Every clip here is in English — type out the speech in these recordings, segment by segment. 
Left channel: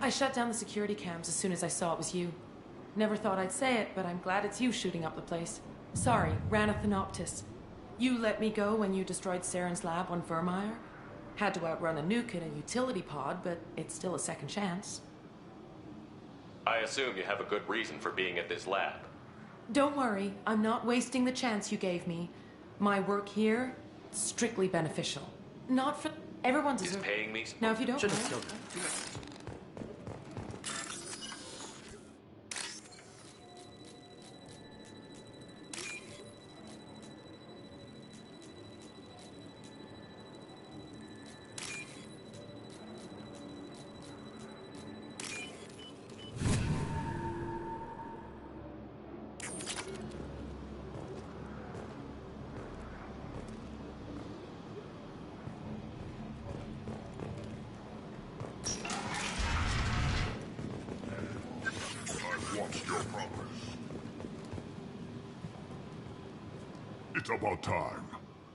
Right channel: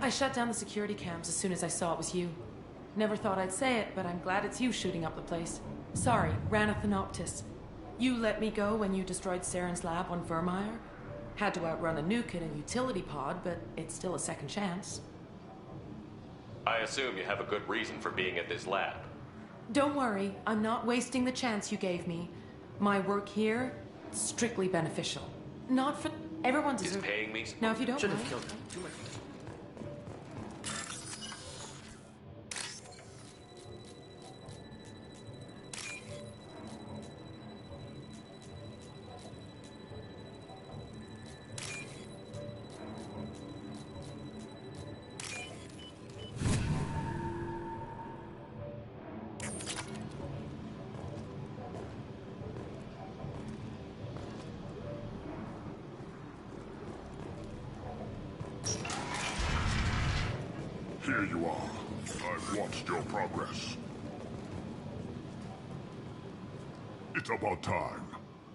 I shut down the security cams as soon as I saw it was you. Never thought I'd say it, but I'm glad it's you shooting up the place. Sorry, Ranith Thanoptis. You let me go when you destroyed Saren's lab on Vermeer. Had to outrun a nuke in a utility pod, but it's still a second chance. I assume you have a good reason for being at this lab. Don't worry, I'm not wasting the chance you gave me. My work here, strictly beneficial. Not for... Everyone deserves... Is paying me... Now, if you don't Should have mind... killed him. Too much. Here you are. I've watched your progress. It's about time.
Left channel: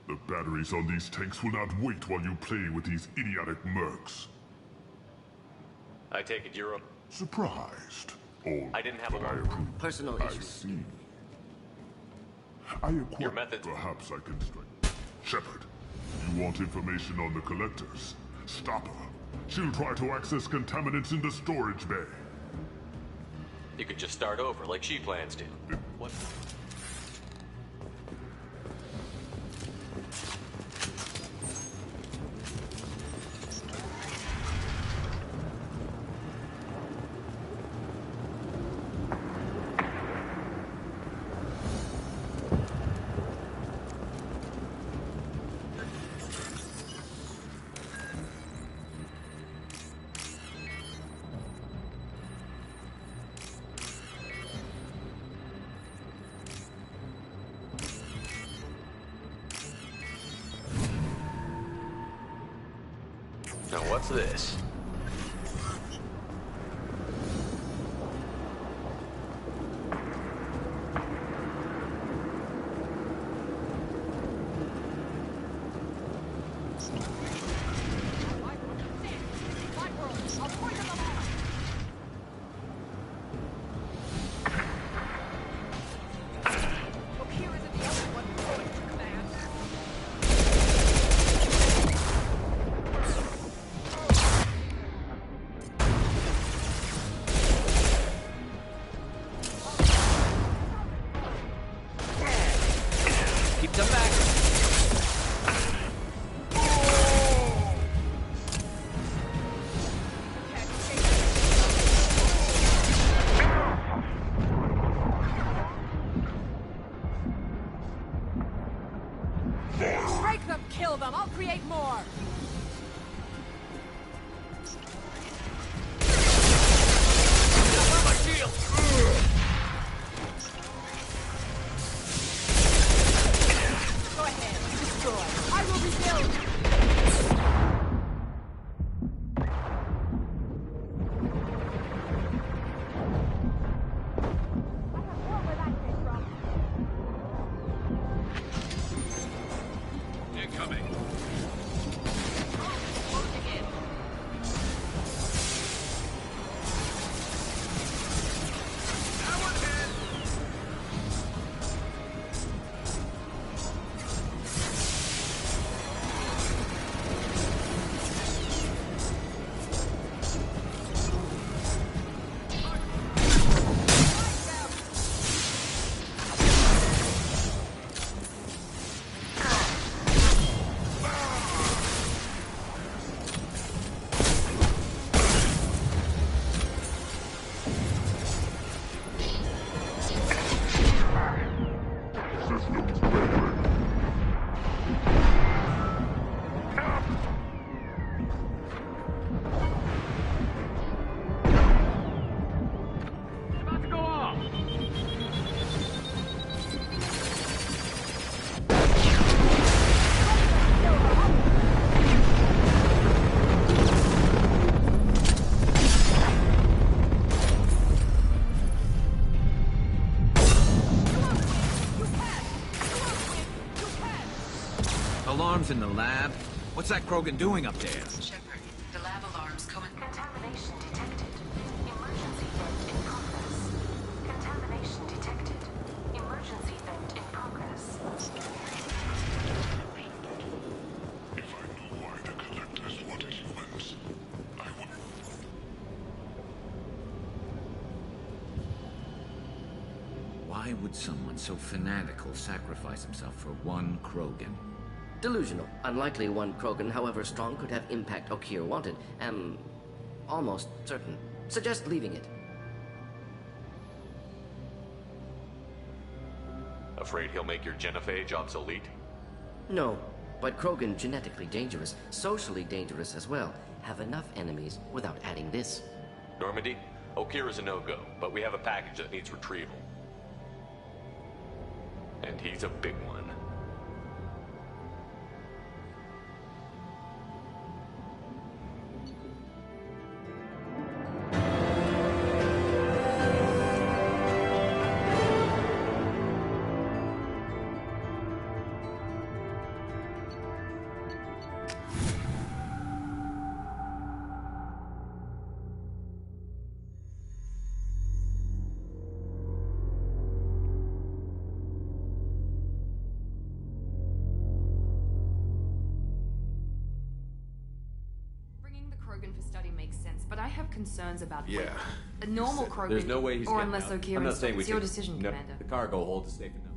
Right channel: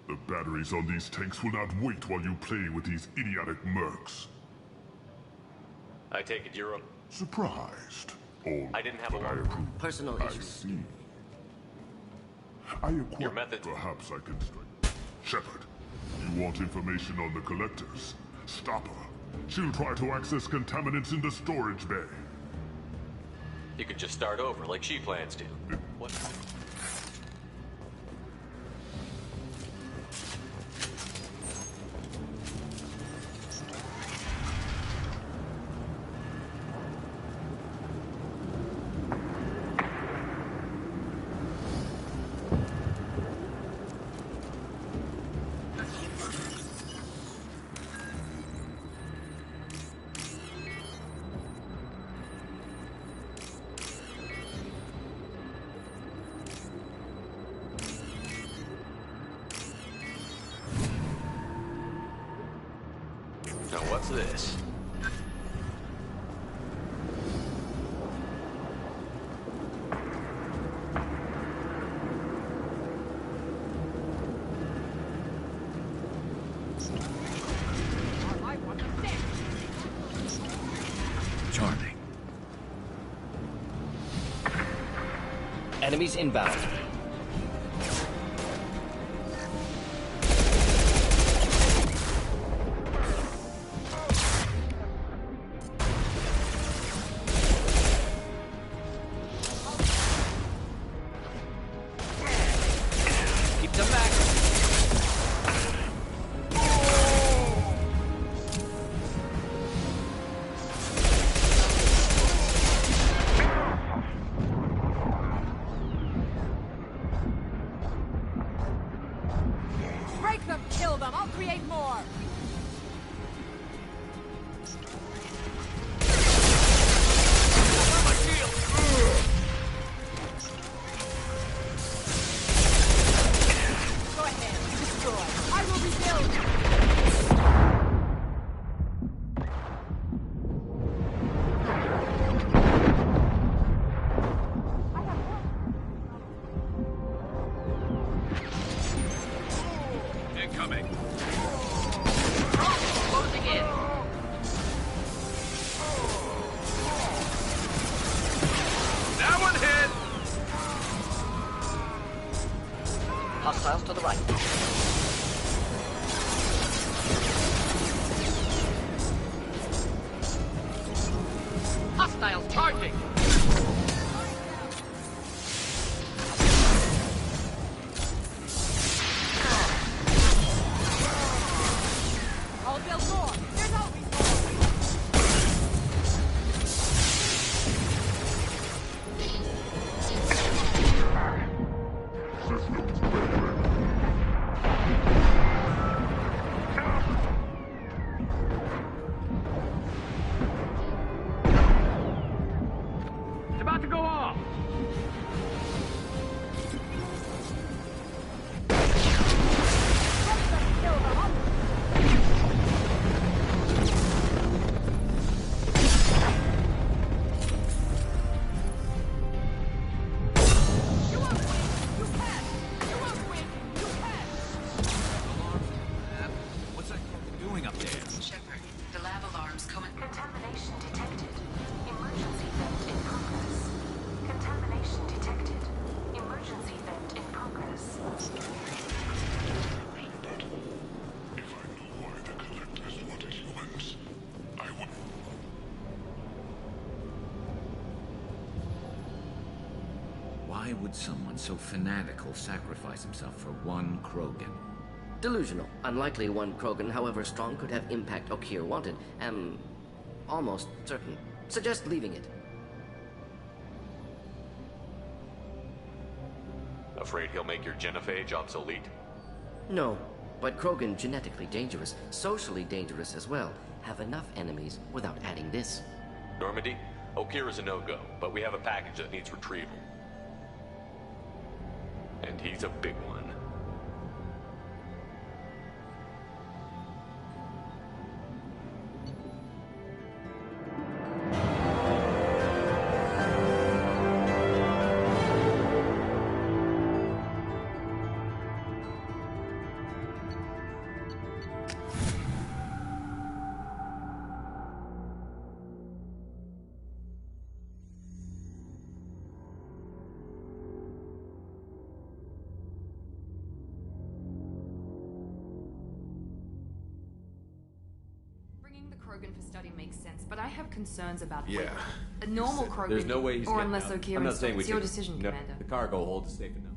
The batteries on these tanks will not wait while you play with these idiotic mercs. I take it you're a... Surprised. Oh, I didn't have a but I lot. approve. Personal I issues. see. I equipped. Your method- Perhaps I can strike. Shepard, you want information on the collectors? Stop her. She'll try to access contaminants in the storage bay. You could just start over like she plans to. What? Now what's this? Charming. Enemies inbound. Keep them back. Break them, kill them, I'll create more! Go ahead, destroy. I will rebuild! Incoming. Closing in. That one hit! Hostiles to the right. Hostile charging! I'll build more! There's no... Systems ready. It's about to go off! You won't win! You can! You won't win! You can! Alarms in the lab? What's that Krogan doing up there? Shepard, The lab alarm's coming. Contamination detected. Emergency vent in progress. Contamination detected. Emergency vent in progress. If I knew why the collectors wanted humans, I would... Why would someone so fanatical sacrifice himself for one Krogan? Delusional. Unlikely one Krogan, however strong, could have impact Okeer wanted. Am almost certain. Suggest leaving it. Afraid he'll make your genophage obsolete? No, but Krogan genetically dangerous, socially dangerous as well. Have enough enemies without adding this. Normandy, Okeer is a no-go, but we have a package that needs retrieval. And he's a big one. Bringing the Krogan for study makes sense, but I have concerns about Yeah. a normal Krogan. There's no way he's or getting unless out. Okeer I'm not saying we it's your should- decision, no, Commander. The cargo hold is safe enough.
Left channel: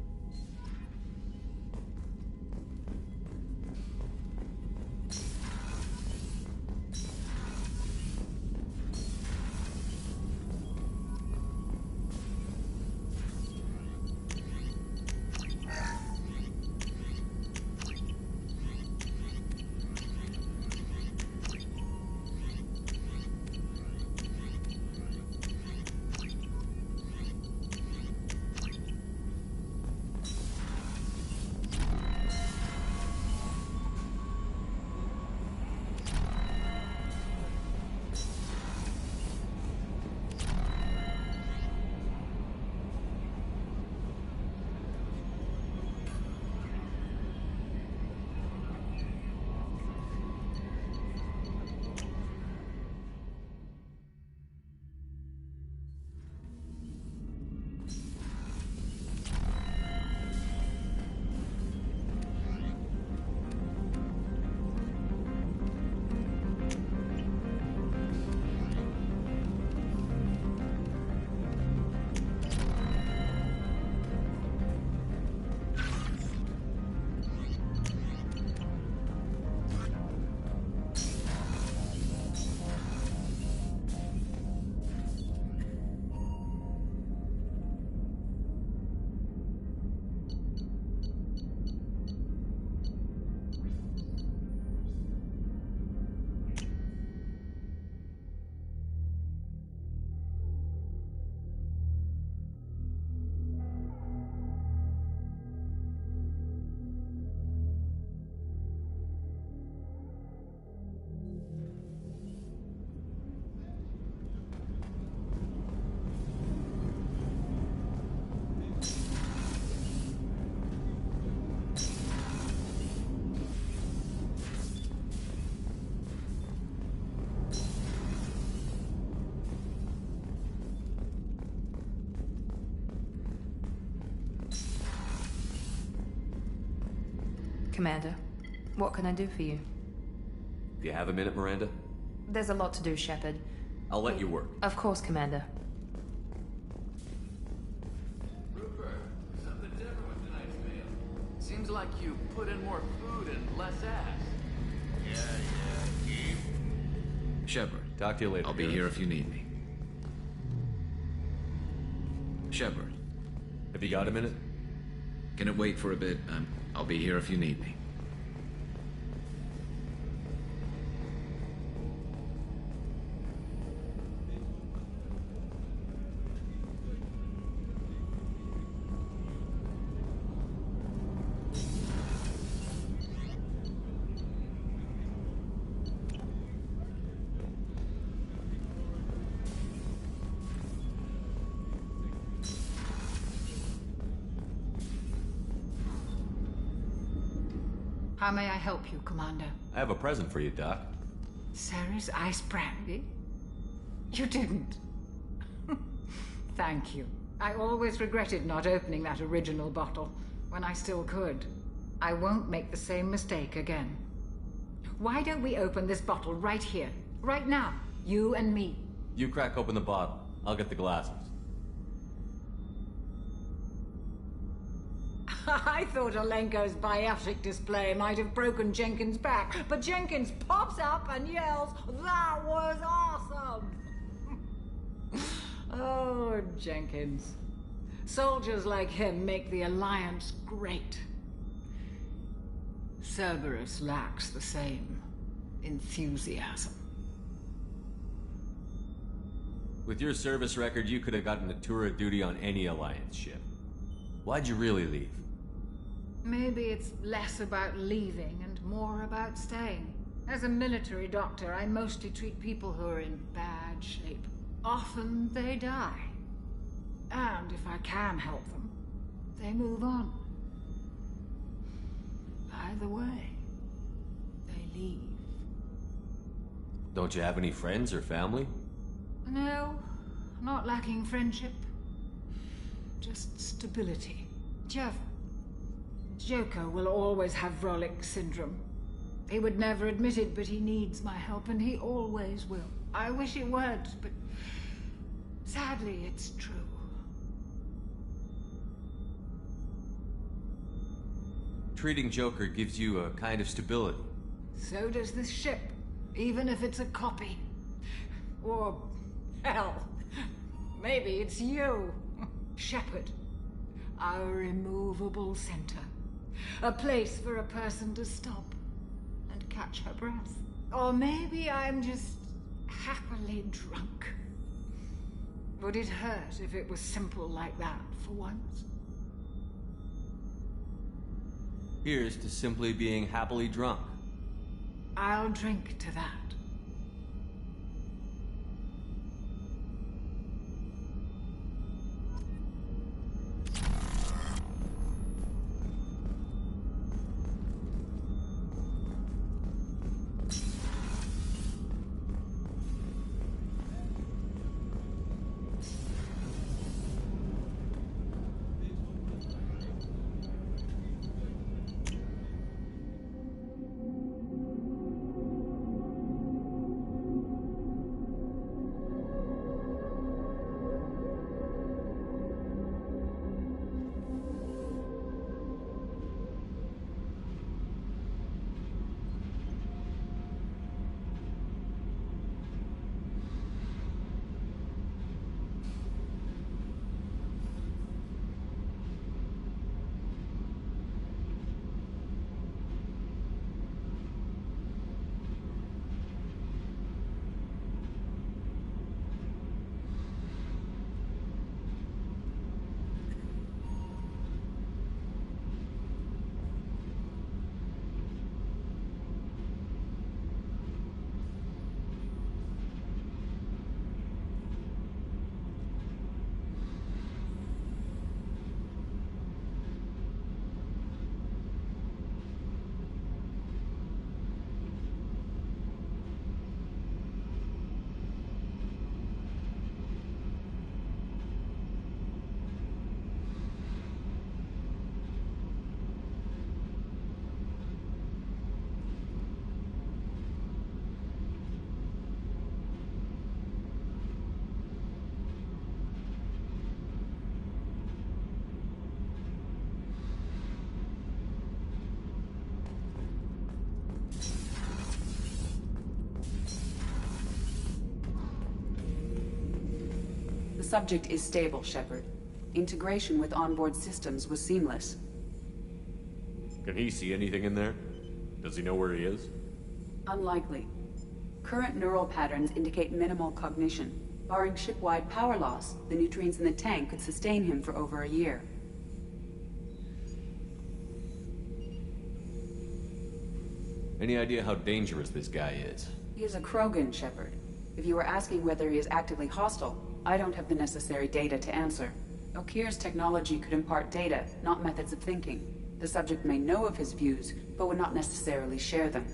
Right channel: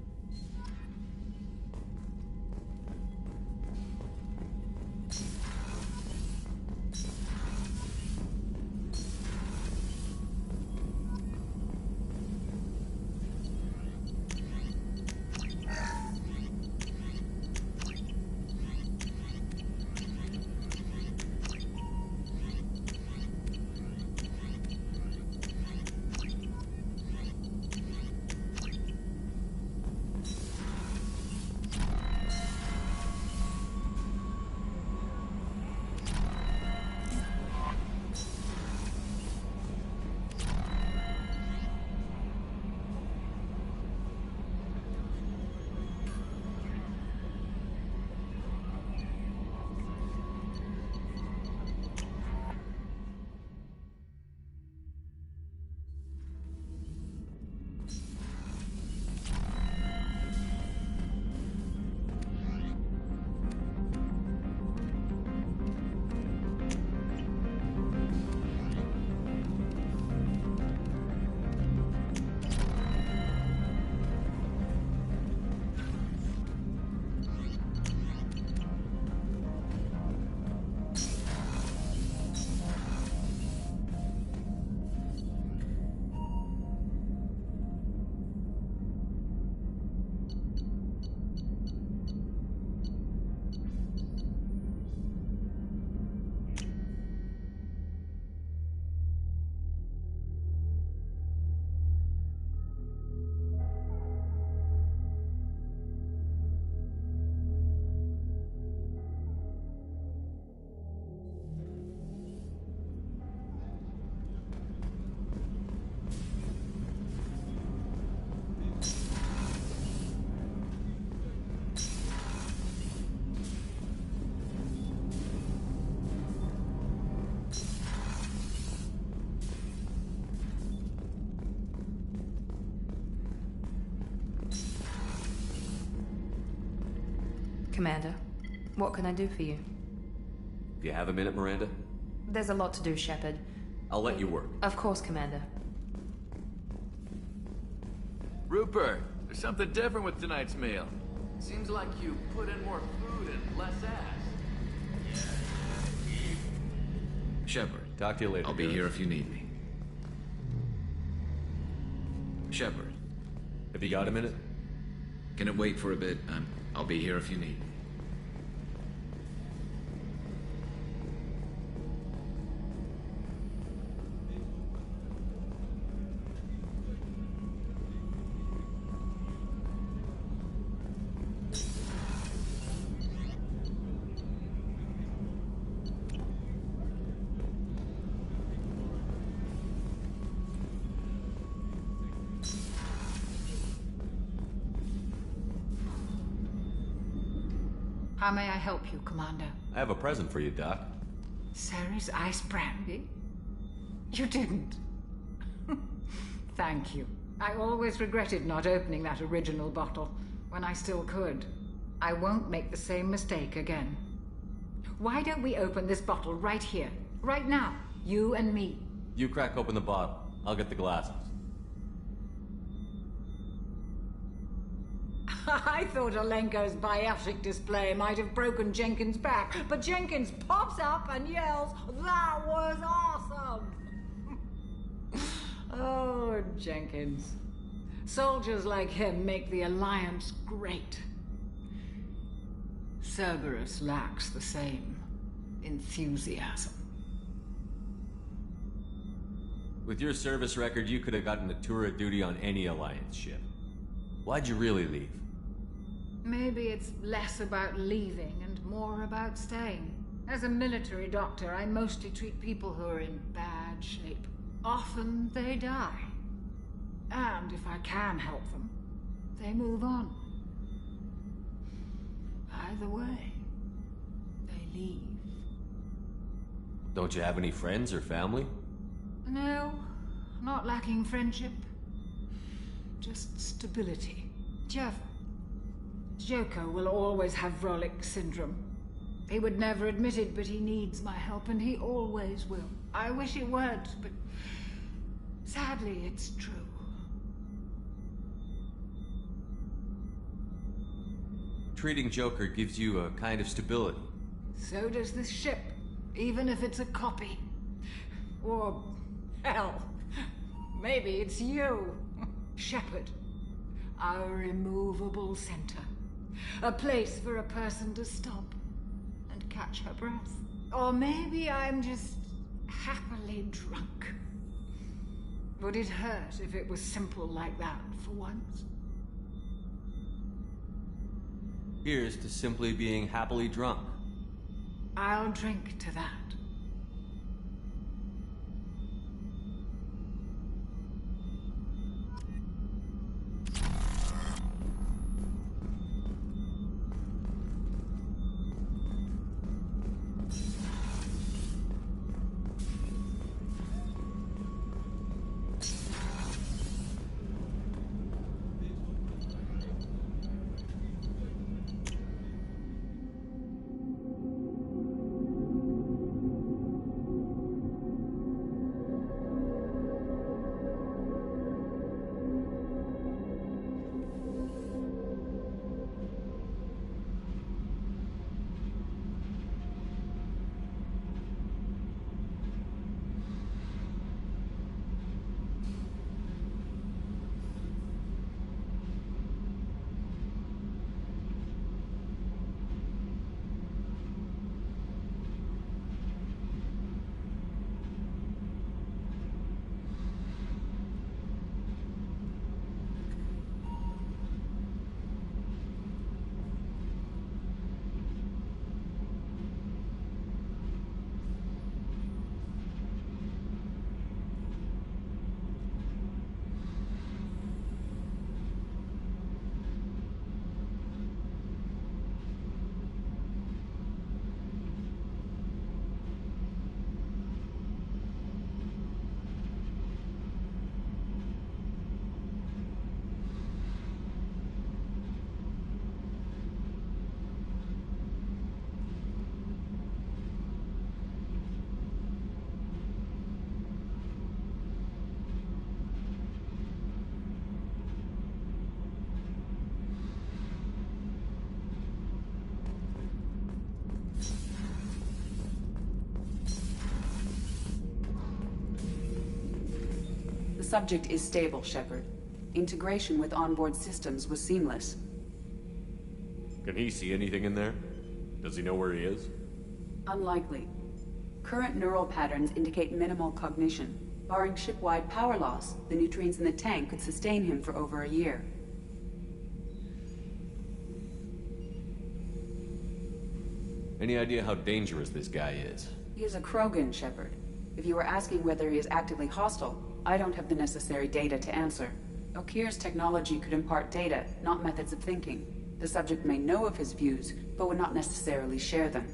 Commander, what can I do for you? Do you have a minute, Miranda? There's a lot to do, Shepard. I'll let you work. Of course, Commander. Rupert, there's something different with tonight's meal. Seems like you put in more food and less ass. Shepard. Talk to you later. I'll be Garrus. here if you need me. Shepard. Have you got a minute? Can it wait for a bit? I'll be here if you need me. How may I help you, Commander? I have a present for you, Doc. Ceres ice brandy? You didn't. Thank you. I always regretted not opening that original bottle when I still could. I won't make the same mistake again. Why don't we open this bottle right here, right now? You and me. You crack open the bottle. I'll get the glasses. I thought Alenko's biotic display might have broken Jenkins' back, but Jenkins pops up and yells, "That was awesome!" Oh, Jenkins. Soldiers like him make the Alliance great. Cerberus lacks the same enthusiasm. With your service record, you could have gotten a tour of duty on any Alliance ship. Why'd you really leave? Maybe it's less about leaving and more about staying. As a military doctor, I mostly treat people who are in bad shape. Often they die. And if I can help them, they move on. Either way, they leave. Don't you have any friends or family? No, not lacking friendship. Just stability. Jeff, Joko will always have Vrolic syndrome. He would never admit it, but he needs my help, and he always will. I wish it weren't, but sadly, it's true. Treating Joker gives you a kind of stability. So does this ship, even if it's a copy. Or, hell, maybe it's you, Shepard. Our immovable center. A place for a person to stop and catch her breath. Or maybe I'm just happily drunk. Would it hurt if it was simple like that for once? Here's to simply being happily drunk. I'll drink to that. The subject is stable, Shepard. Integration with onboard systems was seamless. Can he see anything in there? Does he know where he is? Unlikely. Current neural patterns indicate minimal cognition. Barring ship-wide power loss, the nutrients in the tank could sustain him for over a year. Any idea how dangerous this guy is? He is a Krogan, Shepard. If you were asking whether he is actively hostile, I don't have the necessary data to answer. Okir's technology could impart data, not methods of thinking. The subject may know of his views, but would not necessarily share them.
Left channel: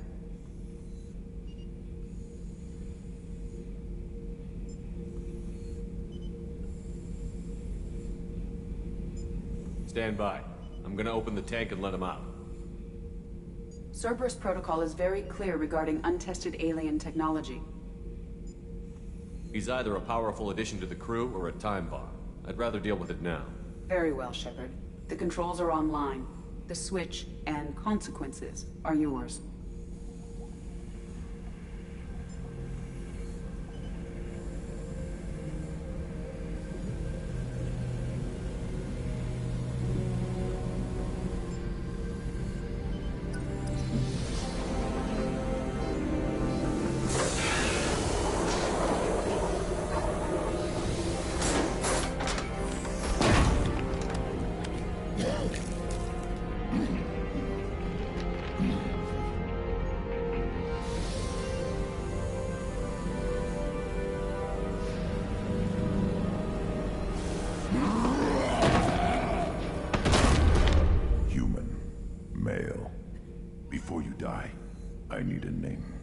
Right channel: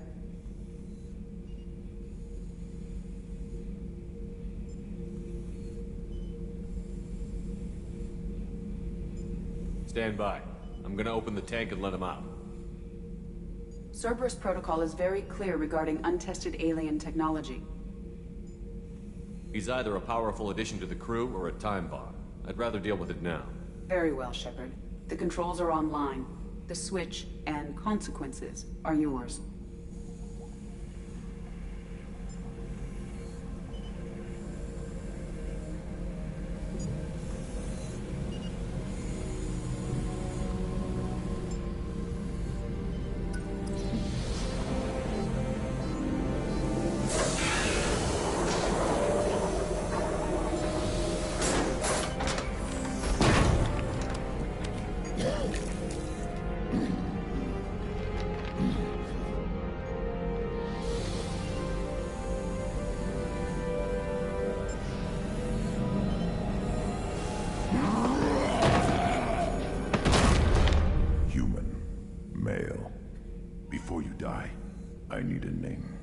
Stand by. I'm gonna open the tank and let him out. Cerberus protocol is very clear regarding untested alien technology. He's either a powerful addition to the crew or a time bomb. I'd rather deal with it now. Very well, Shepard. The controls are online. The switch and consequences are yours. I need a name.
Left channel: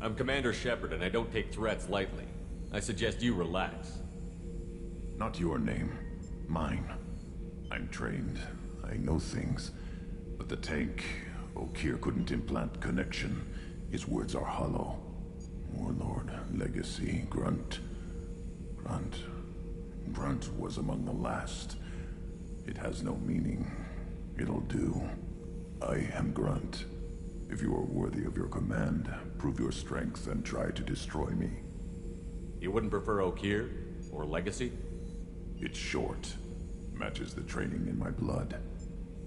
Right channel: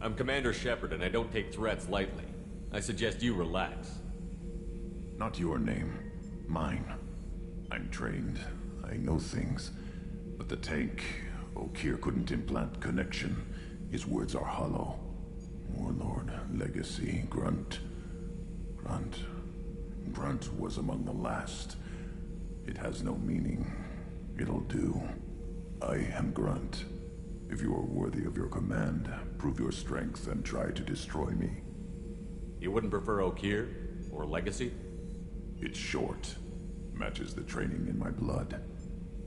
I'm Commander Shepard, and I don't take threats lightly. I suggest you relax. Not your name. Mine. I'm trained. I know things. But the tank, Okeer couldn't implant connection. His words are hollow. Warlord, Legacy, Grunt. Grunt was among the last. It has no meaning. It'll do. I am Grunt. If you are worthy of your command, prove your strength and try to destroy me. You wouldn't prefer Okeer? Or Legacy? It's short. Matches the training in my blood.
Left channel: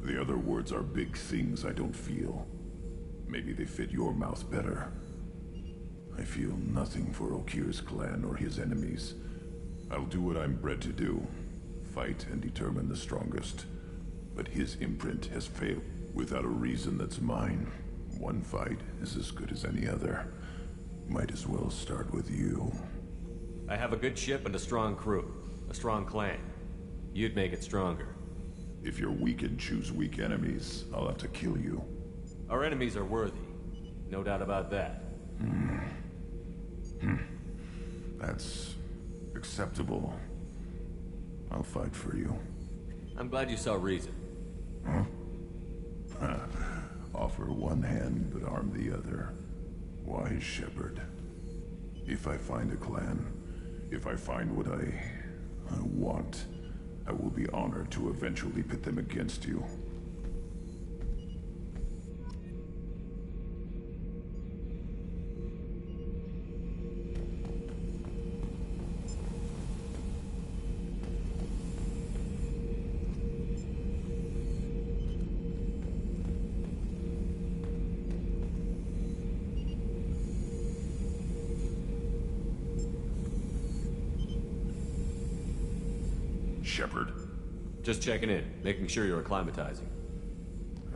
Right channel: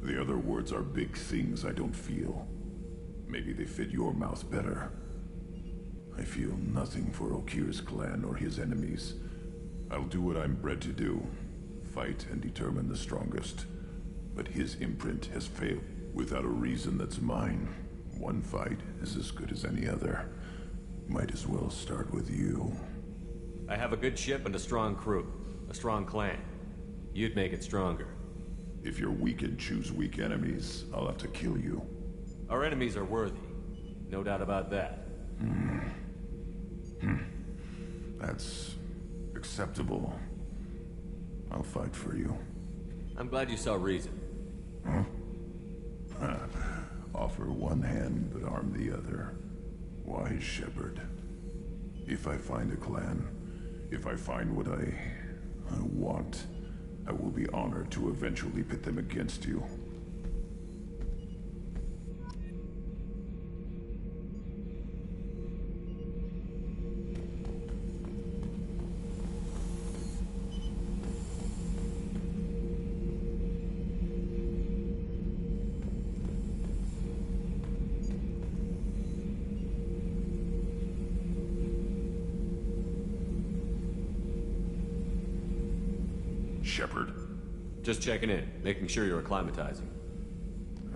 The other words are big things I don't feel. Maybe they fit your mouth better. I feel nothing for Okeer's clan or his enemies. I'll do what I'm bred to do. Fight and determine the strongest. But his imprint has failed without a reason that's mine. One fight is as good as any other. Might as well start with you. I have a good ship and a strong crew. A strong clan. You'd make it stronger. If you're weak and choose weak enemies, I'll have to kill you. Our enemies are worthy. No doubt about that. That's acceptable. I'll fight for you. I'm glad you saw reason. Huh? Offer one hand, but arm the other. Wise Shepard. If I find a clan, if I find what I want, I will be honored to eventually pit them against you. Shepard. Just checking in, making sure you're acclimatizing.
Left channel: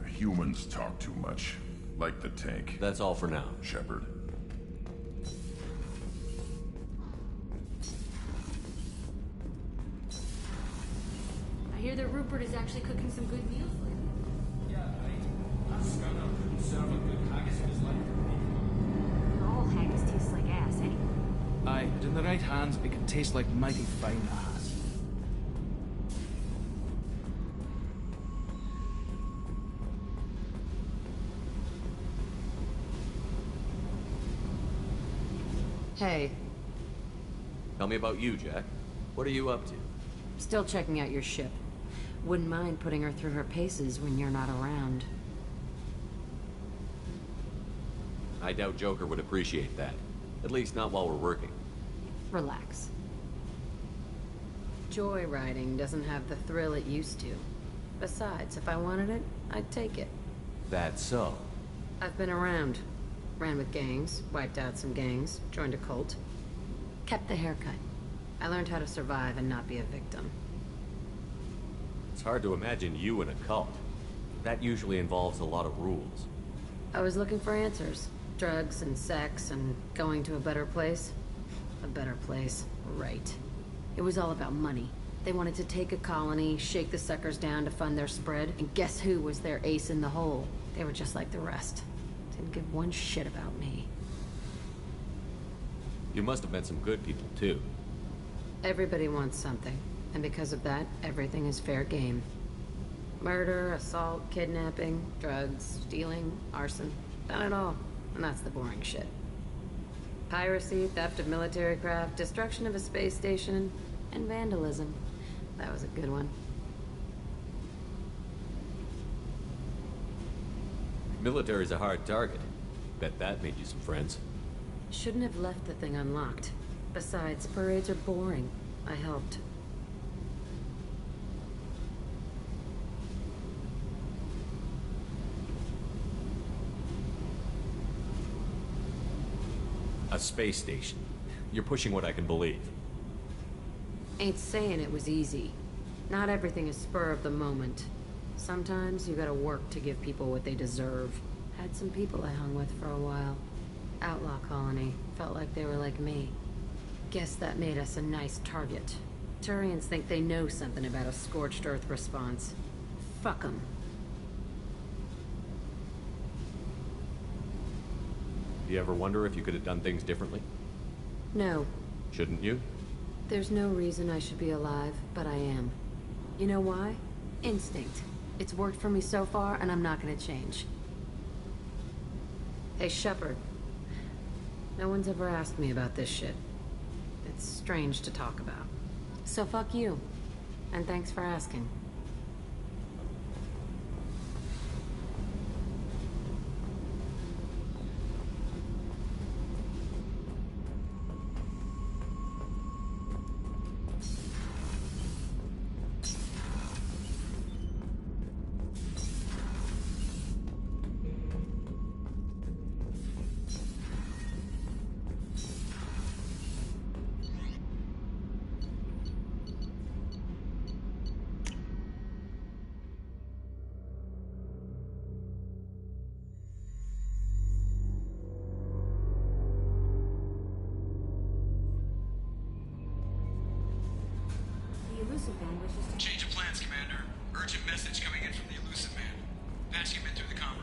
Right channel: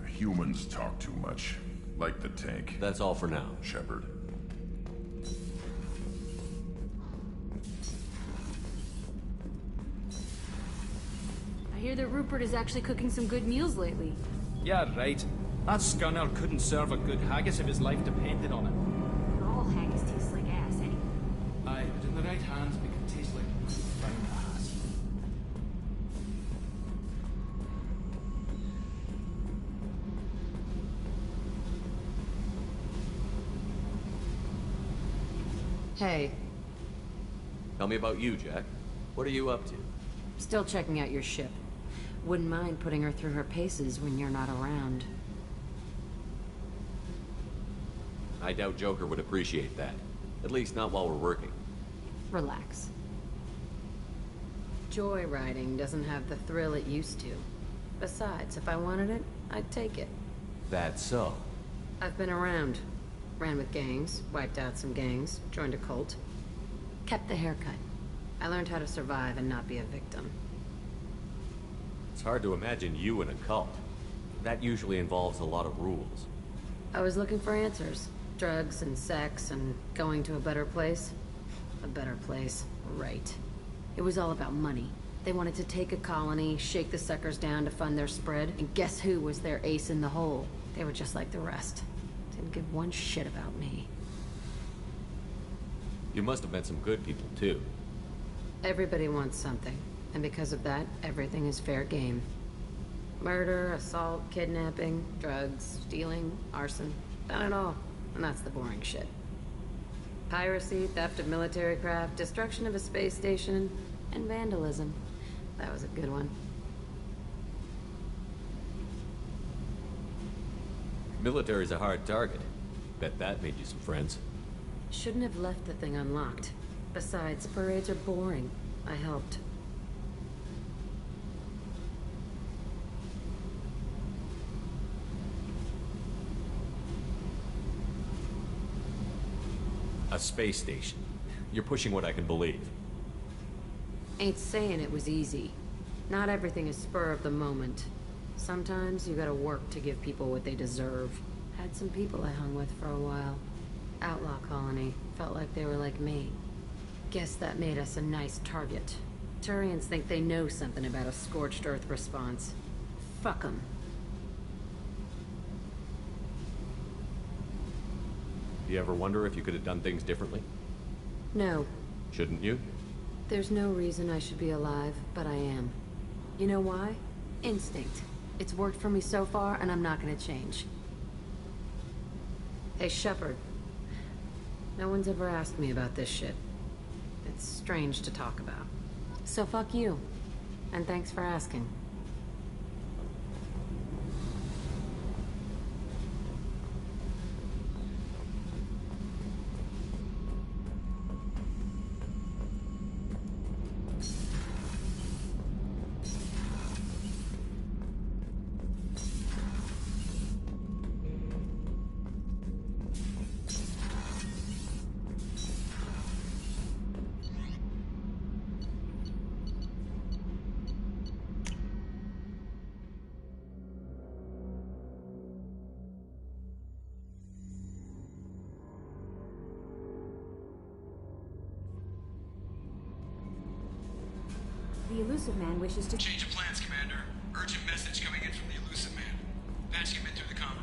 Humans talk too much. Like the tank. That's all for now. Shepard. I hear that Rupert is actually cooking some good meals lately. Yeah, right. That scunner couldn't serve a good haggis if his life depended on it. In the right hands, we can taste like mighty fine ass. Hey. Tell me about you, Jack. What are you up to? Still checking out your ship. Wouldn't mind putting her through her paces when you're not around. I doubt Joker would appreciate that. At least not while we're working. Relax. Joyriding doesn't have the thrill it used to. Besides, if I wanted it, I'd take it. That's so. I've been around. Ran with gangs, wiped out some gangs, joined a cult. Kept the haircut. I learned how to survive and not be a victim. It's hard to imagine you in a cult. That usually involves a lot of rules. I was looking for answers. Drugs and sex and going to a better place. A better place, right. It was all about money. They wanted to take a colony, shake the suckers down to fund their spread, and guess who was their ace in the hole? They were just like the rest. Didn't give one shit about me. You must have met some good people, too. Everybody wants something, and because of that, everything is fair game. Murder, assault, kidnapping, drugs, stealing, arson. Done it all, and that's the boring shit. Piracy, theft of military craft, destruction of a space station, and vandalism. That was a good one. Military's a hard target. Bet that made you some friends. Shouldn't have left the thing unlocked. Besides, parades are boring. I helped. A space station. You're pushing what I can believe. Ain't saying it was easy. Not everything is spur of the moment. Sometimes you gotta work to give people what they deserve. Had some people I hung with for a while. Outlaw colony. Felt like they were like me. Guess that made us a nice target. Turians think they know something about a scorched earth response. Fuck 'em. Do you ever wonder if you could have done things differently? No. Shouldn't you? There's no reason I should be alive, but I am. You know why? Instinct. It's worked for me so far, and I'm not gonna change. Hey, Shepard. No one's ever asked me about this shit. It's strange to talk about. So fuck you. And thanks for asking. The Illusive Man wishes to... Change of plans, Commander. Urgent message coming in from the Illusive Man. Patching him in through the comm room.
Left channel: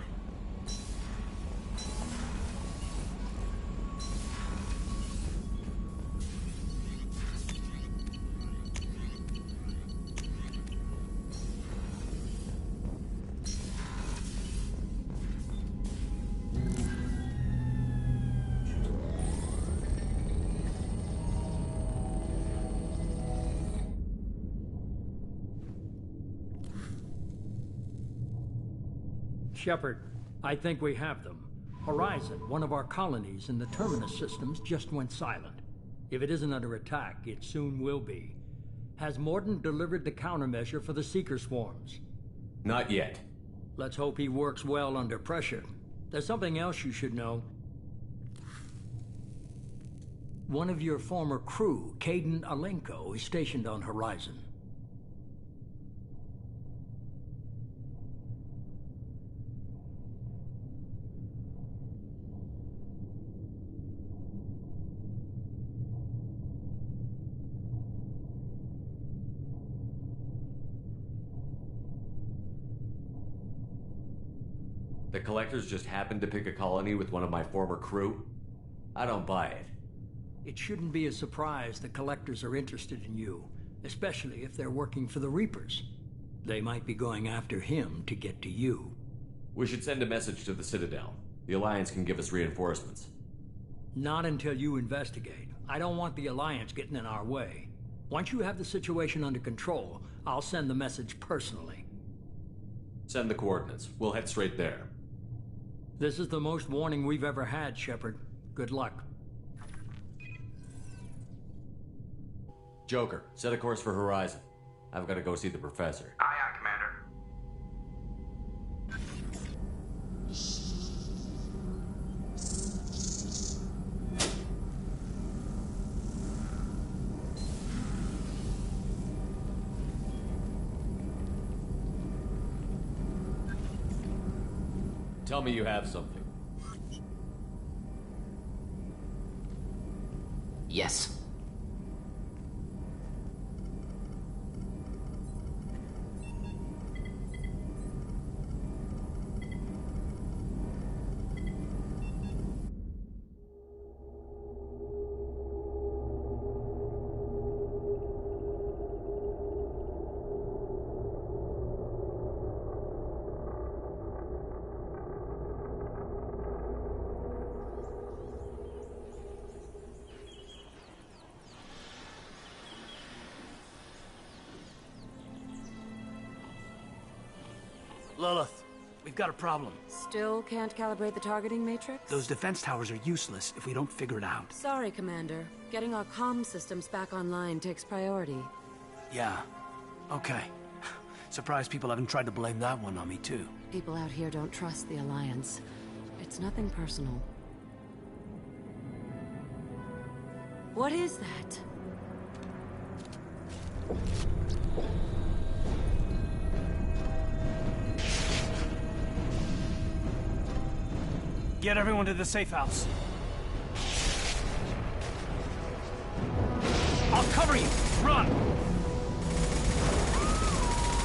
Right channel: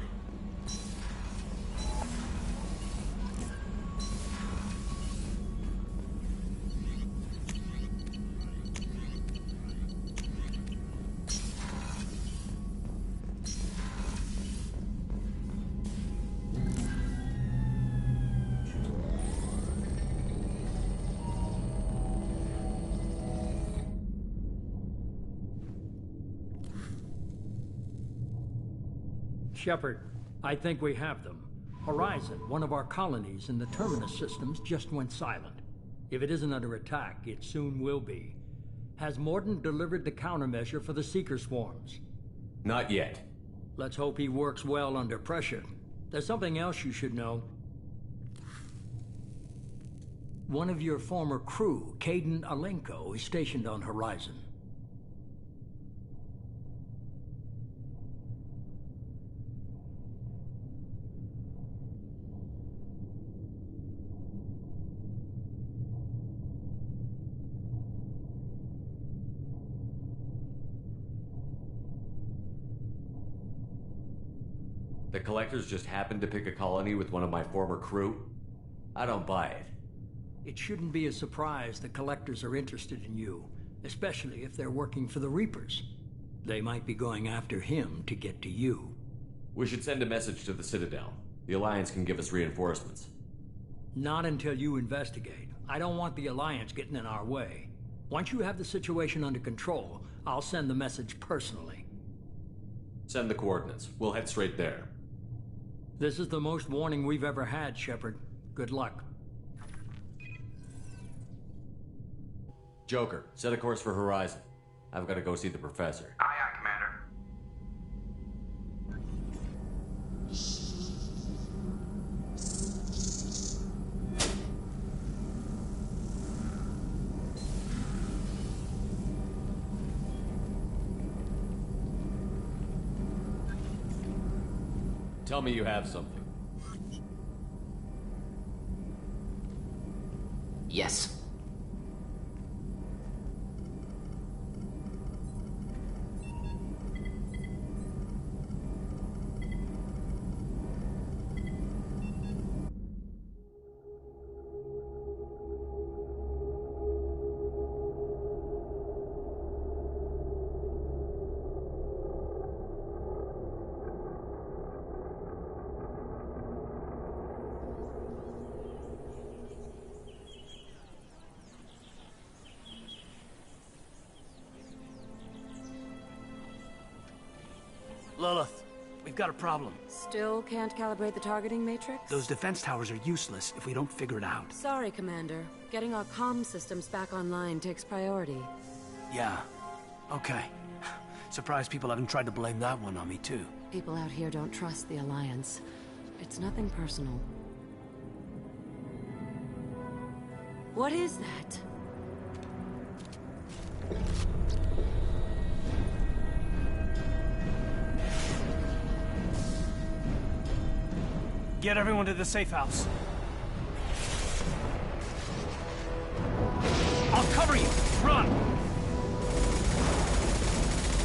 Shepard, I think we have them. Horizon, one of our colonies in the Terminus systems, just went silent. If it isn't under attack, it soon will be. Has Mordin delivered the countermeasure for the Seeker swarms? Not yet. Let's hope he works well under pressure. There's something else you should know. One of your former crew, Kaidan Alenko, is stationed on Horizon. The Collectors just happened to pick a colony with one of my former crew? I don't buy it. It shouldn't be a surprise the Collectors are interested in you, especially if they're working for the Reapers. They might be going after him to get to you. We should send a message to the Citadel. The Alliance can give us reinforcements. Not until you investigate. I don't want the Alliance getting in our way. Once you have the situation under control, I'll send the message personally. Send the coordinates. We'll head straight there. This is the most warning we've ever had, Shepard. Good luck. Joker, set a course for Horizon. I've got to go see the Professor. Aye, aye, Commander. Tell me you have something. Yes. Lilith, we've got a problem. Still can't calibrate the targeting matrix? Those defense towers are useless if we don't figure it out. Sorry, Commander. Getting our comm systems back online takes priority. Yeah. Okay. Surprised people haven't tried to blame that one on me, too. People out here don't trust the Alliance. It's nothing personal. What is that? Get everyone to the safe house. I'll cover you! Run!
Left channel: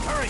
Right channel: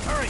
Hurry!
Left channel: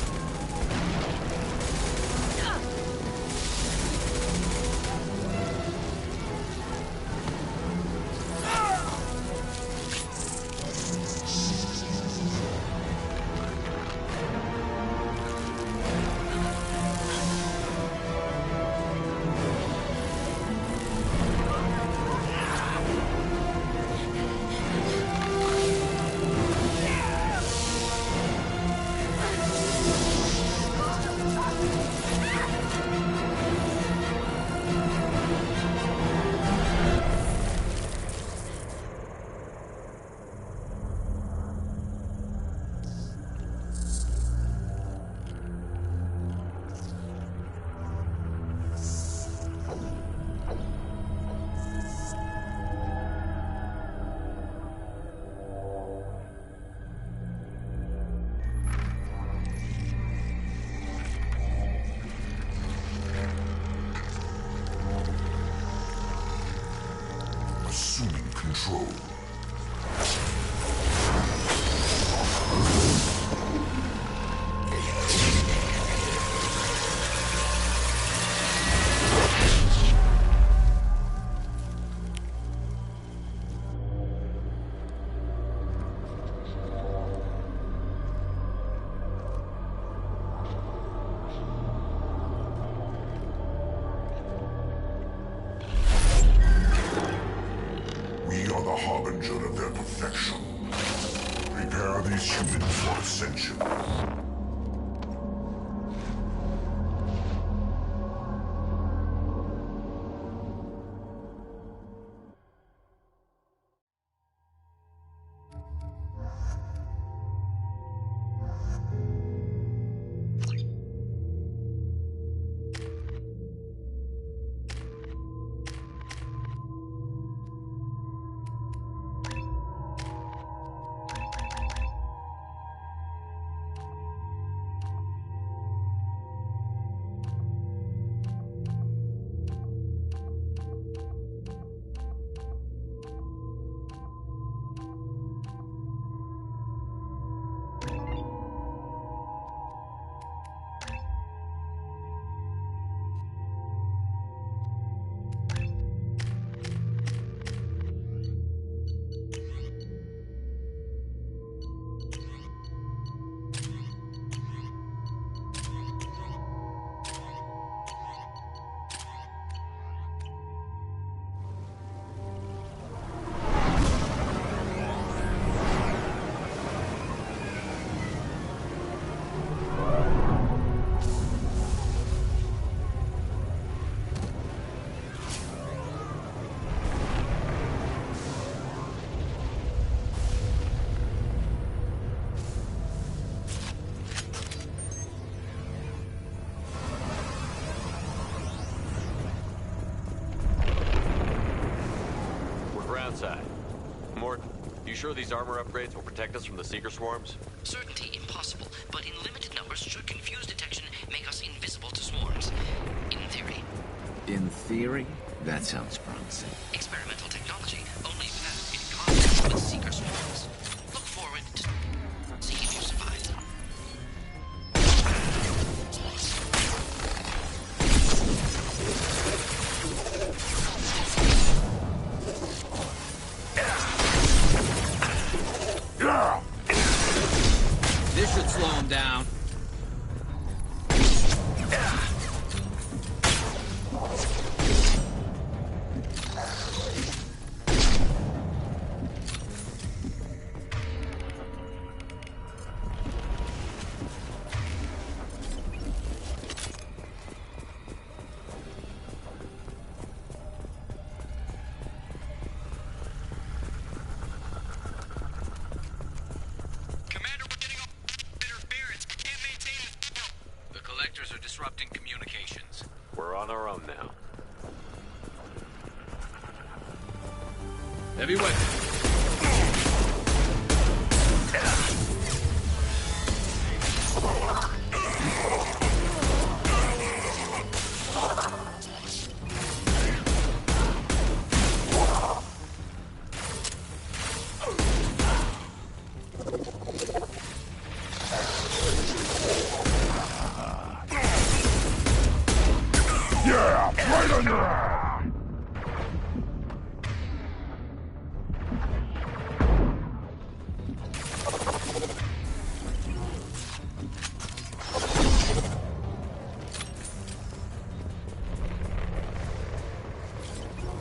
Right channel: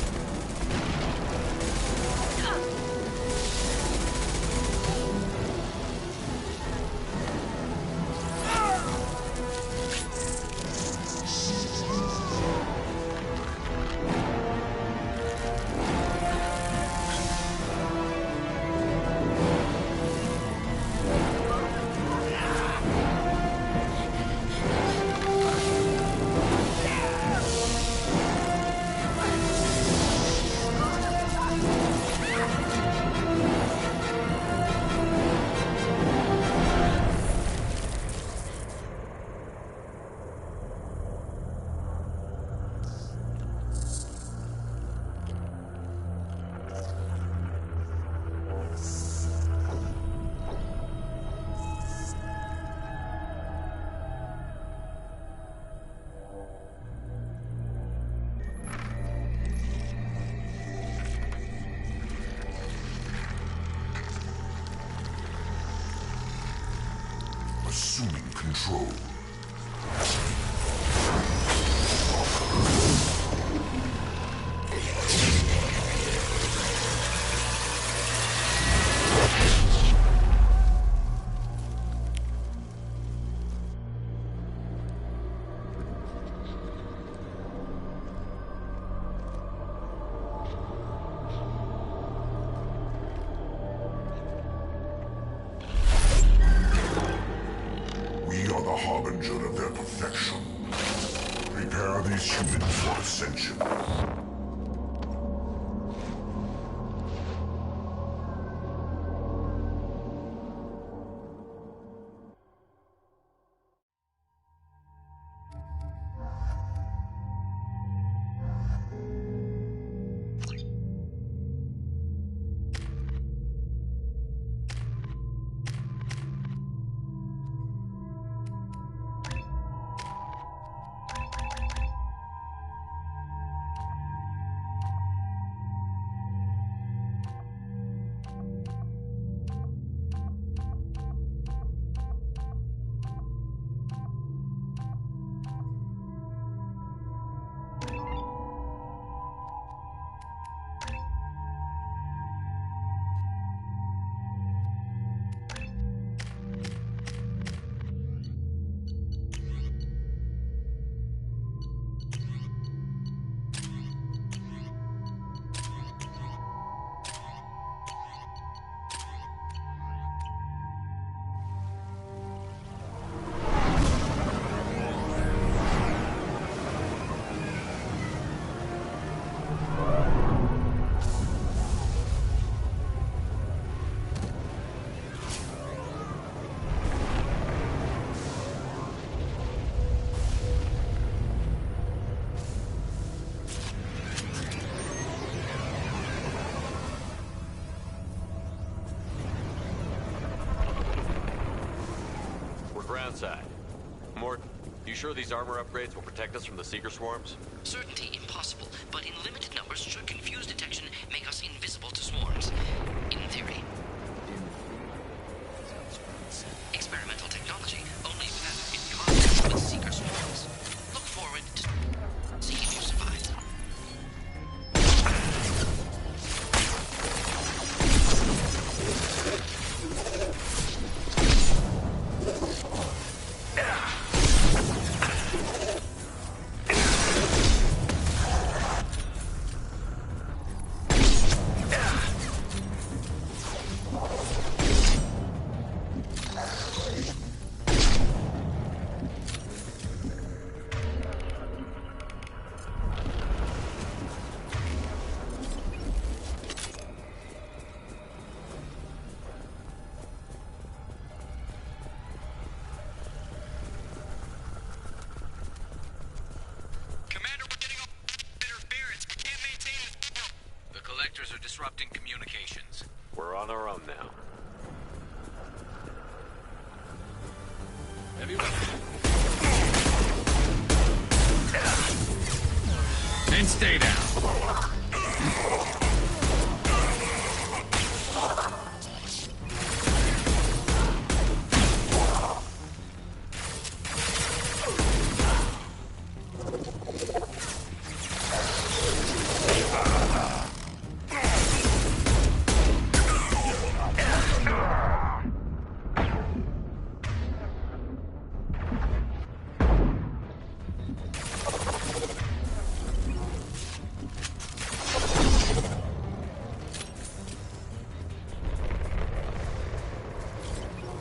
Assuming control. We are the harbinger of their perfection. Prepare these humans for ascension. outside. Mort, you sure these armor upgrades will protect us from the Seeker swarms? Certainty impossible, but in limited numbers should confuse detection, make us invisible to swarms. In theory. In theory? That sounds promising. Experimental technology, only path in contact with Seeker swarms. Look forward to seeing if you survive. This should slow him down. Are disrupting communications. We're on our own now. Heavy weapon. And stay down.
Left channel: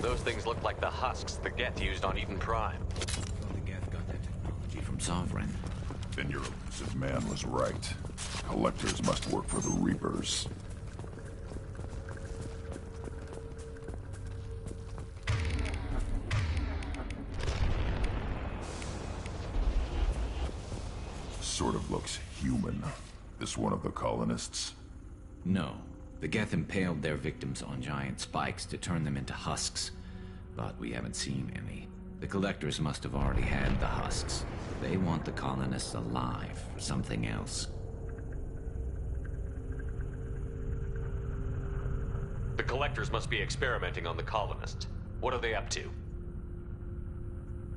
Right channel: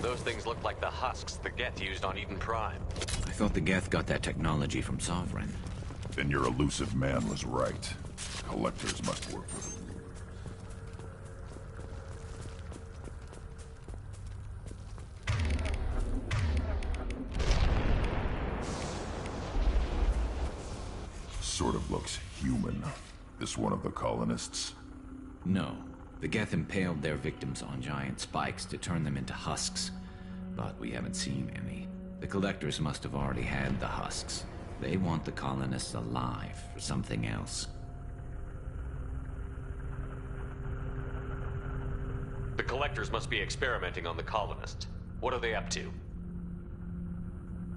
Those things look like the husks the Geth used on Eden Prime. I thought the Geth got that technology from Sovereign. Then your elusive man was right. Collectors must work for the Reapers. Sort of looks human. This one of the colonists? No. The Geth impaled their victims on giant spikes to turn them into husks. But we haven't seen any. The Collectors must have already had the husks. They want the colonists alive for something else. The Collectors must be experimenting on the colonists. What are they up to?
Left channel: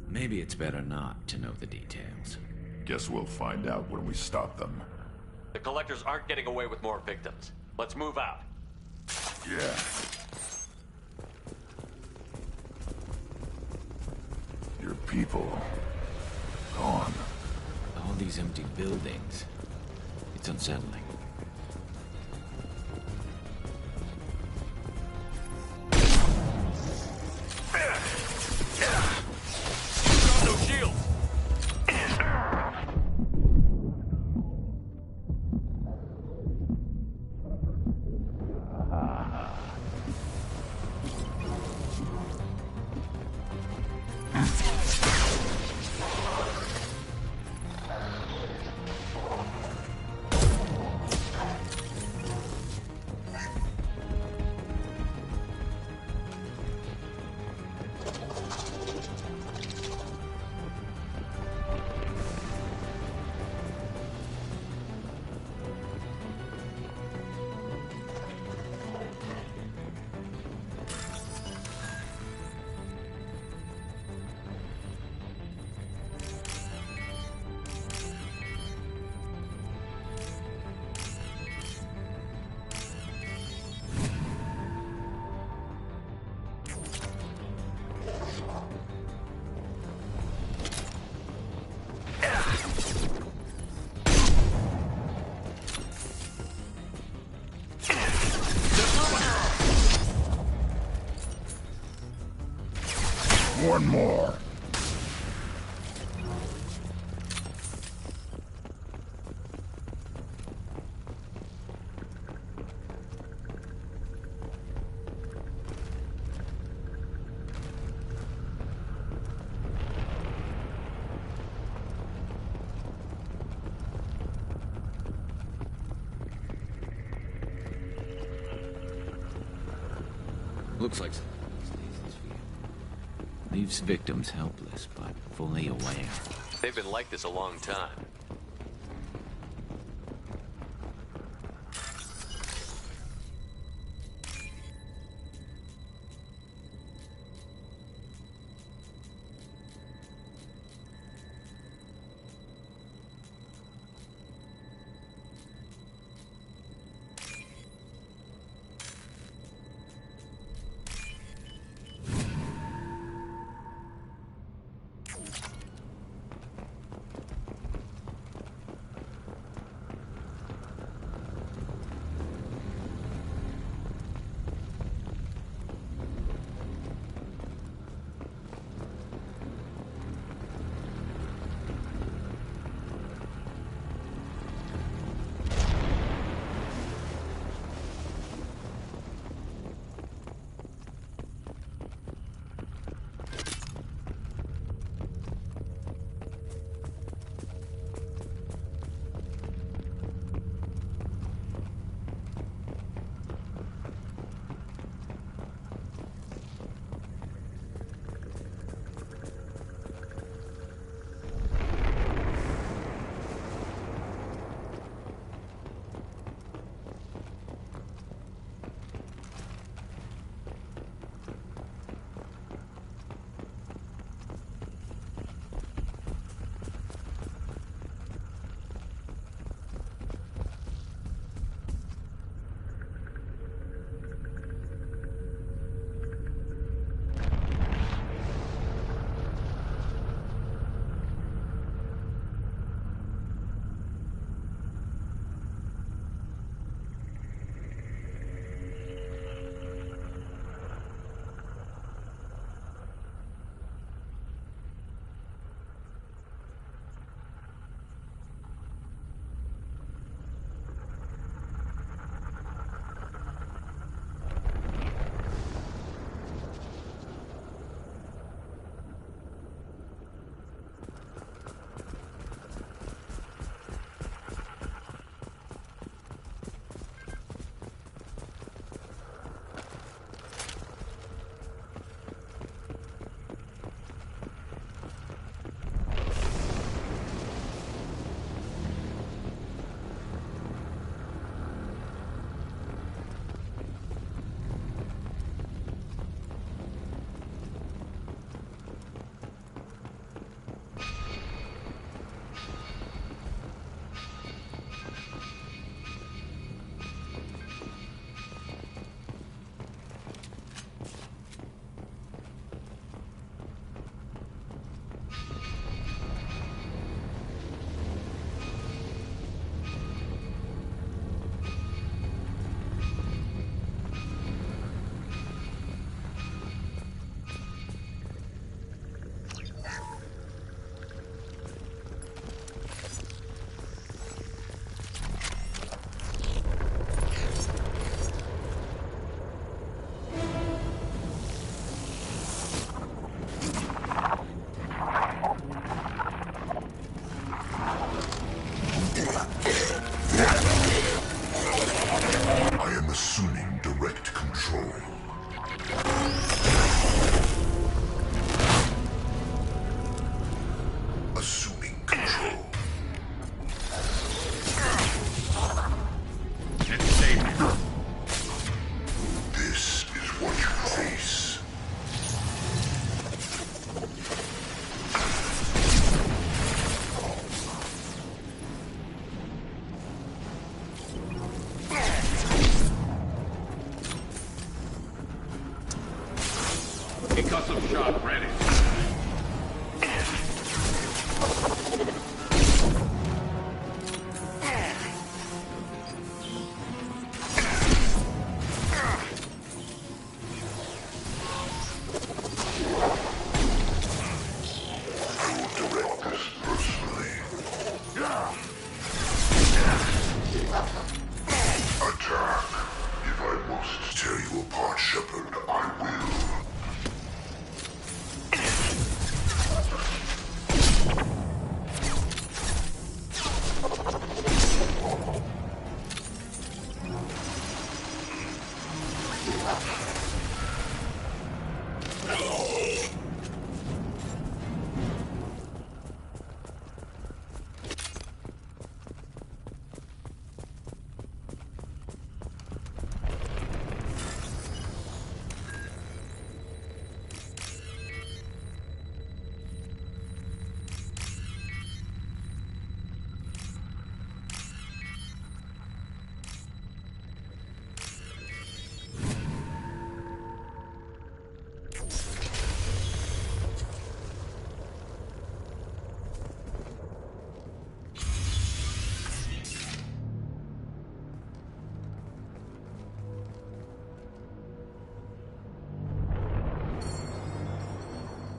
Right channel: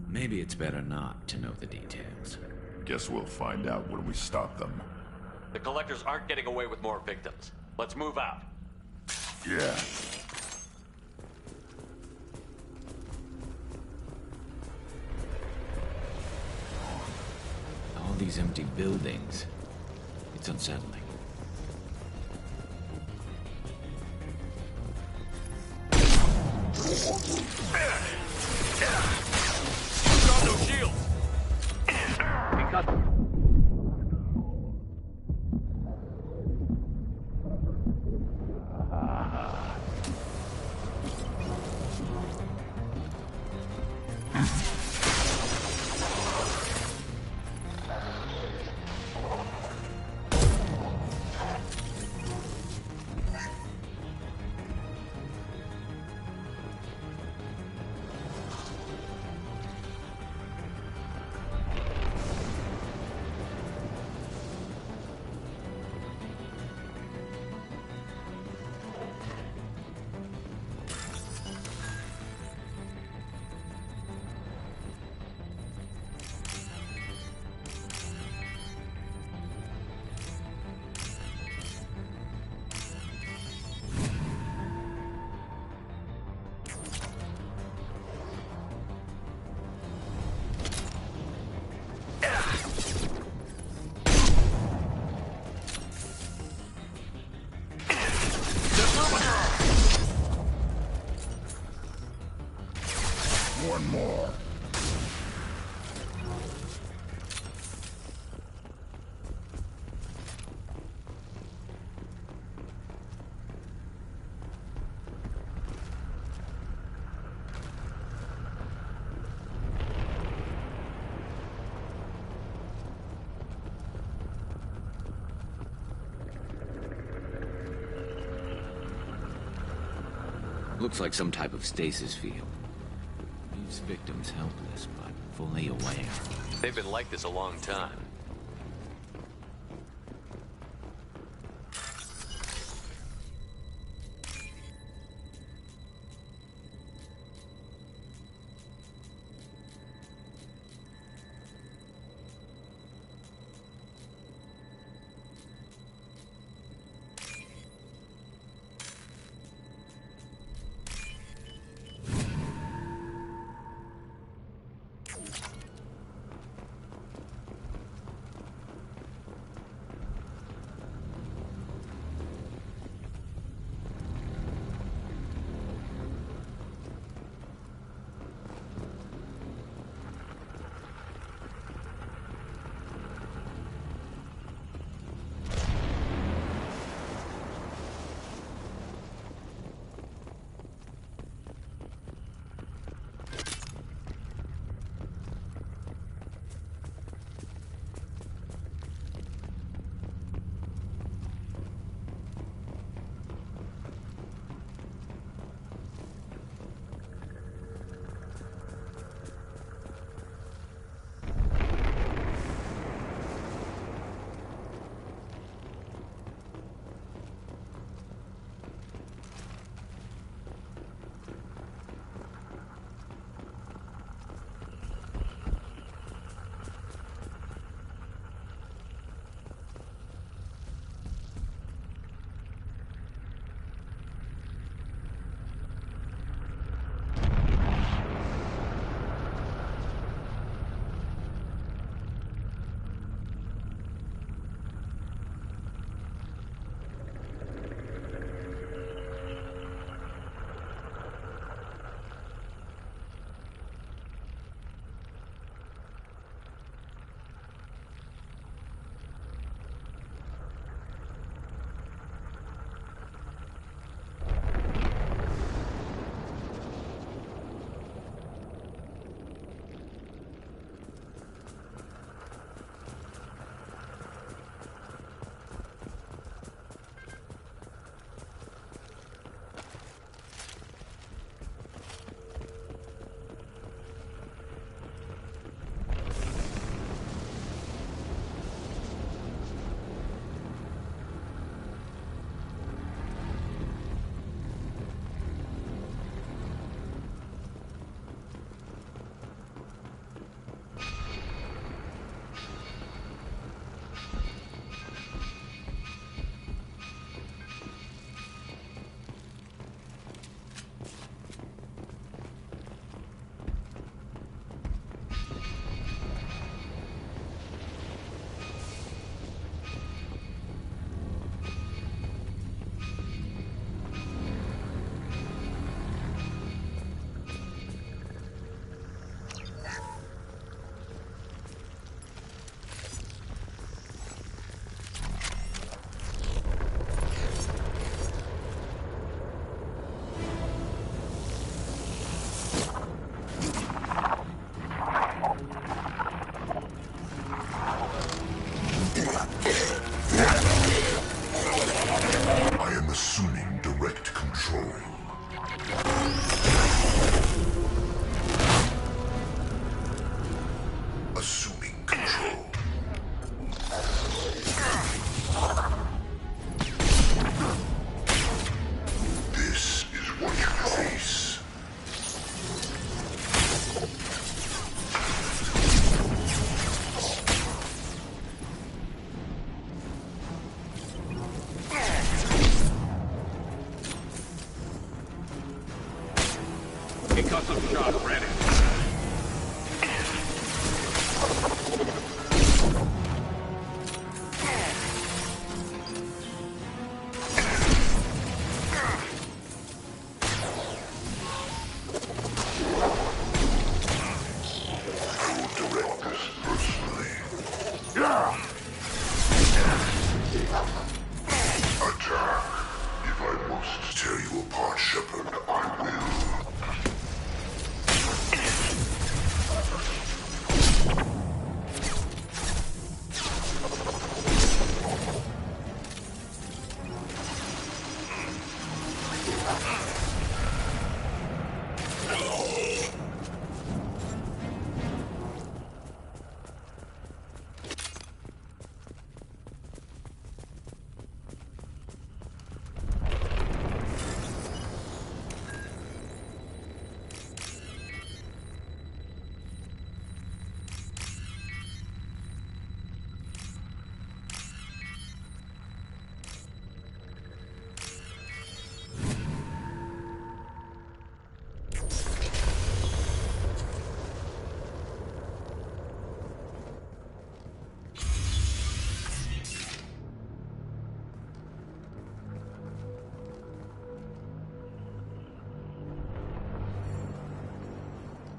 Maybe it's better not to know the details. Guess we'll find out when we stop them. The Collectors aren't getting away with more victims. Let's move out. Yeah. Your people... gone. All these empty buildings. It's unsettling. Got no shields! One more. Looks like some type of stasis field. Leaves victims helpless, but fully aware. They've been like this a long time. Concussive shot ready. Tear you apart, Shepard. I will.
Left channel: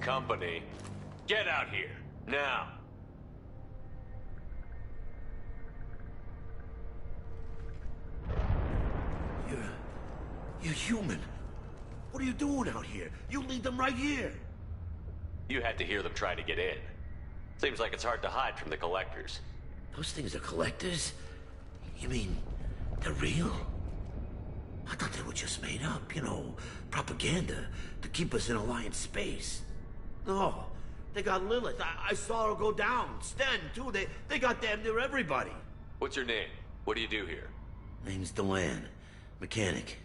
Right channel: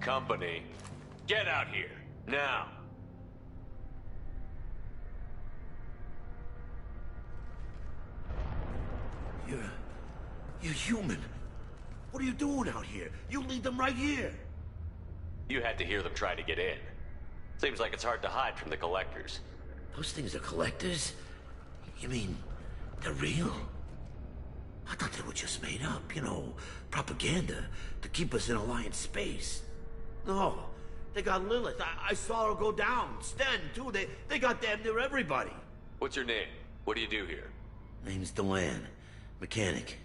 Company, get out here, now. You're human. What are you doing out here? You lead them right here. You had to hear them try to get in. Seems like it's hard to hide from the collectors. Those things are collectors? You mean, they're real? I thought they were just made up, you know, propaganda to keep us in Alliance space. No, they got Lilith. I saw her go down. Sten, too. They got damn near everybody. What's your name? What do you do here? Name's Delan. Mechanic.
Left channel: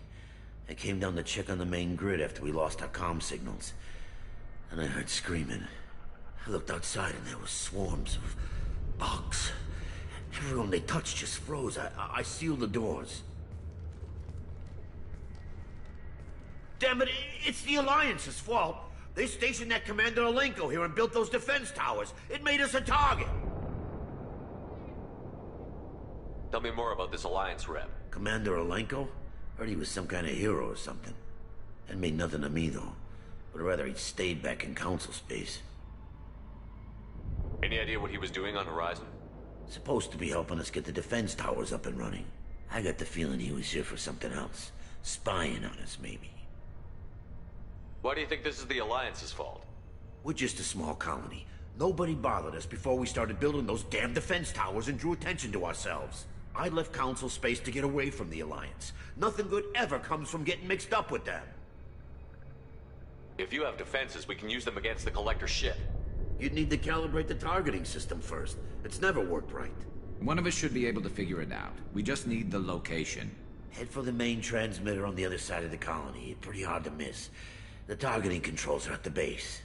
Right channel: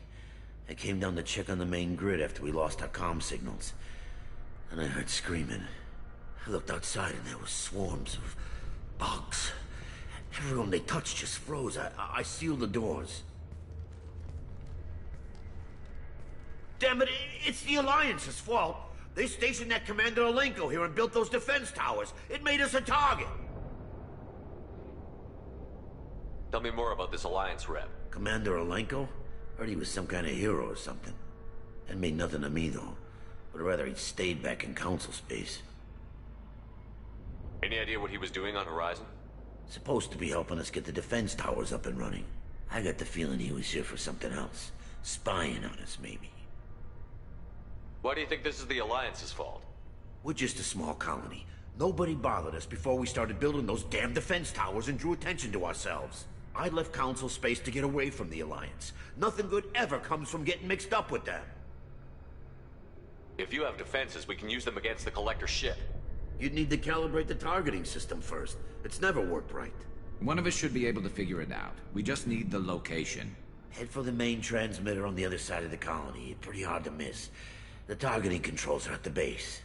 I came down to check on the main grid after we lost our comm signals. And I heard screaming. I looked outside and there were swarms of bugs. Everyone they touched just froze. I sealed the doors. Damn it, it's the Alliance's fault. They stationed that Commander Alenko here and built those defense towers. It made us a target. Tell me more about this Alliance rep. Commander Alenko? Heard he was some kind of hero or something. That made nothing to me, though. Would rather he'd stayed back in Council space. Any idea what he was doing on Horizon? Supposed to be helping us get the defense towers up and running. I got the feeling he was here for something else. Spying on us, maybe. Why do you think this is the Alliance's fault? We're just a small colony. Nobody bothered us before we started building those damn defense towers and drew attention to ourselves. I left Council space to get away from the Alliance. Nothing good ever comes from getting mixed up with them. If you have defenses, we can use them against the Collector ship. You'd need to calibrate the targeting system first. It's never worked right. One of us should be able to figure it out. We just need the location. Head for the main transmitter on the other side of the colony. Pretty hard to miss. The targeting controls are at the base.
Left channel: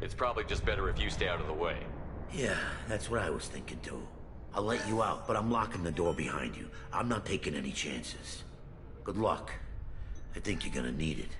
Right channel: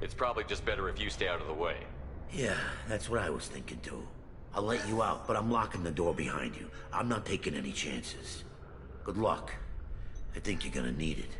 It's probably just better if you stay out of the way. Yeah, that's what I was thinking too. I'll let you out, but I'm locking the door behind you. I'm not taking any chances. Good luck. I think you're gonna need it.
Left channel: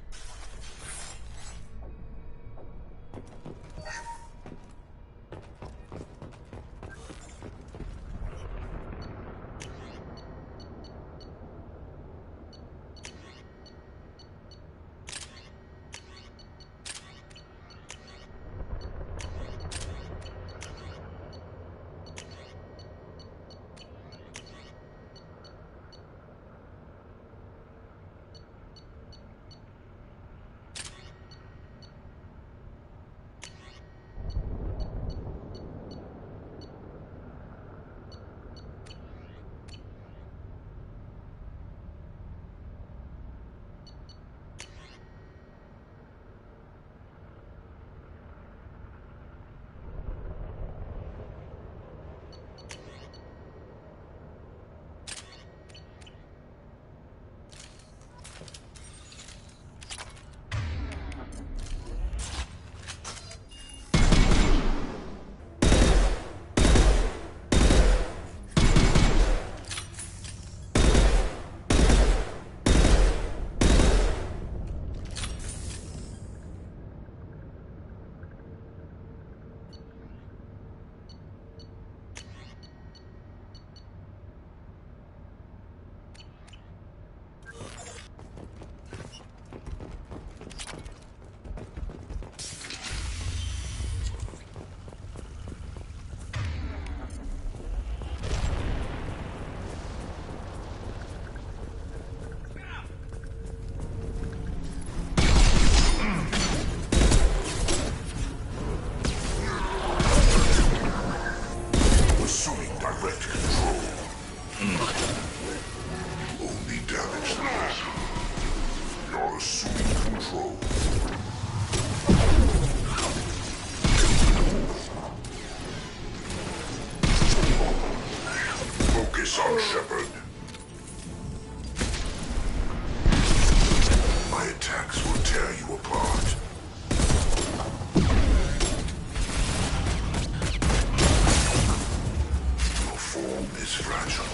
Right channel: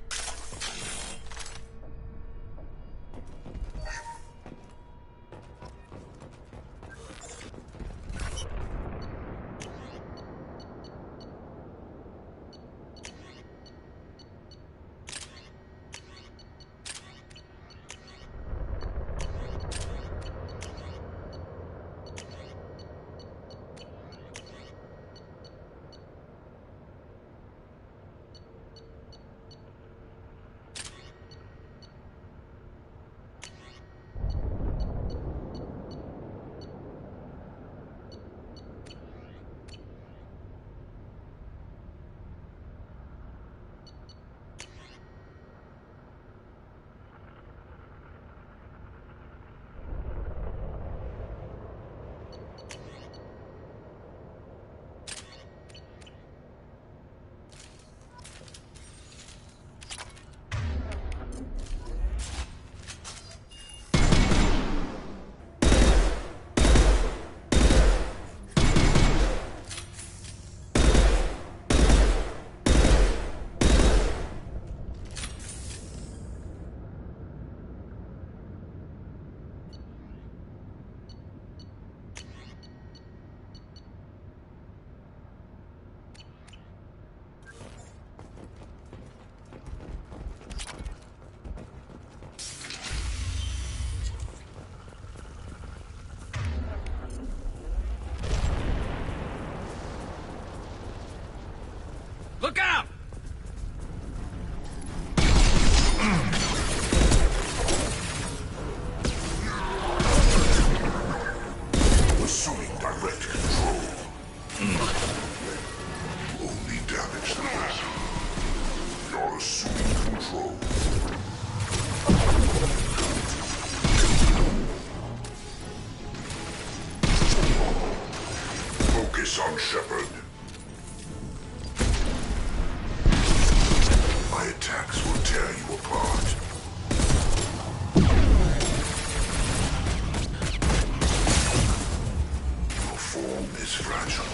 Look out! Assuming direct control. You only damage the vessel. You're assuming control. Focus on Shepard. My attacks will tear you apart. Your form is fragile.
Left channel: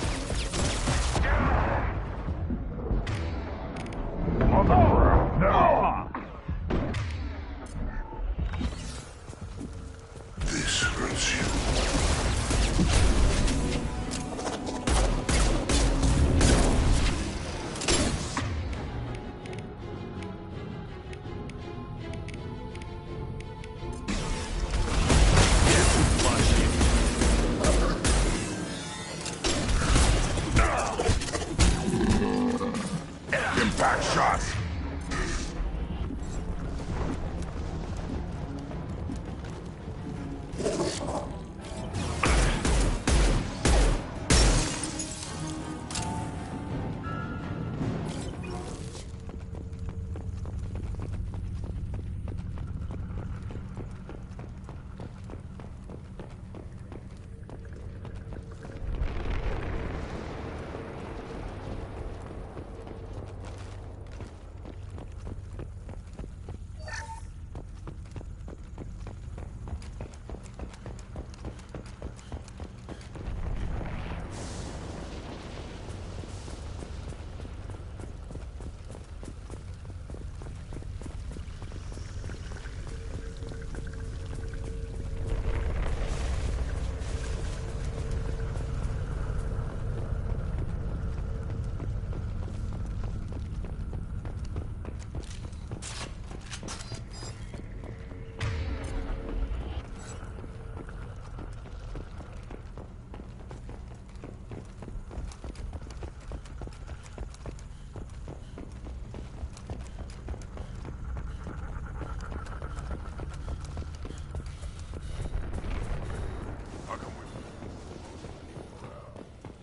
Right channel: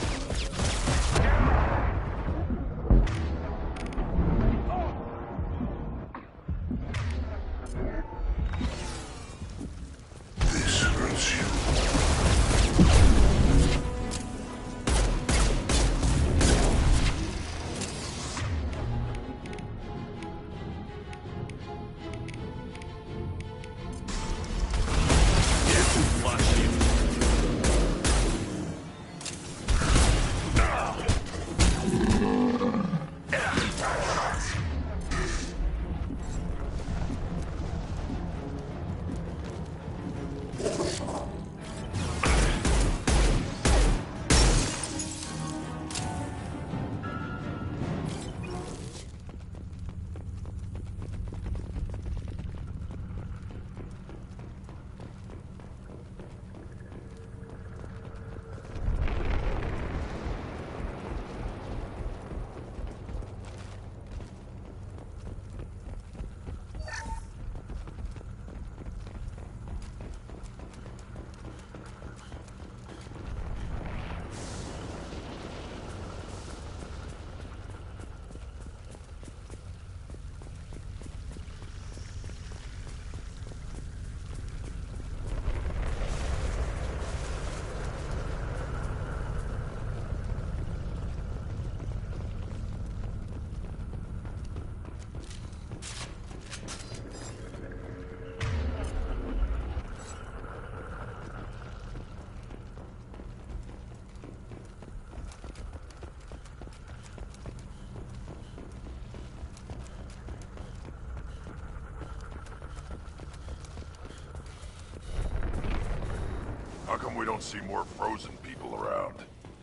don't see more frozen people around.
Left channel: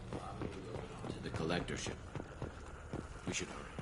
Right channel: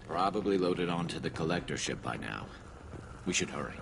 Probably loaded onto the collector ship by now. We should hurry.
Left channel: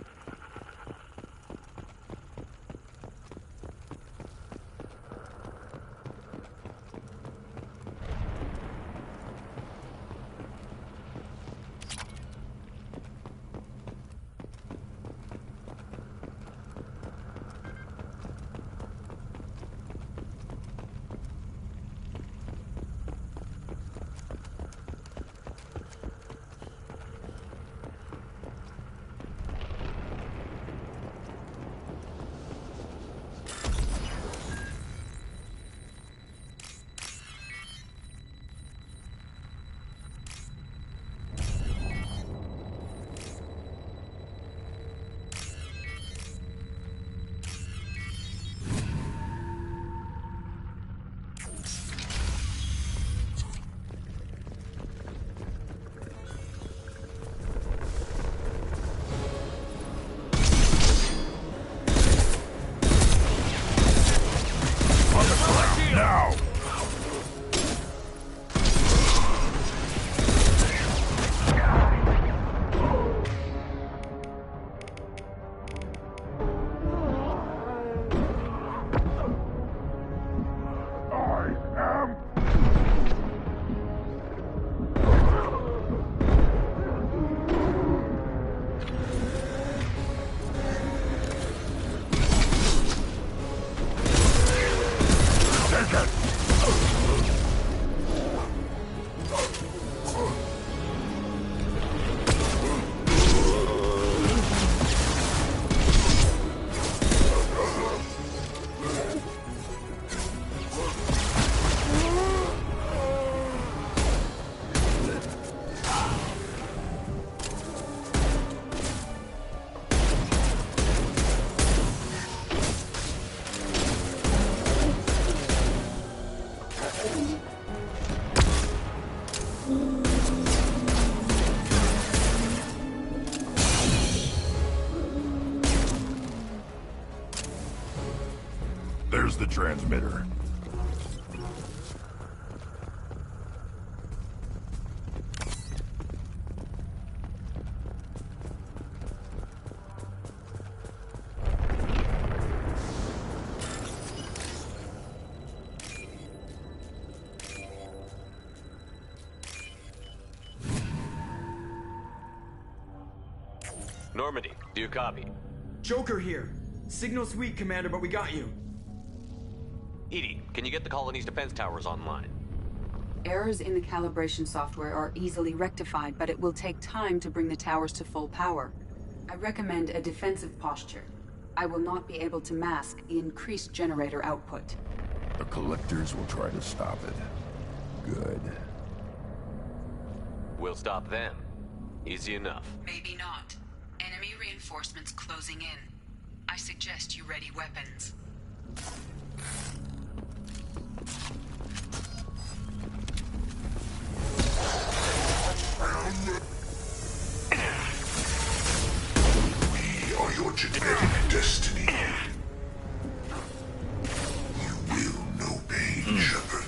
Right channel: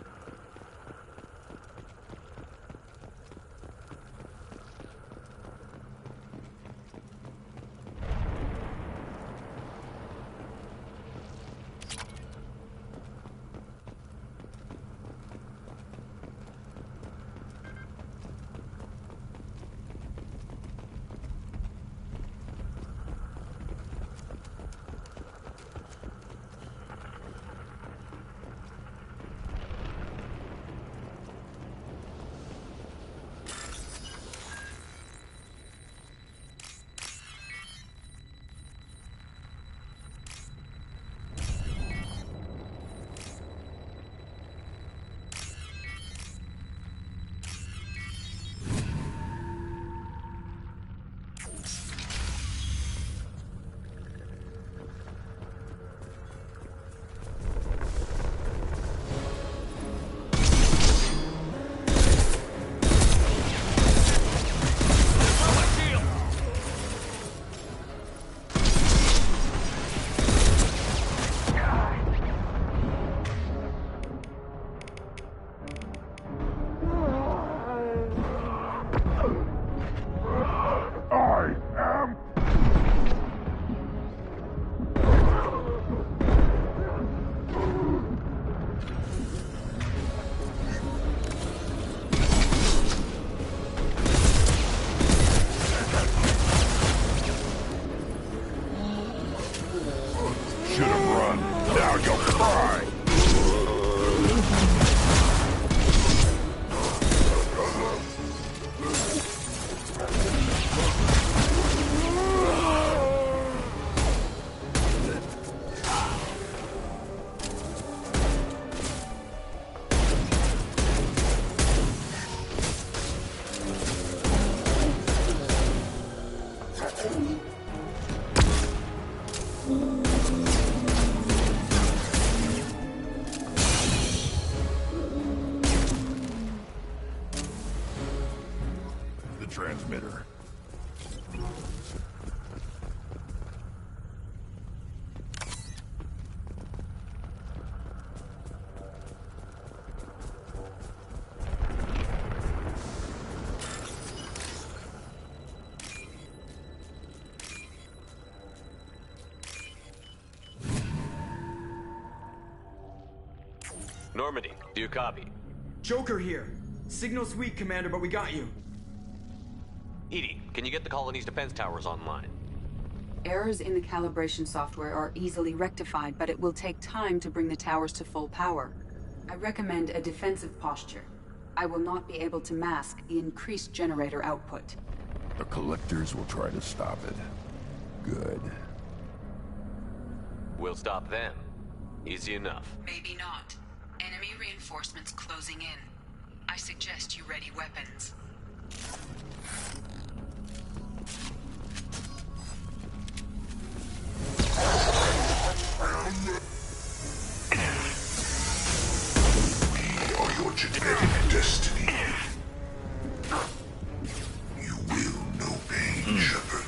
There's the transmitter. Normandy, do you copy? Joker here. Signal's weak, Commander, but we got you. EDI, can you get the colony's defense towers online? Errors in the calibration software are easily rectified, but it will take time to bring the towers to full power. I recommend a defensive posture. I will not be able to mask the increased generator output. The Collectors will try to stop it. Good. We'll stop them. Easy enough. Maybe not. Enemy reinforcements closing in. I suggest you ready weapons. We are your genetic destiny. You will know pain, Shepard.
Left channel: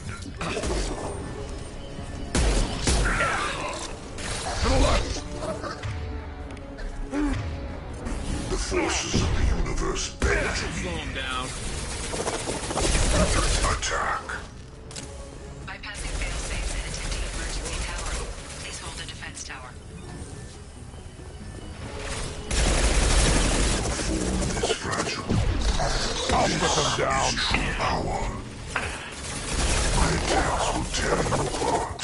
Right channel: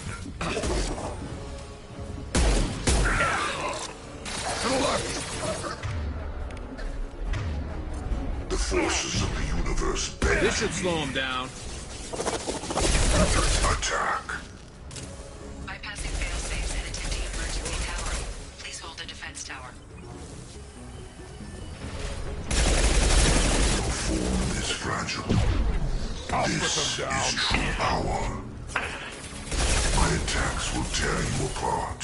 To the left! The forces of the universe bend. This should slow him down. Attack. Bypassing failsafes and attempting emergency power. Please hold the defense tower. Your form is fragile. I'll put them down. Is true power. My attacks will tear you apart.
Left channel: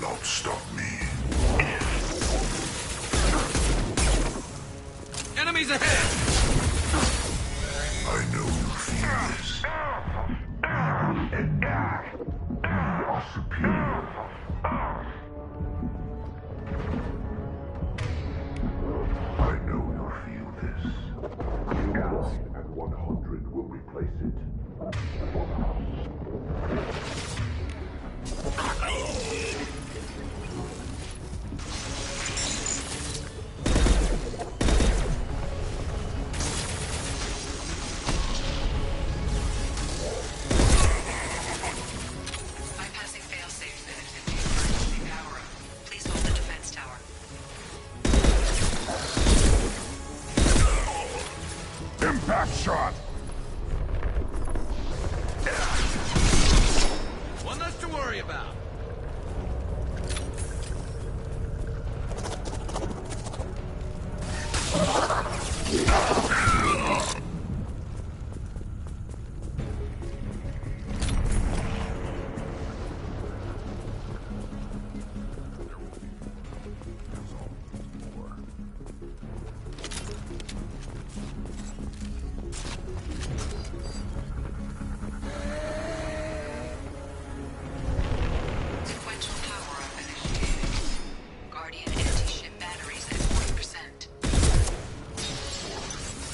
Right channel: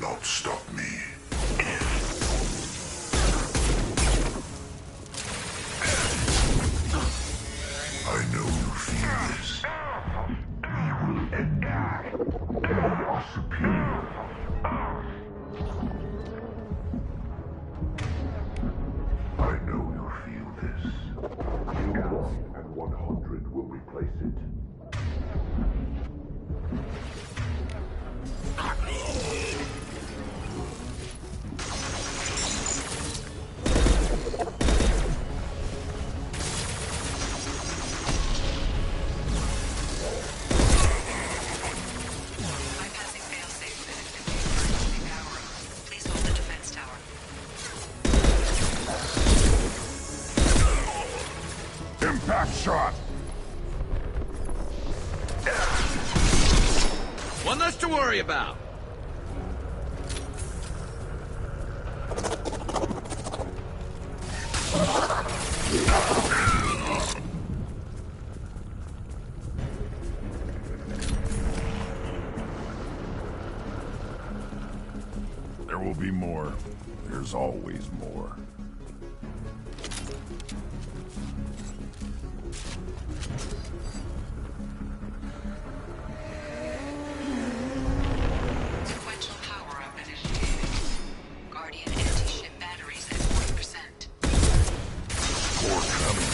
Not stop me. Enemies ahead! I know you feel this. We will end you. We are superior. 100 will replace it. Bypassing failsafe and emergency power up. Please hold the defense tower. Impact shot! One less to worry about. There will be more. There's always more. Sequential power-up initiated. Guardian anti-ship batteries at 40%. More coming.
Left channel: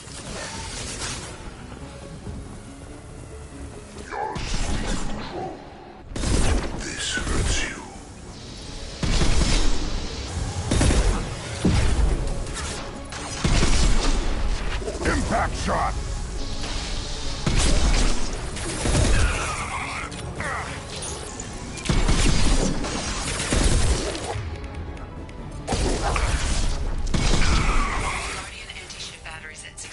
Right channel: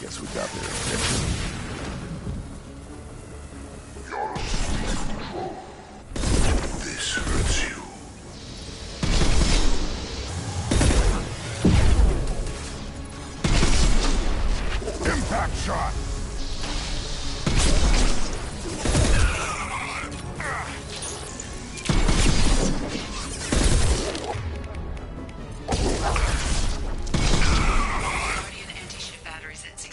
Guess we got this. You're asleep, control. This hurts you. Impact shot! Guardian anti-ship batteries at 60%.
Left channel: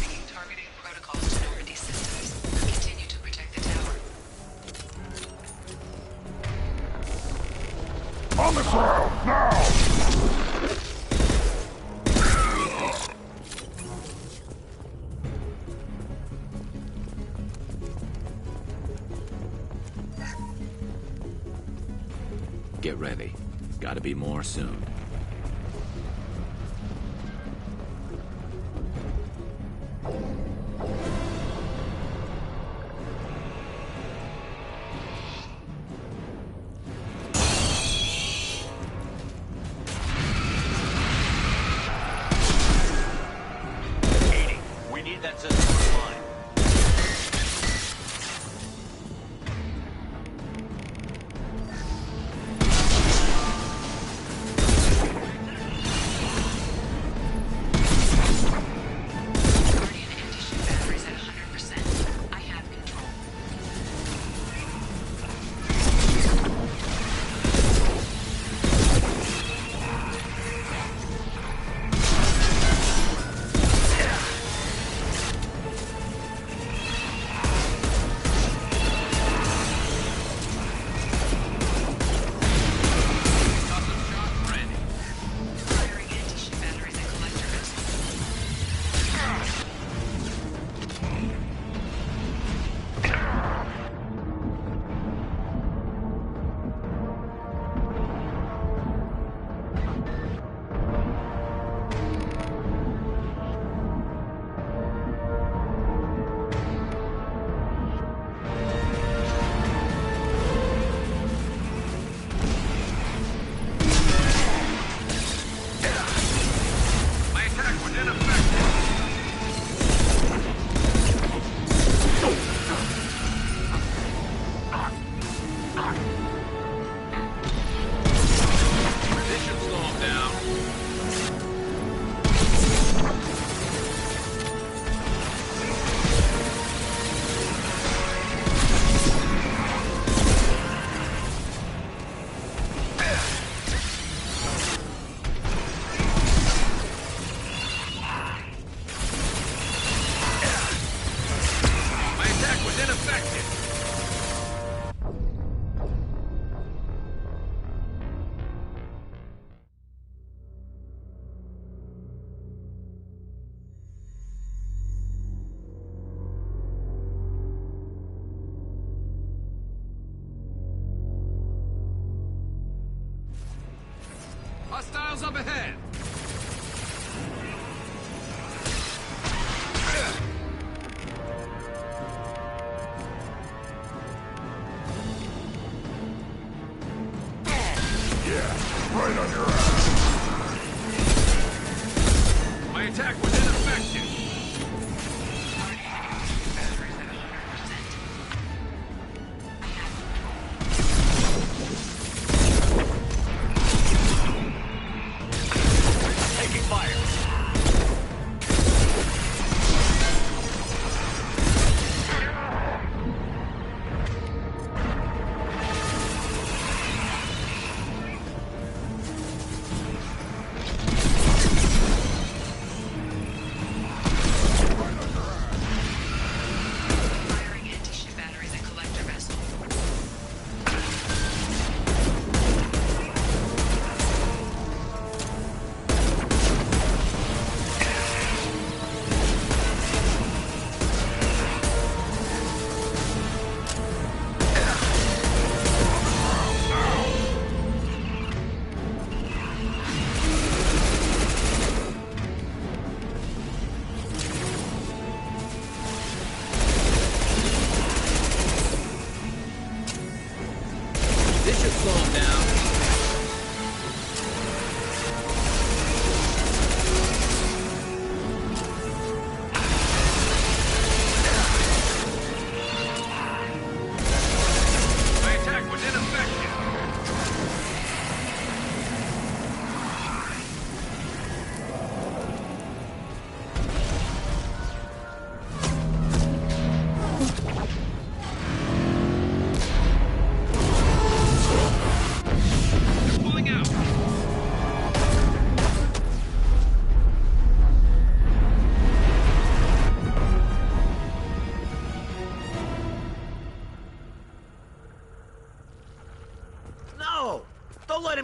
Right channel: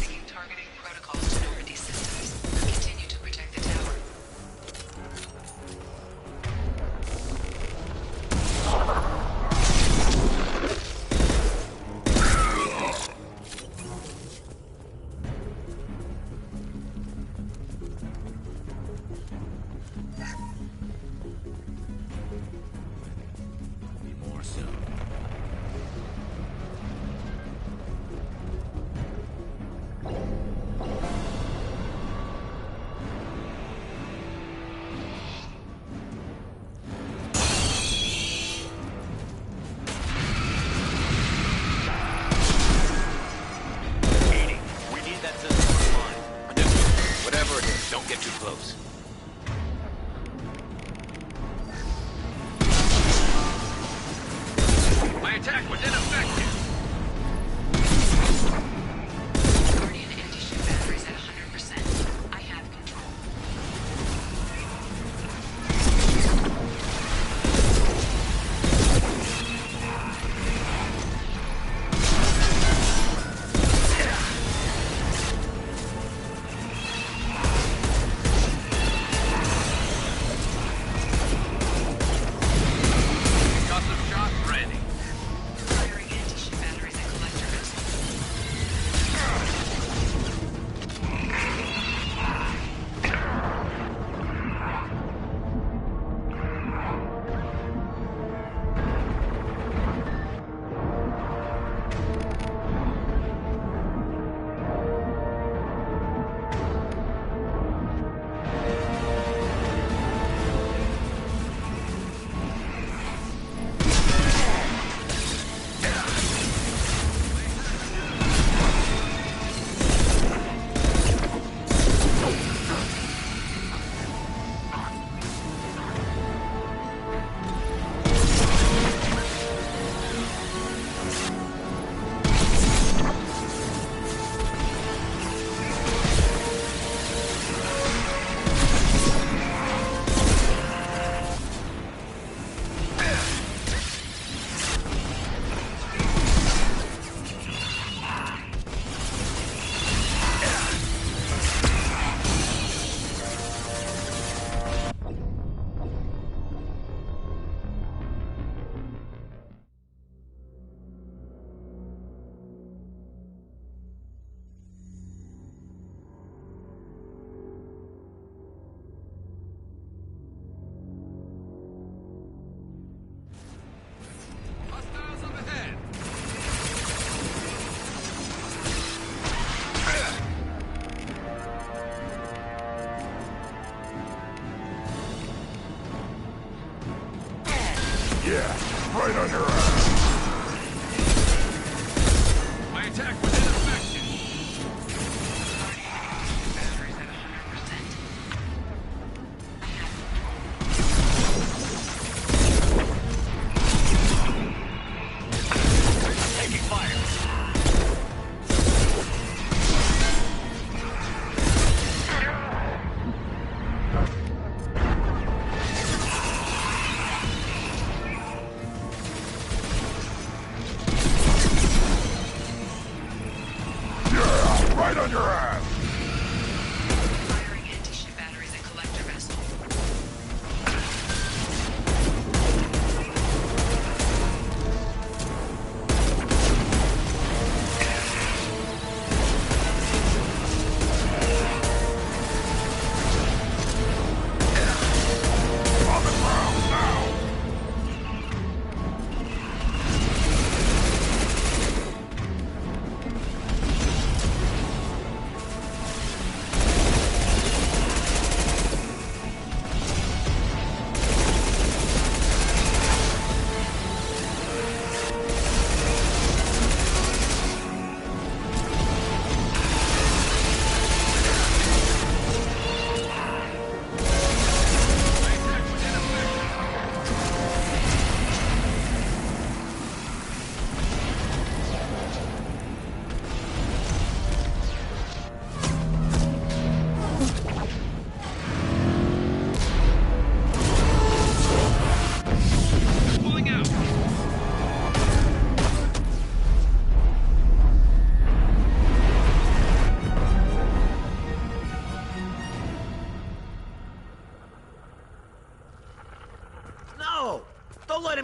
Making targeting protocols to Normandy systems. Continue to protect the tower. Get ready. Gotta be more soon. We need that system online. Whatever it is, don't get too close. My attack was ineffective. Guardian anti-ship batteries at 100%. I have control. Got some shots ready. Firing anti-ship batteries at collector vessel. My attack was ineffective. This should slow him down. My attack was ineffective. Hostiles up ahead. Yeah, right on your ass. My attack was ineffective.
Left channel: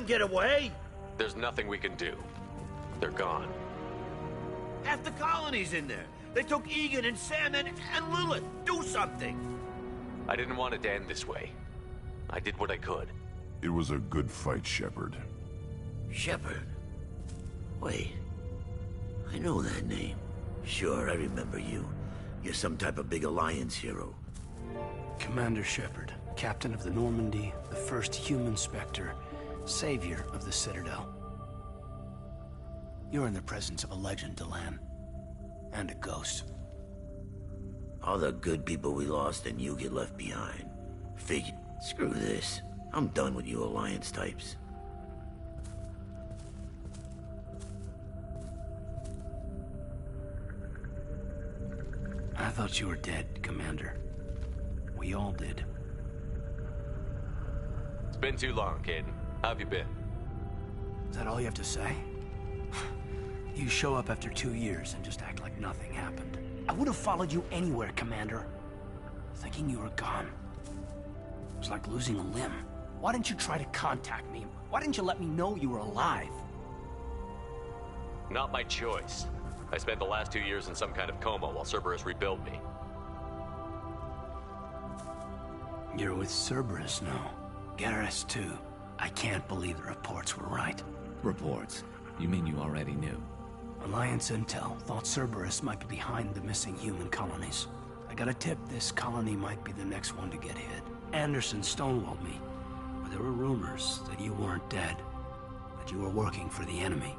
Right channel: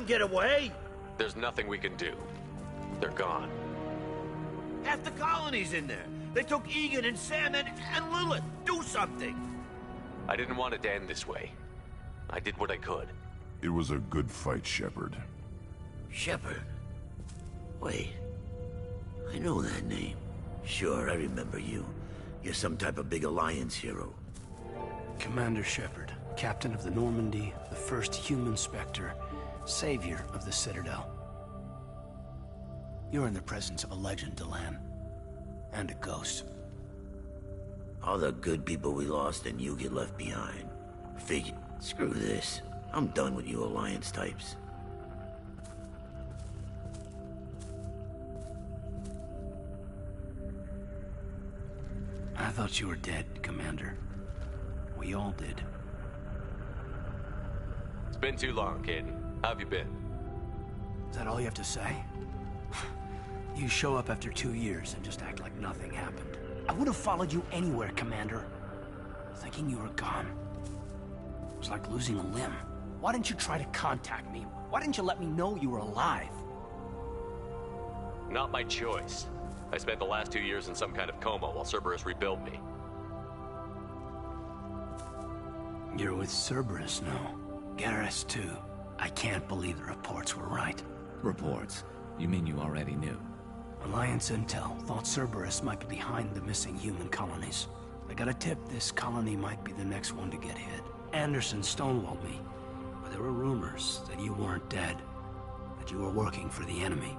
them get away? There's nothing we can do. They're gone. Half the colony's in there. They took Egan and Sam and Lilith. Do something. I didn't want it to end this way. I did what I could. It was a good fight, Shepard. Shepard? Wait. I know that name. Sure, I remember you. You're some type of big Alliance hero. Commander Shepard, captain of the Normandy, the first human Spectre, savior of the Citadel. You're in the presence of a legend, Delan. And a ghost. All the good people we lost and you get left behind. Figure. Screw this. I'm done with you Alliance types. I thought you were dead, Commander. We all did. It's been too long, Kaidan. How have you been? Is that all you have to say? You show up after 2 years and just act like nothing happened. I would have followed you anywhere, Commander. Thinking you were gone. It was like losing a limb. Why didn't you try to contact me? Why didn't you let me know you were alive? Not my choice. I spent the last 2 years in some kind of coma while Cerberus rebuilt me. You're with Cerberus now. Garrus too. I can't believe the reports were right. Reports? You mean you already knew? Alliance Intel thought Cerberus might be behind the missing human colonies. I got a tip this colony might be the next one to get hit. Anderson stonewalled me, but there were rumors that you weren't dead, that you were working for the enemy.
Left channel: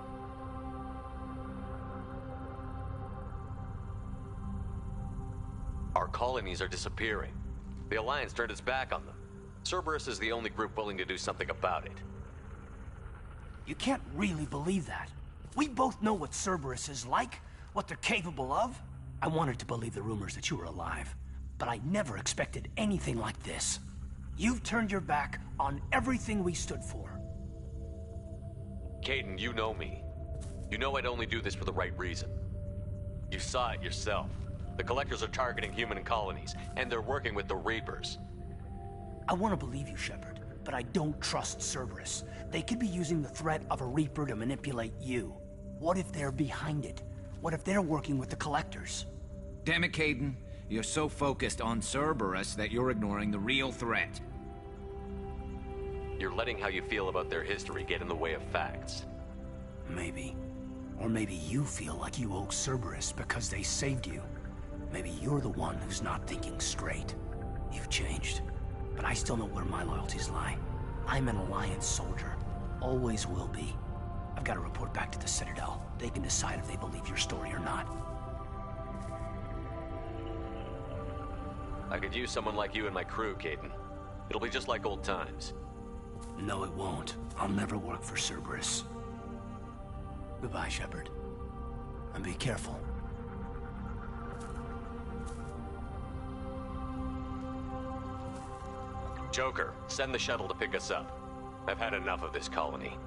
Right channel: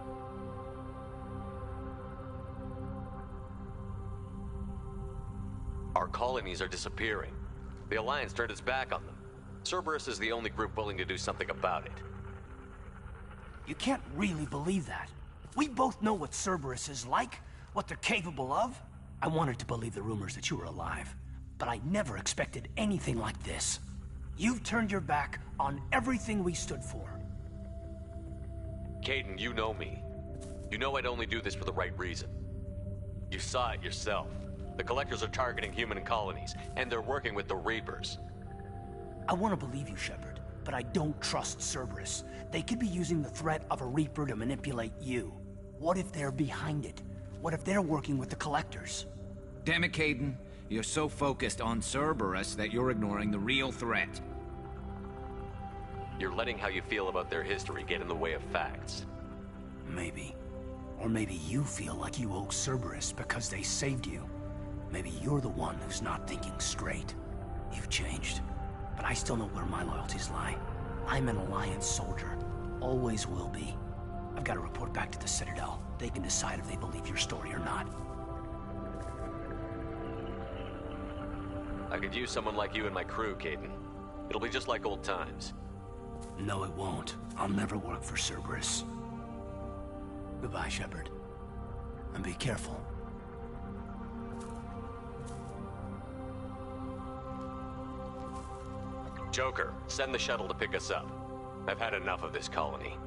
Our colonies are disappearing. The Alliance turned its back on them. Cerberus is the only group willing to do something about it. You can't really believe that. We both know what Cerberus is like, what they're capable of. I wanted to believe the rumors that you were alive, but I never expected anything like this. You've turned your back on everything we stood for. Kaidan, you know me. You know I'd only do this for the right reason. You saw it yourself. The Collectors are targeting human colonies, and they're working with the Reapers. I want to believe you, Shepard, but I don't trust Cerberus. They could be using the threat of a Reaper to manipulate you. What if they're behind it? What if they're working with the Collectors? Damn it, Kaidan. You're so focused on Cerberus that you're ignoring the real threat. You're letting how you feel about their history get in the way of facts. Maybe. Or maybe you feel like you owe Cerberus because they saved you. Maybe you're the one who's not thinking straight. You've changed. But I still know where my loyalties lie. I'm an Alliance soldier. Always will be. I've got to report back to the Citadel. They can decide if they believe your story or not. I could use someone like you in my crew, Kaidan. It'll be just like old times. No, it won't. I'll never work for Cerberus. Goodbye, Shepard. And be careful. Joker, send the shuttle to pick us up. I've had enough of this colony.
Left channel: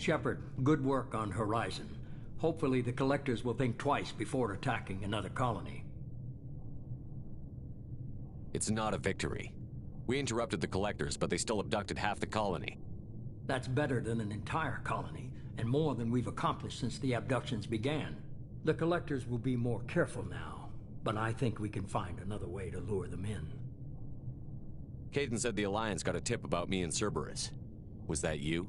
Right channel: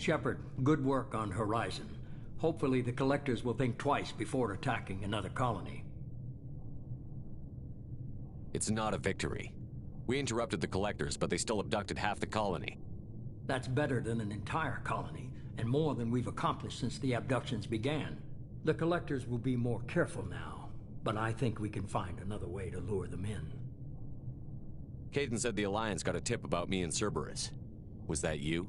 Shepard, good work on Horizon. Hopefully the Collectors will think twice before attacking another colony. It's not a victory. We interrupted the Collectors, but they still abducted half the colony. That's better than an entire colony, and more than we've accomplished since the abductions began. The Collectors will be more careful now, but I think we can find another way to lure them in. Kaidan said the Alliance got a tip about me and Cerberus. Was that you?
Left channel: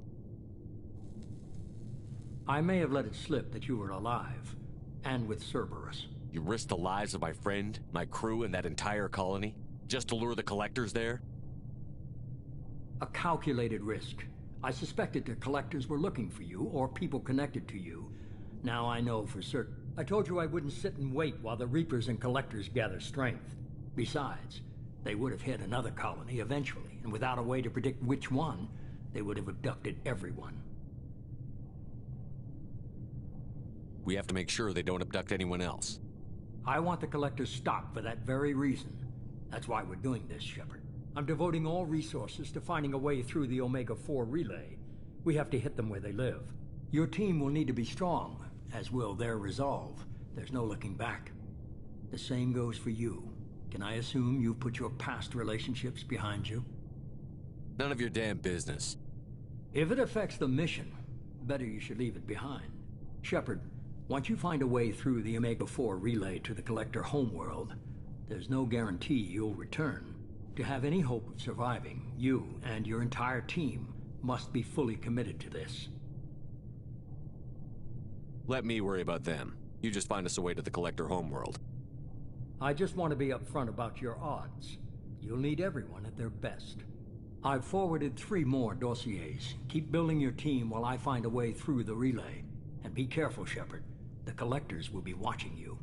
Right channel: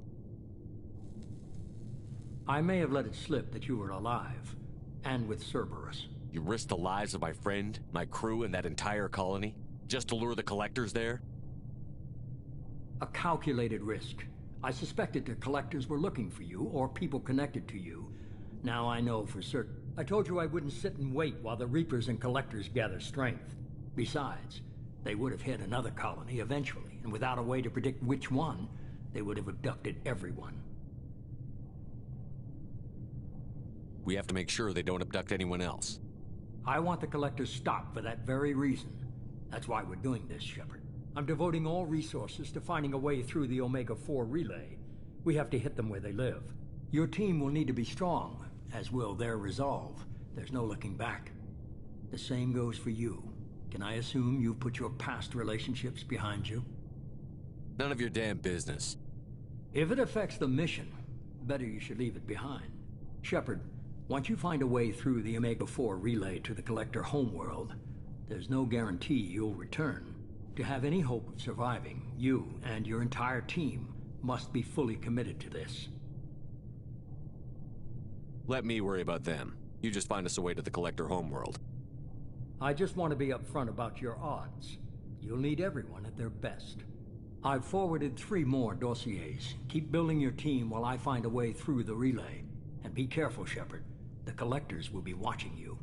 I may have let it slip that you were alive, and with Cerberus. You risked the lives of my friend, my crew, and that entire colony, just to lure the Collectors there? A calculated risk. I suspected the Collectors were looking for you, or people connected to you. Now I know for certain. I told you I wouldn't sit and wait while the Reapers and Collectors gather strength. Besides, they would have hit another colony eventually, and without a way to predict which one, they would have abducted everyone. We have to make sure they don't abduct anyone else. I want the Collectors stopped for that very reason. That's why we're doing this, Shepard. I'm devoting all resources to finding a way through the Omega-4 relay. We have to hit them where they live. Your team will need to be strong, as will their resolve. There's no looking back. The same goes for you. Can I assume you've put your past relationships behind you? None of your damn business. If it affects the mission, better you should leave it behind. Shepard, once you find a way through the Omega-4 relay to the Collector homeworld, there's no guarantee you'll return. To have any hope of surviving, you and your entire team must be fully committed to this. Let me worry about them. You just find us a way to the Collector homeworld. I just want to be upfront about your odds. You'll need everyone at their best. I've forwarded 3 more dossiers. Keep building your team while I find a way through the relay. And be careful, Shepard. The Collectors will be watching you.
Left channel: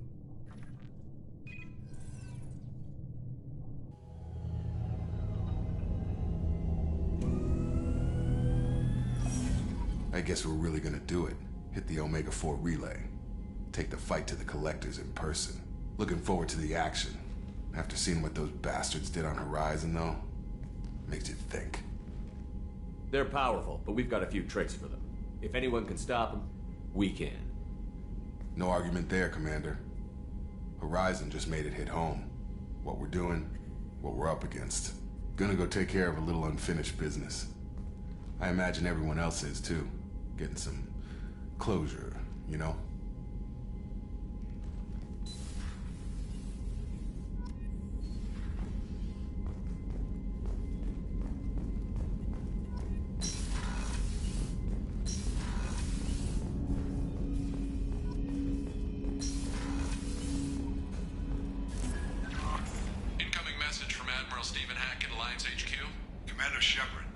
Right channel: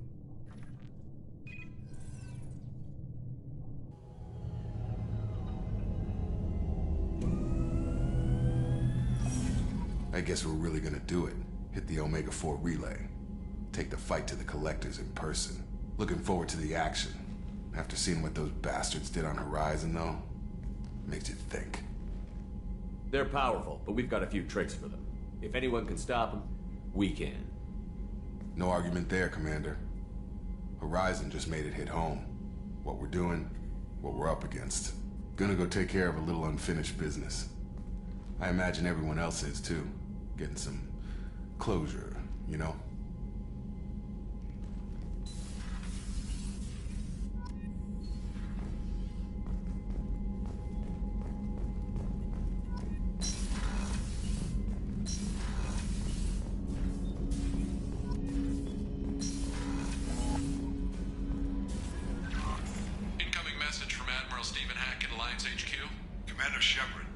I guess we're really gonna do it. Hit the Omega-4 relay. Take the fight to the Collectors in person. Looking forward to the action. After seeing what those bastards did on Horizon, though, makes you think. They're powerful, but we've got a few tricks for them. If anyone can stop them, we can. No argument there, Commander. Horizon just made it hit home. What we're doing, what we're up against. Gonna go take care of a little unfinished business. I imagine everyone else is, too. Getting some closure, you know? Incoming message from Admiral Stephen Hackett, Alliance HQ. Commander Shepard,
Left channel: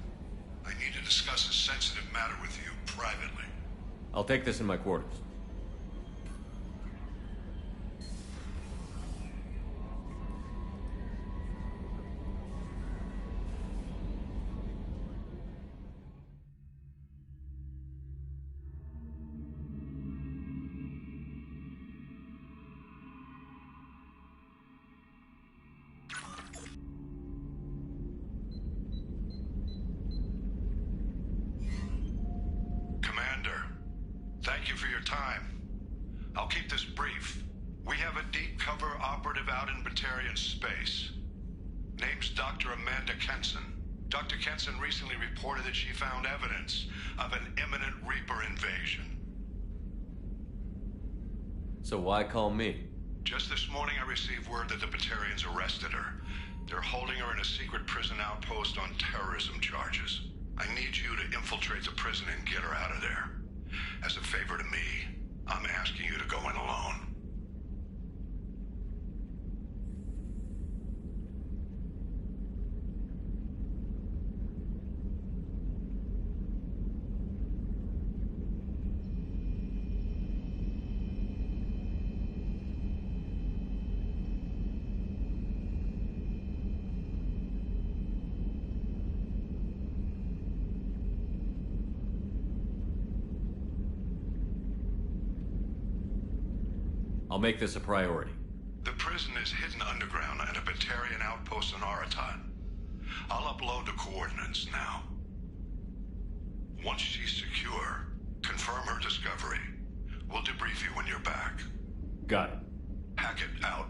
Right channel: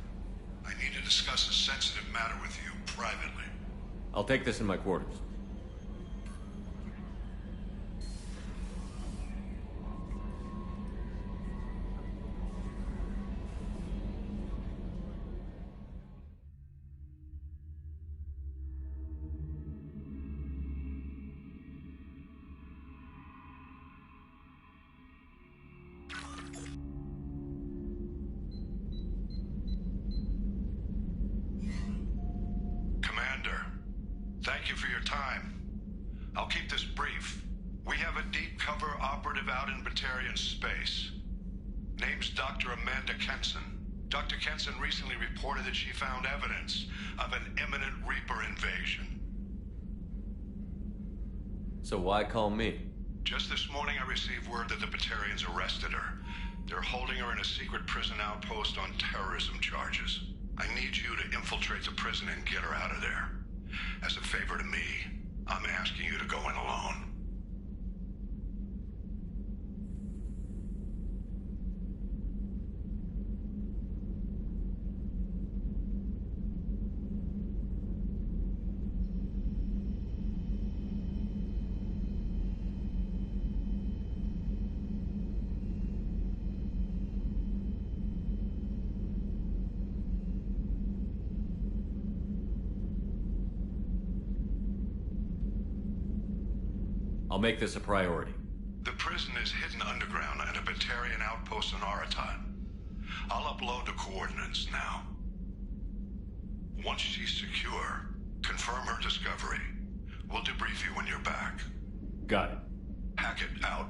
I need to discuss a sensitive matter with you privately. I'll take this in my quarters. Commander, thank you for your time. I'll keep this brief. We have a deep cover operative out in Batarian space. Name's Dr. Amanda Kenson. Dr. Kenson recently reported that she found evidence of an imminent Reaper invasion. So why call me? Just this morning I received word that the Batarians arrested her. They're holding her in a secret prison outpost on terrorism charges. I need you to infiltrate the prison and get her out of there. As a favor to me, I'm asking you to go in alone. I'll make this a priority. The prison is hidden underground at a Batarian outpost on Araton. I'll upload the coordinates now. Once she's secure, confirm her discovery. We'll debrief you when you're back. Got it. Hackett out.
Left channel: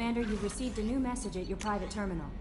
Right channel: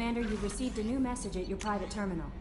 Commander, you've received a new message at your private terminal.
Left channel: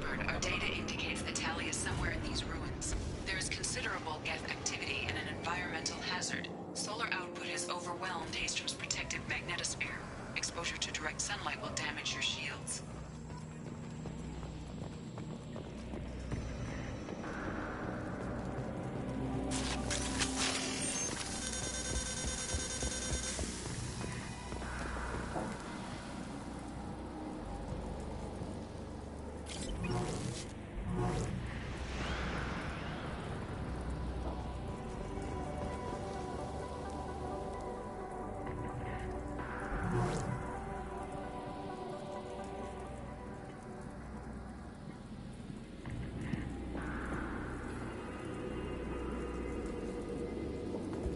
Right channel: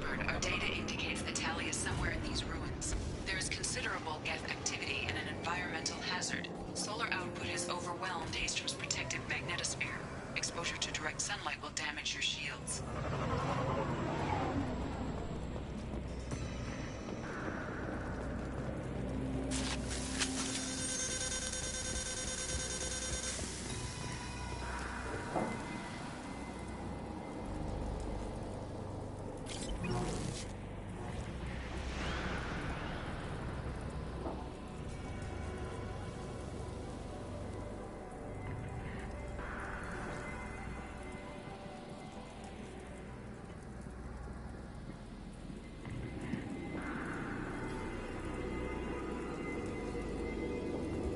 Rupert, our data indicates that Tali is somewhere in these ruins. There is considerable Geth activity and an environmental hazard. Solar output has overwhelmed Hastrom's protective magnetosphere. Exposure to direct sunlight will damage your shields.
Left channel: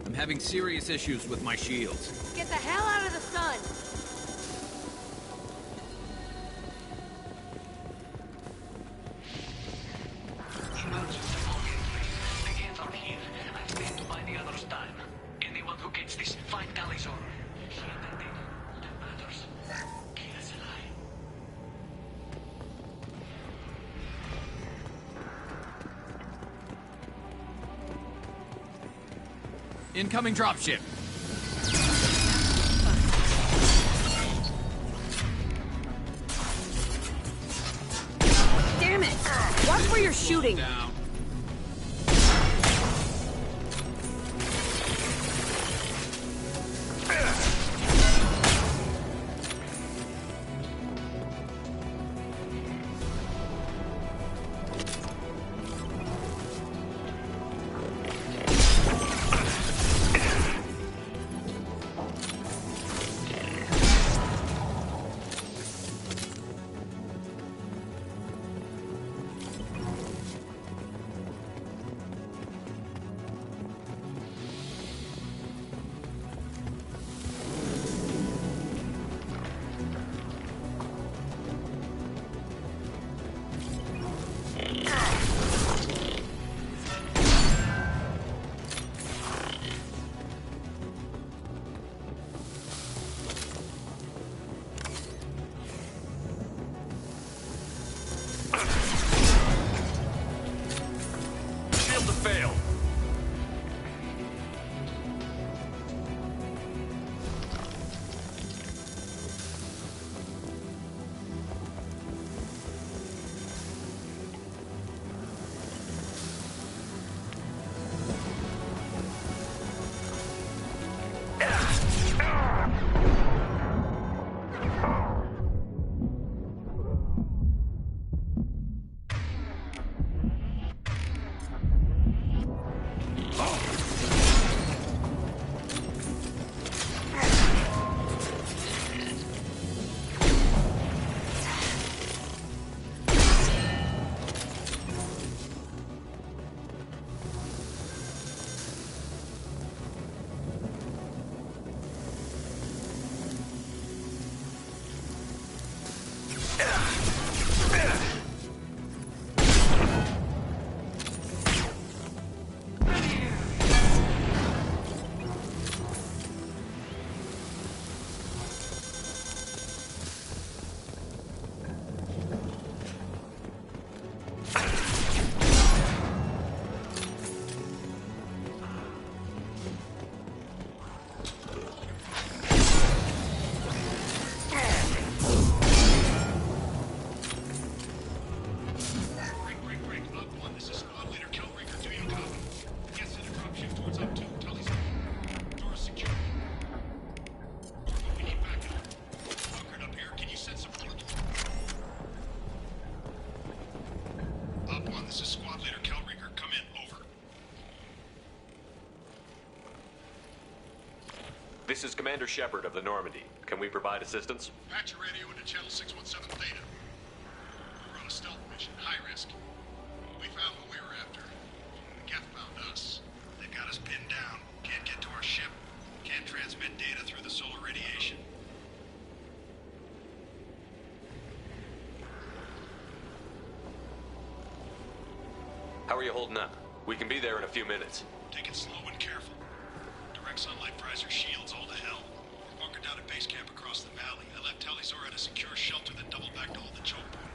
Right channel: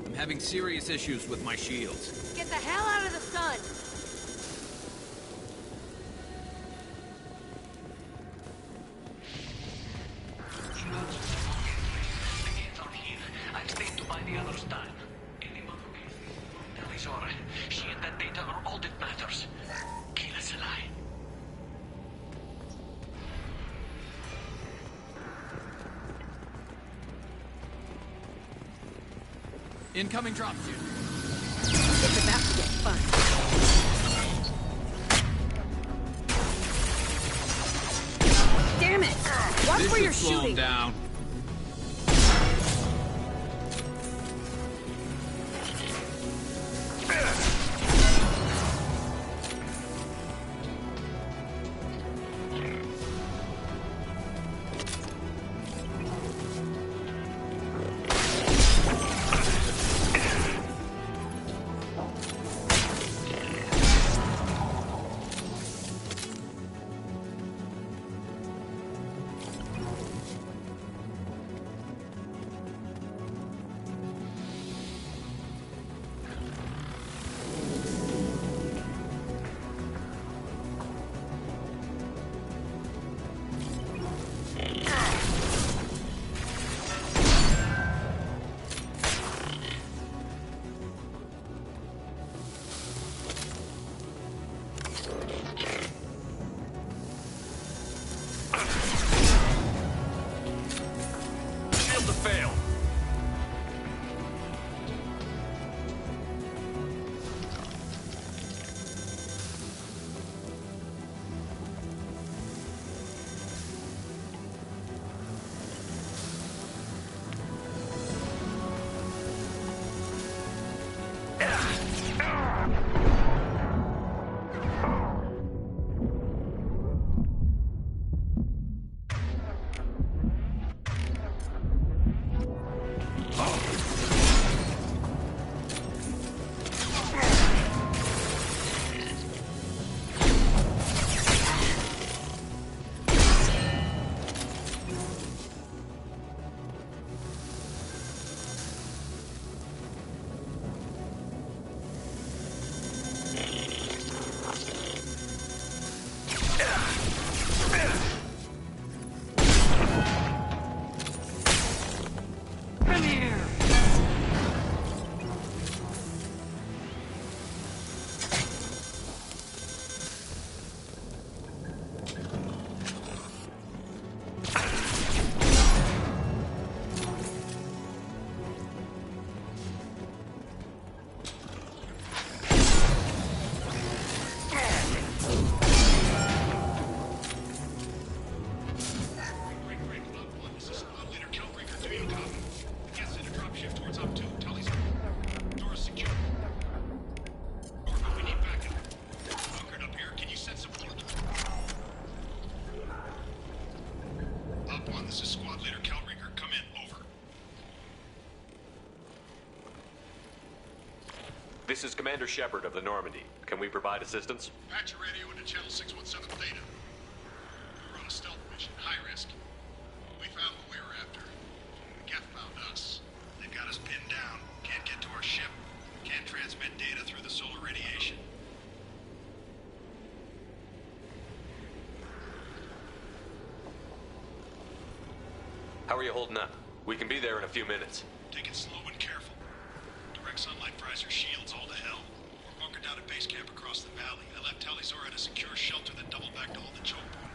I'm having serious issues with my shields. Get the hell out of the sun! The Geth are here. I've stayed to buy the others time. Anyone who gets this, find Talizor. She and that data are all that matters. Kill us alive. Incoming dropship. Damn it! Watch where you're shooting. Down. Shield to fail. This is Commander Shepard of the Normandy. Can we provide assistance? Patch your radio into channel 617 Theta. We're on a stealth mission, high risk. We found what we were after. The Geth found us. They've got us pinned down. Can't get to our ship. Can't transmit data through the solar radiation. How are you holding up? We can be there in a few minutes. Take it slow and careful. Direct sunlight fries our shields all to hell. We're bunkered down at base camp across the valley. I left Talizor at a secure shelter that doubled back to hold the choke point.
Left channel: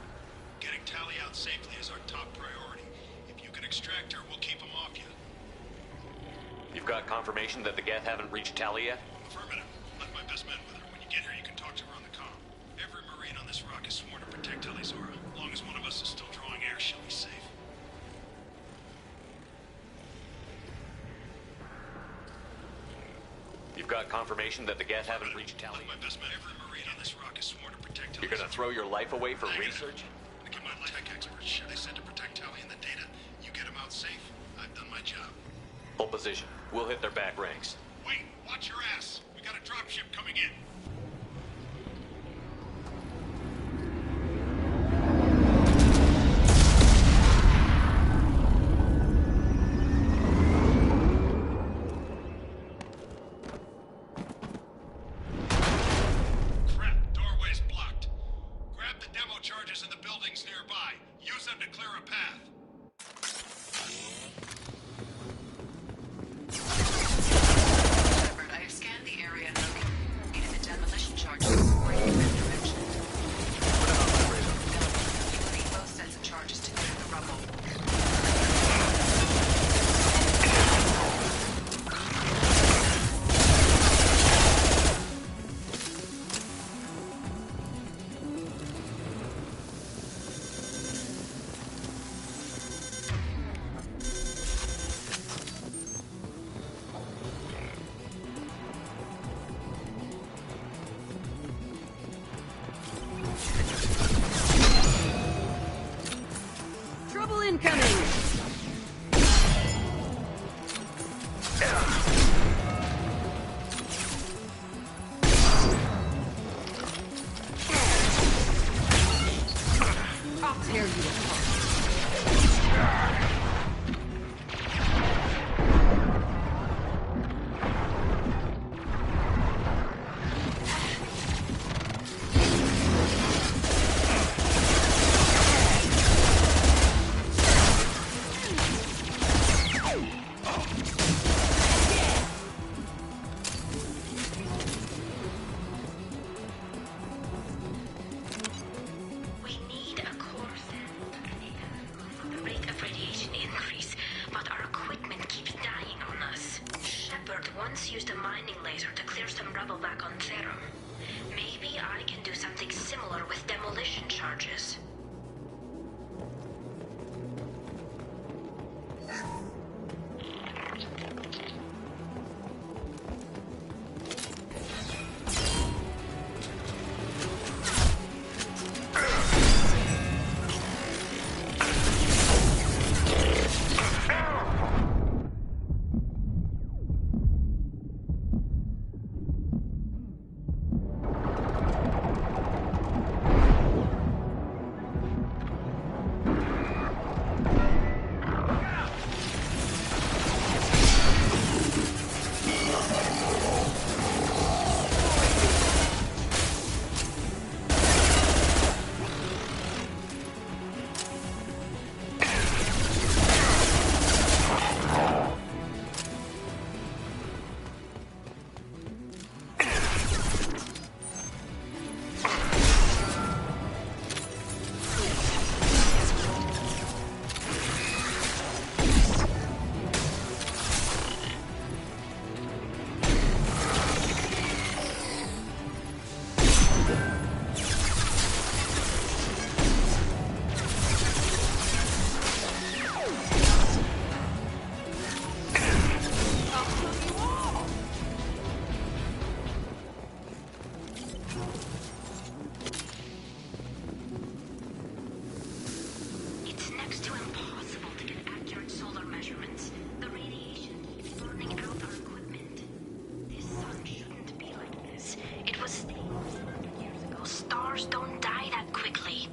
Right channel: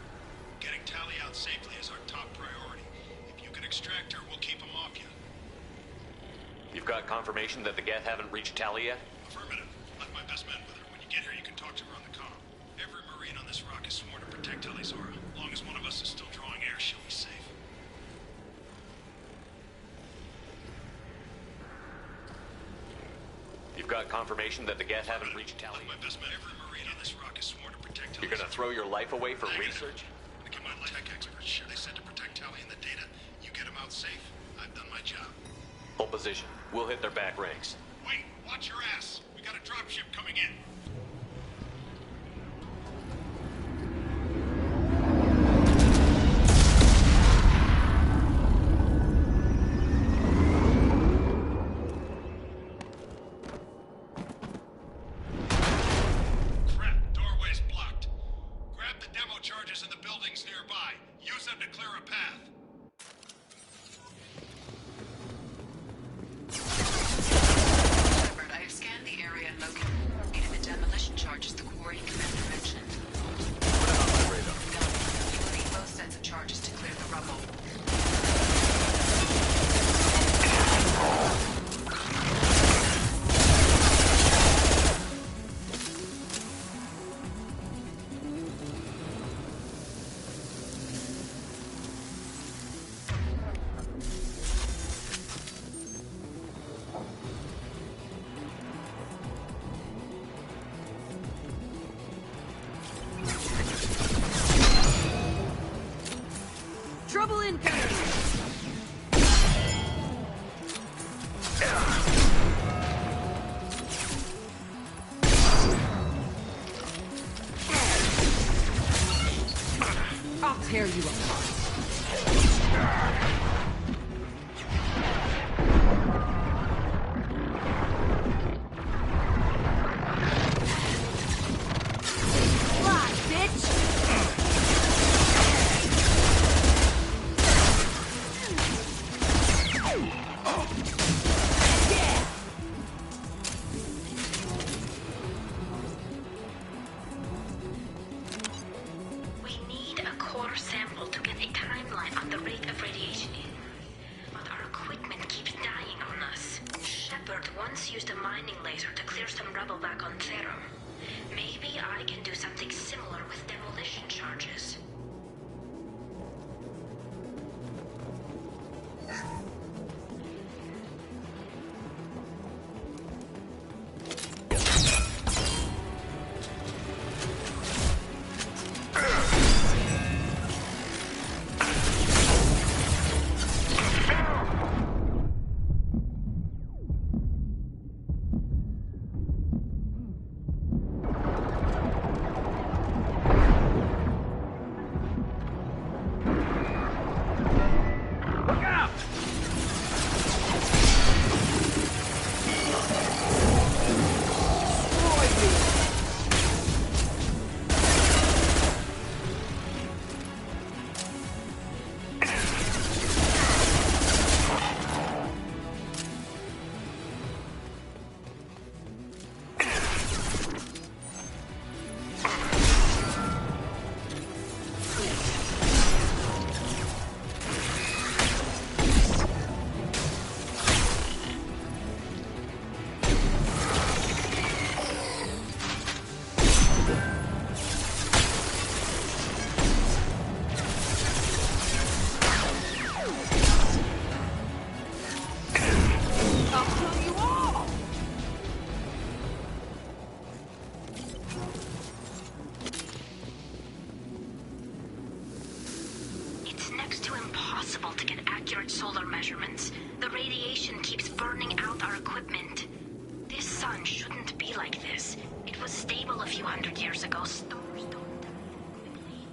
Getting Tali out safely is our top priority. If you can extract her, we'll keep them off you. You've got confirmation that the Geth haven't reached Tali yet? Affirmative. Left my best men with her. When you get here, you can talk to her on the comm. Every Marine on this rock is sworn to protect Tali'Zorah. As long as one of us is still drawing air, she'll be safe. You've got confirmation that the Geth haven't reached Tali? My best man, every Marine on this rock is sworn to protect Tali. You're gonna throw your life away for research? I get my tech experts. Sure, they said to protect Tali and the data. You get them out safe, I've done my job. Hold position. We'll hit their back ranks. Wait, watch your ass. We got a dropship coming in. Trouble incoming! I'll tear you apart. Once used a mining laser to clear some rubble back on Therum. Maybe I can do something similar with demolition charges. Solar measurements. The radiation keeps burning out our equipment. This sun shouldn't be like this. It was stable a few hundred years ago. Stars don't die that quickly.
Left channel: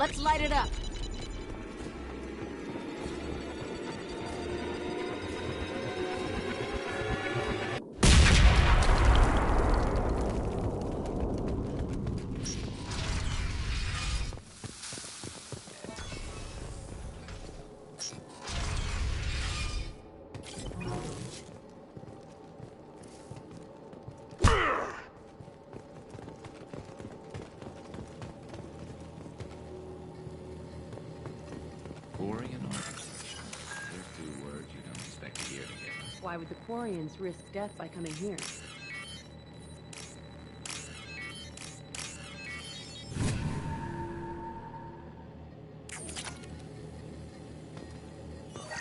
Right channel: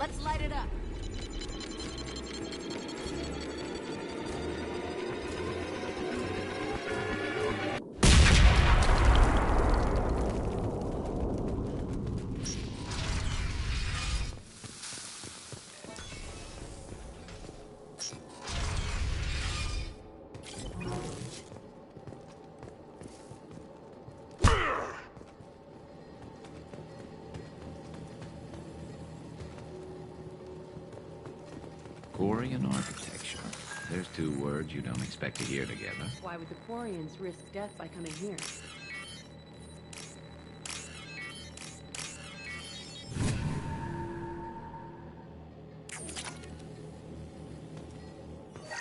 Let's light it up. Quarian architecture. There's two words you don't expect to hear together. Why would the Quarians risk death by coming here?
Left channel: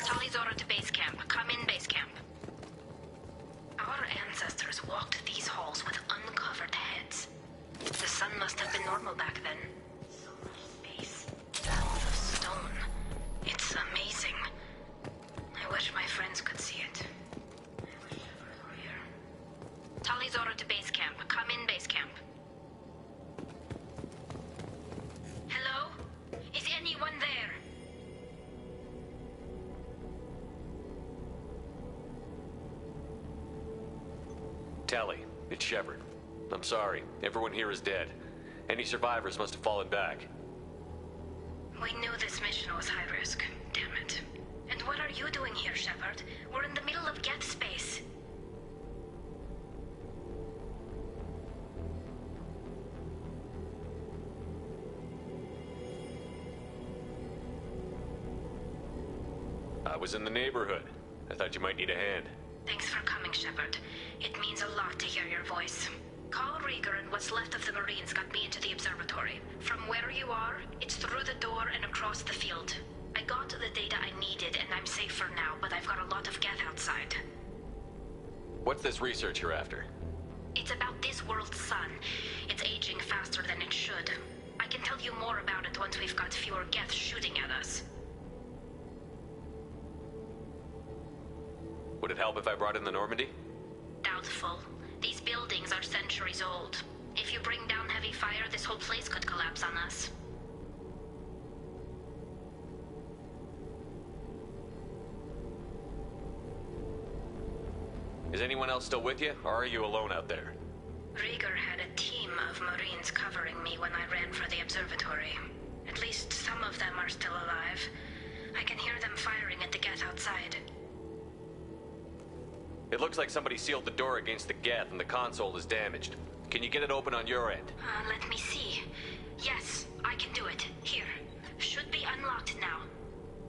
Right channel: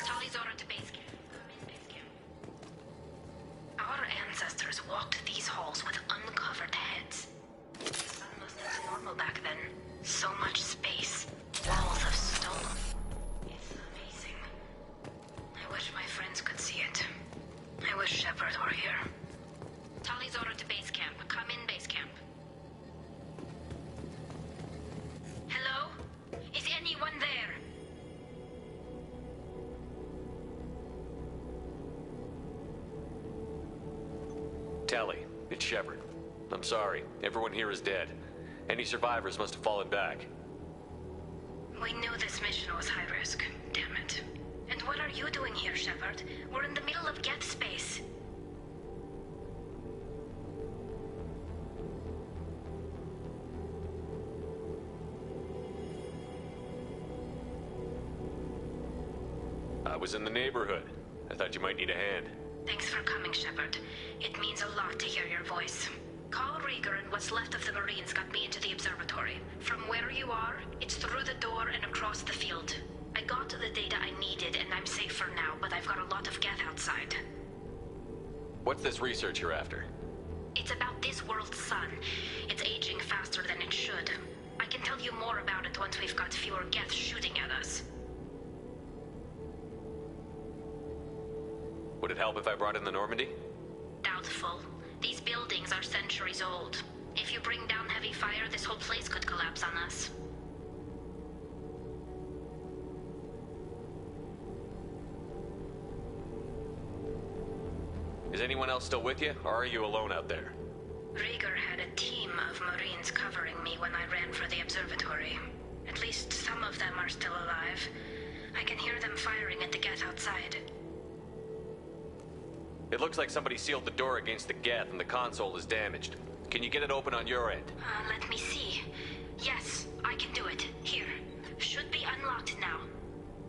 Talizora to base camp. Come in, base camp. Our ancestors walked these halls with uncovered heads. The sun must have been normal back then. So much space. Walls of stone. It's amazing. I wish my friends could see it. I wish Shepard were here. Talizora to base camp. Come in, base camp. Hello? Is anyone there? Tally, it's Shepard. I'm sorry. Everyone here is dead. Any survivors must have fallen back. We knew this mission was high risk. Damn it. And what are you doing here, Shepard? We're in the middle of Geth space. I was in the neighborhood. I thought you might need a hand. Thanks for coming, Shepard. It means a lot to hear your voice. Call Rieger and what's left of the Marines got me into the observatory. From where you are, it's through the door and across the field. I got the data I needed and I'm safe for now, but I've got a lot of Geth outside. What's this research you're after? It's about this world's sun. It's aging faster than it should. I can tell you more about it once we've got fewer Geth shooting at us. Would it help if I brought in the Normandy? Doubtful. These buildings are centuries old. If you bring down heavy fire, this whole place could collapse on us. Is anyone else still with you, or are you alone out there? Rieger had a team of Marines covering me when I ran for the observatory. At least some of them are still alive. I can hear them firing at the Geth outside. It looks like somebody sealed the door against the Geth and the console is damaged. Can you get it open on your end? Let me see. Yes, I can do it. Here. Should be unlocked now.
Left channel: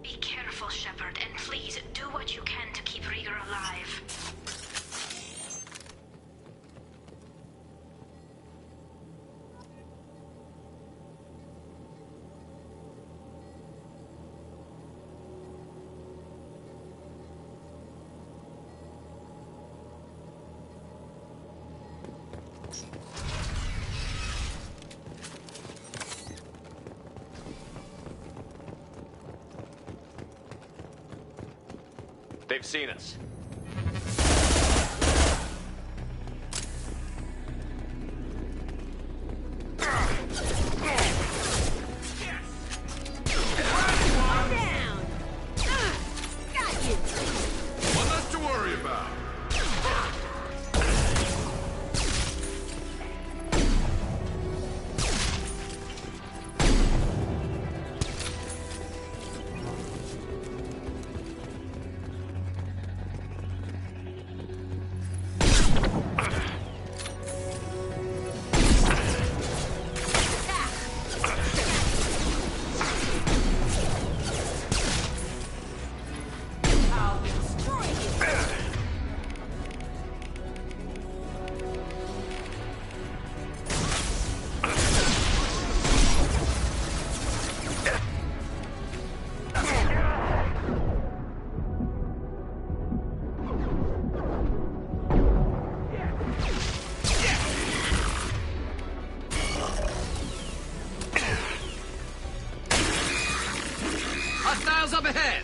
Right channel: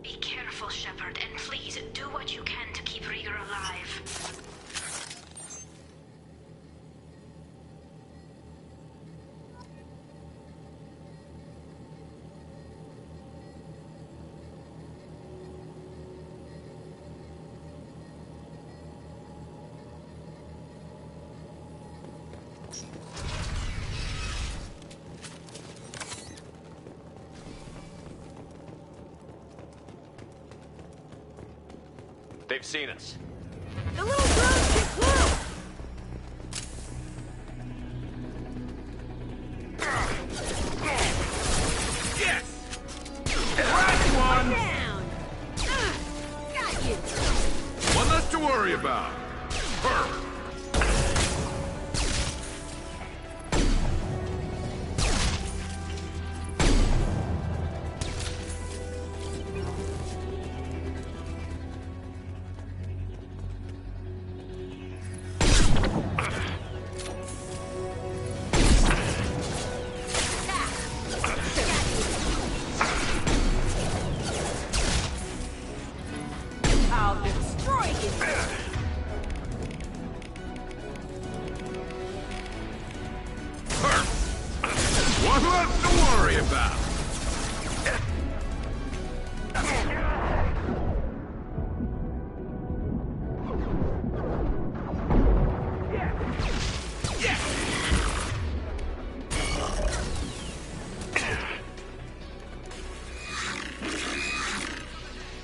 Be careful, Shepard, and please do what you can to keep Rieger alive. They've seen us. Yes! Last one! Down! Got you! One less to worry about. First. I'll destroy you! One less to worry about. Hostiles up ahead!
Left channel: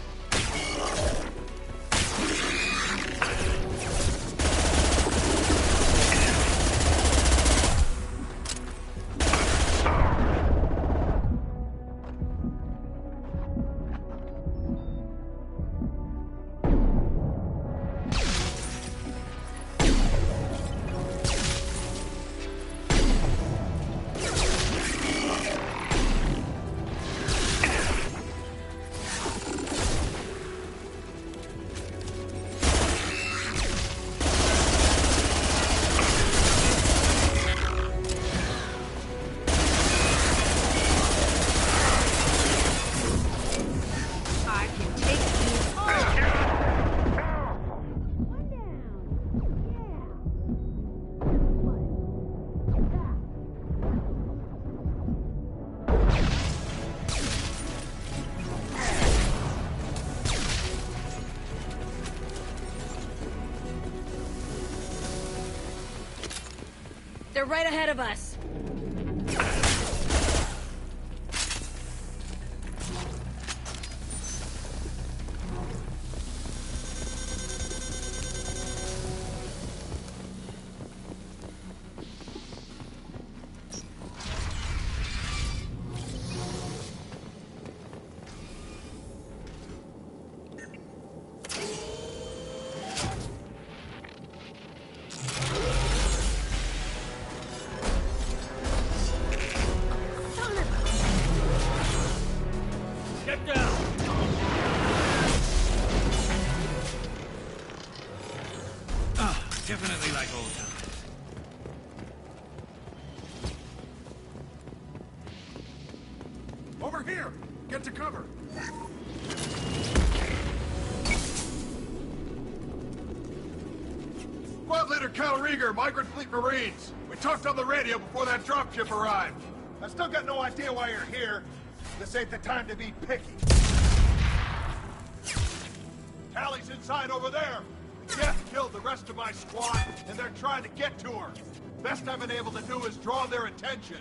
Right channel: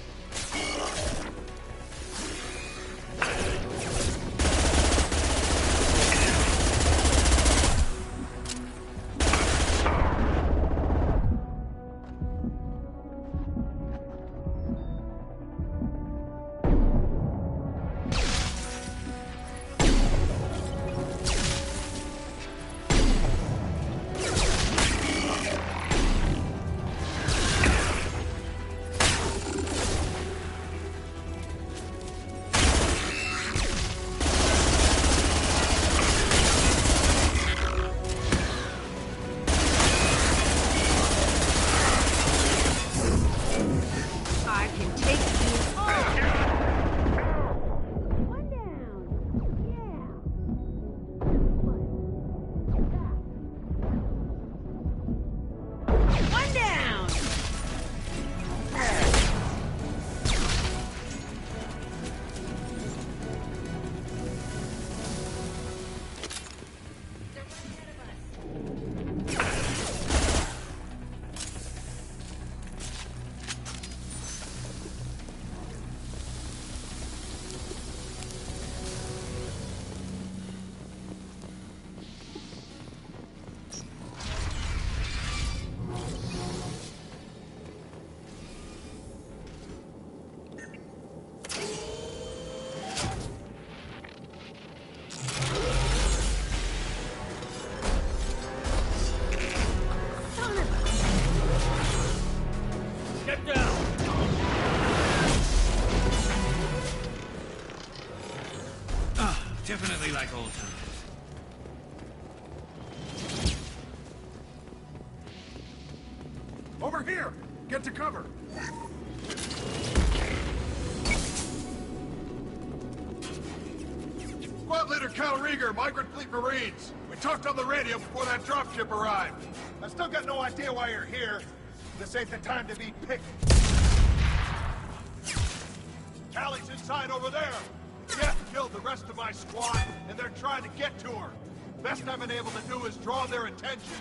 right ahead of us. Definitely like old times. Over here! Get to cover! Squad Leader Cal Rieger, Migrant Fleet Marines. We talked on the radio before that dropship arrived. I still got no idea why you're here. This ain't the time to be picky. Callie's inside over there. The Geth killed the rest of my squad, and they're trying to get to her. Best I've been able to do is draw their attention.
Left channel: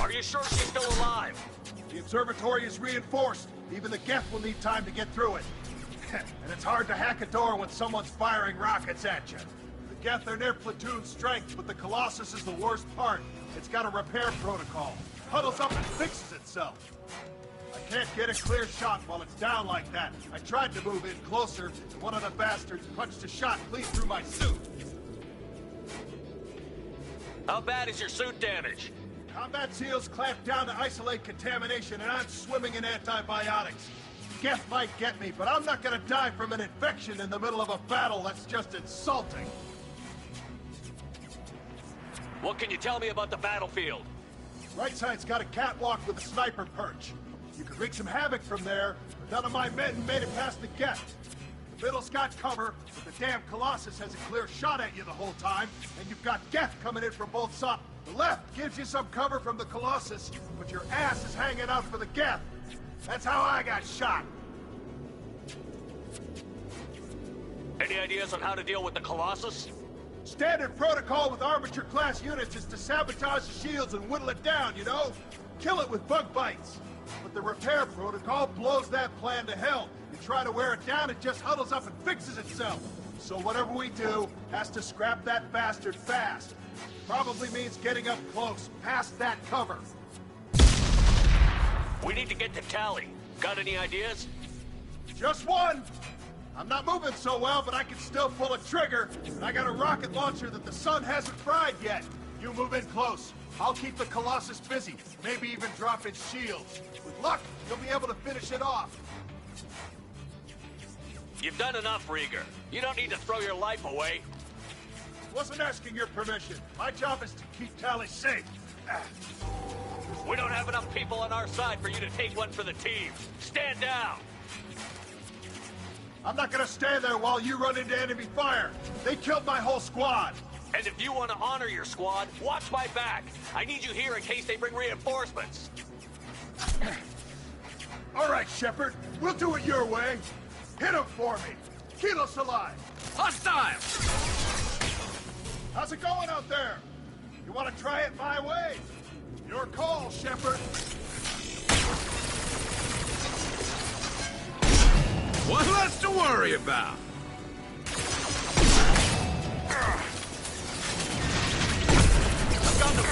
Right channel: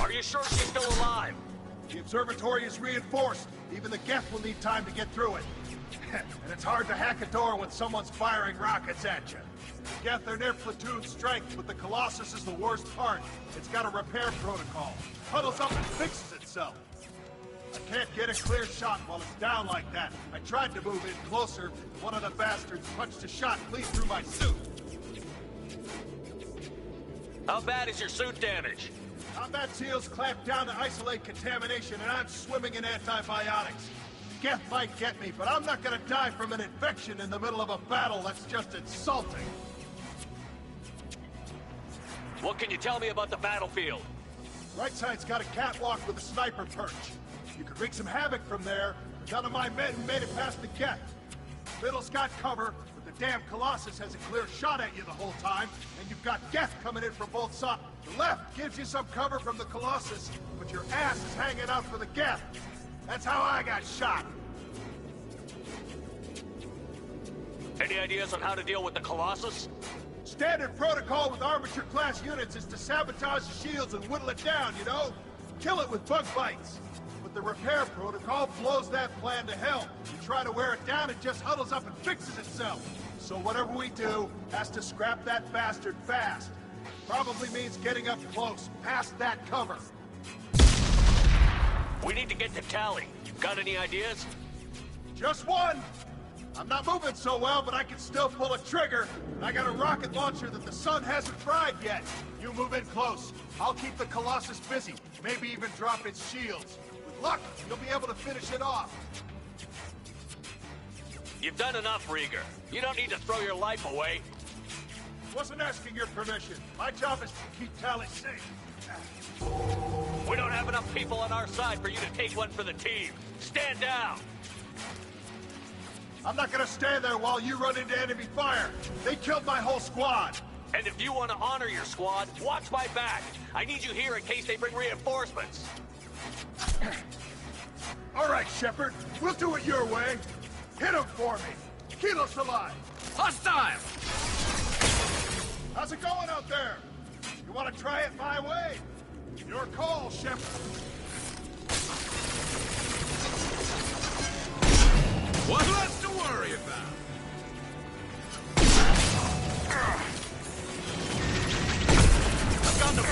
Are you sure she's still alive? The observatory is reinforced. Even the Geth will need time to get through it. And it's hard to hack a door when someone's firing rockets at you. The Geth are near platoon strength, but the Colossus is the worst part. It's got a repair protocol. Huddles up and fixes itself. I can't get a clear shot while it's down like that. I tried to move in closer, and one of the bastards punched a shot clean through my suit. How bad is your suit damage? Combat SEALs clamped down to isolate contamination, and I'm swimming in antibiotics. Geth might get me, but I'm not gonna die from an infection in the middle of a battle. That's just insulting. What can you tell me about the battlefield? Right side's got a catwalk with a sniper perch. You could wreak some havoc from there, but none of my men made it past the Geth. Middle's got cover, but the damn Colossus has a clear shot at you the whole time, and you've got Geth coming in from both sides. The left gives you some cover from the Colossus, but your ass is hanging out for the Geth. That's how I got shot. Any ideas on how to deal with the Colossus? Standard protocol with armature-class units is to sabotage the shields and whittle it down, you know? Kill it with bug bites. But the repair protocol blows that plan to hell. You try to wear it down, it just huddles up and fixes itself. So whatever we do has to scrap that bastard fast. Probably means getting up close, past that cover. We need to get to Tally. Got any ideas? Just one! I'm not moving so well, but I can still pull a trigger, and I got a rocket launcher that the sun hasn't fried yet. You move in close. I'll keep the Colossus busy, maybe even drop its shields. With luck, you'll be able to finish it off. You've done enough, Rieger. You don't need to throw your life away. Wasn't asking your permission. My job is to keep Tally safe. We don't have enough people on our side for you to take one for the team. Stand down! I'm not gonna stand there while you run into enemy fire. They killed my whole squad. And if you want to honor your squad, watch my back. I need you here in case they bring reinforcements. All right, Shepard. We'll do it your way. Hit him for me. Keep us alive. Hostile! How's it going out there? You want to try it my way? Your call, Shepard. What's less to worry about? I've got them.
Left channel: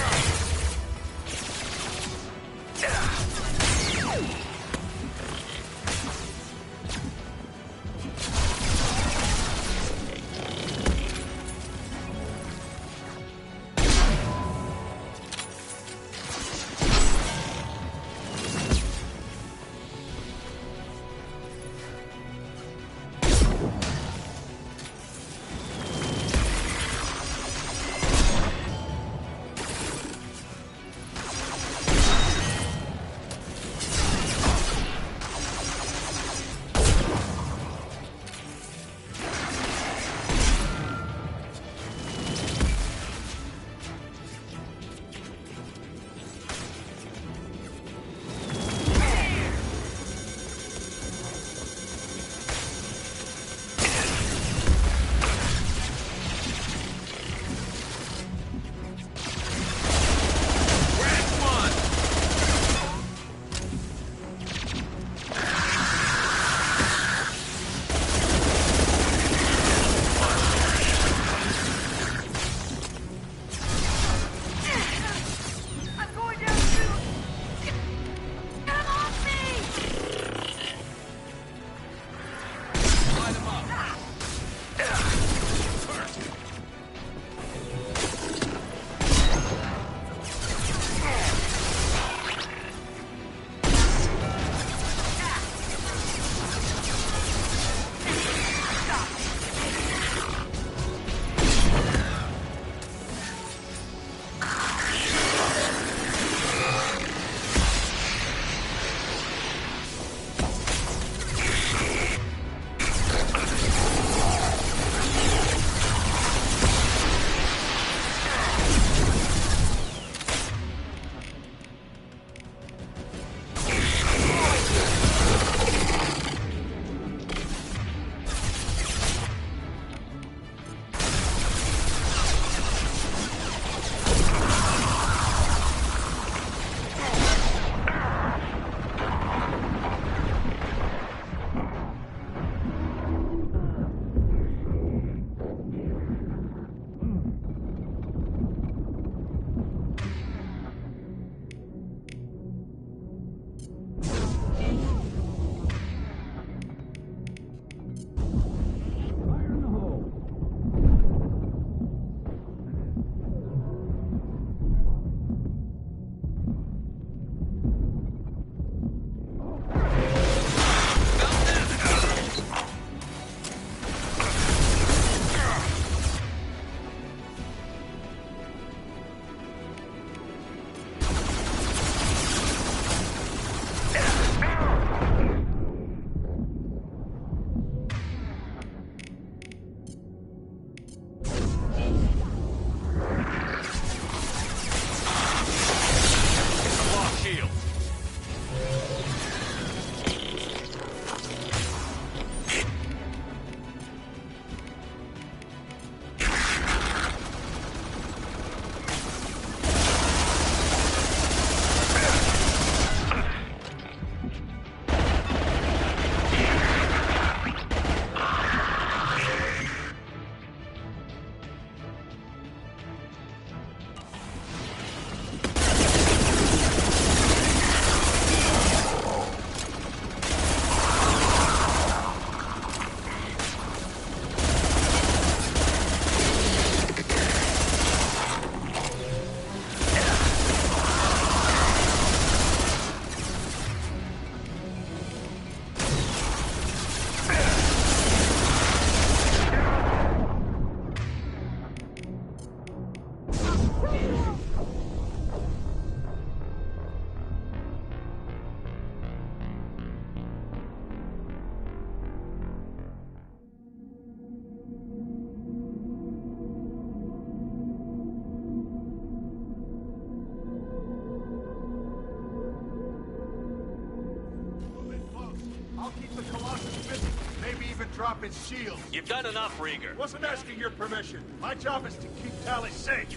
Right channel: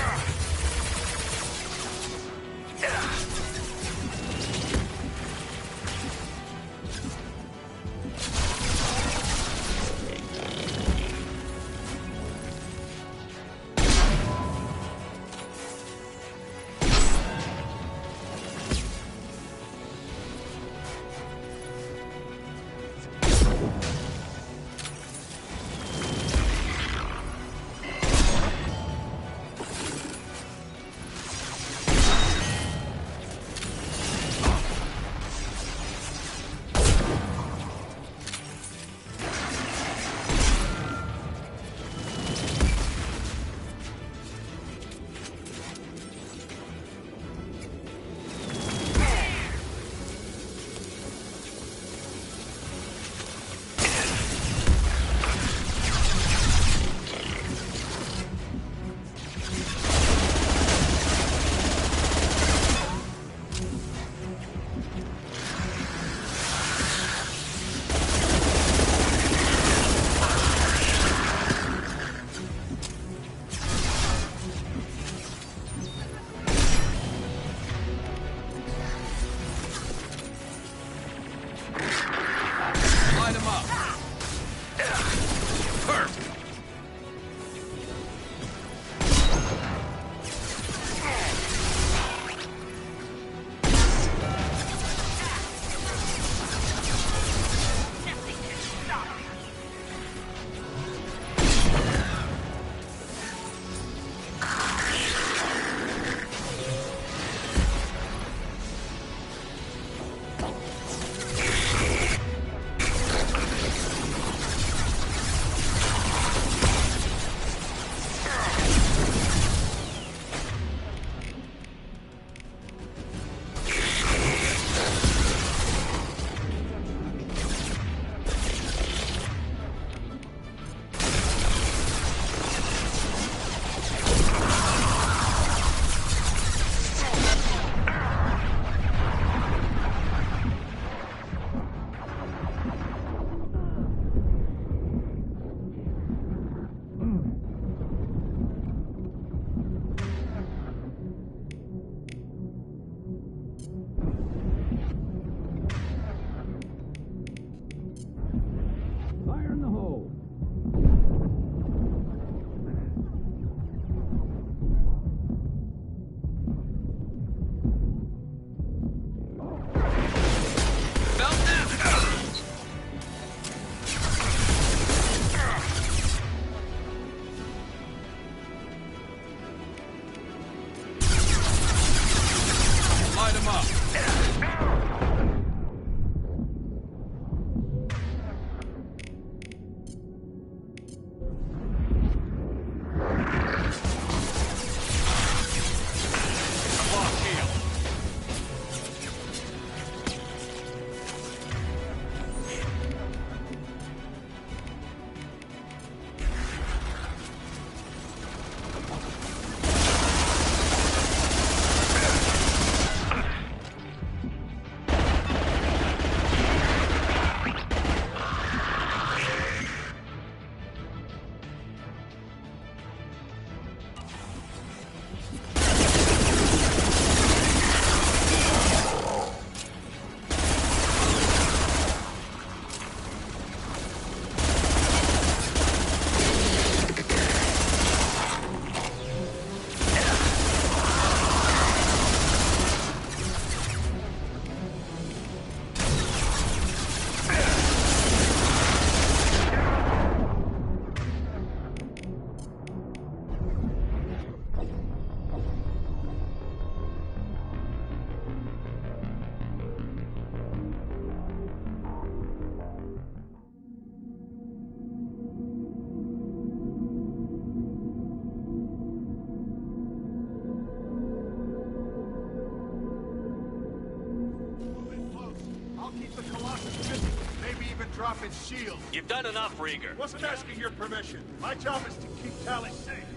I'll keep the Colossus busy. Maybe even drop its shield. You've done enough, Rieger. Wasn't asking your permission. My job is to keep Tali safe.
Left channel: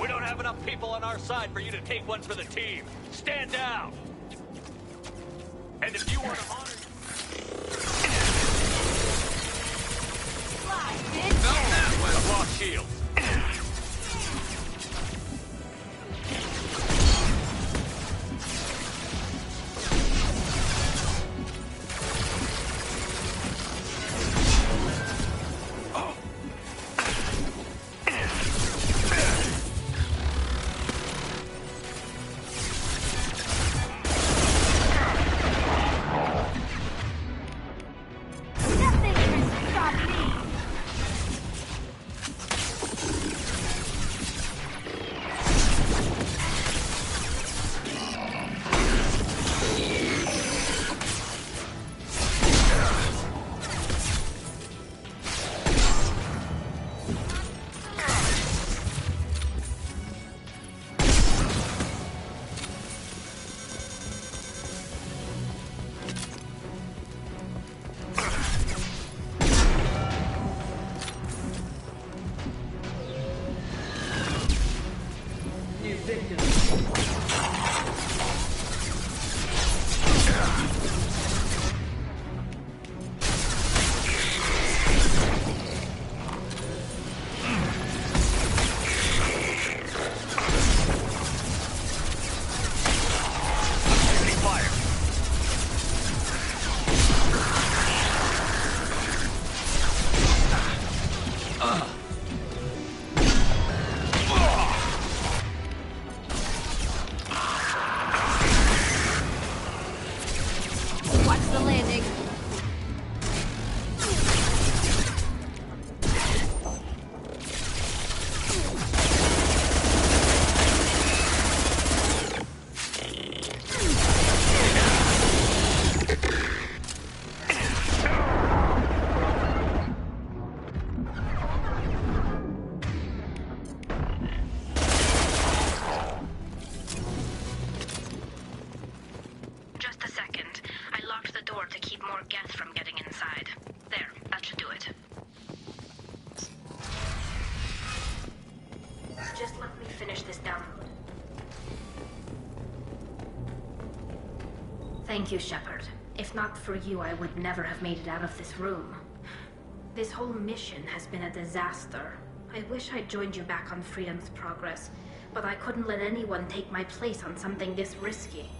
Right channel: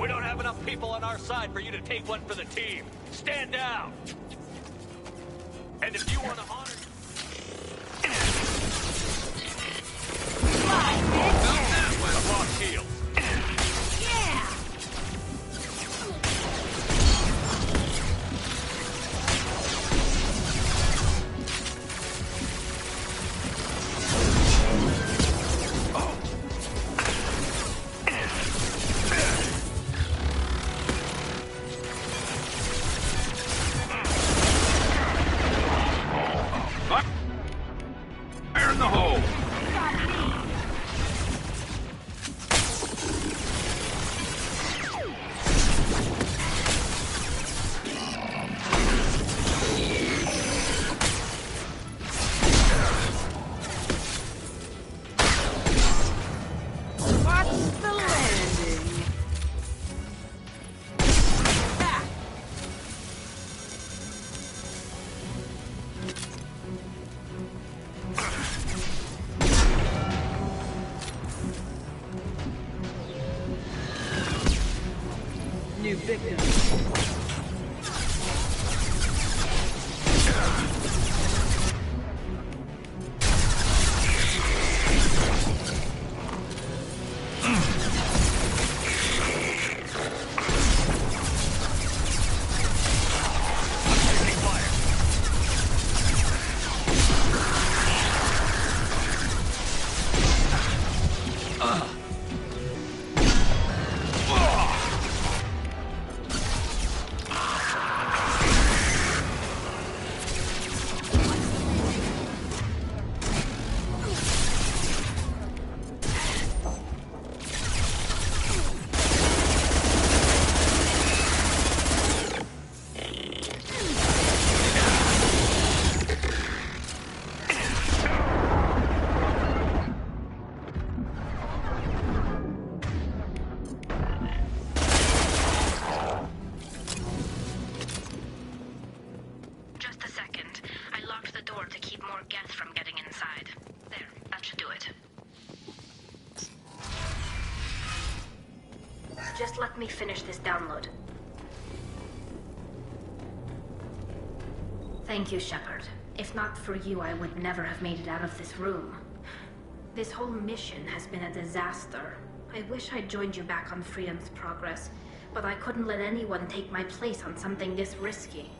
We don't have enough people on our side for you to take one for the team. Stand down. And if you want to honor... I've lost shields. New victim. Just let me finish this download. Thank you, Shepard. If not for you, I would never have made it out of this room. This whole mission has been a disaster. I wish I'd joined you back on Freedom's Progress, but I couldn't let anyone take my place on something this risky.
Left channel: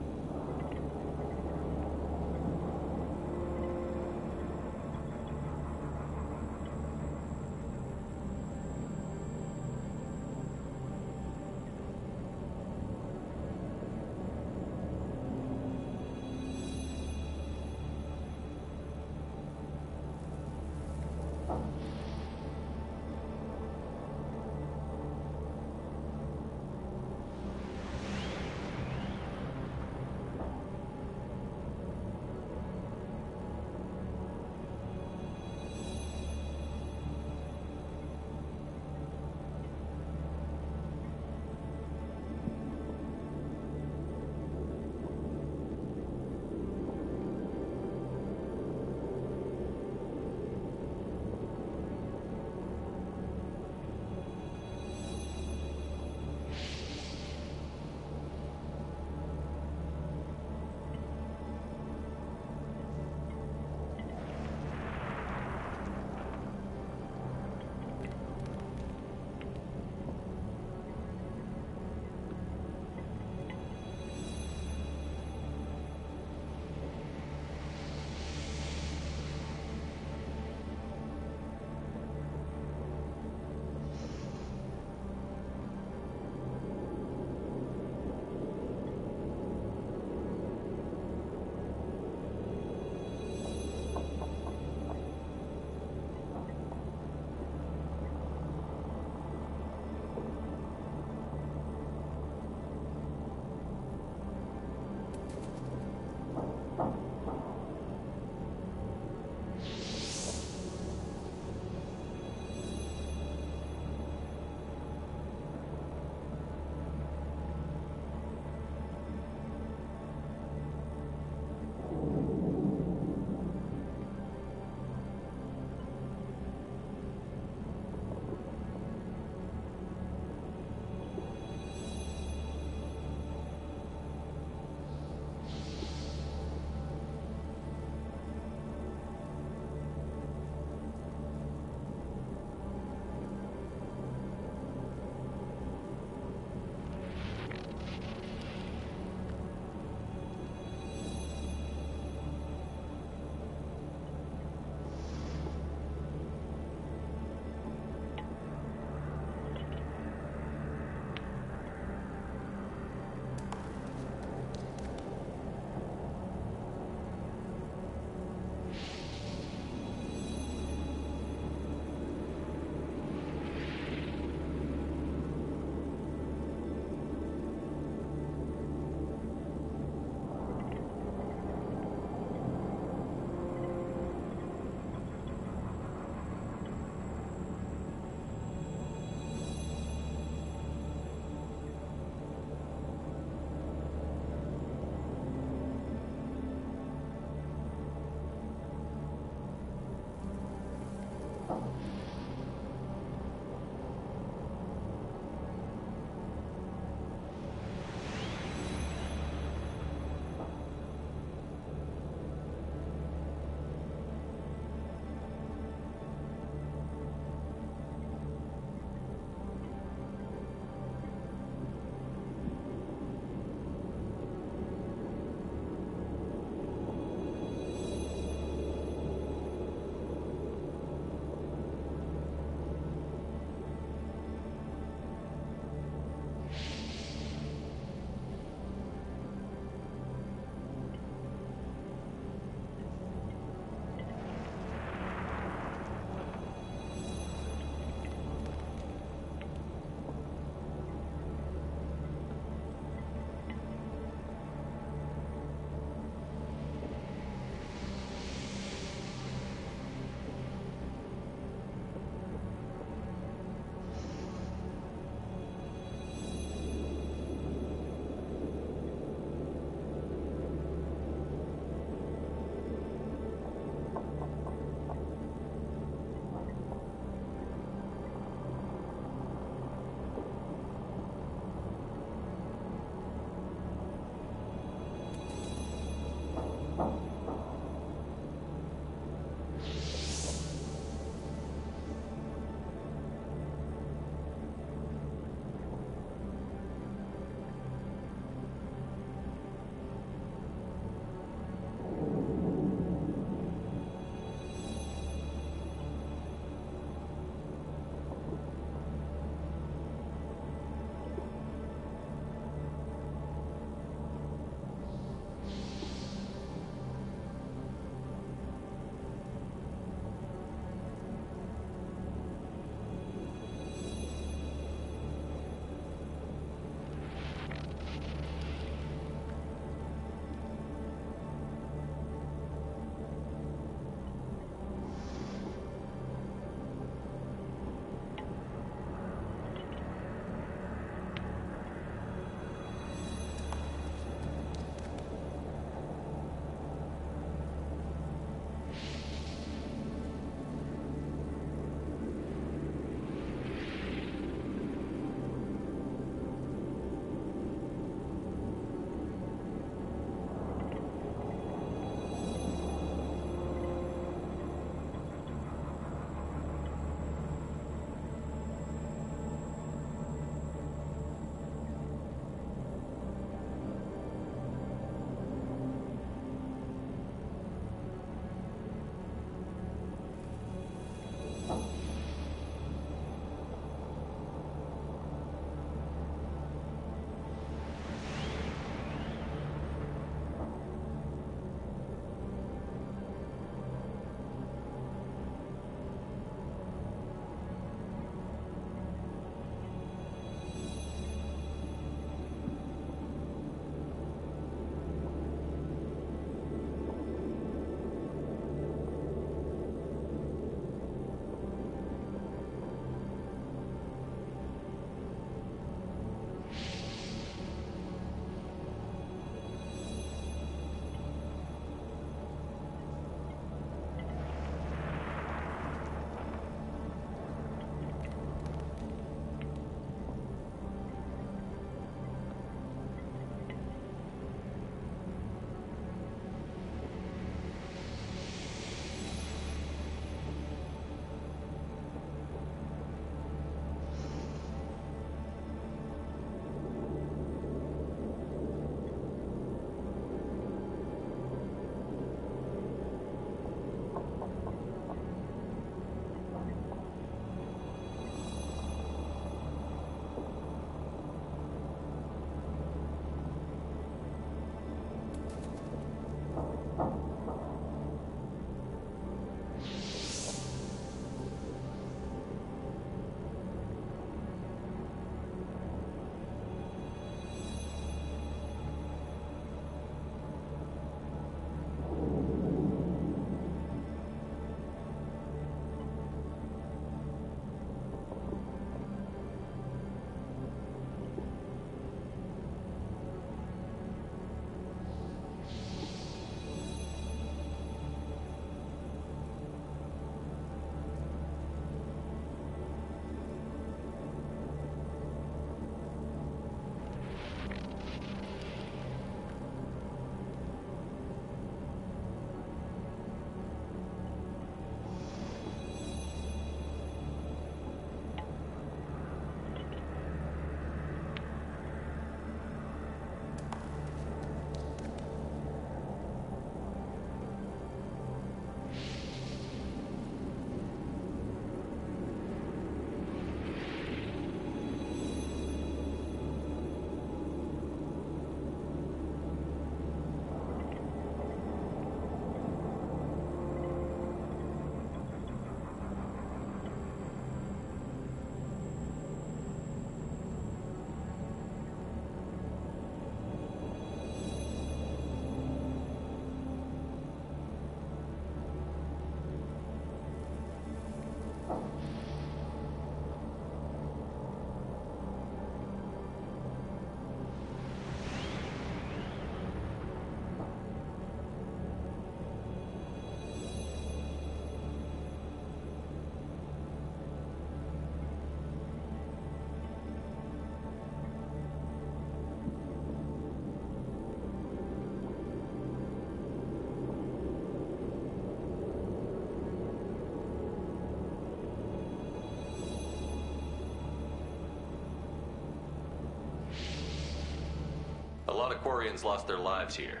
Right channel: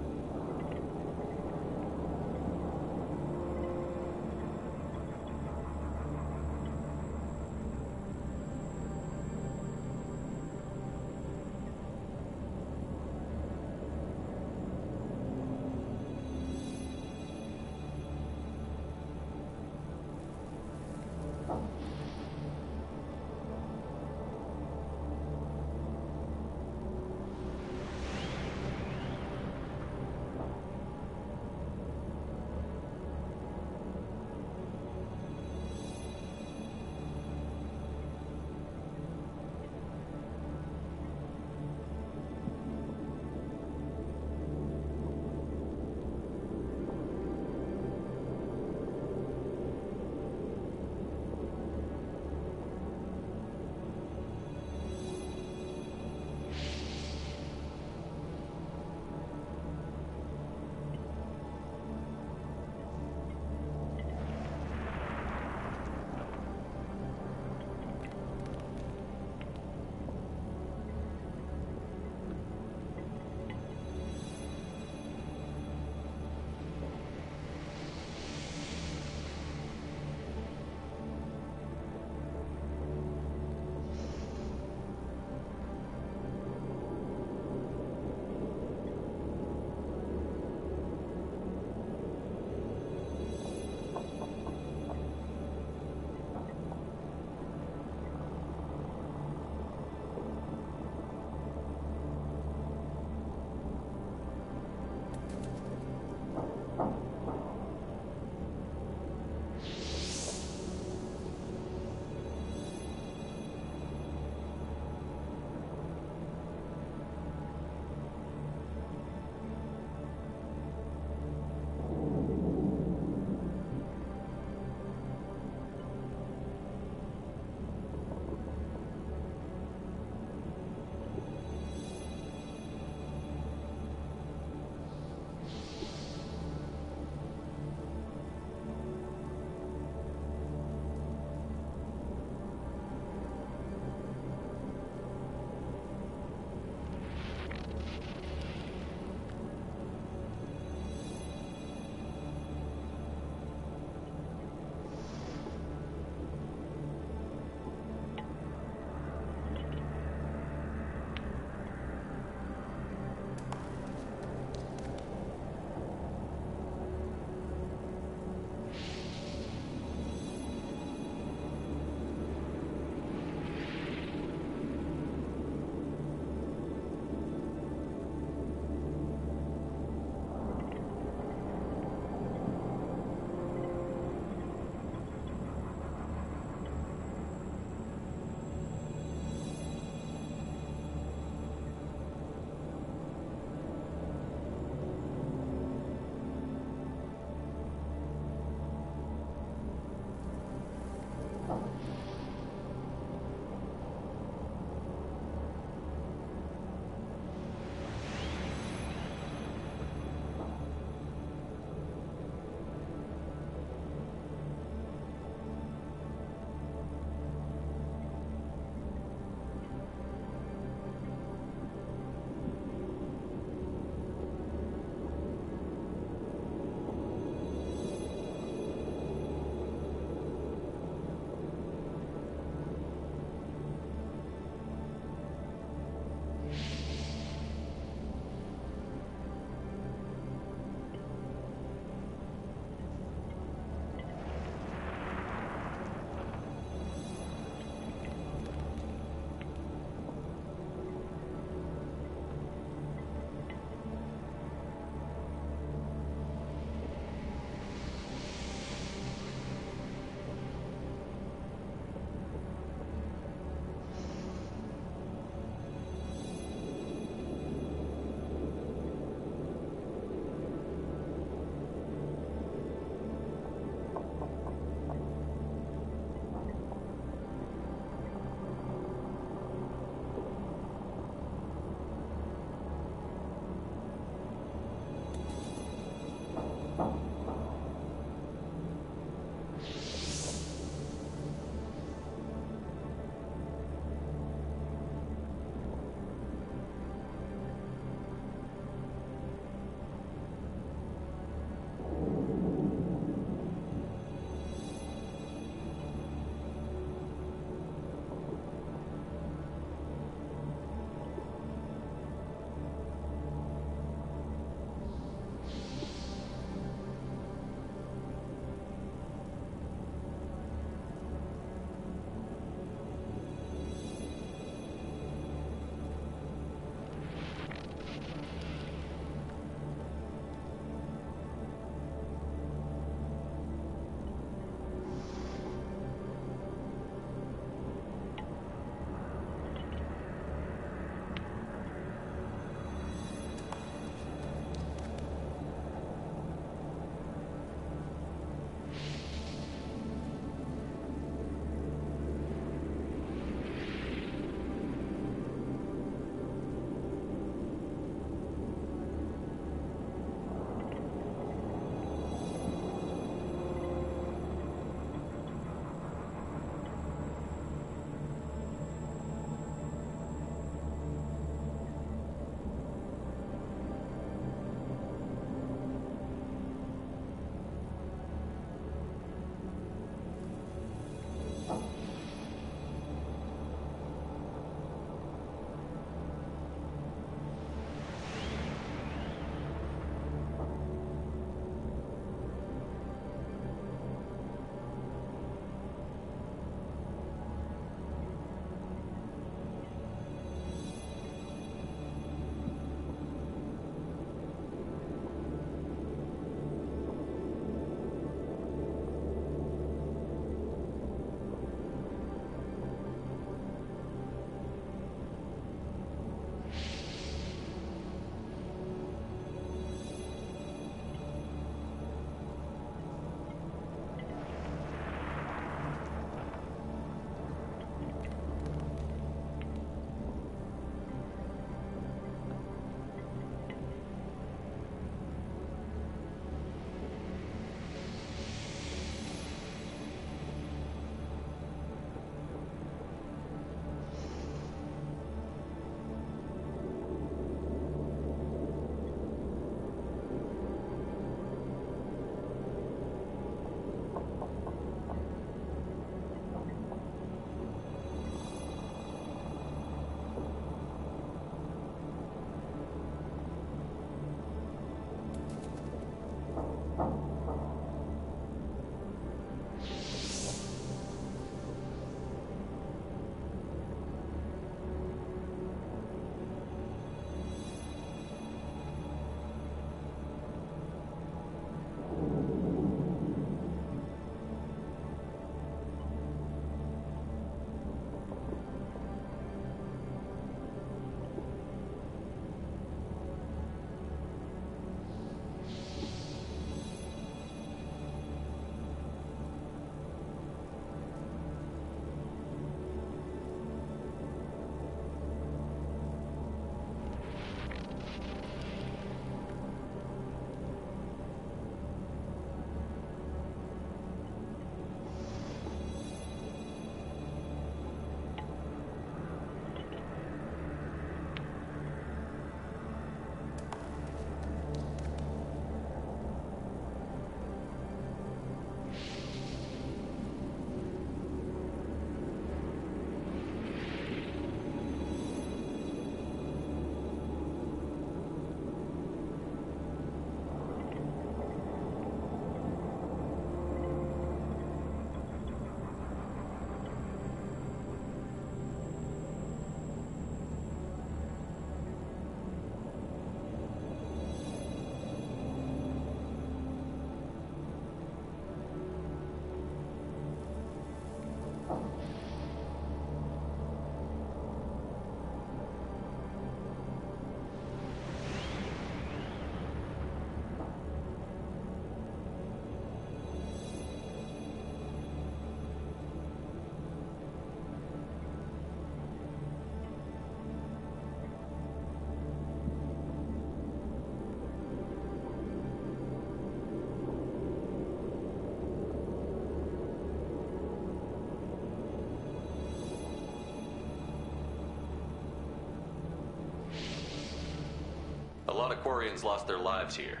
lot of Quarians lost their lives here.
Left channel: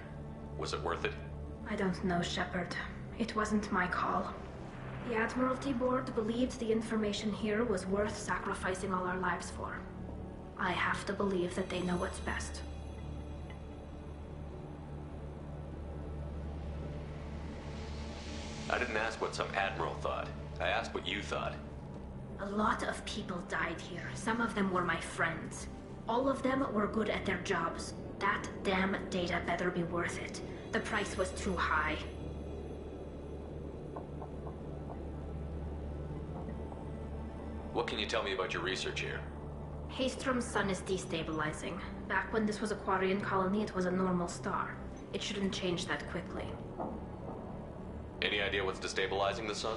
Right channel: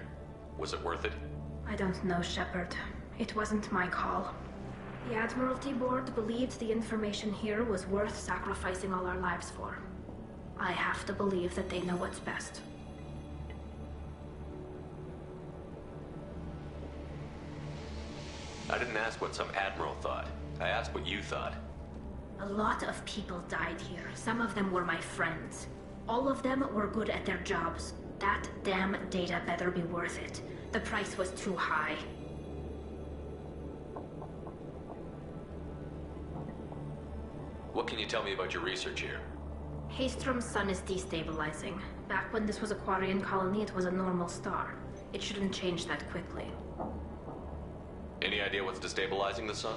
Was it worth it? I don't know, Shepard. It wasn't my call. The Admiralty Board believed the information here was worth sacrificing all our lives for. I have to believe that they know what's best. I didn't ask what some admiral thought. I asked what you thought. A lot of people died here. Some of them were my friends. All of them were good at their jobs. That damn data better be worth it. The price was too high. What can you tell me about your research here? Haystrom's sun is destabilizing. Back when this was a Quarian colony, it was a normal star. It shouldn't change that quickly. Any idea what's destabilizing the sun?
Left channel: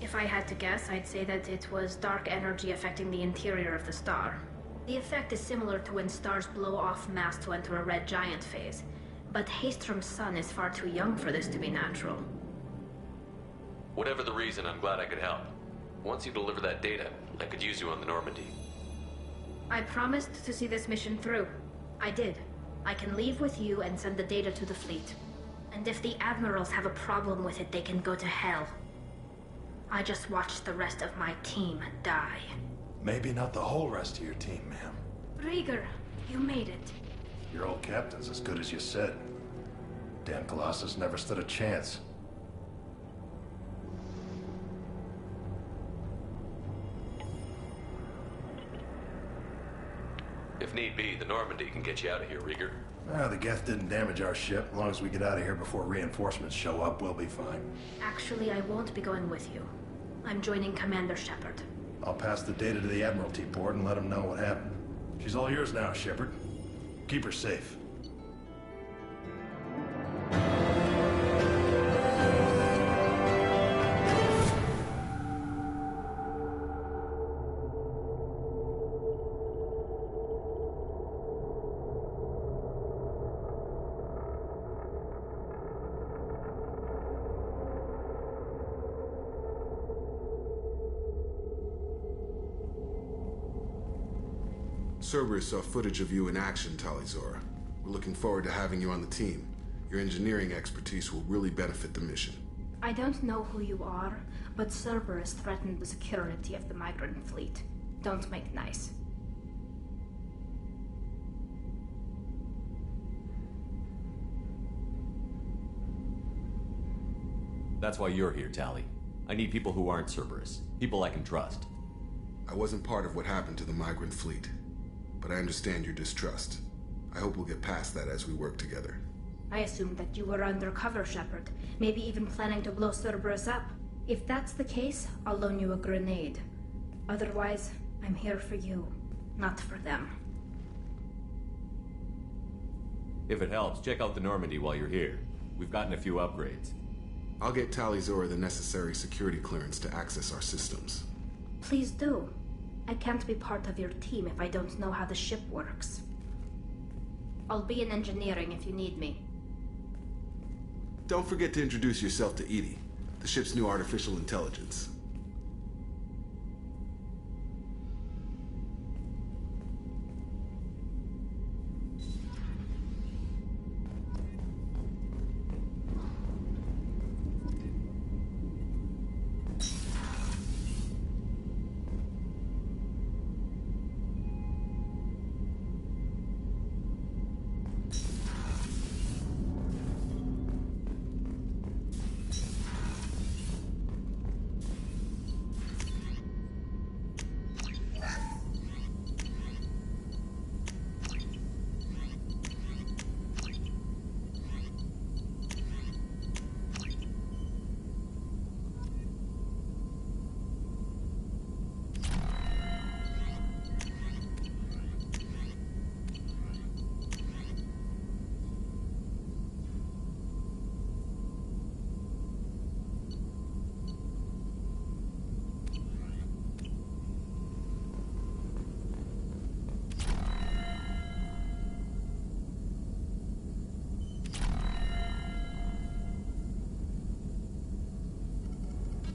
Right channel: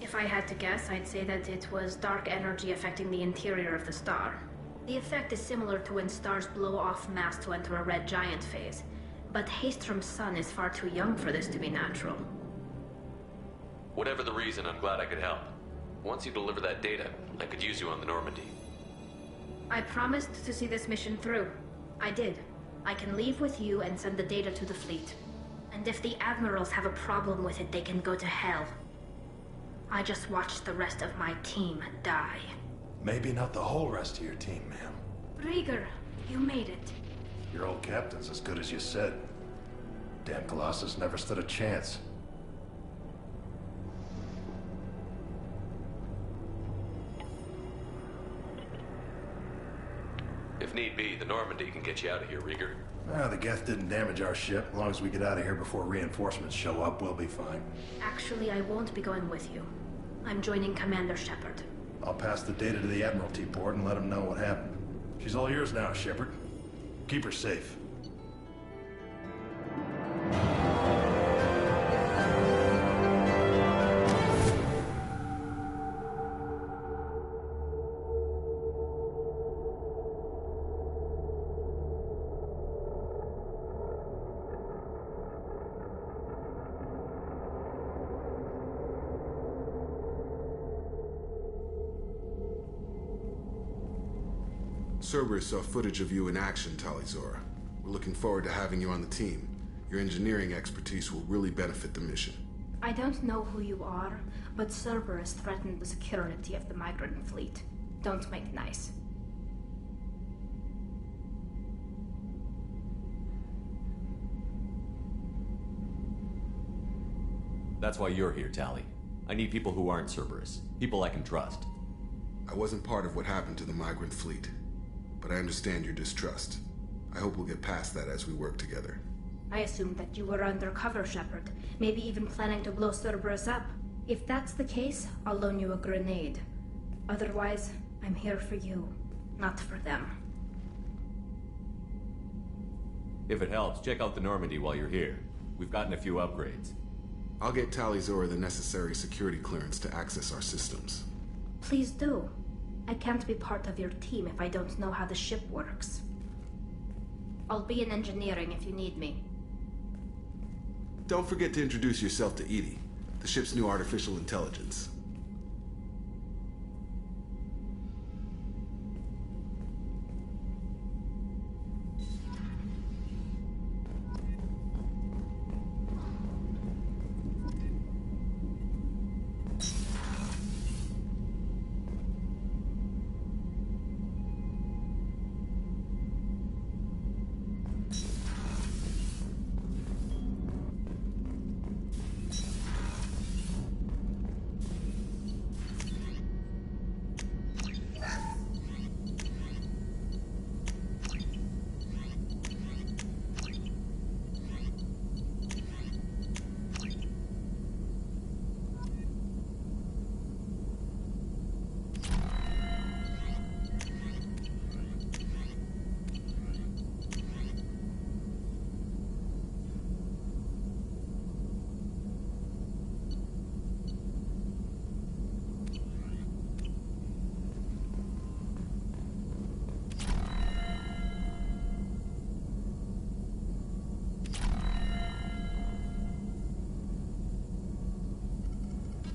If I had to guess, I'd say that it was dark energy affecting the interior of the star. The effect is similar to when stars blow off mass to enter a red giant phase. But Haystrom's sun is far too young for this to be natural. Whatever the reason, I'm glad I could help. Once you deliver that data, I could use you on the Normandy. I promised to see this mission through. I did. I can leave with you and send the data to the fleet. And if the admirals have a problem with it, they can go to hell. I just watched the rest of my team die. Maybe not the whole rest of your team, ma'am. Rieger, you made it. Your old captain's as good as you said. Damn Colossus never stood a chance. If need be, the Normandy can get you out of here, Rieger. The Geth didn't damage our ship. As long as we get out of here before reinforcements show up, we'll be fine. Actually, I won't be going with you. I'm joining Commander Shepard. I'll pass the data to the Admiralty Board and let them know what happened. She's all yours now, Shepard. Keep her safe. Cerberus saw footage of you in action, Tali'Zorah. We're looking forward to having you on the team. Your engineering expertise will really benefit the mission. I don't know who you are, but Cerberus threatened the security of the migrant fleet. Don't make nice. That's why you're here, Tali. I need people who aren't Cerberus. People I can trust. I wasn't part of what happened to the migrant fleet, but I understand your distrust. I hope we'll get past that as we work together. I assumed that you were undercover, Shepard. Maybe even planning to blow Cerberus up. If that's the case, I'll loan you a grenade. Otherwise, I'm here for you, not for them. If it helps, check out the Normandy while you're here. We've gotten a few upgrades. I'll get Tali'Zorah the necessary security clearance to access our systems. Please do. I can't be part of your team if I don't know how the ship works. I'll be in engineering if you need me. Don't forget to introduce yourself to EDI, the ship's new artificial intelligence.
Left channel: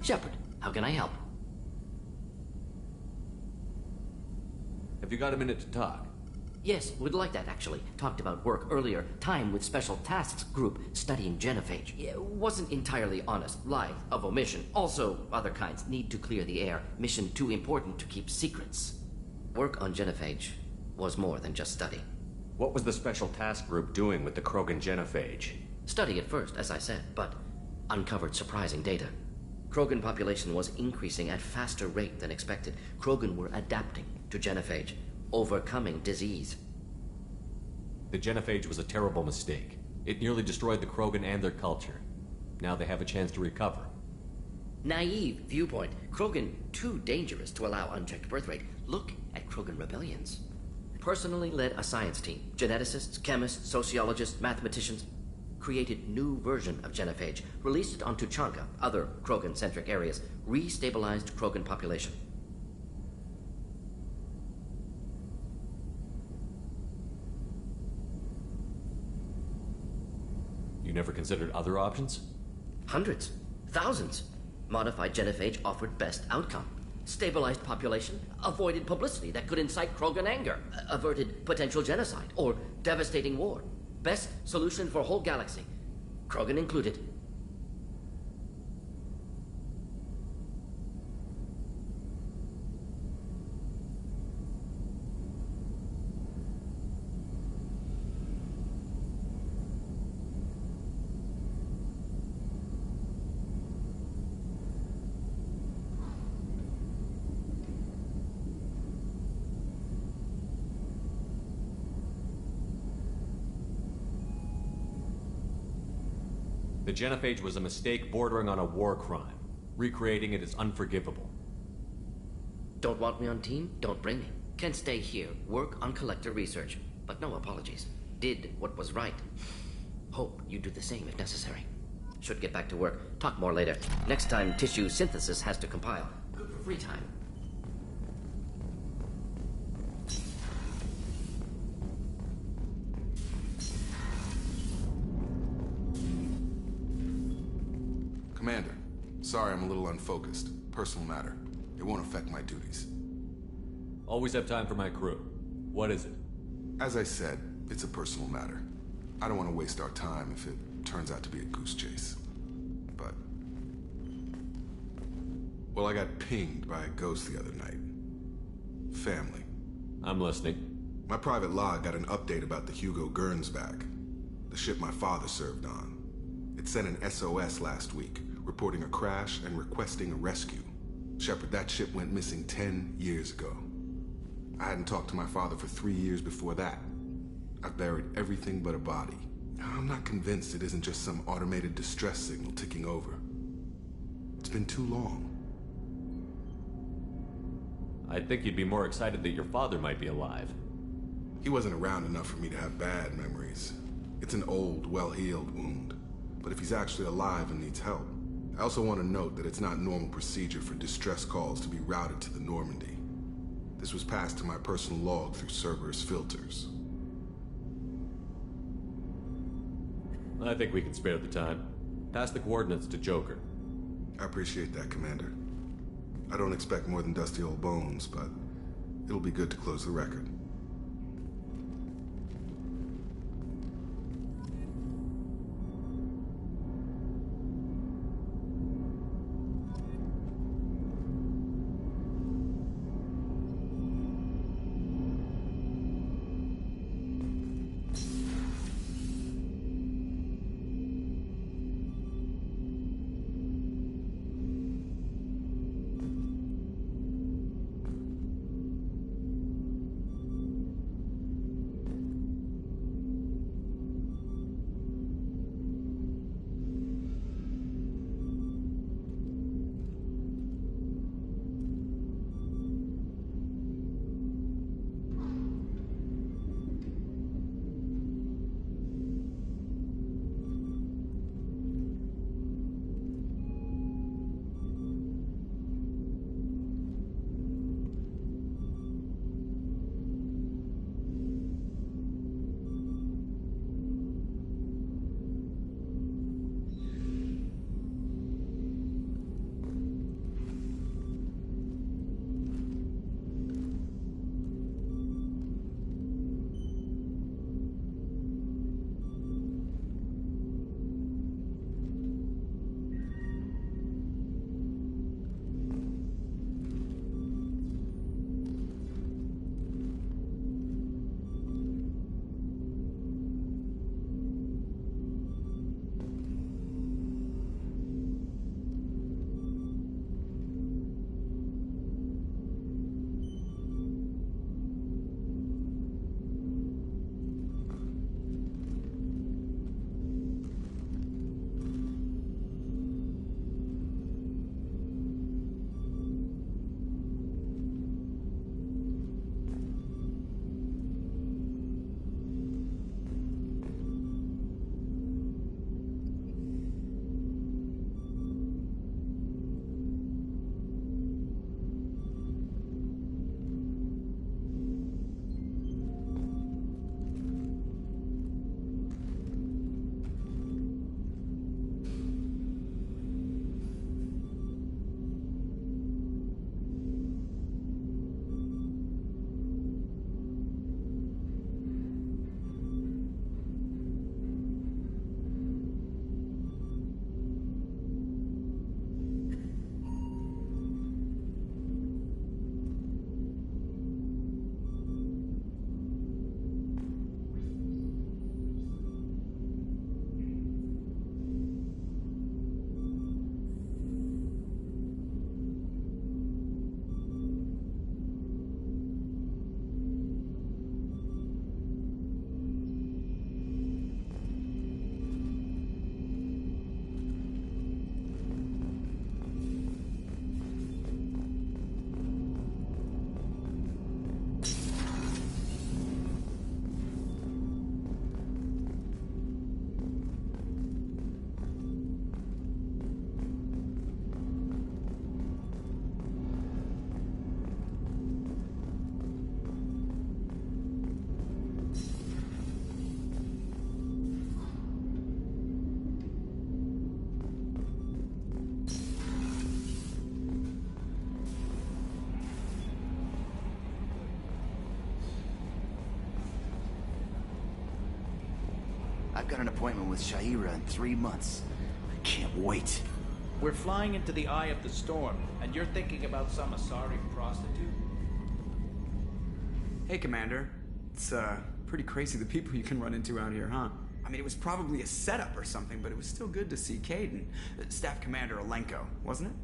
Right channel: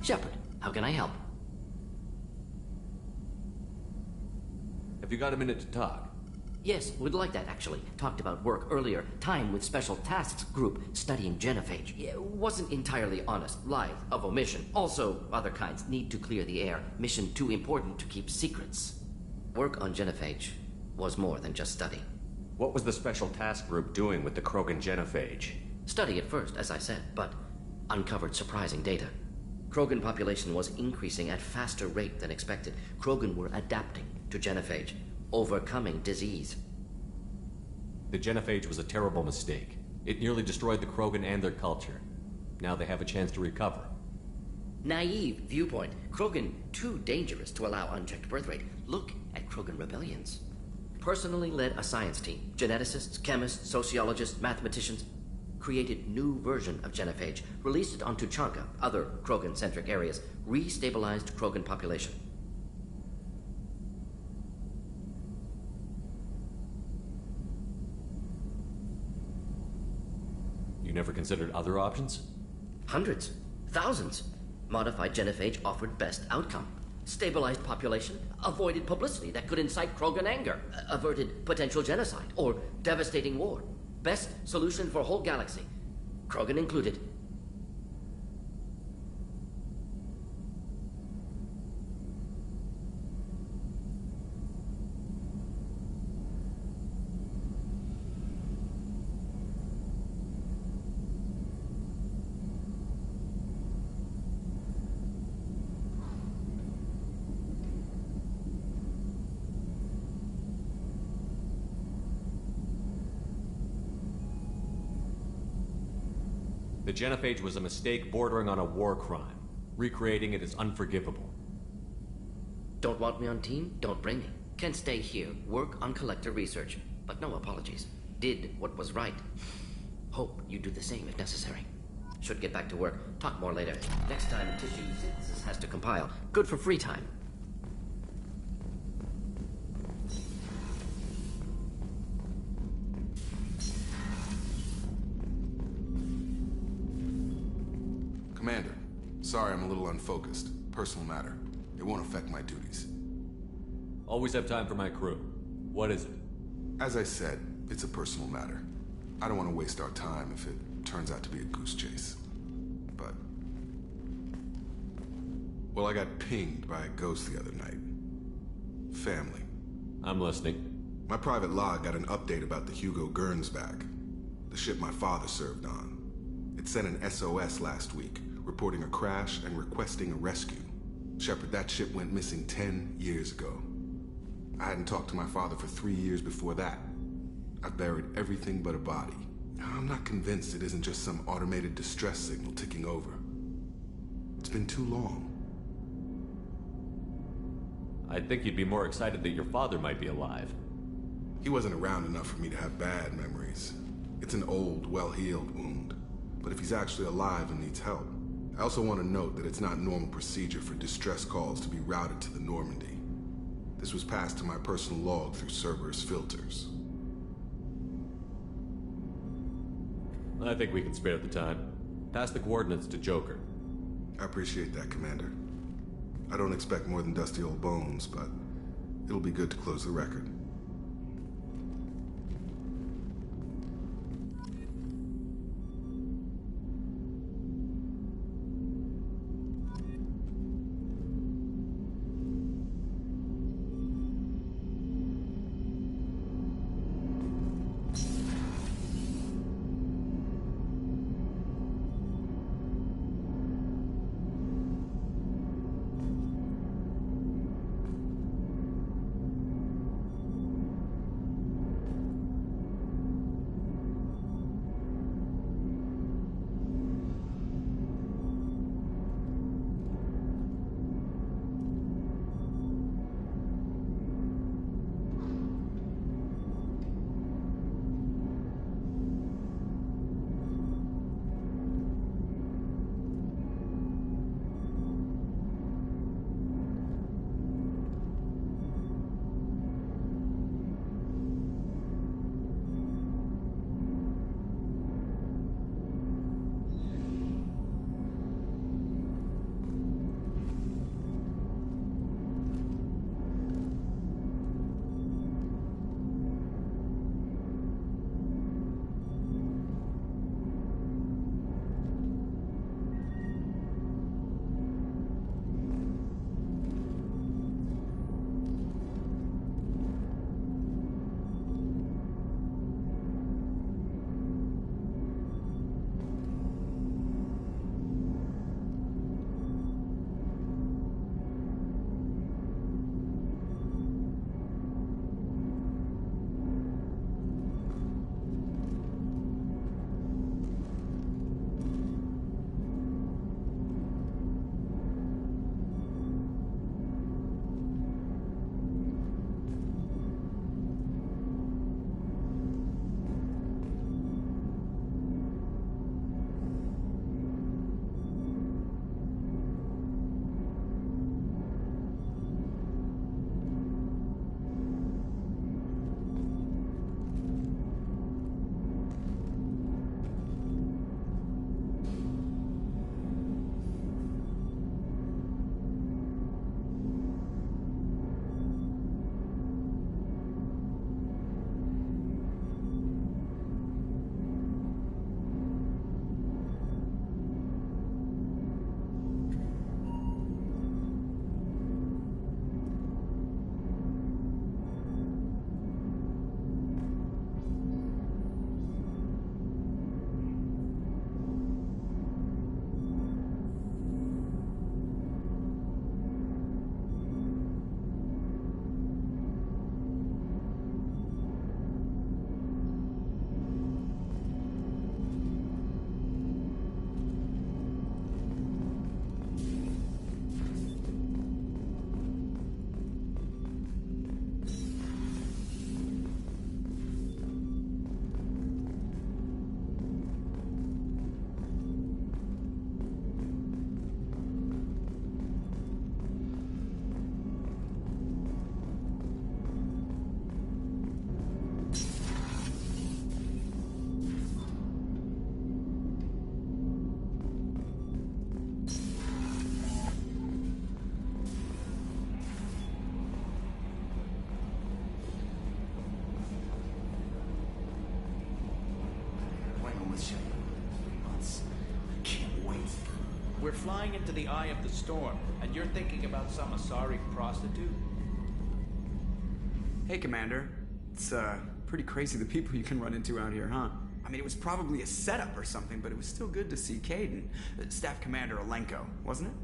Shepard, how can I help? Have you got a minute to talk? Yes, would like that, actually. Talked about work earlier. Time with Special Tasks Group studying genophage. Yeah, wasn't entirely honest. Lie of omission. Also, other kinds. Need to clear the air. Mission too important to keep secrets. Work on genophage was more than just study. What was the Special Task Group doing with the Krogan genophage? Study at first, as I said, but uncovered surprising data. Krogan population was increasing at faster rate than expected. Krogan were adapting to genophage, overcoming disease. The genophage was a terrible mistake. It nearly destroyed the Krogan and their culture. Now they have a chance to recover. Naive viewpoint. Krogan too dangerous to allow unchecked birth rate. Look at Krogan rebellions. Personally led a science team. Geneticists, chemists, sociologists, mathematicians. Created new version of genophage. Released it on Tuchanka, other Krogan-centric areas. Restabilized Krogan population. You never considered other options? Hundreds. Thousands. Modified genophage offered best outcome. Stabilized population, avoided publicity that could incite Krogan anger, averted potential genocide or devastating war. Best solution for whole galaxy. Krogan included. The genophage was a mistake bordering on a war crime. Recreating it is unforgivable. Don't want me on team? Don't bring me. Can stay here, work on collector research. But no apologies. Did what was right. Hope you do the same if necessary. Should get back to work. Talk more later. Next time tissue synthesis has to compile. Good for free time. Commander, sorry I'm a little unfocused. Personal matter. It won't affect my duties. Always have time for my crew. What is it? As I said, it's a personal matter. I don't want to waste our time if it turns out to be a goose chase. But... well, I got pinged by a ghost the other night. Family. I'm listening. My private log got an update about the Hugo Gernsback, the ship my father served on. It sent an SOS last week, reporting a crash and requesting a rescue. Shepard, that ship went missing 10 years ago. I hadn't talked to my father for 3 years before that. I've buried everything but a body. I'm not convinced it isn't just some automated distress signal ticking over. It's been too long. I'd think you'd be more excited that your father might be alive. He wasn't around enough for me to have bad memories. It's an old, well-healed wound. But if he's actually alive and needs help, I also want to note that it's not normal procedure for distress calls to be routed to the Normandy. This was passed to my personal log through Cerberus filters. I think we can spare the time. Pass the coordinates to Joker. I appreciate that, Commander. I don't expect more than dusty old bones, but it'll be good to close the record. appointment with Sha'ira in 3 months. I can't wait. We're flying into the eye of the storm, and you're thinking about some Asari prostitute? Hey, Commander. It's, pretty crazy the people you can run into out here, huh? I mean, it was probably a setup or something, but it was still good to see Kaidan. Staff Commander Alenko, wasn't it?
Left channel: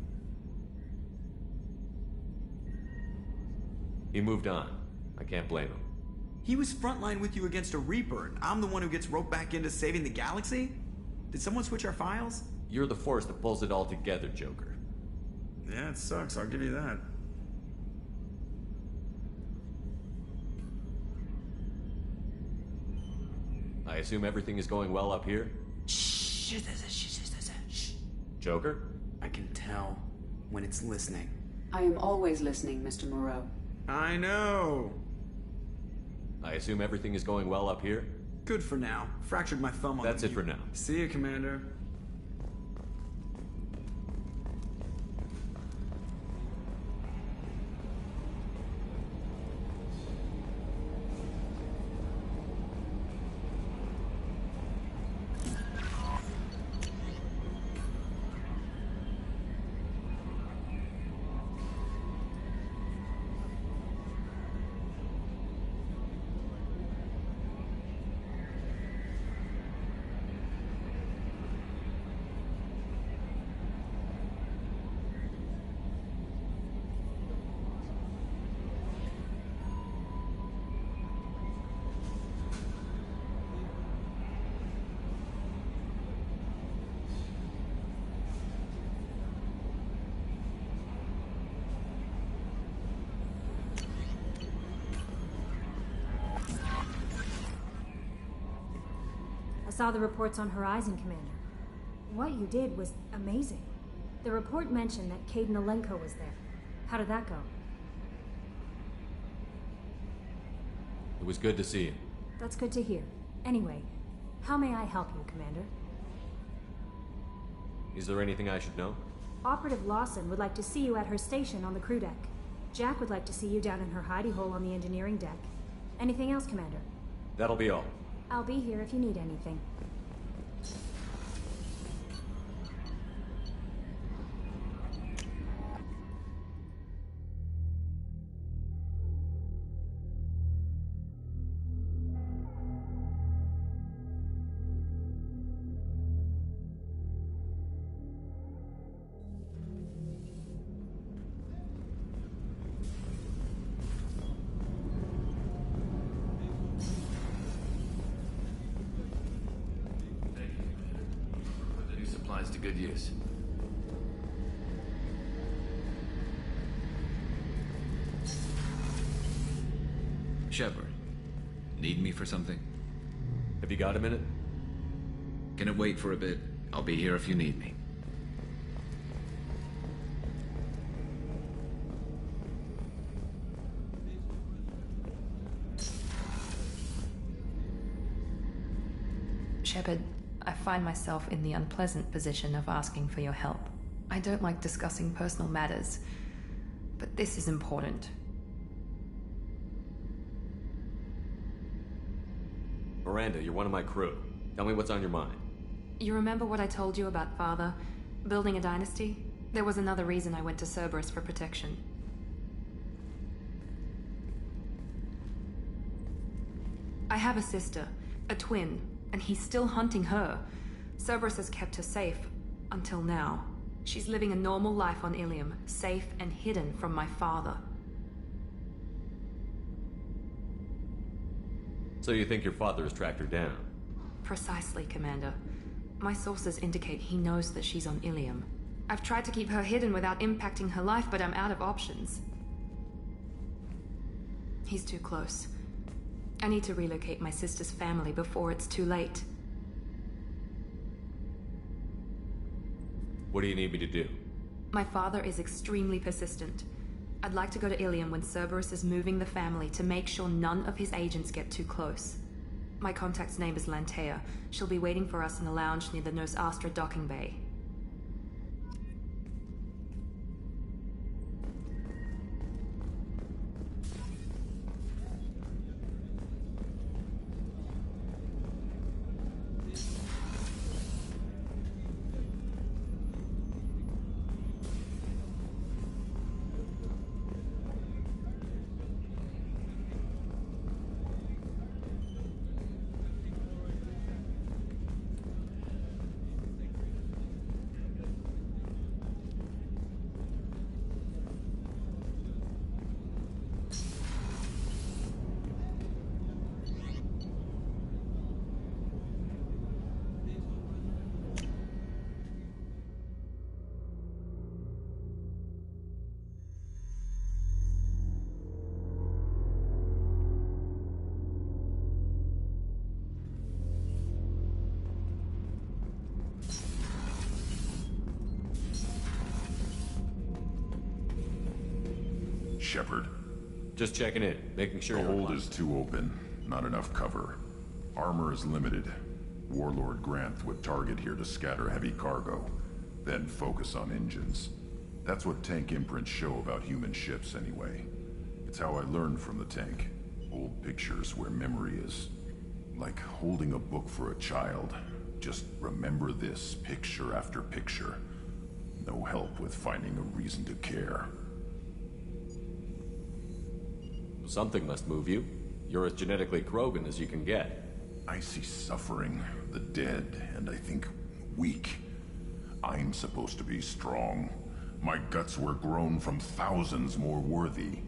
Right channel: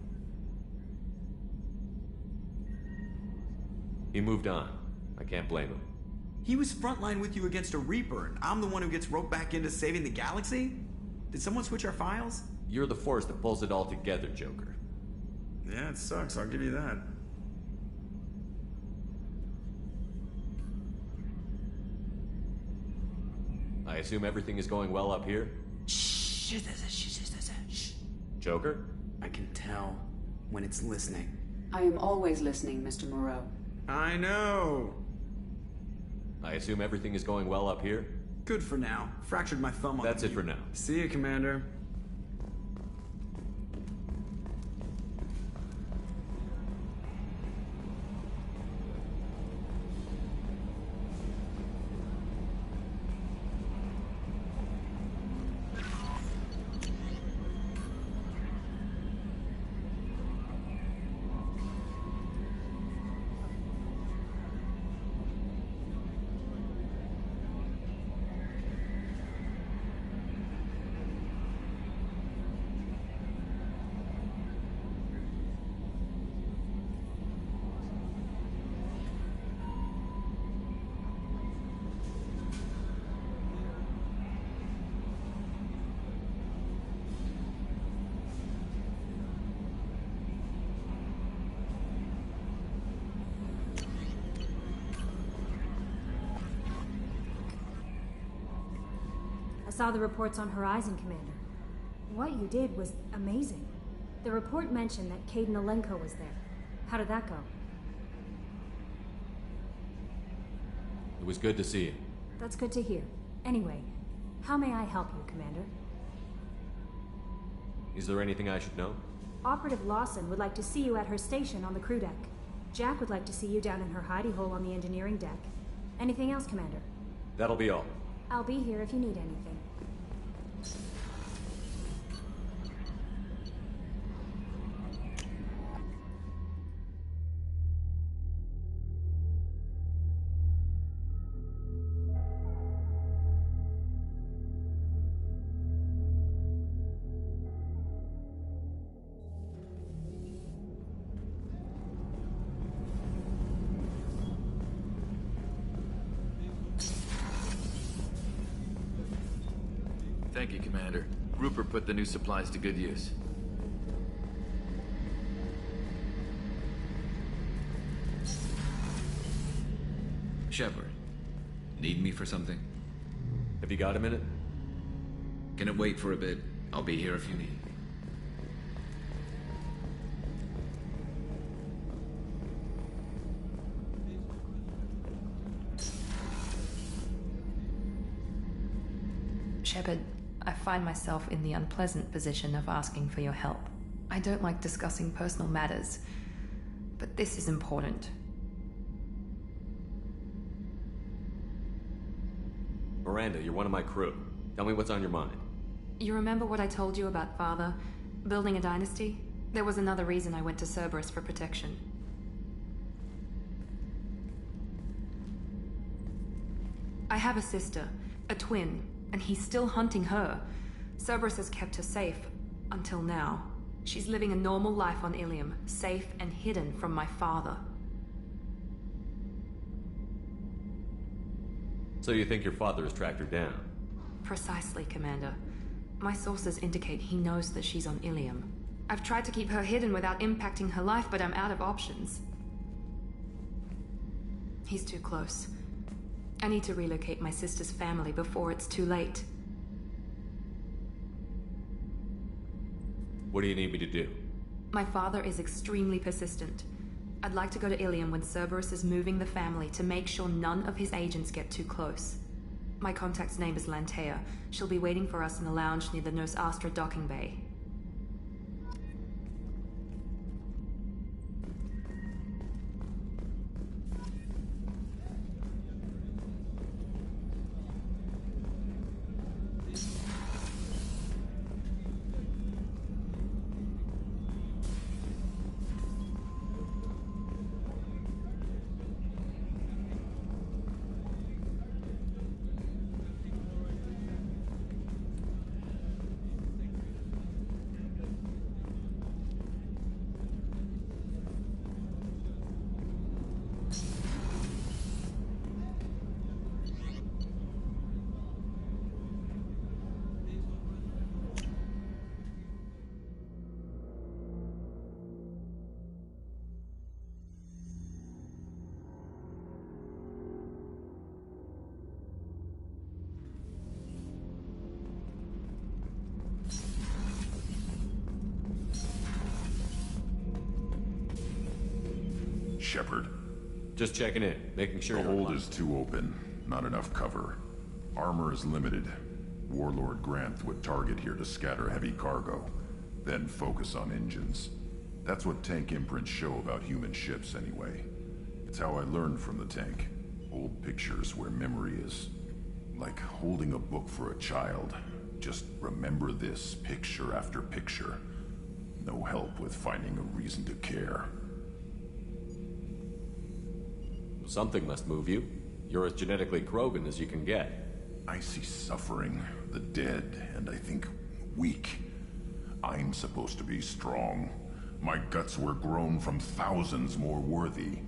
He moved on. I can't blame him. He was frontline with you against a Reaper, and I'm the one who gets roped back into saving the galaxy? Did someone switch our files? You're the force that pulls it all together, Joker. Yeah, it sucks, I'll give you that. I assume everything is going well up here? Shh. Joker? I can tell when it's listening. I am always listening, Mr. Moreau. I know. I assume everything is going well up here? Good for now. Fractured my thumb on That's it for now. See you, Commander. I saw the reports on Horizon, Commander. What you did was amazing. The report mentioned that Kaidan Alenko was there. How did that go? It was good to see you. That's good to hear. Anyway, how may I help you, Commander? Is there anything I should know? Operative Lawson would like to see you at her station on the crew deck. Jack would like to see you down in her hidey hole on the engineering deck. Anything else, Commander? That'll be all. I'll be here if you need anything. Thank you, Commander. Rupert put the new supplies to good use. Shepard, need me for something? Have you got a minute? Can it wait for a bit? I'll be here if you need me. Shepard, I find myself in the unpleasant position of asking for your help. I don't like discussing personal matters, but this is important. Miranda, you're one of my crew. Tell me what's on your mind. You remember what I told you about Father? Building a dynasty? There was another reason I went to Cerberus for protection. I have a sister, a twin, and he's still hunting her. Cerberus has kept her safe, until now. She's living a normal life on Ilium, safe and hidden from my father. So you think your father has tracked her down? Precisely, Commander. My sources indicate he knows that she's on Ilium. I've tried to keep her hidden without impacting her life, but I'm out of options. He's too close. I need to relocate my sister's family before it's too late. What do you need me to do? My father is extremely persistent. I'd like to go to Ilium when Cerberus is moving the family to make sure none of his agents get too close. My contact's name is Lantea. She'll be waiting for us in the lounge near the Nos Astra docking bay. Shepard? Just checking in, making sure the you're hold alive. is too open. Not enough cover. Armor is limited. Warlord Granth would target here to scatter heavy cargo, then focus on engines. That's what tank imprints show about human ships, anyway. It's how I learned from the tank. Old pictures where memory is like holding a book for a child. Just remember this, picture after picture. No help with finding a reason to care. Something must move you. You're as genetically Krogan as you can get. I see suffering, the dead, and I think weak. I'm supposed to be strong. My guts were grown from thousands more worthy.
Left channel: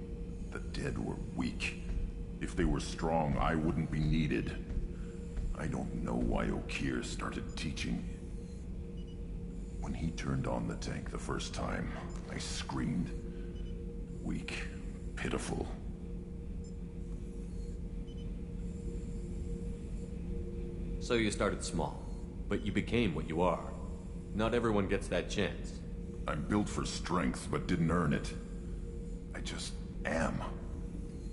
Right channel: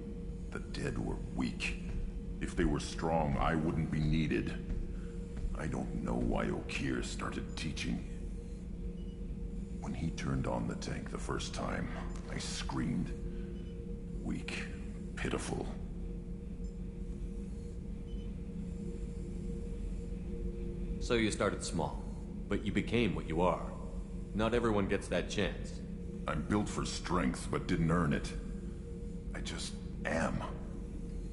The dead were weak. If they were strong, I wouldn't be needed. I don't know why Okeer started teaching. When he turned on the tank the first time, I screamed. Weak, pitiful. So you started small, but you became what you are. Not everyone gets that chance. I'm built for strength, but didn't earn it. I just am.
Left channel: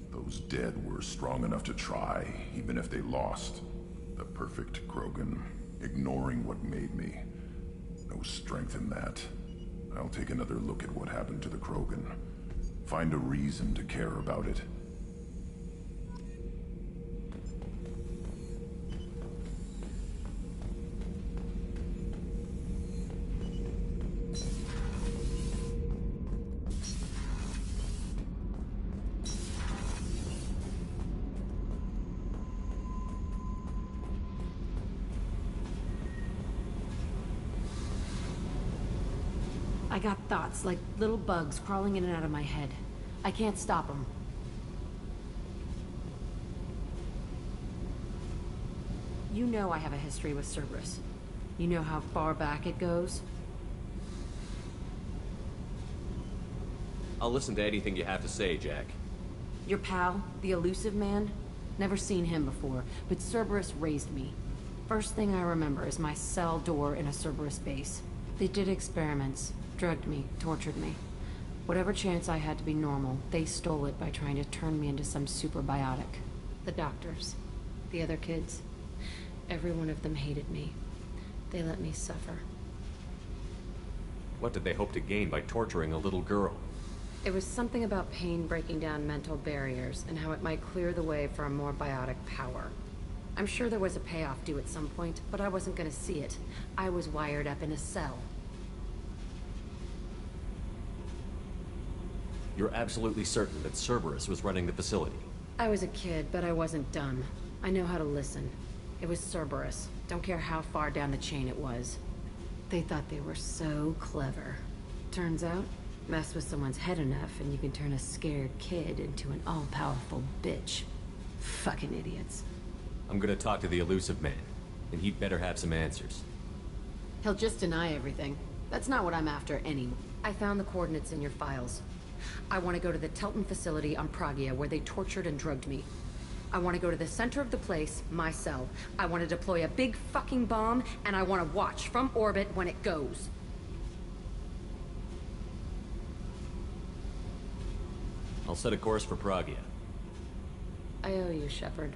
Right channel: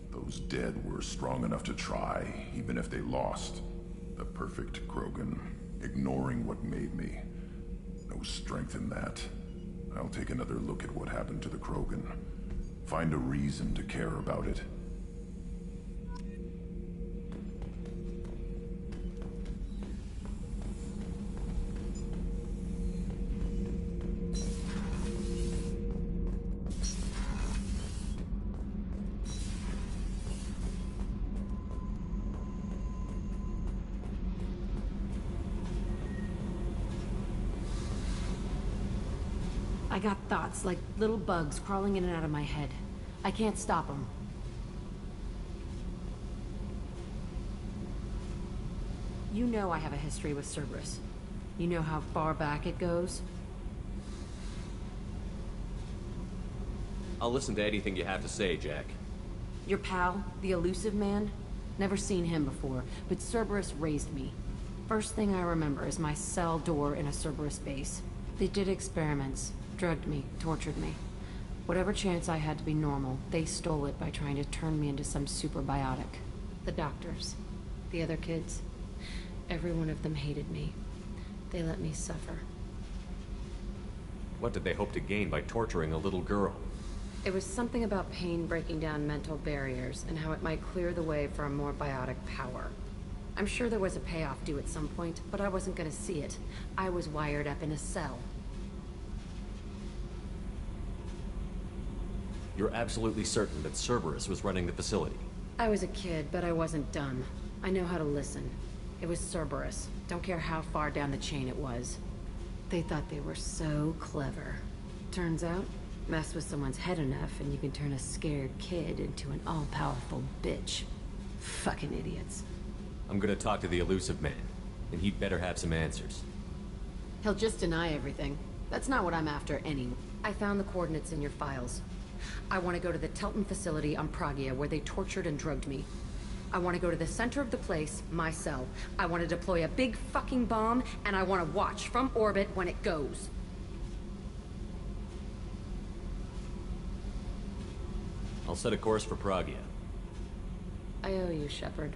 Those dead were strong enough to try, even if they lost. The perfect Krogan, ignoring what made me. No strength in that. I'll take another look at what happened to the Krogan. Find a reason to care about it. I got thoughts like little bugs crawling in and out of my head. I can't stop them. You know I have a history with Cerberus. You know how far back it goes? I'll listen to anything you have to say, Jack. Your pal, the Elusive Man? Never seen him before, but Cerberus raised me. First thing I remember is my cell door in a Cerberus base. They did experiments. Drugged me, tortured me. Whatever chance I had to be normal, they stole it by trying to turn me into some superbiotic. The doctors, the other kids, every one of them hated me. They let me suffer. What did they hope to gain by torturing a little girl? It was something about pain breaking down mental barriers and how it might clear the way for a more biotic power. I'm sure there was a payoff due at some point, but I wasn't gonna see it. I was wired up in a cell. You're absolutely certain that Cerberus was running the facility? I was a kid, but I wasn't dumb. I know how to listen. It was Cerberus. Don't care how far down the chain it was. They thought they were so clever. Turns out, mess with someone's head enough and you can turn a scared kid into an all-powerful bitch. Fucking idiots. I'm gonna talk to the Elusive Man, and he'd better have some answers. He'll just deny everything. That's not what I'm after anyway. I found the coordinates in your files. I want to go to the Telton facility on Pragia where they tortured and drugged me. I want to go to the center of the place, my cell. I want to deploy a big fucking bomb, and I want to watch from orbit when it goes. I'll set a course for Pragia. I owe you, Shepard.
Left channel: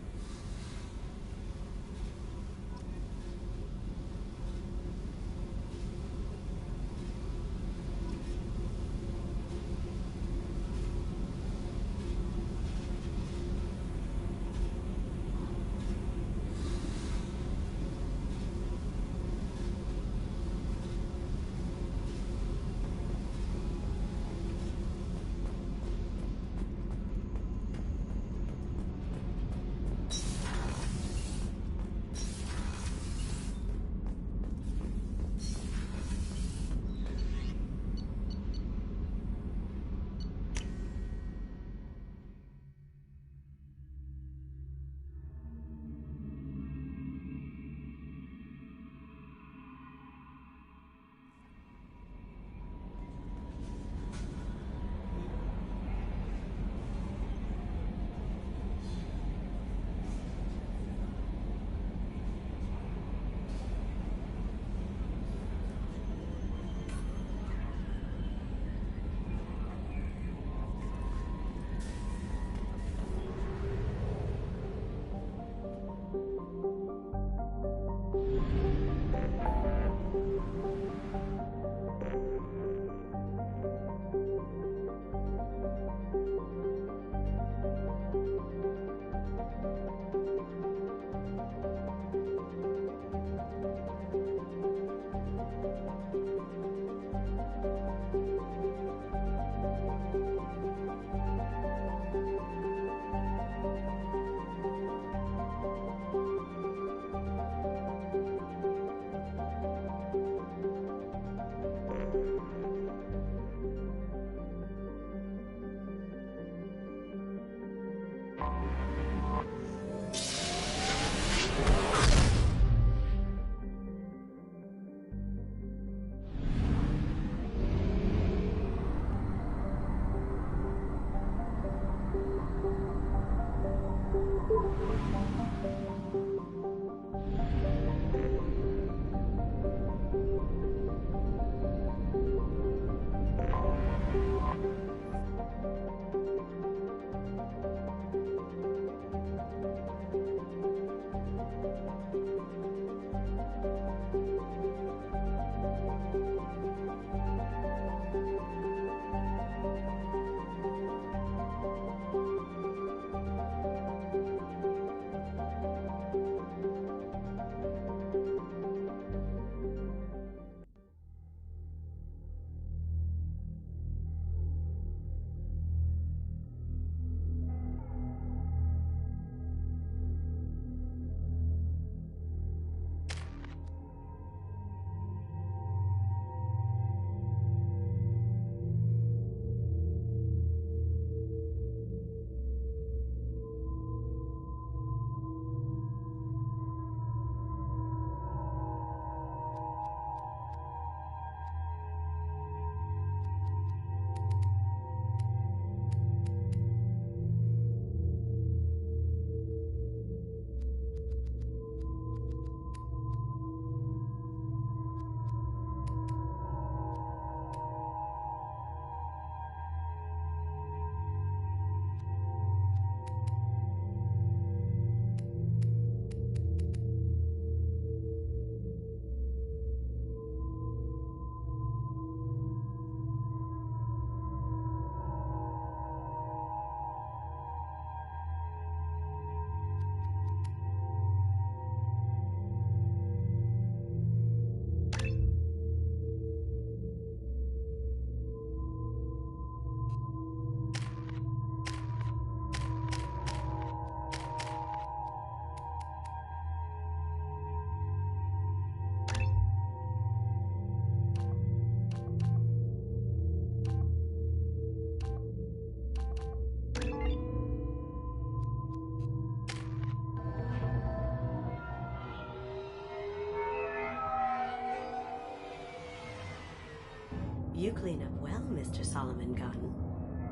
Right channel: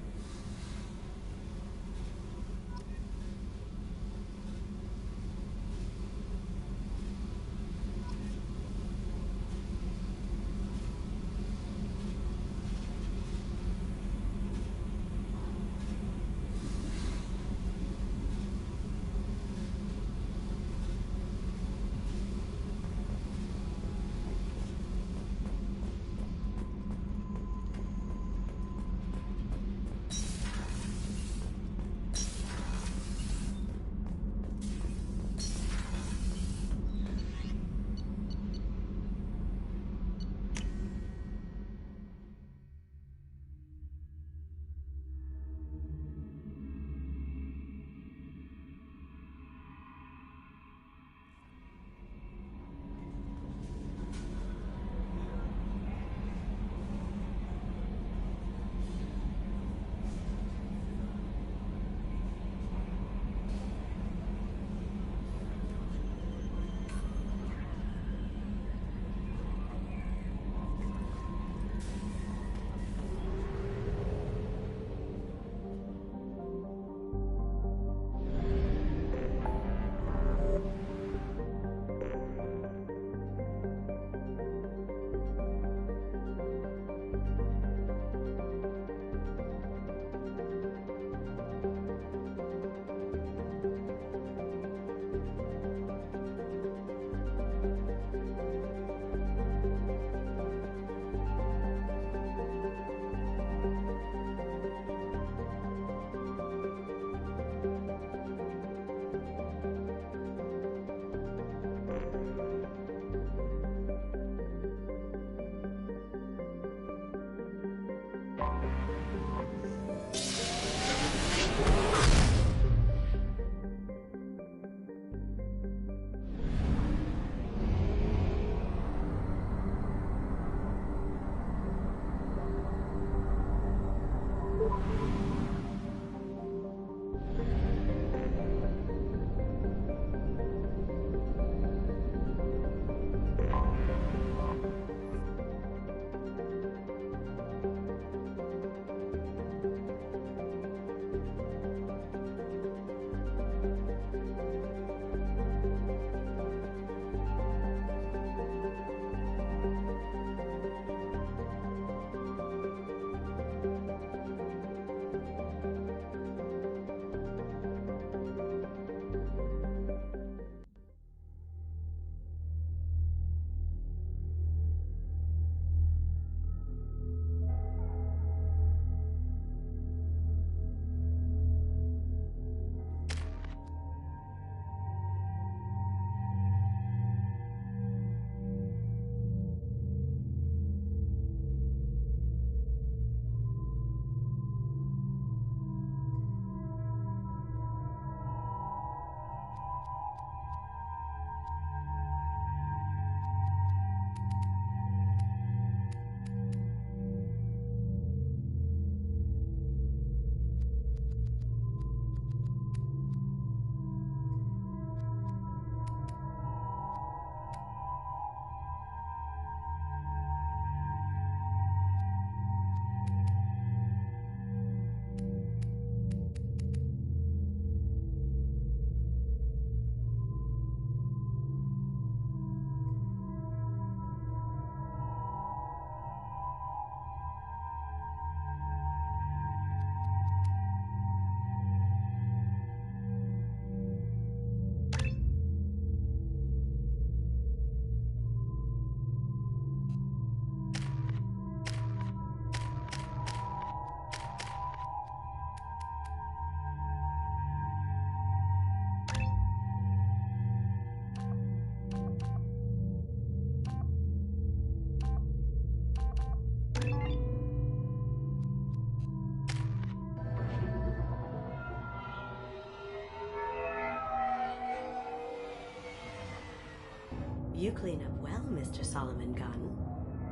You clean up well, Mr. Solomon Gunn.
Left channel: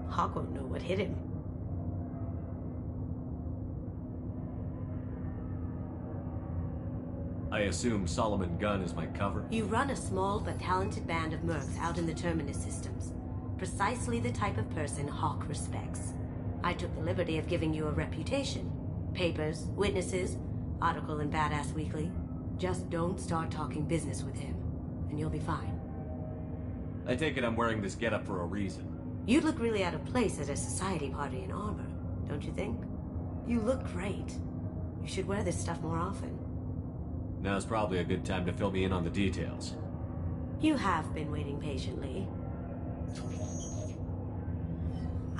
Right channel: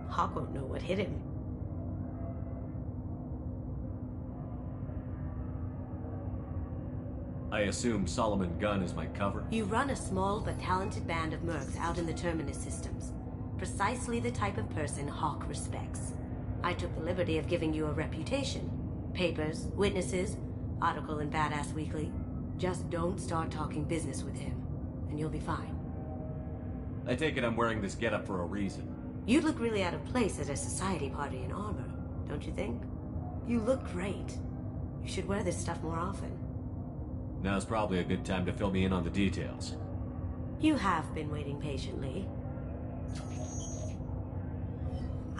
Hawk won't know what hit him. I assume Solomon Gunn is my cover? You run a small but talented band of mercs out in the Terminus systems. Precisely the type of person Hawk respects. I took the liberty of giving you a reputation. Papers, witnesses, article in Badass Weekly. Just don't start talking business with him, and you'll be fine. I take it I'm wearing this getup for a reason. You'd look really out of place at a society party in armor, don't you think? You look great. You should wear this stuff more often. Now's probably a good time to fill me in on the details. You have been waiting patiently.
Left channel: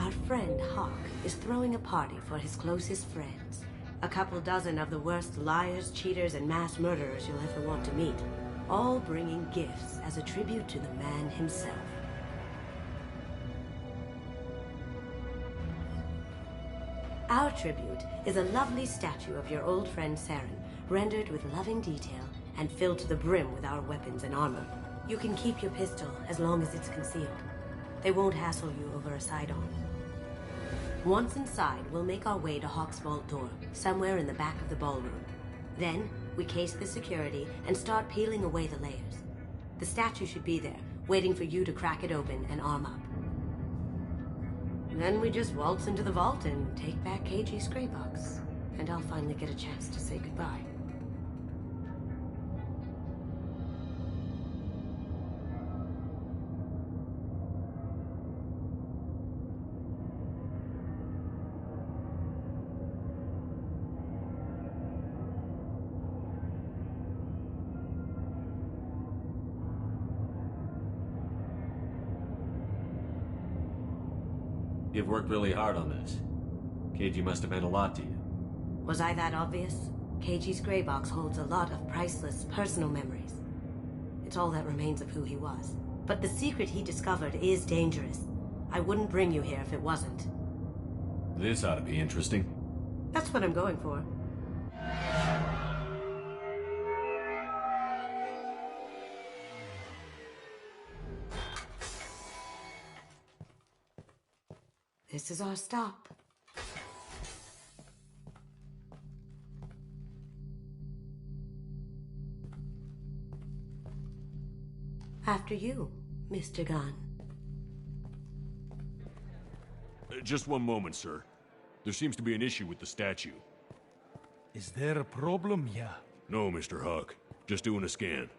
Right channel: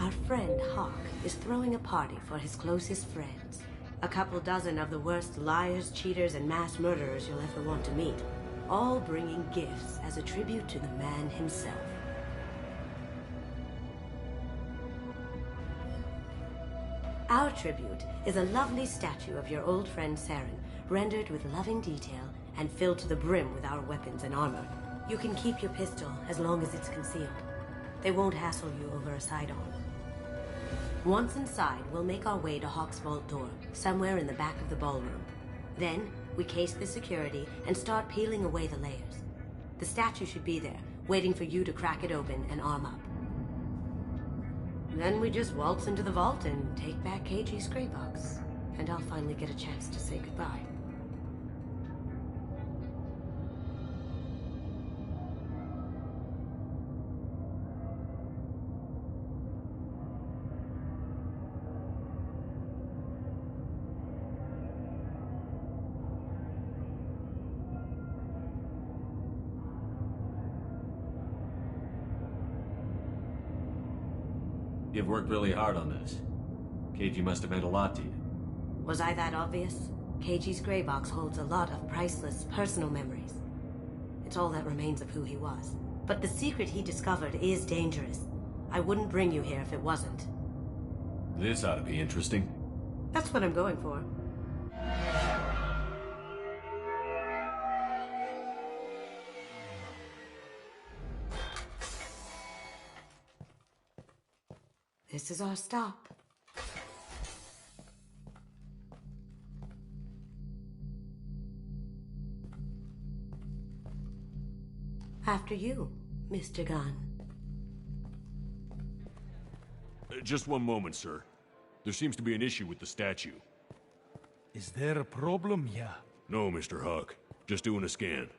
Our friend Hawk is throwing a party for his closest friends. A couple dozen of the worst liars, cheaters, and mass murderers you'll ever want to meet. All bringing gifts as a tribute to the man himself. Our tribute is a lovely statue of your old friend Saren, rendered with loving detail and filled to the brim with our weapons and armor. You can keep your pistol as long as it's concealed. They won't hassle you over a sidearm. Once inside, we'll make our way to Hawk's vault door, somewhere in the back of the ballroom. Then, we case the security and start peeling away the layers. The statue should be there, waiting for you to crack it open and arm up. Then we just waltz into the vault and take back KG's gray box. And I'll finally get a chance to say goodbye. You've worked really hard on this. KG must have meant a lot to you. Was I that obvious? KG's gray box holds a lot of priceless personal memories. It's all that remains of who he was. But the secret he discovered is dangerous. I wouldn't bring you here if it wasn't. This ought to be interesting. That's what I'm going for. This is our stop. After you, Mr. Gunn. Just one moment, sir. There seems to be an issue with the statue. Is there a problem here? No, Mr. Huck. Just doing a scan.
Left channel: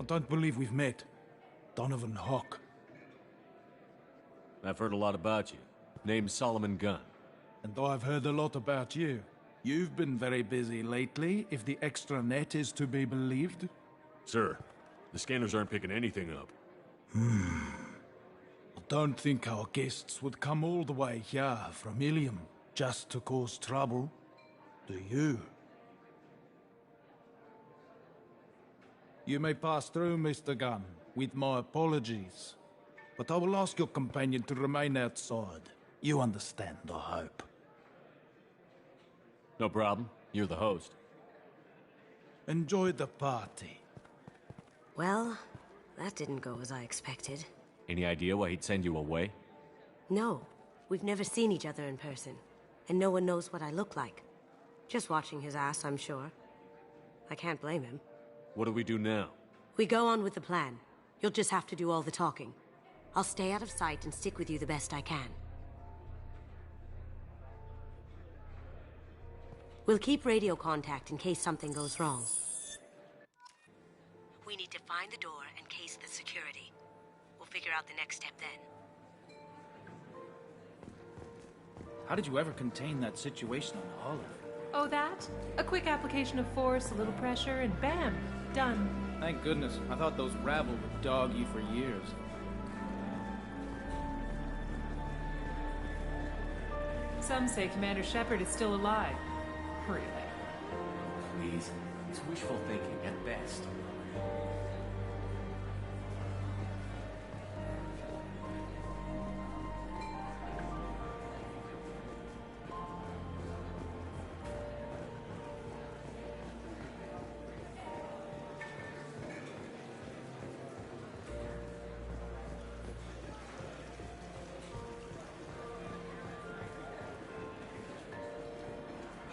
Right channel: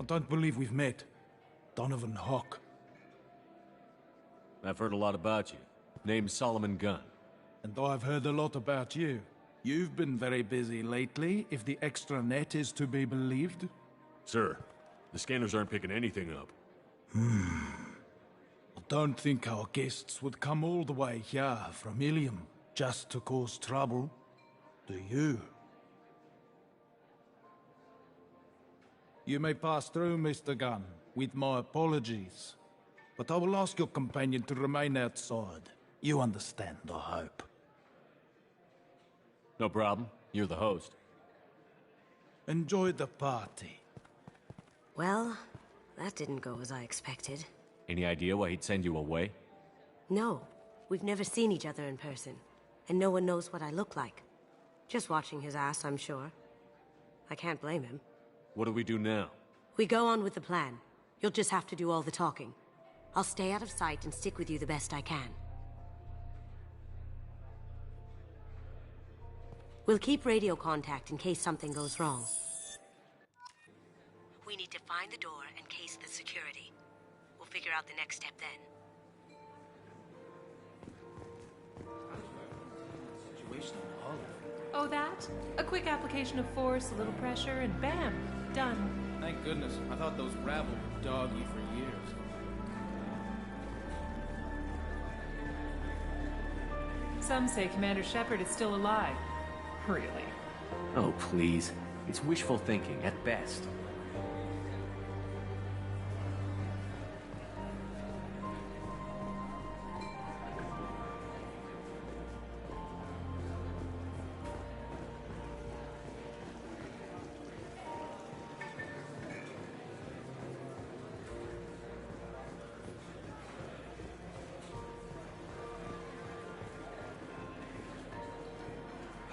I don't believe we've met. Donovan Huck. I've heard a lot about you. Name's Solomon Gunn. And I've heard a lot about you. You've been very busy lately, if the extranet is to be believed. Sir, the scanners aren't picking anything up. I don't think our guests would come all the way here from Ilium just to cause trouble. Do you? You may pass through, Mr. Gunn, with my apologies. But I will ask your companion to remain outside. You understand, I hope. No problem. You're the host. Enjoy the party. Well, that didn't go as I expected. Any idea why he'd send you away? No, we've never seen each other in person, and no one knows what I look like. Just watching his ass, I'm sure. I can't blame him. What do we do now? We go on with the plan. You'll just have to do all the talking. I'll stay out of sight and stick with you the best I can. We'll keep radio contact in case something goes wrong. We need to find the door and case the security. We'll figure out the next step then. How did you ever contain that situation on Olive? Oh, that? A quick application of force, a little pressure, and bam! Done. Thank goodness. I thought those rabble would dog you for years. Some say Commander Shepard is still alive. Really? Oh, please. It's wishful thinking at best.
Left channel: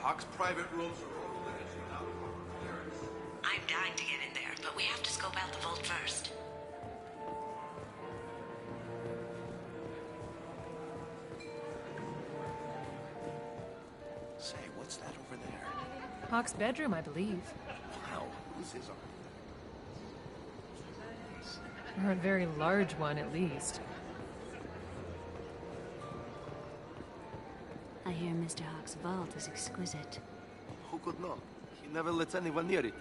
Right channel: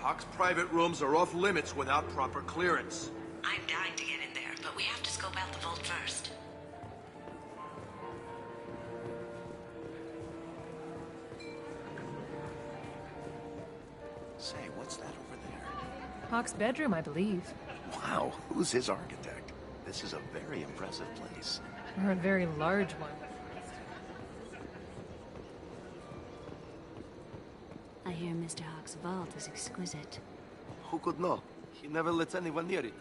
Huck's private rooms are off limits without proper clearance. I'm dying to get in there, but we have to scope out the vault first. Say, what's that over there? Hawk's bedroom, I believe. Wow, who's his architect? This is a very impressive place. Or a very large one, at least. I hear Mr. Hawk's vault is exquisite. Who could know? He never lets anyone near it.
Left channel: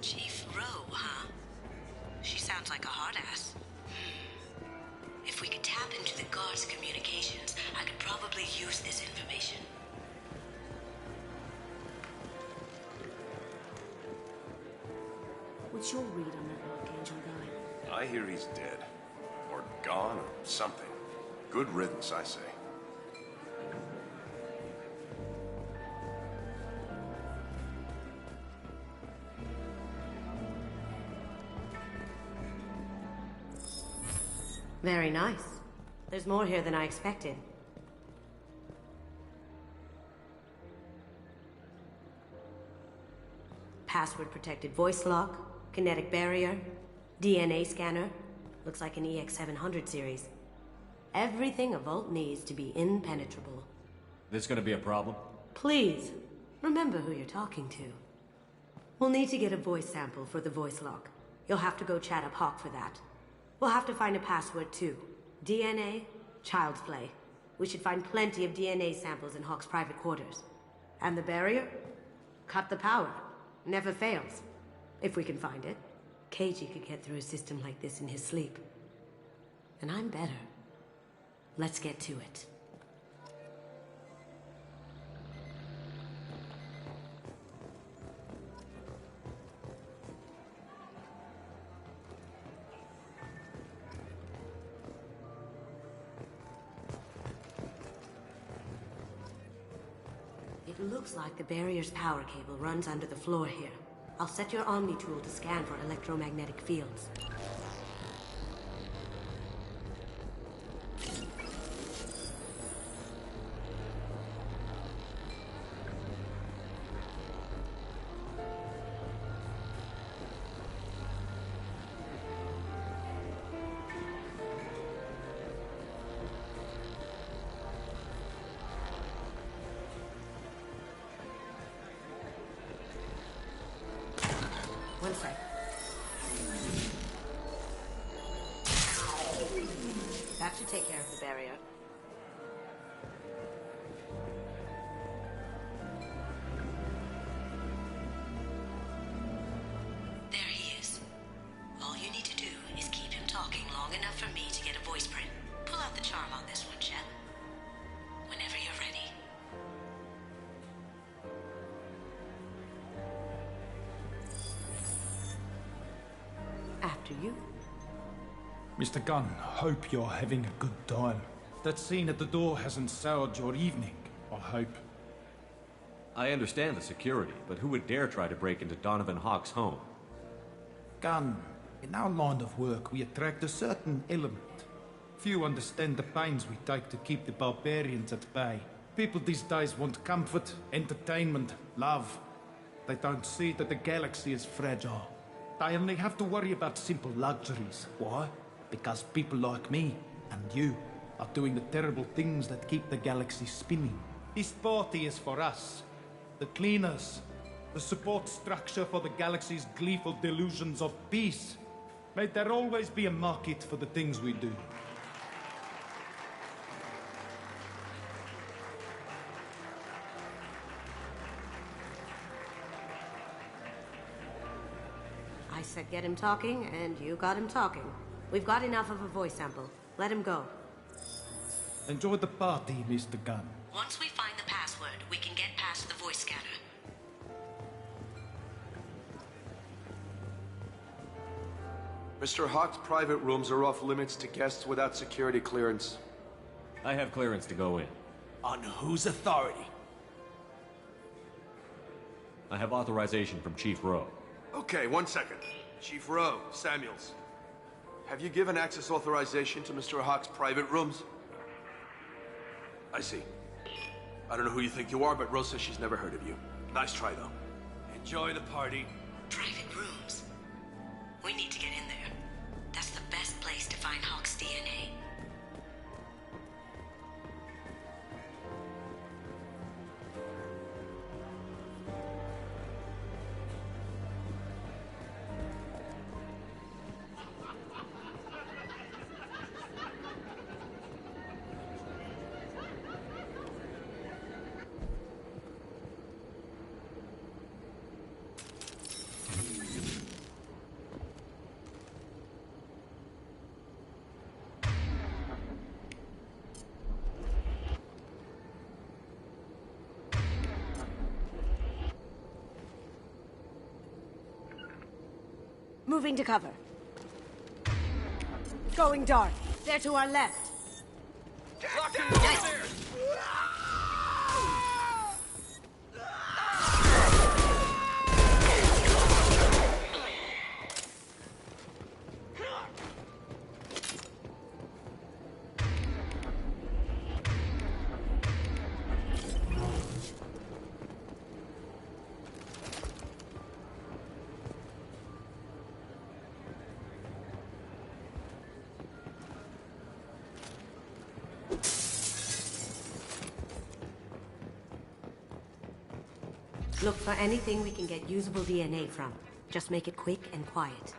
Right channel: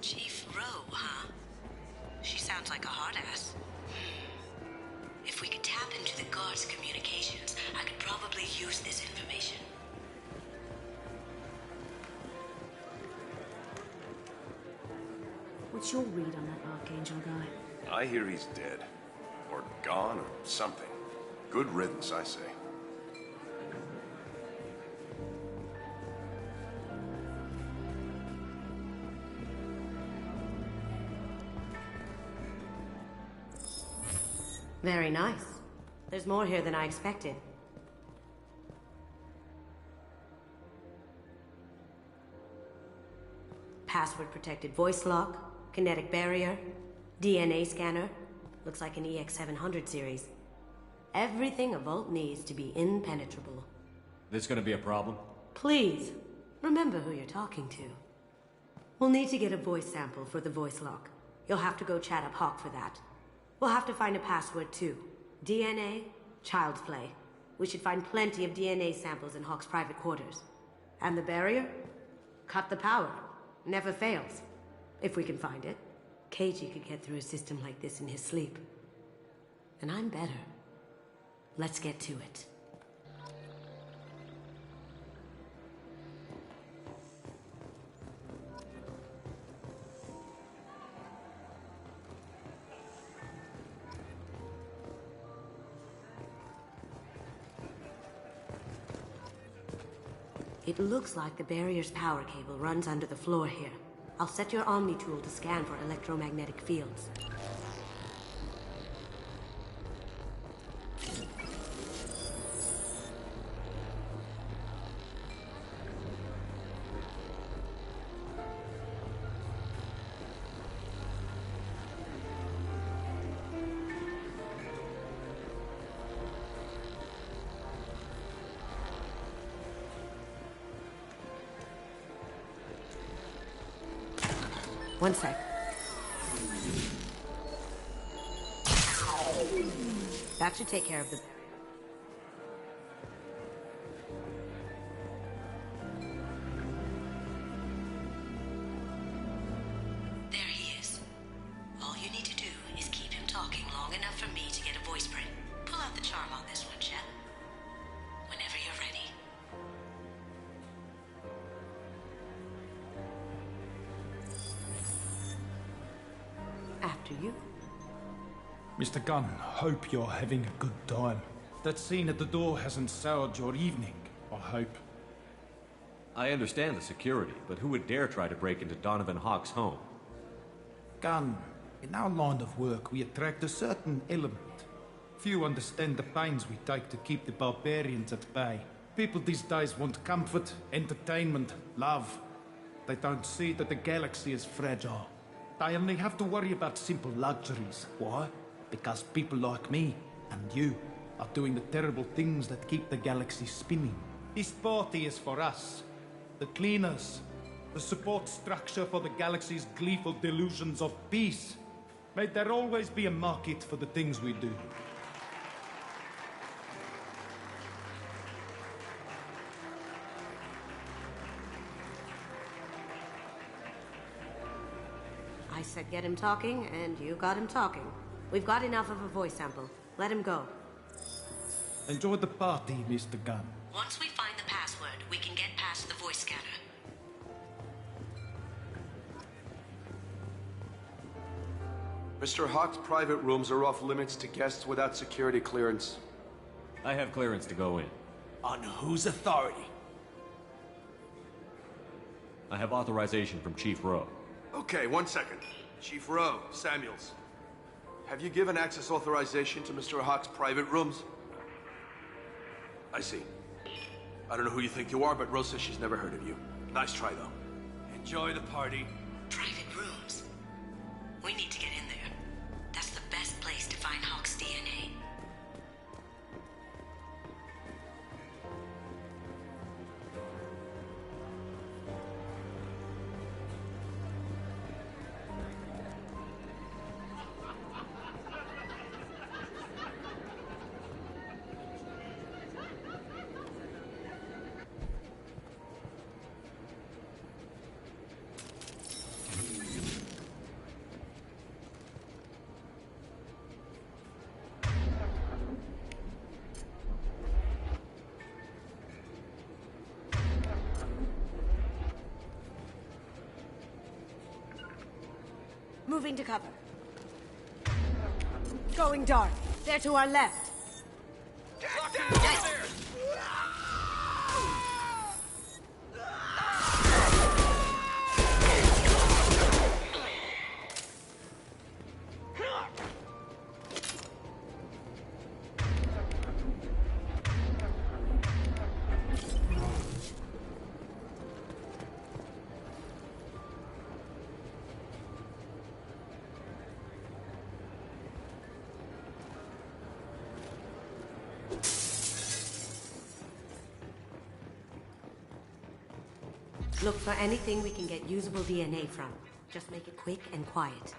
Chief Rowe, huh? She sounds like a hard ass. If we could tap into the guard's communications, I could probably use this information. What's your read on that Archangel guy? I hear he's dead. Or gone, or something. Good riddance, I say. Very nice. There's more here than I expected. Password-protected voice lock, kinetic barrier, DNA scanner. Looks like an EX-700 series. Everything a vault needs to be impenetrable. This gonna be a problem? Please, remember who you're talking to. We'll need to get a voice sample for the voice lock. You'll have to go chat up Hawk for that. We'll have to find a password too. DNA, child's play. We should find plenty of DNA samples in Hawk's private quarters. And the barrier? Cut the power. Never fails. If we can find it. KG could get through a system like this in his sleep. And I'm better. Let's get to it. It looks like the barrier's power cable runs under the floor here. I'll set your Omni tool to scan for electromagnetic fields. One sec. That should take care of the barrier. There he is. All you need to do is keep him talking long enough for me to get a voice print. Pull out the charm on this one, Shep. Whenever you're ready. After you. Mr. Gunn, hope you're having a good time. That scene at the door hasn't soured your evening, I hope. I understand the security, but who would dare try to break into Donovan Hawk's home? Gunn, in our line of work, we attract a certain element. Few understand the pains we take to keep the barbarians at bay. People these days want comfort, entertainment, love. They don't see that the galaxy is fragile. They only have to worry about simple luxuries. Why? Because people like me and you are doing the terrible things that keep the galaxy spinning. This party is for us, the cleaners, the support structure for the galaxy's gleeful delusions of peace. May there always be a market for the things we do. I said get him talking, and you got him talking. We've got enough of a voice sample. Let him go. Enjoy the party, Mr. Gunn. Once we find the password, we can get past the voice scanner. Mr. Hawk's private rooms are off limits to guests without security clearance. I have clearance to go in. On whose authority? I have authorization from Chief Rowe. Okay, 1 second. Chief Rowe, Samuels. Have you given access authorization to Mr. Hawk's private rooms? I see. I don't know who you think you are, but Rose says she's never heard of you. Nice try, though. Enjoy the party. Private rooms. We need to get in there. That's the best place to find Hawk's DNA. Moving to cover. Going dark. They're to our left. Nice. Look for anything we can get usable DNA from. Just make it quick and quiet.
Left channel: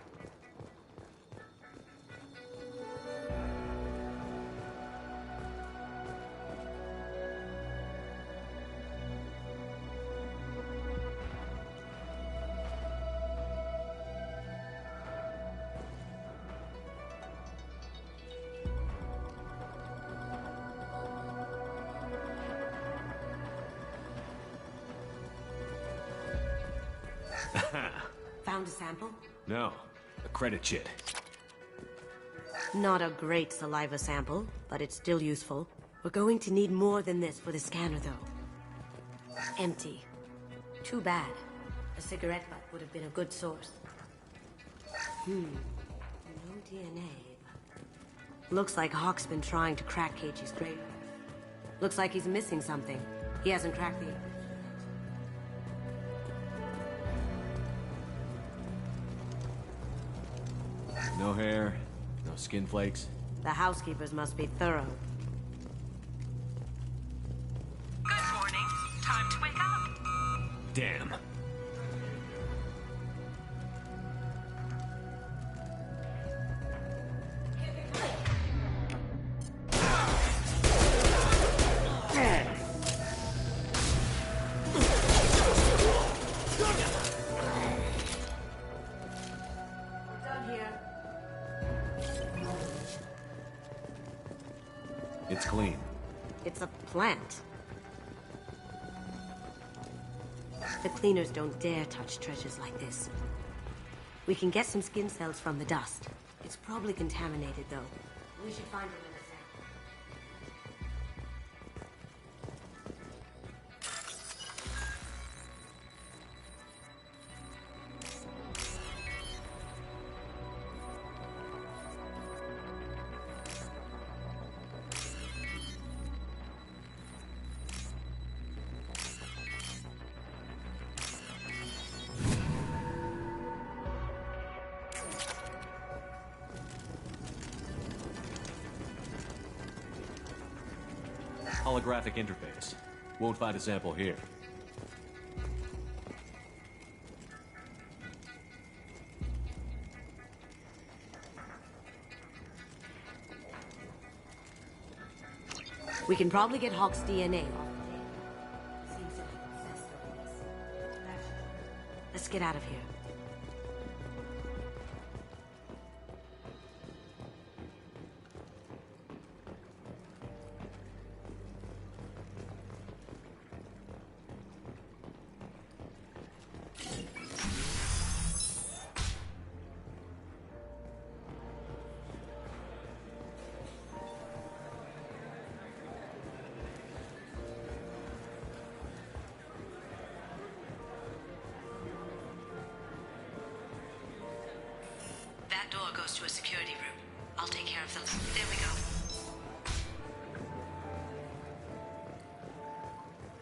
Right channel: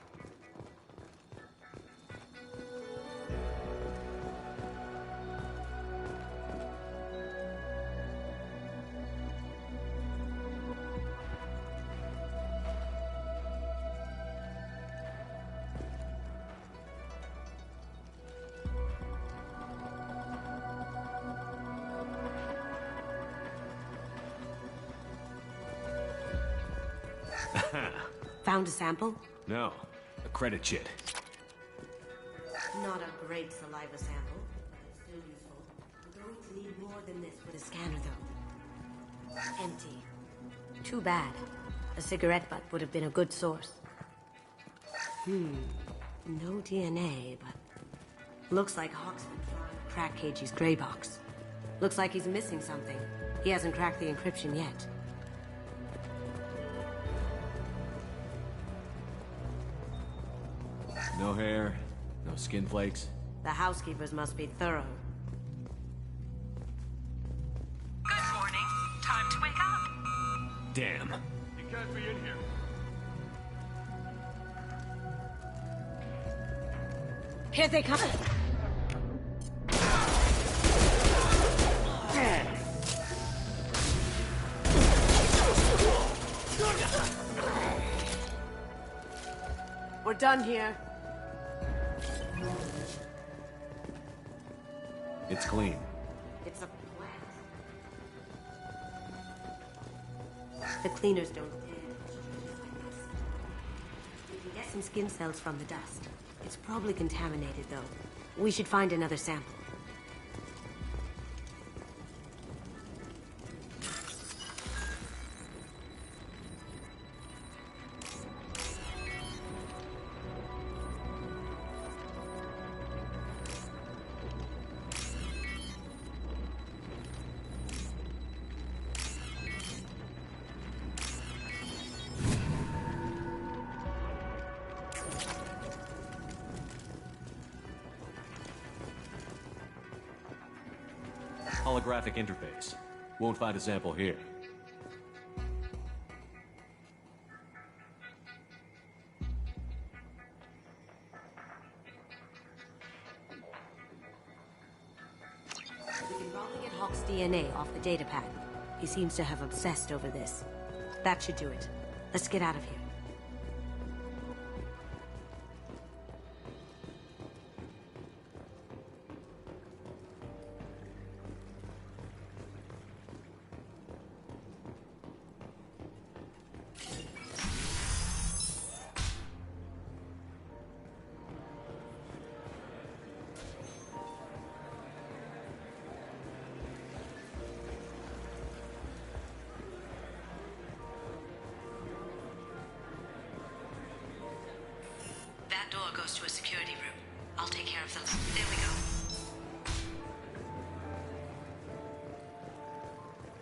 Found a sample? No, a credit chit. Not a great saliva sample, but it's still useful. We're going to need more than this for the scanner, though. Empty. Too bad. A cigarette butt would have been a good source. No DNA, but... Looks like Hawk's been trying to crack KG's gray box. Looks like he's missing something. He hasn't cracked the encryption yet. No hair, no skin flakes. The housekeepers must be thorough. Good morning. Time to wake up. Damn. You can't be in here. Here they come. We're done here. It's clean. It's a plant. The cleaners don't dare touch treasures like this. We can get some skin cells from the dust. It's probably contaminated, though. We should find another sample. Holographic interface. Won't find a sample here. We can probably get Hawk's DNA off the data pad. He seems to have obsessed over this. That should do it. Let's get out of here. That door goes to a security room. I'll take care of them. There we go.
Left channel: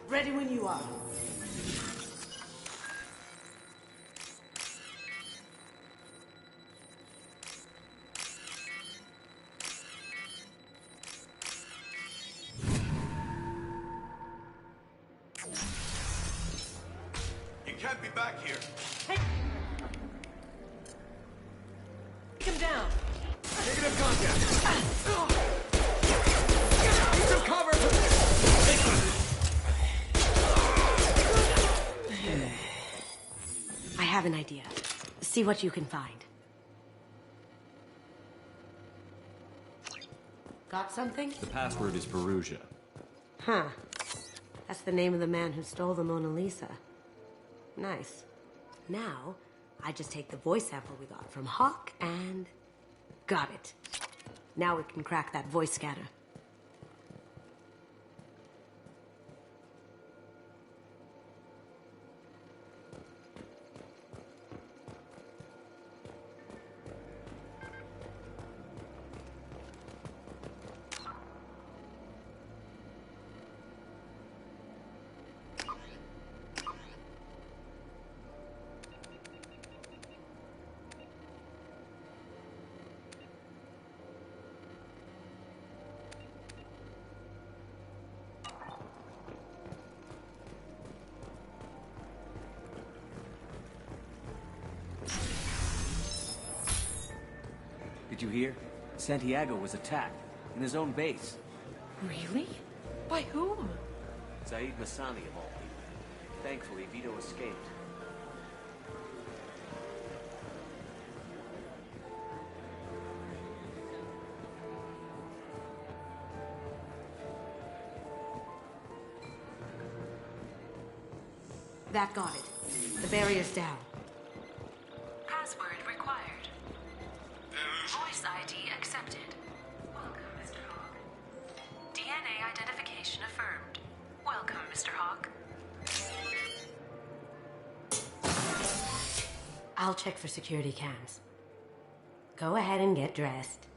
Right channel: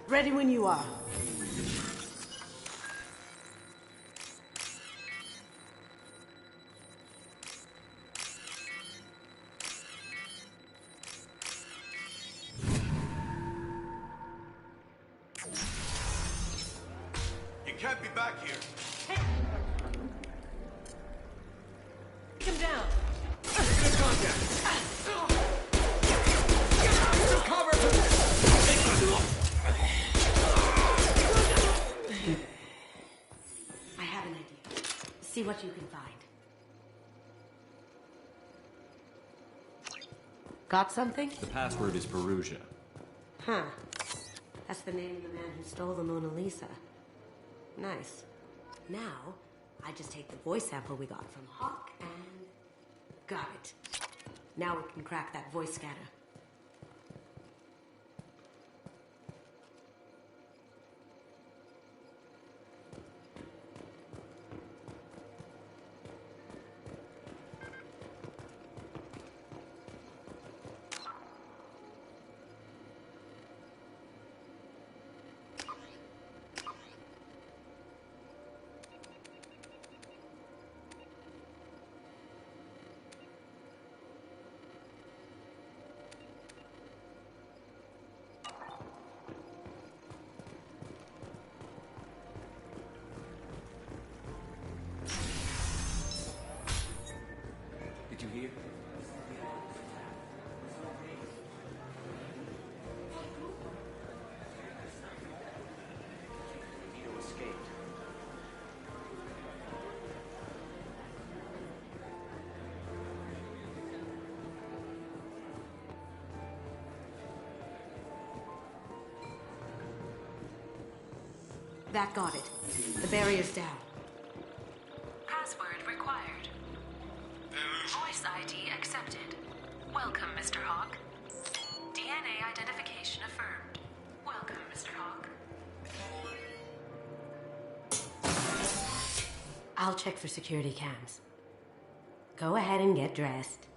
Ready when you are. You can't be back here. Take him down. Negative contact. Some cover. I have an idea. See what you can find. Got something? The password is Perugia. Huh. That's the name of the man who stole the Mona Lisa. Nice. Now, I just take the voice sample we got from Hawk and... got it. Now we can crack that voice scatter. Did you hear? Santiago was attacked in his own base. Really? By whom? Zaid Hassani. Thankfully, Vito escaped. That got it. The barrier's down. Password required. Voice ID accepted. Welcome, Mr. Hawk. DNA identification affirmed. Welcome, Mr. Hawk. I'll check for security cams. Go ahead and get dressed.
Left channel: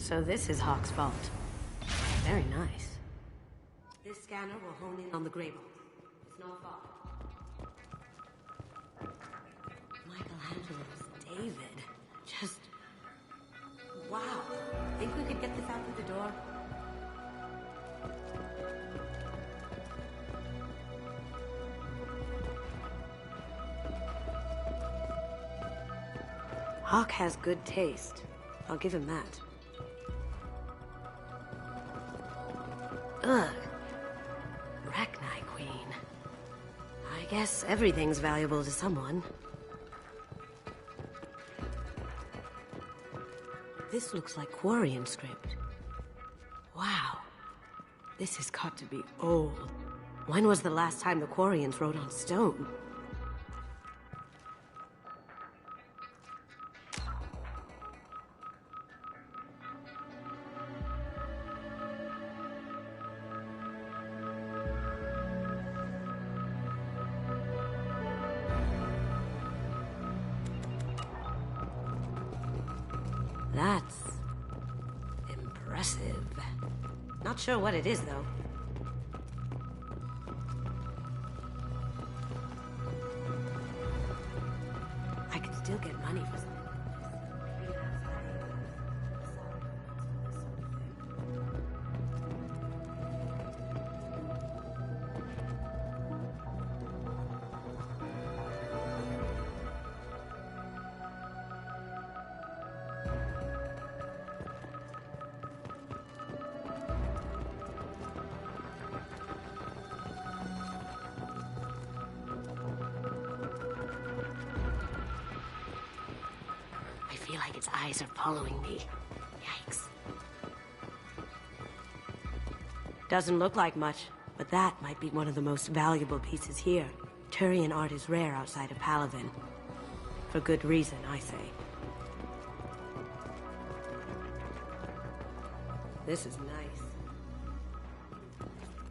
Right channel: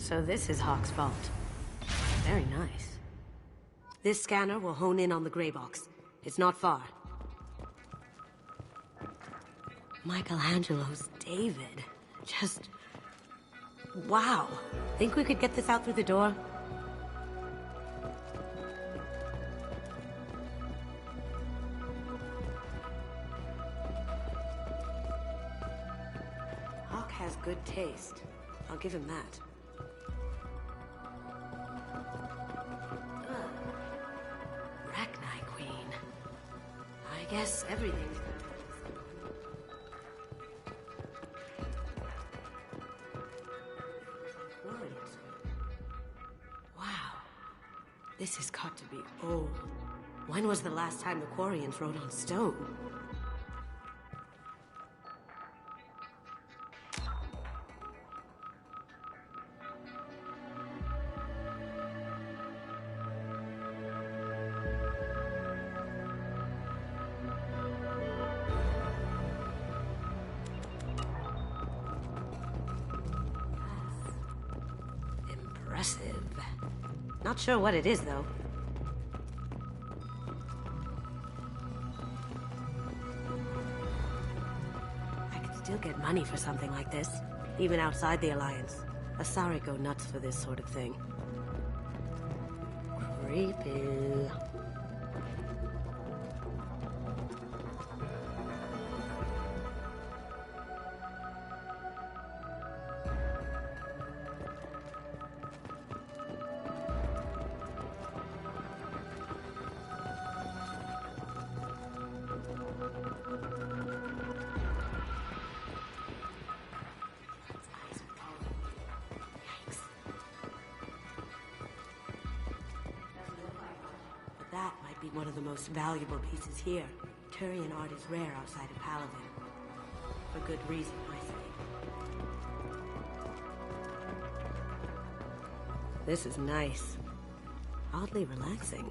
So this is Hawk's vault. Very nice. This scanner will hone in on the gray box. It's not far. Michelangelo's David. Just... wow. Think we could get this out through the door? Hawk has good taste. I'll give him that. Ugh. Rachni Queen. I guess everything's valuable to someone. This looks like Quarian script. Wow. This has got to be old. When was the last time the Quarians wrote on stone? That's impressive. Not sure what it is, though. I could still get money for something like this, even outside the Alliance. Asari go nuts for this sort of thing. Creepy. Its eyes are following me. Yikes. Doesn't look like much, but that might be one of the most valuable pieces here. Turian art is rare outside of Palaven. For good reason, I say. This is nice. Oddly relaxing.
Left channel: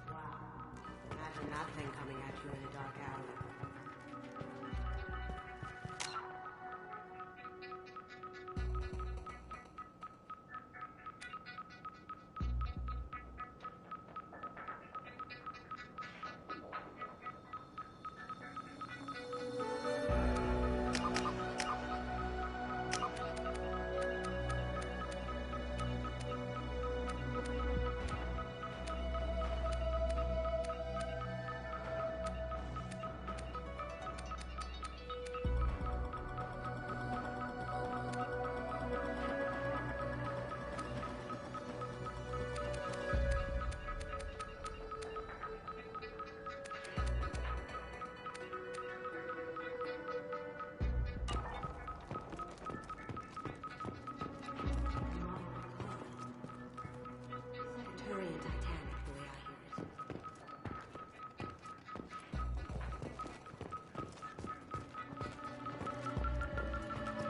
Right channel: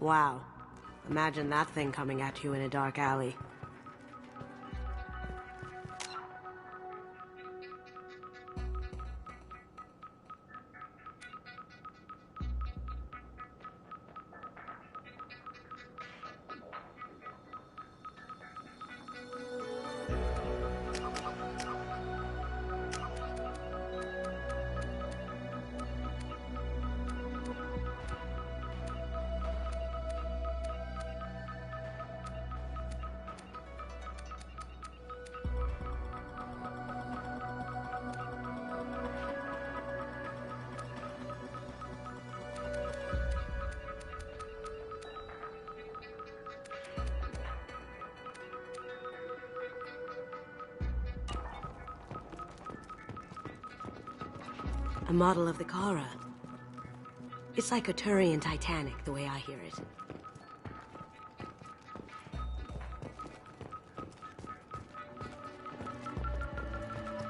Wow. Imagine that thing coming at you in a dark alley. A model of the Kara. It's like a Turian Titanic, the way I hear it.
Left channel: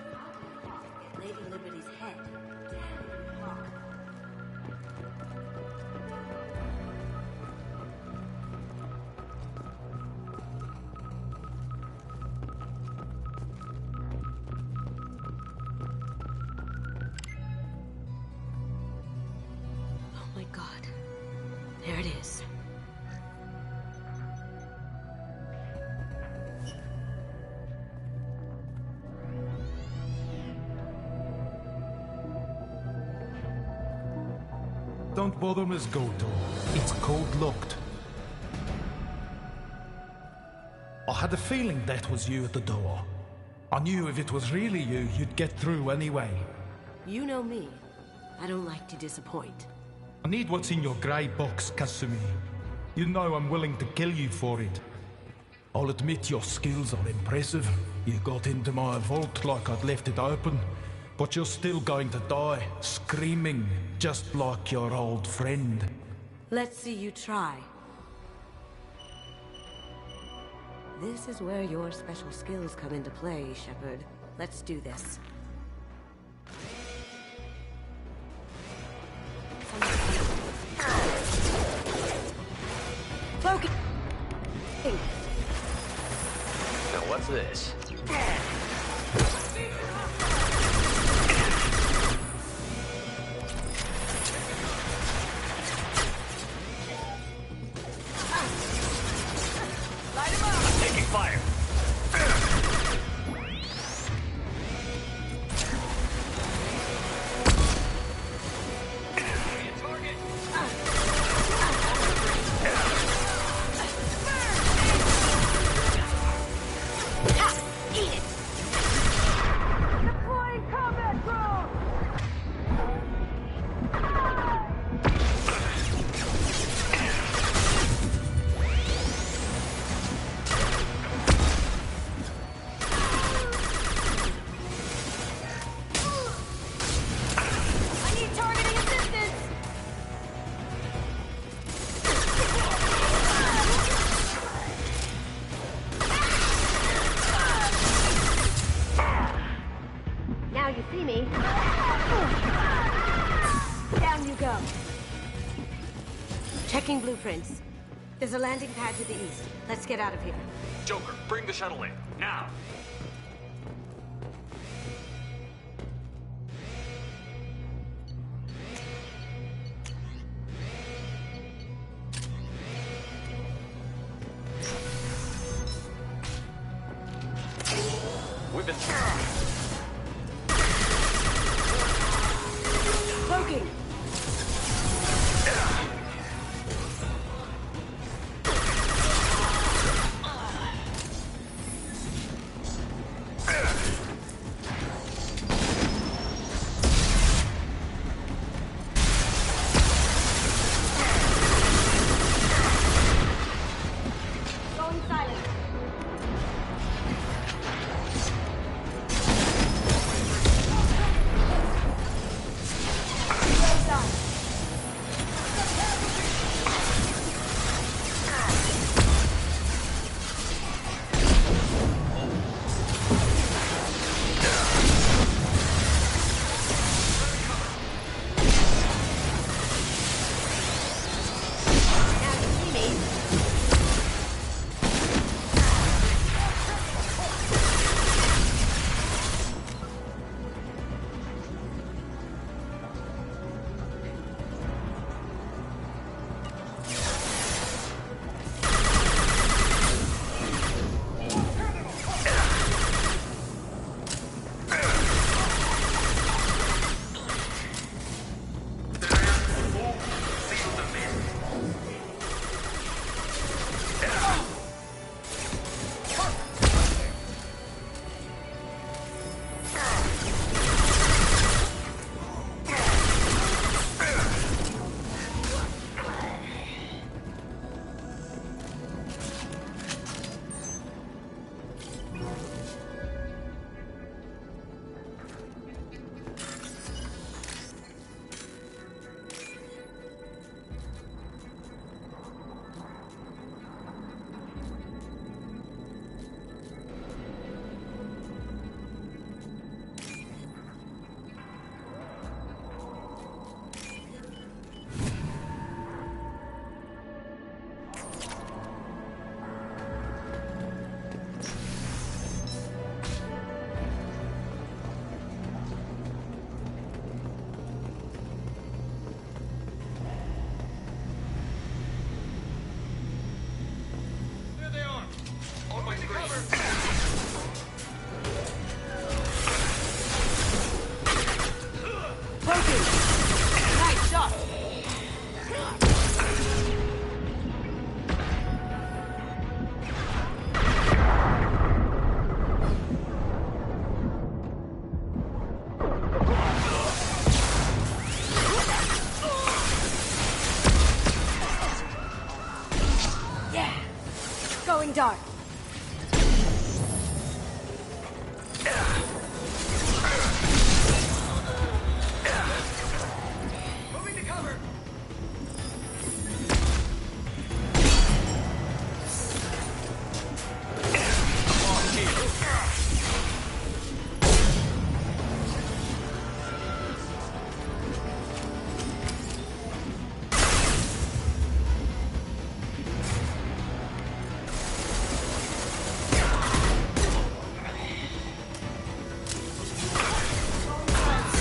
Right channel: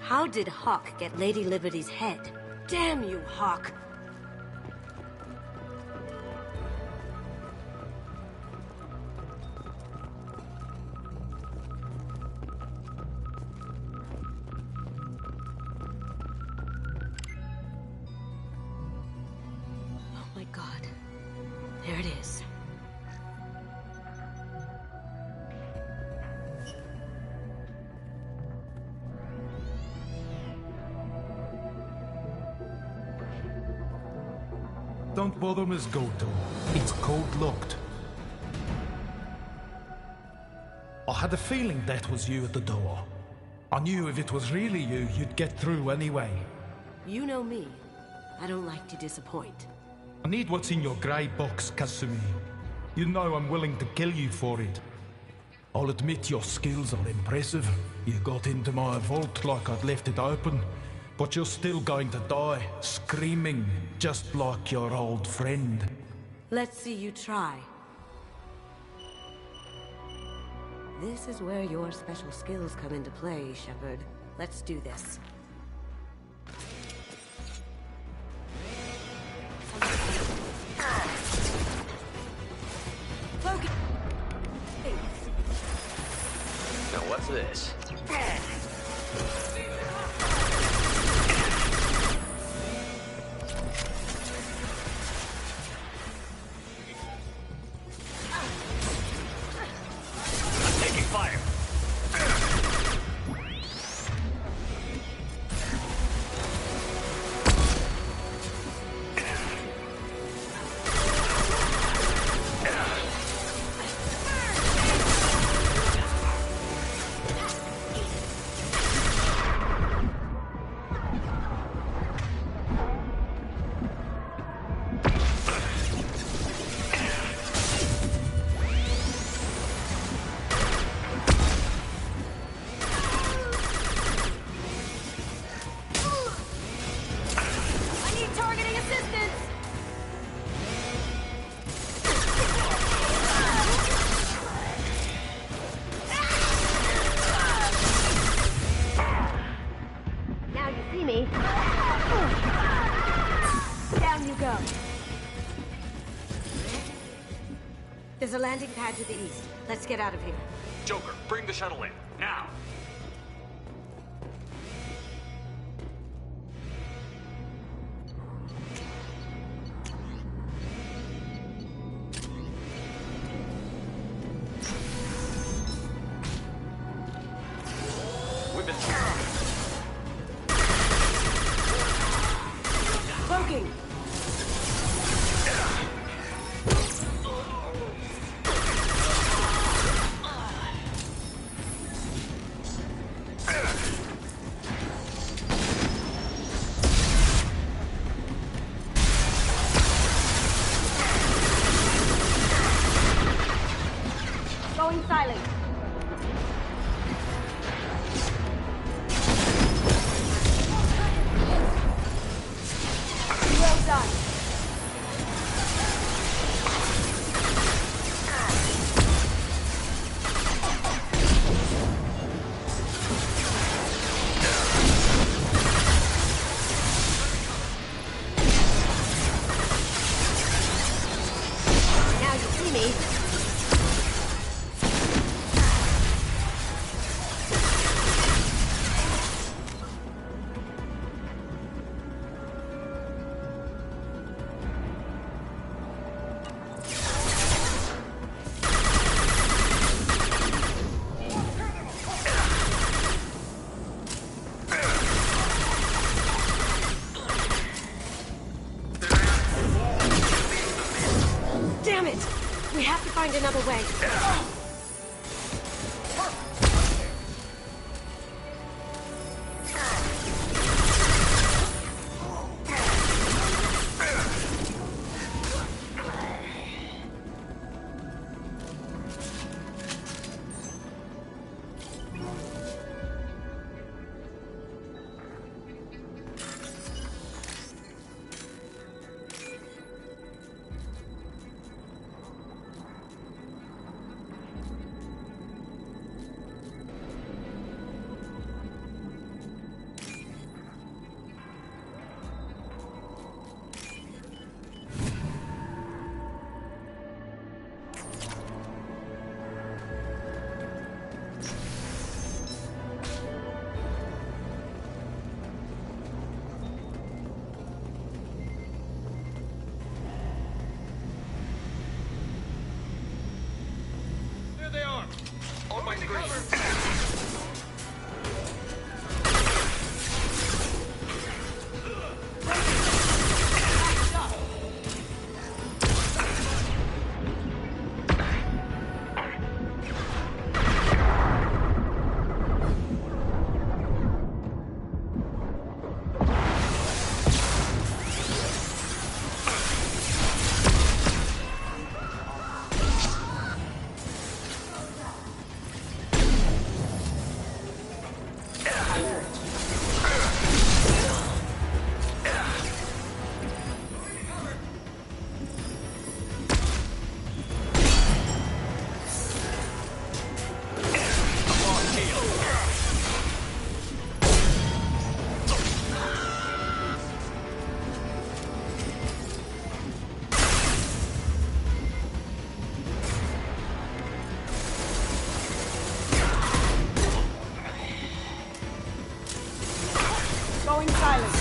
How did Hawk get Lady Liberty's head? Damn you, Hawk! Oh my god. There it is. Don't bother, Miss Goto. It's code-locked. I had a feeling that was you at the door. I knew if it was really you, you'd get through anyway. You know me. I don't like to disappoint. I need what's in your grey box, Kasumi. You know I'm willing to kill you for it. I'll admit your skills are impressive. You got into my vault like I'd left it open. But you're still going to die, screaming, just like your old friend. Let's see you try. This is where your special skills come into play, Shepard. Let's do this. Focus! Now what's this? Taking fire. Checking blueprints. There's a landing pad to the east. Let's get out of here. Joker, bring the shuttle in. Now! We've been... Cloaking! Going silent. Well done. Now you see me. Damn it! We have to find another way. dark. Moving to cover. Going silent.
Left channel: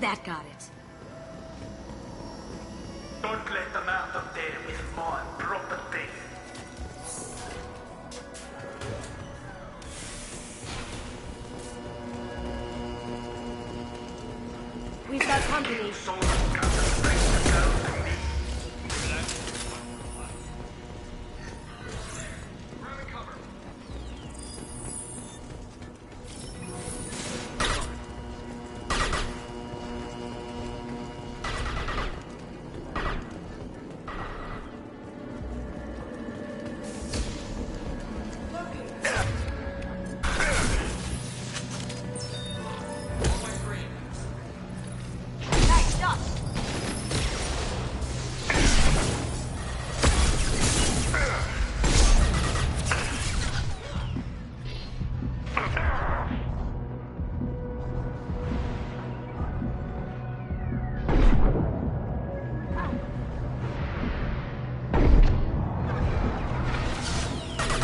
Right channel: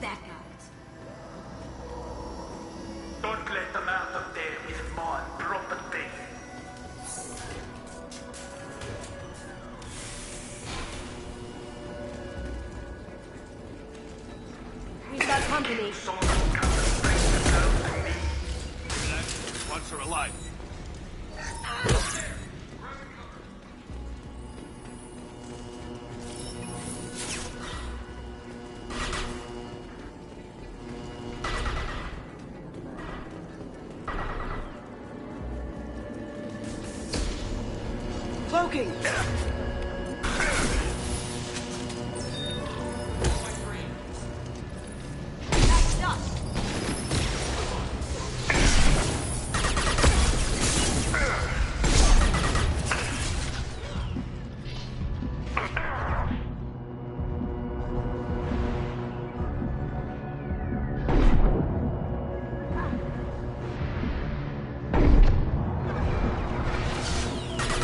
That got it. Don't let them out of there with my property. We've got company. Once are alive. Cloaking. Nice shot.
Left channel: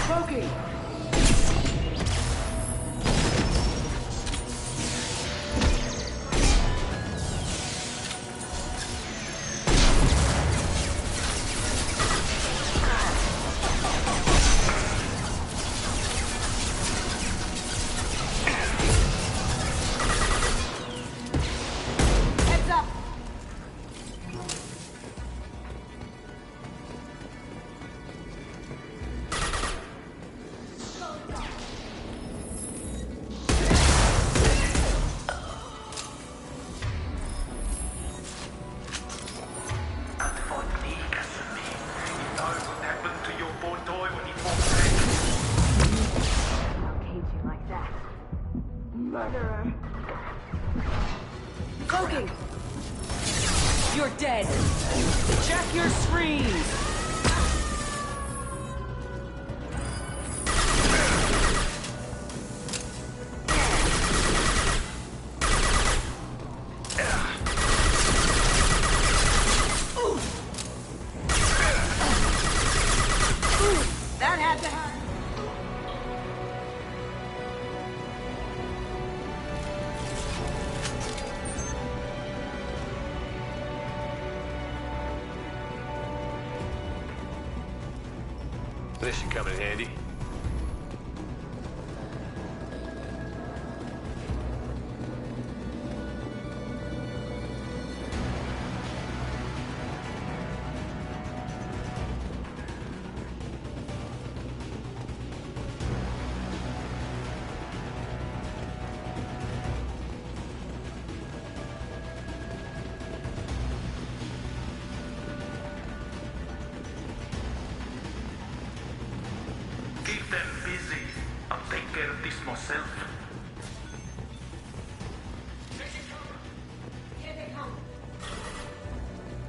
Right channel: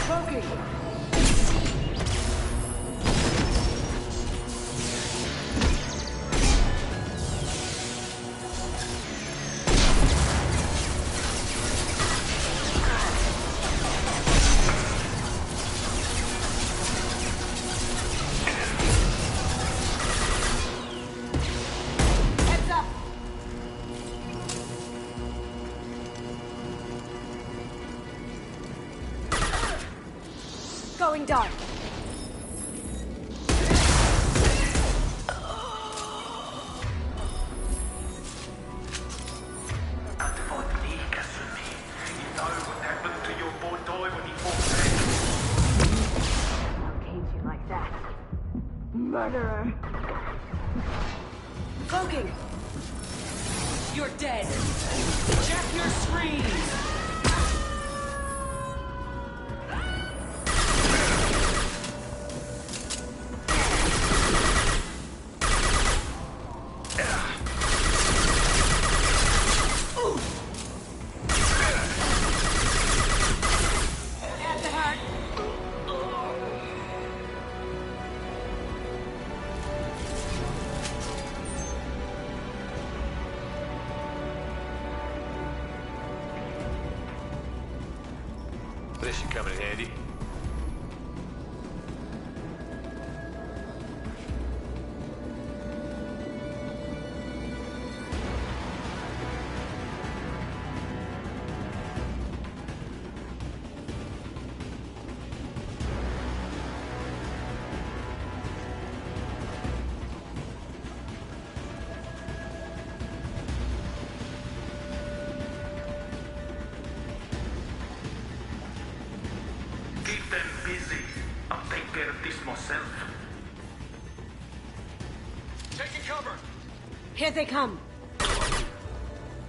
Cloaking. Heads up. Going dark. Can't fight me, Casimir. You know what happened to your boy Toy when he fought Don't cage you like that. Murderer. Cloaking. You're dead. Check your screens. That had to hurt. This should come in handy. Keep them busy. I'll take care of this myself. Taking cover. Here they come.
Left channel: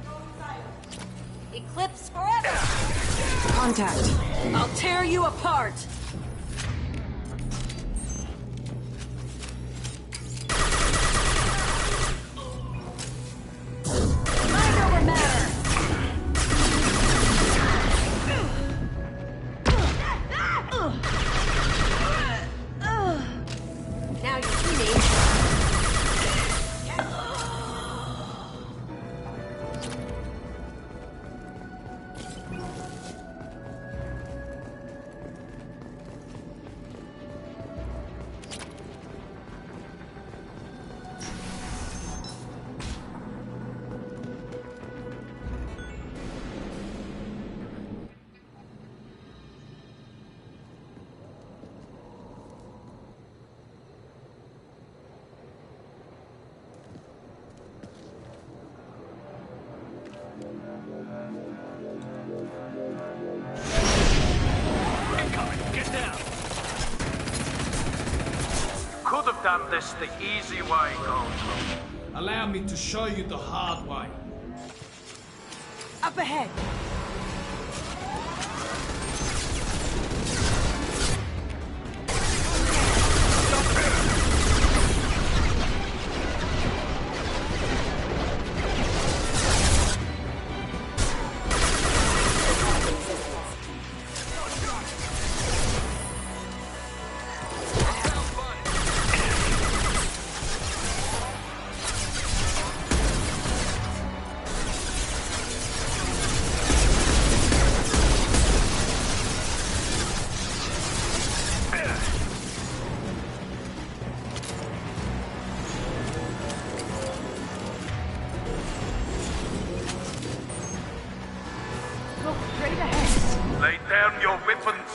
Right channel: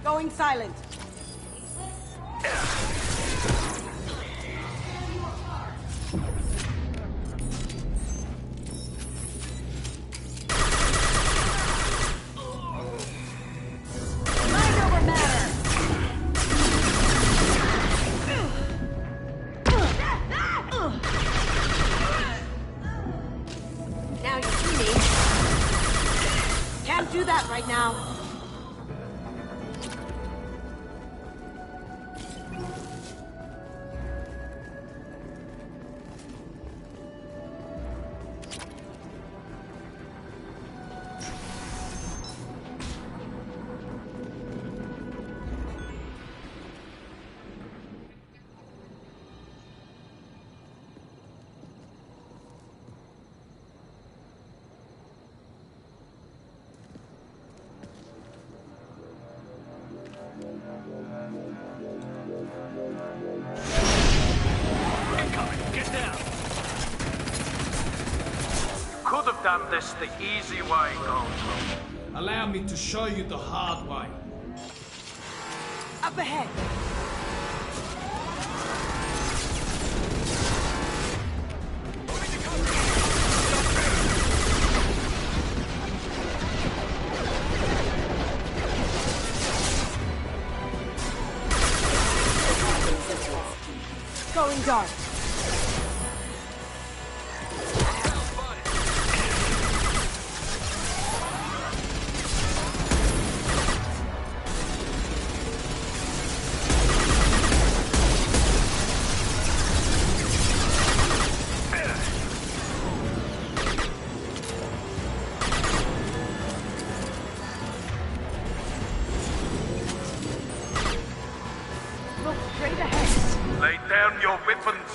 Going silent. Eclipse forever. Contact. I'll tear you apart. Mind over matter. Now you see me. Can't do that right now. done this the easy way, Gold. Allow me to show you the hard way. Up ahead! Going dark. Look straight ahead. Lay down your weapons.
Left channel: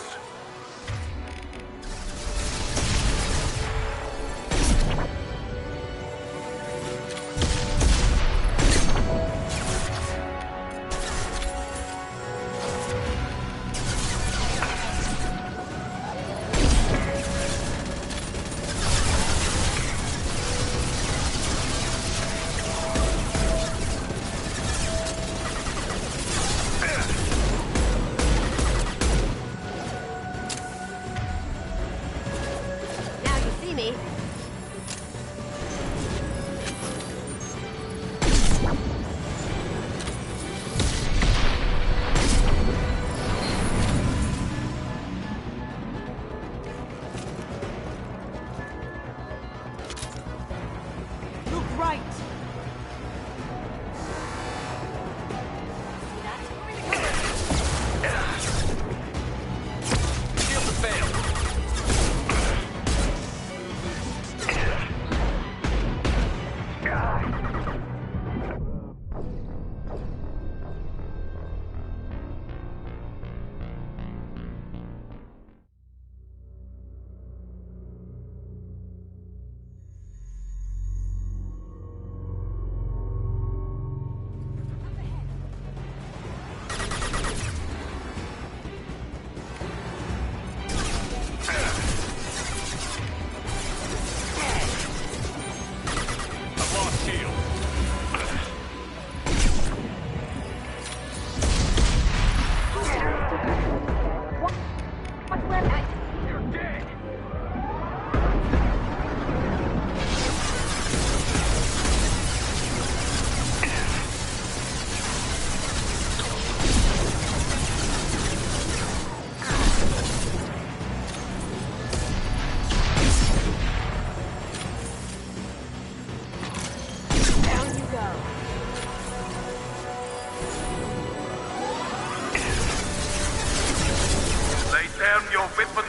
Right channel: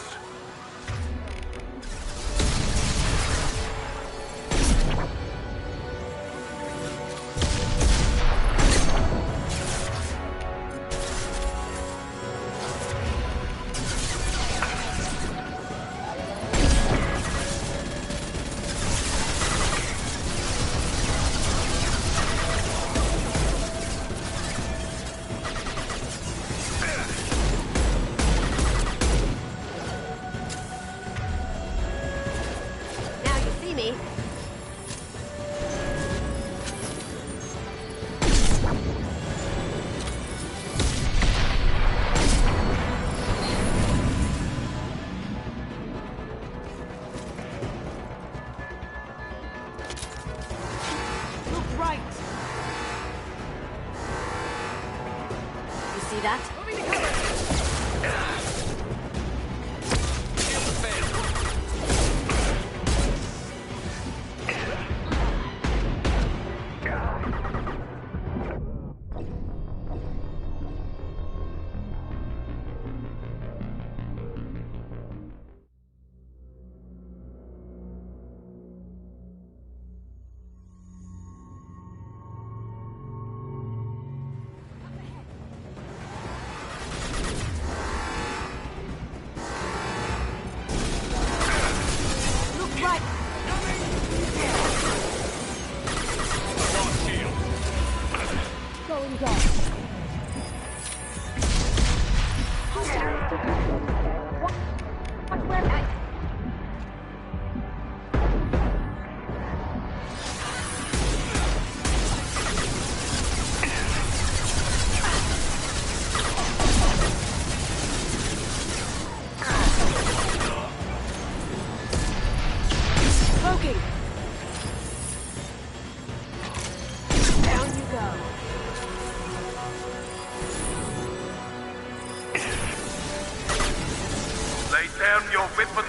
Down your weapons!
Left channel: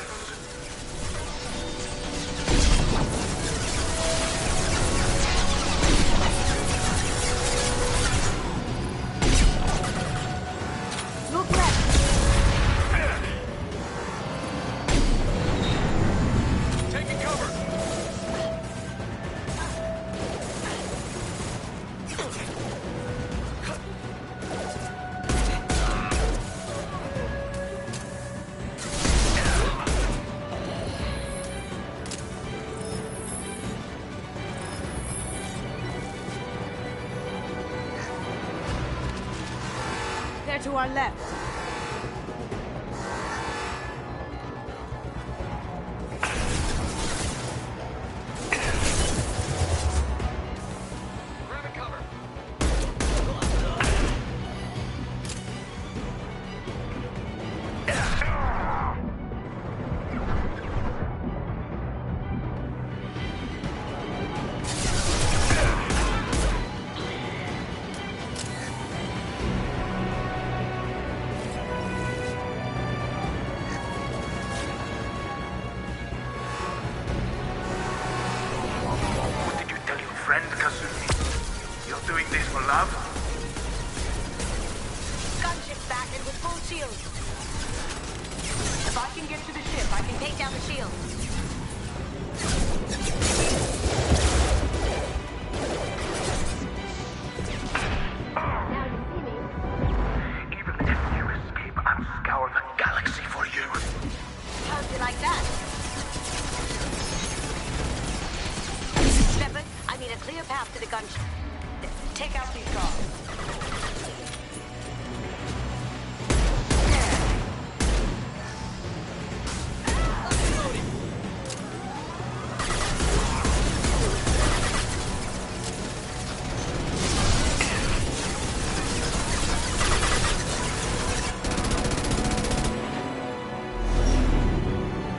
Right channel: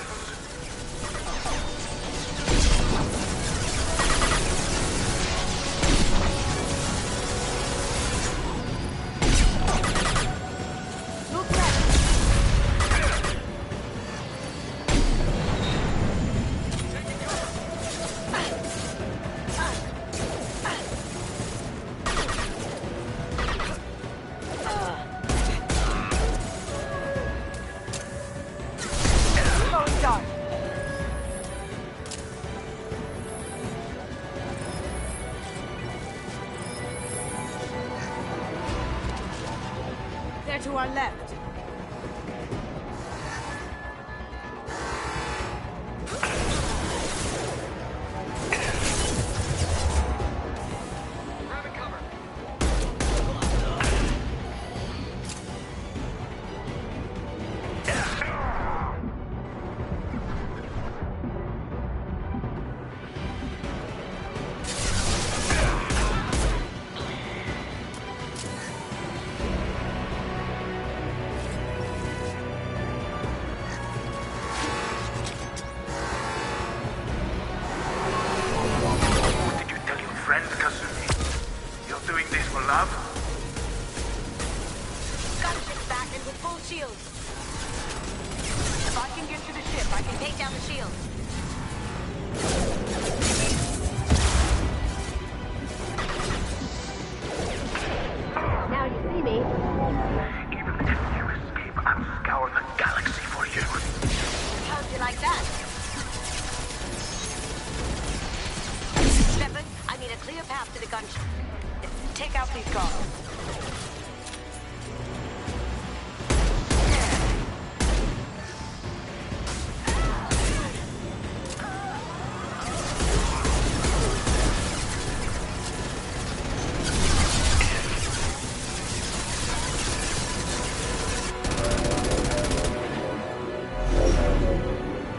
Look left! Taking cover! They're to our left. Grabbing cover. Friend Kazumi, you're doing this for love? Gunship's back and with full shields. If I can get to the ship, I can take down the shield. Now you see me. Even if you escape, I'll scour the galaxy for you. How'd you like that? the gunship. Take out these guards.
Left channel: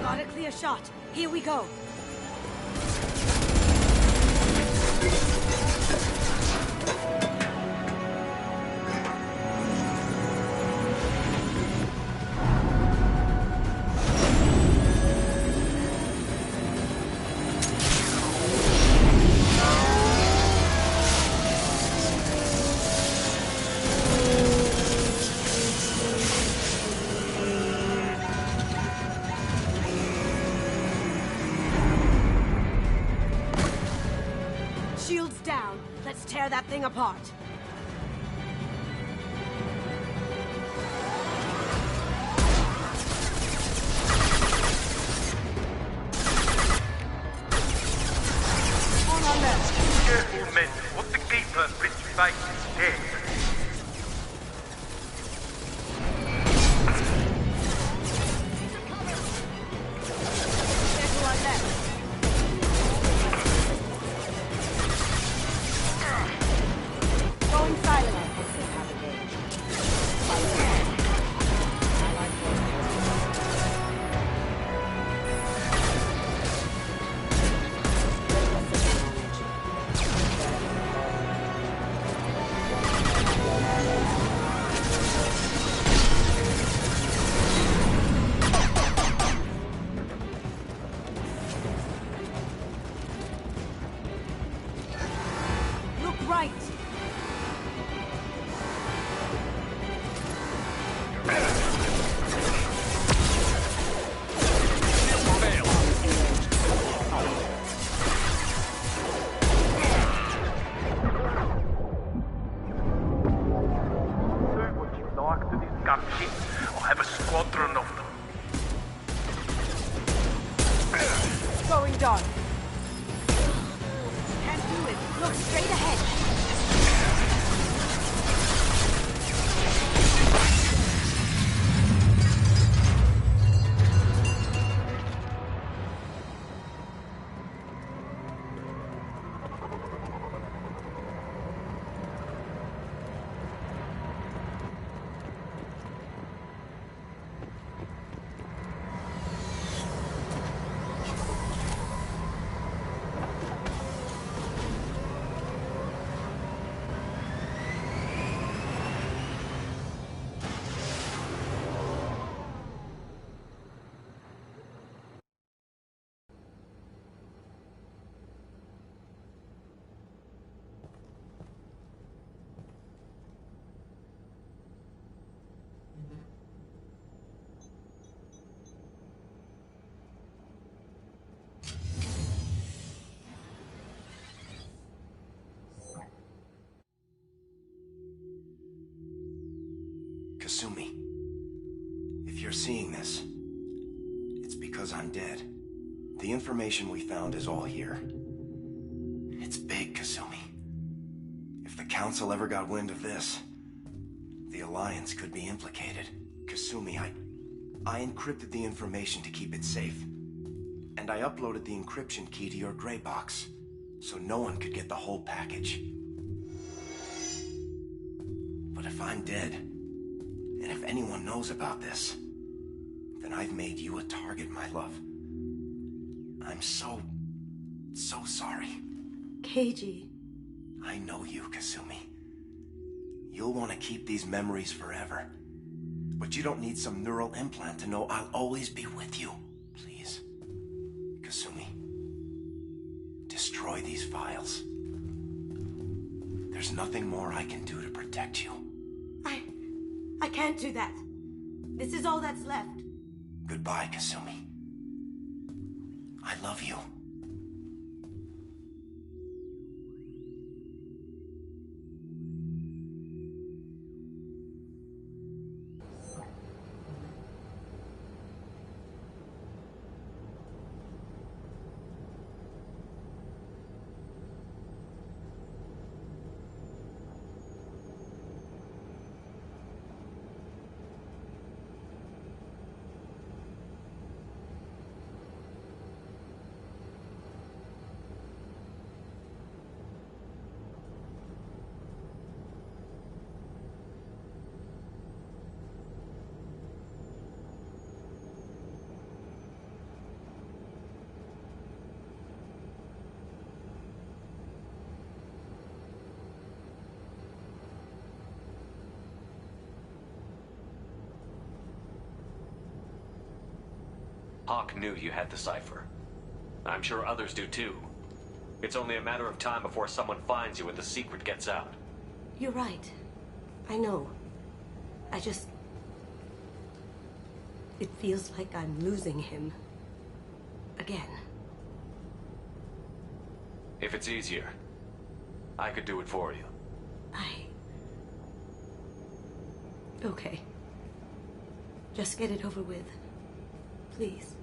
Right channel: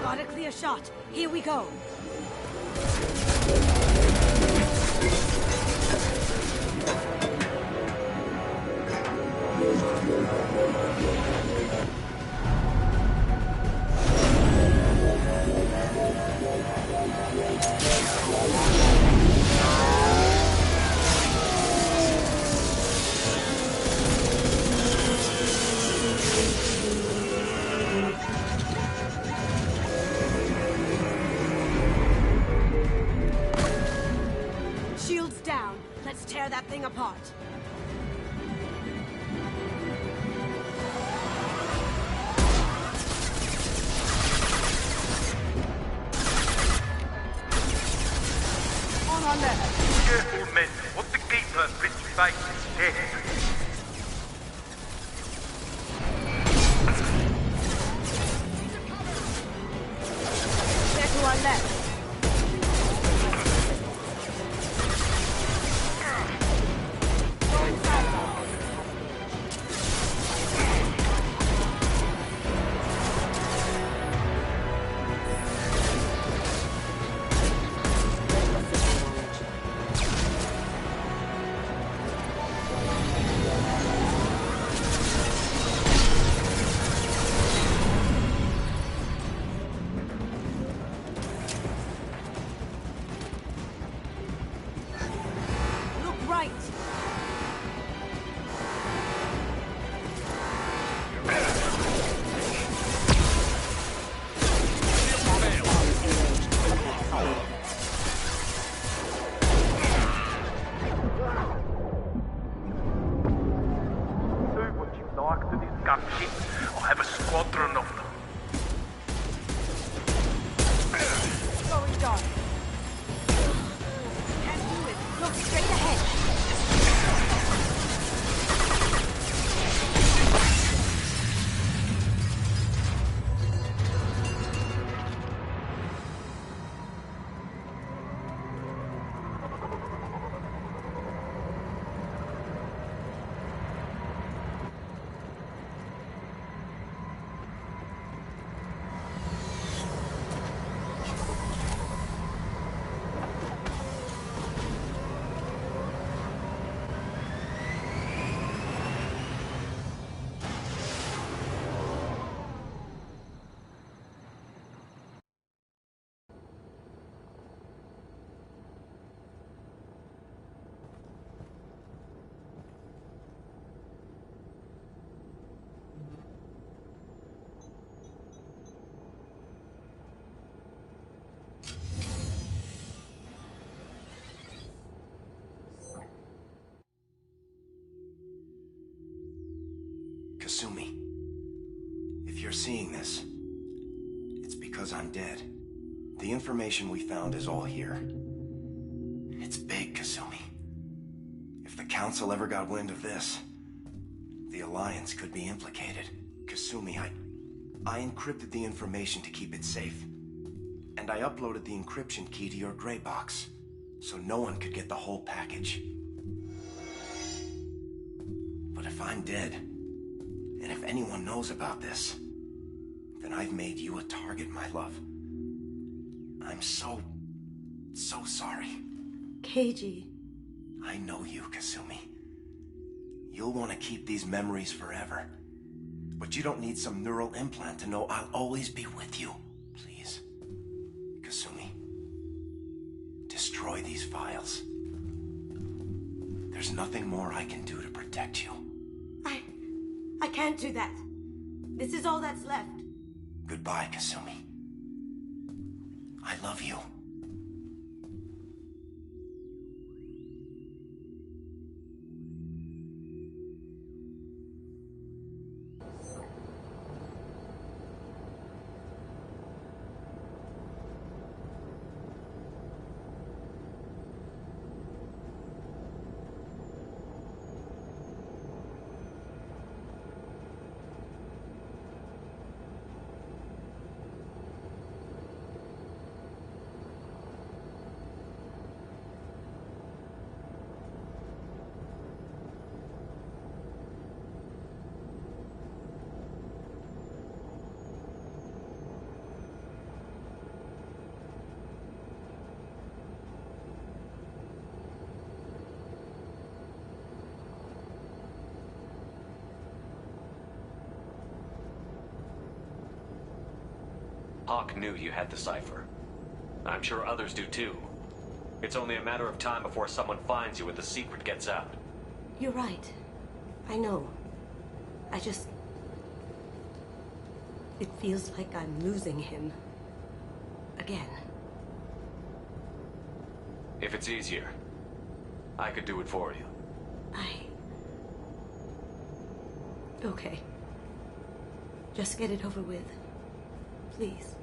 Got a clear shot. Here we go. Shields down. Let's tear that thing apart. On our left. Careful, men. What the keeper puts face is dead. They're to our left. Going silent. Our forces have Look right. Do what you like to this gunship. I'll have a squadron of them. Going dark. Can't do it. Look straight ahead. Kasumi, if you're seeing this, it's because I'm dead. The information we found is all here. It's big, Kasumi. If the Council ever got wind of this, the Alliance could be implicated. Kasumi, I encrypted the information to keep it safe. And I uploaded the encryption key to your gray box, so no one could get the whole package. But if I'm dead, and if anyone knows about this, then I've made you a target, my love. I'm so sorry. Keiji. I know you, Kasumi. You'll want to keep these memories forever. But you don't need some neural implant to know I'll always be with you. Please. Kasumi. Destroy these files. There's nothing more I can do to protect you. I can't do that. This is all that's left. Goodbye, Kasumi. I love you. Hawk knew you had the cipher. I'm sure others do too. It's only a matter of time before someone finds you and the secret gets out. You're right. I know. I just... It feels like I'm losing him. Again. If it's easier, I could do it for you. Okay. Just get it over with. Please.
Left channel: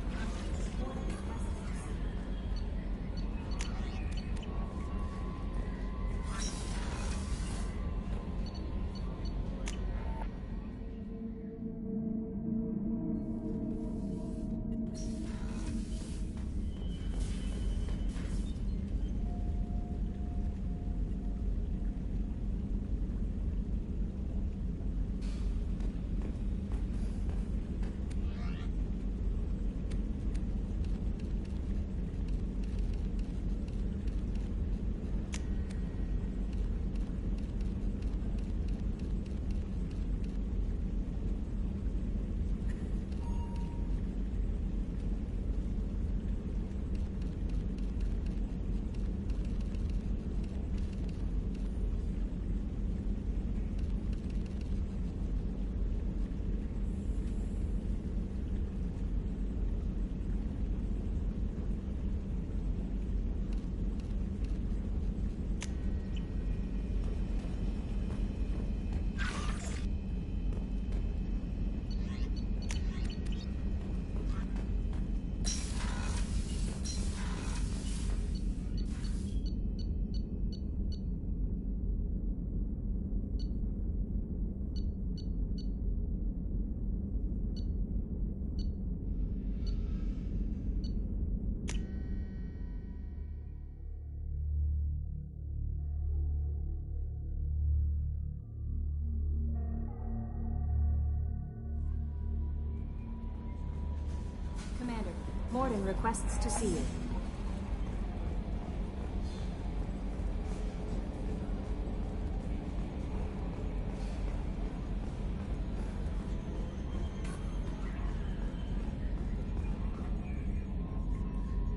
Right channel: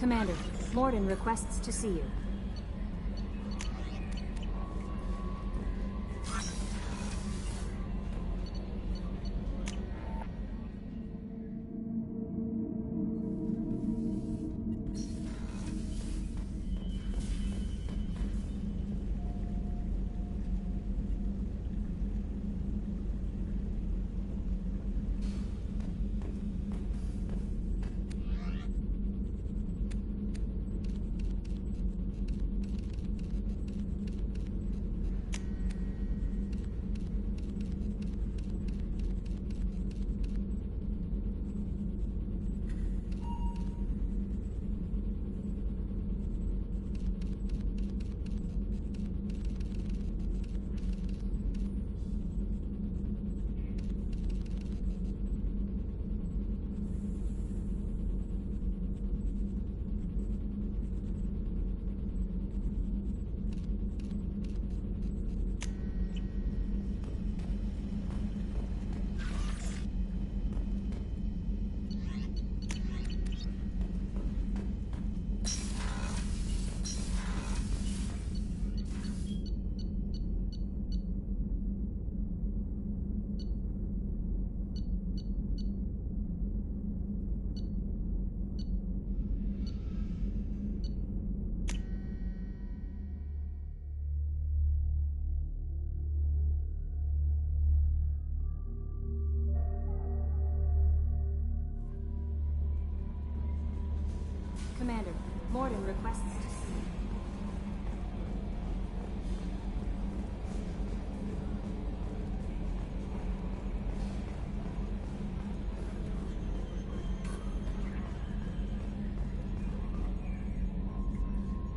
Commander, Mordin requests to see you. Commander, Mordin requests to see you.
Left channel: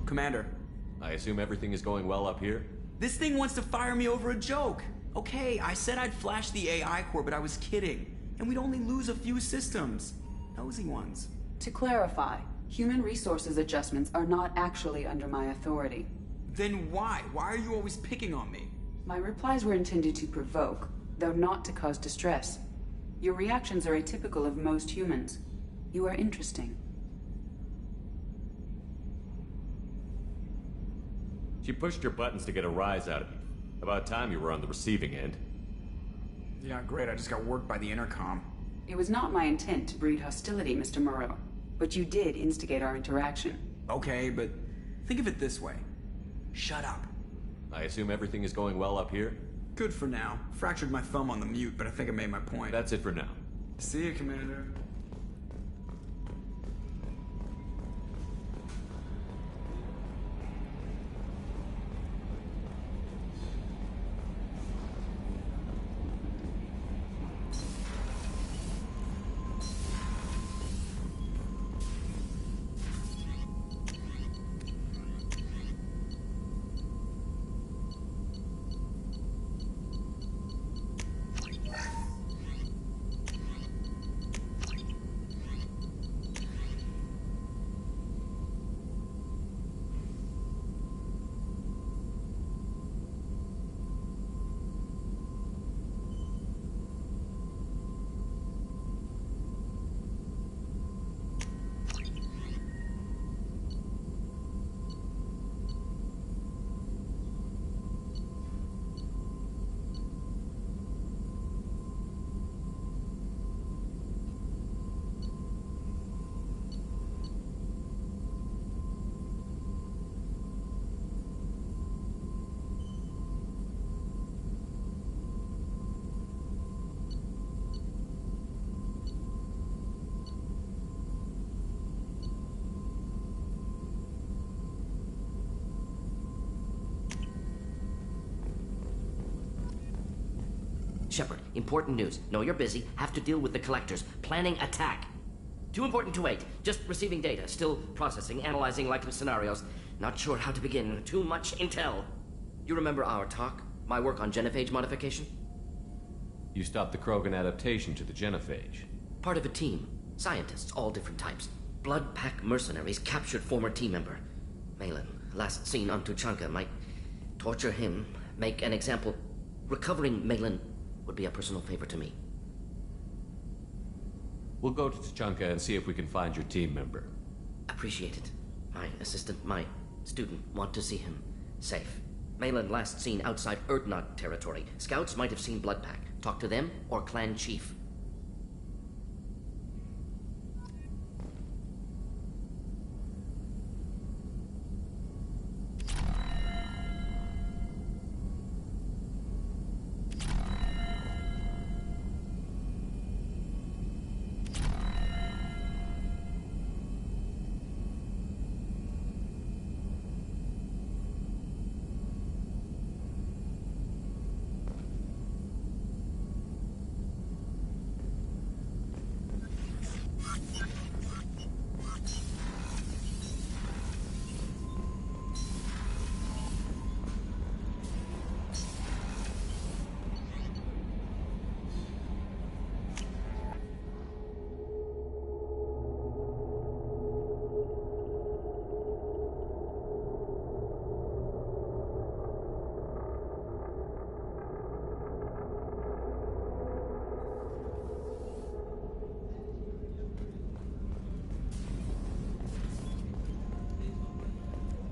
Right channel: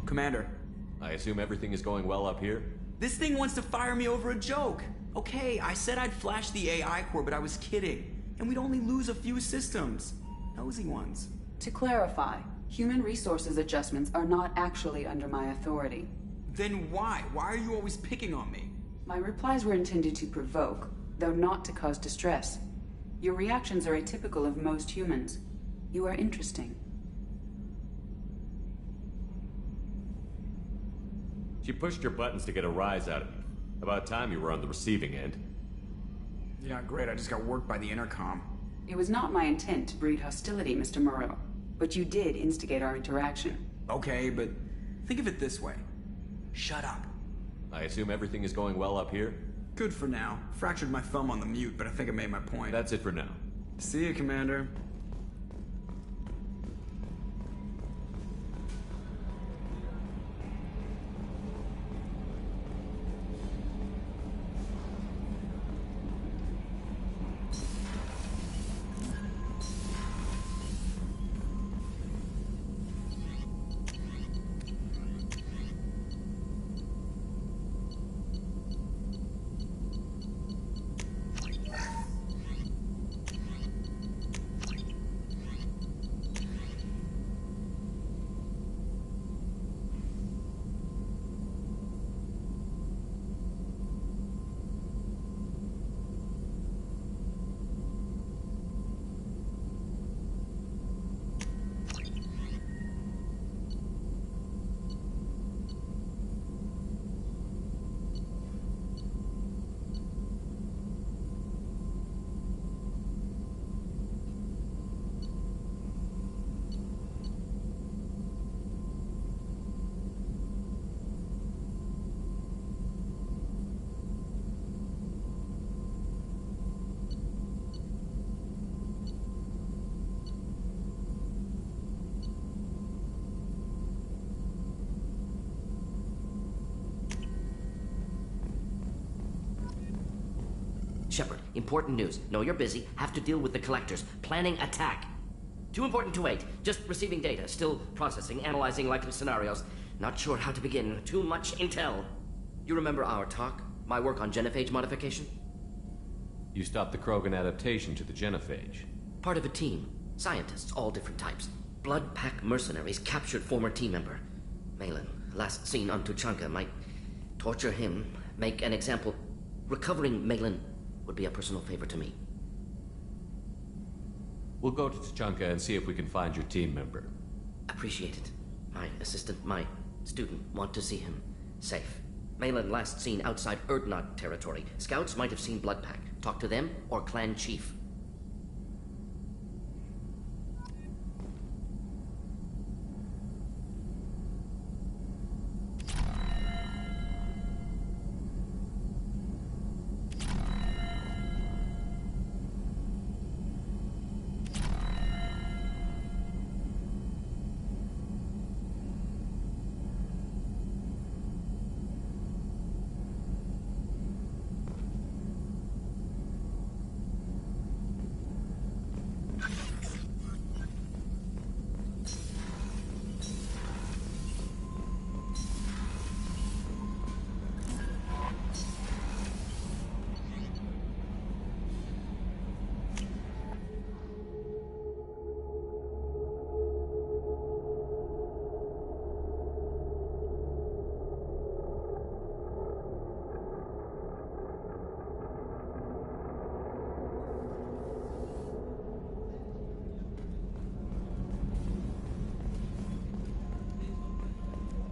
Commander. I assume everything is going well up here? This thing wants to fire me over a joke. Okay, I said I'd flash the AI core, but I was kidding. And we'd only lose a few systems. Nosy ones. To clarify, human resources adjustments are not actually under my authority. Then why? Why are you always picking on me? My replies were intended to provoke, though not to cause distress. Your reactions are atypical of most humans. You are interesting. She pushed your buttons to get a rise out of you. About time you were on the receiving end. Yeah, great. I just got worked by the intercom. It was not my intent to breed hostility, Mr. Moreau. But you did instigate our interaction. Okay, but think of it this way. Shut up. I assume everything is going well up here? Good for now. Fractured my thumb on the mute, but I think I made my point. That's it for now. See you, Commander. Shepard, important news. Know you're busy. Have to deal with the collectors. Planning attack. Too important to wait. Just receiving data. Still processing, analyzing likely scenarios. Not sure how to begin. Too much intel. You remember our talk? My work on genophage modification? You stopped the Krogan adaptation to the genophage. Part of a team. Scientists, all different types. Blood Pack mercenaries captured former team member. Malin, last seen on Tuchanka, might torture him, make an example. Recovering Malin would be a personal favor to me. We'll go to Tuchanka and see if we can find your team member. Appreciate it. My assistant, my student, want to see him safe. Malin last seen outside Urdnot territory. Scouts might have seen Blood Pack. Talk to them or clan chief.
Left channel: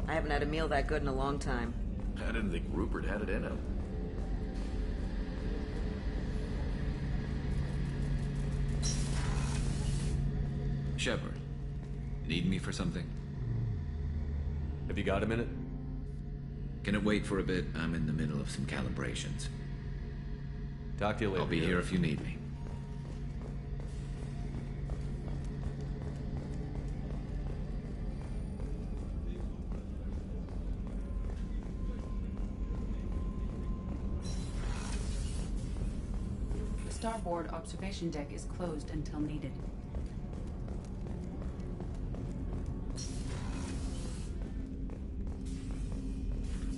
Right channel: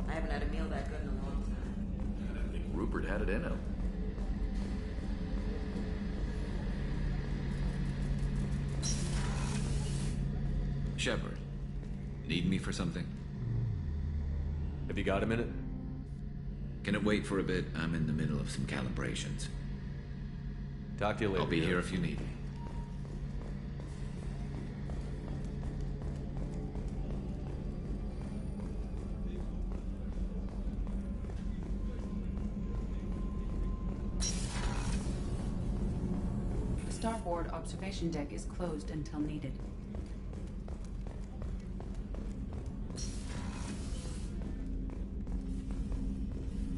I haven't had a meal that good in a long time. I didn't think Rupert had it in him. Shepard, need me for something? Have you got a minute? Can it wait for a bit? I'm in the middle of some calibrations. Talk to you later. I'll be here if you need me. The starboard observation deck is closed until needed.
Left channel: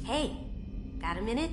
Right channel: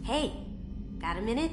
Hey, got a minute?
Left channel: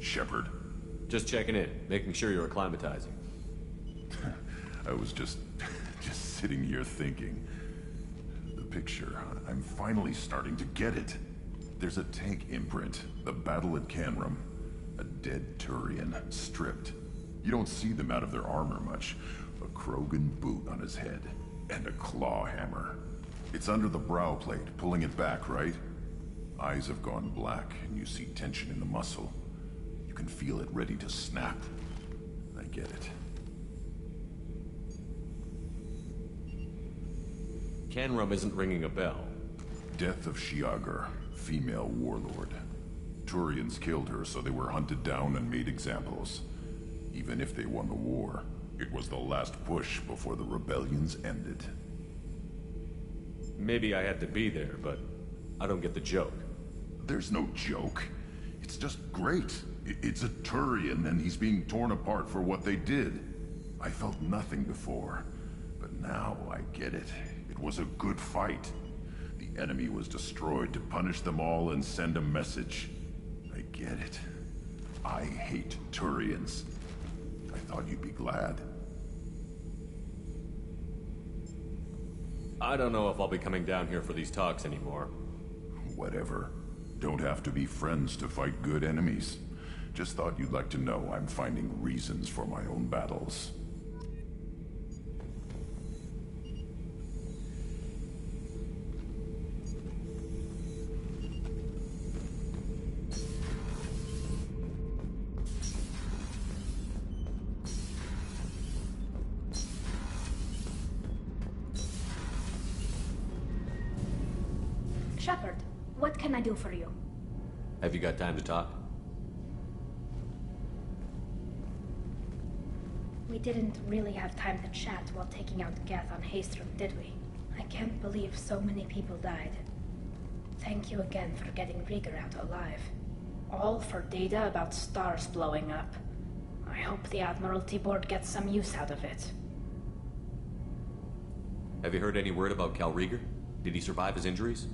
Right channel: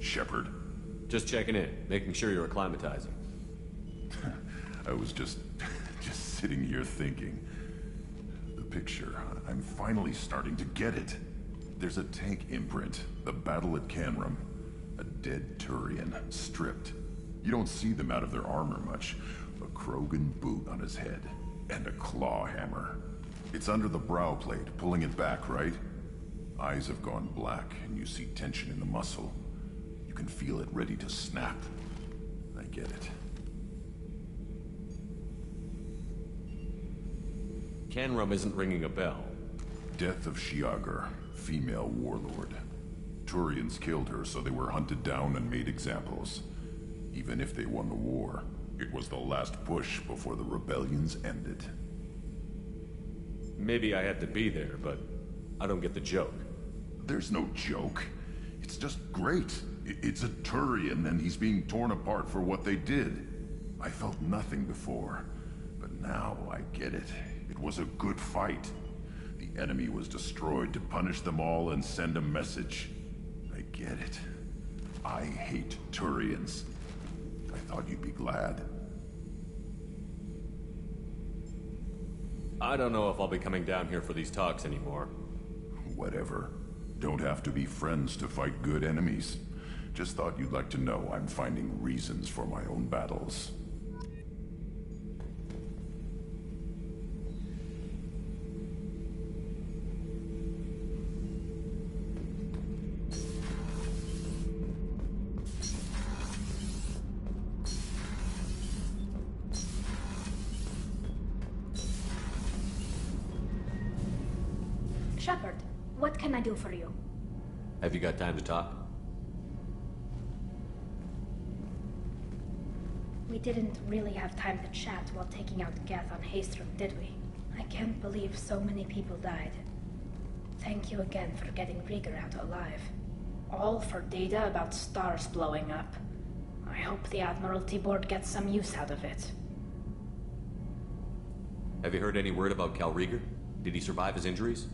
Shepard. Just checking in, making sure you're acclimatizing. I was just sitting here thinking. The picture, I'm finally starting to get it. There's a tank imprint, the battle at Canrum. A dead Turian, stripped. You don't see them out of their armor much. A Krogan boot on his head, and a claw hammer. It's under the brow plate, pulling it back, right? Eyes have gone black, and you see tension in the muscle. You can feel it ready to snap. I get it. Canrum isn't ringing a bell. Death of Shiagar, female warlord. Turians killed her, so they were hunted down and made examples. Even if they won the war, it was the last push before the rebellions ended. Maybe I had to be there, but I don't get the joke. There's no joke. It's just great. It's a Turian, and he's being torn apart for what they did. I felt nothing before, but now I get it. It was a good fight. The enemy was destroyed to punish them all and send a message. I get it. I hate Turians. I thought you'd be glad. I don't know if I'll be coming down here for these talks anymore. Whatever. Don't have to be friends to fight good enemies. Just thought you'd like to know I'm finding reasons for my own battles. Shepard, what can I do for you? Have you got time to talk? We didn't really have time to chat while taking out Geth on Haestrom, did we? I can't believe so many people died. Thank you again for getting Rieger out alive. All for data about stars blowing up. I hope the Admiralty Board gets some use out of it. Have you heard any word about Cal Rieger? Did he survive his injuries?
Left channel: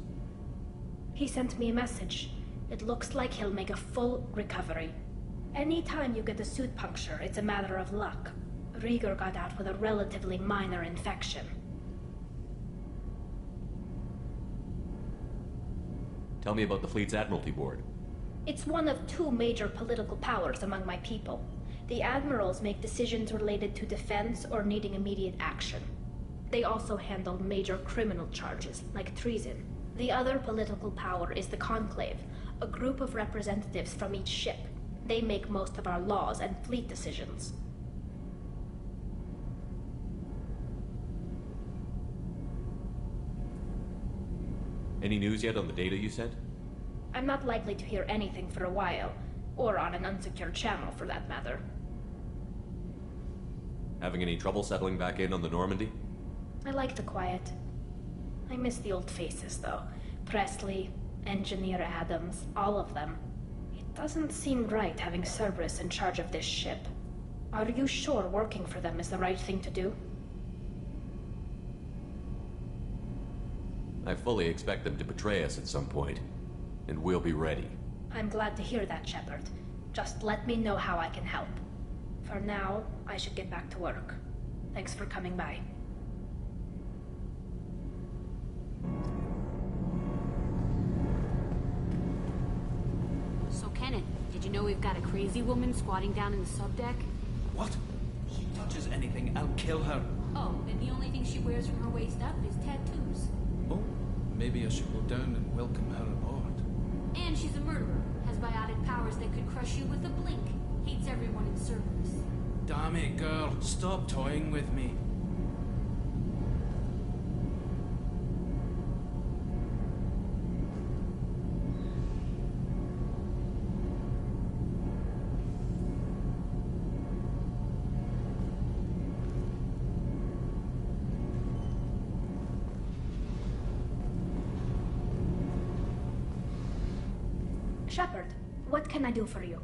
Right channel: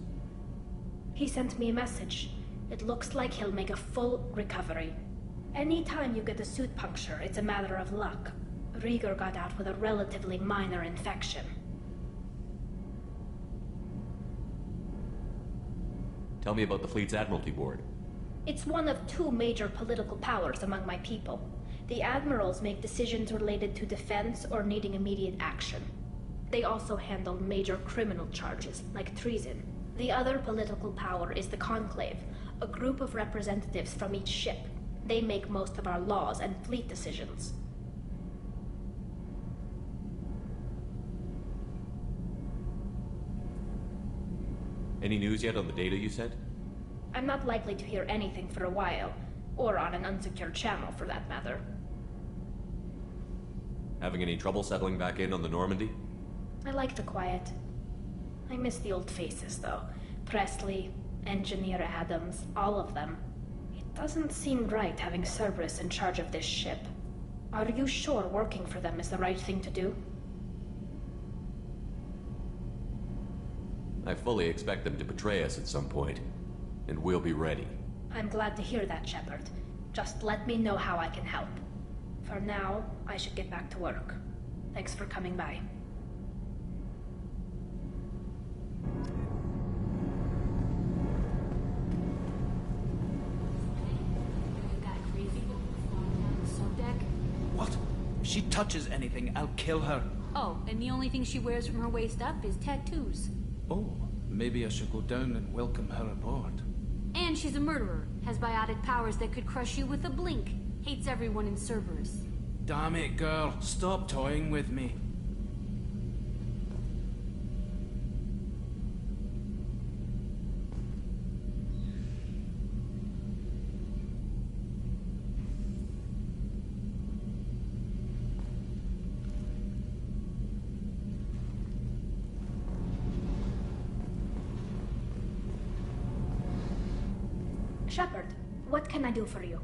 He sent me a message. It looks like he'll make a full recovery. Anytime you get a suit puncture, it's a matter of luck. Rieger got out with a relatively minor infection. Tell me about the fleet's Admiralty Board. It's one of two major political powers among my people. The admirals make decisions related to defense or needing immediate action. They also handle major criminal charges, like treason. The other political power is the Conclave, a group of representatives from each ship. They make most of our laws and fleet decisions. Any news yet on the data you sent? I'm not likely to hear anything for a while, or on an unsecured channel for that matter. Having any trouble settling back in on the Normandy? I like the quiet. I miss the old faces, though. Presley, Engineer Adams, all of them. It doesn't seem right having Cerberus in charge of this ship. Are you sure working for them is the right thing to do? I fully expect them to betray us at some point, and we'll be ready. I'm glad to hear that, Shepard. Just let me know how I can help. For now, I should get back to work. Thanks for coming by. So, Kenneth, did you know we've got a crazy woman squatting down in the subdeck? What? If she touches anything, I'll kill her. Oh, and the only thing she wears from her waist up is tattoos. Oh, maybe I should go down and welcome her aboard. And she's a murderer, has biotic powers that could crush you with a blink, hates everyone in Cerberus. Damn it, girl. Stop toying with me. Shepard, what can I do for you?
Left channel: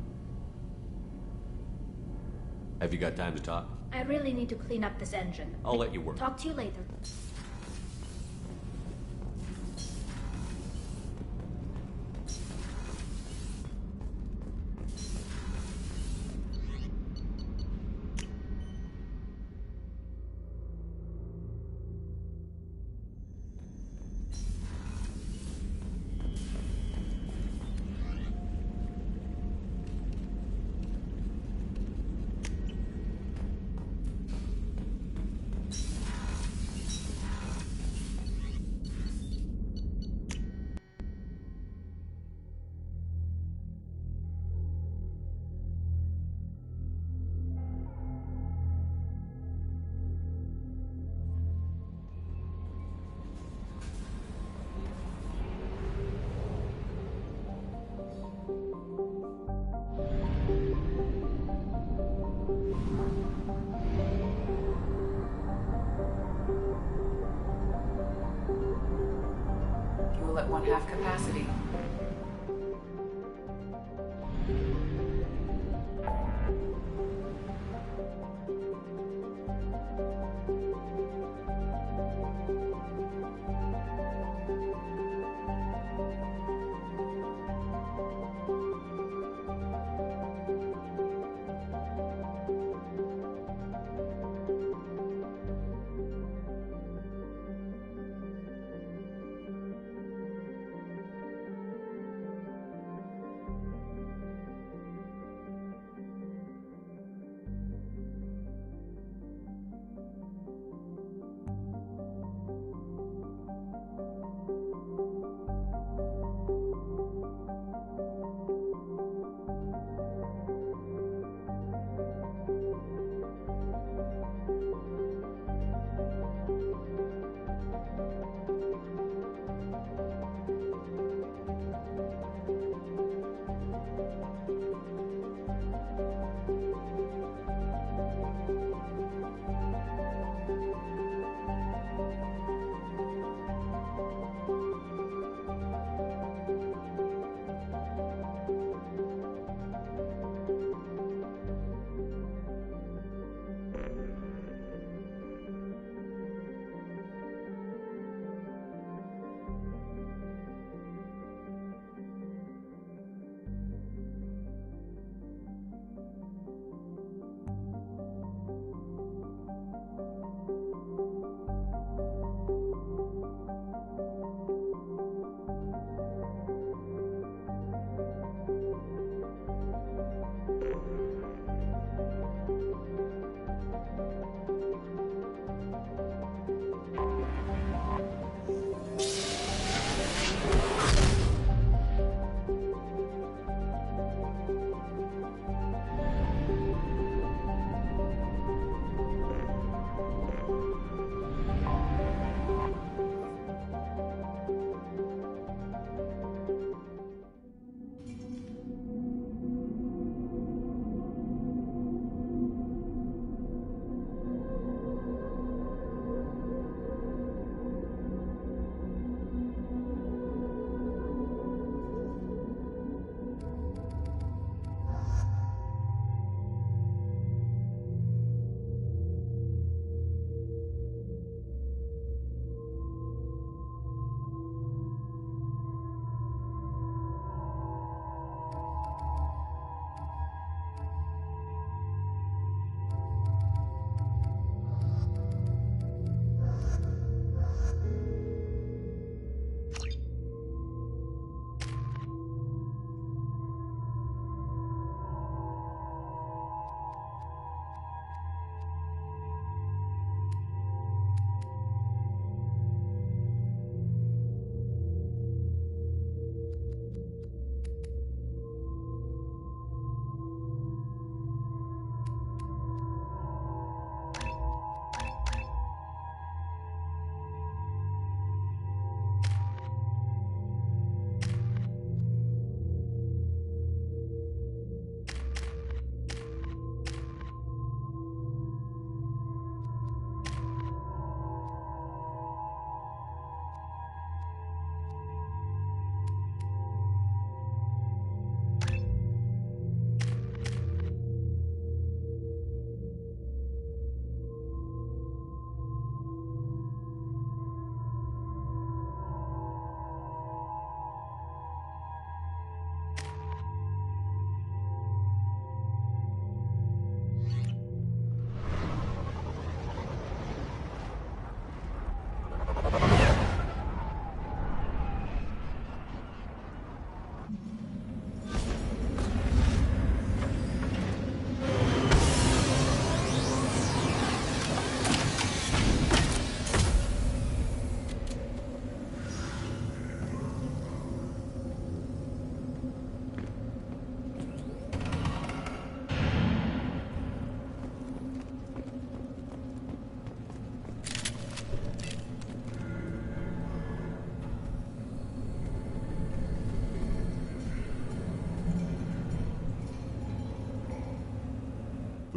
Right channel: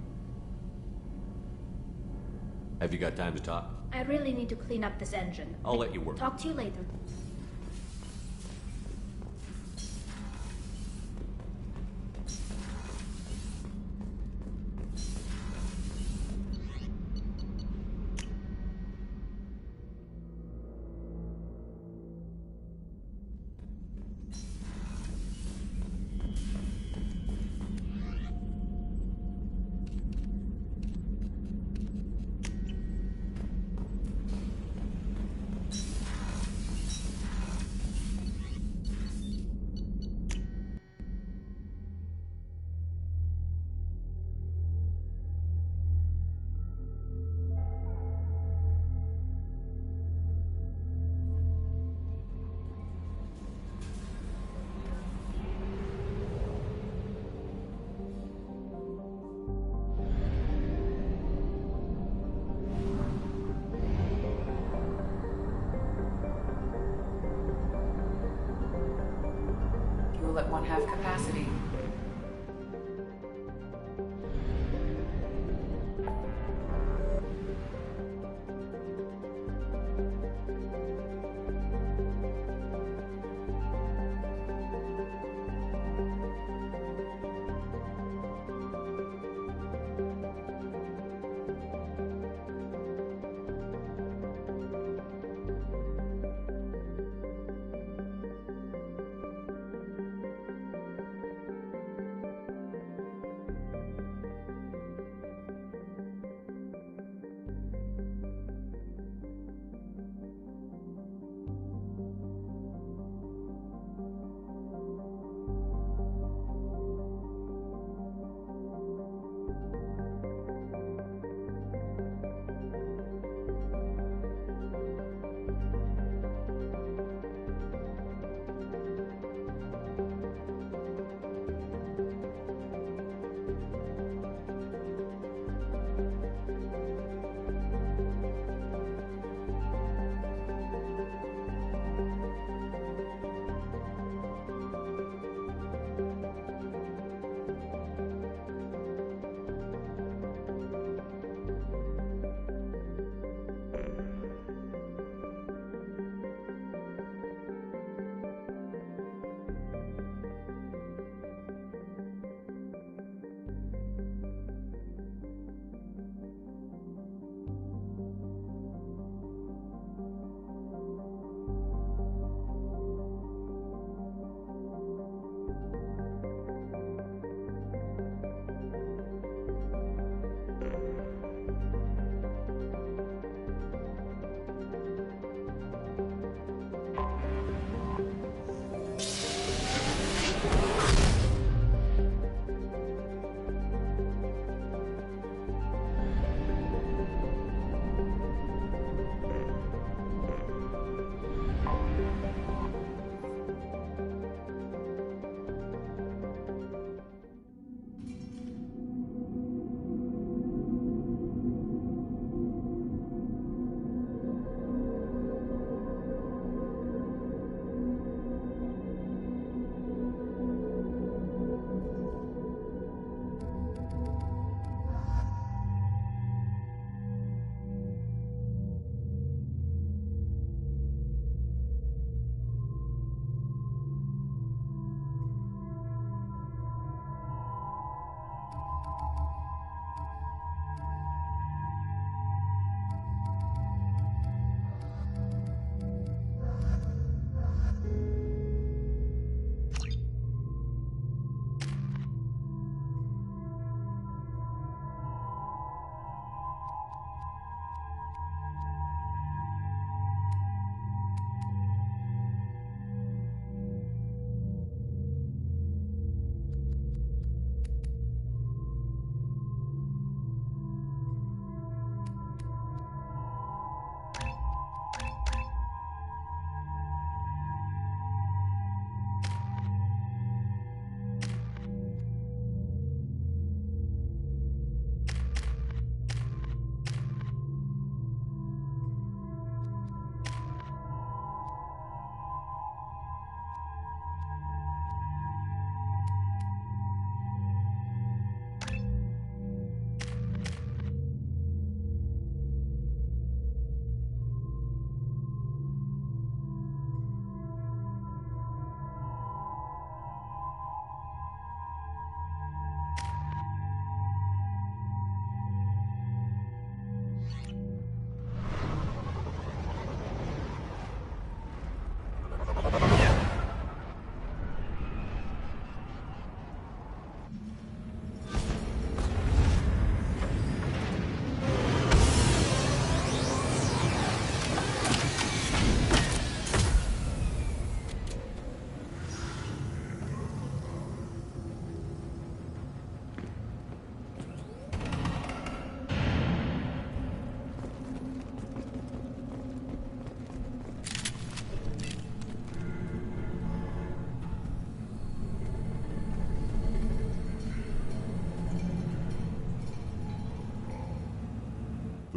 Have you got time to talk? I really need to clean up this engine. I'll let you work. Talk to you later. Fuel at 1/2 capacity.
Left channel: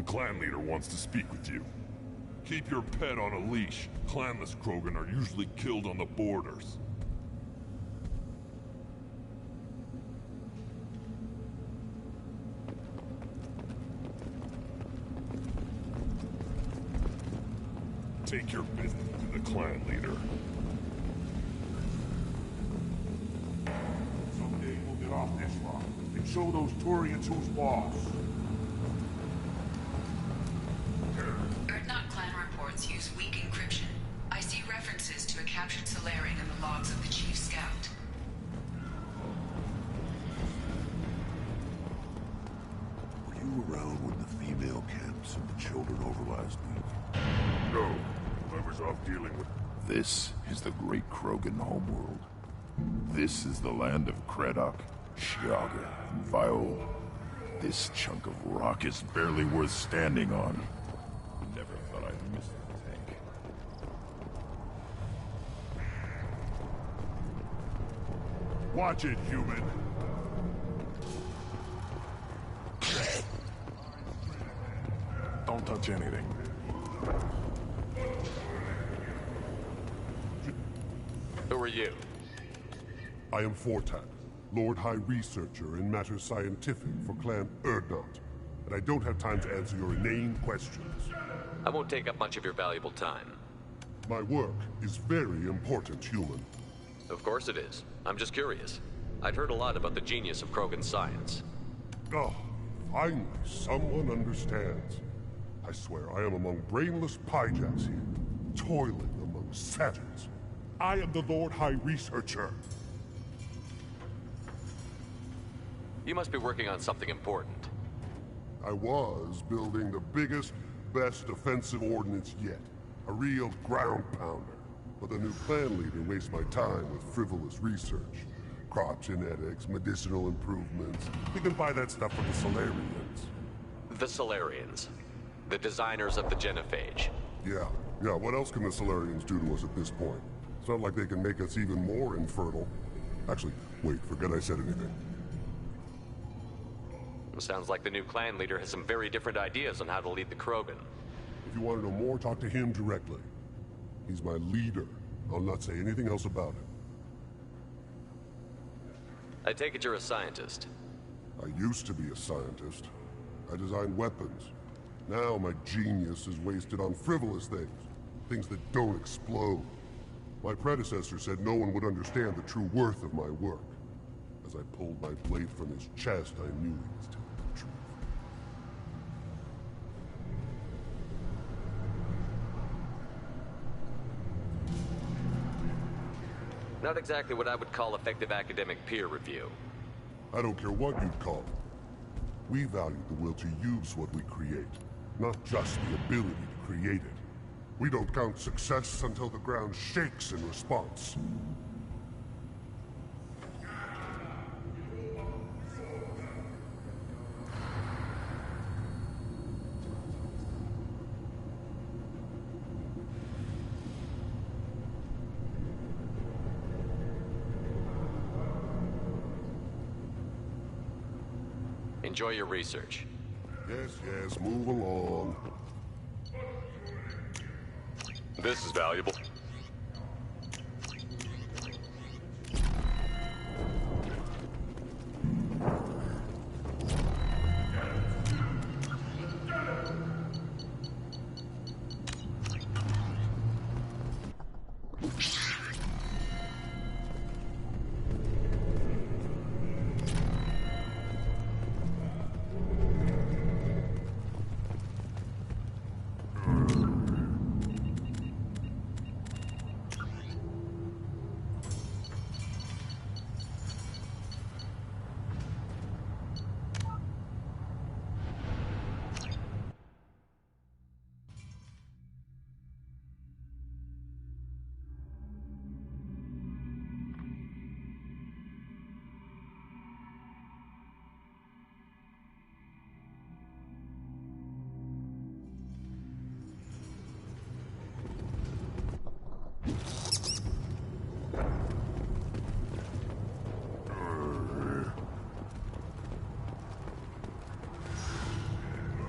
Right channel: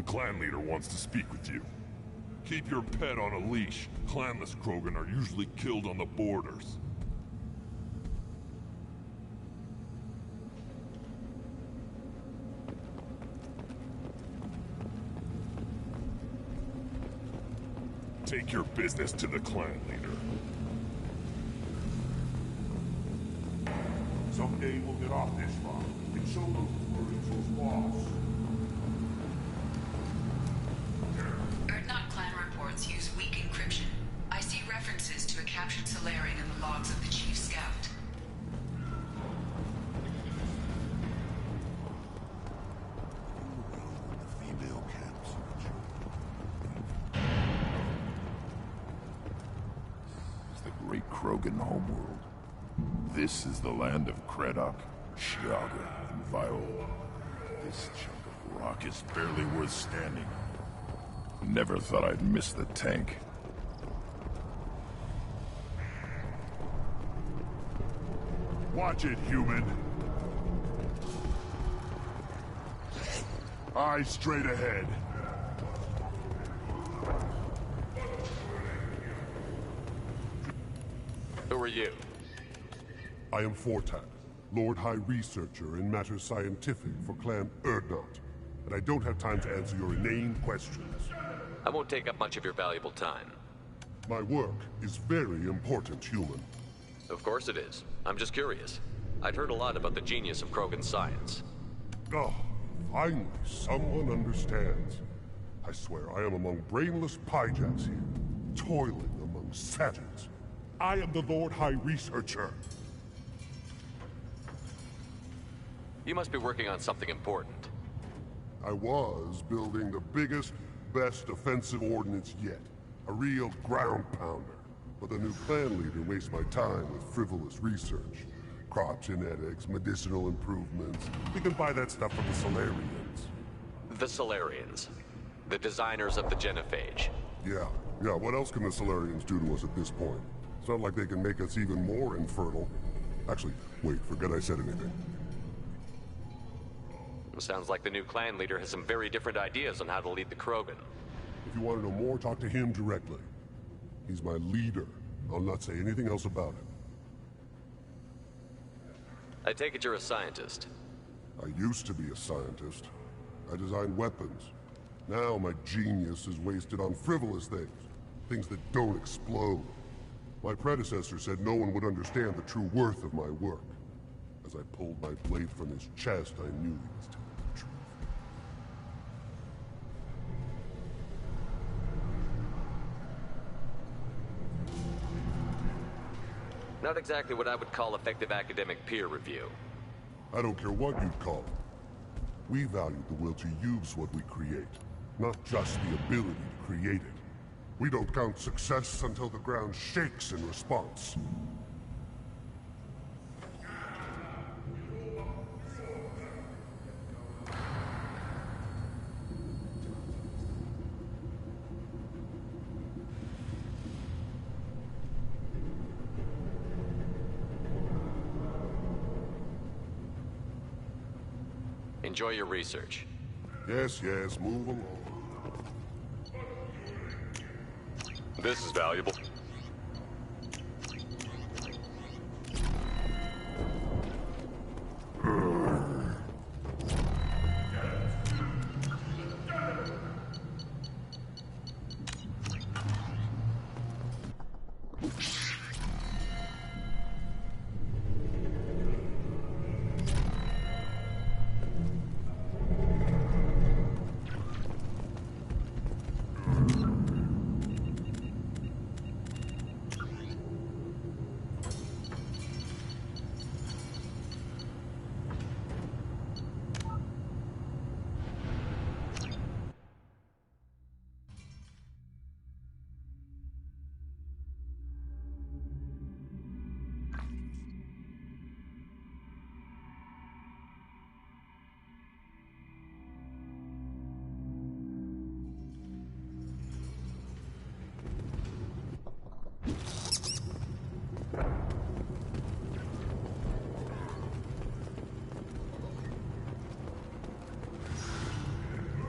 clan leader wants to speak with you. Keep your pet on a leash. Clanless Krogan are usually killed on the borders. Take your business to the clan leader. Someday we'll get off this rock and show those Turians who's boss. Urdnot clan reports use weak encryption. I see references to a captured Solarian in the logs of the Chief Scout. Were you around when the female camps and the children overlapped me? No. I was off dealing with... This is the great Krogan homeworld. This is the land of Kredok, Shiaga, and Viol. This chunk of rock is barely worth standing on. Never thought I'd miss the tank. Watch it, human! Eyes straight ahead. Don't touch anything. Who are you? I am Fortak, Lord High Researcher in matters scientific for Clan Urdnot, and I don't have time to answer your inane questions. I won't take up much of your valuable time. My work is very important, human. Of course it is. I'm just curious. I'd heard a lot about the genius of Krogan science. Oh, finally, someone understands. I swear I am among brainless pyjaks here, toiling among savages. I am the Lord High Researcher. You must be working on something important. I was building the biggest, best offensive ordnance yet. A real ground pounder. But the new clan leader wastes my time with frivolous research. Crop genetics, medicinal improvements. We can buy that stuff from the Solarians. The Solarians. The designers of the genophage. Yeah, what else can the Solarians do to us at this point? It's not like they can make us even more infertile. Actually, wait, forget I said anything. Sounds like the new clan leader has some very different ideas on how to lead the Krogan. If you want to know more, talk to him directly. He's my leader. I'll not say anything else about him. I take it you're a scientist. I used to be a scientist. I designed weapons. Now my genius is wasted on frivolous things. Things that don't explode. My predecessor said no one would understand the true worth of my work. As I pulled my blade from his chest, I knew he was telling the truth. Not exactly what I would call effective academic peer review. I don't care what you'd call it. We value the will to use what we create, not just the ability to create it. We don't count success until the ground shakes in response. Enjoy your research. Yes, move along. This is valuable.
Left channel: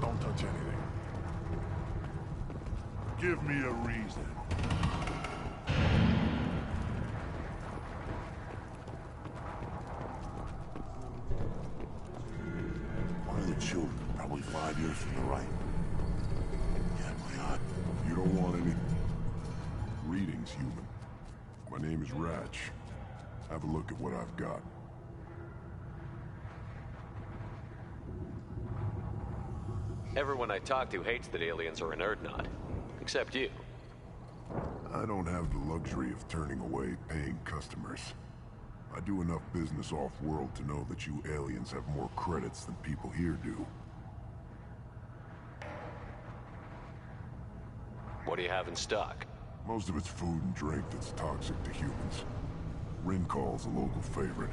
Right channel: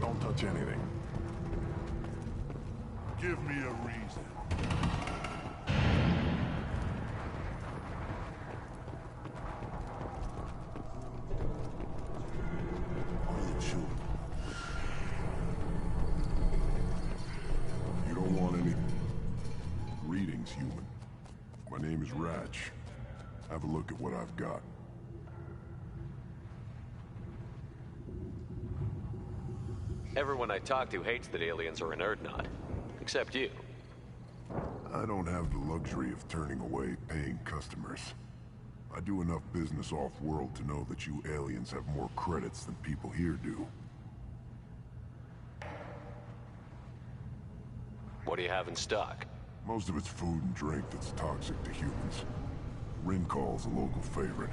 Don't touch anything. Give me a reason. Why are the children probably 5 years from the right? You don't want any... Greetings, human. My name is Ratch. Have a look at what I've got. Everyone I talk to hates that aliens are an Urdnot. Except you. I don't have the luxury of turning away paying customers. I do enough business off-world to know that you aliens have more credits than people here do. What do you have in stock? Most of it's food and drink that's toxic to humans. Rincall's a local favorite.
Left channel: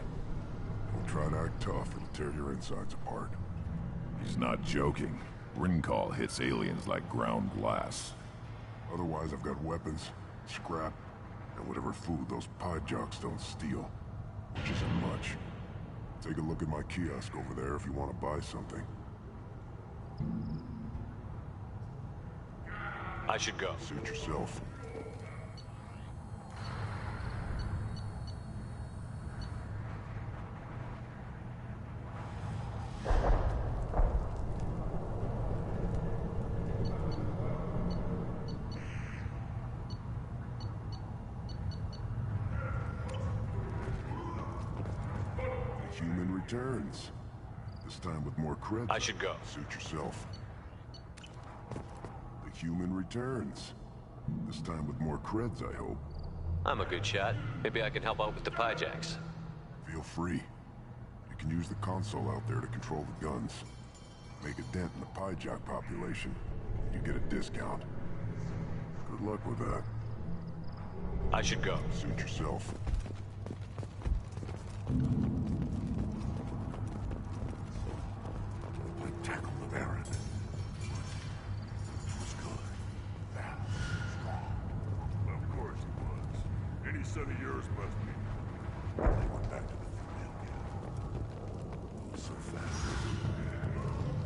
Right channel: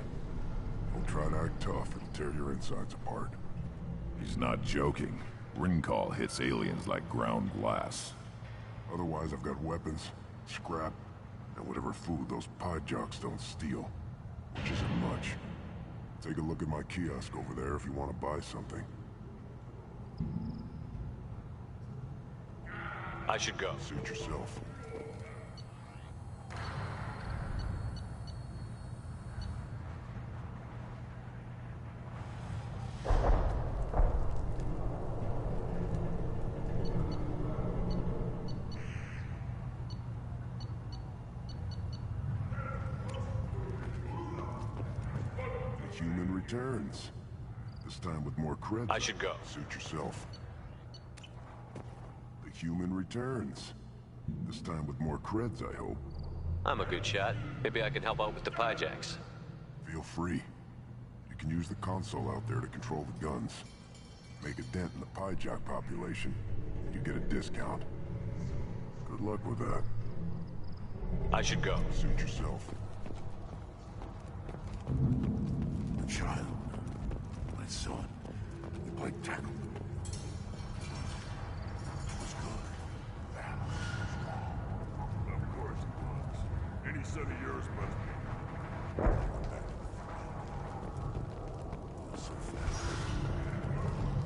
Don't try to act tough, it'll tear your insides apart. He's not joking. Rincall hits aliens like ground glass. Otherwise, I've got weapons, scrap, and whatever food those pie jocks don't steal. Which isn't much. Take a look at my kiosk over there if you want to buy something. I should go. Suit yourself. Human returns. This time with more creds. I should go. Suit yourself. The human returns. This time with more creds, I hope. I'm a good shot. Maybe I can help out with the Pyjacks. Feel free. You can use the console out there to control the guns. Make a dent in the Pyjack population, and you get a discount. Good luck with that. I should go. Suit yourself. Child, my son, we played tackle the Baron. It was good. That was strong. Of course he was. Any son of yours must be. They went back to the family. It was so fast.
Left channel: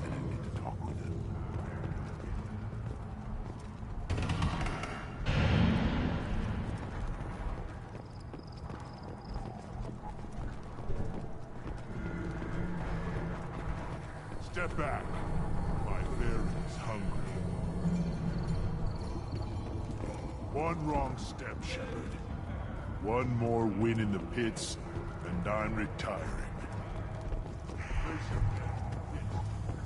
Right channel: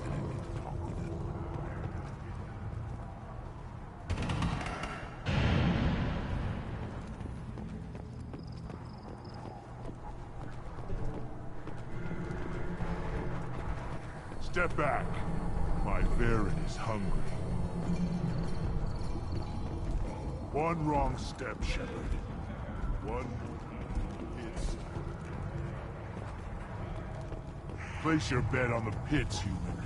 I didn't get to talk with him. Step back. My Baron is hungry. One wrong step, Shepard. One more win in the pits, and I'm retiring. Place your bet on the pits, human.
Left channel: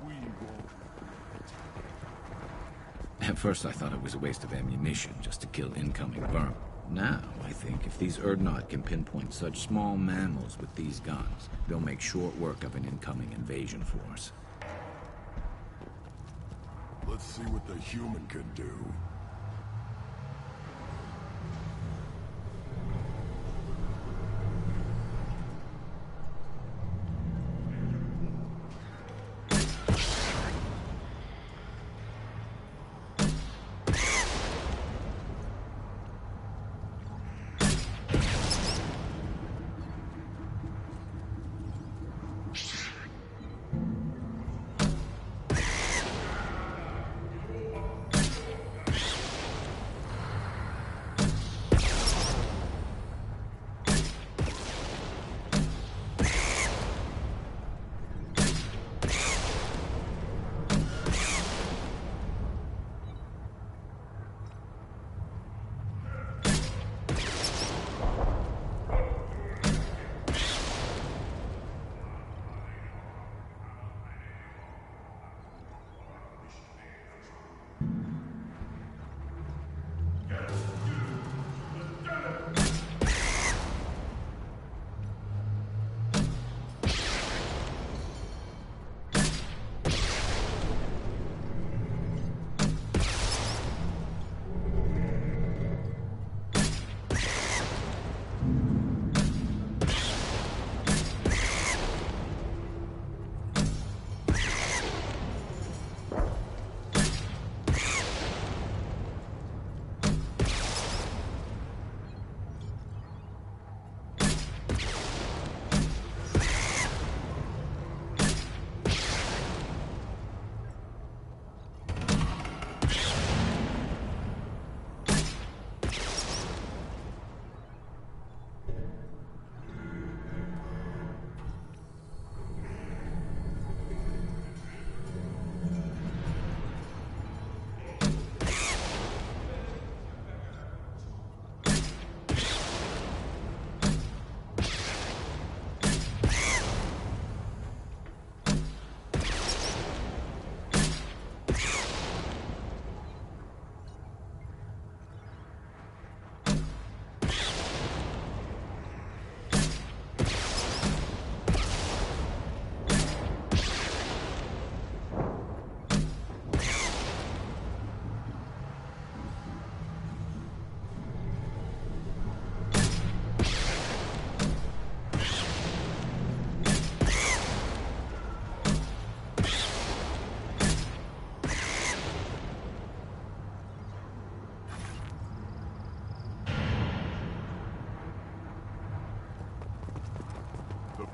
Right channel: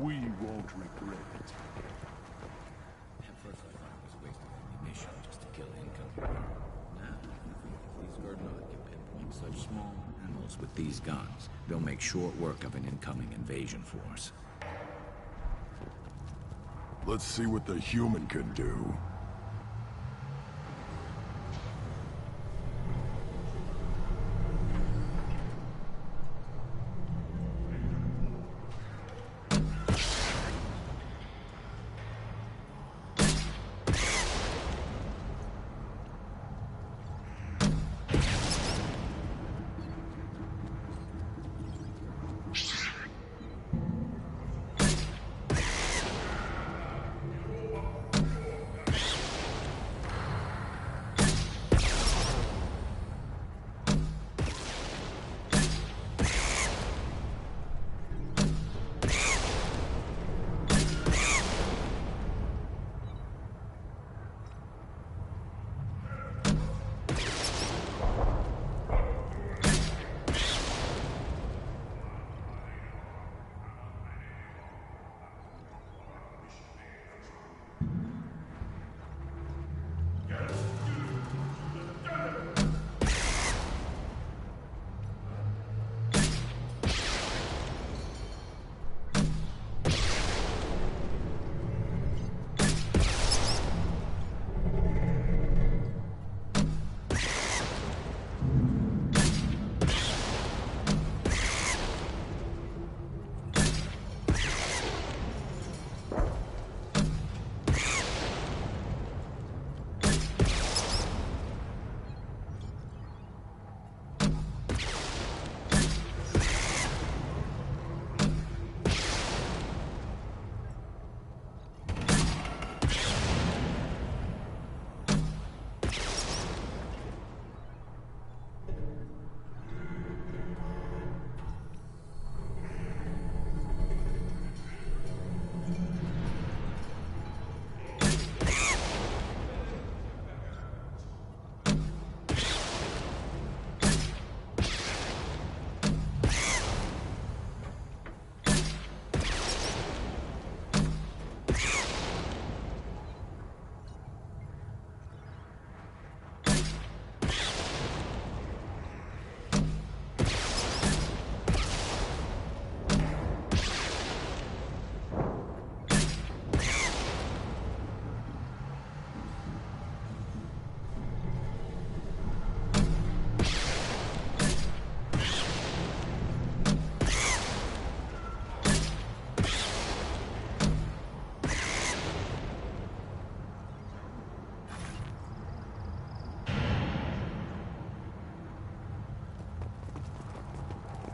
We won't regret it. At first I thought it was a waste of ammunition just to kill incoming vermin. Now, I think if these Urdnot can pinpoint such small mammals with these guns, they'll make short work of an incoming invasion force. Let's see what the human can do.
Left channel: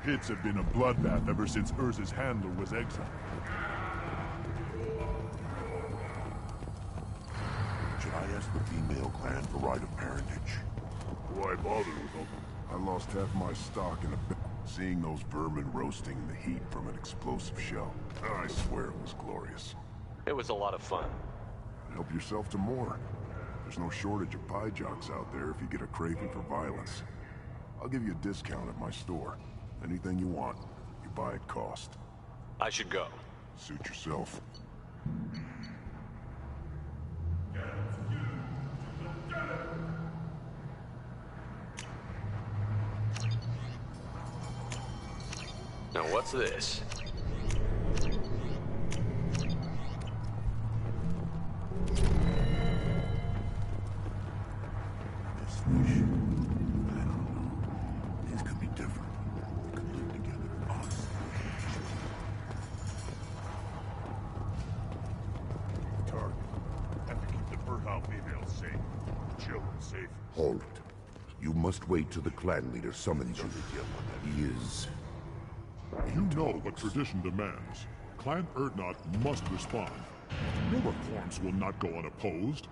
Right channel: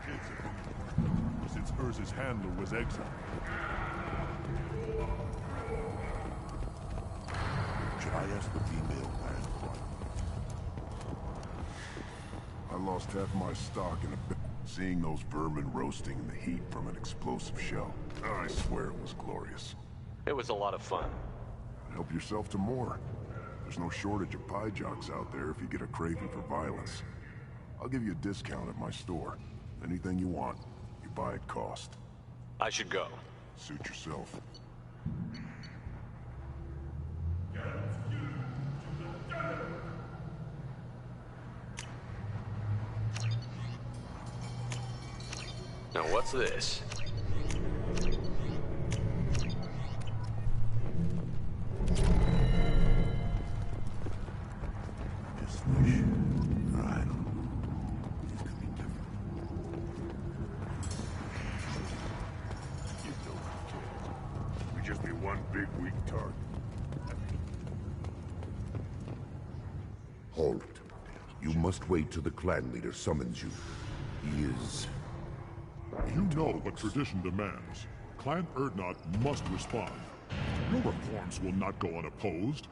pits have been a bloodbath ever since Urza's handler was exiled. Should I ask the female clan for right of parentage? Why bother? I lost half my stock in a bit. Seeing those vermin roasting in the heat from an explosive shell, I swear it was glorious. It was a lot of fun. Help yourself to more. There's no shortage of pie jocks out there if you get a craving for violence. I'll give you a discount at my store. Anything you want, you buy at cost. I should go. Suit yourself. Now what's this? This wish, I don't know. These could be different. We just be one big weak target. Have to keep the fertile females safe. Children safe. Halt. You must wait till the clan leader summons you. He is... You know what tradition demands. Clan Urdnot must respond. Your reforms will not go unopposed.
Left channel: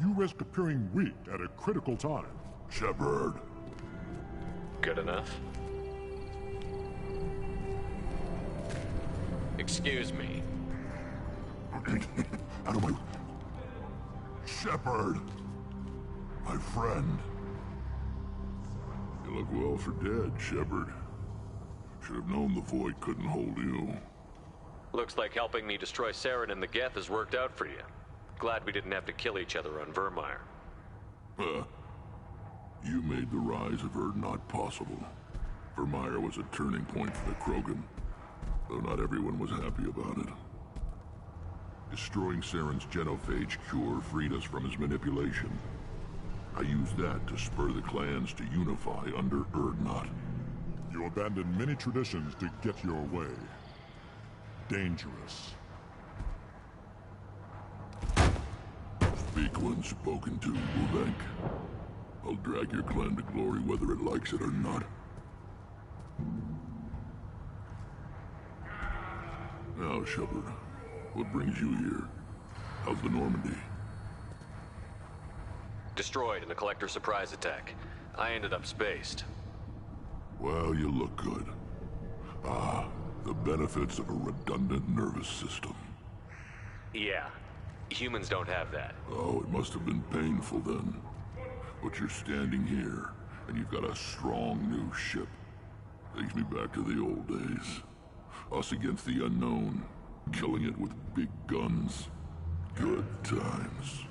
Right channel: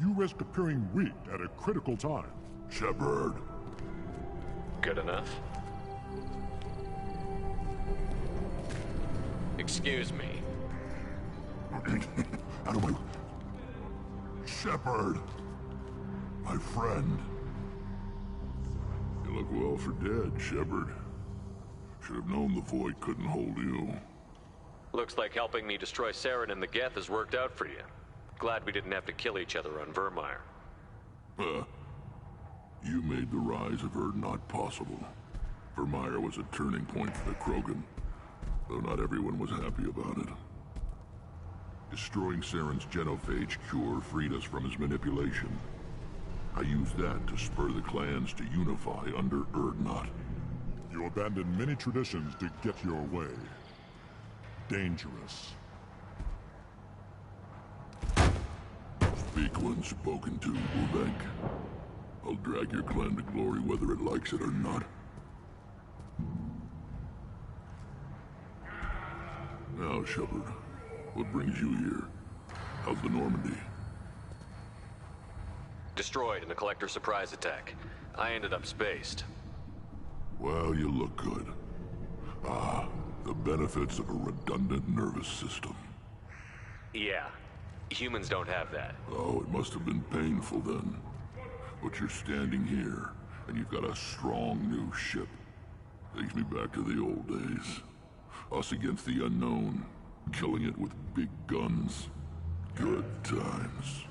You risk appearing weak at a critical time. Shepard. Good enough. Excuse me. Out of my... Shepard! My friend. You look well for dead, Shepard. Should have known the Void couldn't hold you. Looks like helping me destroy Saren and the Geth has worked out for you. Glad we didn't have to kill each other on Virmire. You made the rise of Urdnot possible. Virmire was a turning point for the Krogan, though not everyone was happy about it. Destroying Saren's genophage cure freed us from his manipulation. I used that to spur the clans to unify under Urdnot. You abandoned many traditions to get your way. Dangerous. Speak when spoken to, Uvenk. I'll drag your clan to glory whether it likes it or not. Now, Shepard, what brings you here? How's the Normandy? Destroyed in a Collector surprise attack. I ended up spaced. Well, you look good. Ah, the benefits of a redundant nervous system. Yeah. Humans don't have that. Oh, it must have been painful then. But you're standing here, and you've got a strong new ship. Takes me back to the old days. Us against the unknown, killing it with big guns. Good times.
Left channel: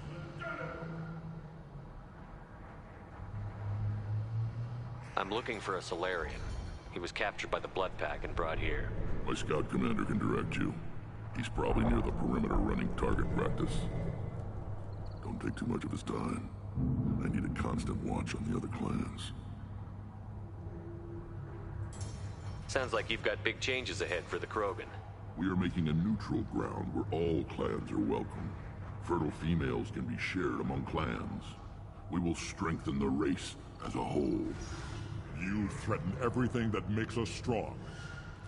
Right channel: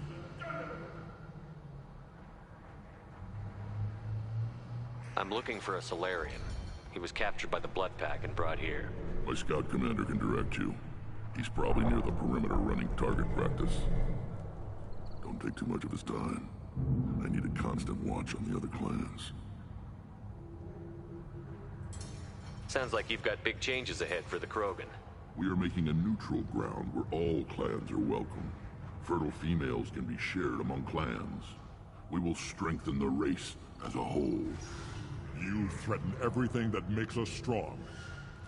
I'm looking for a Solarian. He was captured by the Blood Pack and brought here. My scout commander can direct you. He's probably near the perimeter running target practice. Don't take too much of his time. I need a constant watch on the other clans. Sounds like you've got big changes ahead for the Krogan. We are making a neutral ground where all clans are welcome. Fertile females can be shared among clans. We will strengthen the race as a whole. You threaten everything that makes us strong.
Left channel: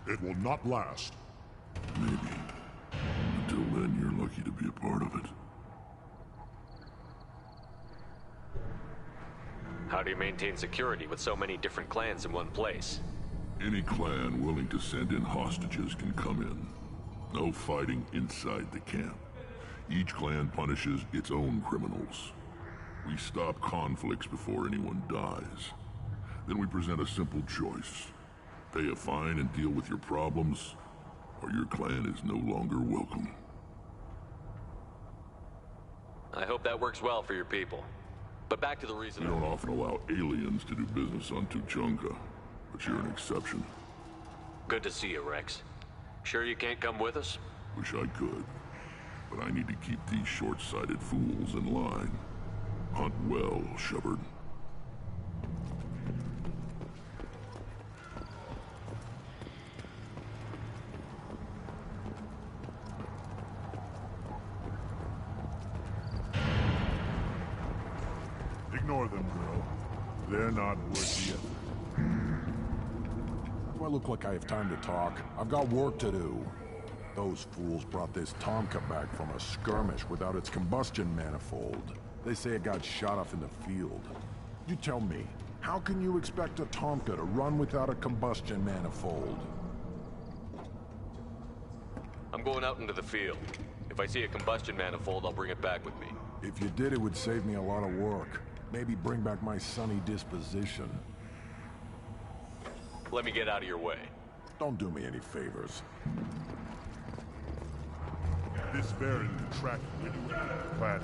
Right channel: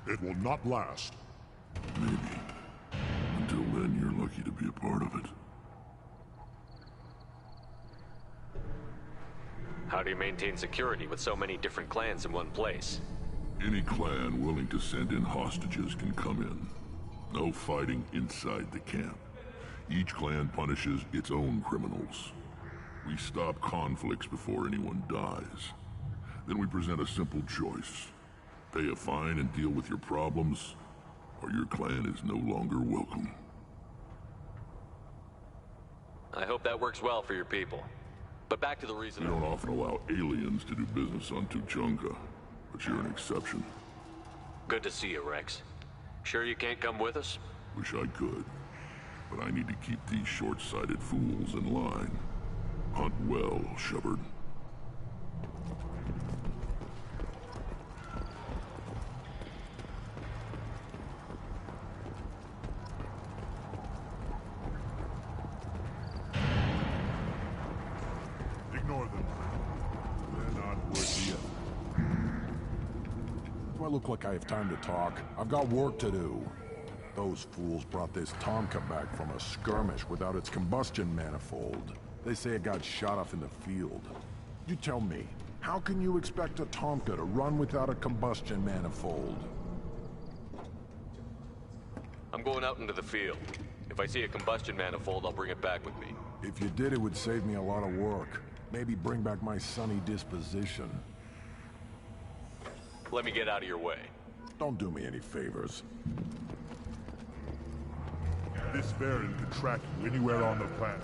It will not last. Maybe. Until then, you're lucky to be a part of it. How do you maintain security with so many different clans in one place? Any clan willing to send in hostages can come in. No fighting inside the camp. Each clan punishes its own criminals. We stop conflicts before anyone dies. Then we present a simple choice. Pay a fine and deal with your problems, or your clan is no longer welcome. I hope that works well for your people. But back to the reason... We don't often allow aliens to do business on Tuchanka, but you're an exception. Good to see you, Rex. Sure you can't come with us? Wish I could, but I need to keep these short-sighted fools in line. Hunt well, Shepard. Ignore them. They're not worth the effort. Do I look like I have time to talk? I've got work to do. Those fools brought this Tomka back from a skirmish without its combustion manifold. They say it got shot off in the field. You tell me, how can you expect a Tomka to run without a combustion manifold? I'm going out into the field. If I see a combustion manifold, I'll bring it back with me. If you did, it would save me a lot of work. Maybe bring back my sunny disposition. Let me get out of your way. Don't do me any favors. This variant can track you anywhere on the planet.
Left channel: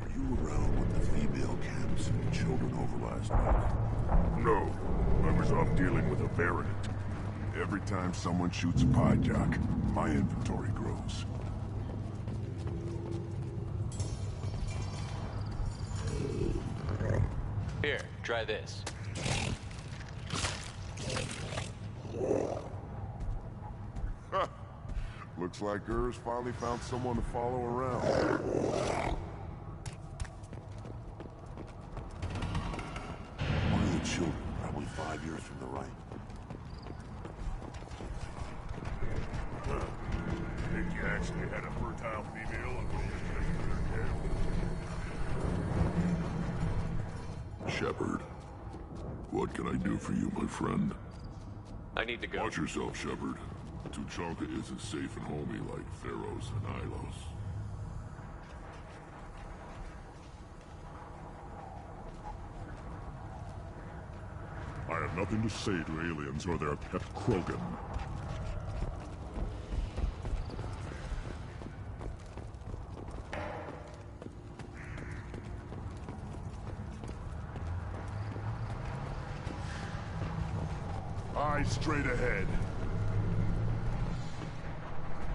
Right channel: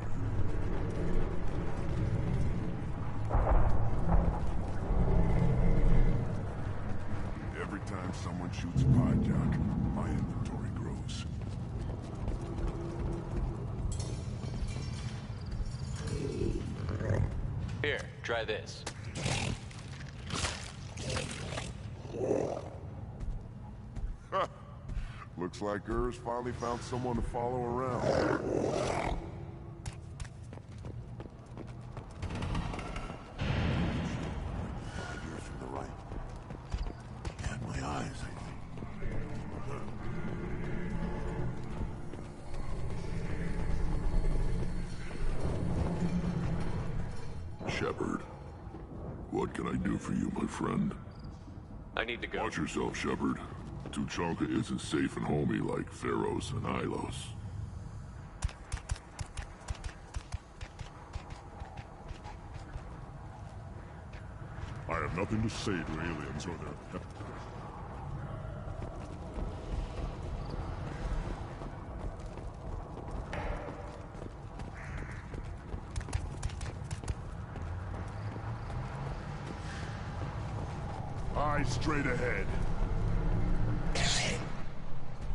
Are you around when the female camps and children overrized? No, I was off dealing with a variant. Every time someone shoots a Pyjak, my inventory grows. Here, try this. Looks like Urs finally found someone to follow around. One of the children, probably 5 years from the right. Yeah, my eyes. He actually had a fertile female. Shepard, what can I do for you, my friend? I need to go. Watch yourself, Shepard. Tuchanka isn't safe and homey like Pharaohs and Ilos. I have nothing to say to aliens or their pet Krogan. Eyes straight ahead.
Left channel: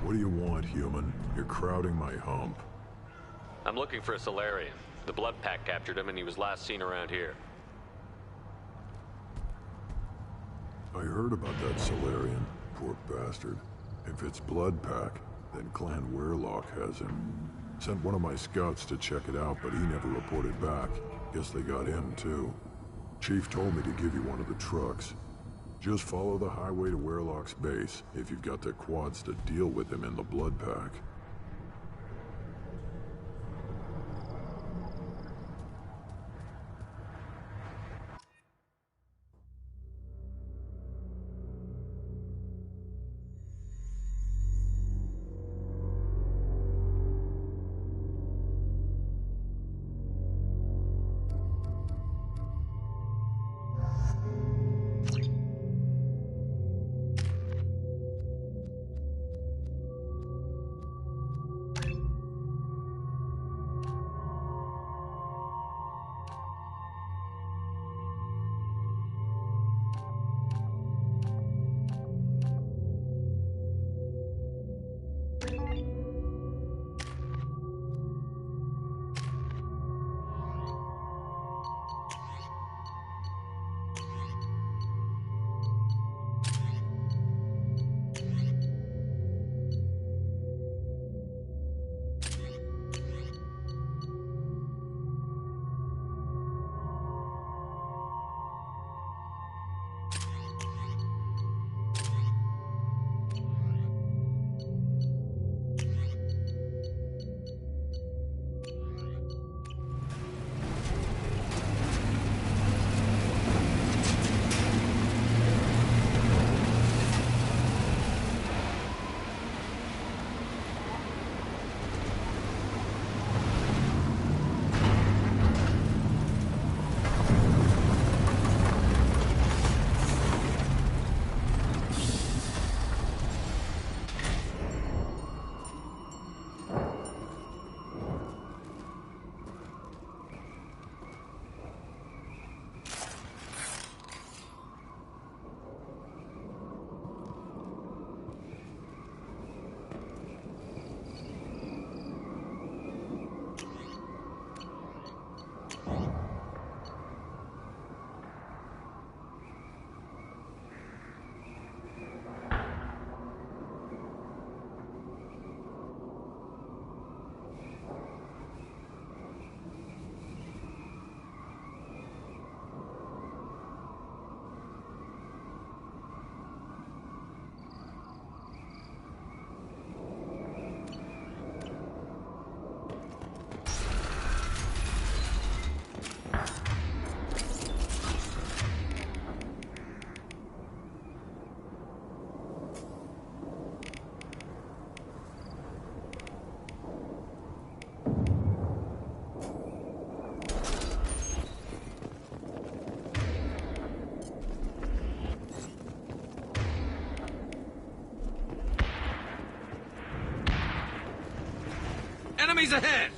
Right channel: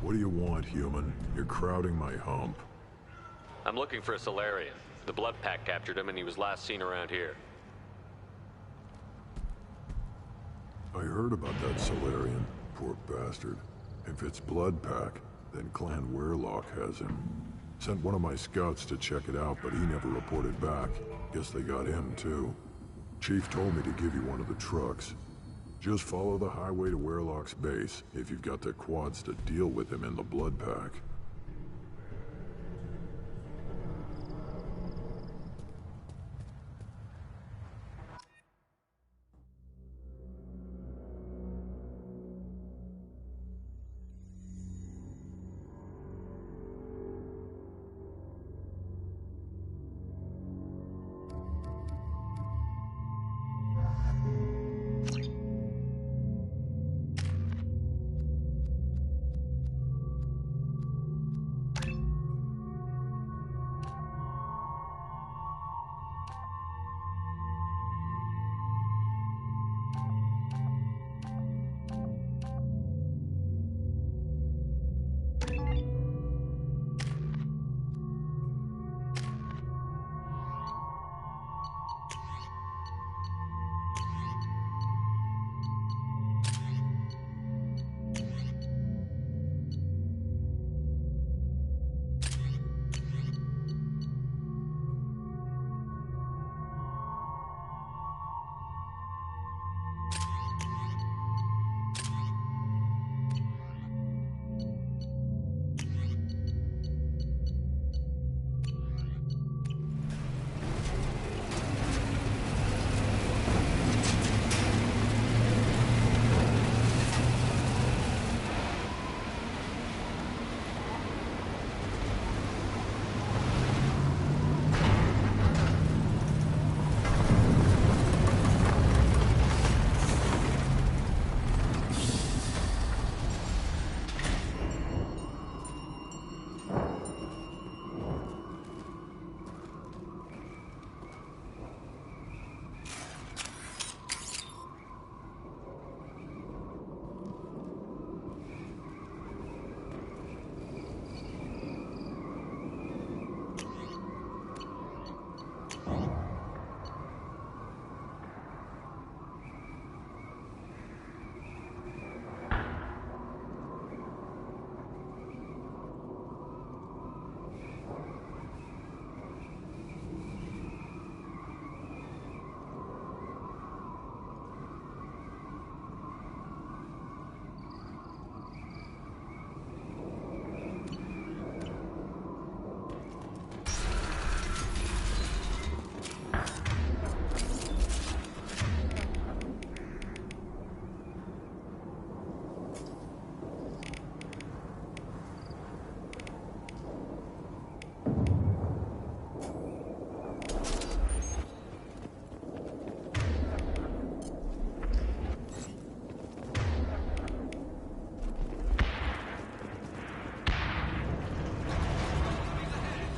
What do you want, human? You're crowding my hump. I'm looking for a Solarian. The Blood Pack captured him and he was last seen around here. I heard about that Solarian. Poor bastard. If it's Blood Pack, then Clan Weirlock has him. Sent one of my scouts to check it out, but he never reported back. Guess they got him, too. Chief told me to give you one of the trucks. Just follow the highway to Weirlock's base, if you've got the quads to deal with him in the Blood Pack. Enemies ahead!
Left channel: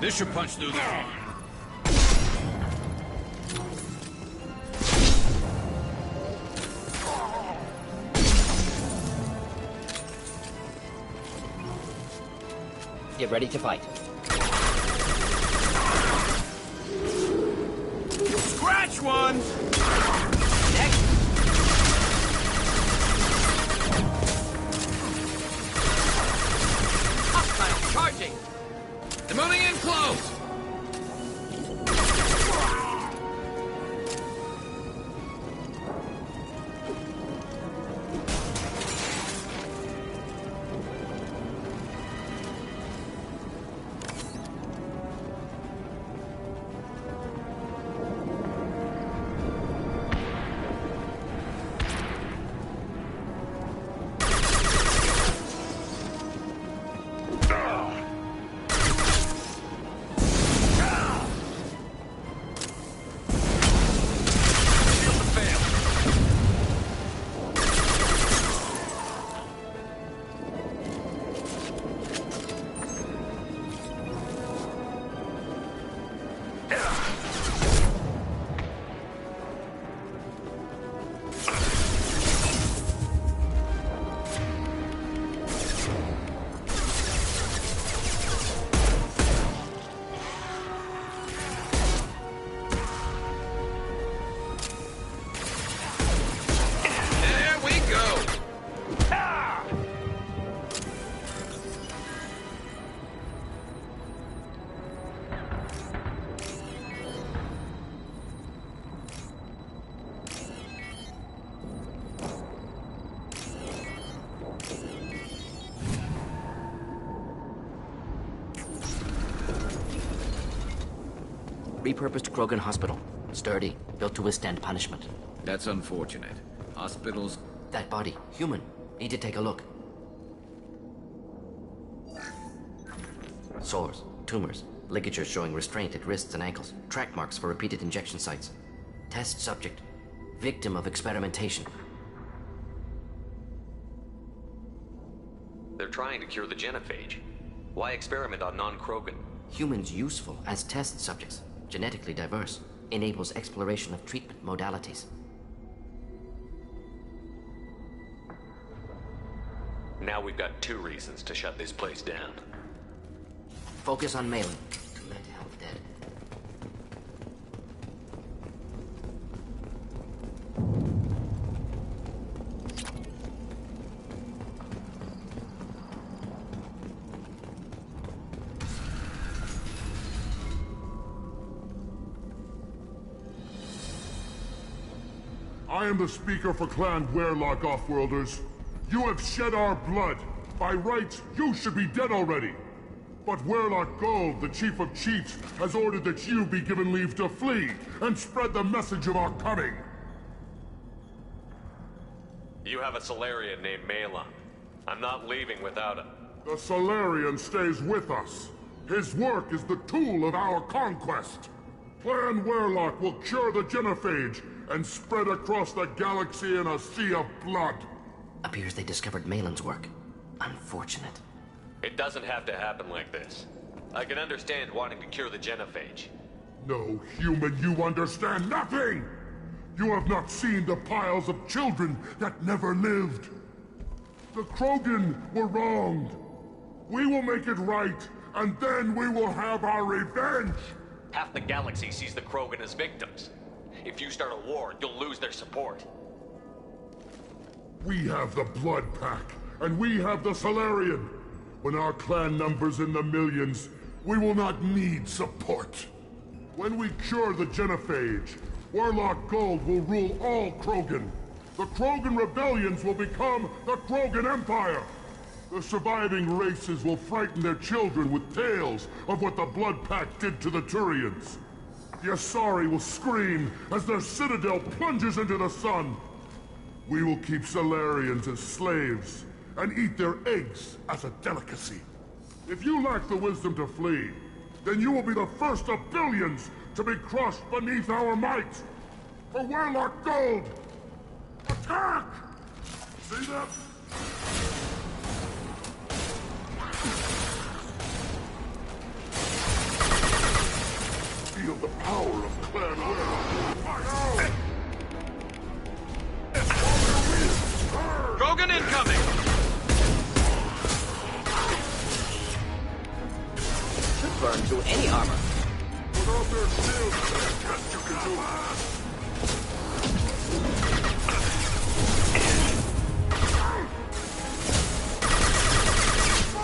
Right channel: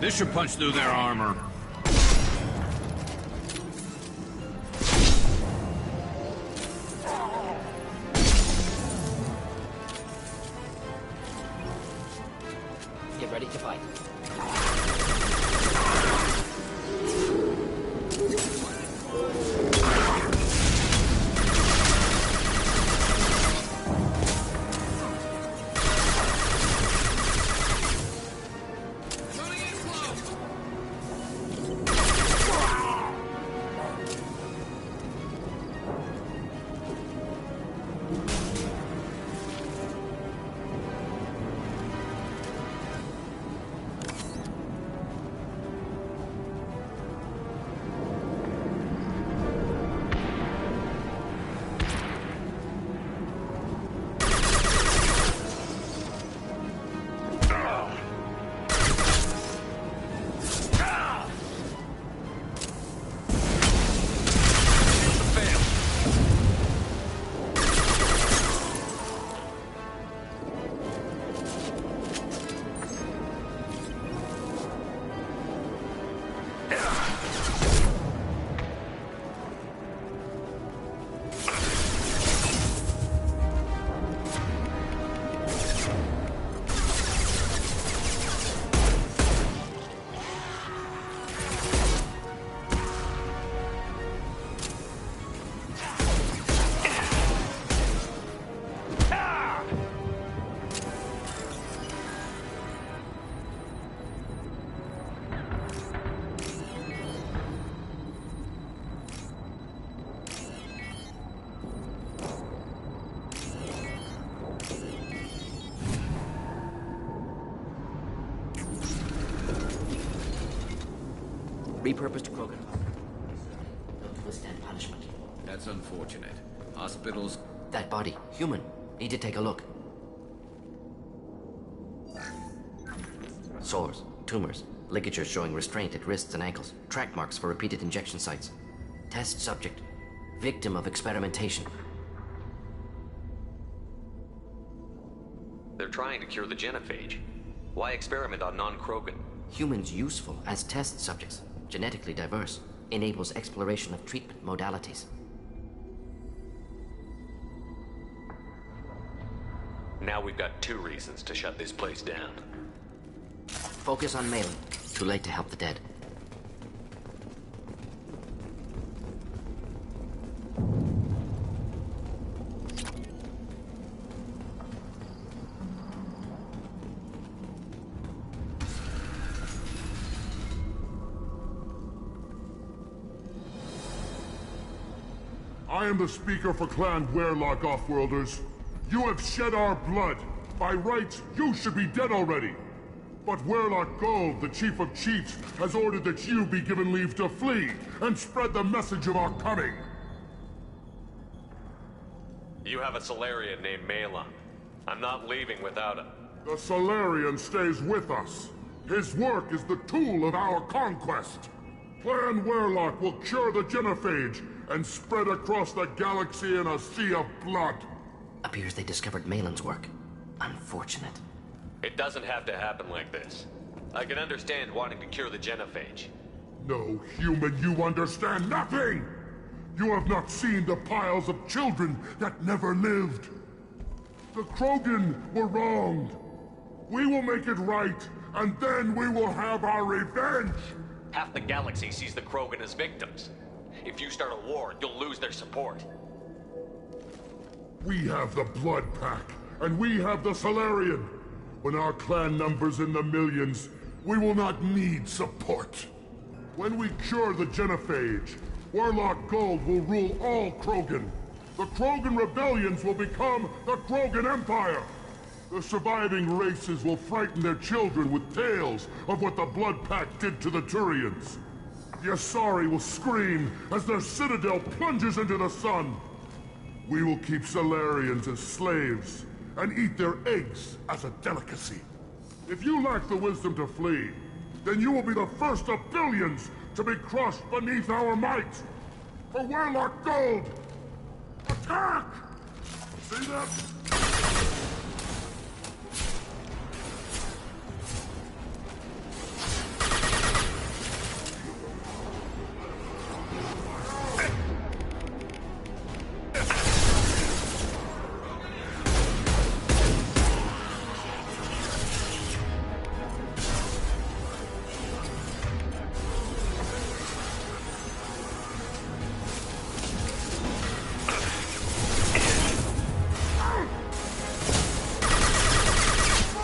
This should punch through their armor. Get ready to fight. Scratch one! Moving in close! Repurposed Krogan Hospital. Sturdy, built to withstand punishment. That's unfortunate. Hospitals... That body, human. Need to take a look. Sores, tumors, ligatures showing restraint at wrists and ankles, track marks for repeated injection sites. Test subject, victim of experimentation. They're trying to cure the genophage. Why experiment on non-Krogan? Humans useful as test subjects. Genetically diverse. Enables exploration of treatment modalities. Now we've got 2 reasons to shut this place down. Focus on Malin. Too late to help the dead. I am the speaker for Clan Werlock, Offworlders. You have shed our blood. By rights, you should be dead already. But Werlock Gold, the Chief of Chiefs, has ordered that you be given leave to flee and spread the message of our coming. You have a Solarian named Malon. I'm not leaving without him. The Solarian stays with us. His work is the tool of our conquest. Clan Werlock will cure the genophage and spread across the galaxy in a sea of blood. Appears they discovered Malon's work. Unfortunate. It doesn't have to happen like this. I can understand wanting to cure the genophage. No, human, you understand nothing! You have not seen the piles of children that never lived. The Krogan were wronged. We will make it right, and then we will have our revenge! Half the galaxy sees the Krogan as victims. If you start a war, you'll lose their support. We have the Blood Pack, and we have the Solarian. When our clan numbers in the millions, we will not need support. When we cure the genophage, Werlock Gold will rule all Krogan. The Krogan rebellions will become the Krogan Empire. The surviving races will frighten their children with tales of what the Blood Pack did to the Turians. The Asari will scream as their citadel plunges into the sun. We will keep Solarians as slaves and eat their eggs as a delicacy. If you lack the wisdom to flee, then you will be the first of billions to be crushed beneath our might. For Werlock Gold! Attack! See that? Feel the power of Clan Werlock. Krogan incoming! Burn through any armor.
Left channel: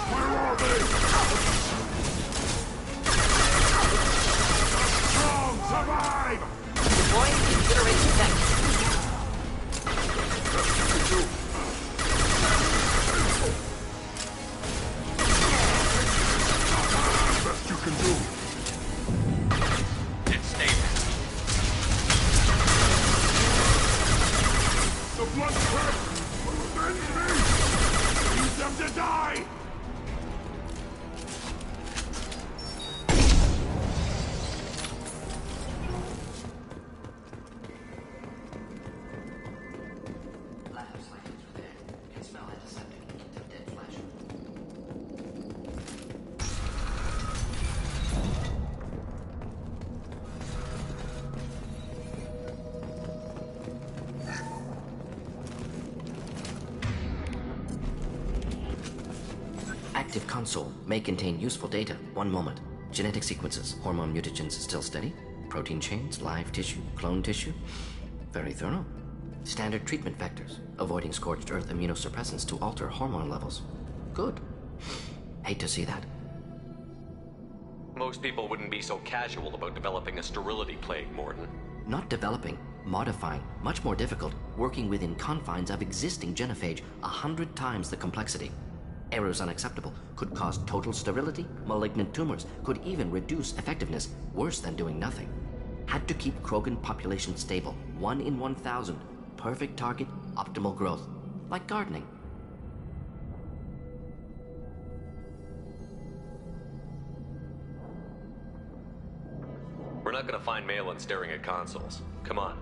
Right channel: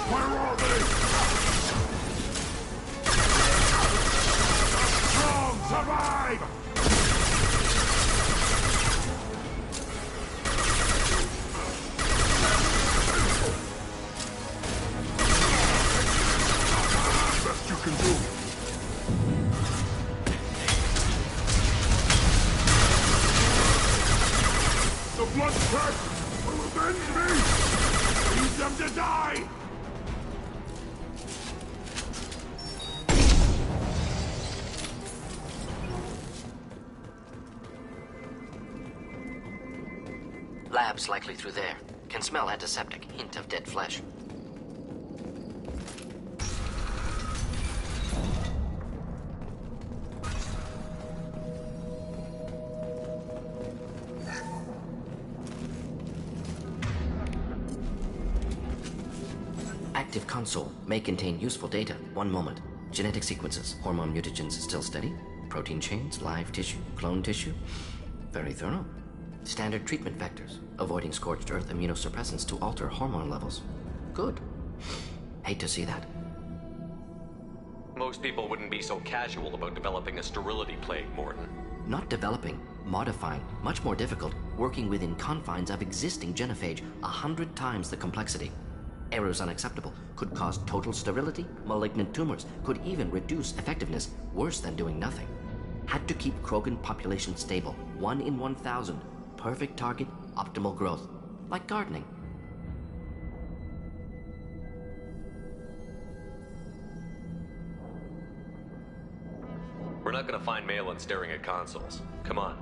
Where are they? Strong survive! Best you can do. The Blood Pack will avenge me! Leave them to die! Labs likely through there. Can smell antiseptic. Hint of dead flesh. Active console may contain useful data. One moment. Genetic sequences. Hormone mutagens still steady. Protein chains, live tissue, clone tissue. Very thorough. Standard treatment vectors. Avoiding scorched earth immunosuppressants to alter hormone levels. Good. Hate to see that. Most people wouldn't be so casual about developing a sterility plague, Mordin. Not developing, modifying, much more difficult, working within confines of existing genophage, 100 times the complexity. Errors unacceptable, could cause total sterility, malignant tumors, could even reduce effectiveness, worse than doing nothing. Had to keep Krogan population stable, 1 in 1,000. Perfect target, optimal growth. Like gardening. We're not gonna find Malon staring at consoles. Come on.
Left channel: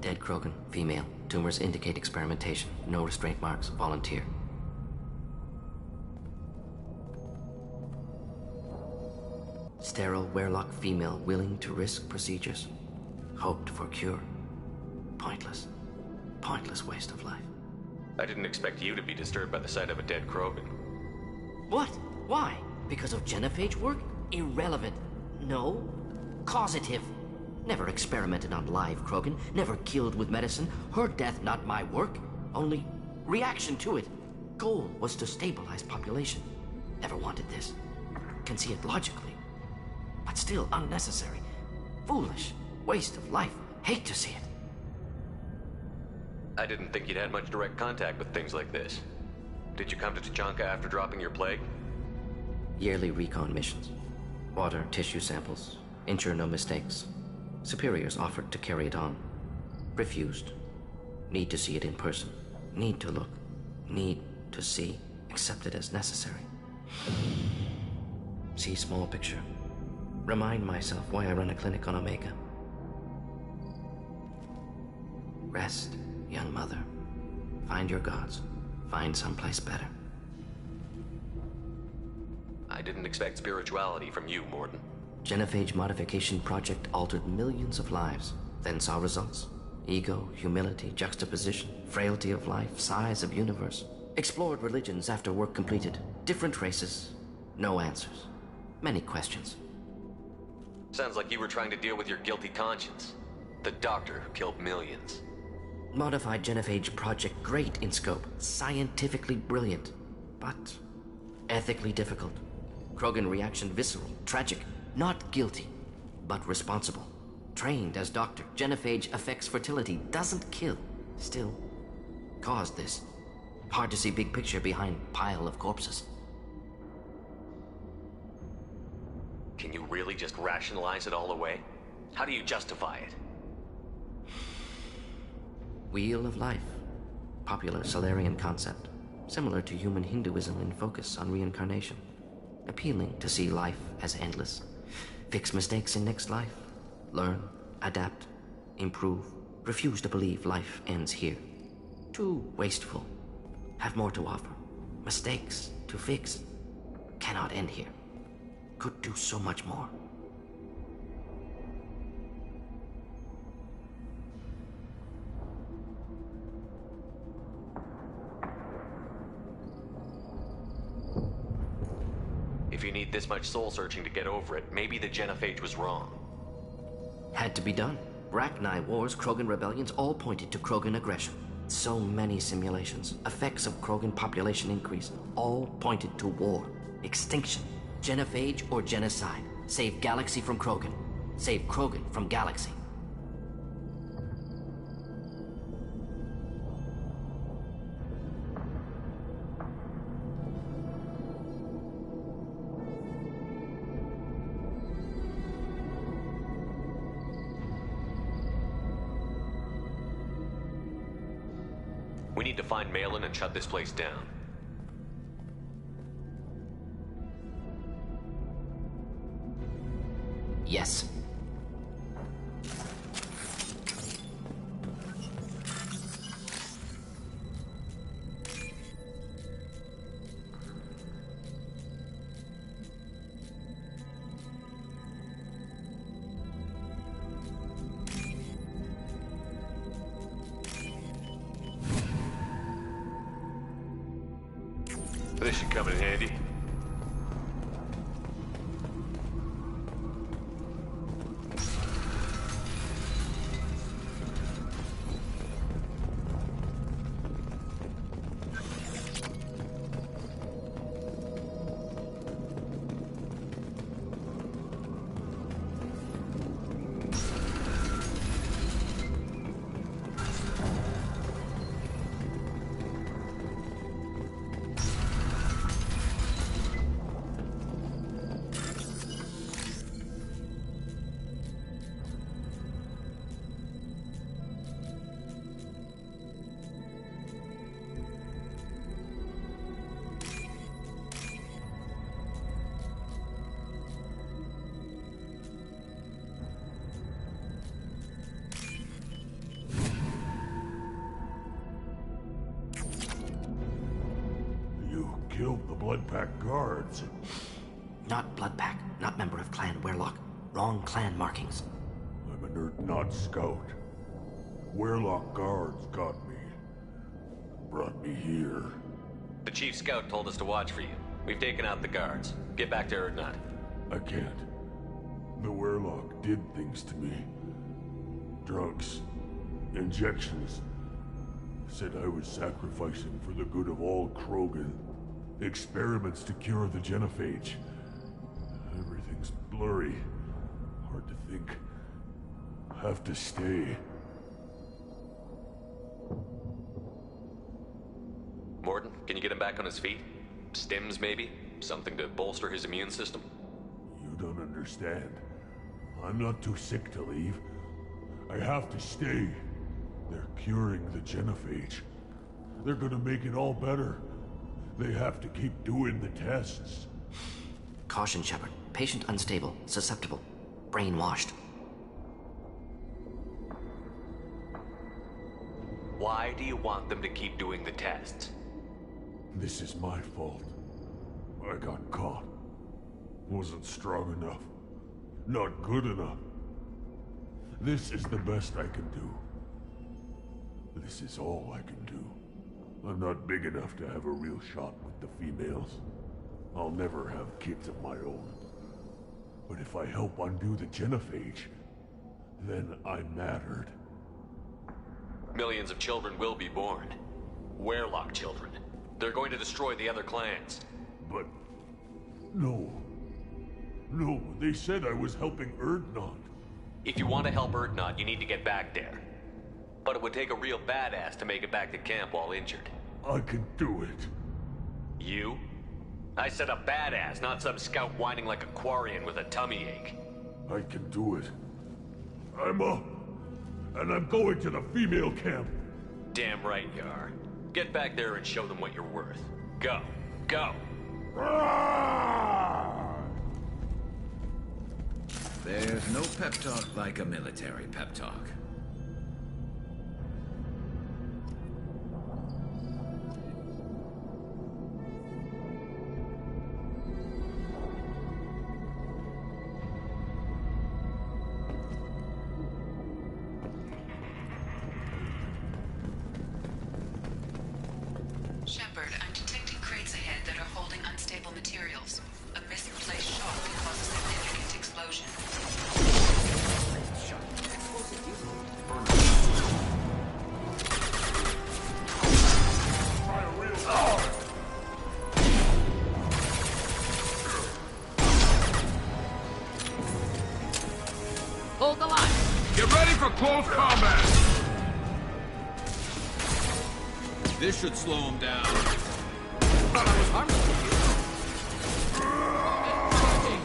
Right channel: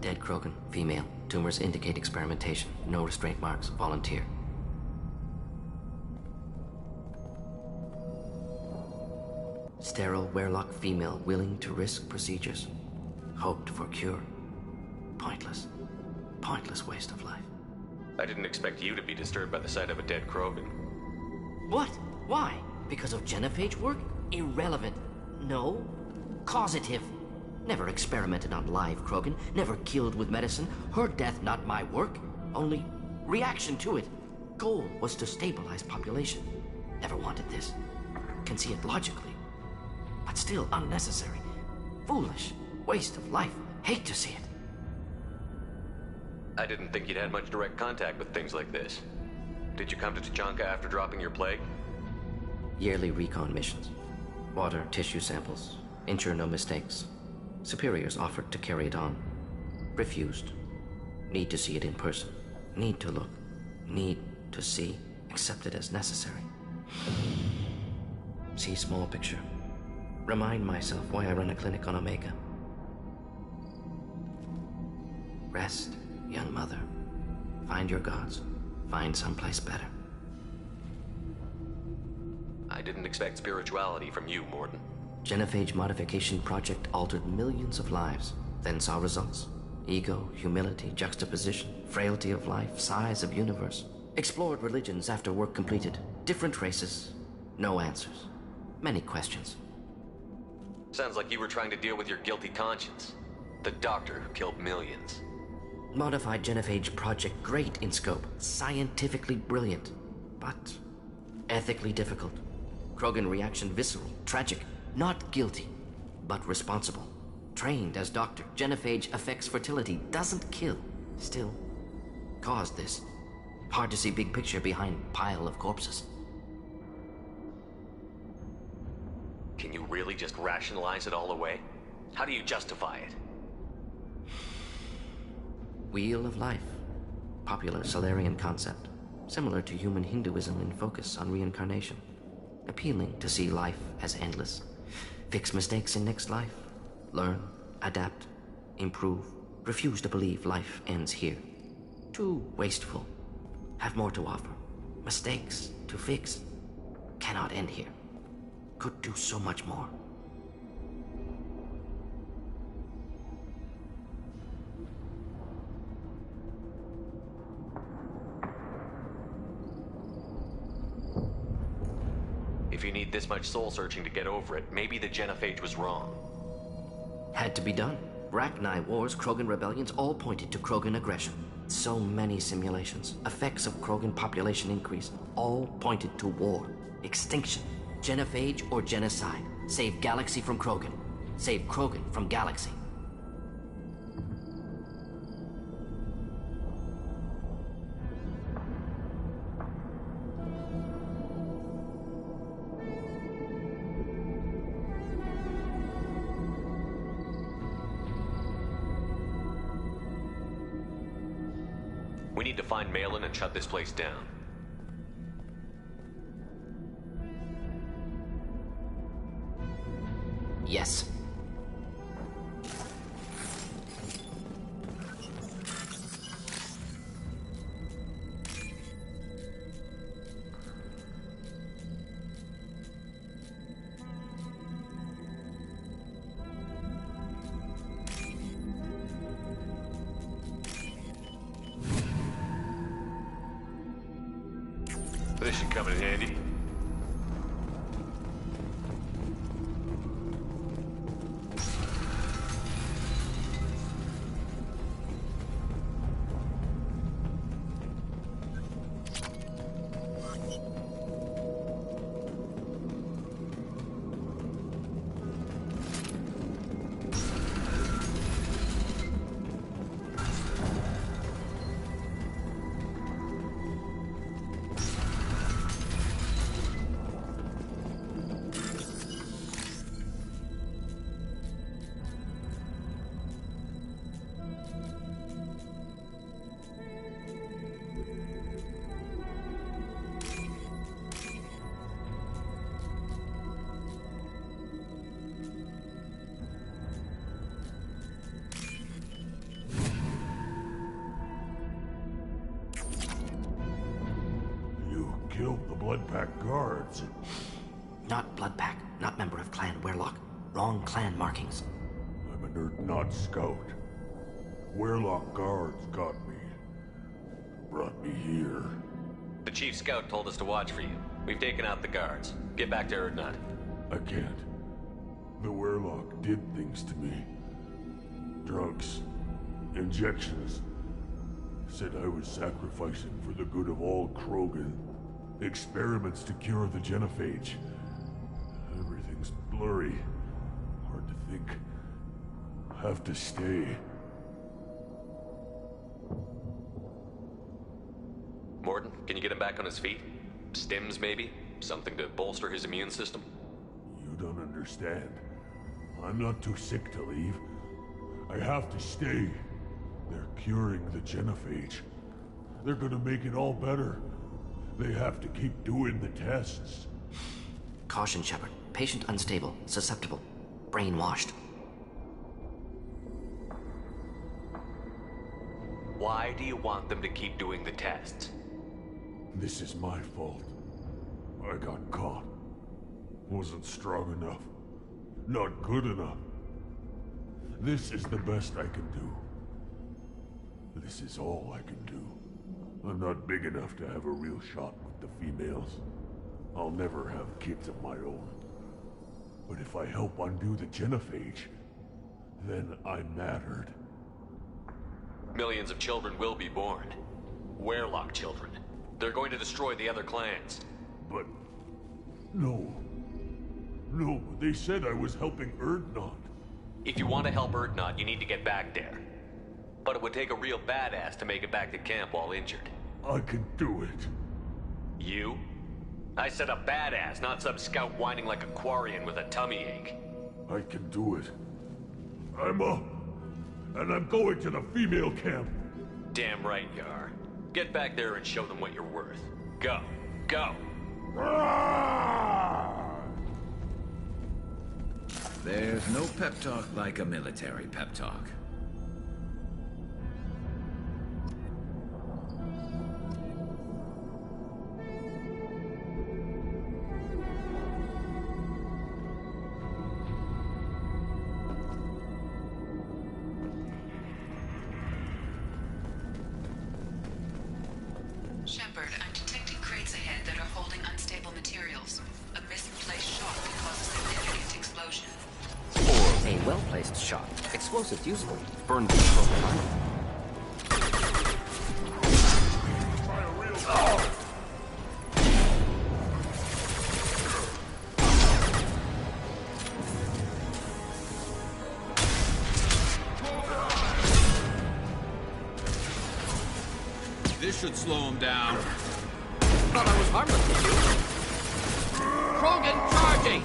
Dead Krogan, female. Tumors indicate experimentation. No restraint marks. Volunteer. Sterile Werlock female willing to risk procedures. Hoped for cure. Pointless. Pointless waste of life. I didn't expect you to be disturbed by the sight of a dead Krogan. What? Why? Because of genophage work? Irrelevant. No. Causative. Never experimented on live Krogan, never killed with medicine. Her death not my work, only reaction to it. Goal was to stabilize population. Never wanted this. Can see it logically, but still unnecessary. Foolish. Waste of life. Hate to see it. I didn't think you'd had much direct contact with things like this. Did you come to Tuchanka after dropping your plague? Yearly recon missions. Water, tissue samples. Ensure no mistakes. Superiors offered to carry it on. Refused. Need to see it in person. Need to look. Need to see. Accept it as necessary. See small picture. Remind myself why I run a clinic on Omega. Rest, young mother. Find your gods. Find someplace better. I didn't expect spirituality from you, Mordin. Genophage modification project altered millions of lives, then saw results. Ego, humility, juxtaposition, frailty of life, size of universe. Explored religions after work completed. Different races. No answers. Many questions. Sounds like you were trying to deal with your guilty conscience. The doctor who killed millions. Modified genophage project great in scope. Scientifically brilliant. But ethically difficult. Krogan reaction visceral, tragic. Not guilty, but responsible. Trained as doctor, genophage affects fertility, doesn't kill. Still, caused this. Hard to see big picture behind pile of corpses. Can you really just rationalize it all away? How do you justify it? Wheel of life. Popular Solarian concept. Similar to human Hinduism in focus on reincarnation. Appealing to see life as endless. Fix mistakes in next life. Learn, adapt, improve. Refuse to believe life ends here. Too wasteful. Have more to offer. Mistakes to fix. Cannot end here. Could do so much more. If you need this much soul searching to get over it, maybe the genophage was wrong. Had to be done. Rachni wars, Krogan rebellions, all pointed to Krogan aggression. So many simulations, effects of Krogan population increase, all pointed to war, extinction, genophage or genocide. Save galaxy from Krogan. Save Krogan from galaxy. We need to find Malin and shut this place down. Yes. This should come in handy. Killed the Bloodpack guards. Not Bloodpack, not member of Clan Werlock. Wrong clan markings. I'm a nerd, not scout. Werlock guards got me. Brought me here. The chief scout told us to watch for you. We've taken out the guards. Get back to Erdnot. I can't. The Werlock did things to me. drugs, injections. Said I was sacrificing for the good of all Krogan. Experiments to cure the genophage. Everything's blurry. Hard to think. Have to stay. Morton, can you get him back on his feet? Stims, maybe? Something to bolster his immune system? You don't understand. I'm not too sick to leave. I have to stay. They're curing the genophage. They're gonna make it all better. They have to keep doing the tests. Caution, Shepard. Patient unstable, susceptible, brainwashed. Why do you want them to keep doing the tests? This is my fault. I got caught. Wasn't strong enough. Not good enough. This is the best I can do. This is all I can do. I'm not big enough to have a real shot with the females. I'll never have kids of my own. But if I help undo the genophage, then I mattered. Millions of children will be born. Werlock children. They're going to destroy the other clans. But... no. No, they said I was helping Urdnot. If you want to help Urdnot, you need to get back there. But it would take a real badass to make it back to camp while injured. I can do it. You? I said a badass, not some scout whining like a Quarian with a tummy ache. I can do it. I'm up. And I'm going to the female camp. Damn right you are. Get back there and show them what you're worth. Go. Go. There's no pep talk like a military pep talk. Shepard, I'm detecting crates ahead that are holding unstable materials. A misplaced shot could cause a significant explosion. Or a well-placed shot. Explosives useful. Burn people. Try a real... Oh! Hold the line. Get ready for close combat! This should slow him down. Thought I was harmless to you. Krogan charging!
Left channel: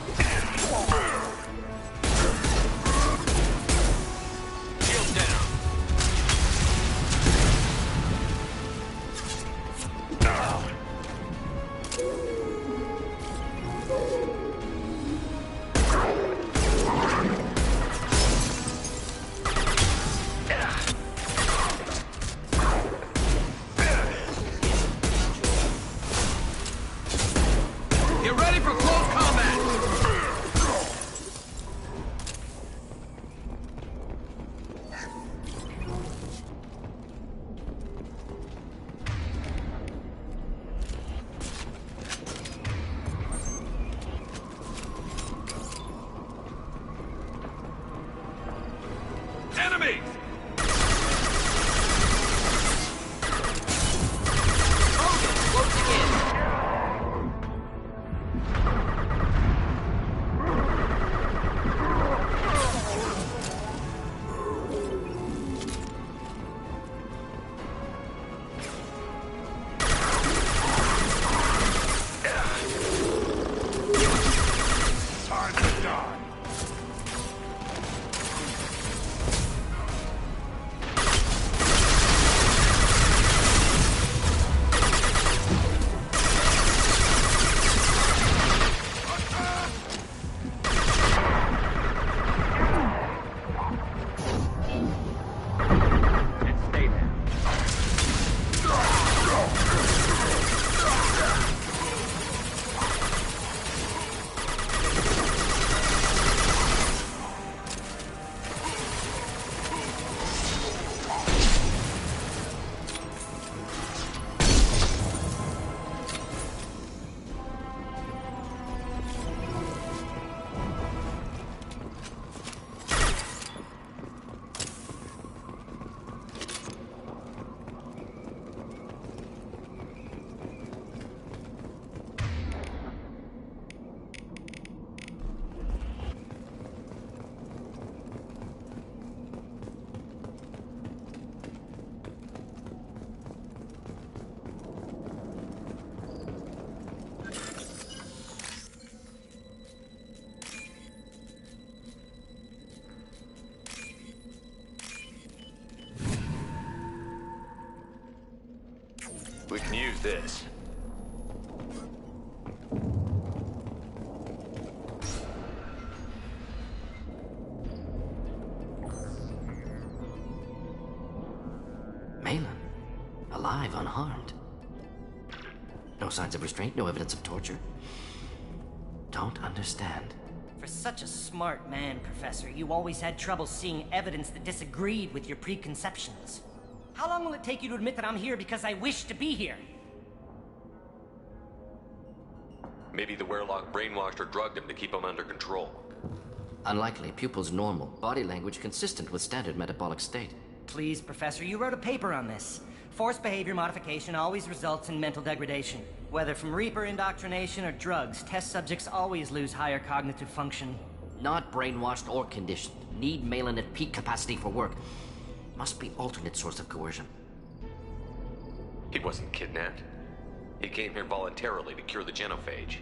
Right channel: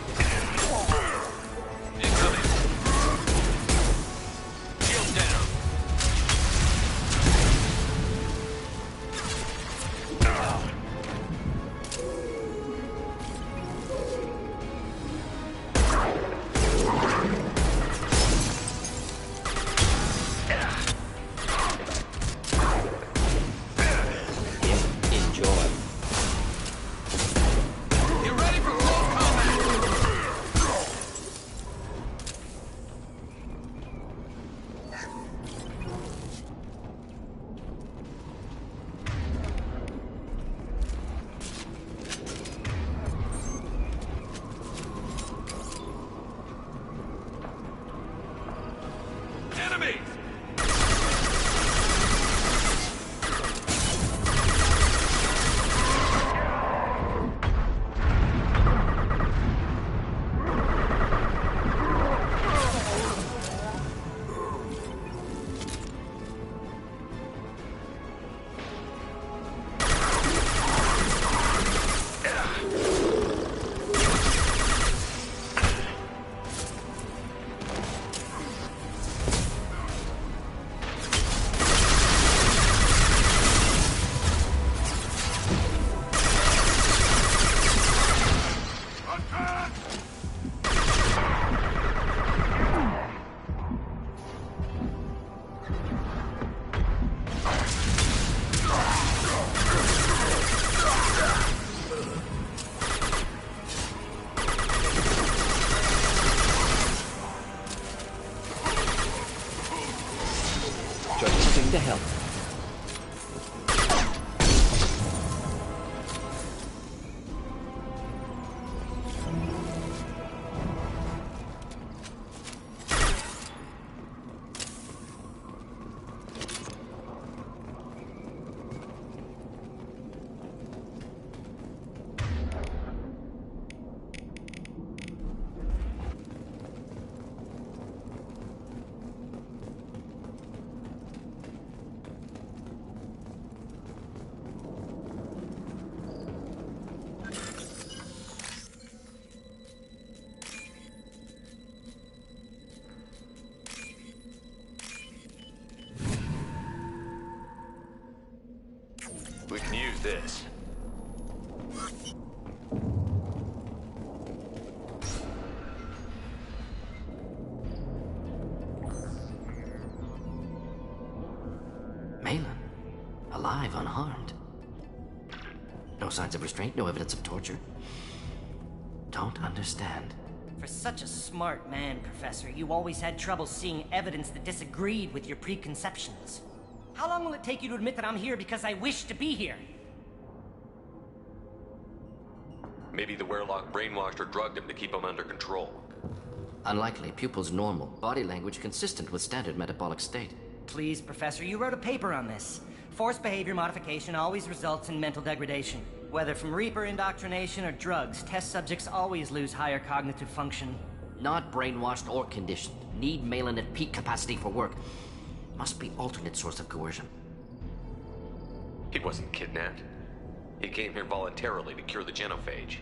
Shield down. Get ready for close combat! Enemies! We can use this. Malin, alive, unharmed. No signs of restraint, no evidence of torture. Don't understand. For such a smart man, Professor, you always had trouble seeing evidence that disagreed with your preconceptions. How long will it take you to admit that I'm here because I wish to be here? Maybe the Werlock brainwashed or drugged him to keep him under control. Unlikely. Pupil's normal. Body language consistent with standard metabolic state. Please, Professor, you wrote a paper on this. Forced behavior modification always results in mental degradation. Whether from Reaper indoctrination or drugs, test subjects always lose higher cognitive function. Not brainwashed or conditioned. Need Malin at peak capacity for work. Must be alternate source of coercion. He wasn't kidnapped. He came here voluntarily to cure the genophage.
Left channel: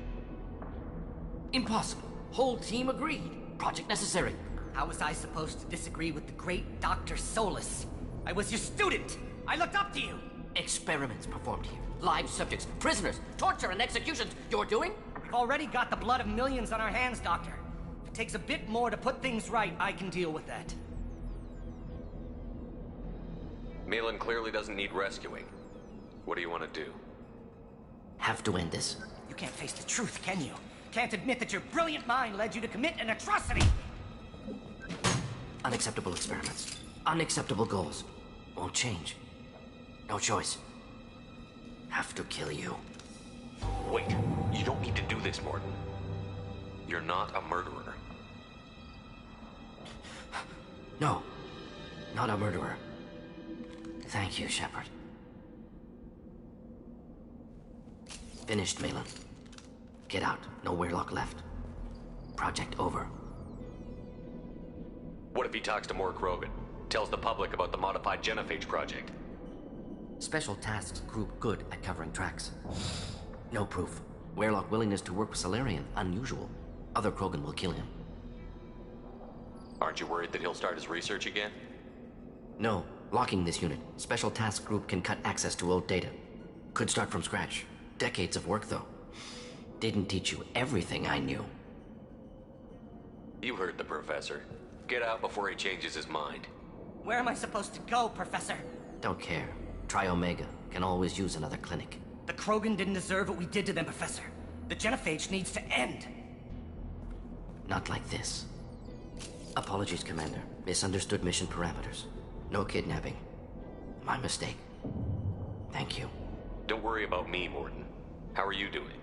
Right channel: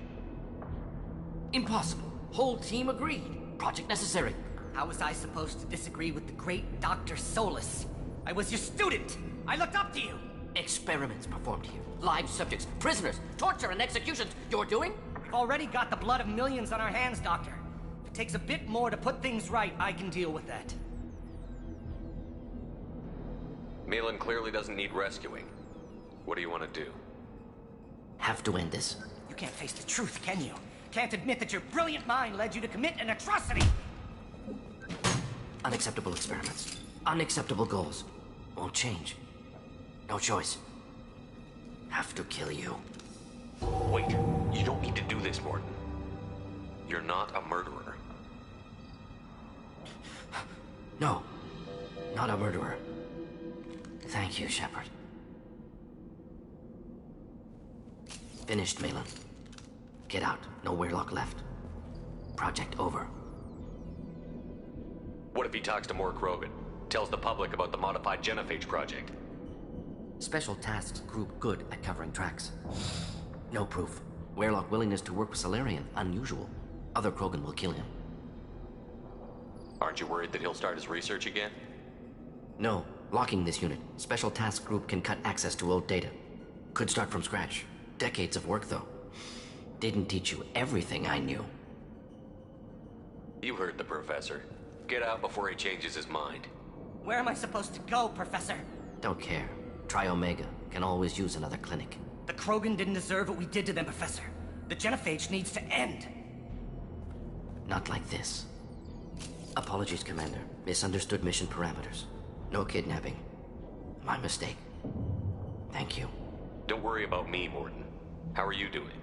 Impossible. Whole team agreed. Project necessary. How was I supposed to disagree with the great Dr. Solus? I was your student! I looked up to you! Experiments performed here. Live subjects, prisoners, torture and executions. You're doing? We've already got the blood of millions on our hands, Doctor. If it takes a bit more to put things right, I can deal with that. Malin clearly doesn't need rescuing. What do you want to do? Have to end this. You can't face the truth, can you? Can't admit that your brilliant mind led you to commit an atrocity! Unacceptable experiments. Unacceptable goals. Won't change. No choice. Have to kill you. Wait, you don't need to do this, Morton. You're not a murderer. No, not a murderer. Thank you, Shepard. Finished, Malin. Get out. No Werlock left. Project over. What if he talks to Mort Krogan? Tells the public about the modified genophage project? Special Tasks Group good at covering tracks. No proof. Werlock willingness to work with Salarian, unusual. Other Krogan will kill him. Aren't you worried that he'll start his research again? No. Locking this unit. Special Task Group can cut access to old data. Could start from scratch. Decades of work, though. Didn't teach you everything I knew. You heard the professor. Get out before he changes his mind. Where am I supposed to go, Professor? Don't care. Try Omega. Can always use another clinic. The Krogan didn't deserve what we did to them, Professor. The genophage needs to end. Not like this. Apologies, Commander. Misunderstood mission parameters. No kidnapping. My mistake. Thank you. Don't worry about me, Morton. How are you doing?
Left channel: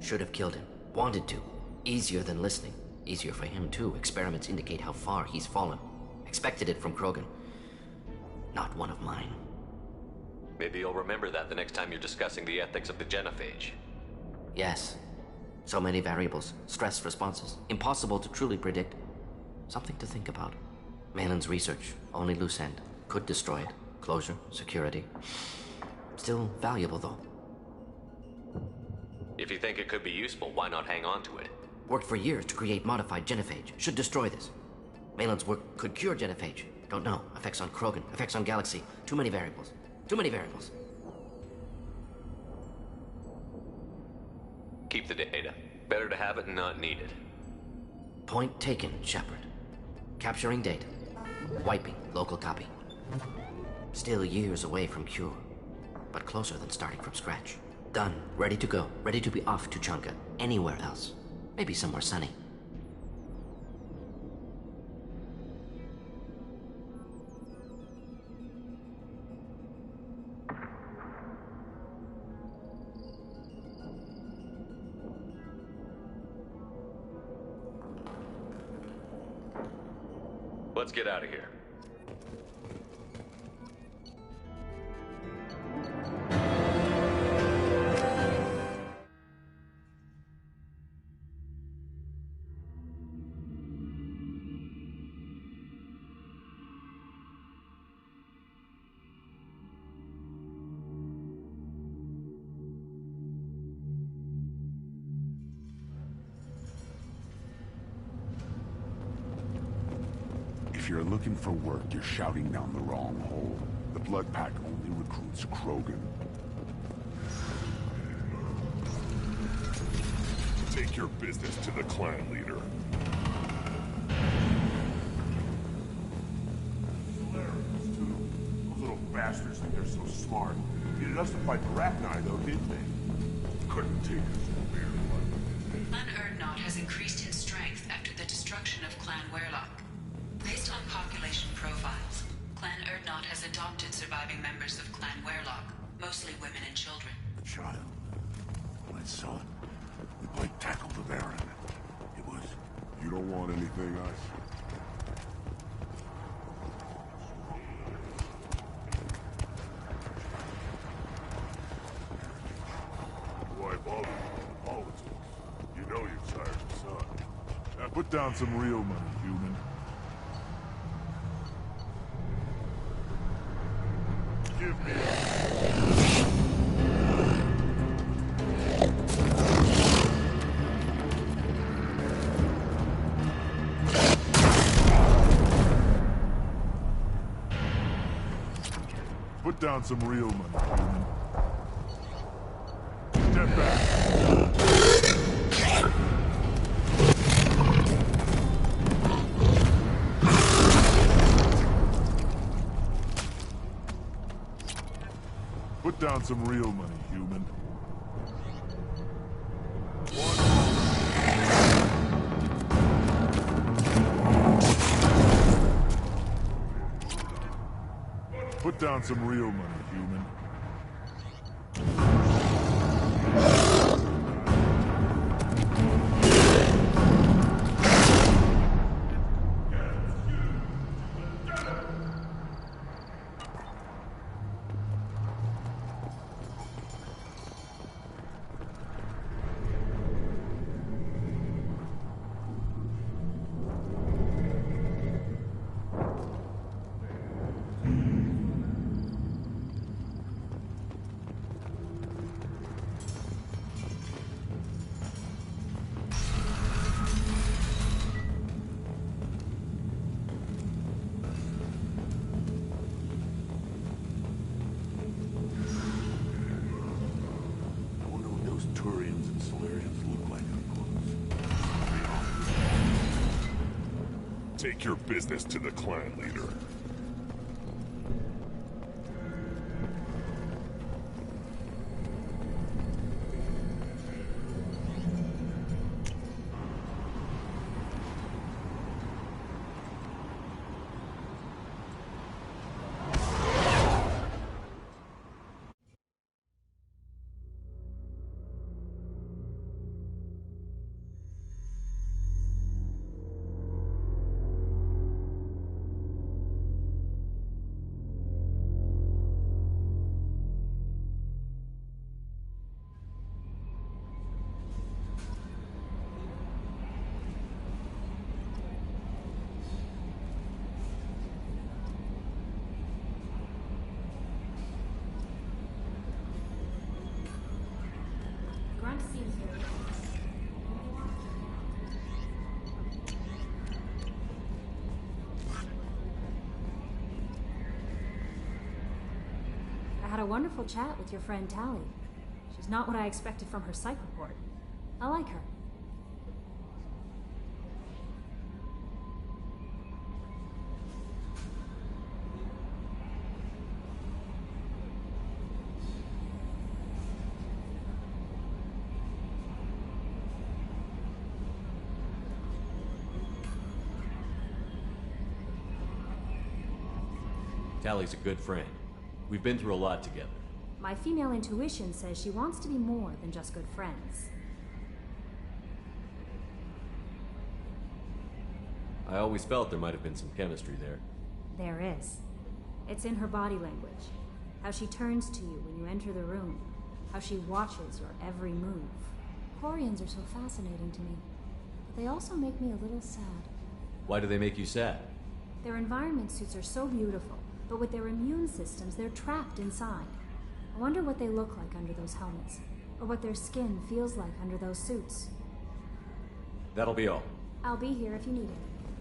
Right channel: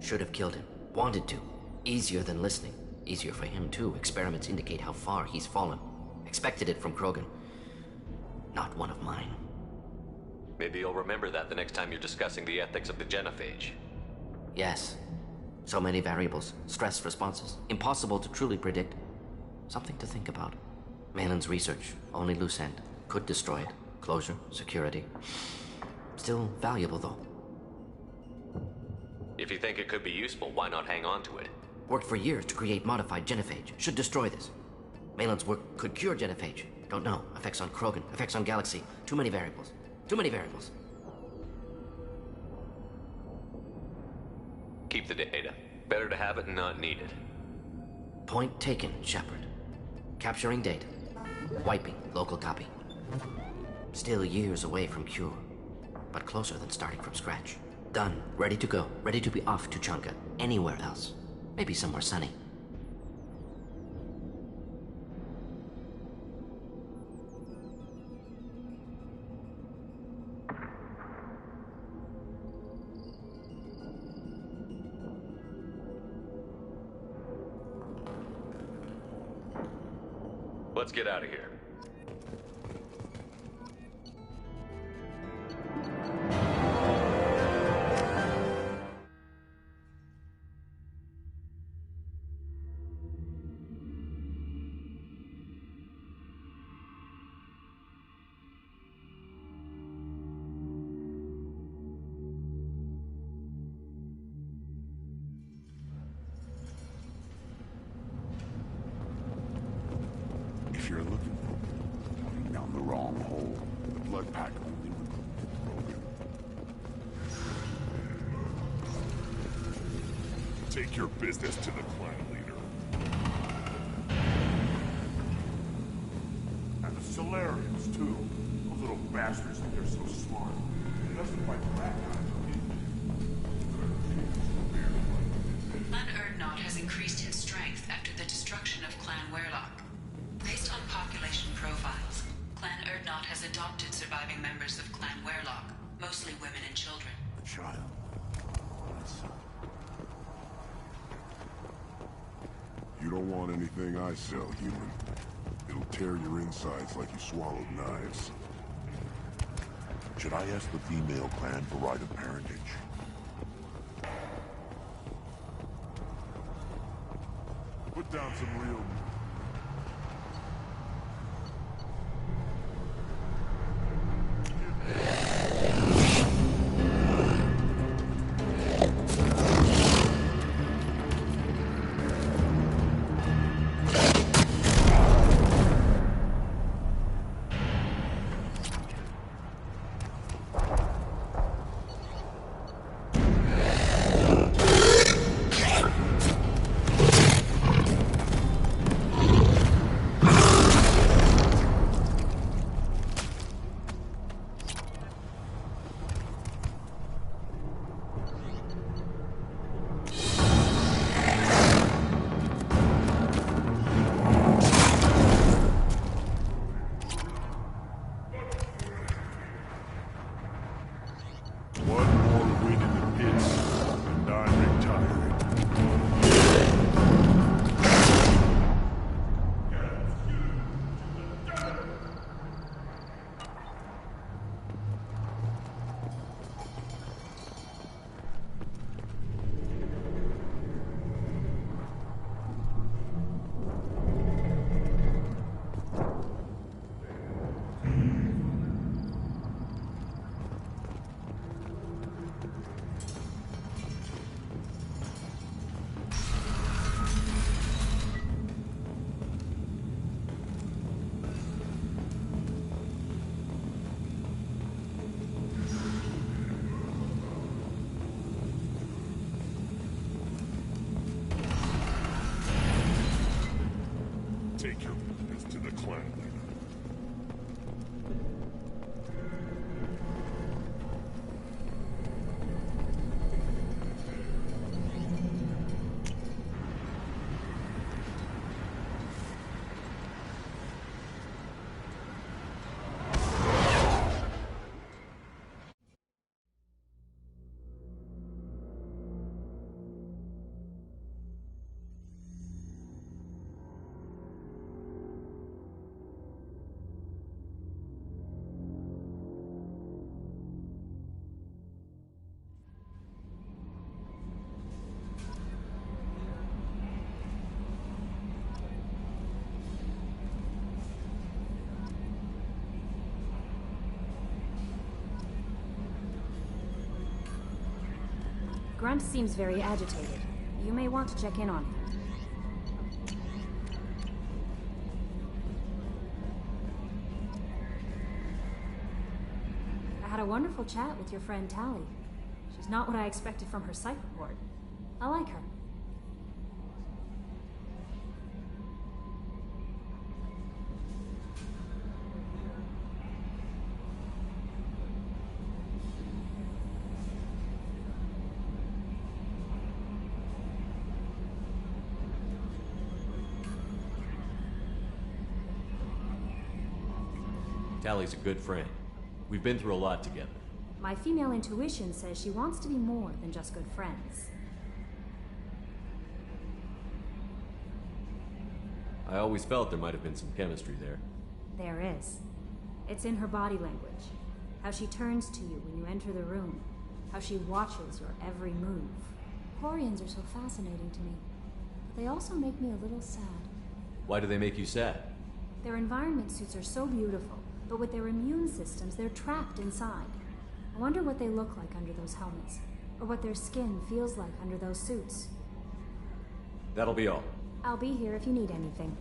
Should have killed him. Wanted to. Easier than listening. Easier for him, too. Experiments indicate how far he's fallen. Expected it from Krogan. Not one of mine. Maybe you'll remember that the next time you're discussing the ethics of the genophage. Yes. So many variables. Stress responses. Impossible to truly predict. Something to think about. Malin's research. Only loose end. Could destroy it. Closure. Security. Still valuable, though. If you think it could be useful, why not hang on to it? Worked for years to create modified genophage. Should destroy this. Malin's work could cure genophage. Don't know. Effects on Krogan. Effects on Galaxy. Too many variables. Too many variables. Keep the data. Better to have it and not need it. Point taken, Shepard. Capturing data. Wiping local copy. Still years away from cure. But closer than starting from scratch. Done. Ready to go. Ready to be off to Chunka. Anywhere else. Maybe somewhere sunny. Let's get out of here. If you're looking for work, you're shouting down the wrong hole. The Blood Pack only recruits Krogan. Take your business to the clan leader. And the Solarians, too. Those little bastards think they're so smart. Needed us to fight the Rachni, though, didn't they? Couldn't take us to beer fight, did they? Clan Urdnot has increased in strength after the destruction of Clan Werlock. Based on population profiles, Clan Urdnot has adopted surviving members of Clan Werlock, mostly women and children. A child. My son. I tackled the Baron. It was... You don't want anything I sell, human. It'll tear your insides like you swallowed knives. Should I ask the female clan for right of parentage? Boy, Bob. You know you're tired, son. Now put down some real money, human. Give me... Put down some real money. Put down some real money, human. Put down some real money, human. Take your business to the clan leader. Grunt seems very agitated. You may want to check in on him. I had a wonderful chat with your friend Tali. She's not what I expected from her psych report. I like her. Tali's a good friend. We've been through a lot together. My female intuition says she wants to be more than just good friends. I always felt there might have been some chemistry there. There is. It's in her body language. How she turns to you when you enter the room. How she watches your every move. Quarians are so fascinating to me. But they also make me a little sad. Why do they make you sad? Their environment suits are so beautiful, but with their immune systems, they're trapped inside. I wonder what they look like under those helmets, or what their skin feels like under those suits. That'll be all. I'll be here if you need anything.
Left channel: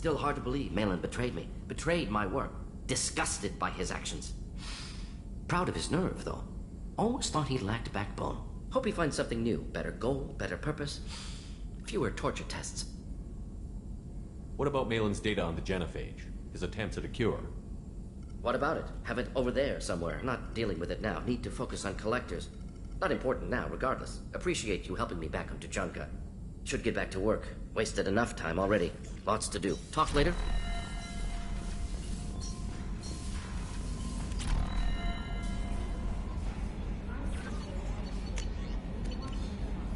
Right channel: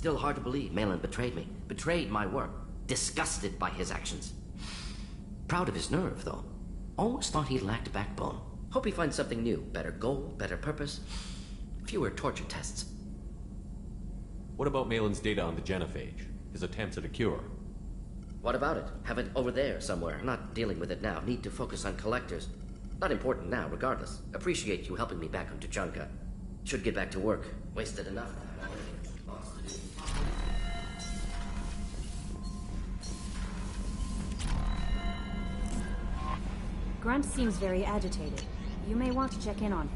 Still hard to believe Malin betrayed me. Betrayed my work. Disgusted by his actions. Proud of his nerve, though. Always thought he lacked backbone. Hope he finds something new. Better goal, better purpose. Fewer torture tests. What about Malin's data on the genophage? His attempts at a cure? What about it? Have it over there somewhere. Not dealing with it now. Need to focus on collectors. Not important now, regardless. Appreciate you helping me back on Tuchanka. Should get back to work. Wasted enough time already. Lots to do. Talk later? Grunt seems very agitated. You may want to check in on him.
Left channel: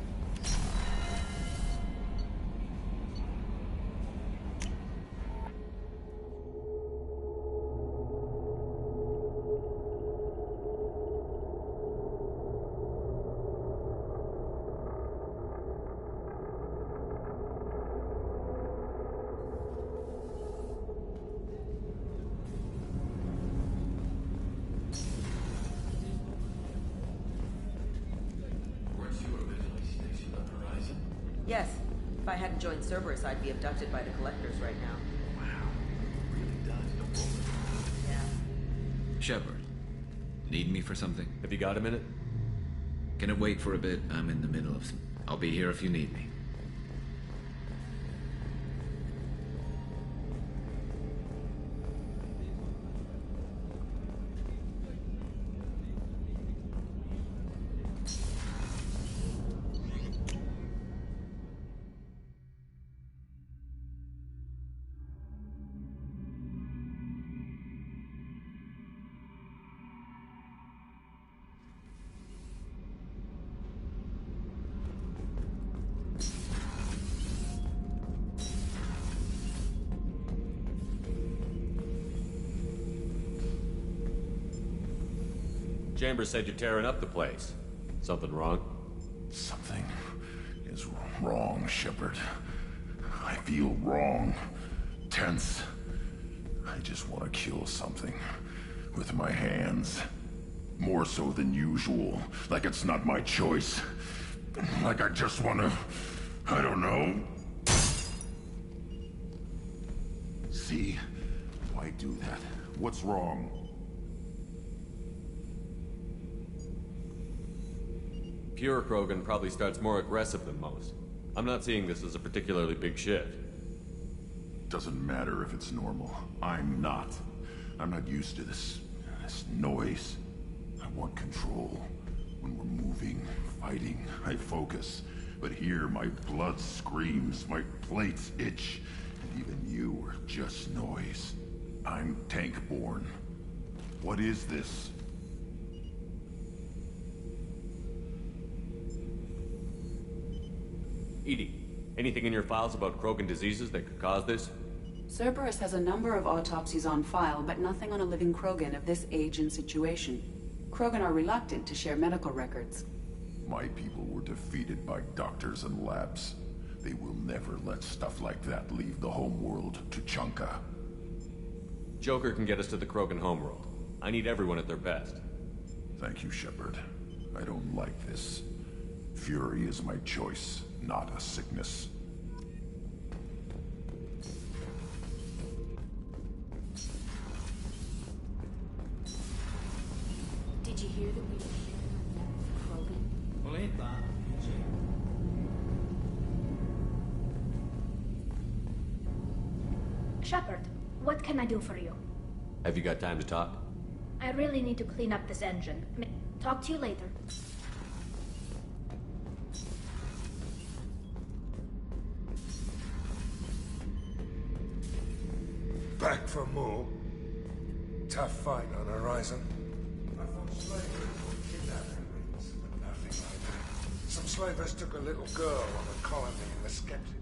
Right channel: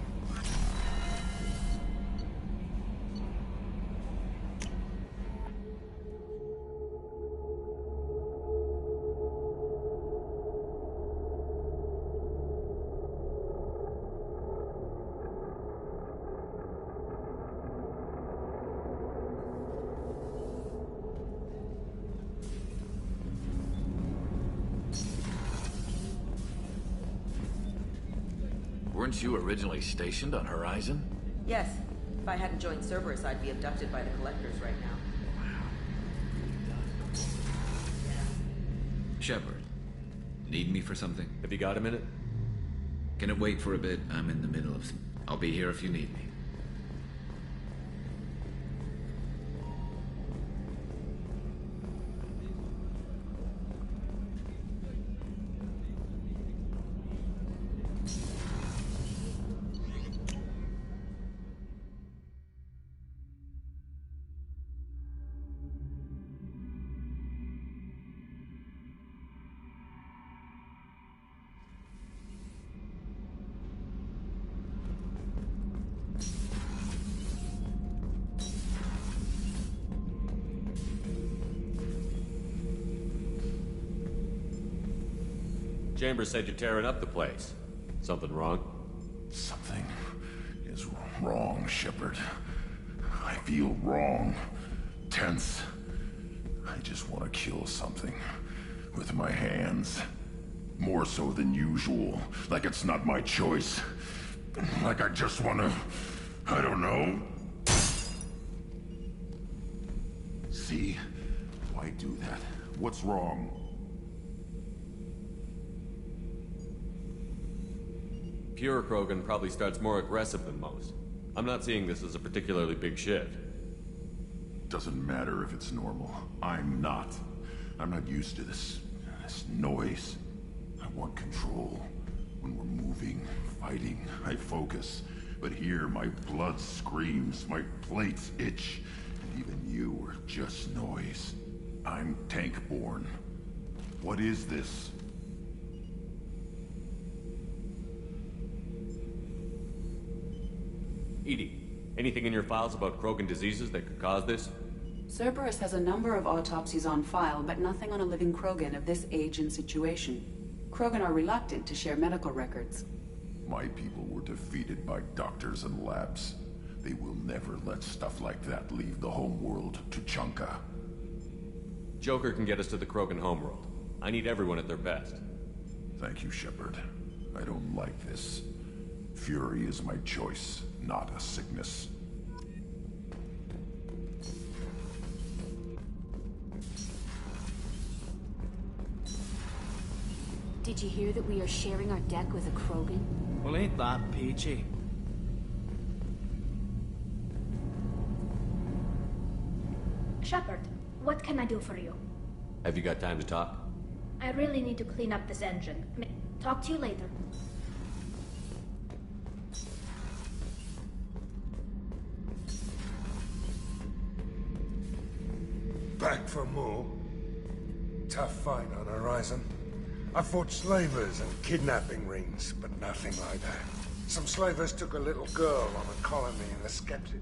Weren't you originally stationed on Horizon? Yes. If I hadn't joined Cerberus, I'd be abducted by the Collectors right now. Wow. Really dodged a bullet. Yeah. Shepard, need me for something? Have you got a minute? Can it wait for a bit? I'm in the middle of some... I'll be here if you need me. Chambers said you're tearing up the place. Something wrong? Something is wrong, Shepard. I feel wrong. Tense. I just want to kill something. With my hands. More so than usual. Like it's not my choice. Like I just want to... I don't know. See? Why do that? What's wrong? Pure Krogan probably starts more aggressive than most. I'm not seeing this as a particularly big shift. Doesn't matter if it's normal. I'm not. I'm not used to this noise. I want control. When we're moving, fighting, I focus. But here, my blood screams, my plates itch, and even you are just noise. I'm tank-born. What is this? EDI, anything in your files about Krogan diseases that could cause this? Cerberus has a number of autopsies on file, but nothing on a living Krogan of this age and situation. Krogan are reluctant to share medical records. My people were defeated by doctors and labs. They will never let stuff like that leave the homeworld, Tuchanka. Joker can get us to the Krogan homeworld. I need everyone at their best. Thank you, Shepard. I don't like this. Fury is my choice, not a sickness. Did you hear that we are sharing our deck with a Krogan? Well, ain't that peachy? Shepard, what can I do for you? Have you got time to talk? I really need to clean up this engine. Talk to you later. Back for more? Tough fight on Horizon. I fought slavers and kidnapping rings, but nothing like that. Some slavers took a little girl on a colony in the Skeptic.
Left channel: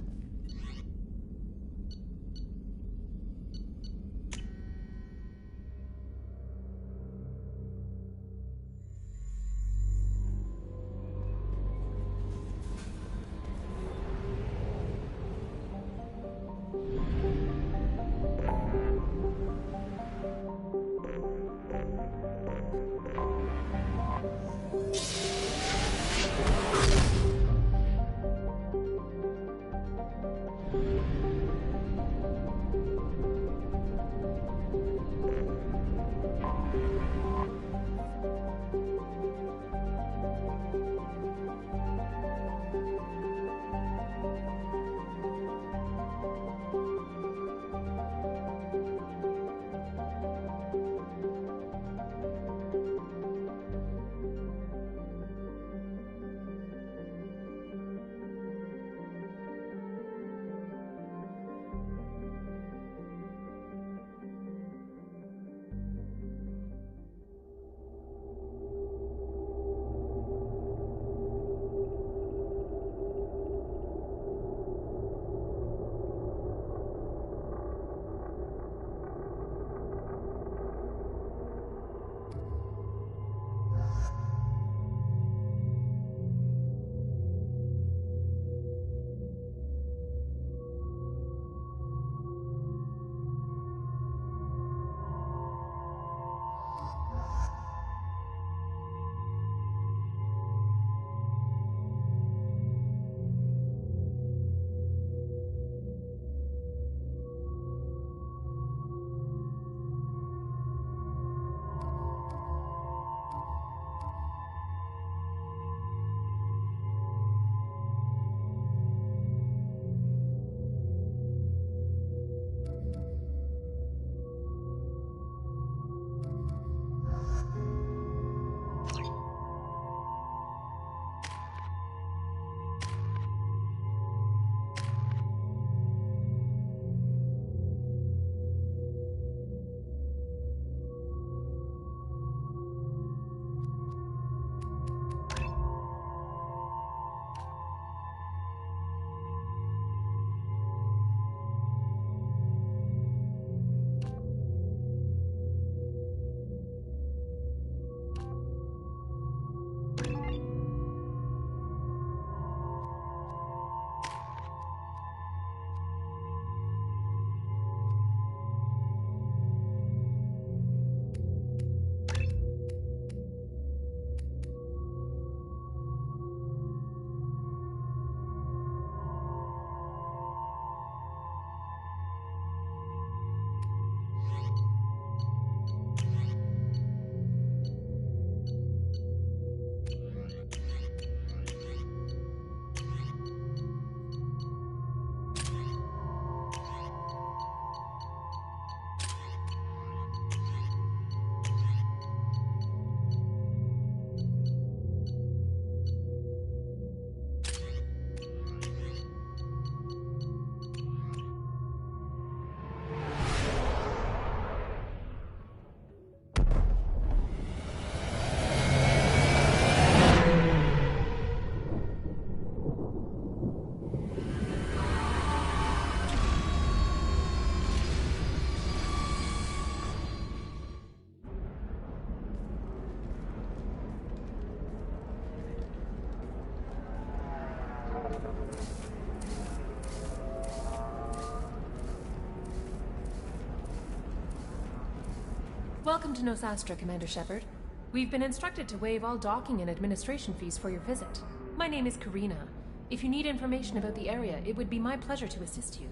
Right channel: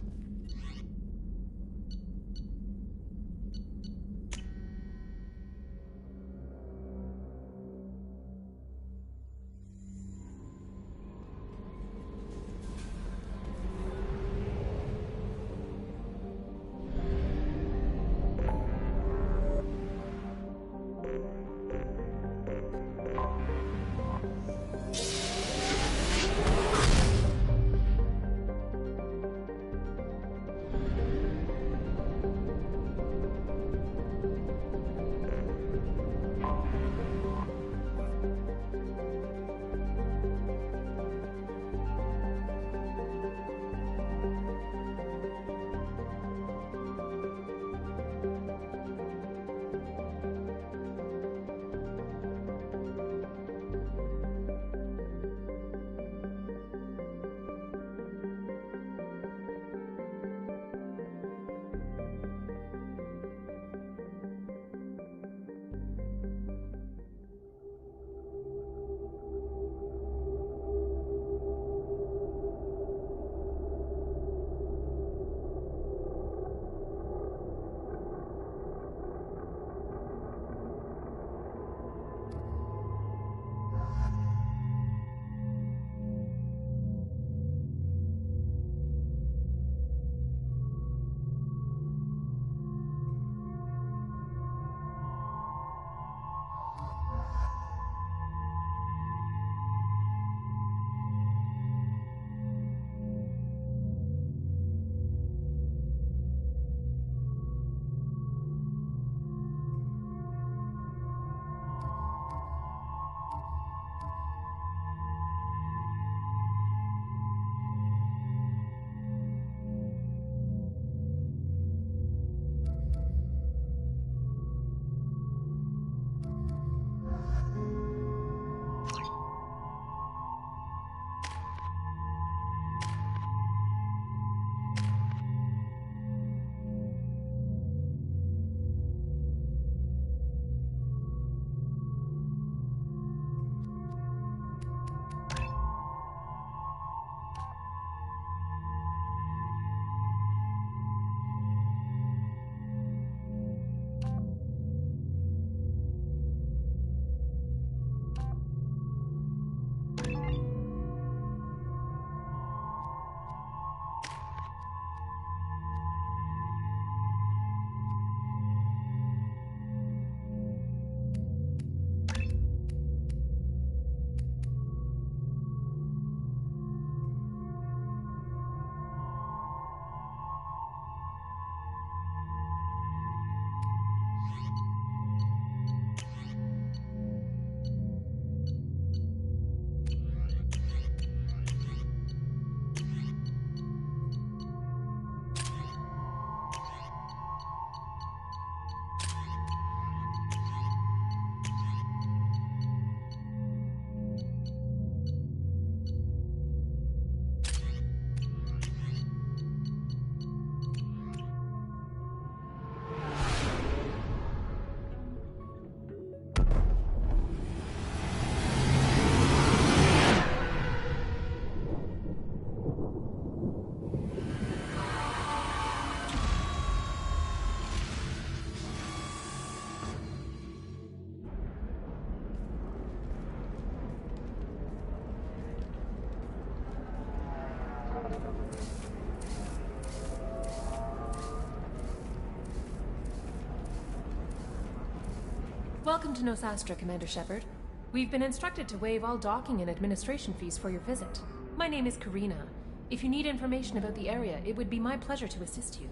Welcome to Nosastra, Commander Shepard. We've been instructed to waive all docking and administration fees for your visit. My name is Karina. If you need information about the area, it would be my pleasure to assist you.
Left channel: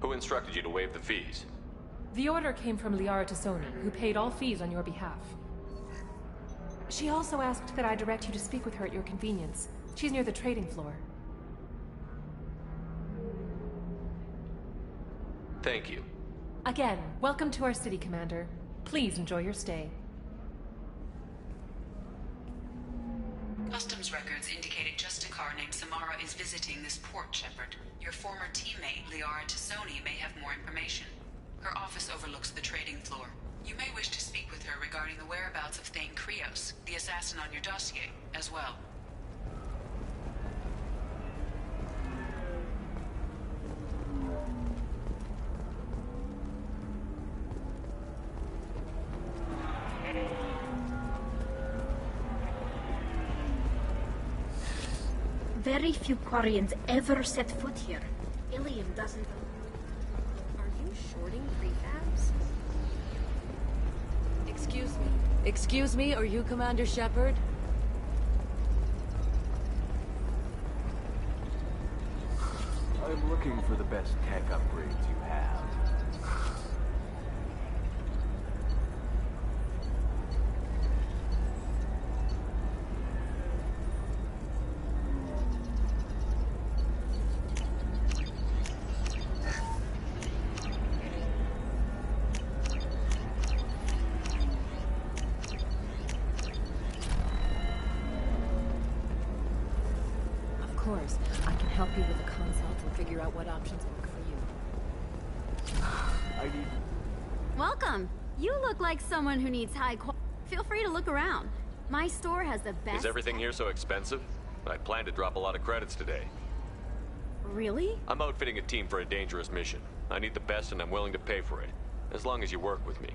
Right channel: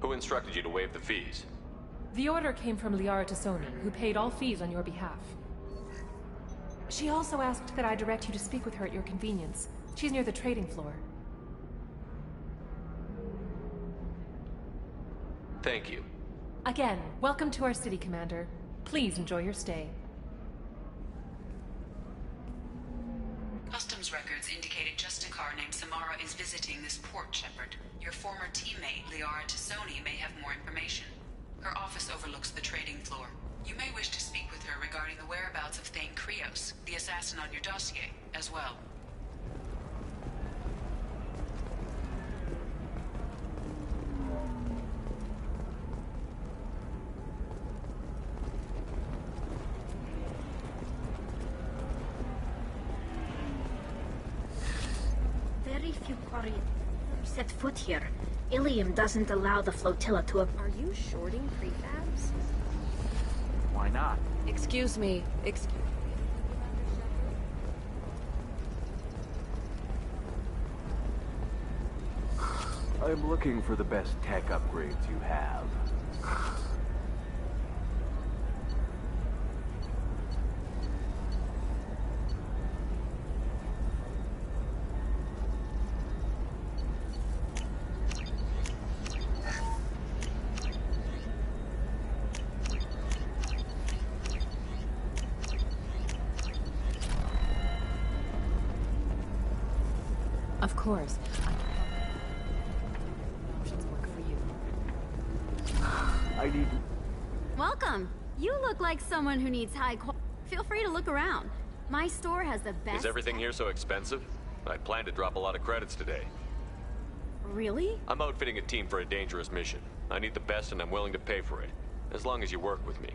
Who instructed you to waive the fees? The order came from Liara Tassoni, who paid all fees on your behalf. She also asked that I direct you to speak with her at your convenience. She's near the trading floor. Thank you. Again, welcome to our city, Commander. Please enjoy your stay. Customs records indicated just a car named Samara is visiting this port, Shepard. Your former teammate, Liara Tassoni, may have more information. Her office overlooks the trading floor. You may wish to speak with her regarding the whereabouts of Thane Krios, the assassin on your dossier, as well. Very few Quarians ever set foot here. Ilium doesn't allow the flotilla to... Are you shorting prefabs? Why not? Excuse me, are you Commander Shepard? I'm looking for the best tech upgrades you have. Of course, I can help you with the concept and figure out what options work for you. I need... Welcome! You look like someone who needs high quality. Feel free to look around. My store has the best... Is everything here so expensive? I plan to drop a lot of credits today. Really? I'm outfitting a team for a dangerous mission. I need the best and I'm willing to pay for it. As long as you work with me.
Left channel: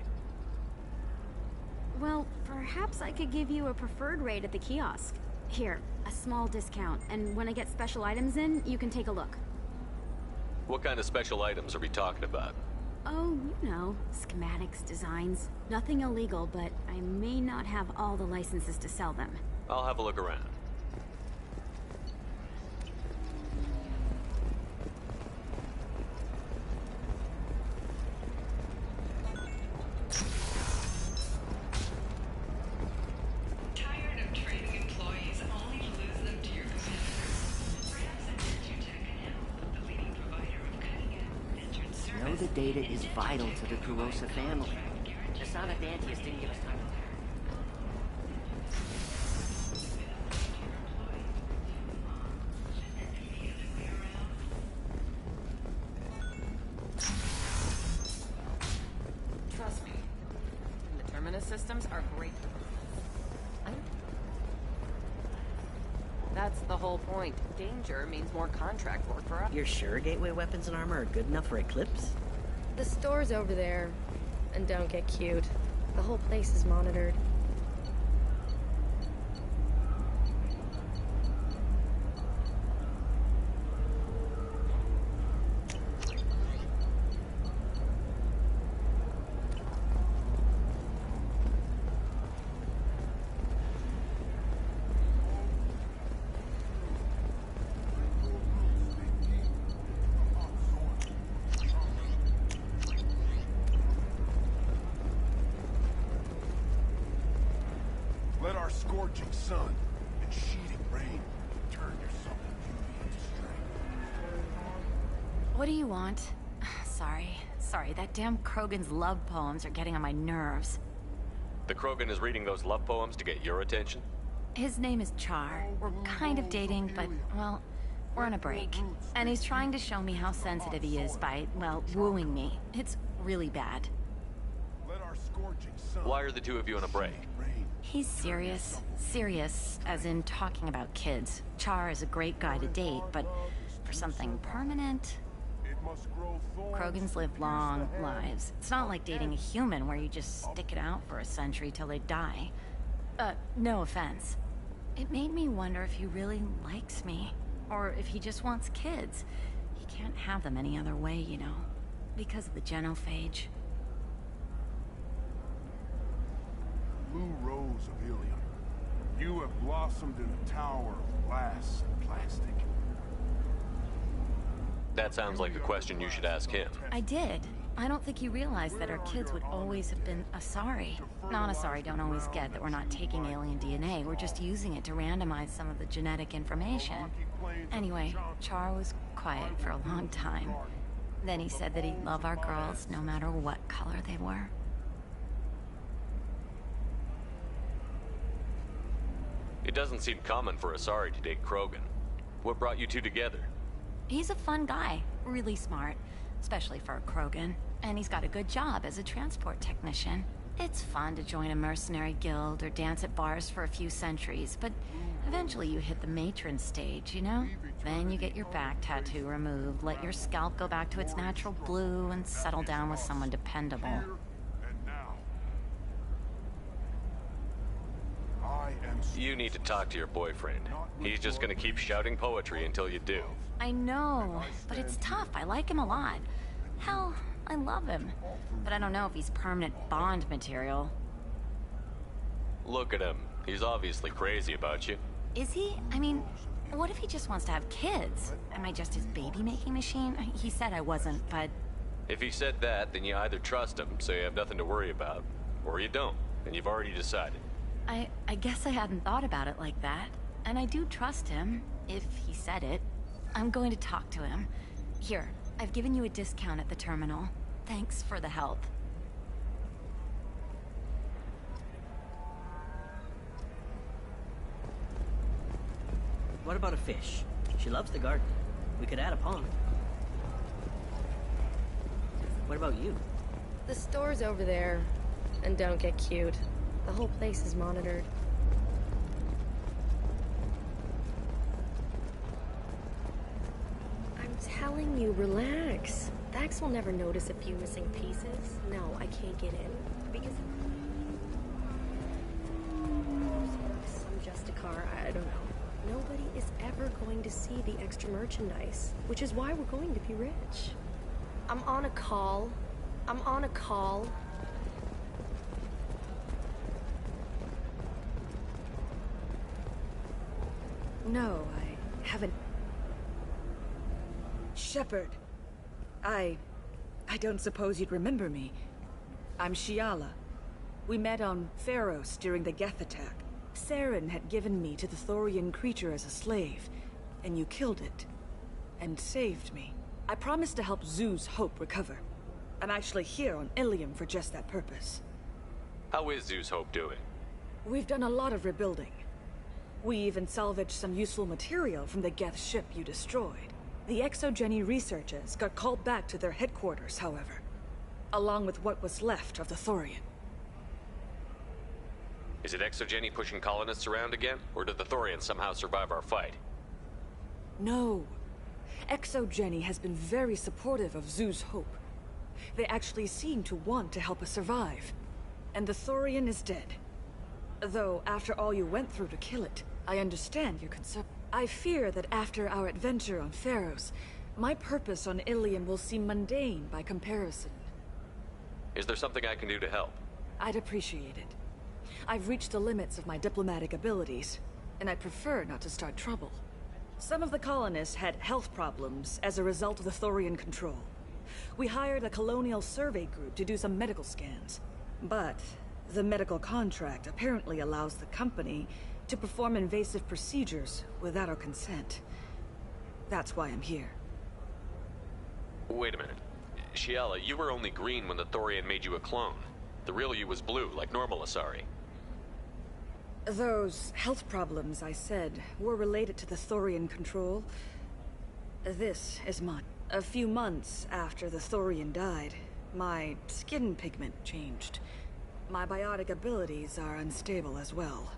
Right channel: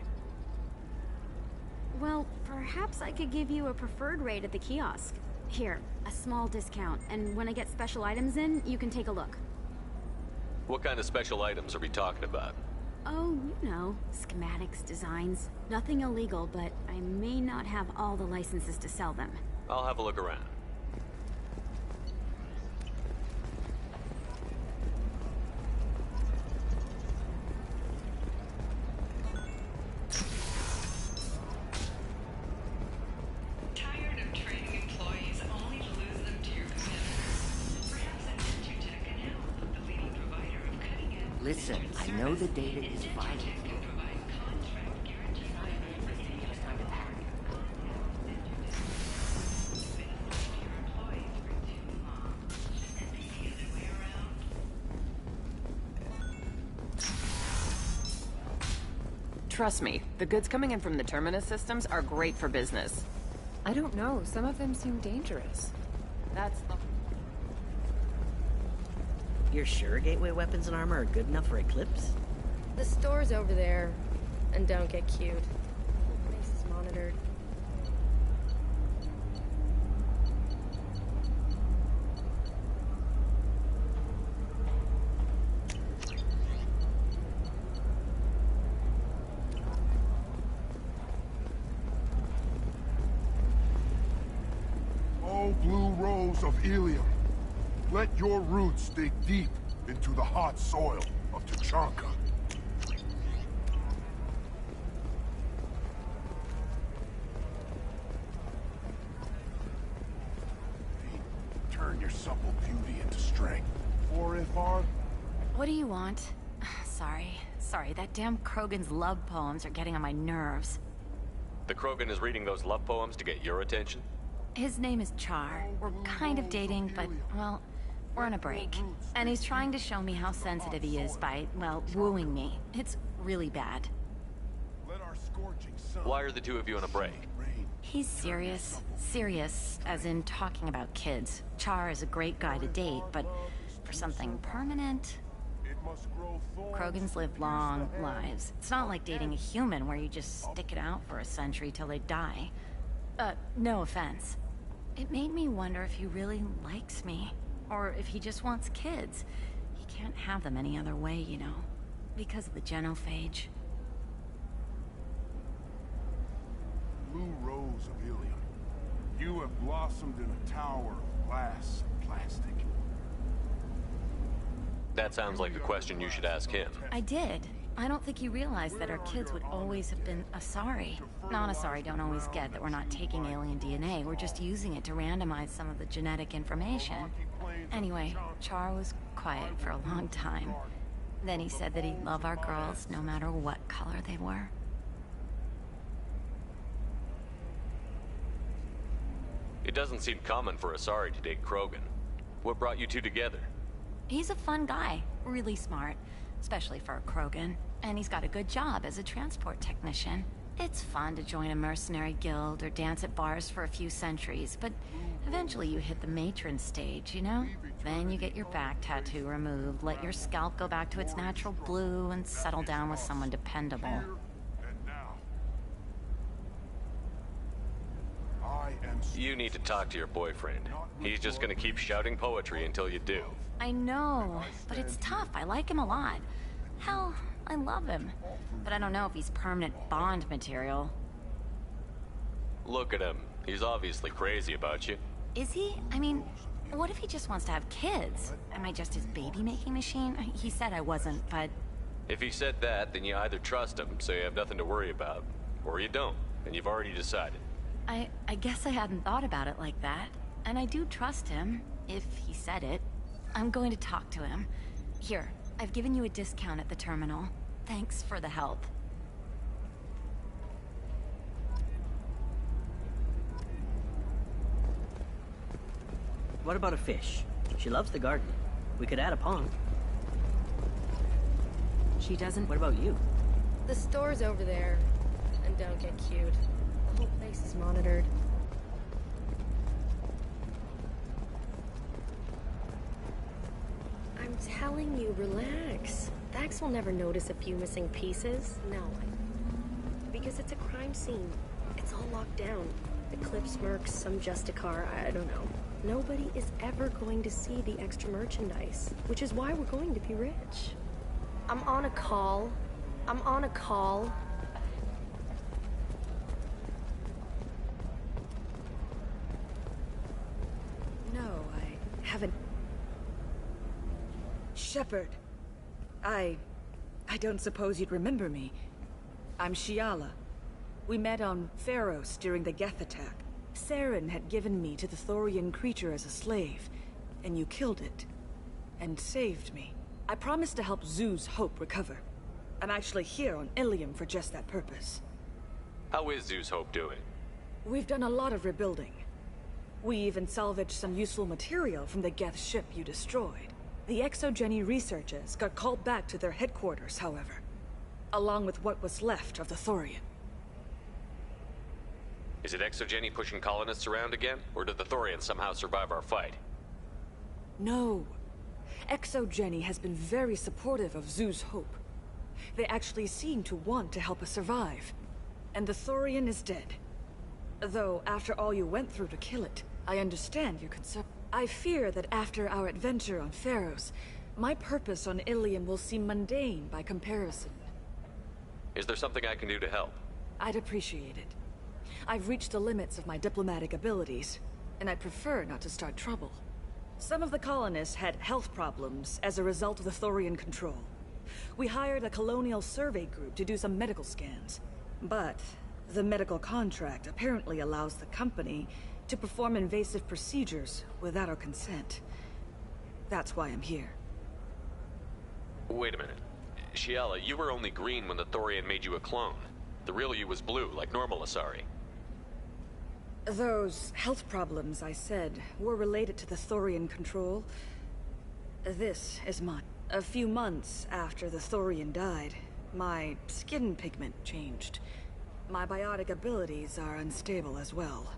Well, perhaps I could give you a preferred rate at the kiosk. Here, a small discount, and when I get special items in, you can take a look. What kind of special items are we talking about? Oh, you know, schematics, designs. Nothing illegal, but I may not have all the licenses to sell them. I'll have a look around. Tired of training employees only to lose them to your competitors? Perhaps Adventutech can help, the leading provider of cutting-edge... Listen, I know the data is vital to the Kurosa family. The Son of Antius didn't give us time to pack. Trust me, the goods coming in from the Terminus systems are great for business. I don't know, some of them seem dangerous. That's the whole point. Danger means more contract work for us. You're sure Gateway weapons and armor are good enough for Eclipse? The store's over there. And don't get cute. The whole place is monitored. Oh, blue rose of Helium. Let your roots dig deep into the hot soil of Tuchanka. Let our scorching sun and sheeting rain turn your supple beauty into strength. For if our... What do you want? Sorry, that damn Krogan's love poems are getting on my nerves. The Krogan is reading those love poems to get your attention? His name is Char. We're kind of dating, but, well, we're on a break. And he's trying to show me how sensitive he is by, well, wooing me. It's really bad. Let our scorching sun... Why are the two of you on a break? He's serious. Serious, as in talking about kids. Char is a great guy to date, but for something permanent... Krogans live long lives. It's not like dating a human where you just stick it out for a century till they die. No offense. It made me wonder if he really likes me. Or if he just wants kids. He can't have them any other way, you know. Because of the genophage. civilian. You have blossomed in a tower of glass and plastic. That sounds like a question you should ask him. I did. I don't think he realized that our kids would always have been Asari. Non-Asari don't always get that we're not taking alien DNA, we're just using it to randomize some of the genetic information. Anyway, Char was quiet for a long time. Then he said that he'd love our girls no matter what color they were. It doesn't seem common for Asari to date Krogan. What brought you two together? He's a fun guy, really smart, especially for a Krogan. And he's got a good job as a transport technician. It's fun to join a mercenary guild or dance at bars for a few centuries, but eventually you hit the matron stage, you know? Then you get your back tattoo removed, let your scalp go back to its natural blue, and settle down with someone dependable. You need to talk to your boyfriend. He's just gonna keep shouting poetry until you do. I know, but it's tough. I like him a lot. Hell, I love him. But I don't know if he's permanent Bond material. Look at him. He's obviously crazy about you. Is he? I mean, what if he just wants to have kids? Am I just his baby-making machine? He said I wasn't, but... If he said that, then you either trust him, so you have nothing to worry about, or you don't, and you've already decided. I guess I hadn't thought about it like that. And I do trust him, if he said it. I'm going to talk to him. Here, I've given you a discount at the terminal. Thanks for the help. What about a fish? She loves the garden. We could add a pond. She doesn't... What about you? The store's over there. And don't get cute. The whole place is monitored. I'm telling you, relax. Vax will never notice a few missing pieces. No, I can't get in. Because it's a crime scene. It's all locked down. The Eclipse Mercs, some Justicar, I don't know. Nobody is ever going to see the extra merchandise. Which is why we're going to be rich. I'm on a call. No, I haven't... Shepard. I don't suppose you'd remember me. I'm Shiala. We met on Pharos during the Geth attack. Saren had given me to the Thorian creature as a slave, and you killed it. And saved me. I promised to help Zoo's Hope recover. I'm actually here on Ilium for just that purpose. How is Zoo's Hope doing? We've done a lot of rebuilding. We even salvaged some useful material from the Geth ship you destroyed. The Exogeny researchers got called back to their headquarters, however, along with what was left of the Thorian. Is it Exogeny pushing colonists around again, or did the Thorians somehow survive our fight? No. Exogeny has been very supportive of Zoo's Hope. They actually seem to want to help us survive. And the Thorian is dead. Though, after all you went through to kill it, I understand your concern. I fear that after our adventure on Pharos, my purpose on Ilium will seem mundane by comparison. Is there something I can do to help? I'd appreciate it. I've reached the limits of my diplomatic abilities, and I prefer not to start trouble. Some of the colonists had health problems as a result of the Thorian control. We hired a colonial survey group to do some medical scans. But the medical contract apparently allows the company to perform invasive procedures without our consent. That's why I'm here. Wait a minute. Shiala, you were only green when the Thorian made you a clone. The real you was blue, like normal Asari. Those health problems I said were related to the Thorian control. This is mine. A few months after the Thorian died, my skin pigment changed. My biotic abilities are unstable as well.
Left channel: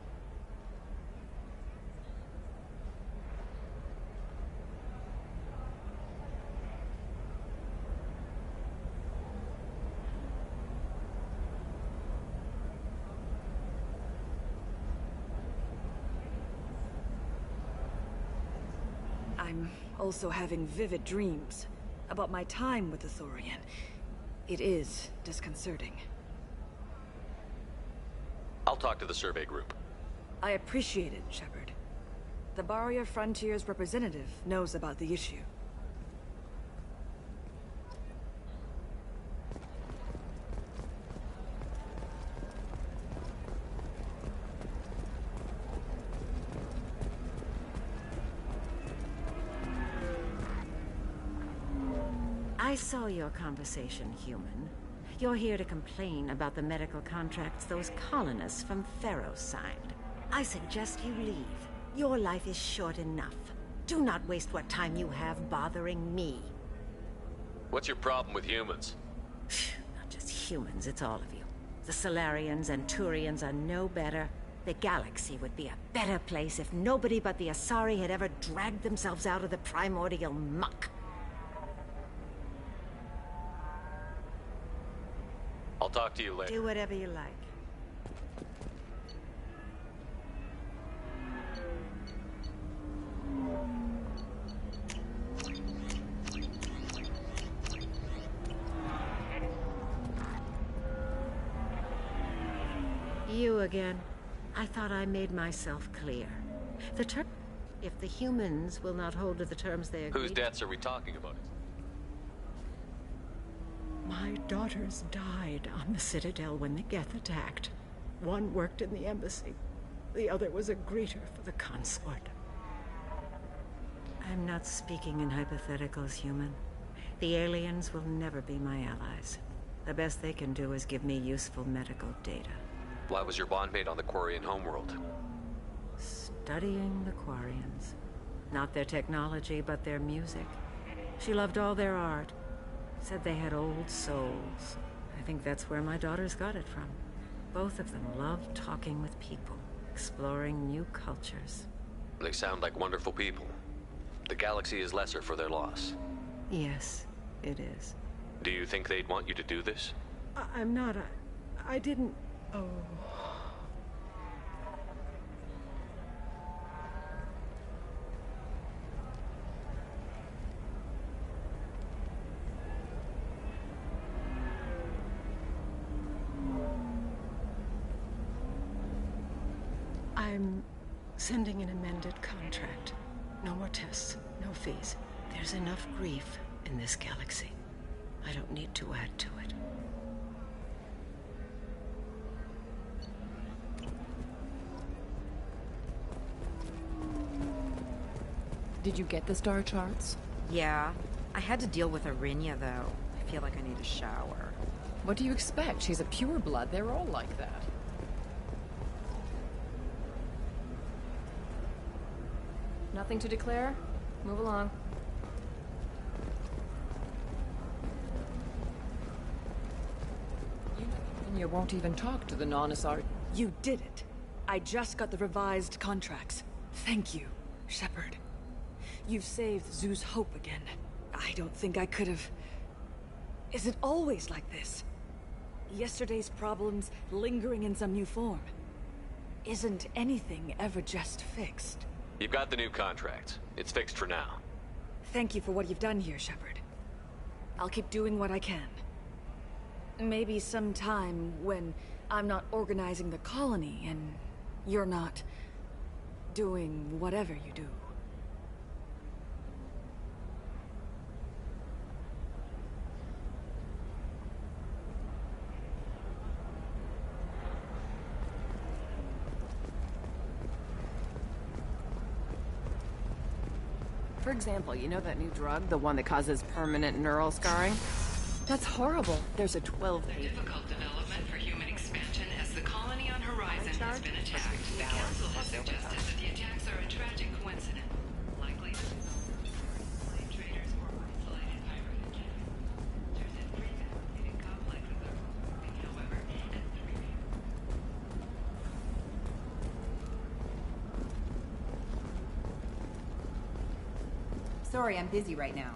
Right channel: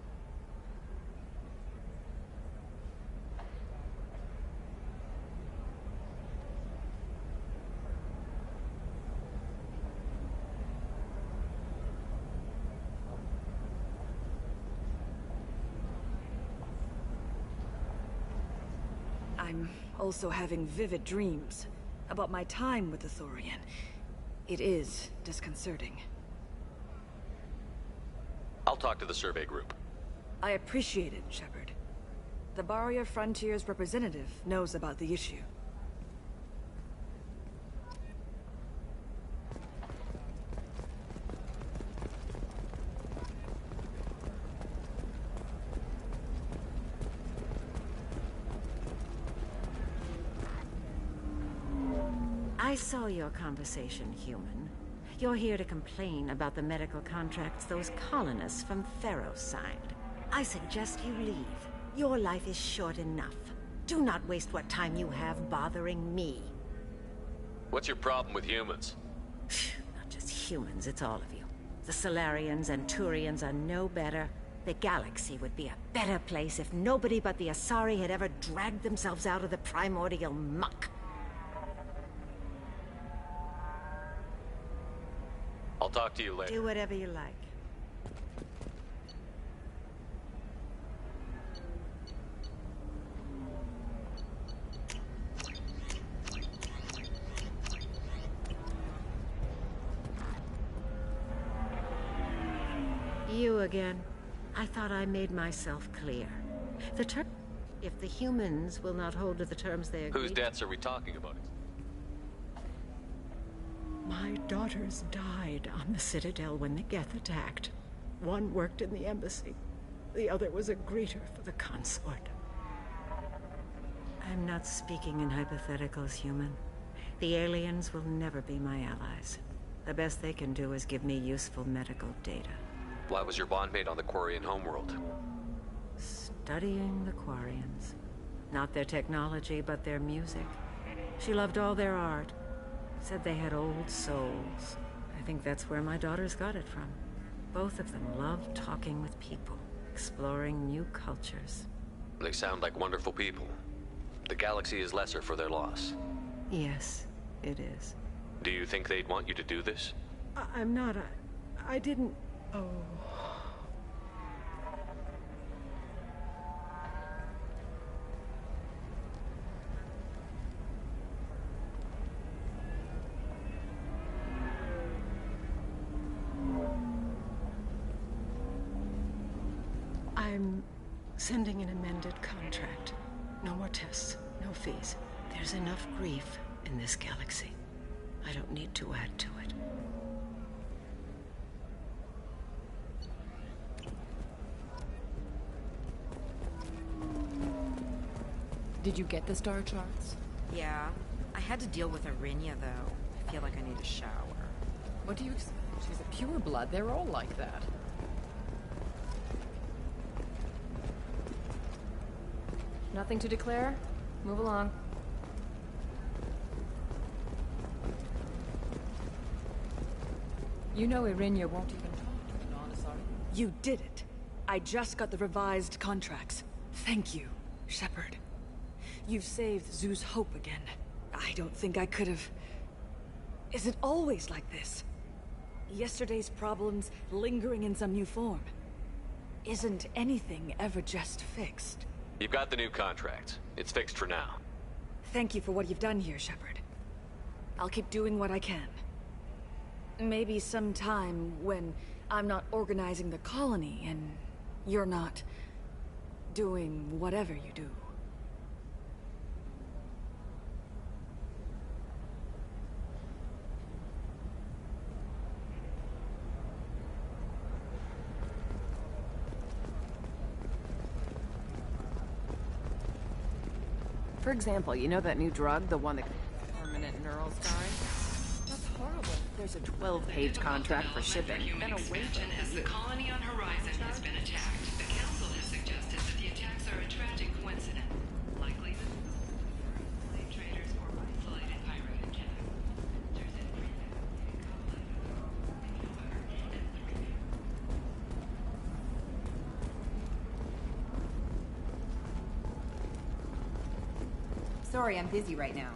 I'm also having vivid dreams about my time with the Thorian. It is disconcerting. I'll talk to the survey group. I appreciate it, Shepard. The Barrier Frontiers representative knows about the issue. I saw your conversation, human. You're here to complain about the medical contracts those colonists from Theros signed. I suggest you leave. Your life is short enough. Do not waste what time you have bothering me. What's your problem with humans? Not just humans, it's all of you. The Solarians and Turians are no better. The galaxy would be a better place if nobody but the Asari had ever dragged themselves out of the primordial muck. I'll talk to you later. Do whatever you like. You again. I thought I made myself clear. If the humans will not hold to the terms they agreed... Whose deaths are we talking about? My daughters died on the Citadel when the Geth attacked. One worked in the embassy. The other was a greeter for the consort. I'm not speaking in hypotheticals, human. The aliens will never be my allies. The best they can do is give me useful medical data. Why was your bondmate on the Quarian homeworld? Studying the Quarians. Not their technology, but their music. She loved all their art. Said they had old souls. I think that's where my daughters got it from. Both of them loved talking with people, exploring new cultures. They sound like wonderful people. The galaxy is lesser for their loss. Yes, it is. Do you think they'd want you to do this? I'm not. I didn't... Oh... I'm sending an amended contract. No more tests, no fees. There's enough grief in this galaxy. I don't need to add to it. Did you get the star charts? Yeah. I had to deal with Arinia, though. I feel like I need a shower. What do you expect? She's a pureblood. They're all like that. Nothing to declare? Move along. You know Irinia won't even talk to the non-Asari. You did it. I just got the revised contracts. Thank you, Shepard. You've saved Zoo's hope again. I don't think I could have... Is it always like this? Yesterday's problems lingering in some new form. Isn't anything ever just fixed? You've got the new contract. It's fixed for now. Thank you for what you've done here, Shepard. I'll keep doing what I can. Maybe sometime when I'm not organizing the colony and you're not doing whatever you do. For example, you know that new drug, the one that causes permanent neural scarring? That's horrible. There's a 12-page contract for shipping. Human expansion as the colony on Horizon has been attacked. The Council has suggested that the attacks are a tragic coincidence. Likely the result of slave traders or isolated pirate attacks. There's a pre-validated complexes are moving, however, and three... Sorry, I'm busy right now.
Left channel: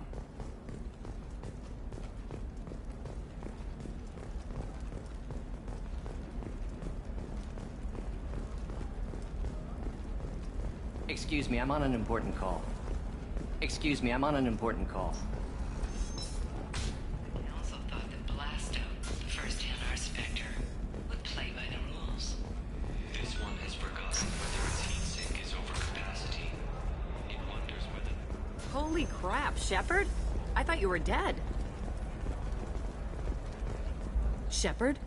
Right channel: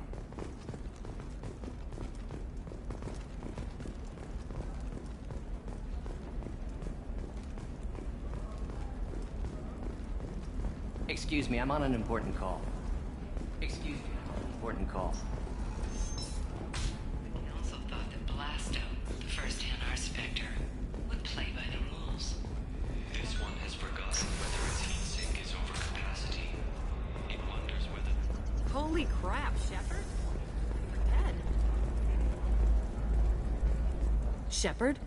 Excuse me, I'm on an important call. Excuse me, I'm on an important call. The Council thought that Blasto, the first NR Spectre, would play by the rules. Holy crap, Shepard? I thought you were dead. Shepard?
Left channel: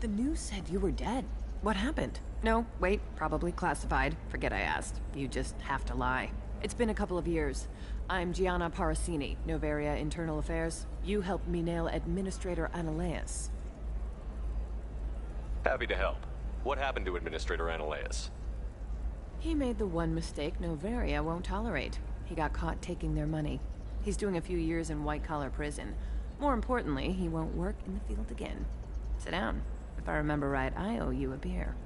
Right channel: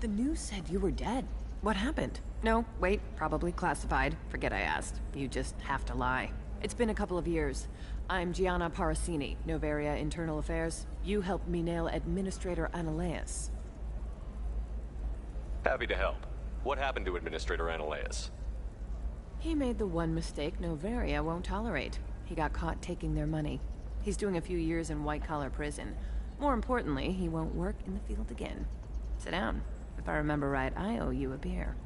The news said you were dead. What happened? No, wait, probably classified. Forget I asked. You just have to lie. It's been a couple of years. I'm Gianna Parasini, Noveria Internal Affairs. You helped me nail Administrator Analeas. Happy to help. What happened to Administrator Analeas? He made the one mistake Noveria won't tolerate. He got caught taking their money. He's doing a few years in white-collar prison. More importantly, he won't work in the field again. Sit down. If I remember right, I owe you a beer.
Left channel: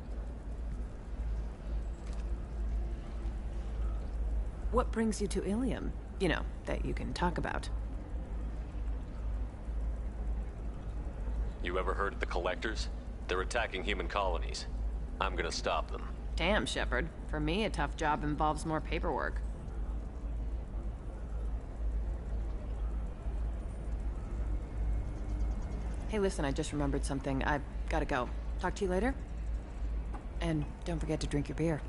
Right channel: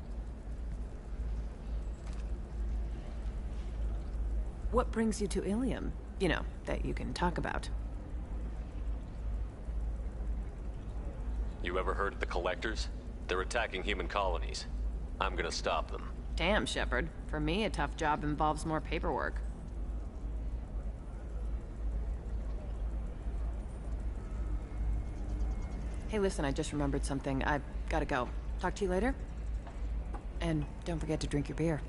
What brings you to Ilium? You know, that you can talk about. You ever heard of the Collectors? They're attacking human colonies. I'm gonna stop them. Damn, Shepard. For me, a tough job involves more paperwork. Hey, listen, I just remembered something. I've gotta go. Talk to you later? And don't forget to drink your beer.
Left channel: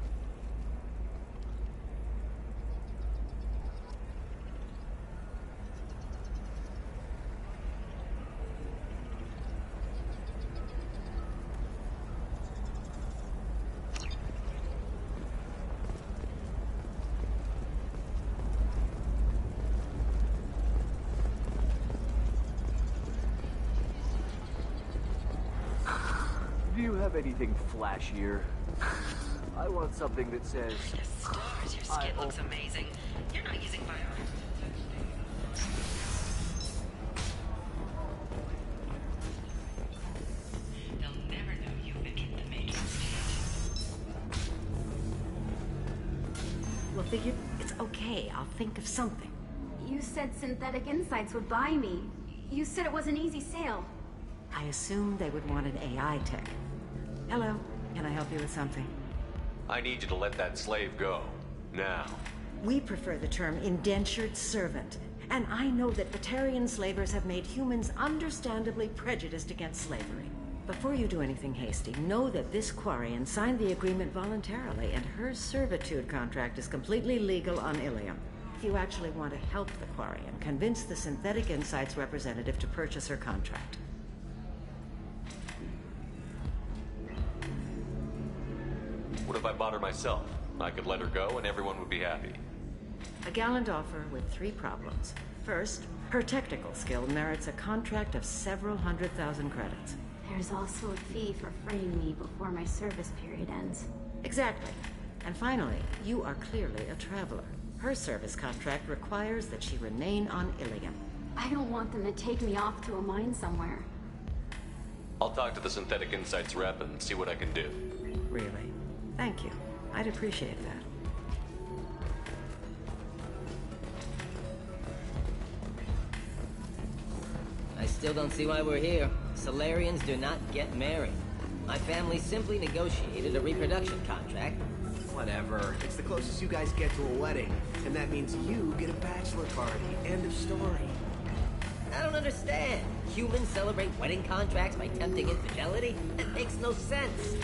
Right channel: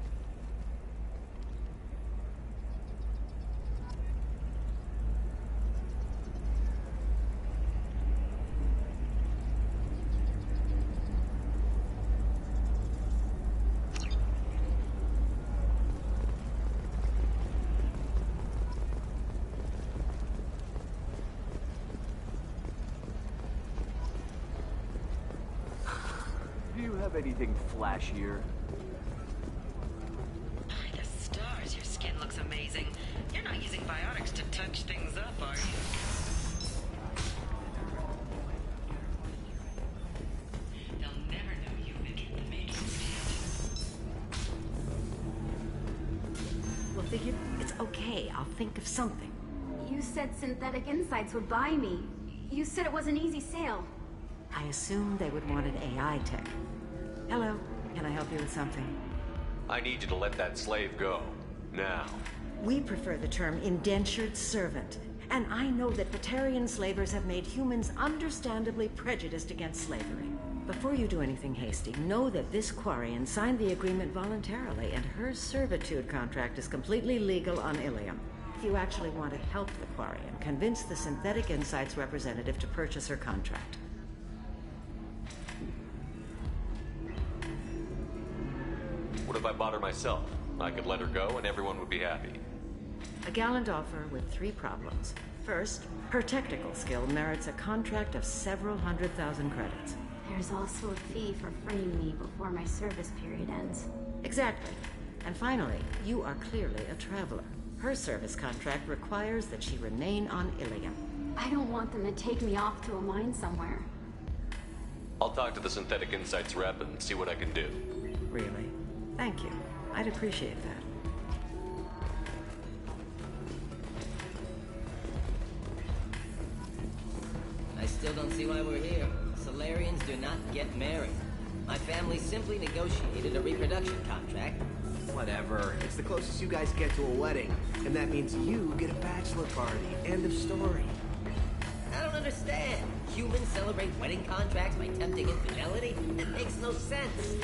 Do you have anything flashier? I want something that says... The stars, your skin looks amazing. You're not using biotics to touch things up, are you? They'll never know you've entered the Matrix yet. Well, figured it's okay. I'll think of something. You said Synthetic Insights would buy me. You said it was an easy sale. I assumed they would want an AI tech. Hello, can I help you with something? I need you to let that slave go. Now. We prefer the term indentured servant. And I know that Batarian slavers have made humans understandably prejudiced against slavery. Before you do anything hasty, know that this Quarian signed the agreement voluntarily, and her servitude contract is completely legal on Ilium. If you actually want to help the Quarian, convince the Synthetic Insights representative to purchase her contract. What if I bought her myself? I could let her go and everyone would be happy. A gallant offer with 3 problems. First, her technical skill merits a contract of several 100,000 credits. There's also a fee for freeing me before my service period ends. Exactly. And finally, you are clearly a traveler. Her service contract requires that she remain on Ilium. I don't want them to take me off to a mine somewhere. I'll talk to the Synthetic Insights rep and see what I can do. Really? Thank you. I'd appreciate that. I still don't see why we're here. Solarians do not get married. My family simply negotiated a reproduction contract. Whatever. It's the closest you guys get to a wedding. And that means you get a bachelor party. End of story. I don't understand. Humans celebrate wedding contracts by tempting infidelity? It makes no sense.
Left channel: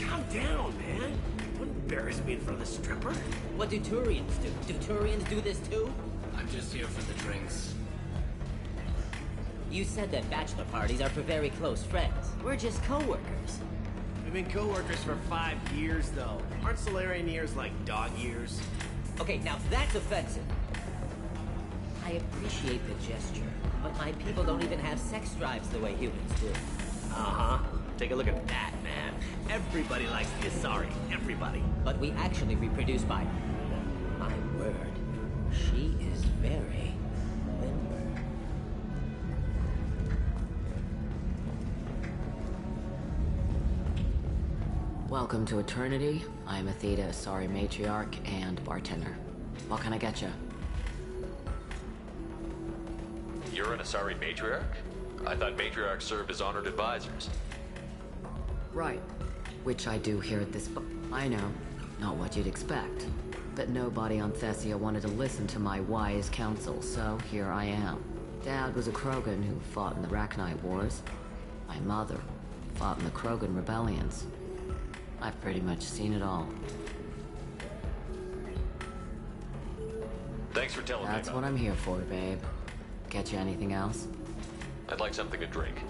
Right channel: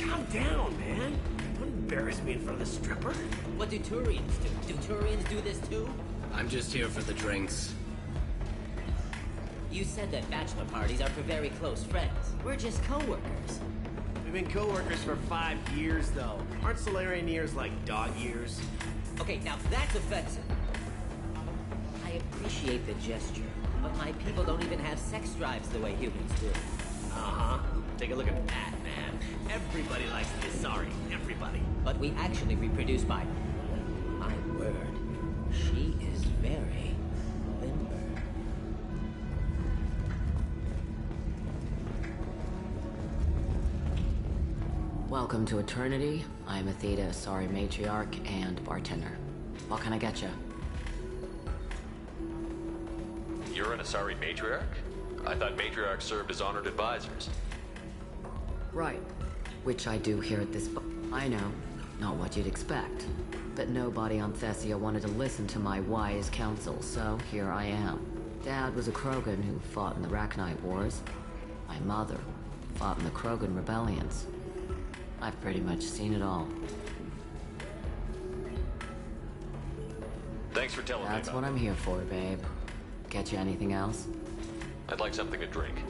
Calm down, man. Don't embarrass me in front of the stripper. What do Turians do? Do Turians do this too? I'm just here for the drinks. You said that bachelor parties are for very close friends. We're just co-workers. We've been co-workers for 5 years, though. Aren't Solarian years like dog years? Okay, now that's offensive. I appreciate the gesture, but my people don't even have sex drives the way humans do. Uh-huh. Take a look at that, man. Everybody likes the Asari. Everybody. But we actually reproduce by... My word. She is very limber. Welcome to Eternity. I'm a Theta Asari matriarch and bartender. What can I get you? You're an Asari matriarch? I thought matriarchs served as honored advisors. Right. Which I do here at this I know. Not what you'd expect. But nobody on Thessia wanted to listen to my wise counsel, so here I am. Dad was a Krogan who fought in the Rachni Wars. My mother fought in the Krogan rebellions. I've pretty much seen it all. Thanks for telling me That's about what I'm here for, babe. Get you anything else? I'd like something to drink.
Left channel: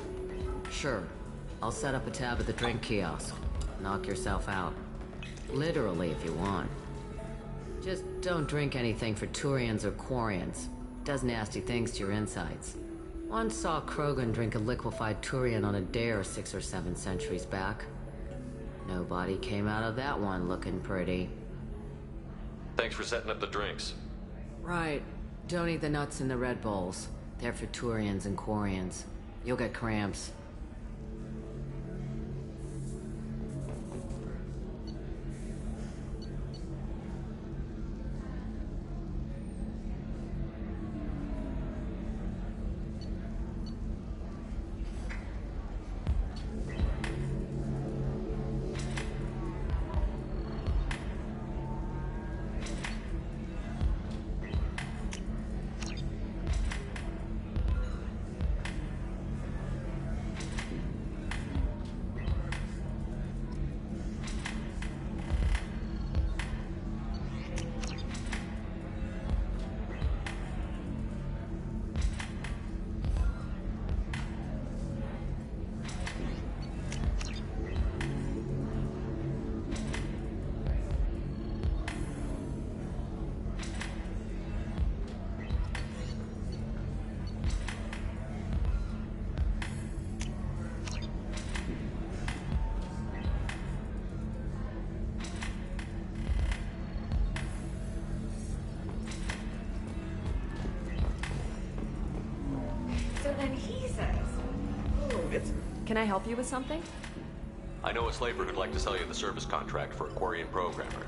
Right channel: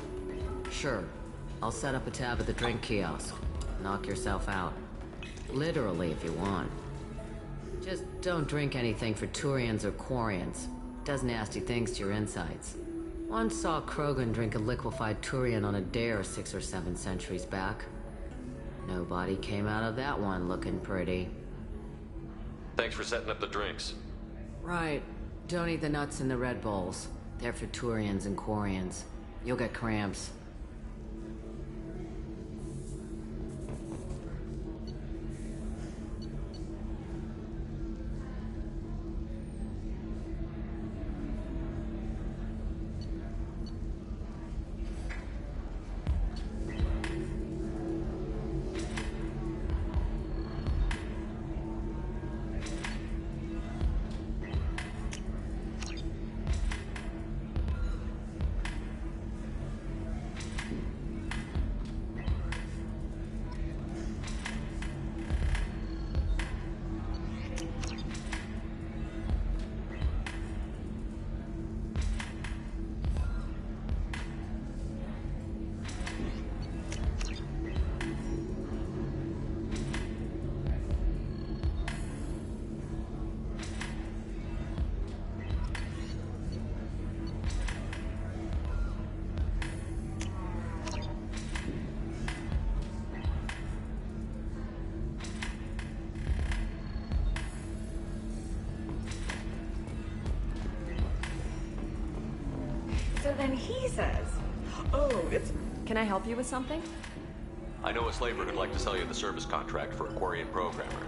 Sure. I'll set up a tab at the drink kiosk. Knock yourself out. Literally, if you want. Just don't drink anything for Turians or Quarians. Does nasty things to your insides. Once saw Krogan drink a liquefied Turian on a dare 6 or 7 centuries back. Nobody came out of that one looking pretty. Thanks for setting up the drinks. Right. Don't eat the nuts in the Red Bulls. They're for Turians and Quarians. You'll get cramps. So then he says, oh, it's... Can I help you with something? I know a slaver who'd like to sell you the service contract for a Quarian programmer.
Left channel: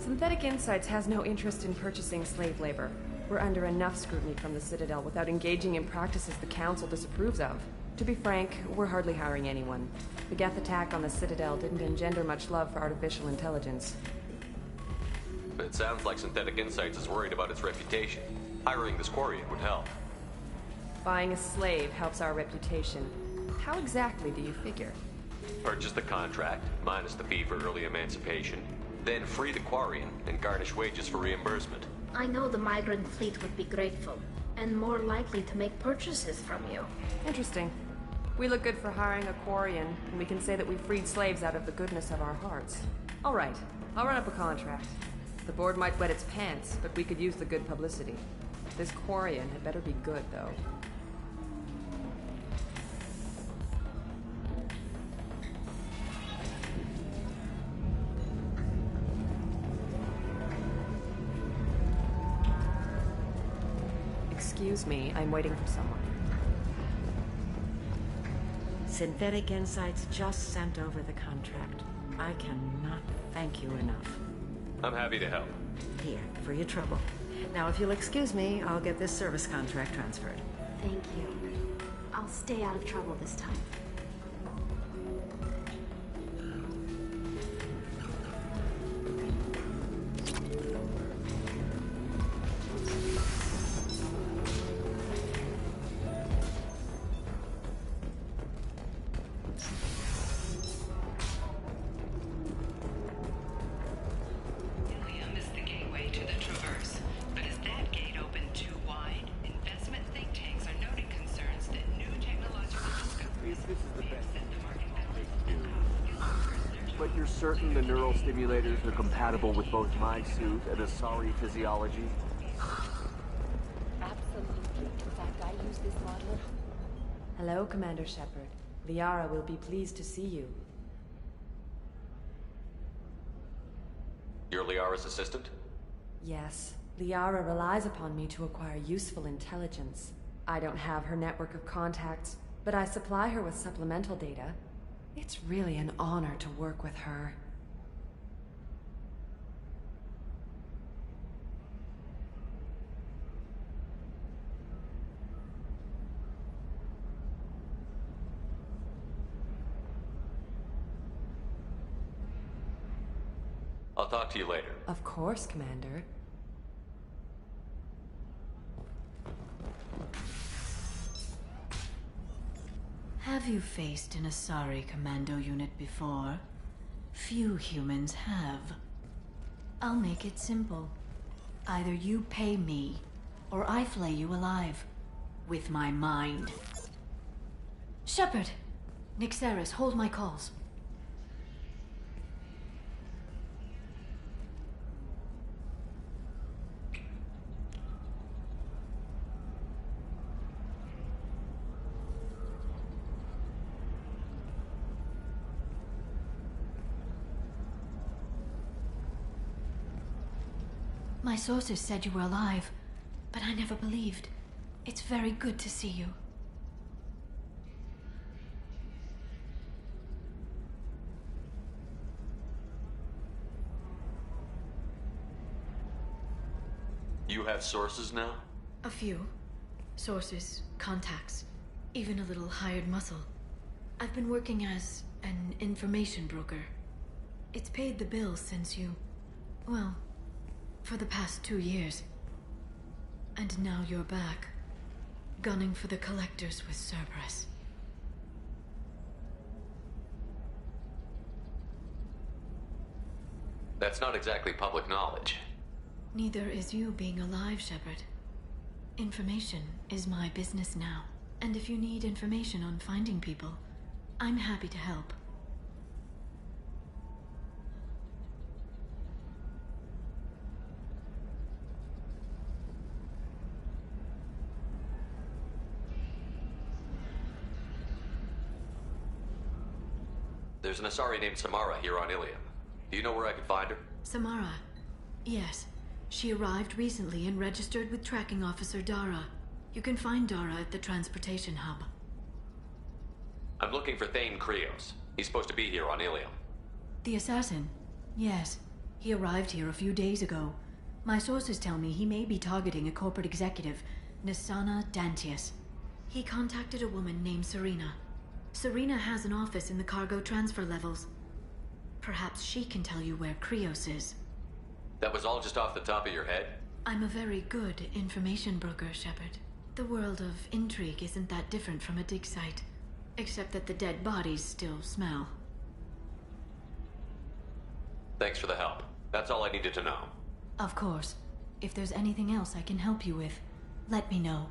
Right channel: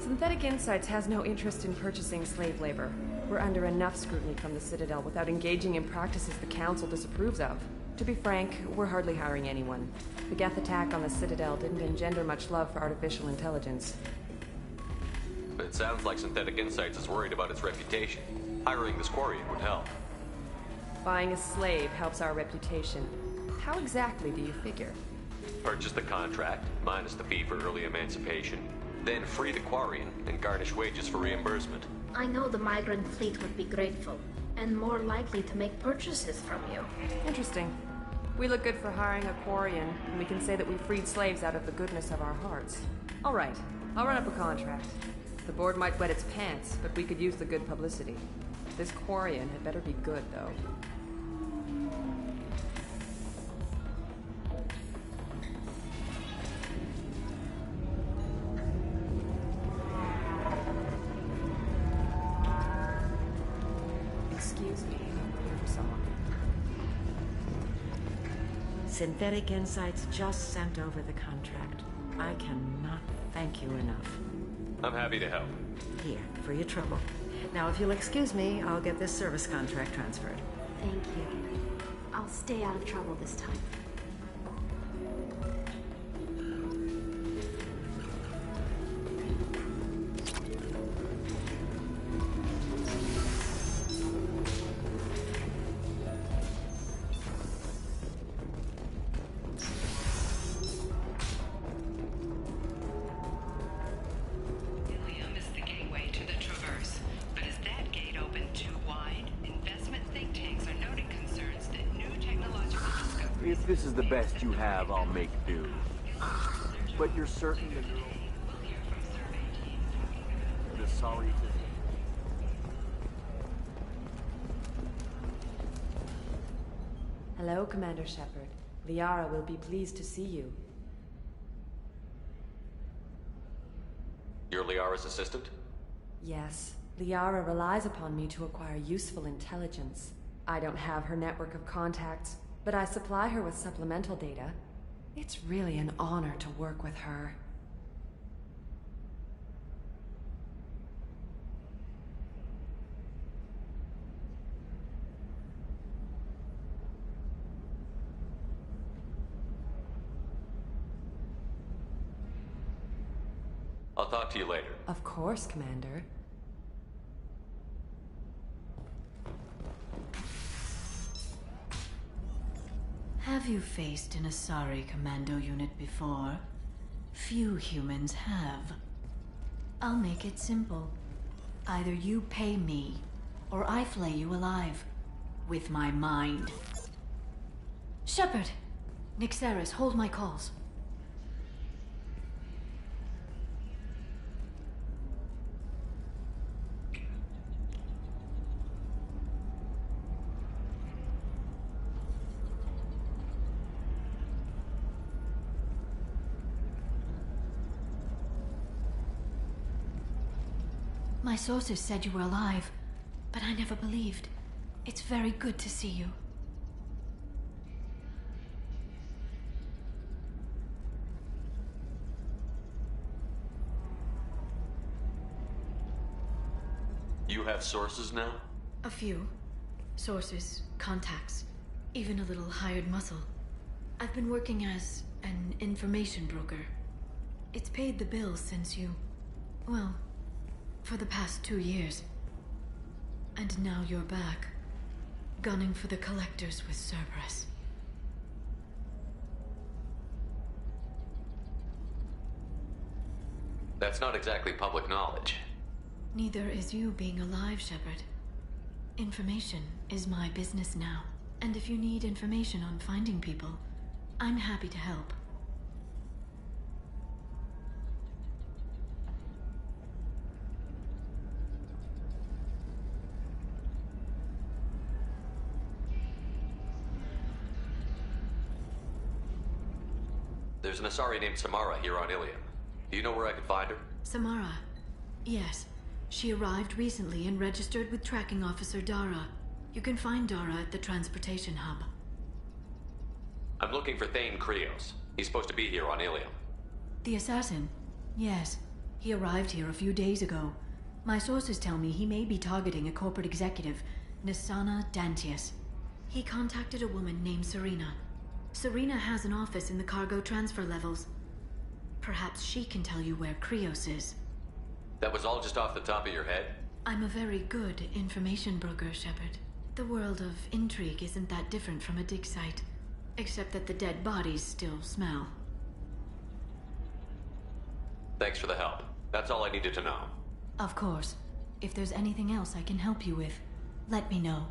Synthetic Insights has no interest in purchasing slave labor. We're under enough scrutiny from the Citadel without engaging in practices the Council disapproves of. To be frank, we're hardly hiring anyone. The Geth attack on the Citadel didn't engender much love for artificial intelligence. But it sounds like Synthetic Insights is worried about its reputation. Hiring this Quarian would help. Buying a slave helps our reputation. How exactly do you figure? Purchase the contract, minus the fee for early emancipation, then free the Quarian and garnish wages for reimbursement. I know the migrant fleet would be grateful, and more likely to make purchases from you. Interesting. We look good for hiring a Quarian, and we can say that we freed slaves out of the goodness of our hearts. All right, I'll run up a contract. The board might wet its pants, but we could use the good publicity. This Quarian had better be good, though. Excuse me, I'm waiting for someone. Synthetic Insights just sent over the contract. I cannot thank you enough. I'm happy to help. Here, for your trouble. Now, if you'll excuse me, I'll get this service contract transferred. Thank you. I'll stay out of trouble this time. If this is the best you have, I'll make do. But you're certain the neural stimulators are compatible with both my suit and Asari physiology? Hello, Commander Shepard. Liara will be pleased to see you. You're Liara's assistant? Yes. Liara relies upon me to acquire useful intelligence. I don't have her network of contacts, but I supply her with supplemental data. It's really an honor to work with her. I'll talk to you later. Of course, Commander. Have you faced an Asari commando unit before? Few humans have. I'll make it simple. Either you pay me, or I flay you alive. With my mind. Shepard! Nixeris, hold my calls. My sources said you were alive, but I never believed. It's very good to see you. You have sources now? A few. Sources, contacts, even a little hired muscle. I've been working as an information broker. It's paid the bills since you... well, for the past 2 years. And now you're back, gunning for the Collectors with Cerberus. That's not exactly public knowledge. Neither is you being alive, Shepard. Information is my business now. And if you need information on finding people, I'm happy to help. There's an Asari named Samara here on Ilium. Do you know where I could find her? Samara. Yes. She arrived recently and registered with Tracking Officer Dara. You can find Dara at the transportation hub. I'm looking for Thane Krios. He's supposed to be here on Ilium. The assassin? Yes. He arrived here a few days ago. My sources tell me he may be targeting a corporate executive, Nisana Dantius. He contacted a woman named Serena. Serena has an office in the cargo transfer levels. Perhaps she can tell you where Krios is. That was all just off the top of your head? I'm a very good information broker, Shepard. The world of intrigue isn't that different from a dig site. Except that the dead bodies still smell. Thanks for the help. That's all I needed to know. Of course. If there's anything else I can help you with, let me know.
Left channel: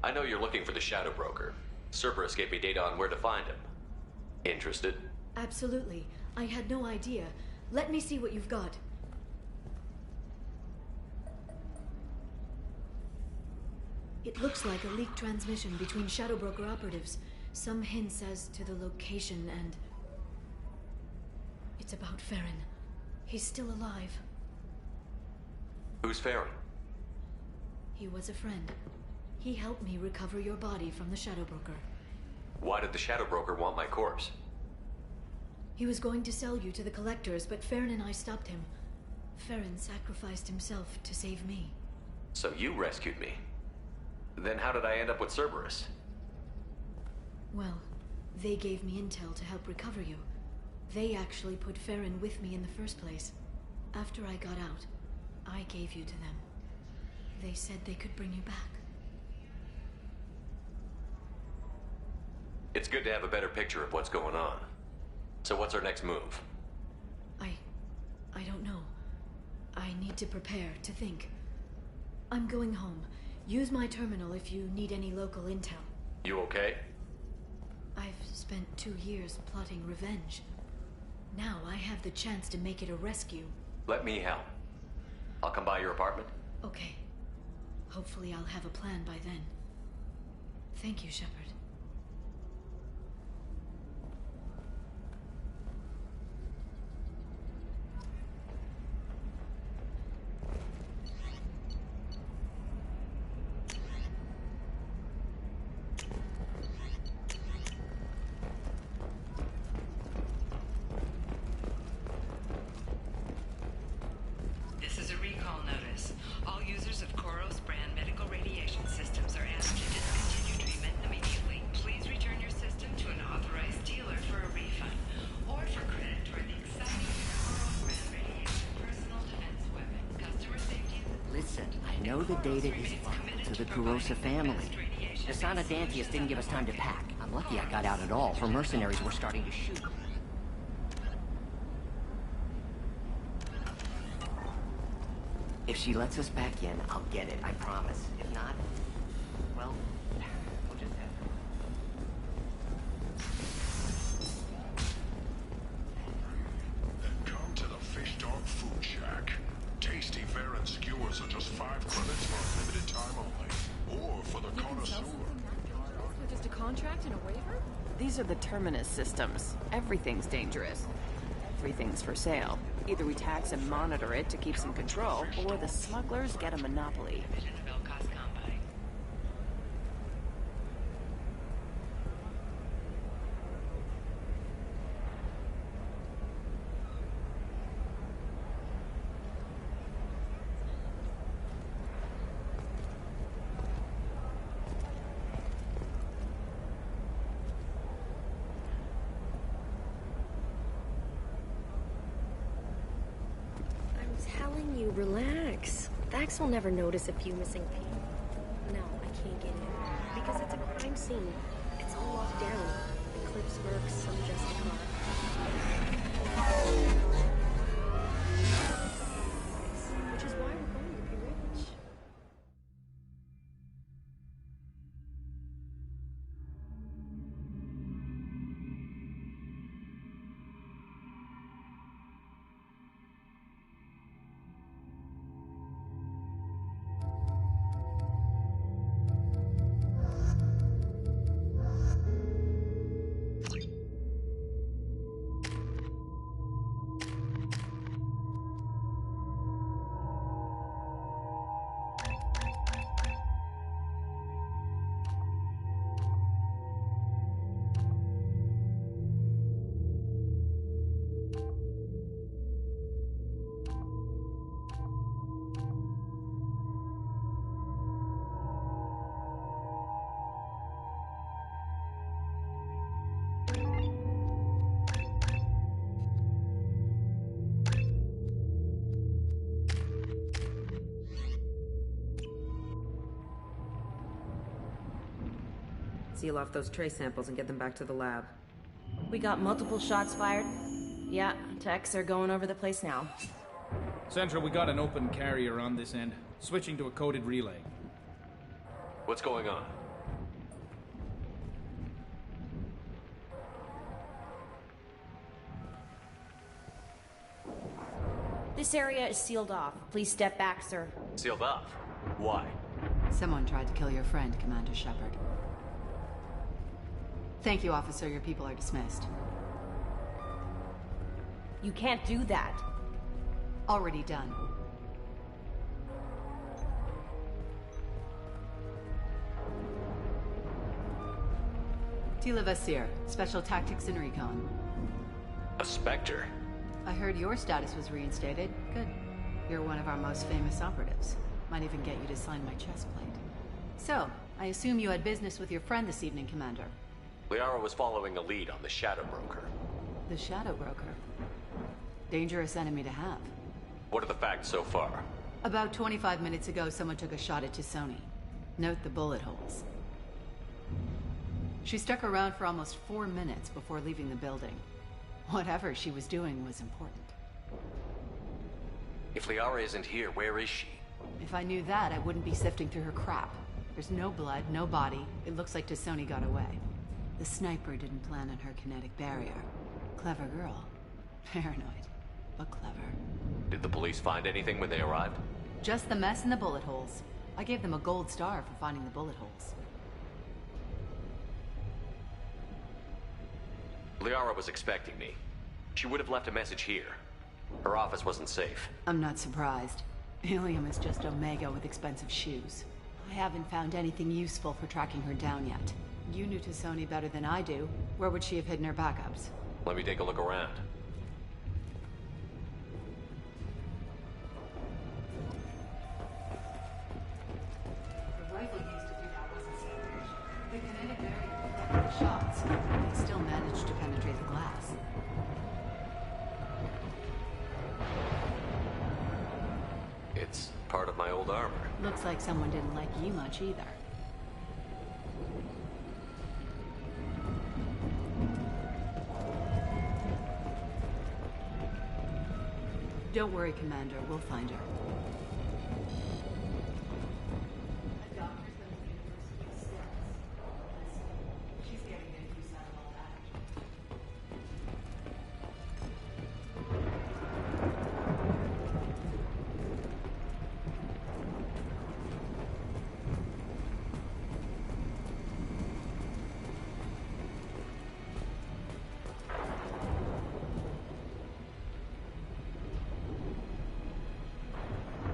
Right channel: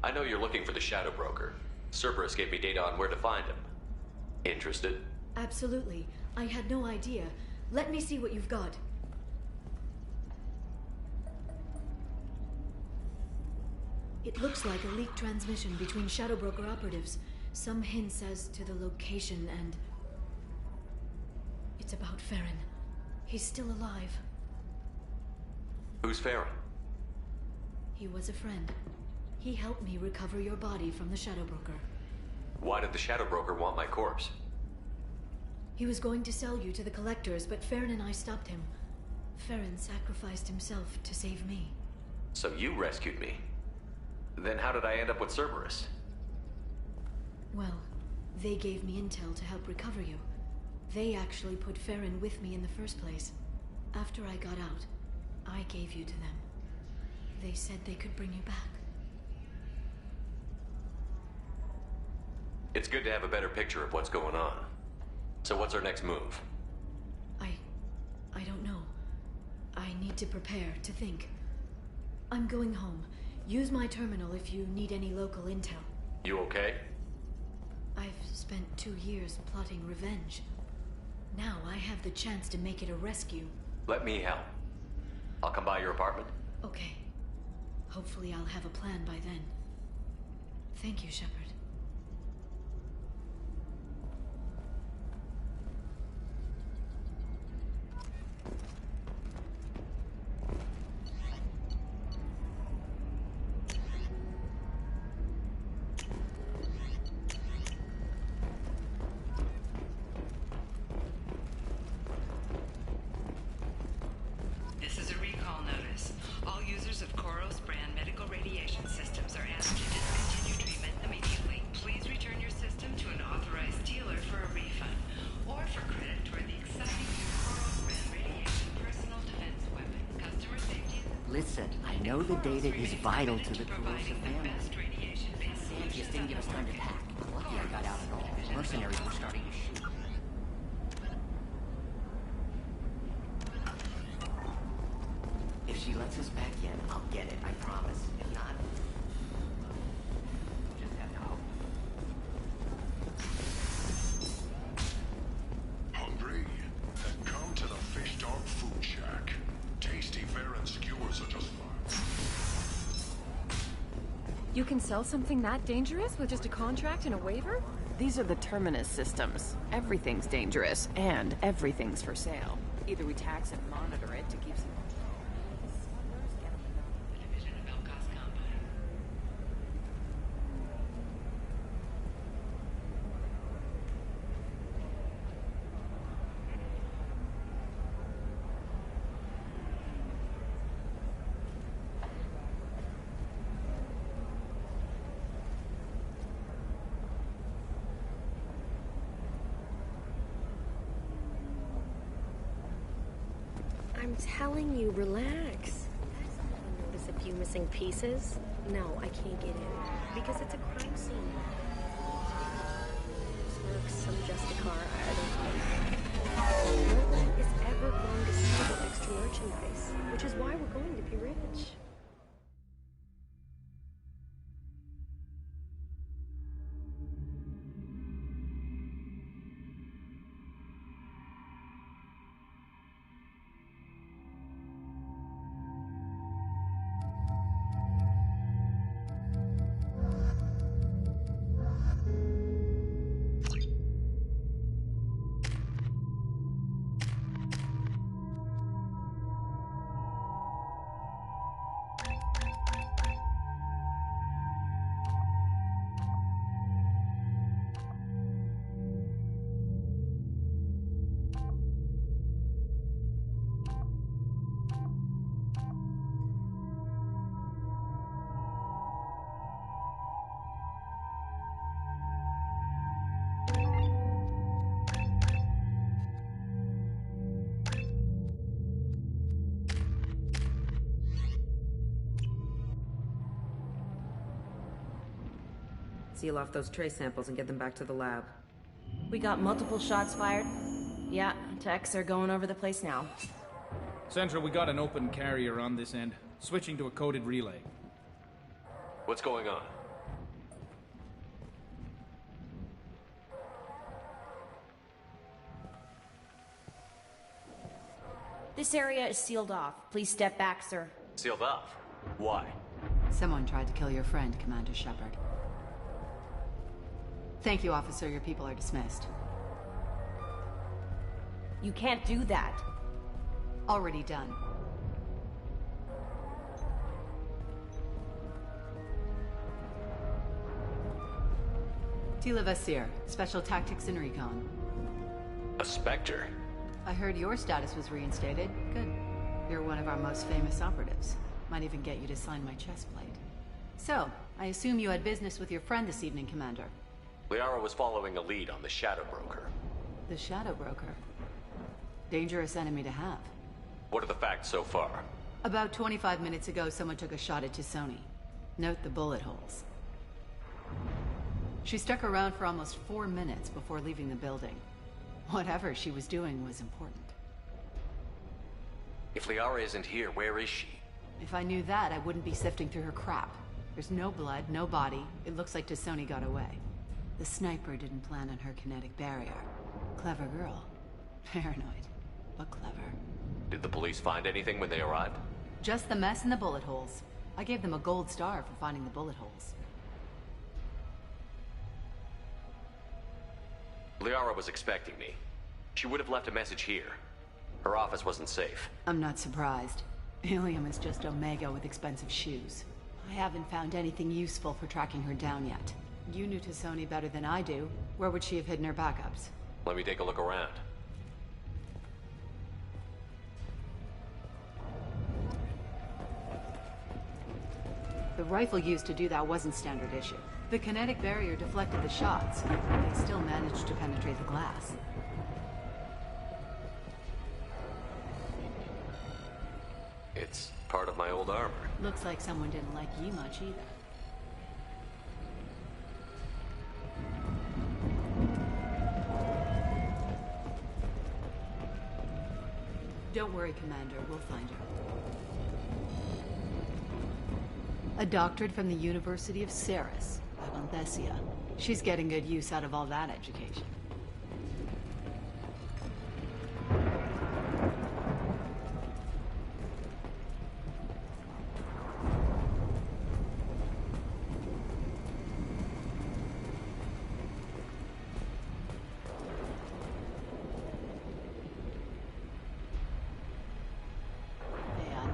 I know you're looking for the Shadow Broker. Cerberus gave me data on where to find him. Interested? Absolutely. I had no idea. Let me see what you've got. It looks like a leaked transmission between Shadow Broker operatives. Some hints as to the location and... it's about Farron. He's still alive. Who's Farron? He was a friend. He helped me recover your body from the Shadow Broker. Why did the Shadow Broker want my corpse? He was going to sell you to the Collectors, but Farron and I stopped him. Farron sacrificed himself to save me. So you rescued me. Then how did I end up with Cerberus? Well, they gave me intel to help recover you. They actually put Farron with me in the first place. After I got out, I gave you to them. They said they could bring you back. It's good to have a better picture of what's going on. So what's our next move? I don't know. I need to prepare, to think. I'm going home. Use my terminal if you need any local intel. You okay? I've spent 2 years plotting revenge. Now I have the chance to make it a rescue. Let me help. I'll come by your apartment. Okay. Hopefully I'll have a plan by then. Thank you, Shepard. know the data is vital to the Kurosa family. Asana Dantius didn't give us time to pack. I'm lucky I got out at all. Her mercenaries were starting to shoot. If she lets us back in, I'll get it, I promise. If not, well, we'll just have to hope. Hungry? Then come to the Fish Dog Food Shack. Tasty Varen skewers are just 5 credits for limited time only. Or for the You can sell something that dangerous with just a contract and a waiver? These are the Terminus systems. Everything's dangerous, and everything's for sale. Either we tax and monitor it to keep some control, or the smugglers get a monopoly. I'm telling you, relax. Vax will never notice a few missing pieces. No, I can't get in. Because it's a crime scene. It's all locked down. Clips, mercs, some just a car. It's merchandise, which is why we're going to be rich. Seal off those trace samples and get them back to the lab. We got multiple shots fired. Yeah, techs are going over the place now. Central, we got an open carrier on this end. Switching to a coded relay. What's going on? This area is sealed off. Please step back, sir. Sealed off? Why? Someone tried to kill your friend, Commander Shepard. Thank you, officer. Your people are dismissed. You can't do that. Already done. Tila Vasir, Special Tactics and Recon. A Spectre? I heard your status was reinstated. Good. You're one of our most famous operatives. Might even get you to sign my chest plate. So, I assume you had business with your friend this evening, Commander. Liara was following a lead on the Shadow Broker. The Shadow Broker. Dangerous enemy to have. What are the facts so far? About 25 minutes ago, someone took a shot at T'Soni. Note the bullet holes. She stuck around for almost 4 minutes before leaving the building. Whatever she was doing was important. If Liara isn't here, where is she? If I knew that, I wouldn't be sifting through her crap. There's no blood, no body. It looks like T'Soni got away. The sniper didn't plan on her kinetic barrier. Clever girl. Paranoid, but clever. Did the police find anything when they arrived? Just the mess and the bullet holes. I gave them a gold star for finding the bullet holes. Liara was expecting me. She would have left a message here. Her office wasn't safe. I'm not surprised. Ilium is just Omega with expensive shoes. I haven't found anything useful for tracking her down yet. You knew T'Soni better than I do. Where would she have hidden her backups? Let me take a look around. The rifle used to do that wasn't standard issue. The kinetic barrier deflected the shots. They still managed to penetrate the glass. It's Part of my old armor. Looks like someone didn't like you much either. Don't worry, Commander. We'll find her. A doctorate from the University of Ceres, Althesia. She's getting good use out of all that education.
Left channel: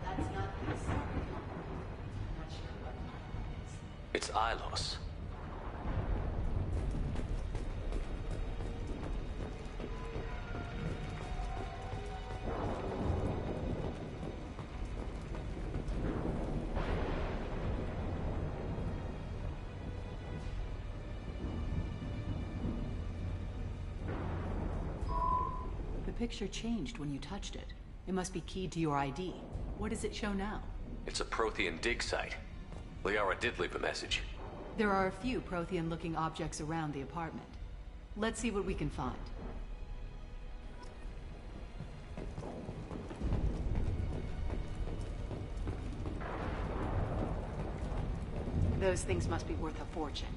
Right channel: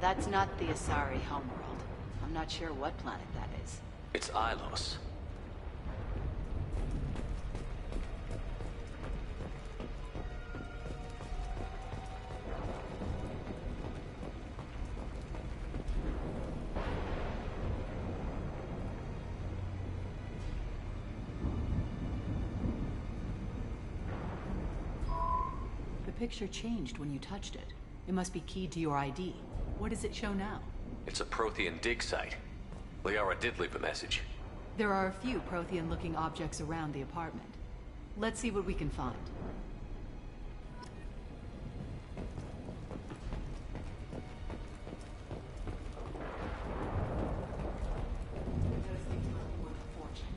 That's not the Asari homeworld. I'm not sure what planet that is. It's Ilos. The picture changed when you touched it. It must be keyed to your ID. What does it show now? It's a Prothean dig site. Liara did leave a message. There are a few Prothean-looking objects around the apartment. Let's see what we can find. Those things must be worth a fortune.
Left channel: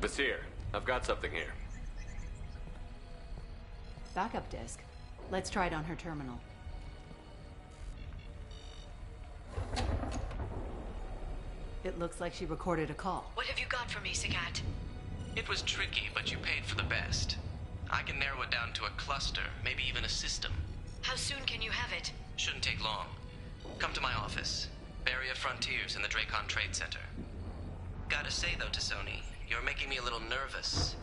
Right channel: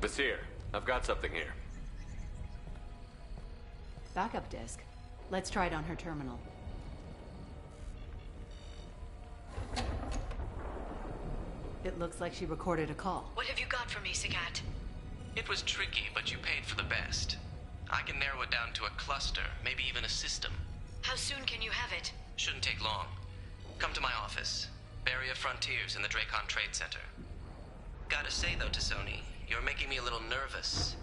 Vasir, I've got something here. Backup disk. Let's try it on her terminal. It looks like she recorded a call. What have you got for me, Sagat? It was tricky, but you paid for the best. I can narrow it down to a cluster, maybe even a system. How soon can you have it? Shouldn't take long. Come to my office. Barrier Frontiers in the Dracon Trade Center. Gotta say though, T'Soni, you're making me a little nervous.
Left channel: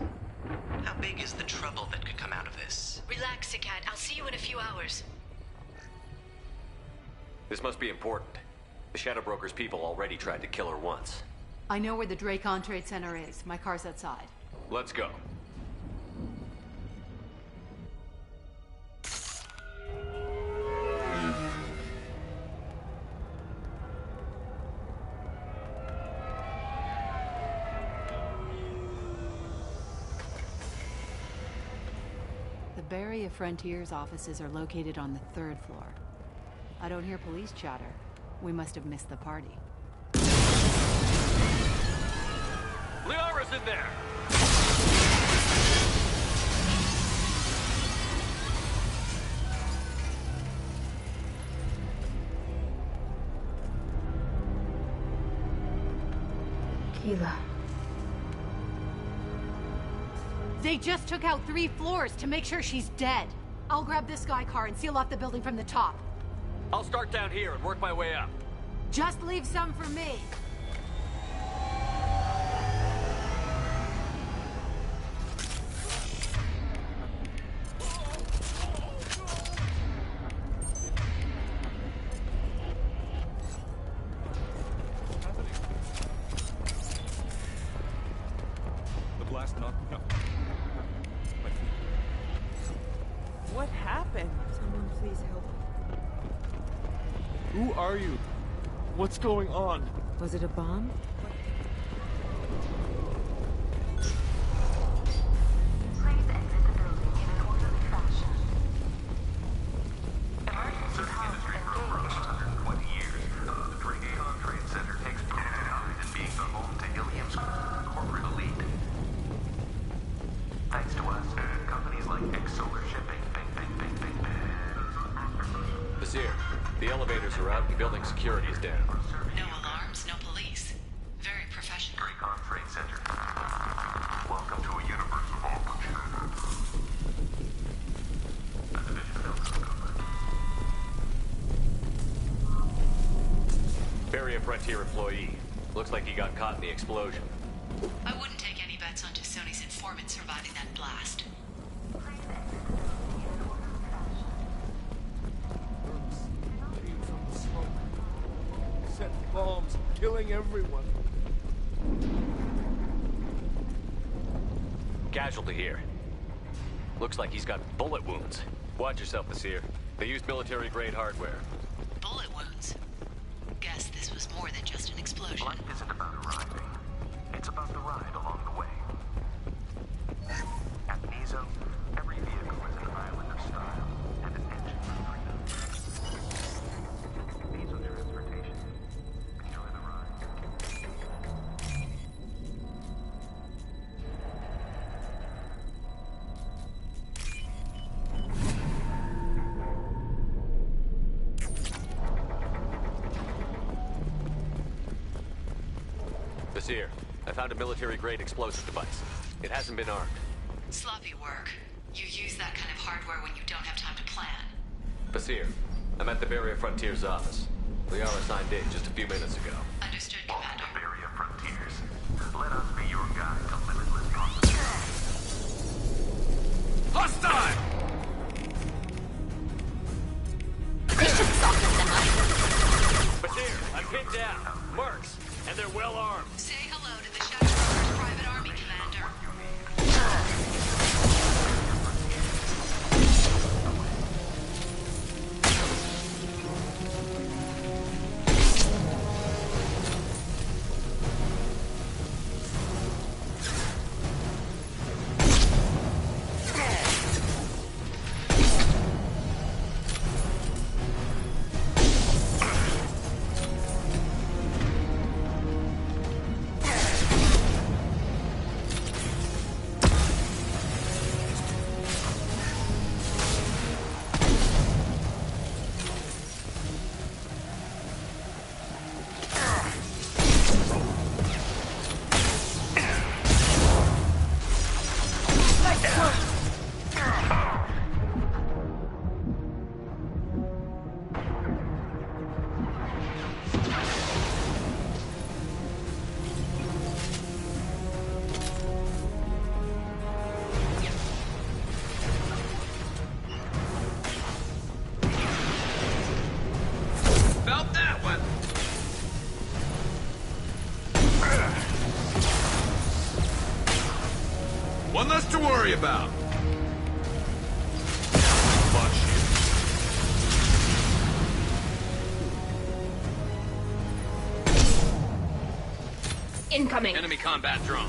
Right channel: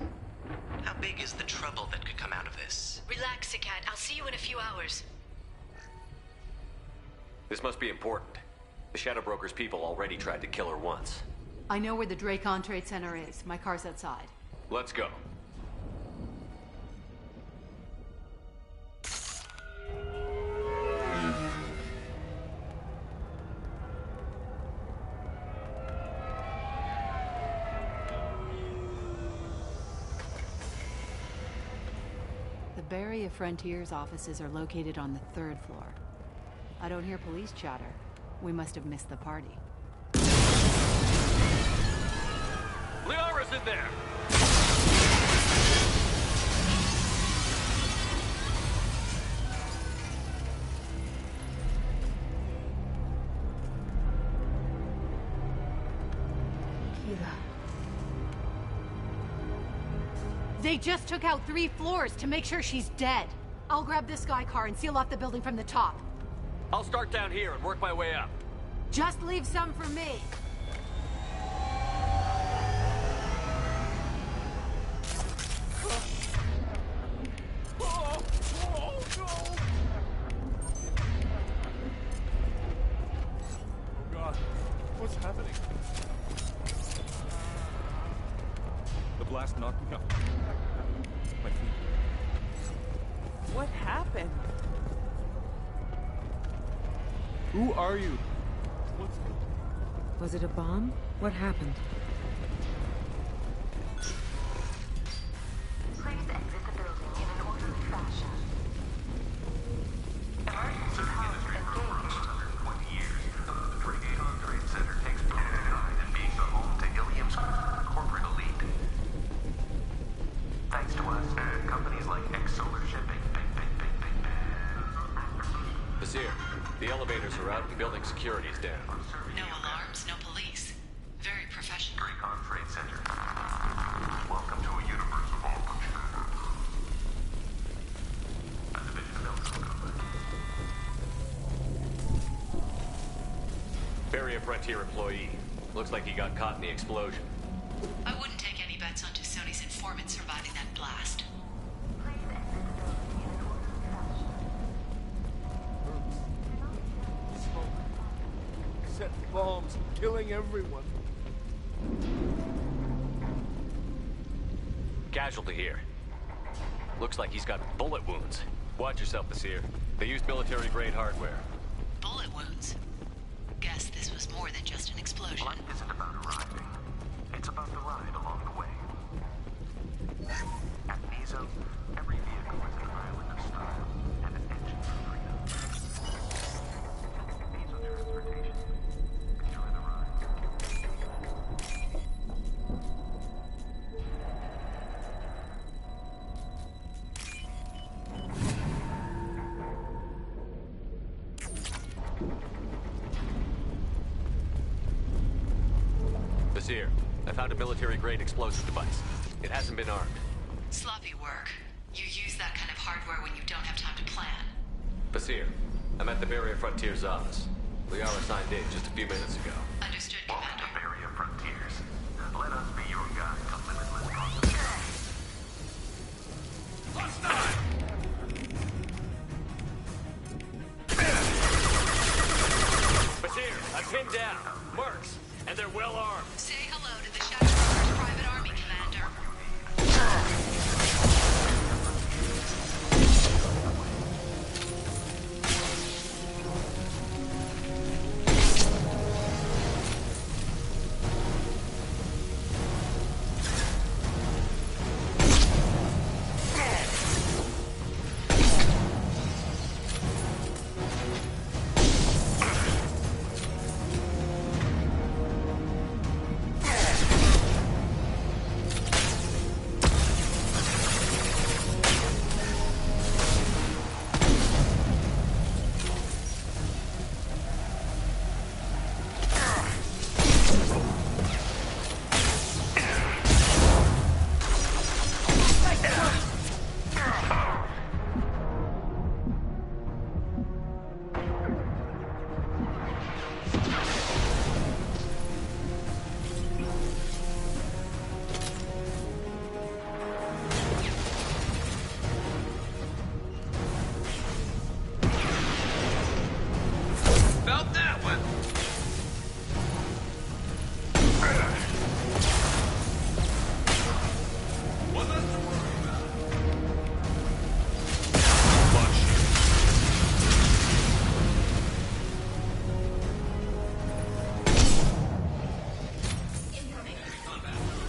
How big is the trouble that could come out of this? Relax, Sagat. I'll see you in a few hours. This must be important. The Shadow Broker's people already tried to kill her once. I know where the Dracon Trade Center is. My car's outside. Let's go. The Barrier Frontiers offices are located on the 3rd floor. I don't hear police chatter. We must have missed the party. Liara's in there! Keela. They just took out 3 floors to make sure she's dead. I'll grab this Sky car and seal off the building from the top. I'll start down here and work my way up. Just leave some for me. God, what's happening? The blast knocked me out. My feet. What happened? Please help. Who are you? What's going on? Was it a bomb? What happened? Please exit the building in an orderly fashion. Emergency comms engaged. 120 years, the Dracon Trade Center takes pride in being the home to Ilium's corporate elite. Thanks to us, companies like X-Solar Shipping, Vasir, the elevators are out and building security is down. No alarms, no police. Very professional. Dracon Trade Center. Welcome to a universe of opportunity. A division of Elko Company. Barrier Frontier employee. Looks like he got caught in the explosion. I wouldn't take any bets on Sony's informant surviving that blast. Set bombs, killing everyone. Casualty here. Looks like he's got bullet wounds. Watch yourself, Basir. They used military-grade hardware. Bullet wounds? Guess this was more than just an explosion. Life isn't about arriving. It's about the ride along the way. At Nizo, every vehicle is an island of style and an engine for freedom. Nizo Transportation. Enjoy the ride. Basir, I found a military-grade explosive device. It hasn't been armed. Sloppy work. You use that kind of hardware when you don't have time to plan. Basir, I'm at the Barrier Frontiers office. Liara signed in just a few minutes ago. Understood, Commander. Welcome to Barrier Frontiers. Let us be your guide to limitless possibilities. Hostile! Basir, I'm pinned down. Mercs, and they're well armed. Say hello to the Shatter's private army, Commander. One less to worry about. Incoming. Enemy combat drone.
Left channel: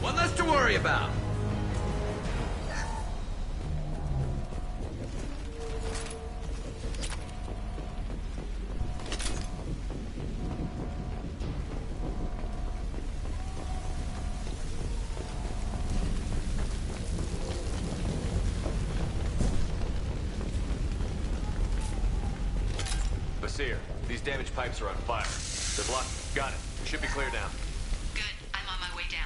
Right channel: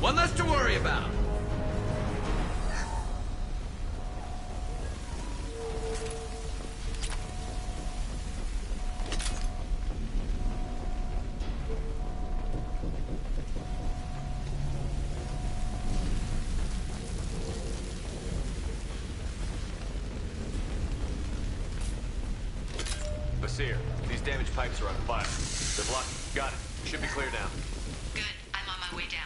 One less to worry about. Basir, these damaged pipes are on fire. They're blocked. Got it. Should be clear now. Good. I'm on my way down.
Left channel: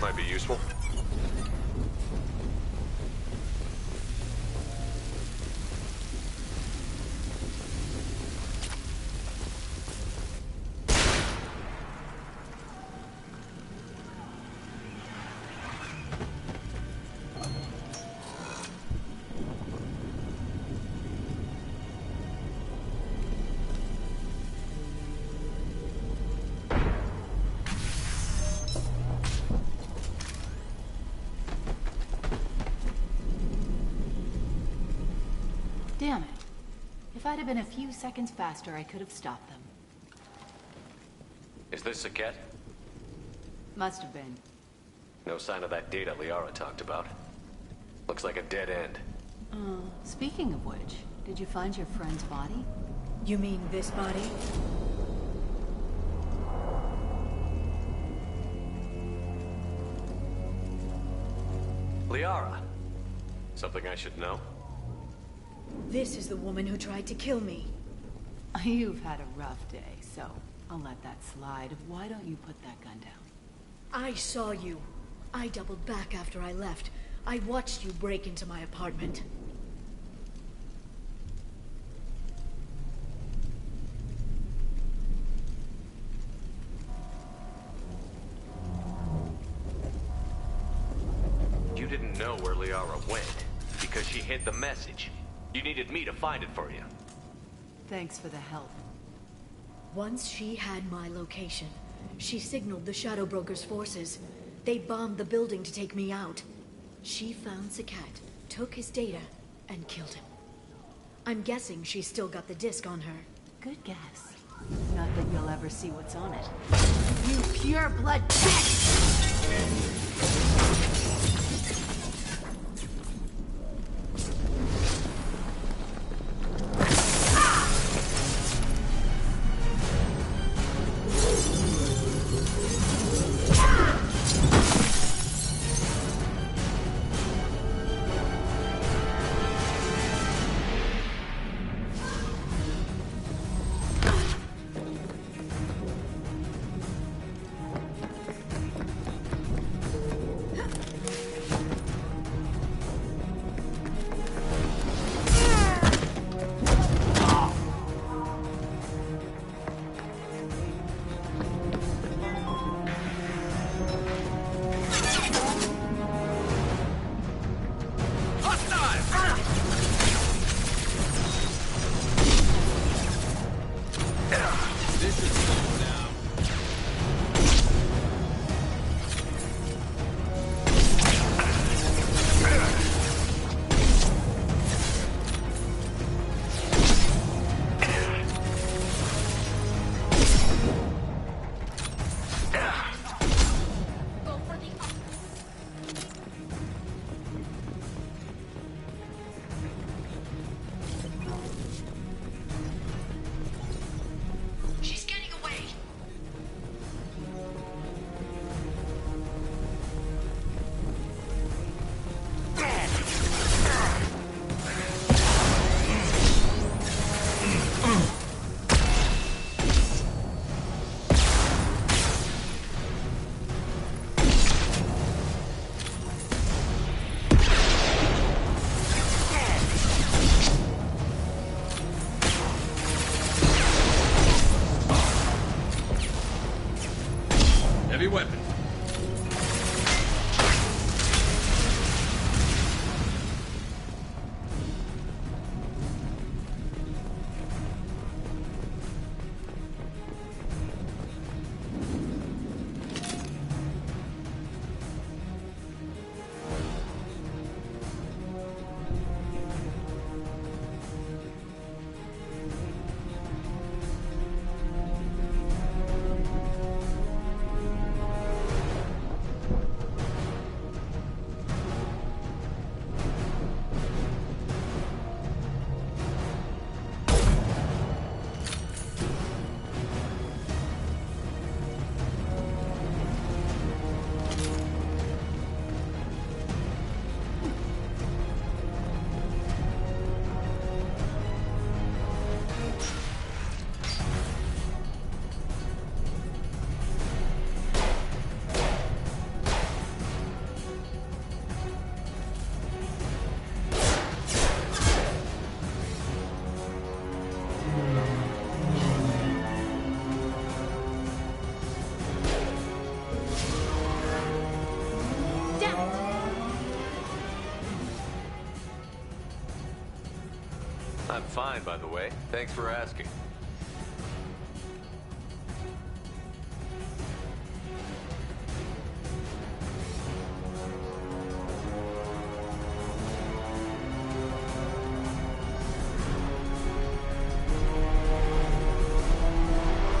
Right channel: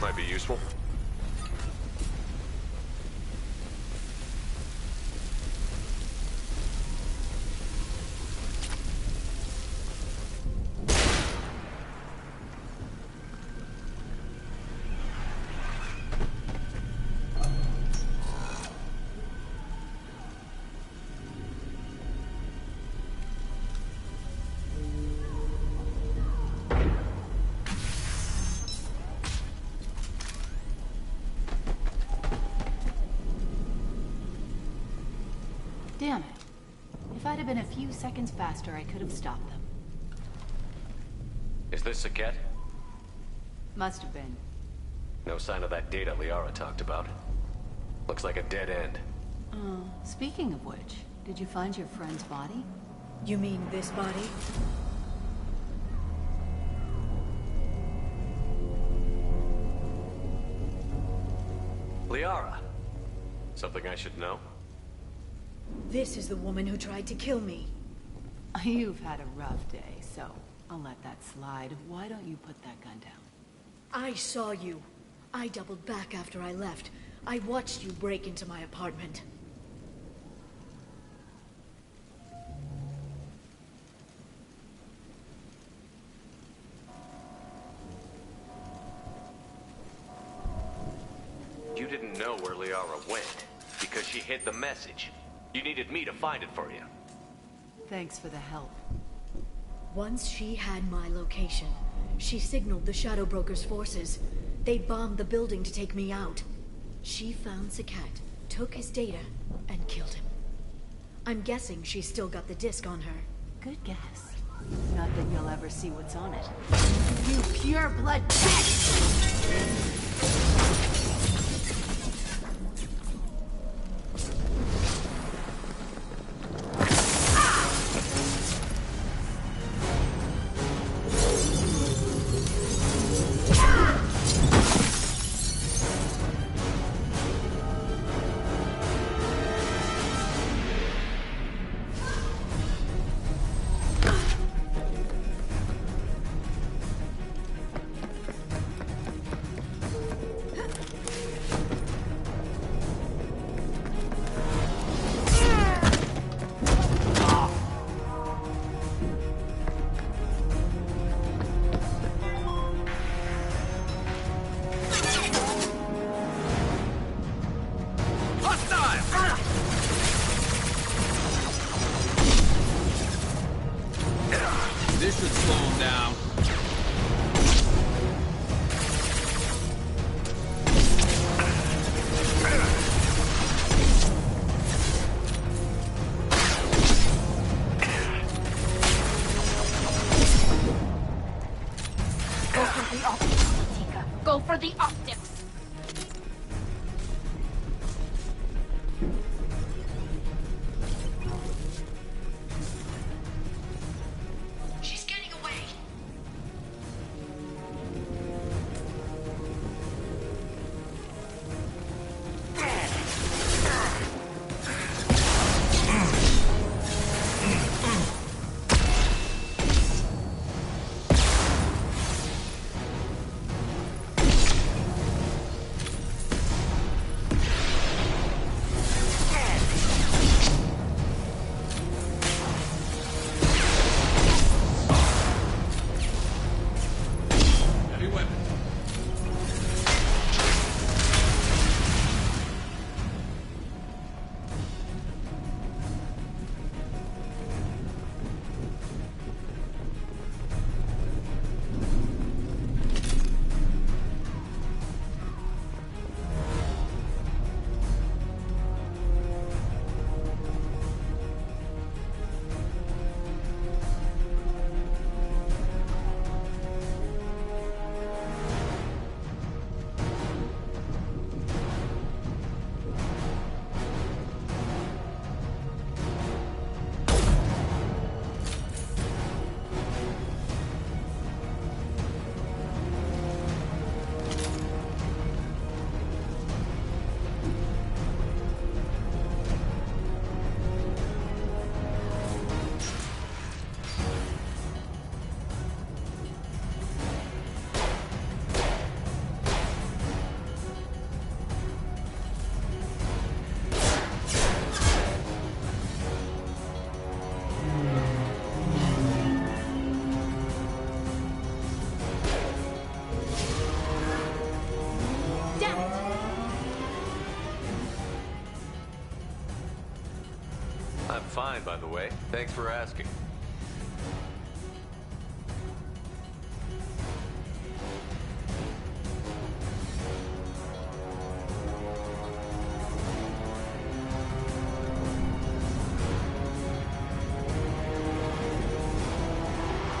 Might be useful. Damn it. If I'd have been a few seconds faster, I could have stopped them. Is this Saket? Must have been. No sign of that data Liara talked about. Looks like a dead end. Speaking of which, did you find your friend's body? You mean this body? Liara. Something I should know? This is the woman who tried to kill me. You've had a rough day, so I'll let that slide. Why don't you put that gun down? I saw you. I doubled back after I left. I watched you break into my apartment. You didn't know where Liara went, because she hid the message. You needed me to find it for you. Thanks for the help. Once she had my location, she signaled the Shadow Broker's forces. They bombed the building to take me out. She found Saket, took his data, and killed him. I'm guessing she's still got the disc on her. Good guess. Not that you'll ever see what's on it. You pure blood bitch! This should slow him down. Go for the optics. She's getting away. I'm fine, by the way. Thanks for asking.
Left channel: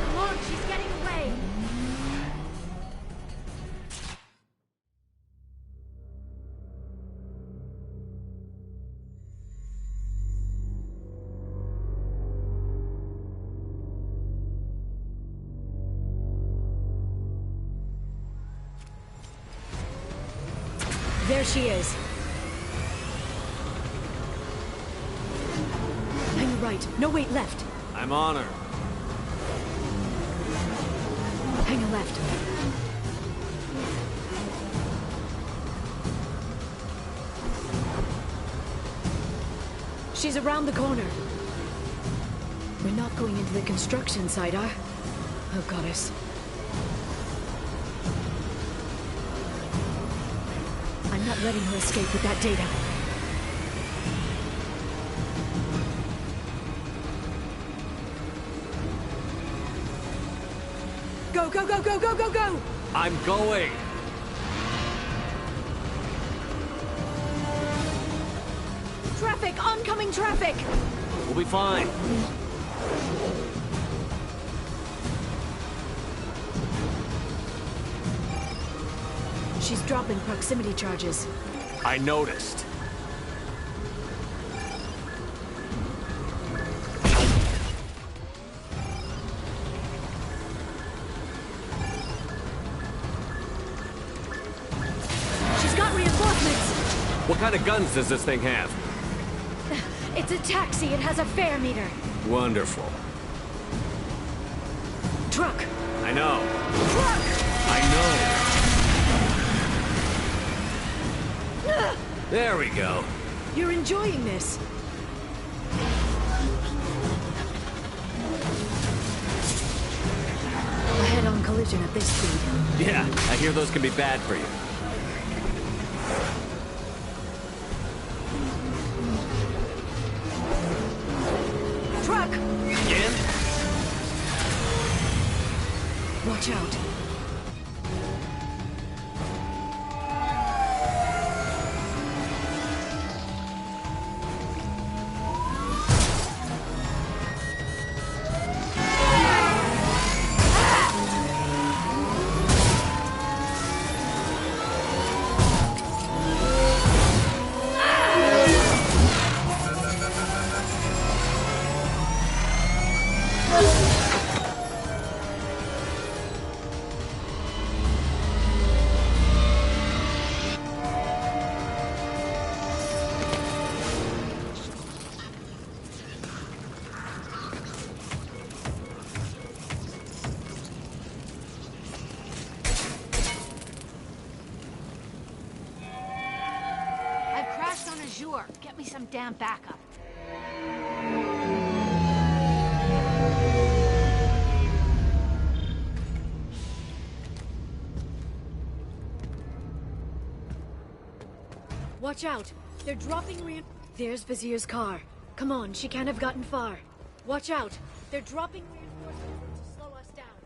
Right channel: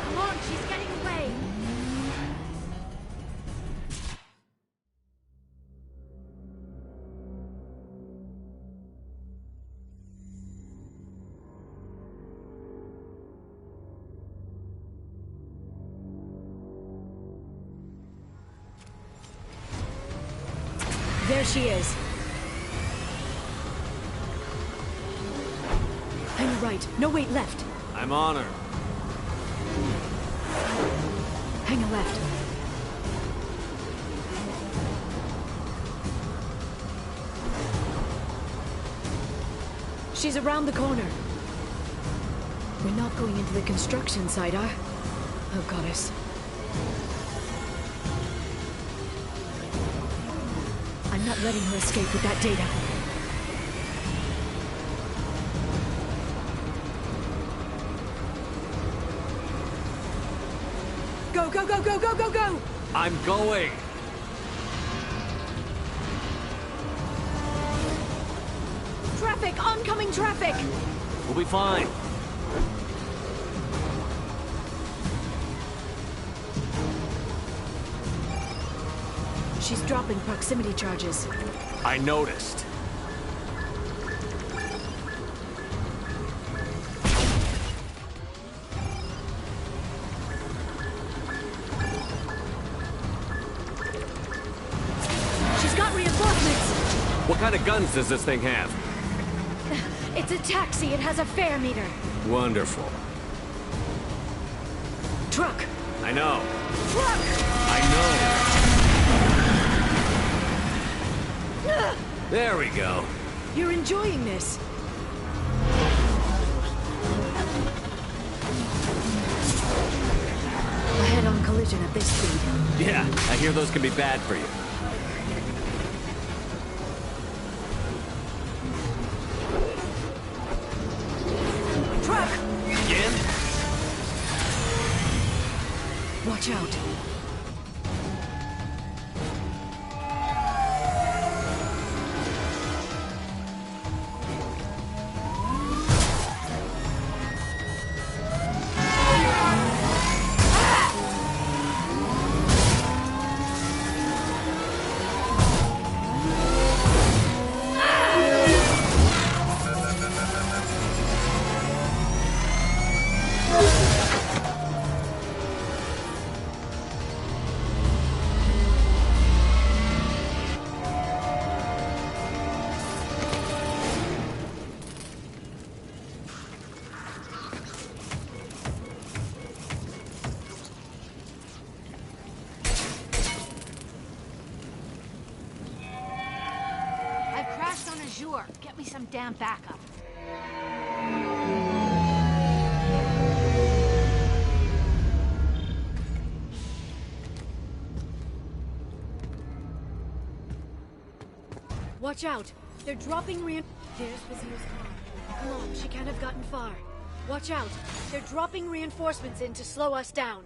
Come on, she's getting away! There she is. Hang right. No, wait, left. I'm on her. Hang a left. She's around the corner. We're not going into the construction site, are? Oh, goddess. I'm not letting her escape with that data. Go, go, go, go, go, go, go! I'm going! Traffic! Oncoming traffic! We'll be fine. She's dropping proximity charges. I noticed. She's got reinforcements! What kind of guns does this thing have? It's a taxi. It has a fare meter. Wonderful. Truck! I know. Truck! I know. There we go. You're enjoying this. A head-on collision at this speed. Yeah, I hear those can be bad for you. Truck! Again? Watch out. Get me some damn backup. Watch out! They're dropping There's Vizier's car. Come on, she can't have gotten far. Watch out! They're dropping reinforcements in to slow us down.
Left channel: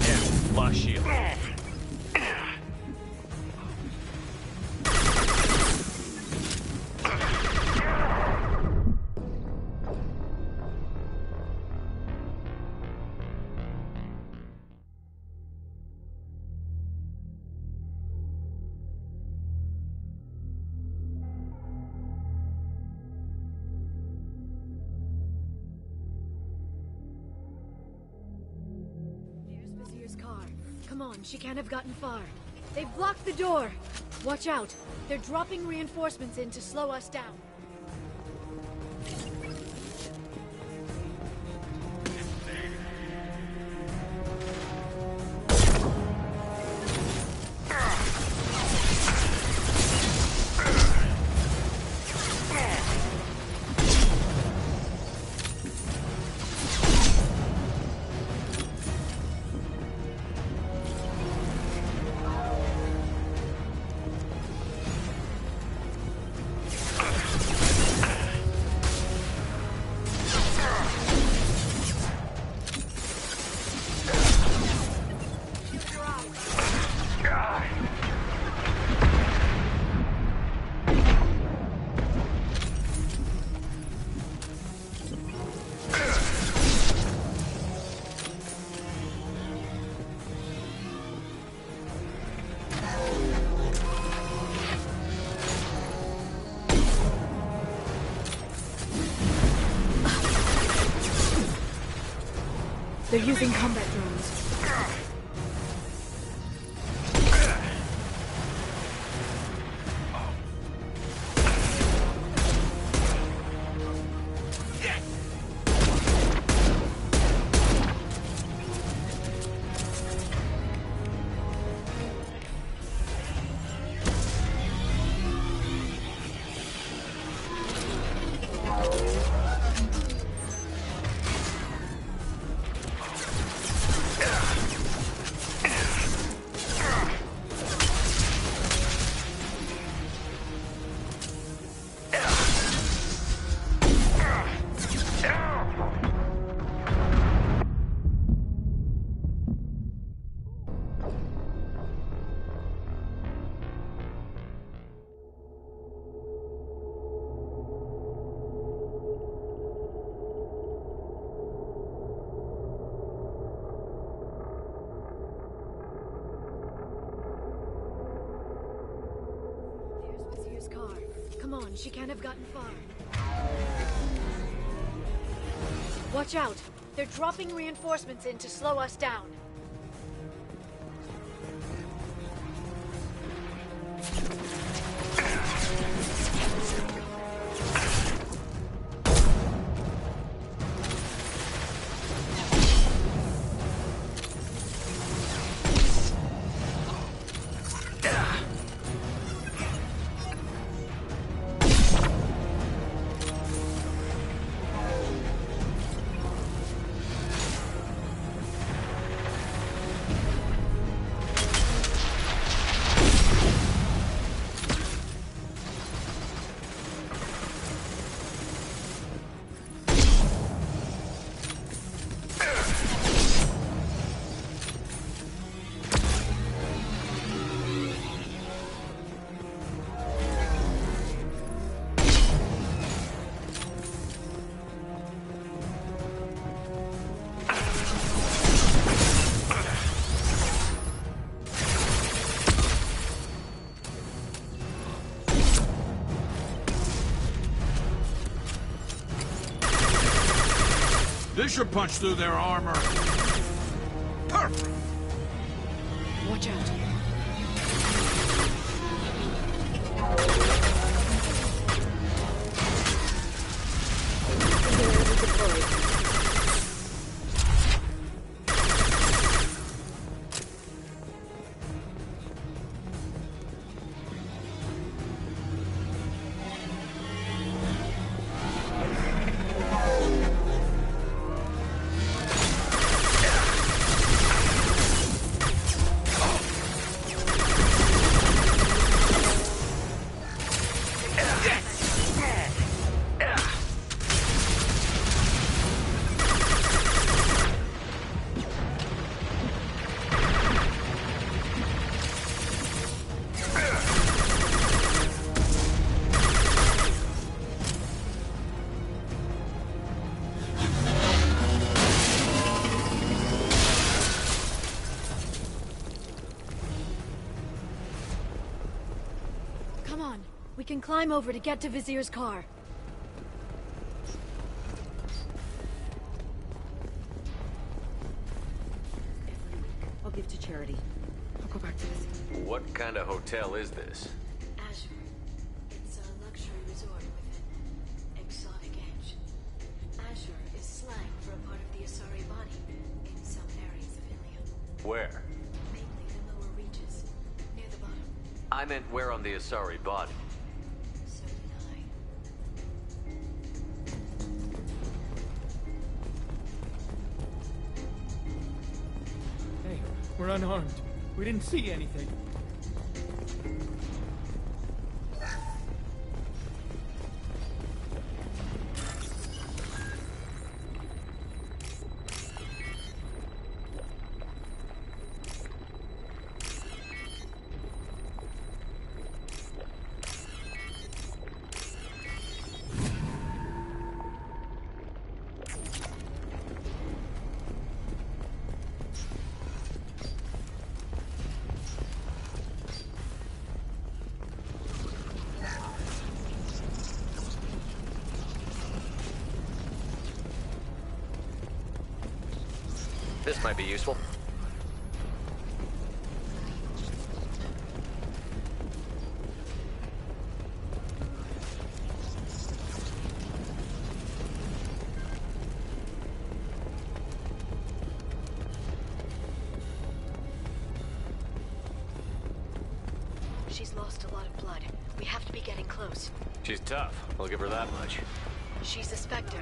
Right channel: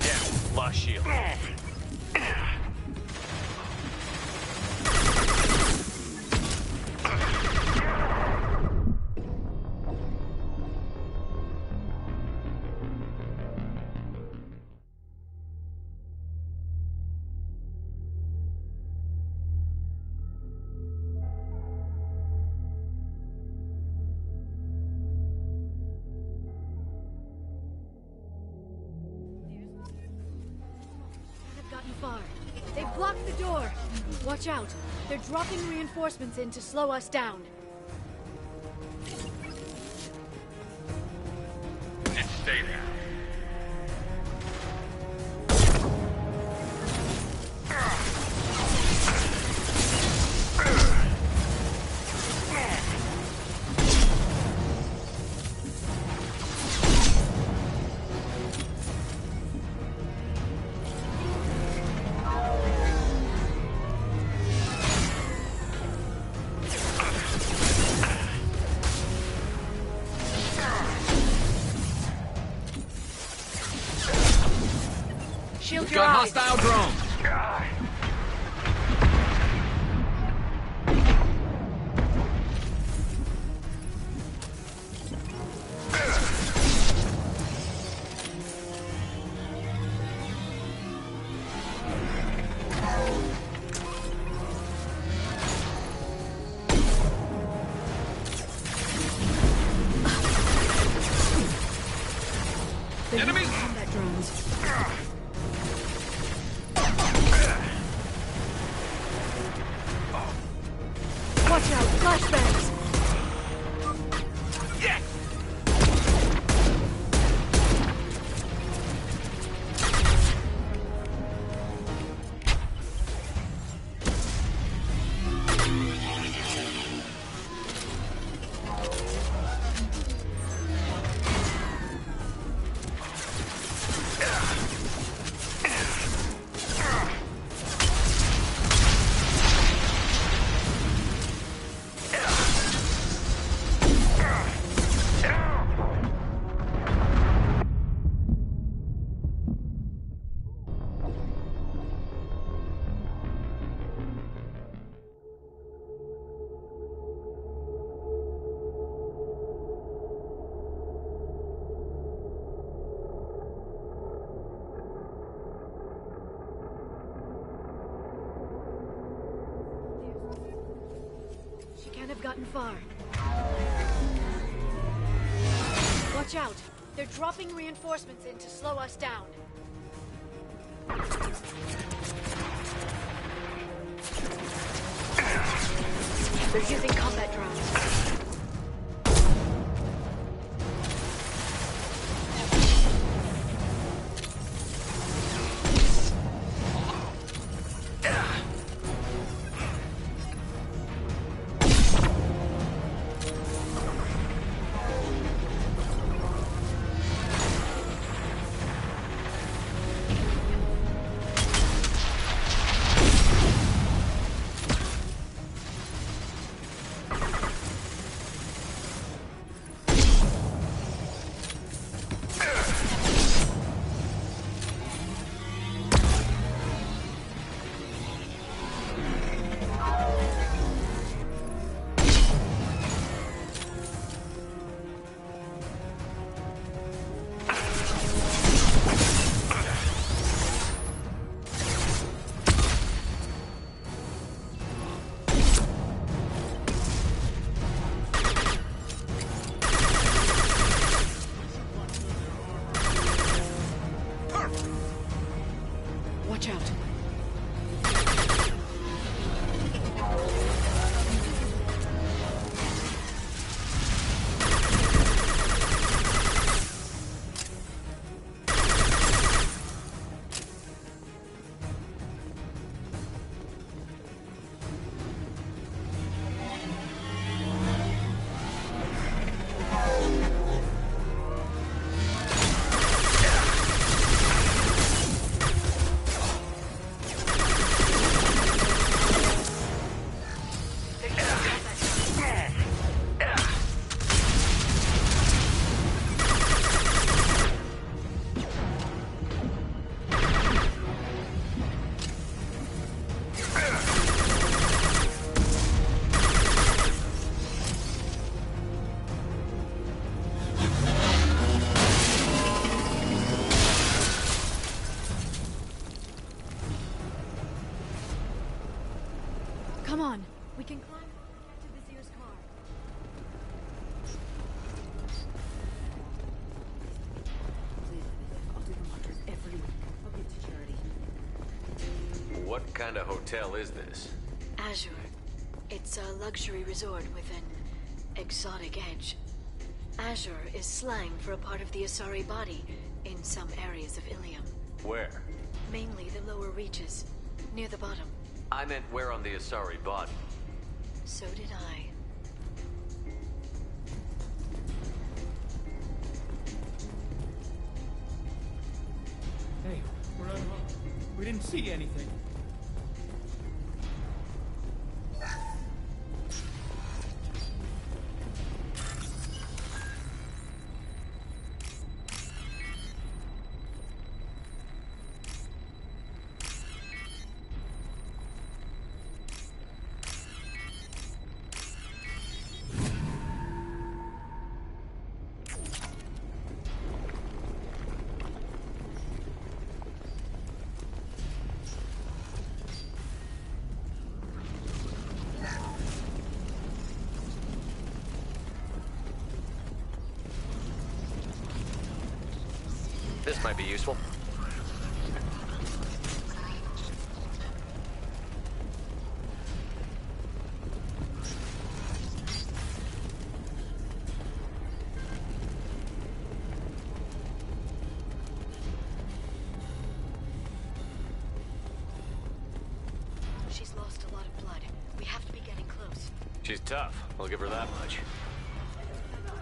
Yeah, lost shield. Come on, she can't have gotten far. They've blocked the door. Watch out. They're dropping reinforcements in to slow us down. It's safe now. using combat drones. Watch out, flashbangs! She can't have gotten far. Watch out! They're dropping reinforcements in to slow us down. They're using combat drones. This should punch through their armor. Perfect. Watch out. Come on, we can climb over to get to Vizier's car. Every week, I'll give to charity. Go back to What kind of hotel is this? Azure. It's a luxury resort with an exotic edge. Azure is slang for a part of the Asari body in some areas of Ilium. Where? Mainly the lower reaches, near the bottom. I meant where on the Asari body. So did I. Hey, we're unarmed. We didn't see anything. This might be useful. She's lost a lot of blood. We have to be getting close. She's tough. I'll give her that much. She's a Spectre.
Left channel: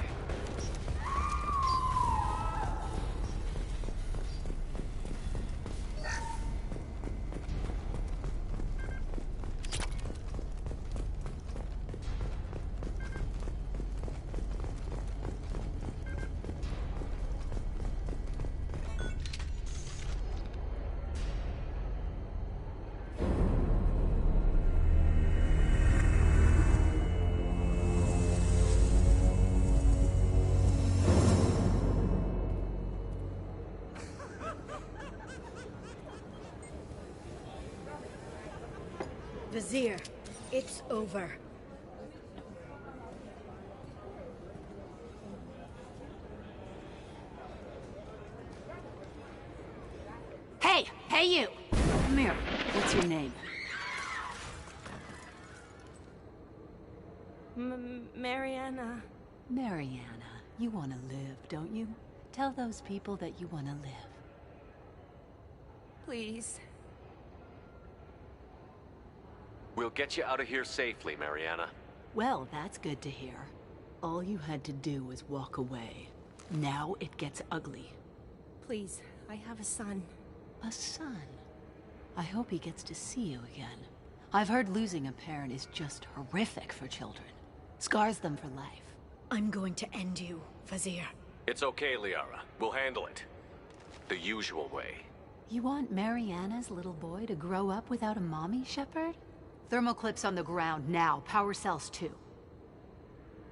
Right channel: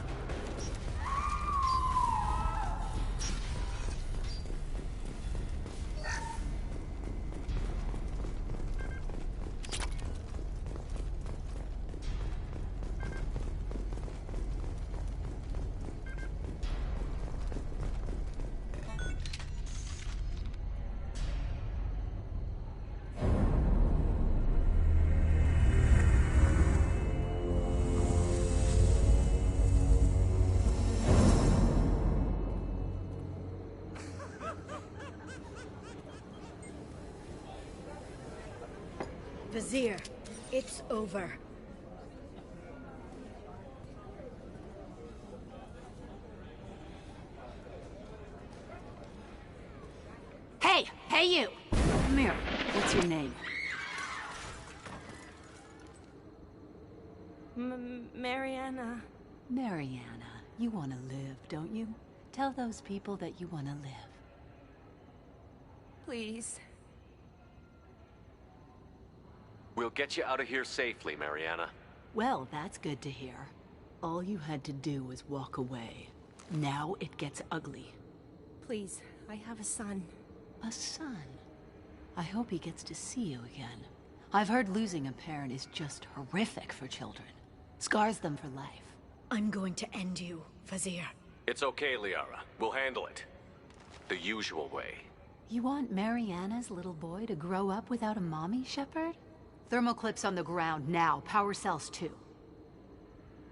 Vizier, it's over. Hey! Hey, you! Come here. What's your name? Mariana. Mariana. You want to live, don't you? Tell those people that you want to live. Please. We'll get you out of here safely, Mariana. Well, that's good to hear. All you had to do was walk away. Now it gets ugly. Please, I have a son. A son? I hope he gets to see you again. I've heard losing a parent is just horrific for children. Scars them for life. I'm going to end you, Vizier. It's okay, Liara. We'll handle it. The usual way. You want Mariana's little boy to grow up without a mommy, Shepard? Thermal clips on the ground now. Power cells too.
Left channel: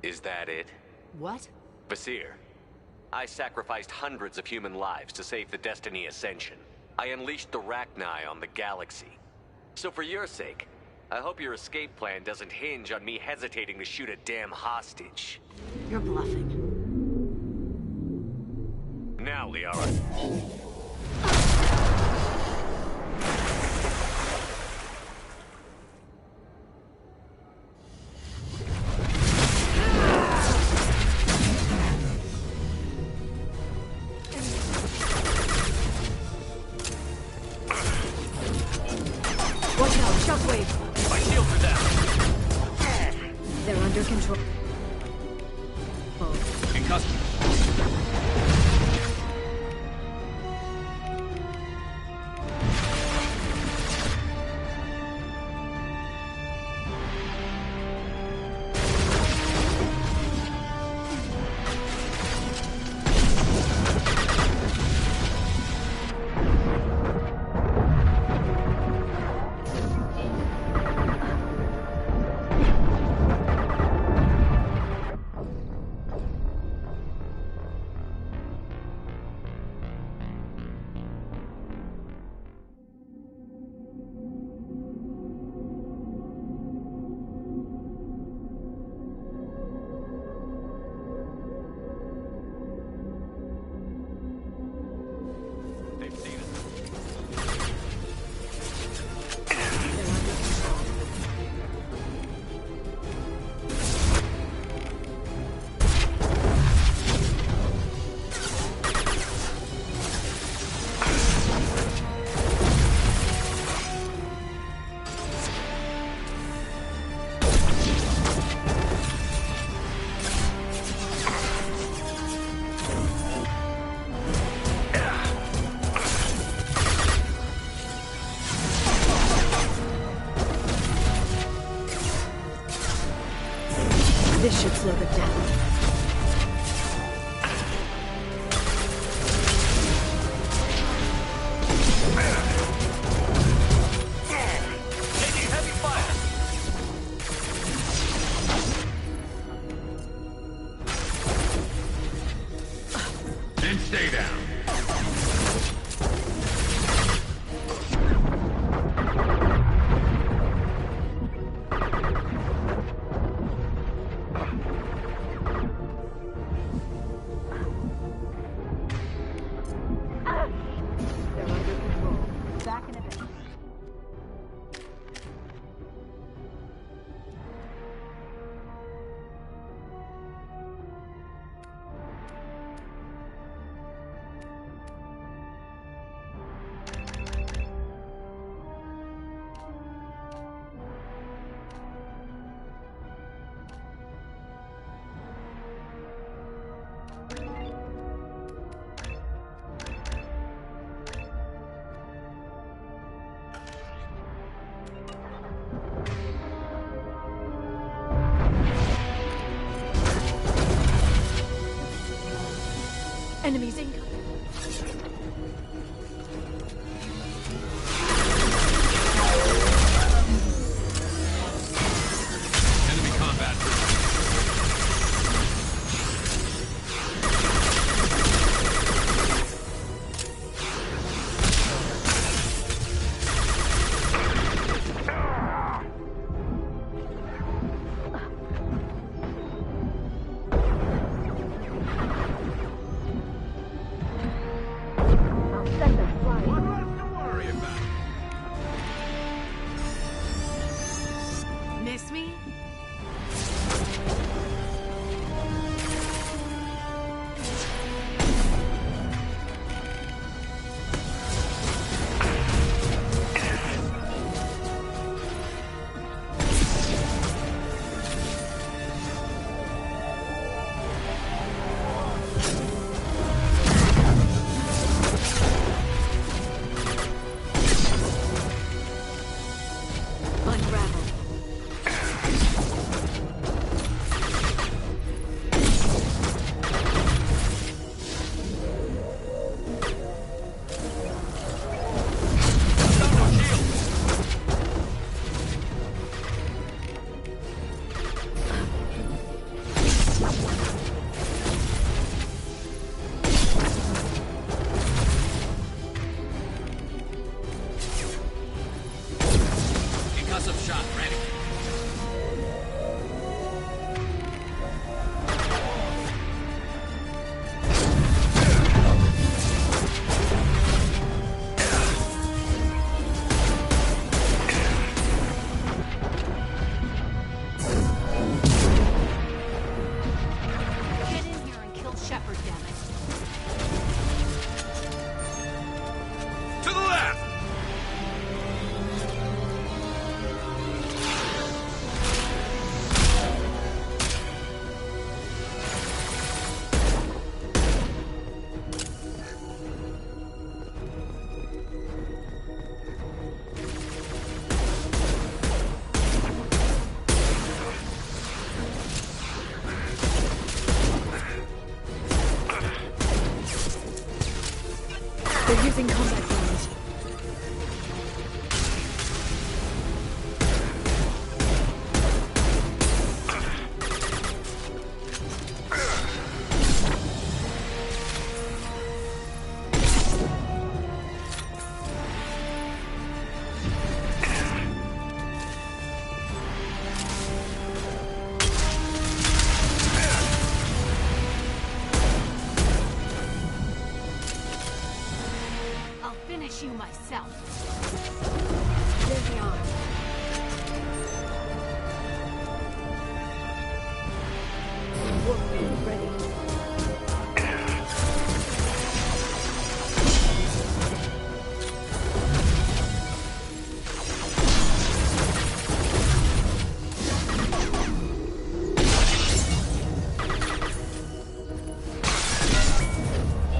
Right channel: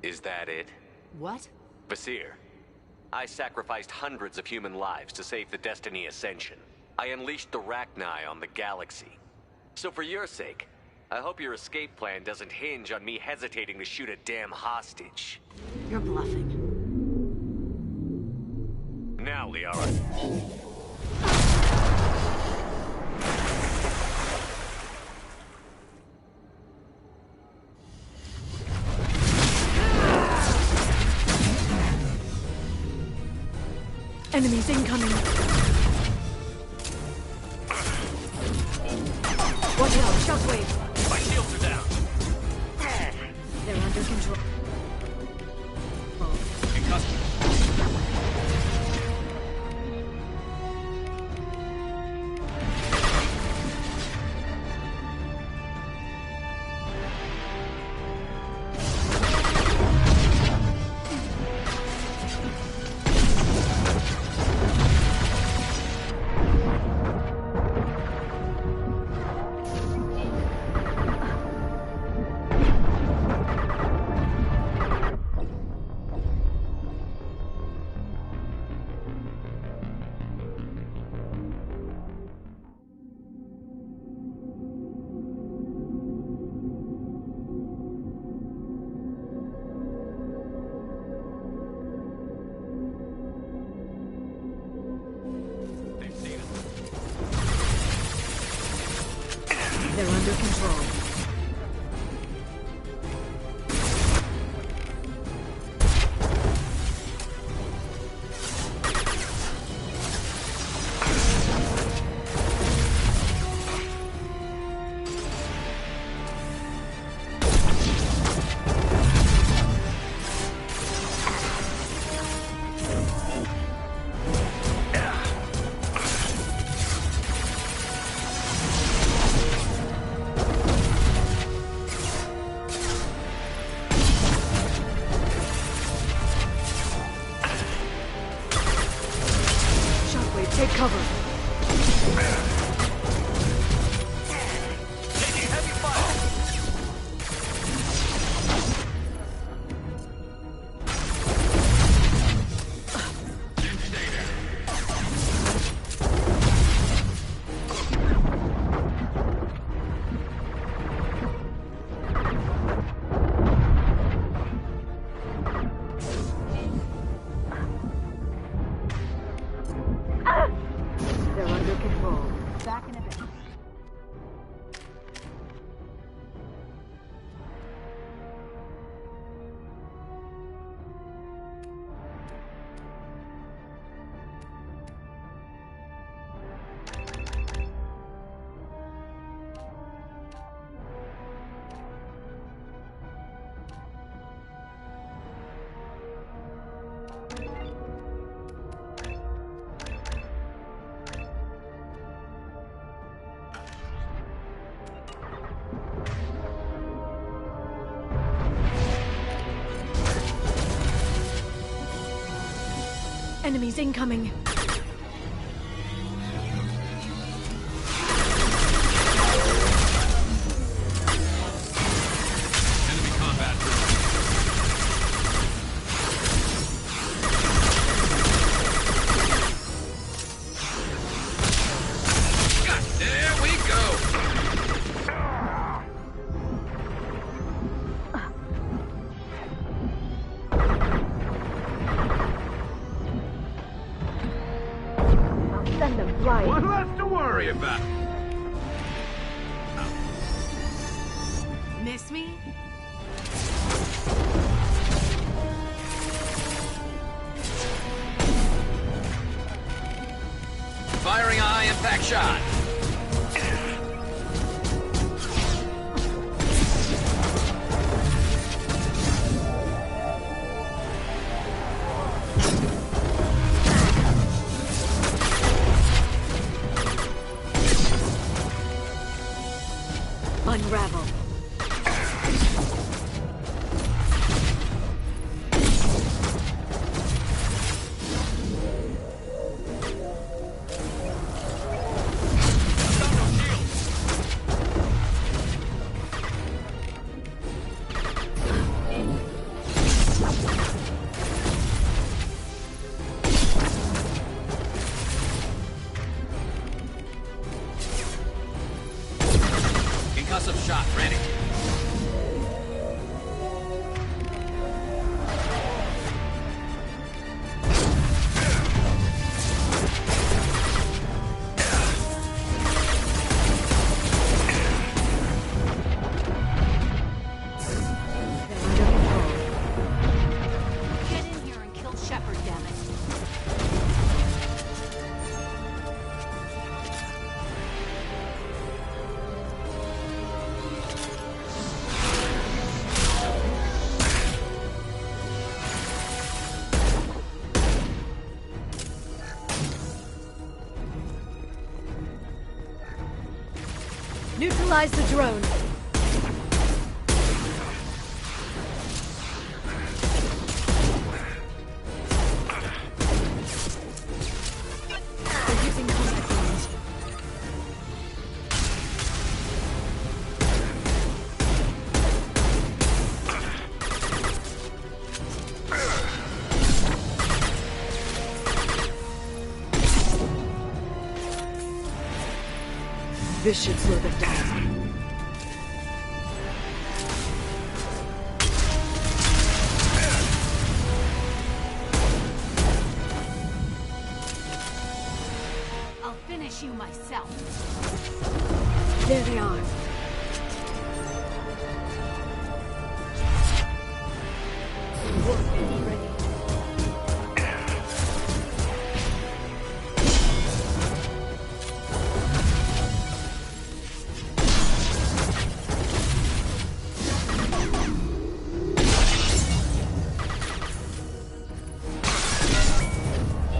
Is that it? What? Vizier, I sacrificed hundreds of human lives to save the Destiny Ascension. I unleashed the Rachni on the galaxy. So for your sake, I hope your escape plan doesn't hinge on me hesitating to shoot a damn hostage. You're bluffing. Now, Liara. Enemies incoming. Watch out, shockwave. My shields are down. They're under control. In custody. They're under control. Enemies incoming. Enemy combat. There we go. I'll send them flying. One less to worry about. Miss me? Firing eye impact shot. Unravel. Concussive shot ready. Get in here and kill Shepard, damn it. To the left. Neutralize the drone. They're using combat drones. This should slow them down. I'll finish you myself. There they are. Warp beam ready.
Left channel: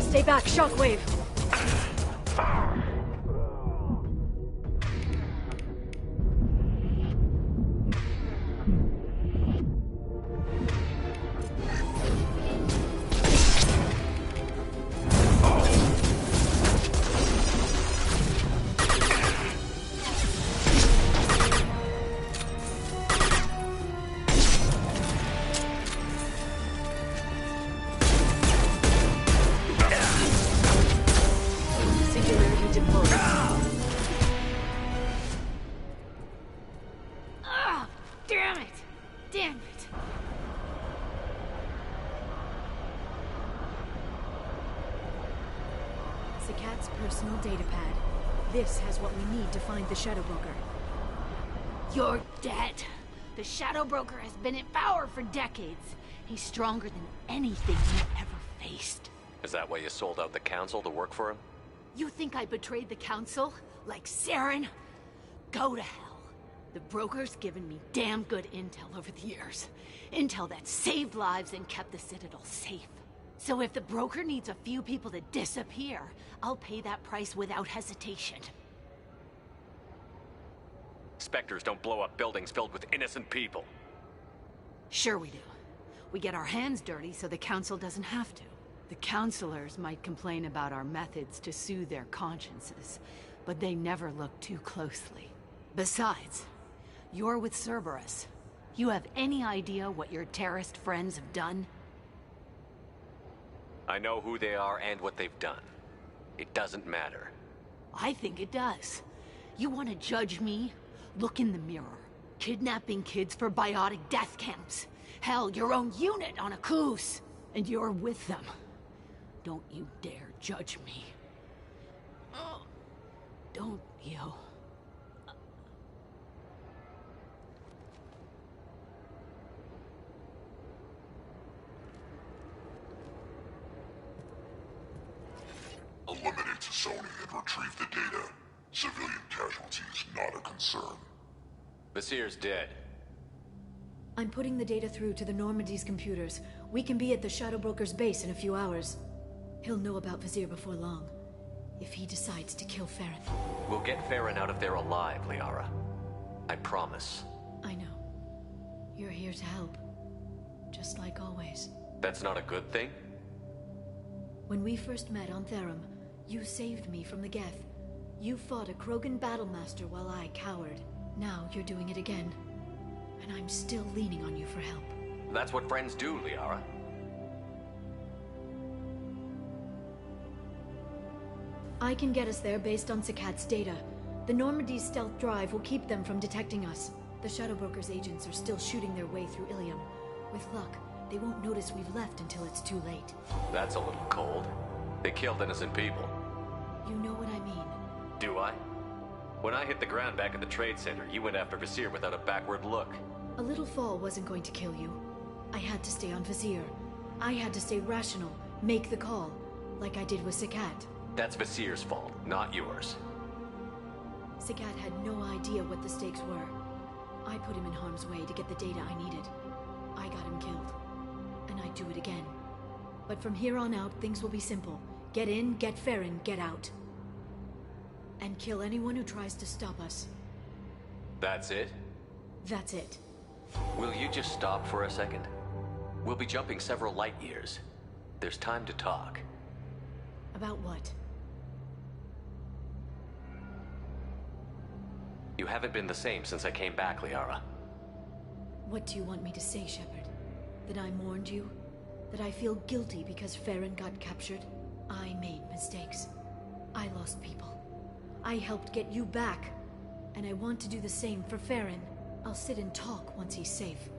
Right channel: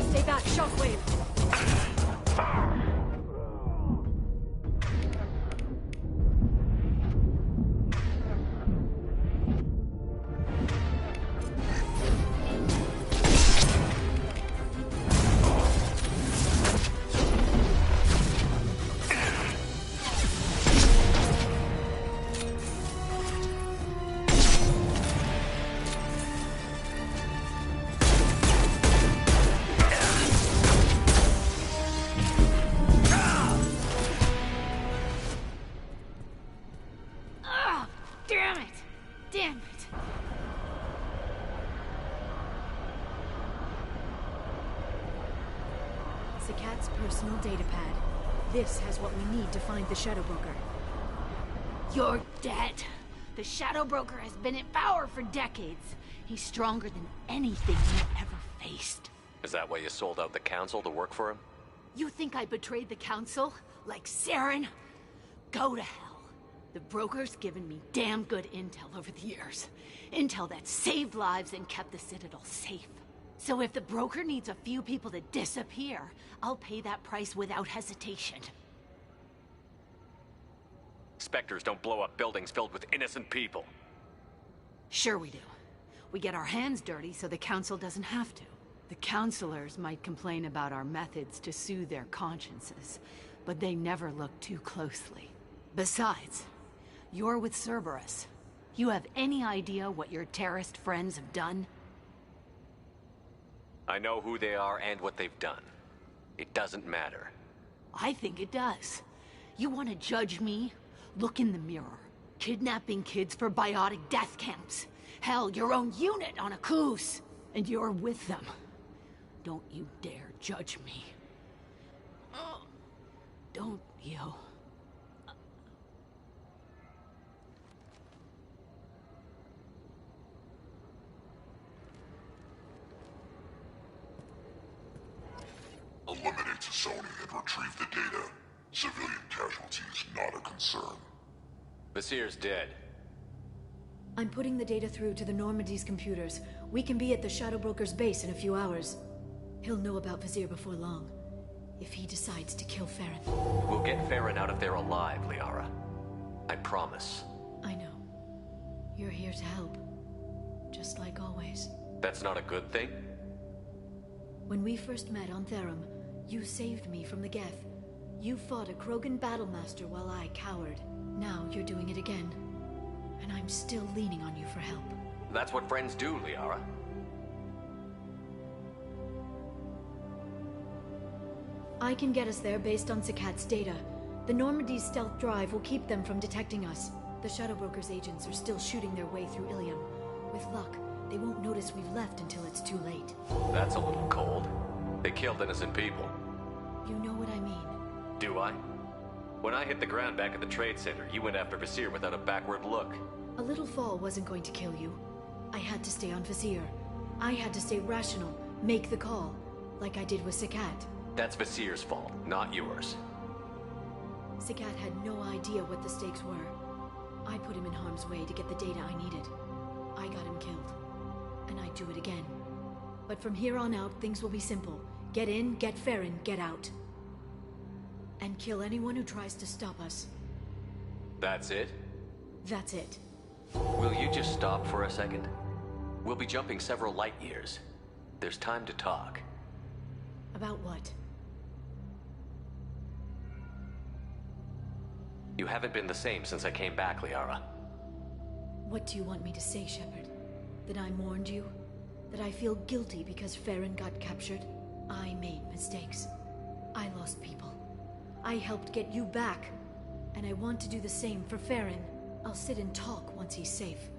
Stay back, shockwave. Ah, damn it! Damn it! Zakat's personal data pad. This has what we need to find the Shadow Broker. You're dead. The Shadow Broker has been in power for decades. He's stronger than anything you've ever faced. Is that why you sold out the Council to work for him? You think I betrayed the Council? Like Saren? Go to hell. The Broker's given me damn good intel over the years. Intel that saved lives and kept the Citadel safe. So if the Broker needs a few people to disappear, I'll pay that price without hesitation. Spectres don't blow up buildings filled with innocent people. Sure we do. We get our hands dirty so the Council doesn't have to. The counselors might complain about our methods to soothe their consciences, but they never look too closely. Besides, you're with Cerberus. You have any idea what your terrorist friends have done? I know who they are and what they've done. It doesn't matter. I think it does. You want to judge me? Look in the mirror. Kidnapping kids for biotic death camps. Hell, your own unit on a cruise. And you're with them. Don't you dare judge me. Don't you? Eliminate Sony and retrieve the data. Civilian casualties not a concern. Vasir's dead. I'm putting the data through to the Normandy's computers. We can be at the Shadow Broker's base in a few hours. He'll know about Vasir before long. If he decides to kill Farron. We'll get Farron out of there alive, Liara. I promise. I know. You're here to help. Just like always. That's not a good thing? When we first met on Therum, you saved me from the Geth. You fought a Krogan battlemaster while I cowered. Now you're doing it again. And I'm still leaning on you for help. That's what friends do, Liara. I can get us there based on Sakat's data. The Normandy's stealth drive will keep them from detecting us. The Shadow Broker's agents are still shooting their way through Ilium. With luck, they won't notice we've left until it's too late. That's a little cold. They killed innocent people. You know what I mean. Do I? When I hit the ground back at the trade center, you went after Vasir without a backward look. A little fall wasn't going to kill you. I had to stay on Vasir. I had to stay rational, make the call, like I did with Sakat. That's Vasir's fault, not yours. Sakat had no idea what the stakes were. I put him in harm's way to get the data I needed. I got him killed. And I'd do it again. But from here on out, things will be simple. Get in, get Farron, get out. And kill anyone who tries to stop us. That's it? That's it. Will you just stop for a second? We'll be jumping several light years. There's time to talk. About what? You haven't been the same since I came back, Liara. What do you want me to say, Shepard? That I mourned you? That I feel guilty because Farron got captured? I made mistakes. I lost people. I helped get you back. And I want to do the same for Farron. I'll sit and talk once he's safe.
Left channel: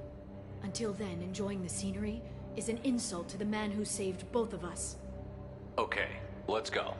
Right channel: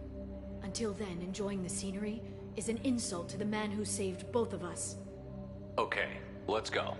Until then, enjoying the scenery is an insult to the man who saved both of us. Okay, let's go.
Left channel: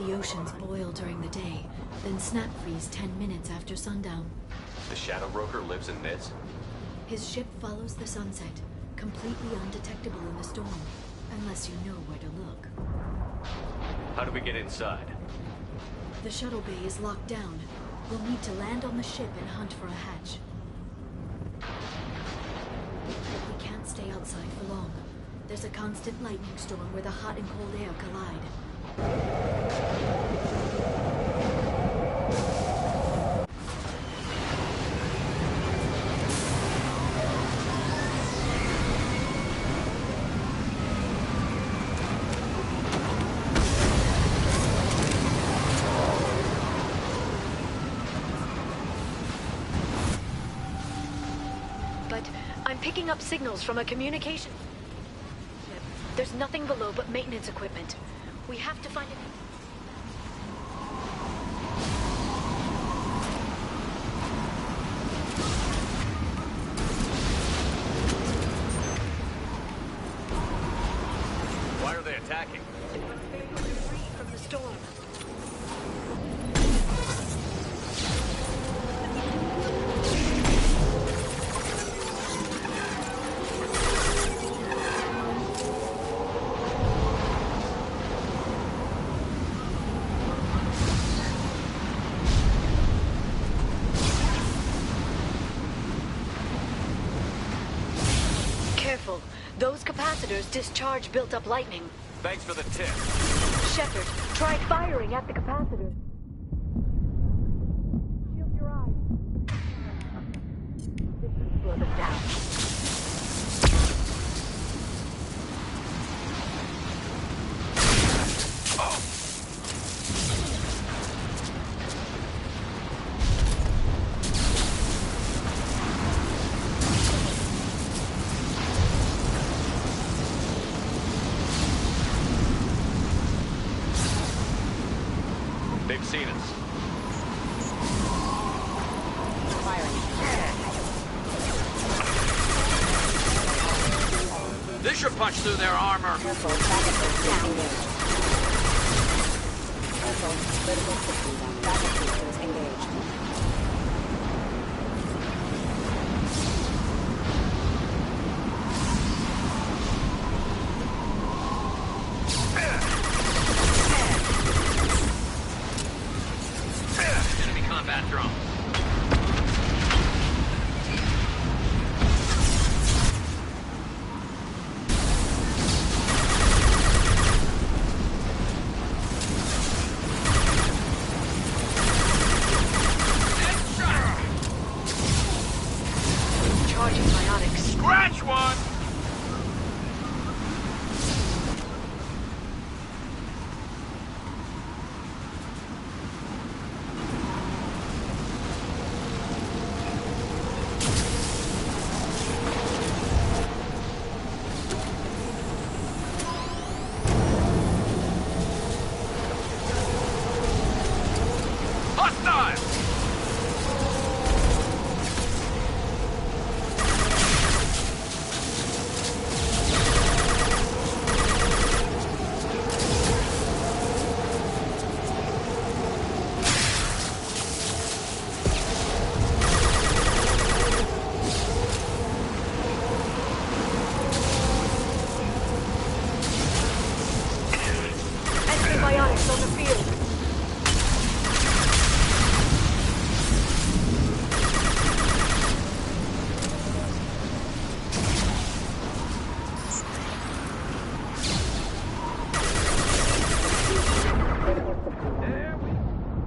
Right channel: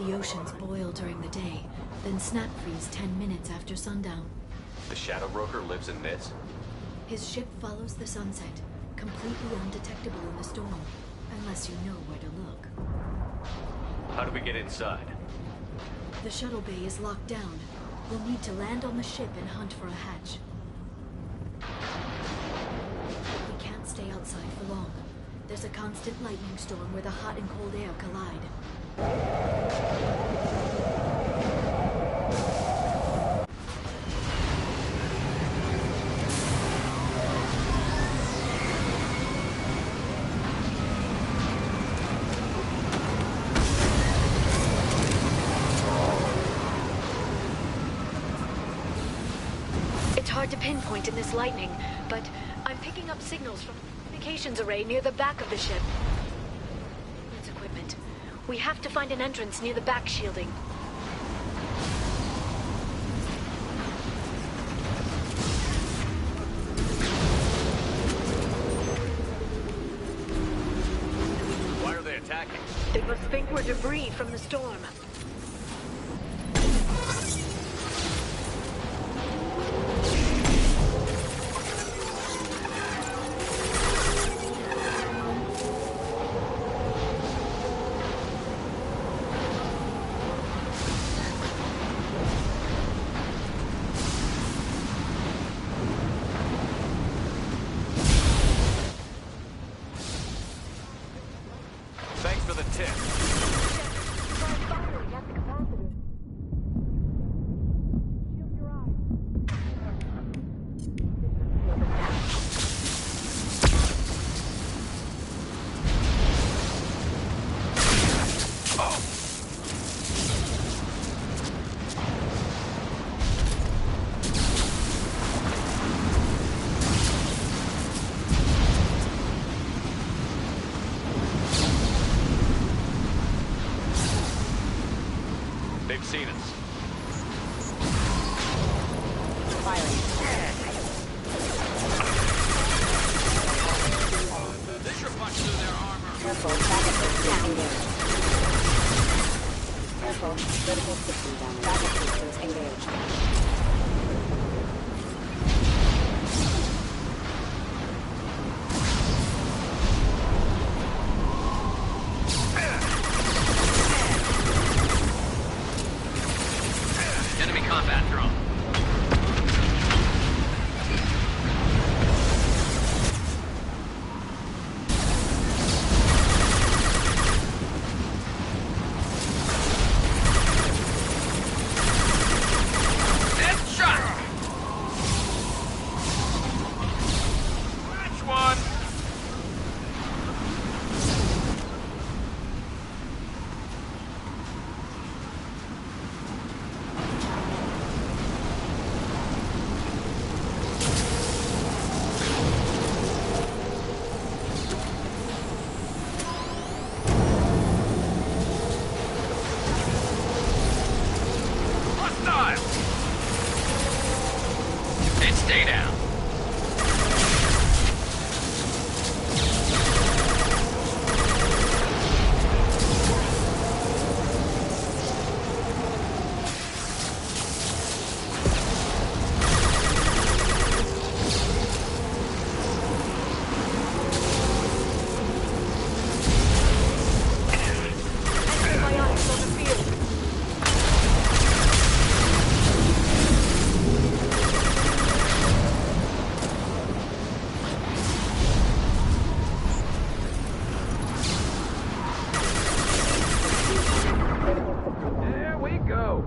The oceans boil during the day, then snap freeze 10 minutes after sundown. The Shadow Broker lives in this? His ship follows the sunset, completely undetectable in the storm, unless you know where to look. How do we get inside? The shuttle bay is locked down. We'll need to land on the ship and hunt for a hatch. We can't stay outside for long. There's a constant lightning storm where the hot and cold air collide. Up signals from a communications array near the back of the ship. There's nothing below but maintenance equipment. We have to find an entrance near the back shielding. Why are they attacking? They must think we're debris from the storm. Discharge built up lightning. Thanks for the tip. Shepard, try firing at the capacitor. Shield your eyes. This will slow them down. They've seen us. This should punch through their armor. Careful, traffic systems engaged. Careful, critical system damage. Traffic systems engaged. Combat drone. Headshot! Charging psionics. Scratch one! Stay down. Antibiotics on the field. There we go.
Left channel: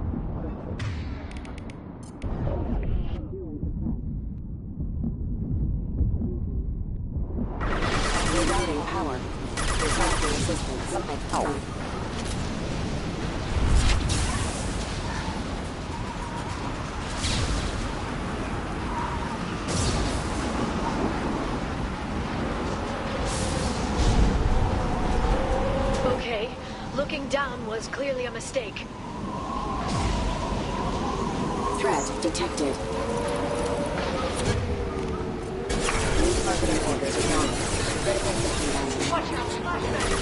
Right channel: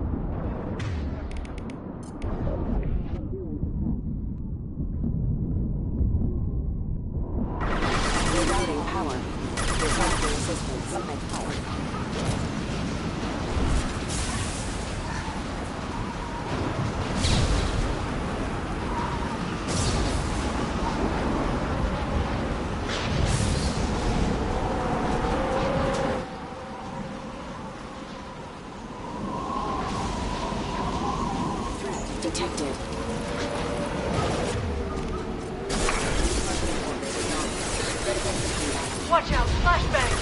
Rerouting power. Requesting assistance. At power. Okay, looking down was clearly a mistake. Threat detected. Marketing orders acknowledged. Critical system damage. Watch out, flashbang!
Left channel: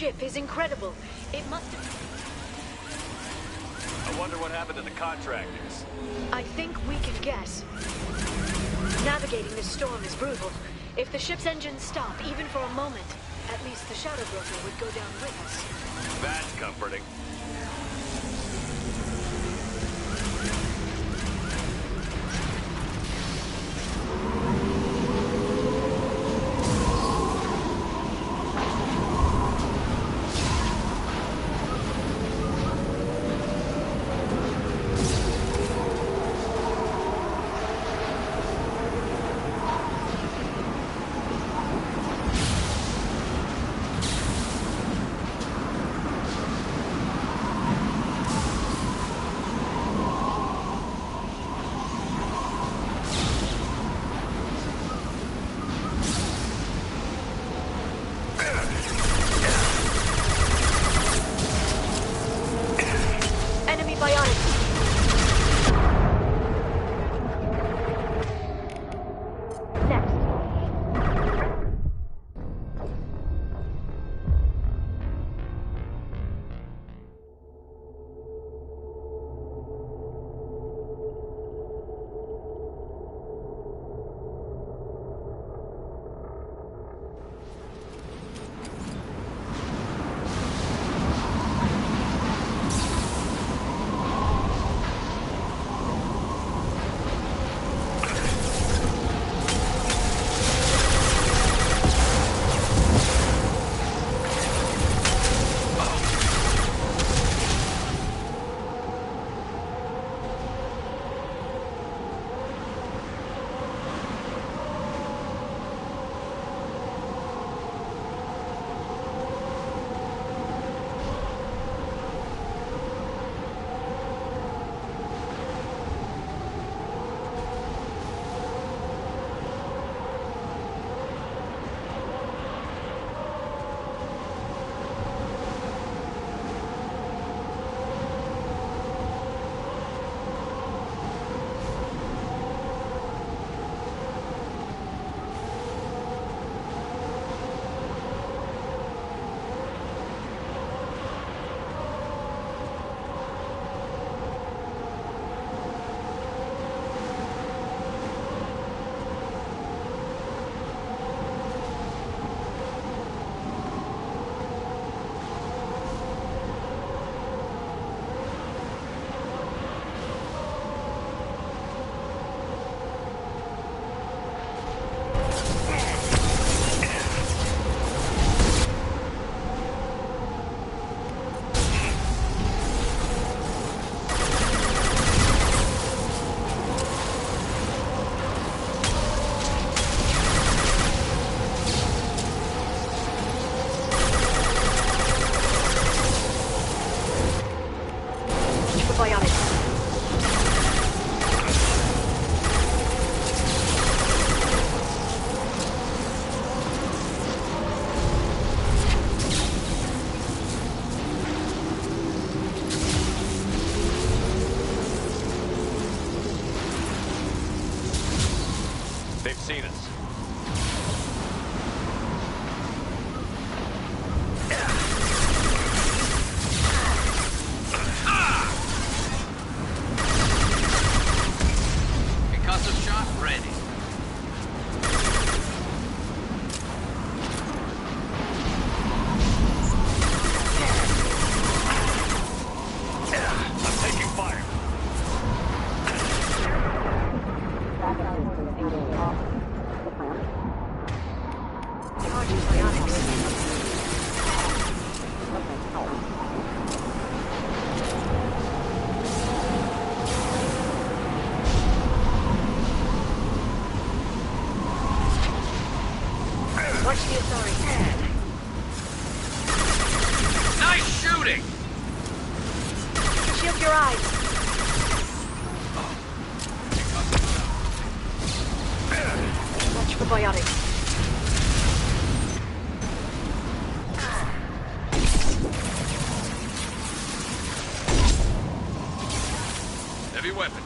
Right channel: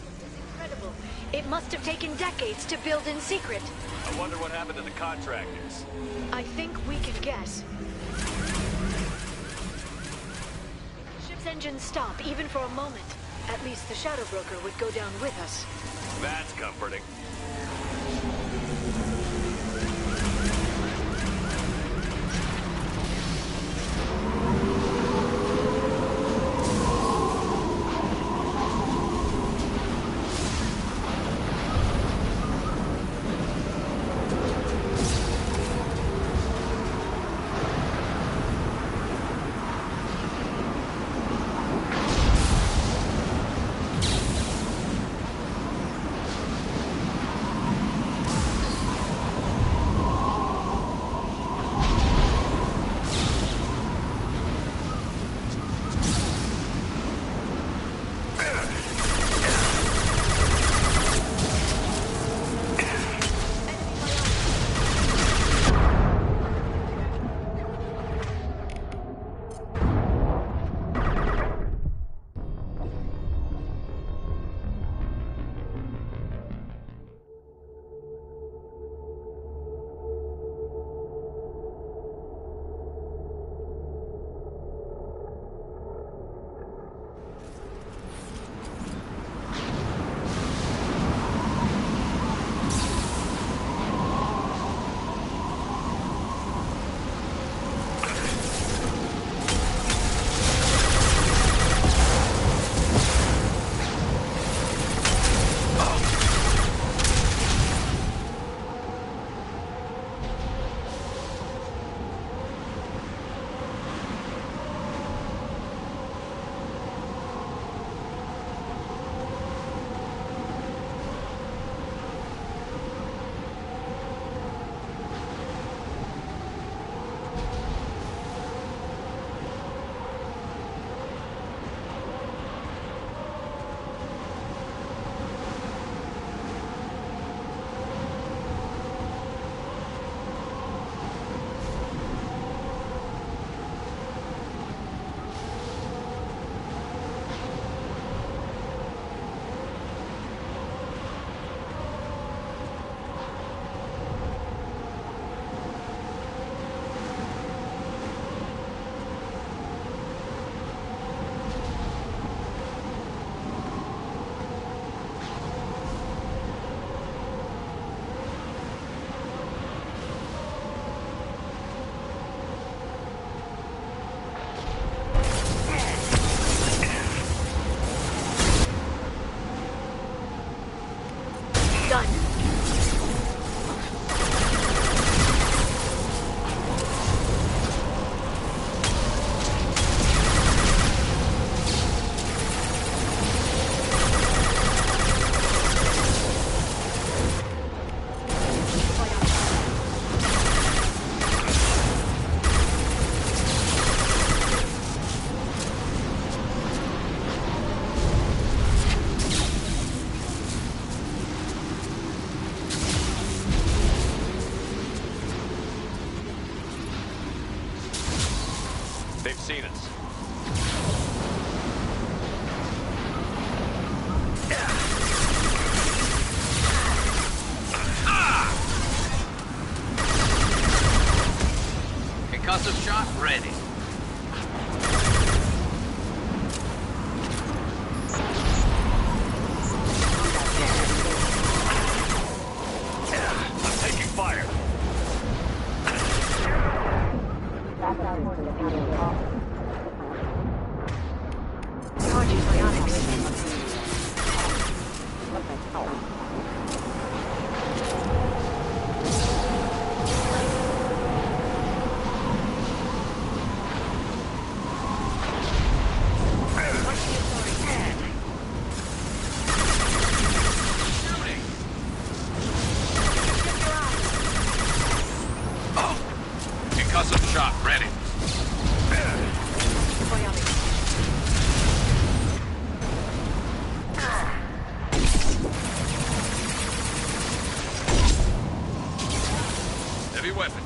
ship is incredible. It must have taken decades to build in secret. I wonder what happened to the contractors. I think we can guess. Navigating the storm is brutal. If the ship's engines stop, even for a moment, at least the Shadow Broker would go down with us. That's comforting. They've seen us. Concussive shot ready. I'm taking fire. Nice shooting! Shield your eyes. Oh. Concussive shot ready. Watch for biotics. Heavy weapon.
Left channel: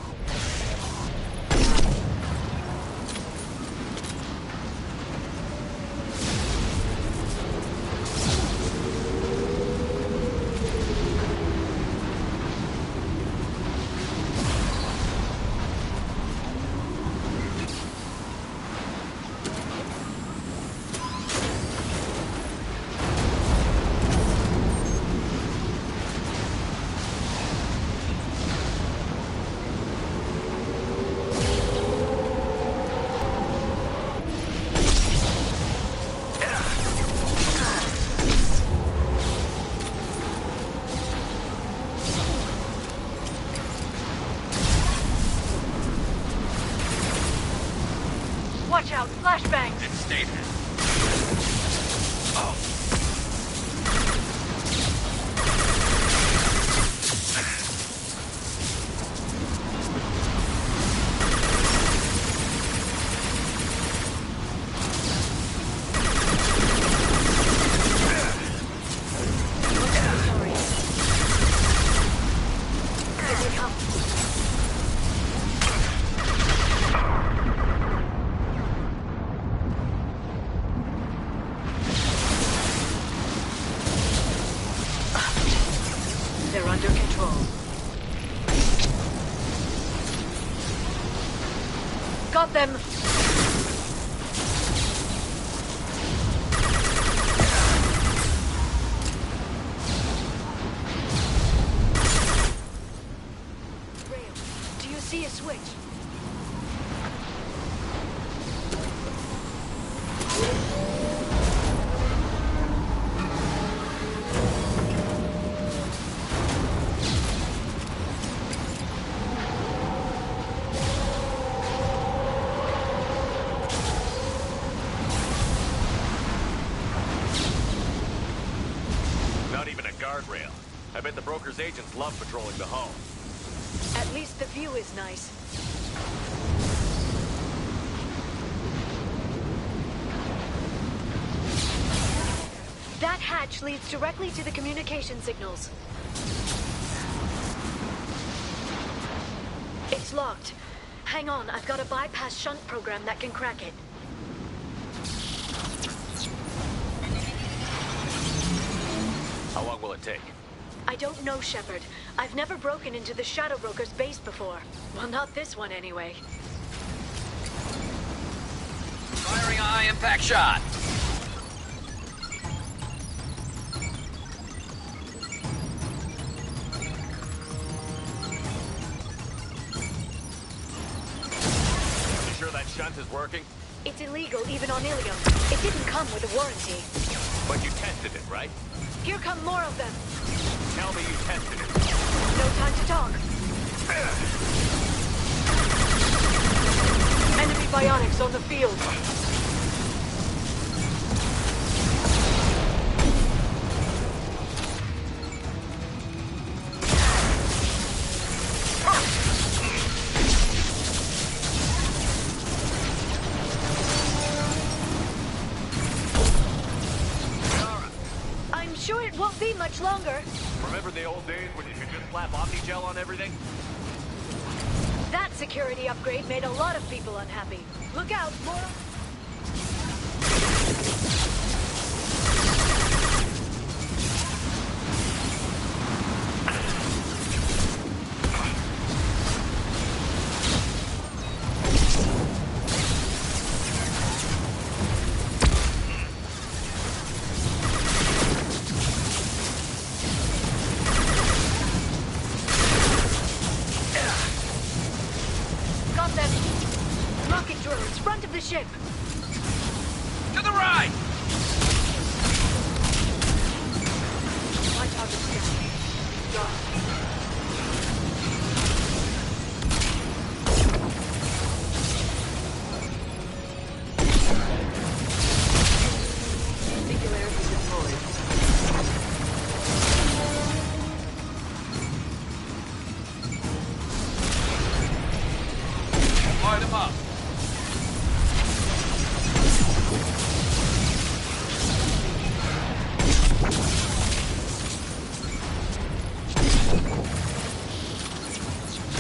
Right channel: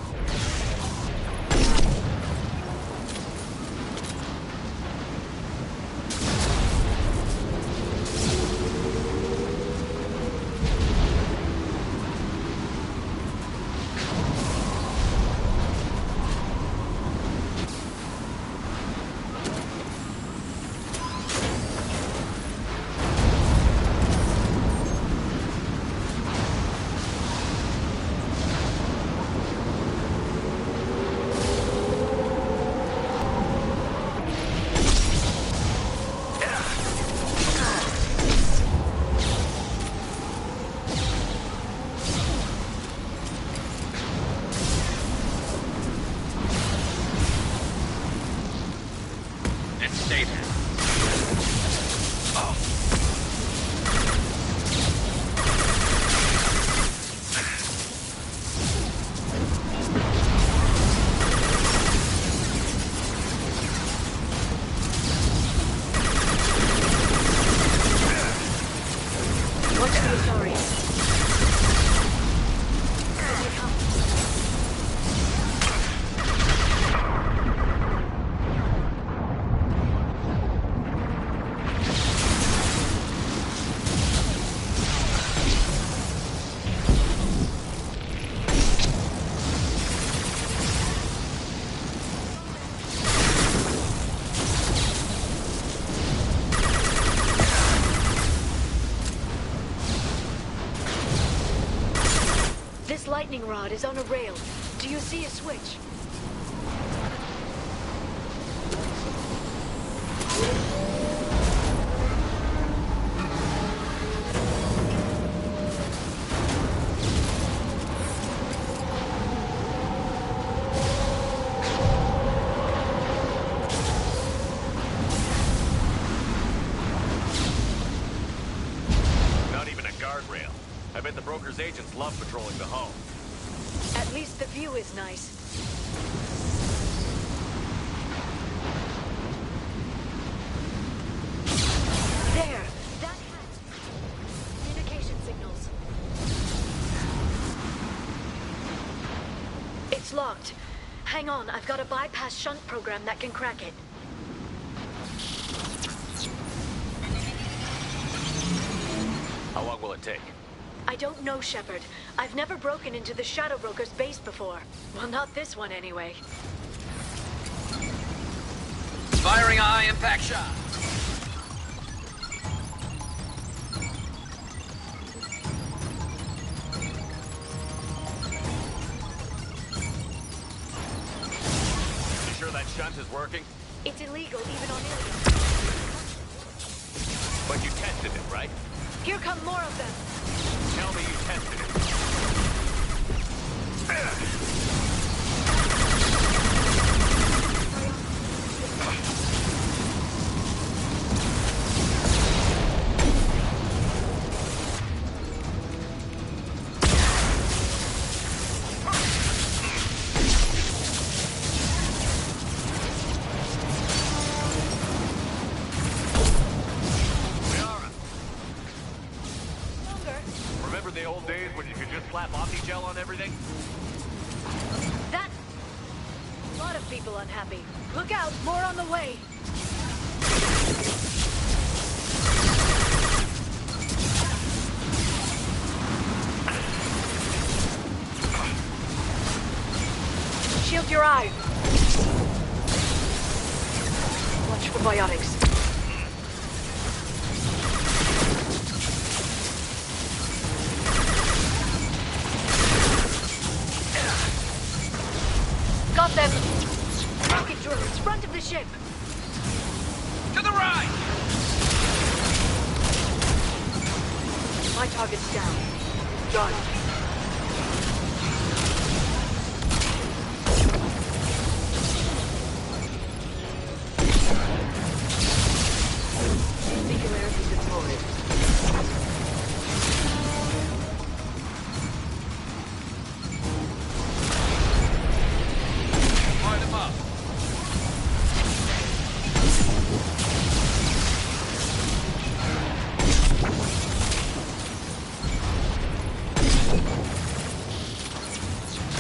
rod is on a rail. Do you see a switch? Not even a guardrail. I bet the broker's agents love patrolling the hull. At least the view is nice. There! That hatch leads directly to the communication signals. It's locked. Hang on, I've got a bypass shunt program that can crack it. How long will it take? I don't know, Shepard. I've never broken into the Shadow Broker's base before. Well, not this one anyway. Firing a high-impact shot! You sure that shunt is working? It's illegal even on Ilium. It didn't come with a warranty. But you tested it, right? Here come more of them. Tell me you tested it. No time to talk. Enemy bionics on the field. Remember the old days when you could just slap Omnigel on everything? That security upgrade made a lot of people unhappy. Look out, more on the way. Shield your eyes. Watch for bionics. Got them! Rocket drones, front of the ship! To the right! My target's down. Done. Singularity deployed. Light him up.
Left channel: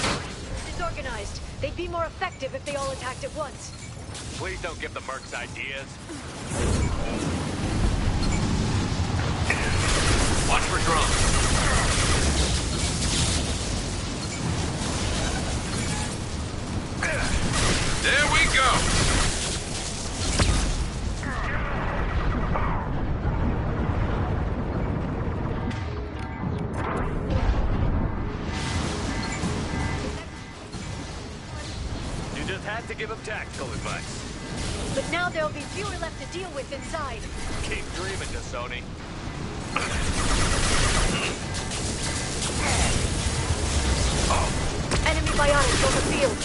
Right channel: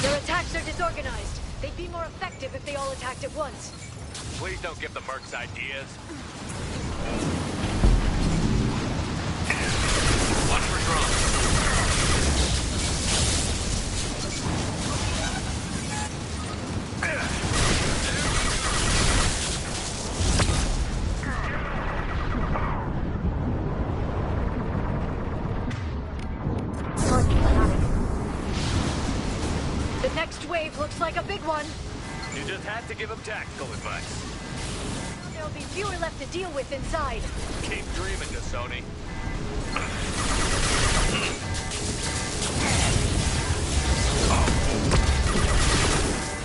Their attacks are disorganized. They'd be more effective if they all attacked at once. Please don't give the mercs ideas. Watch for drones. There we go! The next wave looks like a big one. You just had to give him tactical advice. But now there'll be fewer left to deal with inside. Keep dreaming, Dasoni. Enemy bionics on the field.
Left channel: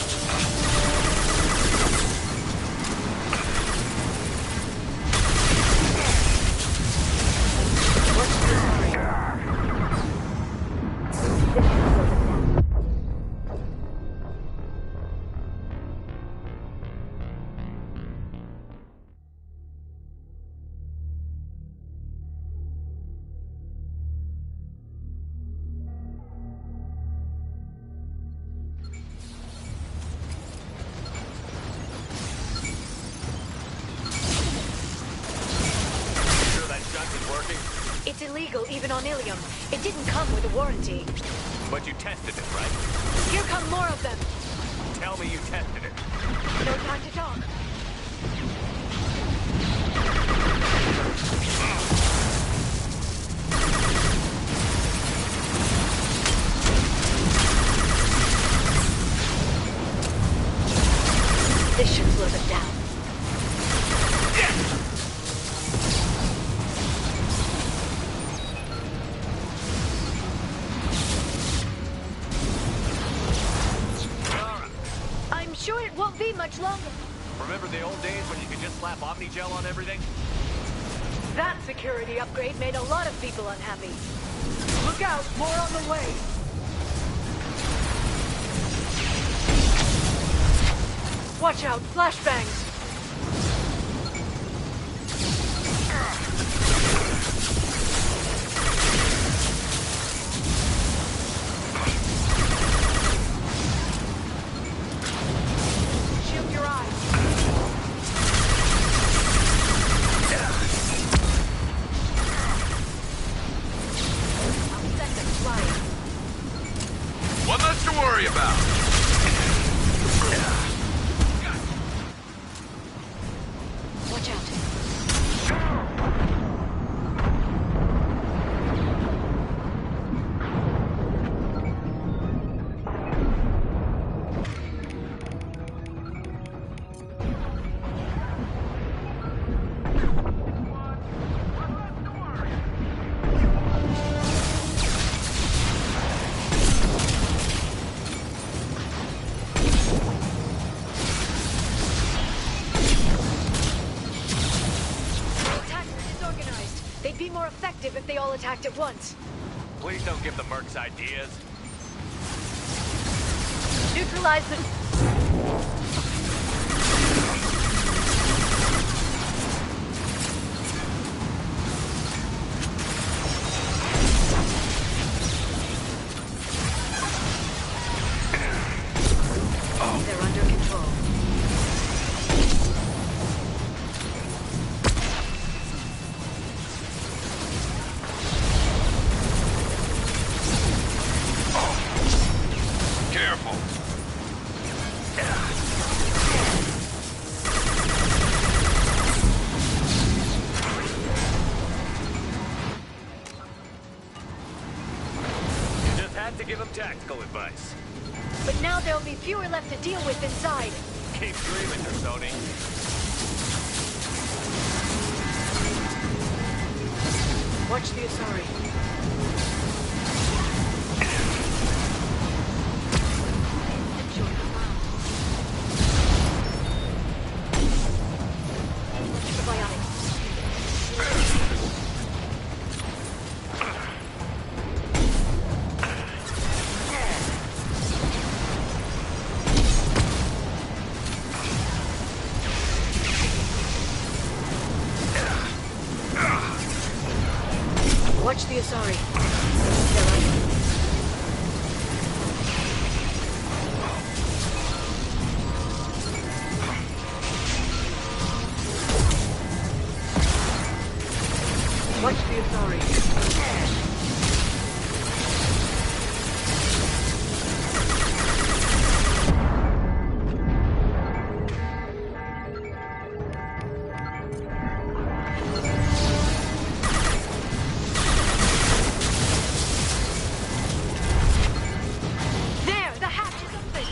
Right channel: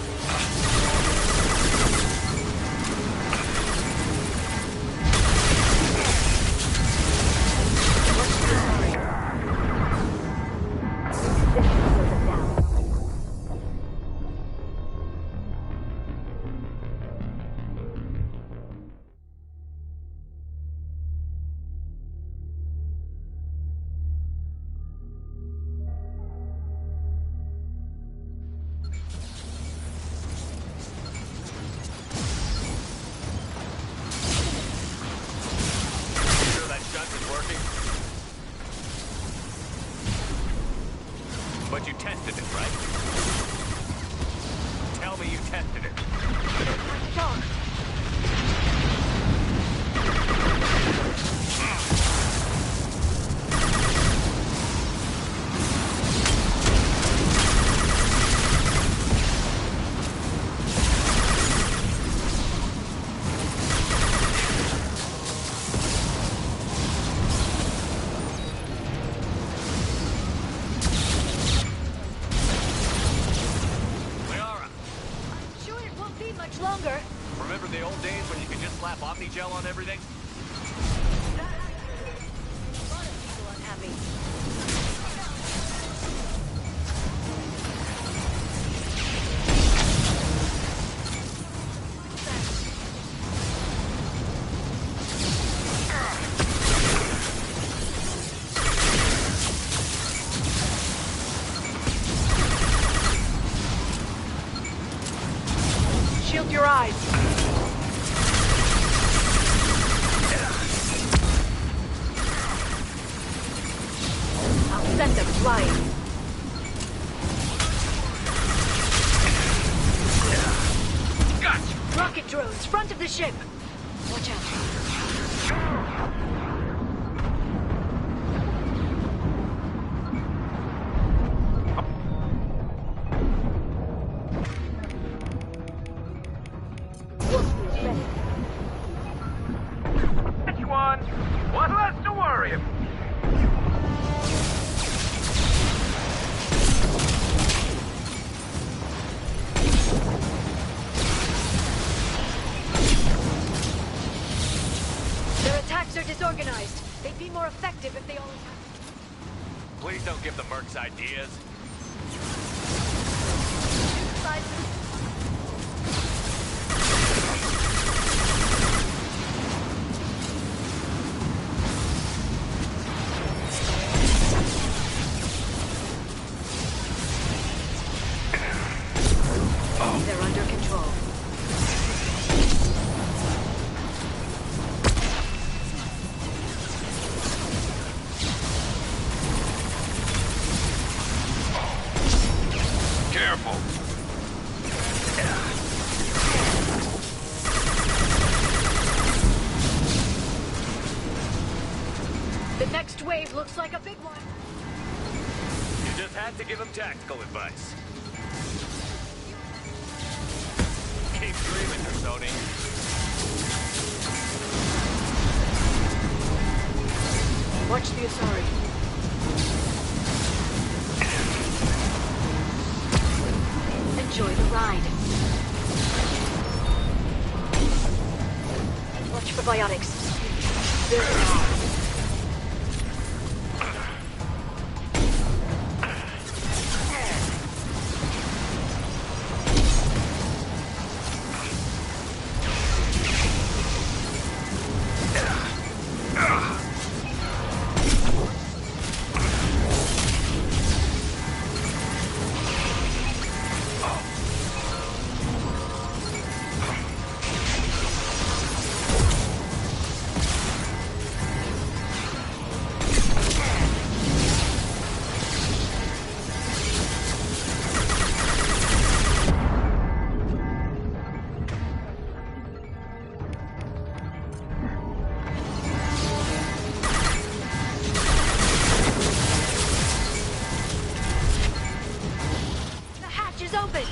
It's illegal even on Ilium. It didn't come with a warranty. But you tested it, right? Here come more of them. Tell me you tested it. No time to talk. much longer. Remember the old days when you could just slap Omnigel on everything? That security upgrade made a lot of people unhappy. Look out, more on the way. Watch out, flashbangs. Shield your eyes. I'll send them flying. One less to worry about. Gotcha. Rocket drones, front of the ship. Watch out. One less to worry about. Their attacks are disorganized. They'd be more effective if they all attacked at once. Please don't give the mercs ideas. Neutralize them. They're under control. Careful. The next wave looks like a big one. You just had to give them tactical advice. But now there'll be fewer left to deal with inside. Keep dreaming, Sony. Watch the Asari. Enjoy the ride. Watch for biotics. Watch the Asari. Watch the Asari. There, the hatch is open.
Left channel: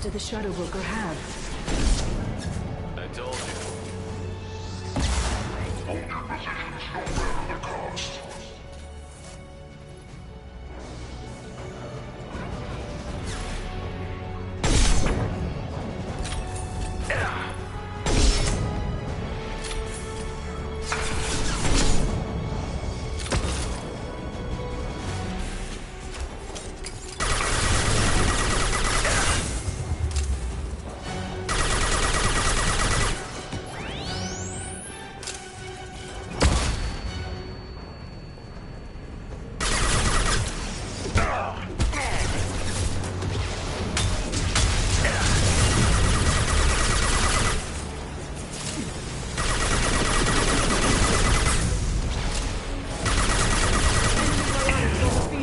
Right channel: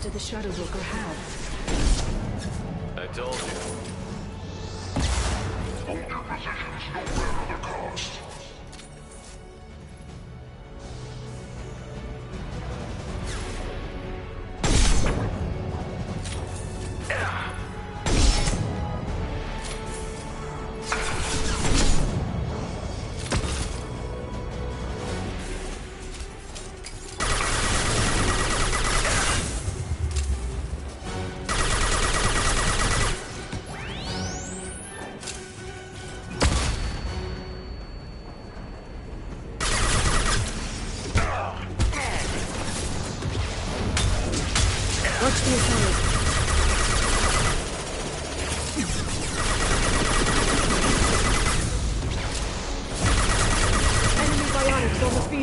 Do the Shadow Walker have? I told you. Hold your positions no matter the cost.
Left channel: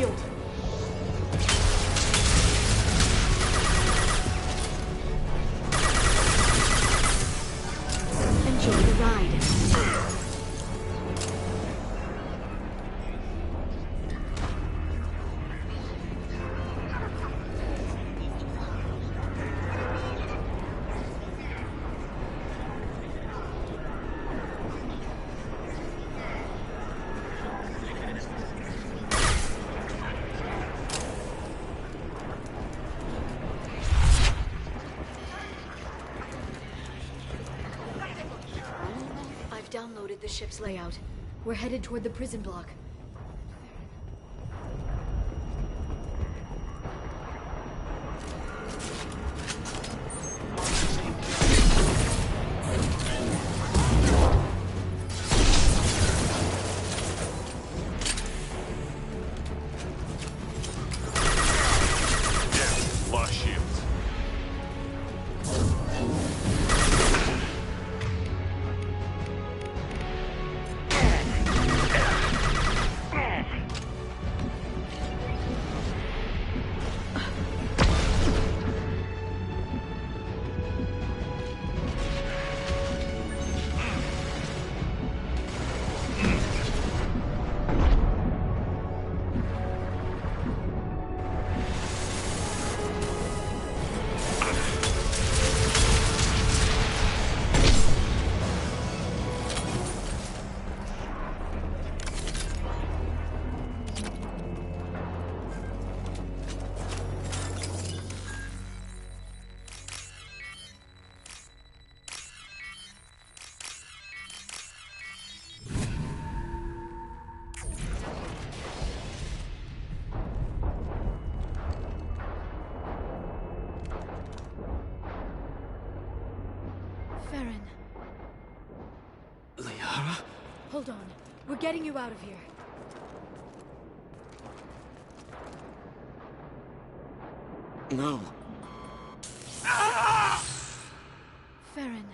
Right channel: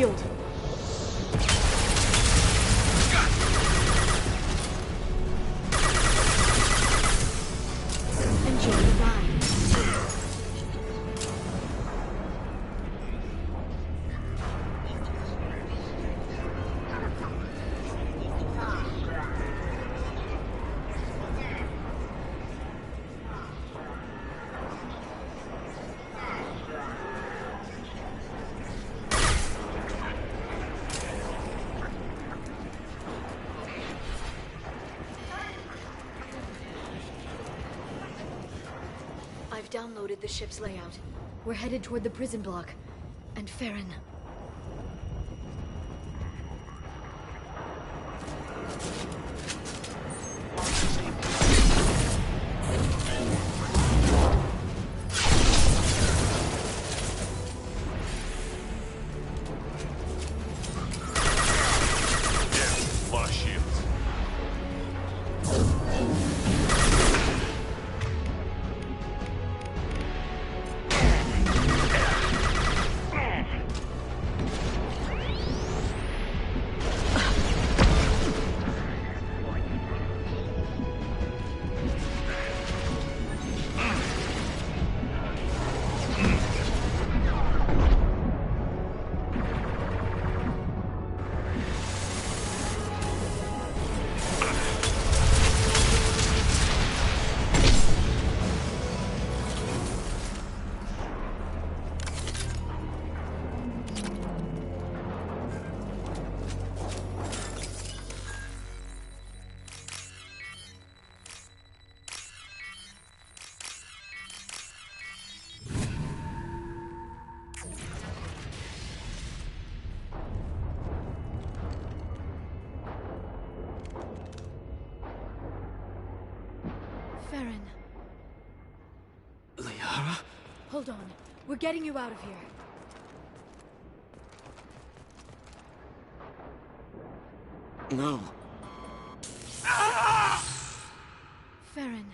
shield. Enjoy the ride. I've downloaded the ship's layout. We're headed toward the prison block. And Farron. Yes, lost shields. Farron. Liara? Hold on. We're getting you out of here. No. Farron.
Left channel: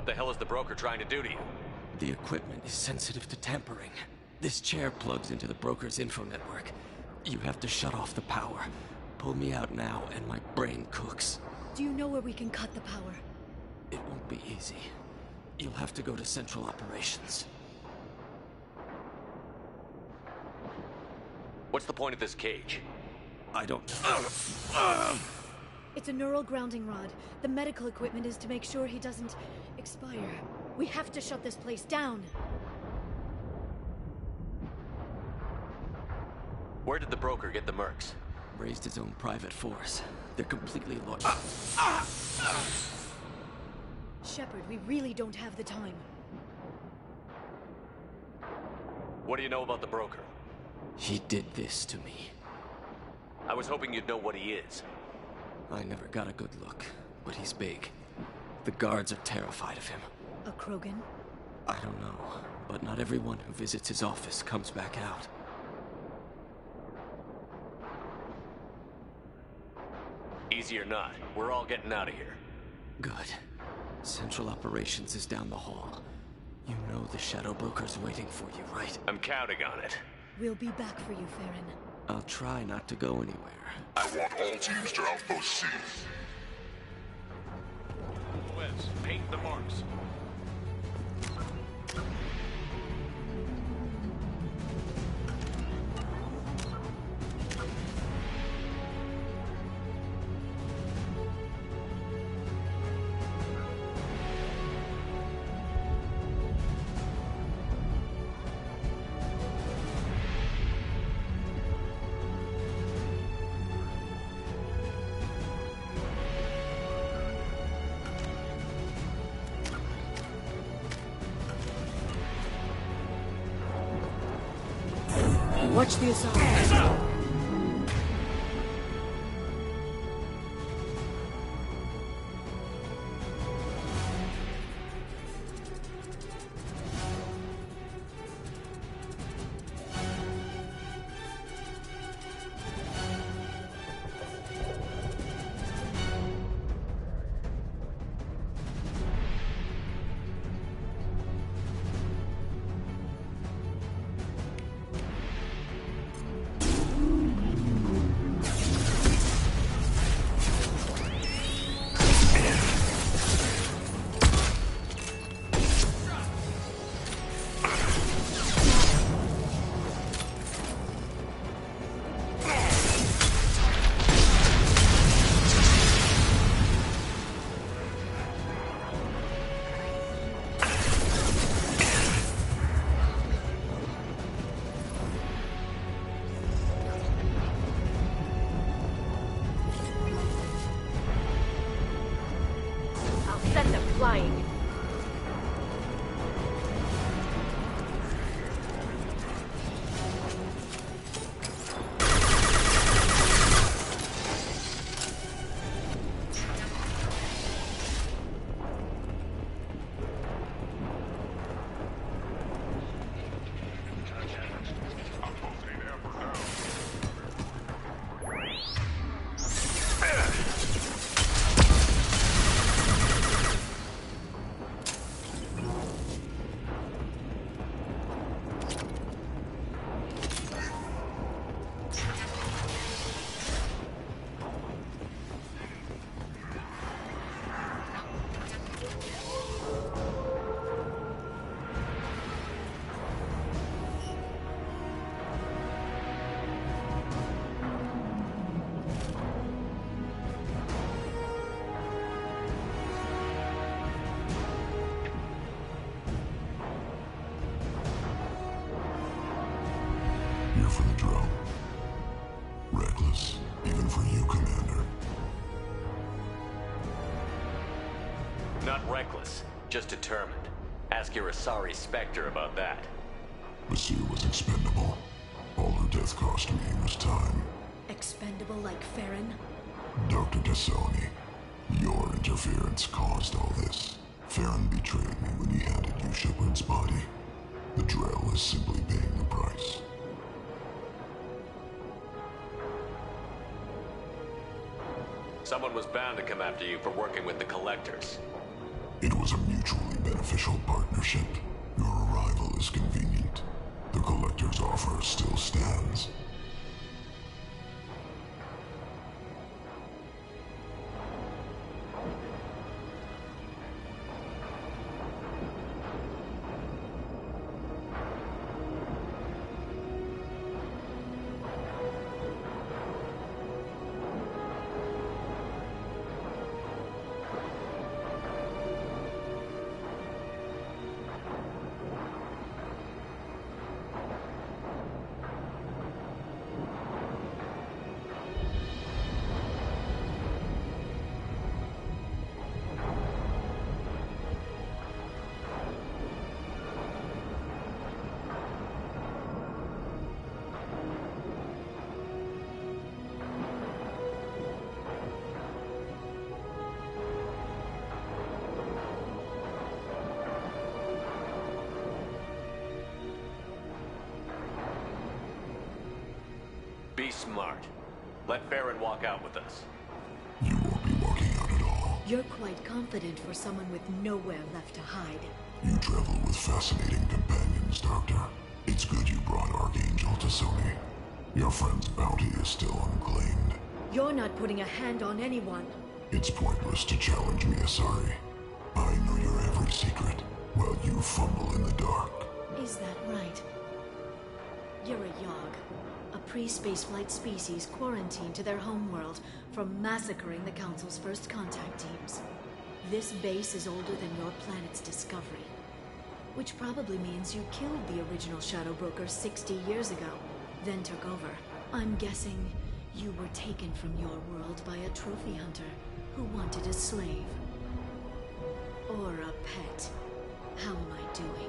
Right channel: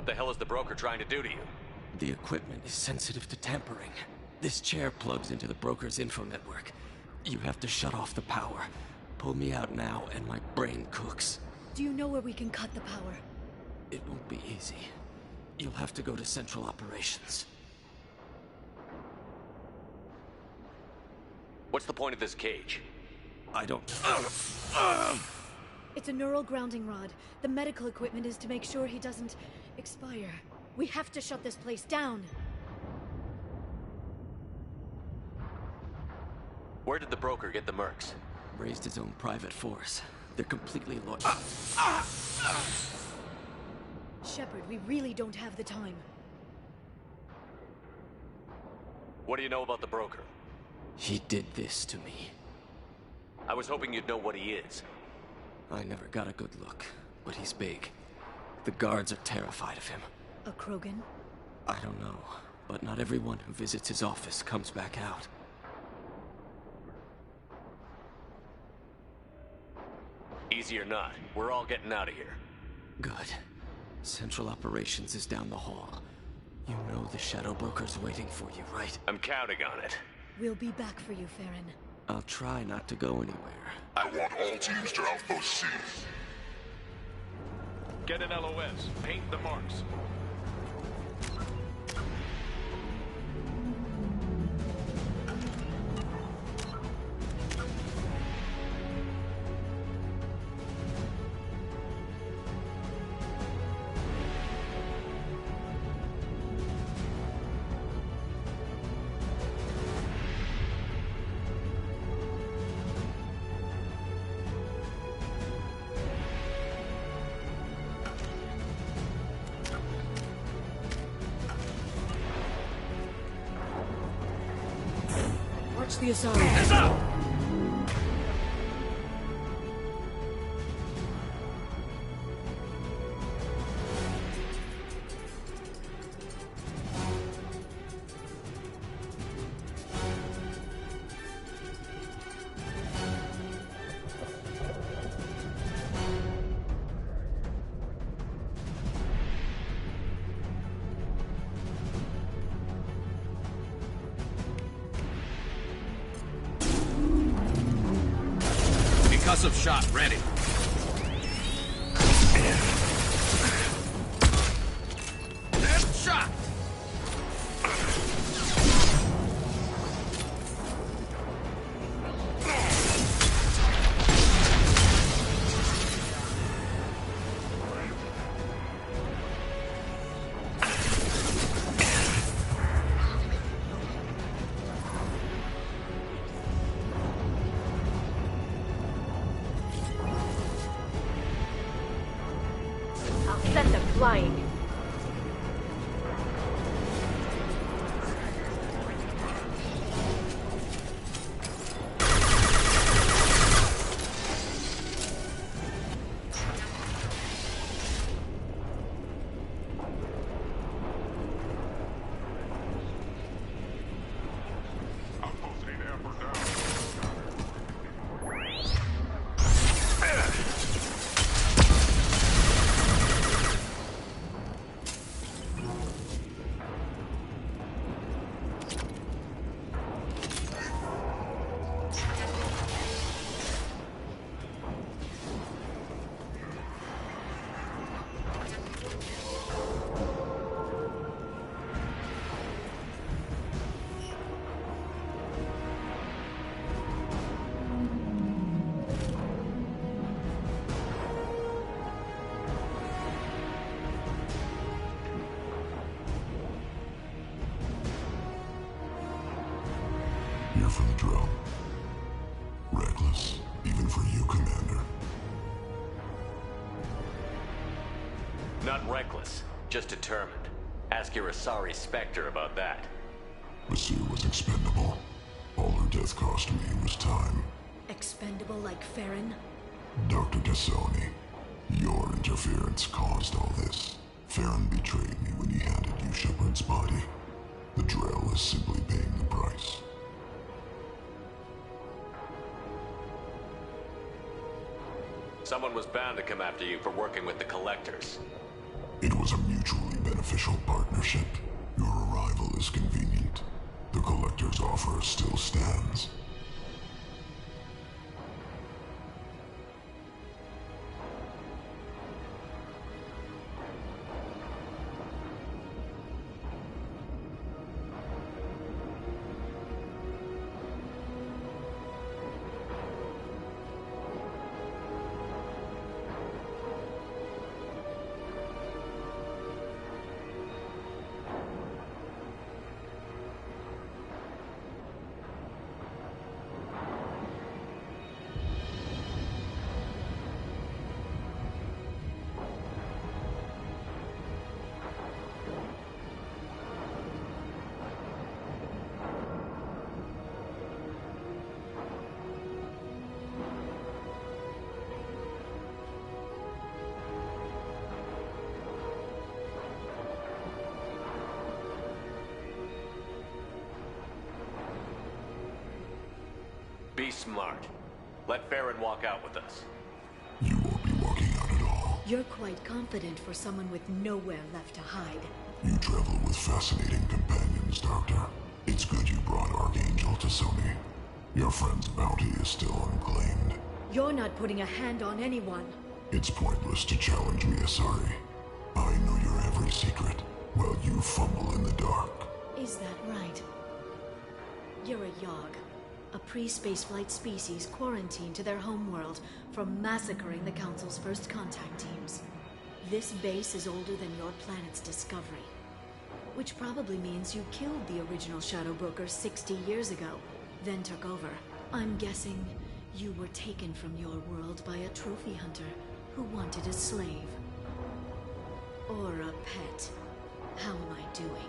What the hell is the broker trying to do to you? The equipment is sensitive to tampering. This chair plugs into the broker's info network. You have to shut off the power. Pull me out now, and my brain cooks. Do you know where we can cut the power? It won't be easy. You'll have to go to Central Operations. What's the point of this cage? I don't... It's a neural grounding rod. The medical equipment is to make sure he doesn't expire. We have to shut this place down. Where did the broker get the mercs? Raised his own private force. They're completely loyal. Shepard, we really don't have the time. What do you know about the broker? He did this to me. I was hoping you'd know what he is. I never got a good look, but he's big. The guards are terrified of him. A Krogan? I don't know, but not everyone who visits his office comes back out. Easy or not, we're all getting out of here. Good. Central Operations is down the hall. You know the Shadow Broker's waiting for you, right? I'm counting on it. We'll be back for you, Farron. I'll try not to go anywhere. I want all teams to Outpost C. Get an LOS. Paint the marks. Watch the Asari. Shot ready. Shot. Send them flying. Here for the drill. Reckless, even for you, Commander. Not reckless, just determined. Ask your Asari Spectre about that. Masir was expendable. All her death cost me was time. Expendable like Farron? Dr. Tassoni, your interference caused all this. Farron betrayed me when he handed you Shepard's body. The Drell is simply paying the price. Someone was bound to come after you for working with the Collectors. It was a mutually beneficial partnership. Your arrival is convenient. The Collector's offer still stands. Be smart. Let Farron walk out with us. You won't be walking out at all. You're quite confident for someone with nowhere left to hide. You travel with fascinating companions, Doctor. It's good you brought Archangel T'Soni. Your friend's bounty is still unclaimed. You're not putting a hand on anyone. It's pointless to challenge me, Asari. I know your every secret, while you fumble in the dark. Is that right? You're a Yogg. A pre-spaceflight species quarantined to their homeworld from massacring the Council's first contact teams. This base is older than your planet's discovery. Which probably means you killed the original Shadow Broker 60 years ago, then took over. I'm guessing you were taken from your world by a trophy hunter who wanted a slave. Or a pet. How am I doing?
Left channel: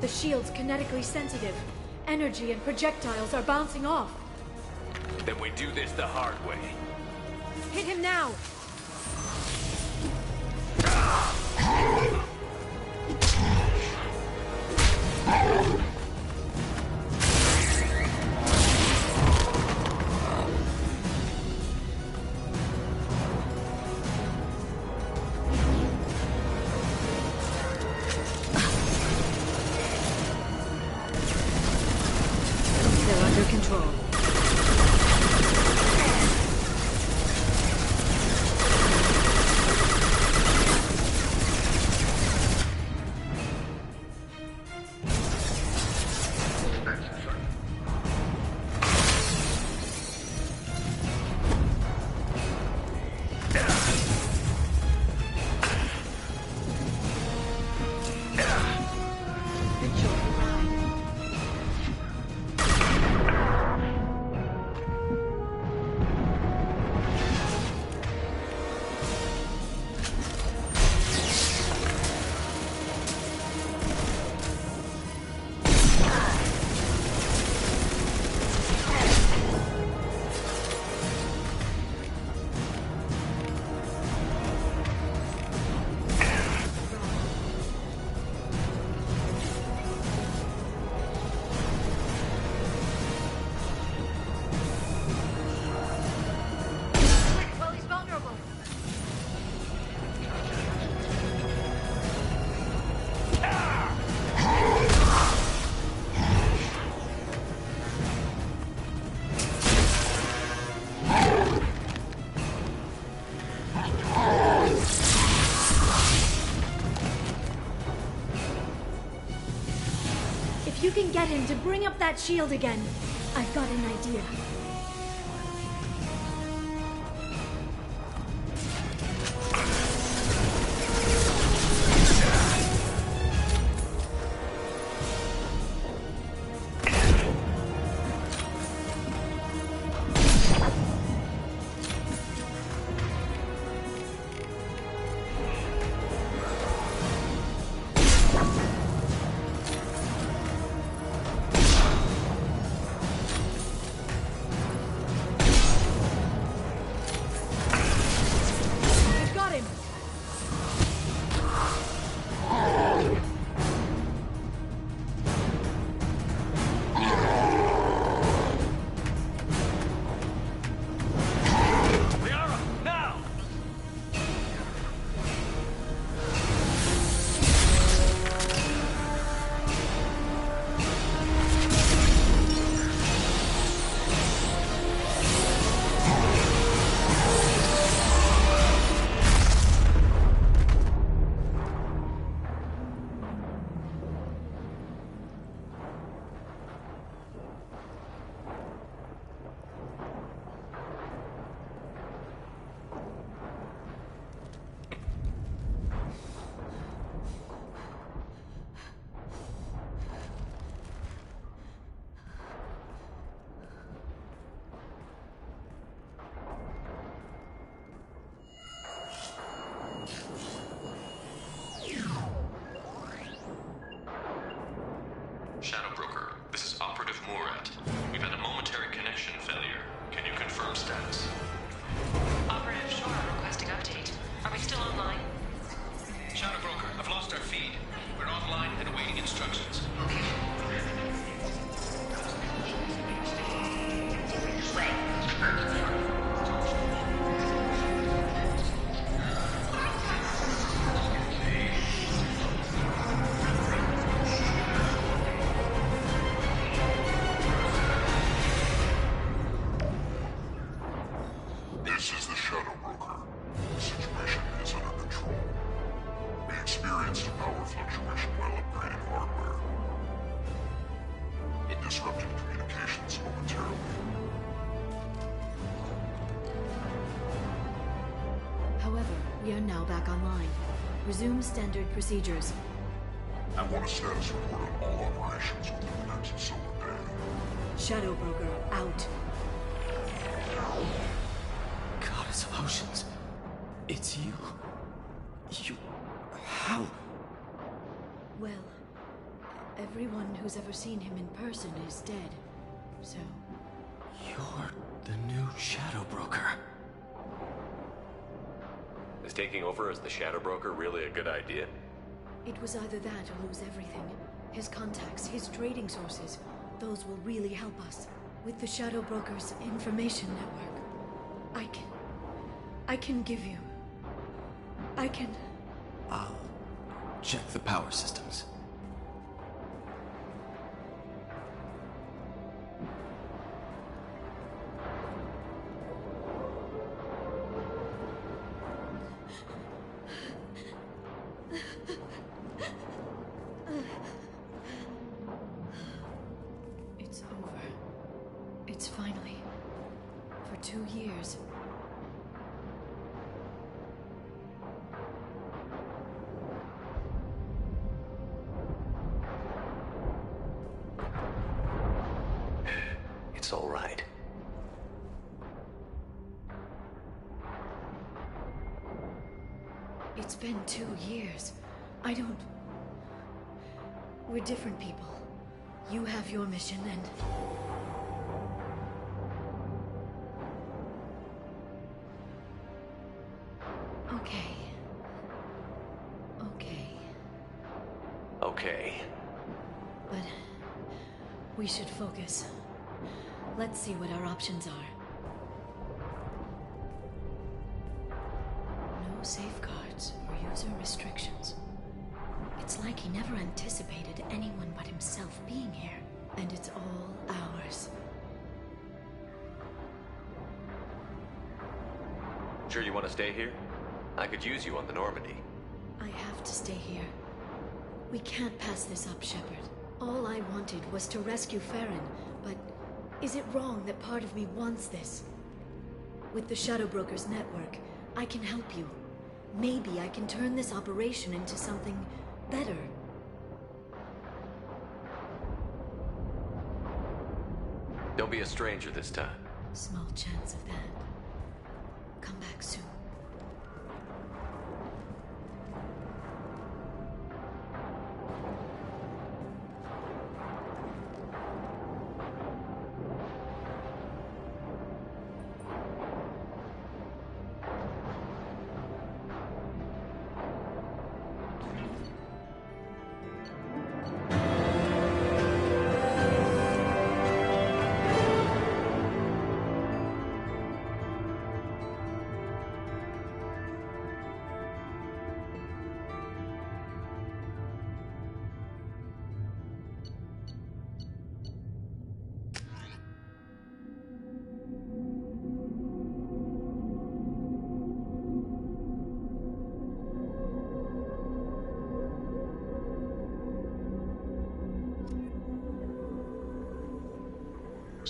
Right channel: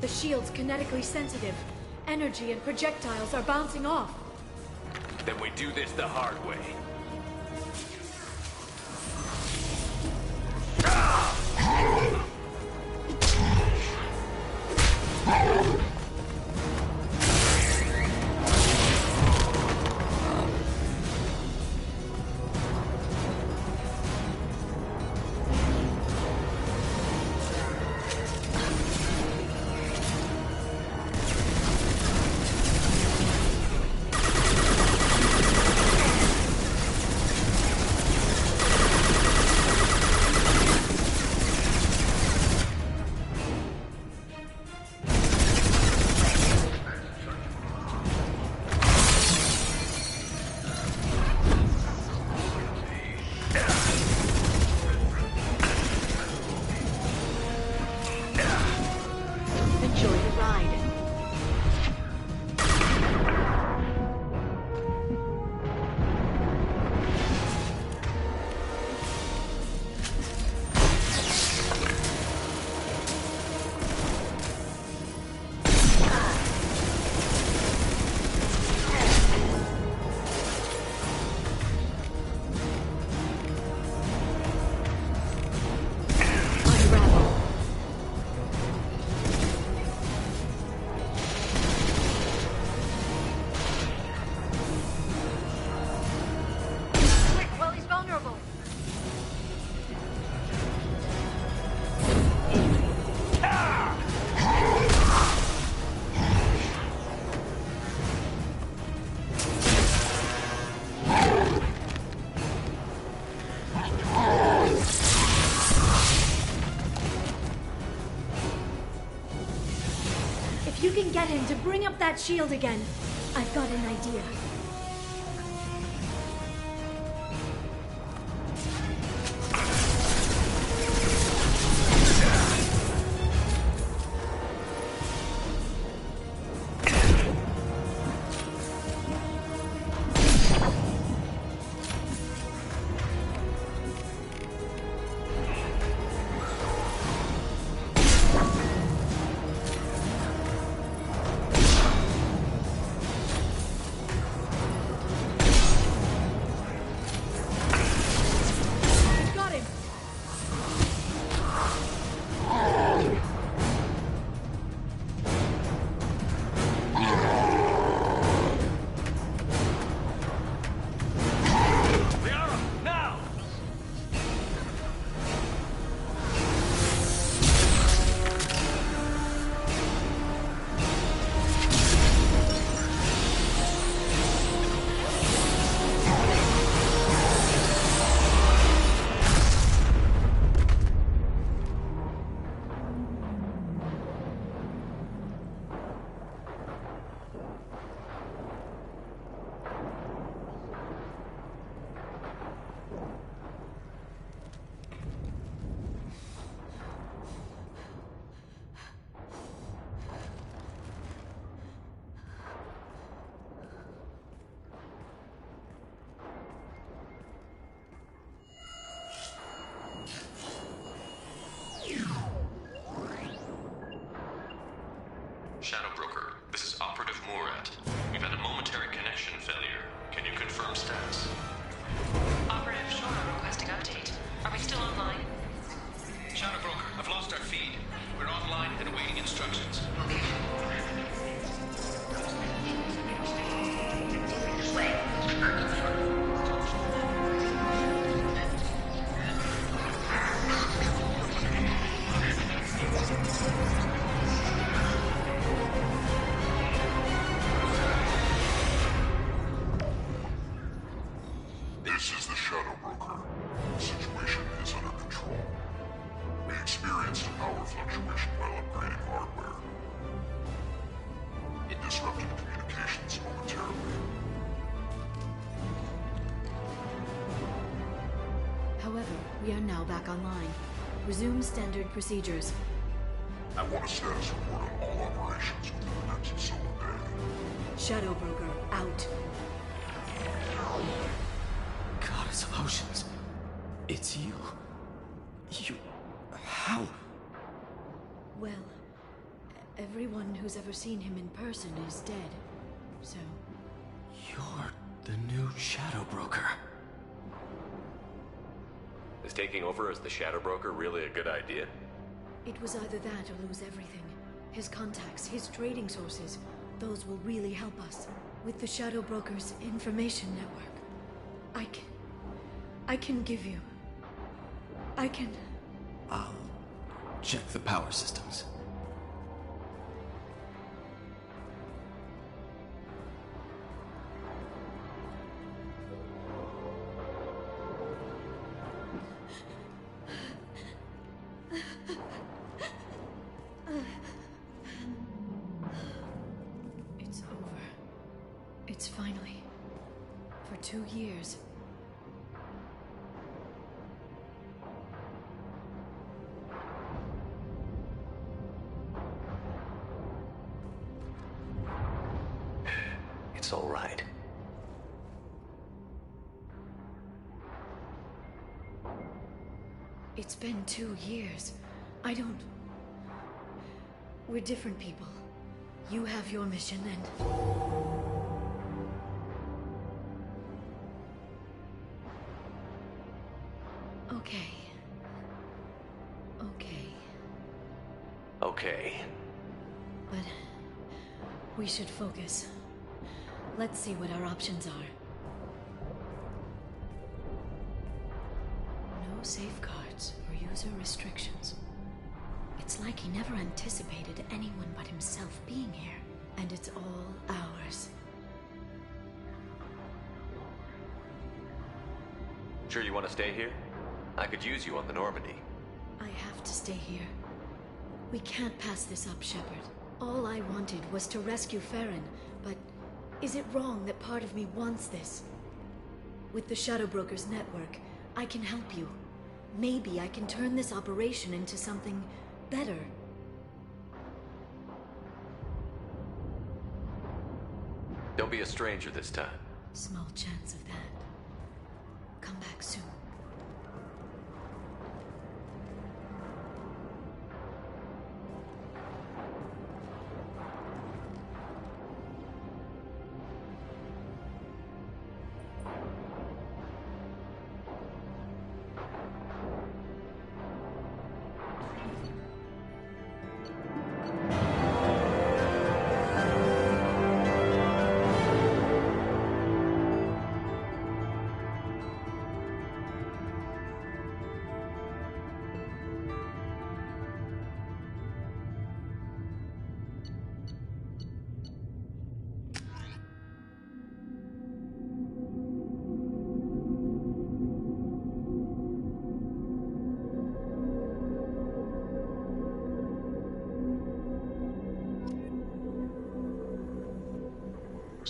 The shield's kinetically sensitive. Energy and projectiles are bouncing off. Then we do this the hard way. Hit him now! you can get him to bring up that shield again, I've got an idea. Shadow Broker, this is Operative Murat. We've had a momentary connection failure. Can you confirm status? Operative Shora requesting update. Are we still online? Shadow Broker, I've lost our feed. We're online and awaiting instructions. This is the Shadow Broker. The situation is under control. We experienced a power fluctuation while upgrading hardware. It disrupted communications momentarily. However, we are now back online. Resume standard procedures. I want a status report on all operations within the next solar day. Shadow Broker, out. Goddess of Oceans. It's you. You... How? Well, everyone who's ever seen him in person is dead. So... You're the new Shadow Broker. Is taking over as the Shadow Broker really a good idea? it was either that or lose everything. His contacts, his trading sources, those will really help us. With the Shadow Broker's information network, I can give you... I'll check the power systems. It's over. It's finally... For 2 years. It's all right. It's been 2 years. I don't... We're different people. You have your mission and... Okay. Okay. But... we should focus. Let's see what our options are. No safeguards or user restrictions. It's like he never anticipated anyone but himself being here. And it's all ours. Sure you want to stay here? I could use you on the Normandy. I have to stay here. We can't pass this up, Shepard. All I wanted was to rescue Farron, but is it wrong that part of me wants this? With the Shadow Brokers network, I can help you. Maybe I can turn this operation into something better. Don't be a stranger this time. Small chance of that. Come back soon.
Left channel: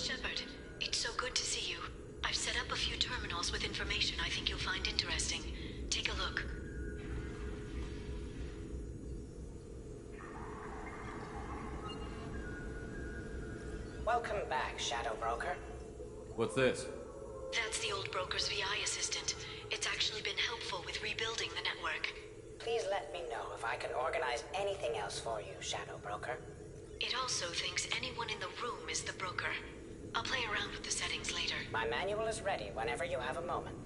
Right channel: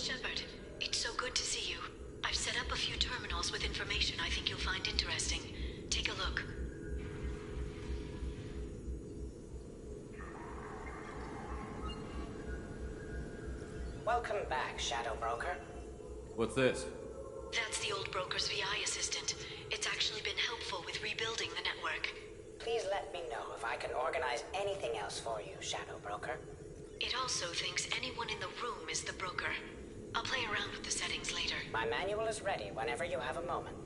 Shepard, it's so good to see you. I've set up a few terminals with information I think you'll find interesting. Take a look. Welcome back, Shadow Broker. What's this? That's the old broker's VI assistant. It's actually been helpful with rebuilding the network. Please let me know if I can organize anything else for you, Shadow Broker. It also thinks anyone in the room is the broker. I'll play around with the settings later. My manual is ready whenever you have a moment.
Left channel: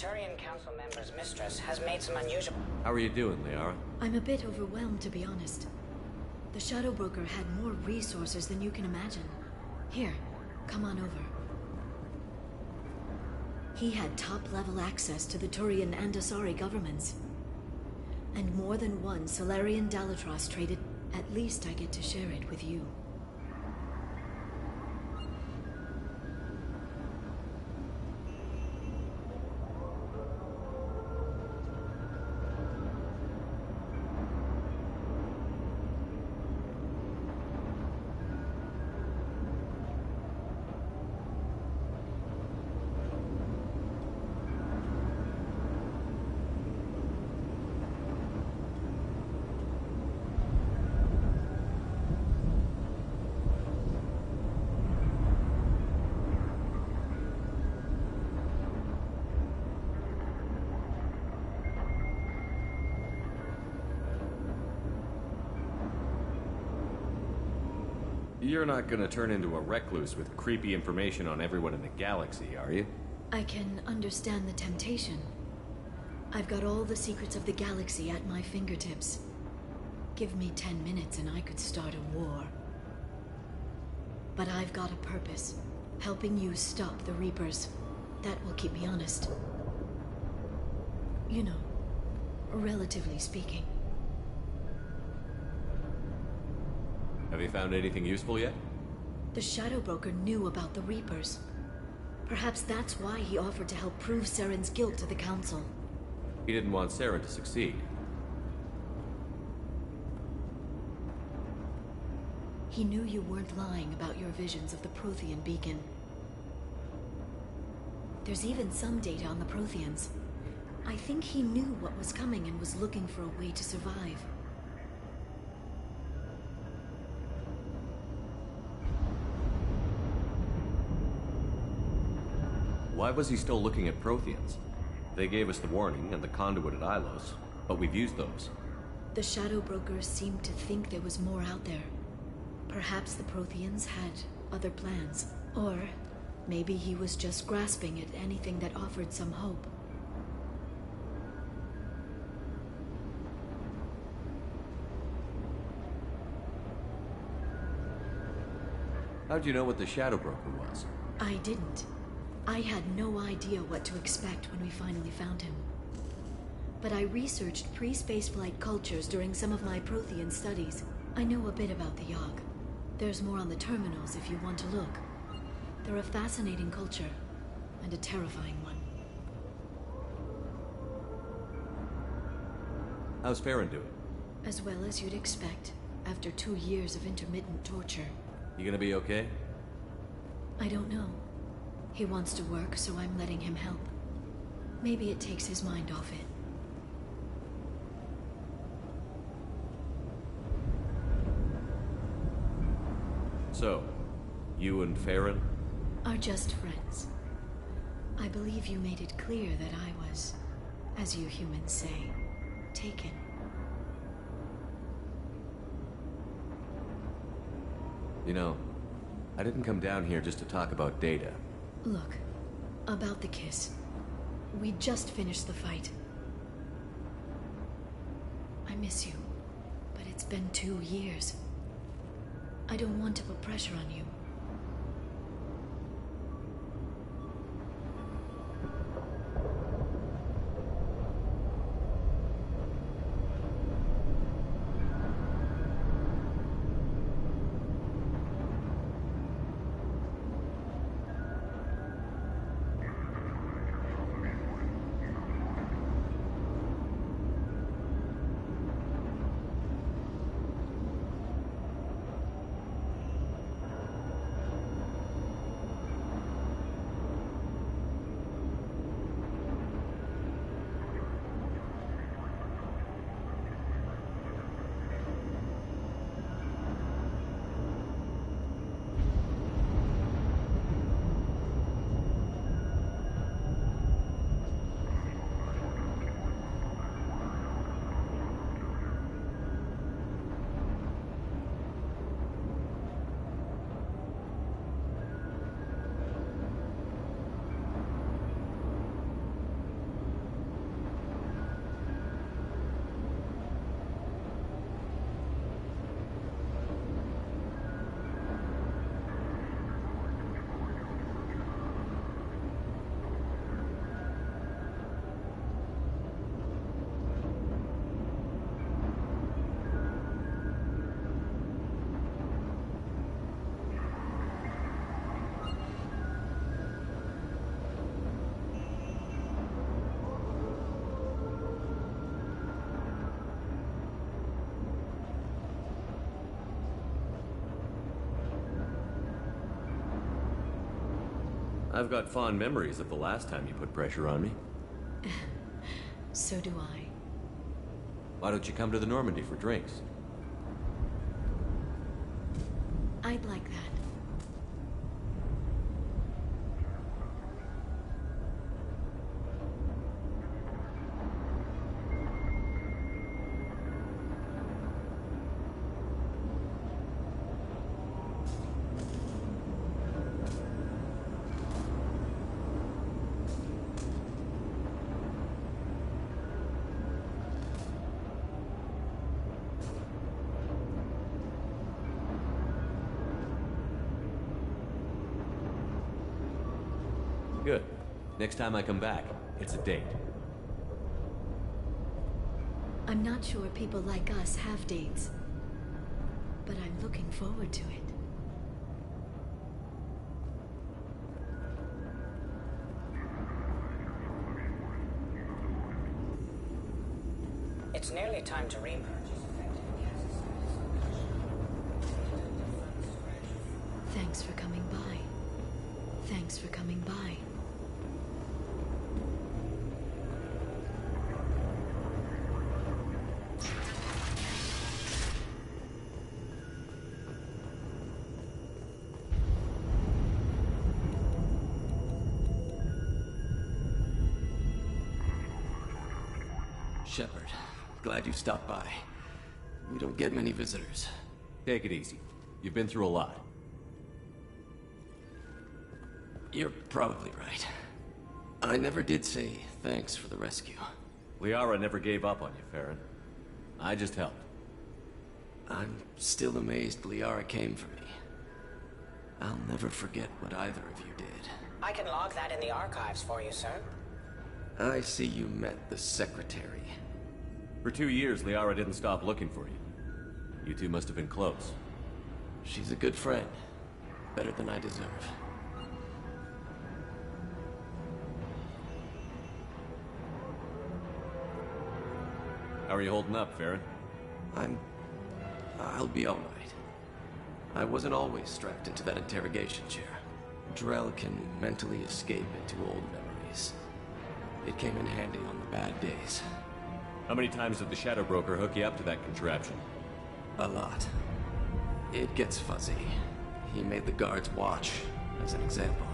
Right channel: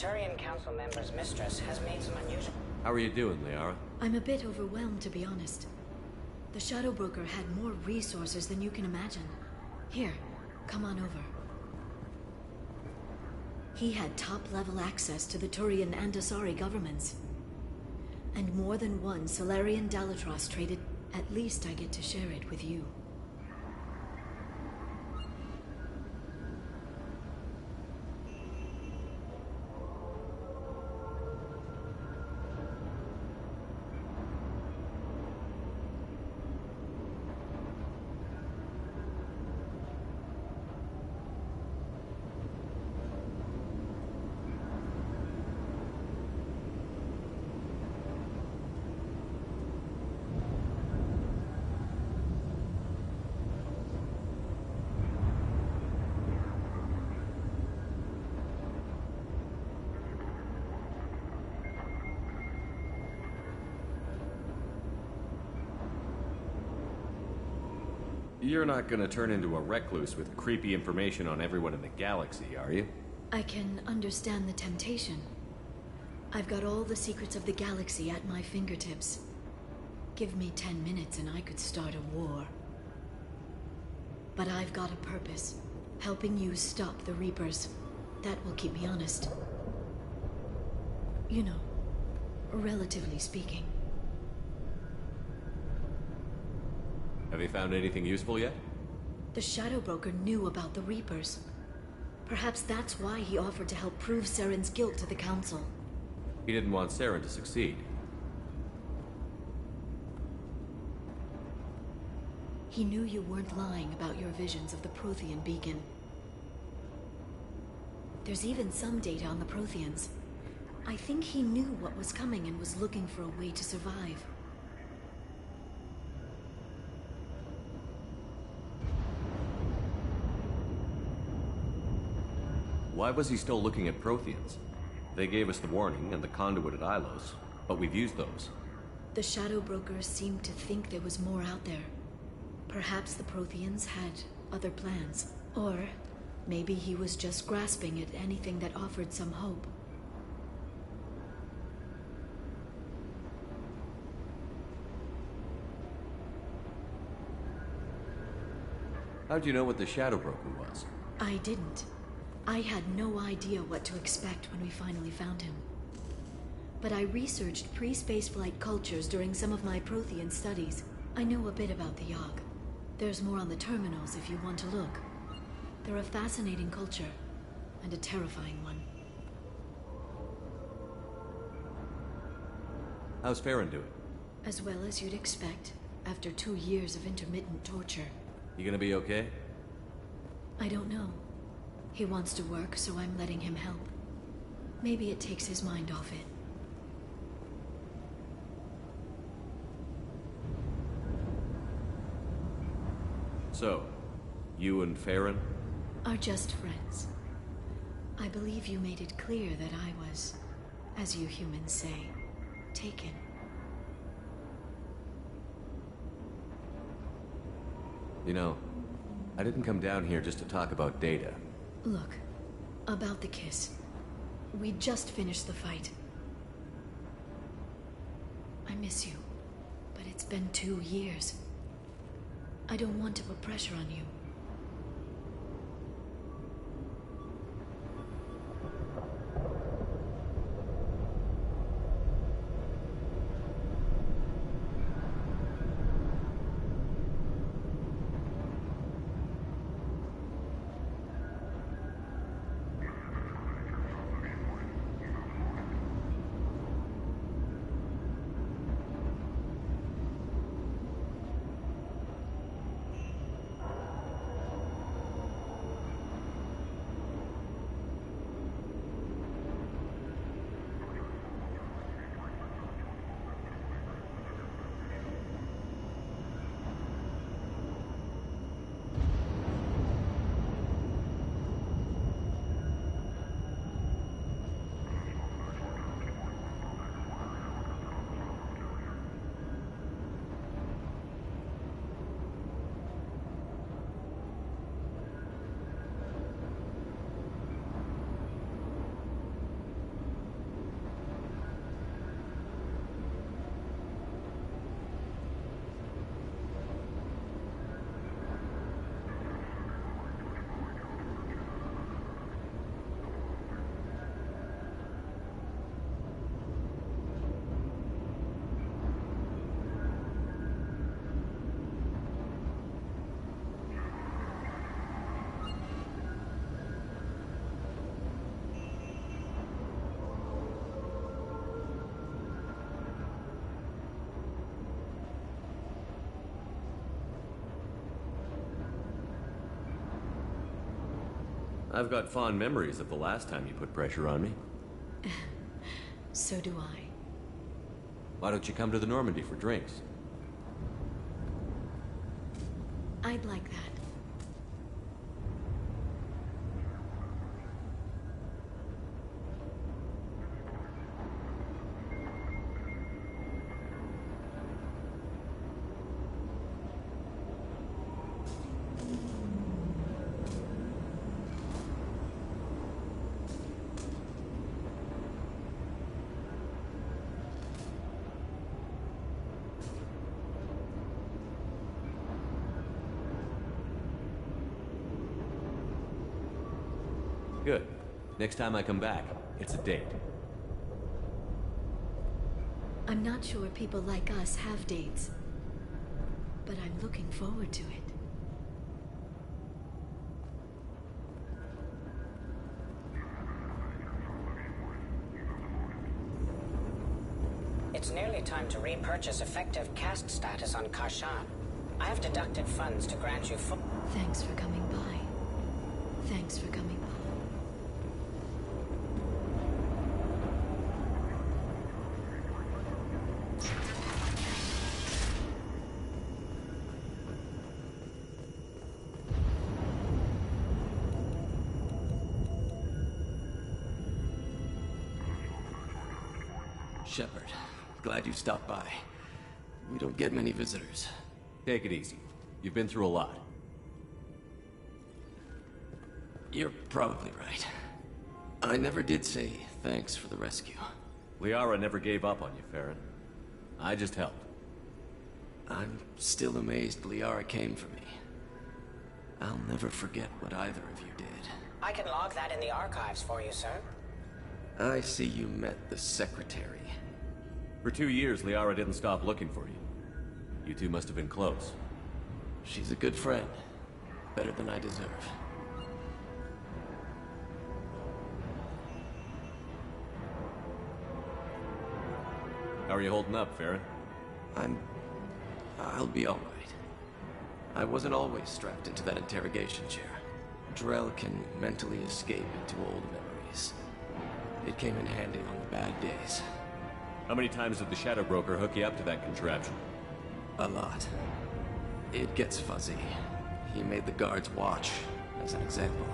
Turian Council member's mistress has made some unusual... How are you doing, Liara? I'm a bit overwhelmed, to be honest. The Shadow Broker had more resources than you can imagine. Here, come on over. He had top-level access to the Turian and Asari governments. And more than one Solarian Dalatrass traded. At least I get to share it with you. You're not gonna turn into a recluse with creepy information on everyone in the galaxy, are you? I can understand the temptation. I've got all the secrets of the galaxy at my fingertips. Give me 10 minutes and I could start a war. But I've got a purpose. Helping you stop the Reapers. That will keep me honest. You know, relatively speaking. Have you found anything useful yet? The Shadow Broker knew about the Reapers. Perhaps that's why he offered to help prove Saren's guilt to the Council. He didn't want Saren to succeed. He knew you weren't lying about your visions of the Prothean beacon. There's even some data on the Protheans. I think he knew what was coming and was looking for a way to survive. Why was he still looking at Protheans? They gave us the warning and the conduit at Ilos, but we've used those. The Shadow Brokers seemed to think there was more out there. Perhaps the Protheans had other plans. Or maybe he was just grasping at anything that offered some hope. How'd you know what the Shadow Broker was? I didn't. I had no idea what to expect when we finally found him. But I researched pre-spaceflight cultures during some of my Prothean studies. I know a bit about the Yogg. There's more on the terminals if you want to look. They're a fascinating culture, and a terrifying one. How's Farron doing? As well as you'd expect, after 2 years of intermittent torture. You gonna be okay? I don't know. He wants to work, so I'm letting him help. Maybe it takes his mind off it. So, you and Farron? Are just friends. I believe you made it clear that I was, as you humans say, taken. You know, I didn't come down here just to talk about Data. Look, about the kiss. We just finished the fight. I miss you, but it's been 2 years. I don't want to put pressure on you. I've got fond memories of the last time you put pressure on me. So do I. Why don't you come to the Normandy for drinks? I'd like that. Good. Next time I come back, it's a date. I'm not sure people like us have dates, but I'm looking forward to it. It's nearly time to repurchase effective caste status on Karshan. I have deducted funds to grant you full... Thanks for coming by. Thanks for coming by. Shepard, glad you stopped by. We don't get many visitors. Take it easy. You've been through a lot. You're probably right. I never did say thanks for the rescue. Liara never gave up on you, Farron. I just helped. I'm still amazed Liara came for me. I'll never forget what either of you did. I can log that in the archives for you, sir. I see you met the Secretary. For 2 years, Liara didn't stop looking for you. You two must have been close. She's a good friend. Better than I deserve. How are you holding up, Farron? I'll be all right. I wasn't always strapped into that interrogation chair. Drell can mentally escape into old memories. It came in handy on the bad days. How many times did the Shadow Broker hook you up to that contraption? A lot. It gets fuzzy. He made the guards watch, as an example.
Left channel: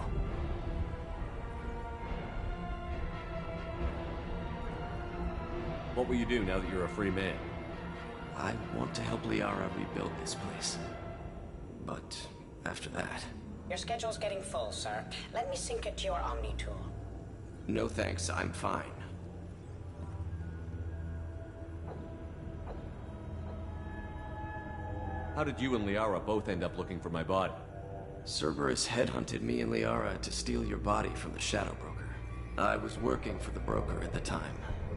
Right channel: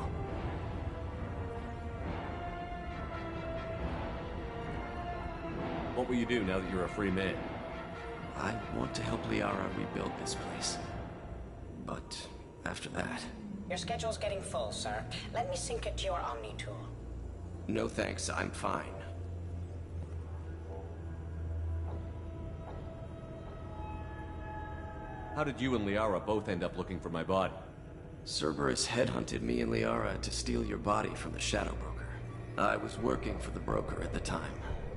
What will you do now that you're a free man? I want to help Liara rebuild this place. But after that... Your schedule's getting full, sir. Let me sync it to your Omni tool. No thanks, I'm fine. How did you and Liara both end up looking for my body? Cerberus headhunted me and Liara to steal your body from the Shadow Broker. I was working for the broker at the time,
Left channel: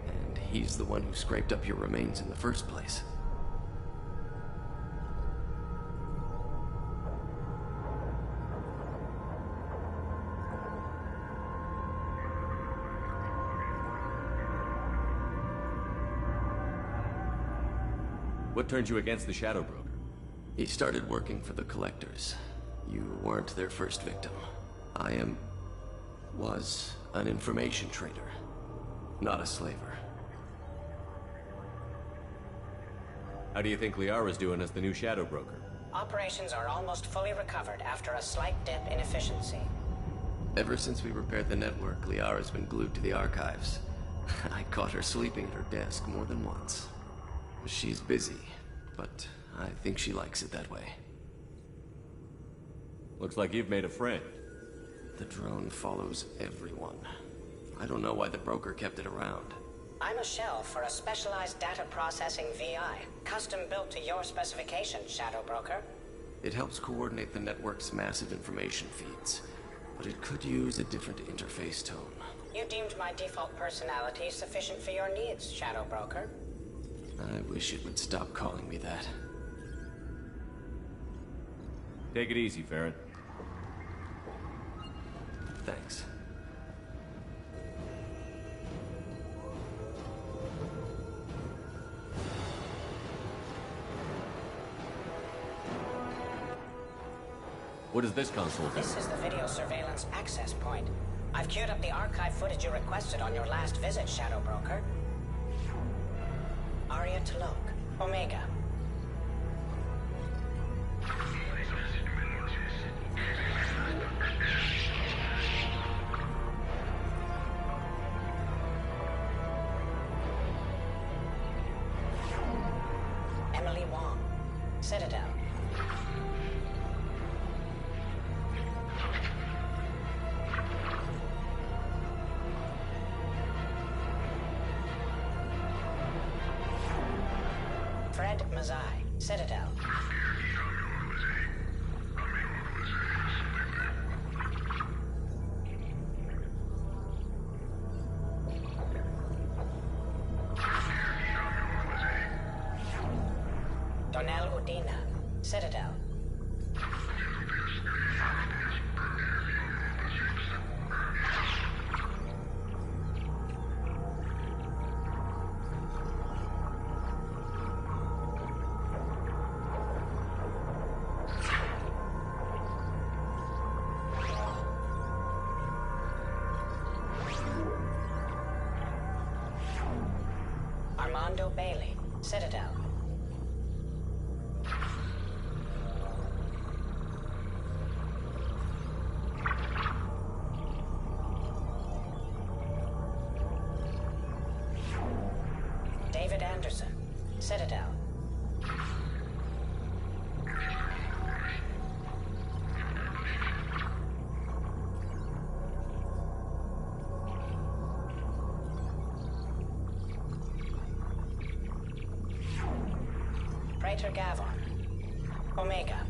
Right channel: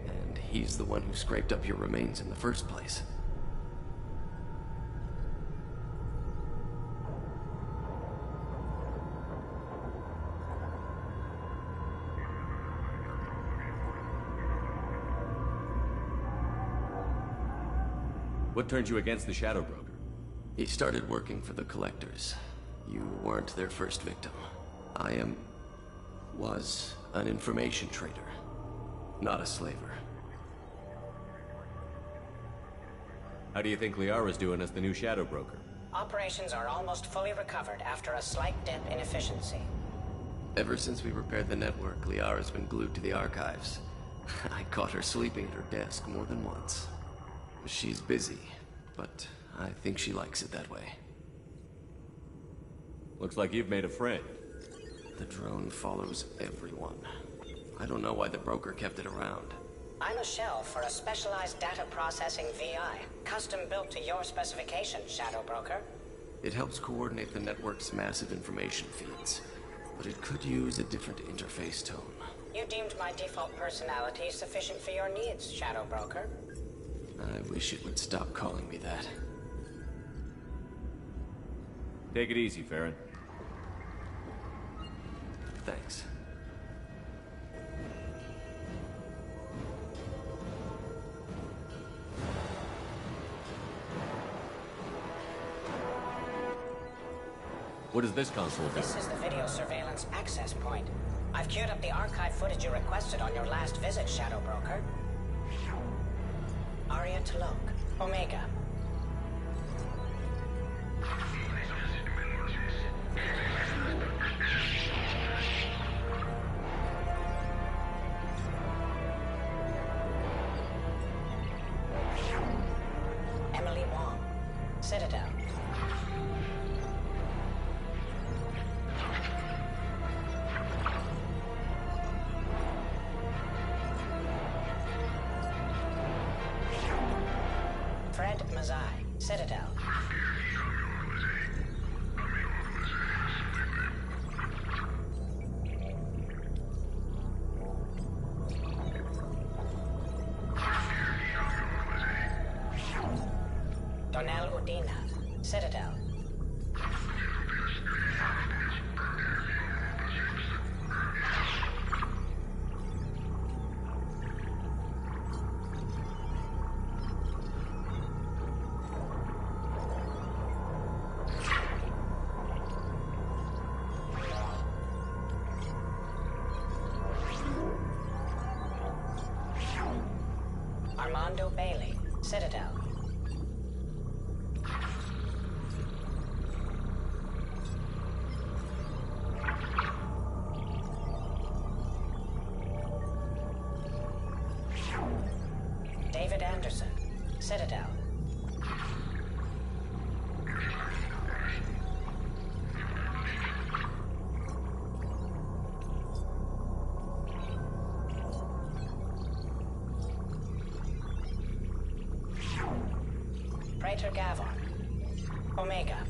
and he's the one who scraped up your remains in the first place. What turned you against the Shadow Broker? He started working for the Collectors. You weren't their first victim. was an information trader, not a slaver. How do you think Liara's doing as the new Shadow Broker? Operations are almost fully recovered after a slight dip in efficiency. Ever since we repaired the network, Liara's been glued to the archives. I caught her sleeping at her desk more than once. She's busy, but I think she likes it that way. Looks like you've made a friend. The drone follows everyone. I don't know why the broker kept it around. I'm a shell for a specialized data processing VI, custom built to your specifications, Shadow Broker. It helps coordinate the network's massive information feeds, but it could use a different interface tone. You deemed my default personality sufficient for your needs, Shadow Broker. I wish it would stop calling me that. Take it easy, Farron. Thanks. What does this console do? This is the video surveillance access point. I've queued up the archive footage you requested on your last visit, Shadow Broker. Aria T'Loak, Omega. Emily Wong, Citadel. Fred Mazai, Citadel. Donnell Udina, Citadel. Armando Bailey, Citadel. David Anderson, Citadel. Praetor Gavon, Omega.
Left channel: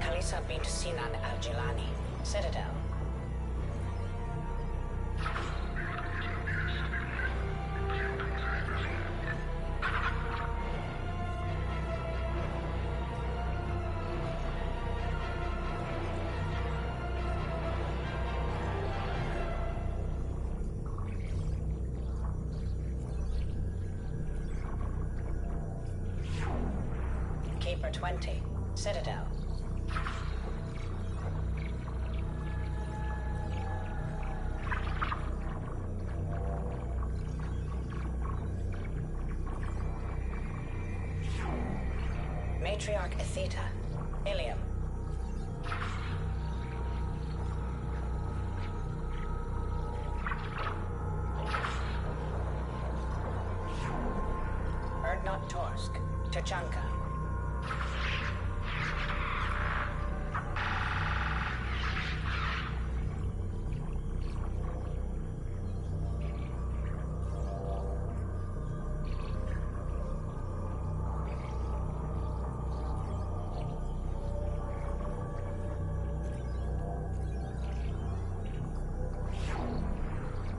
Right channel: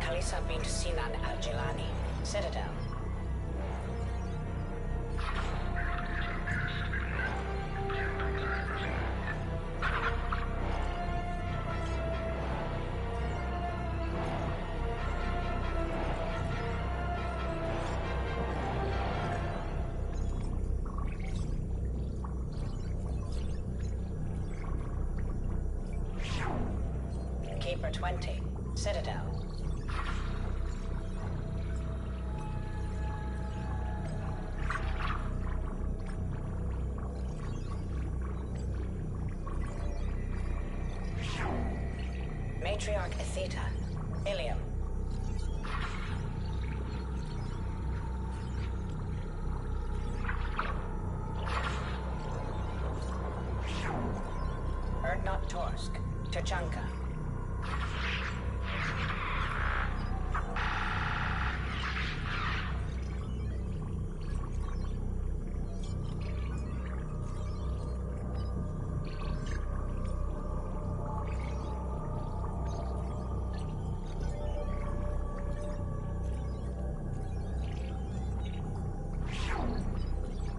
Khalisa bint Sinan al-Jilani, Citadel. Keeper 20, Citadel. Matriarch Atheta, Ilium. Erdnot Torsk, Tuchanka.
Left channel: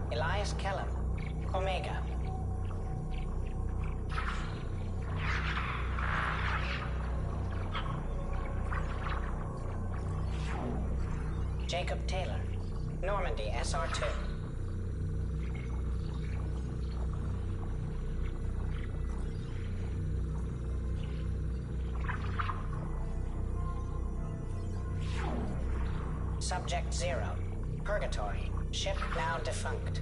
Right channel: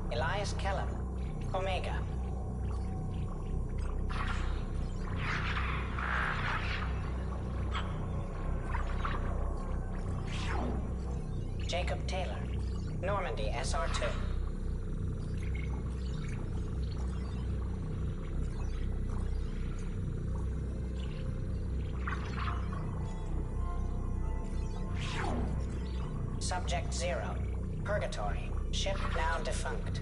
Elias Kellum, Omega. Jacob Taylor, Normandy SR2. Subject 0, Purgatory, ship now defunct.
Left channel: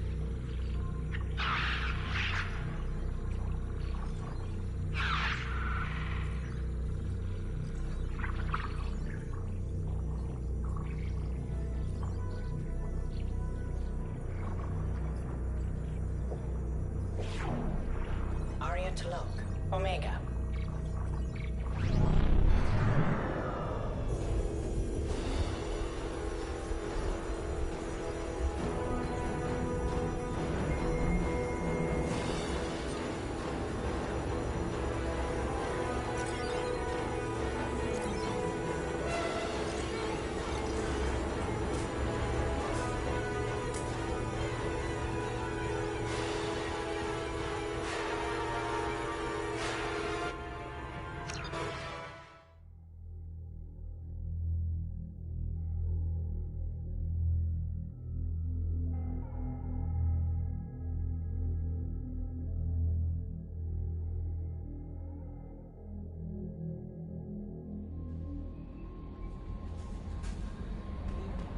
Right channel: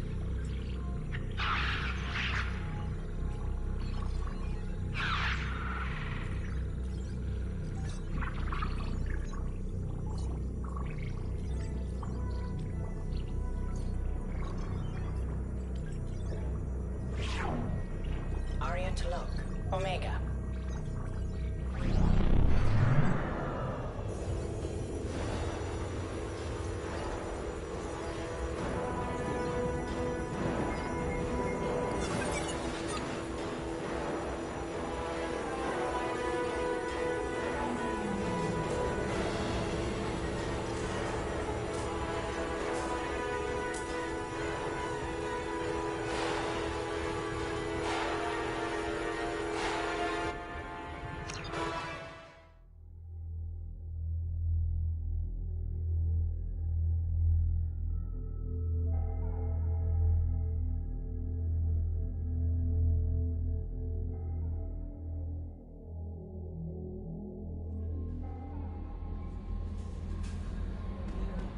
went to look. Omega.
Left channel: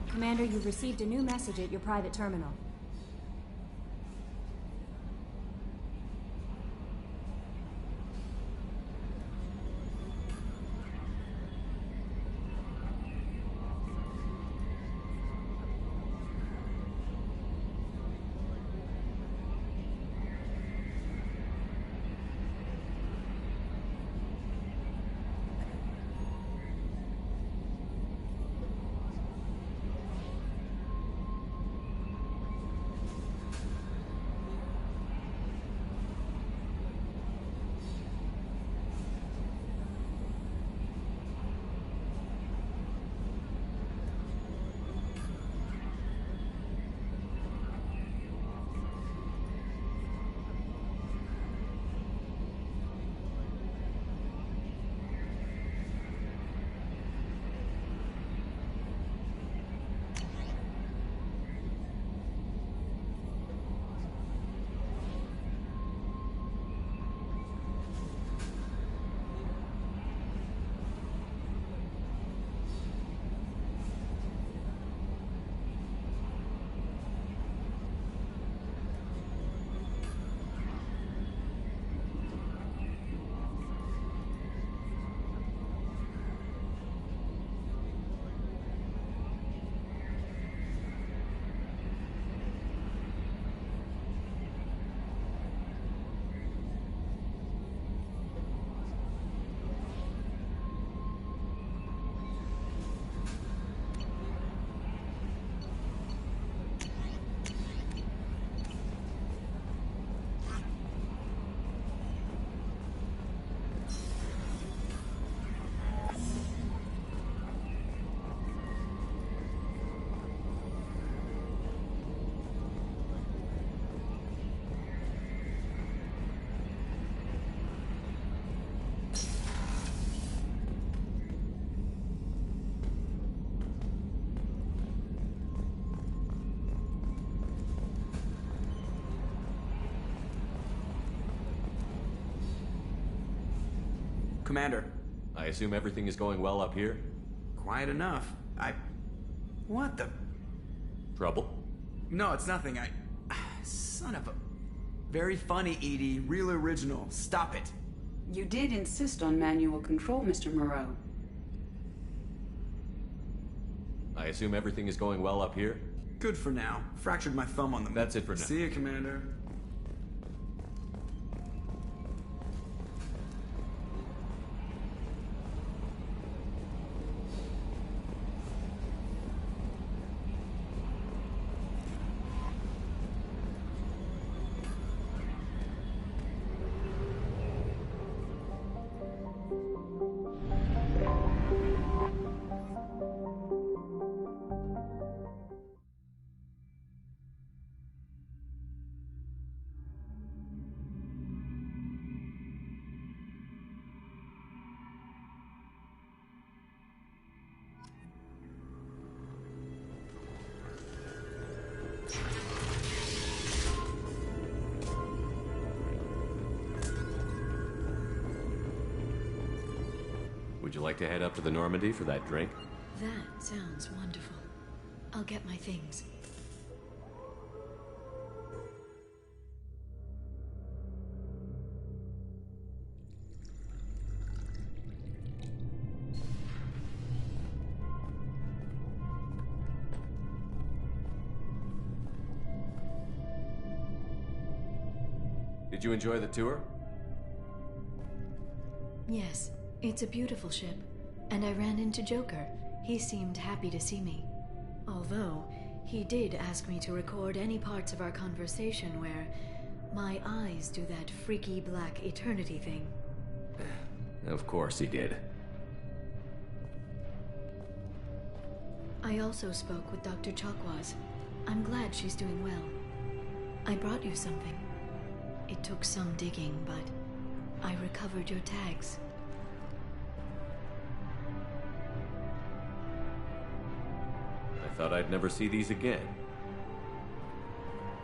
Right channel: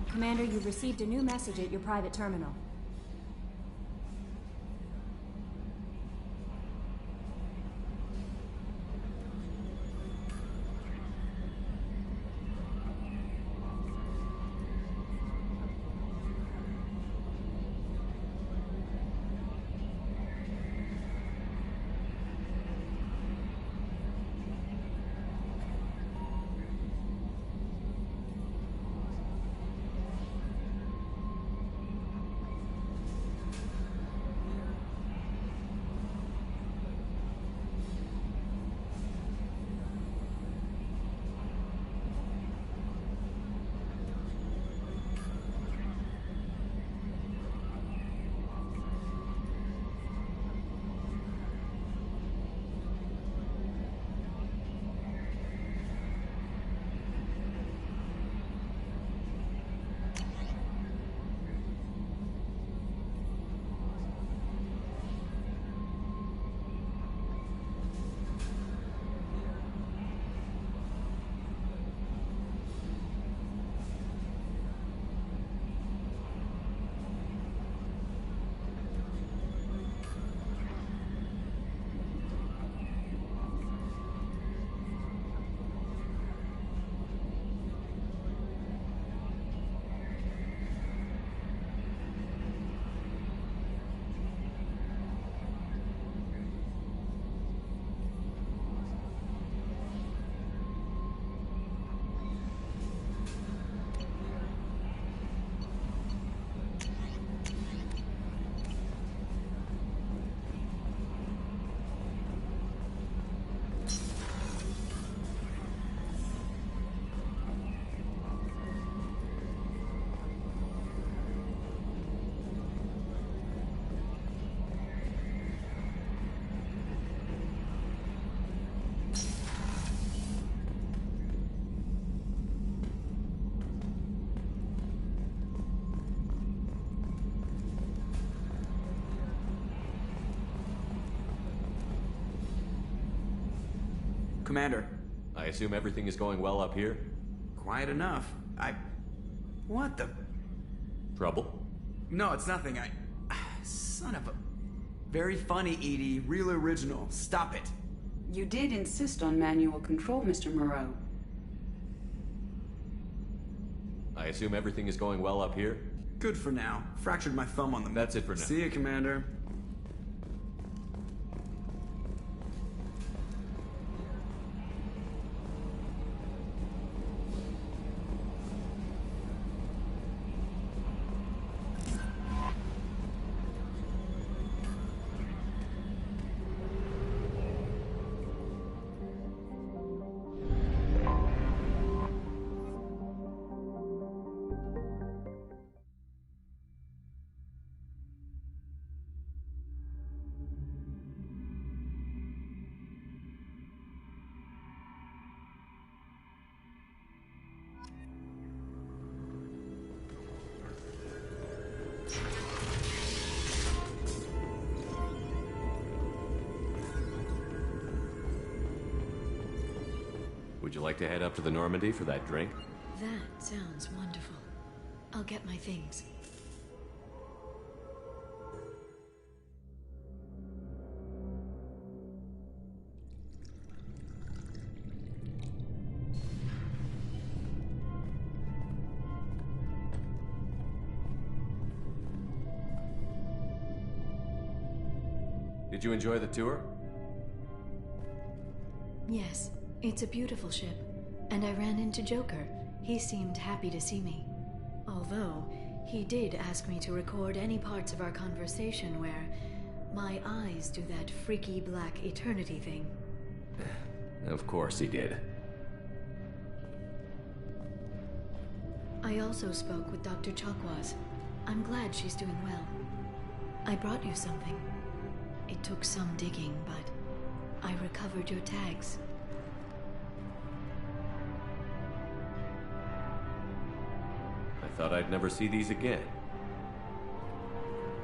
Commander, you've received a new message at your private terminal. Commander. I assume everything is going well up here? Quiet enough. What the... Trouble? No, it's nothing. Son of a... Very funny, Edie. Real original. Stop it. You did insist on manual control, Mr. Moreau. I assume everything is going well up here? Good for now. Fractured my thumb on the... That's it for now. See ya, Commander. Would you like to head up to the Normandy for that drink? That sounds wonderful. I'll get my things. Did you enjoy the tour? Yes, it's a beautiful ship. And I ran into Joker. He seemed happy to see me. Although, he did ask me to record any parts of our conversation where my eyes do that freaky black eternity thing. Of course he did. I also spoke with Dr. Chakwas. I'm glad she's doing well. I brought you something. It took some digging, but I recovered your tags. I thought I'd never see these again.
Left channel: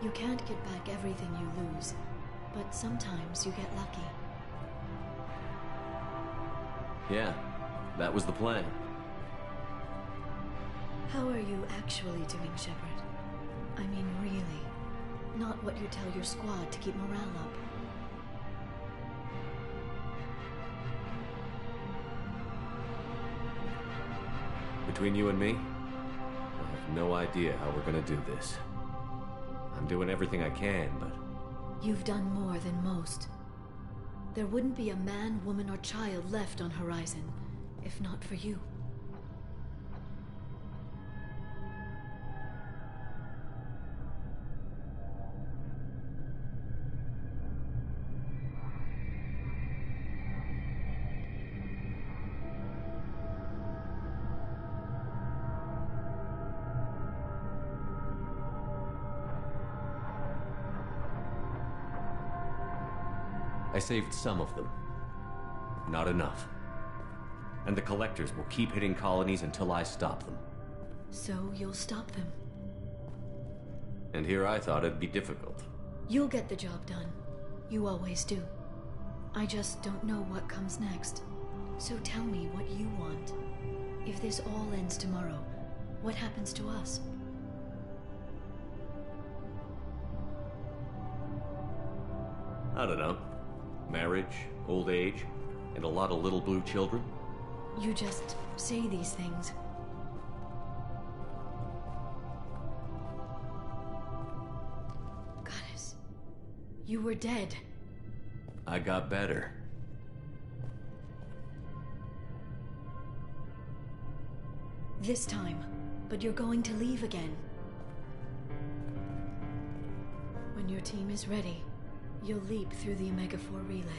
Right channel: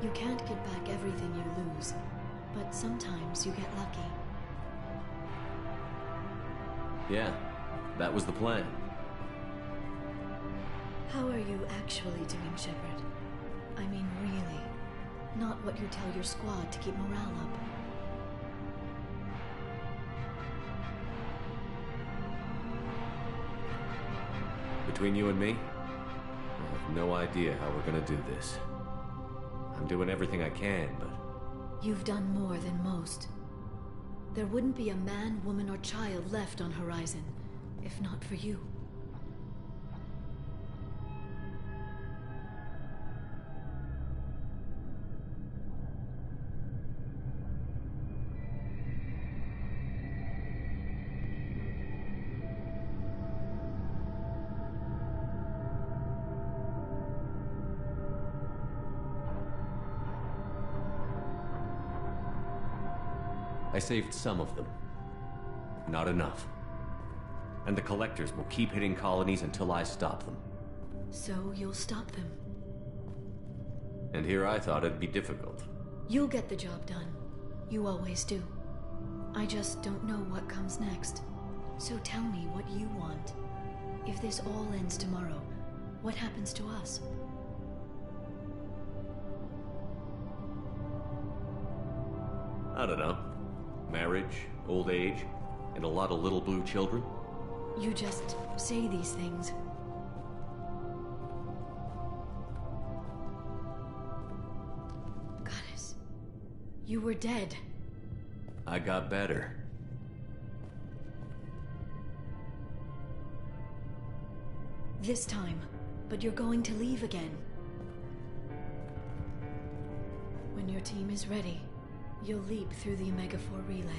You can't get back everything you lose, but sometimes you get lucky. Yeah, that was the plan. How are you actually doing, Shepard? I mean, really. Not what you tell your squad to keep morale up. Between you and me, I have no idea how we're gonna do this. I'm doing everything I can, but... You've done more than most. There wouldn't be a man, woman, or child left on Horizon, if not for you. I saved some of them. Not enough. And the Collectors will keep hitting colonies until I stop them. So you'll stop them. And here I thought it'd be difficult. You'll get the job done. You always do. I just don't know what comes next. So tell me what you want. If this all ends tomorrow, what happens to us? I don't know. Marriage, old age, and a lot of little blue children? You just say these things. Goddess, you were dead. I got better. This time, but you're going to leave again. When your team is ready, you'll leap through the Omega-4 relay.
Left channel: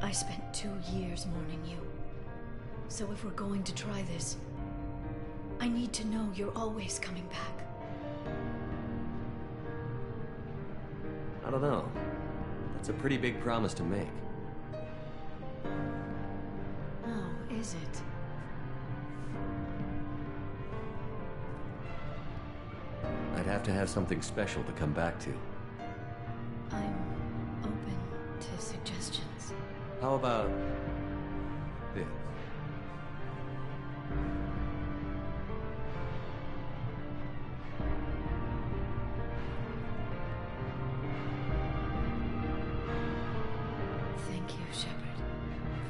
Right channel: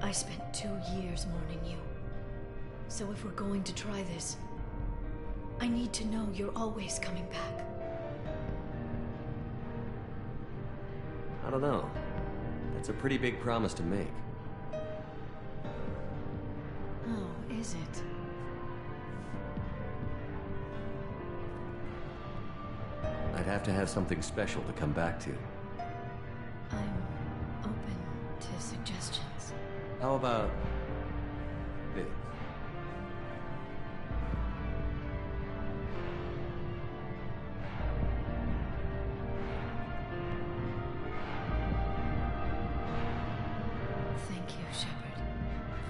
I spent 2 years mourning you. So if we're going to try this, I need to know you're always coming back. I don't know. That's a pretty big promise to make. Oh, is it? I'd have to have something special to come back to. I'm open to suggestions. How about this? Thank you, Shepard,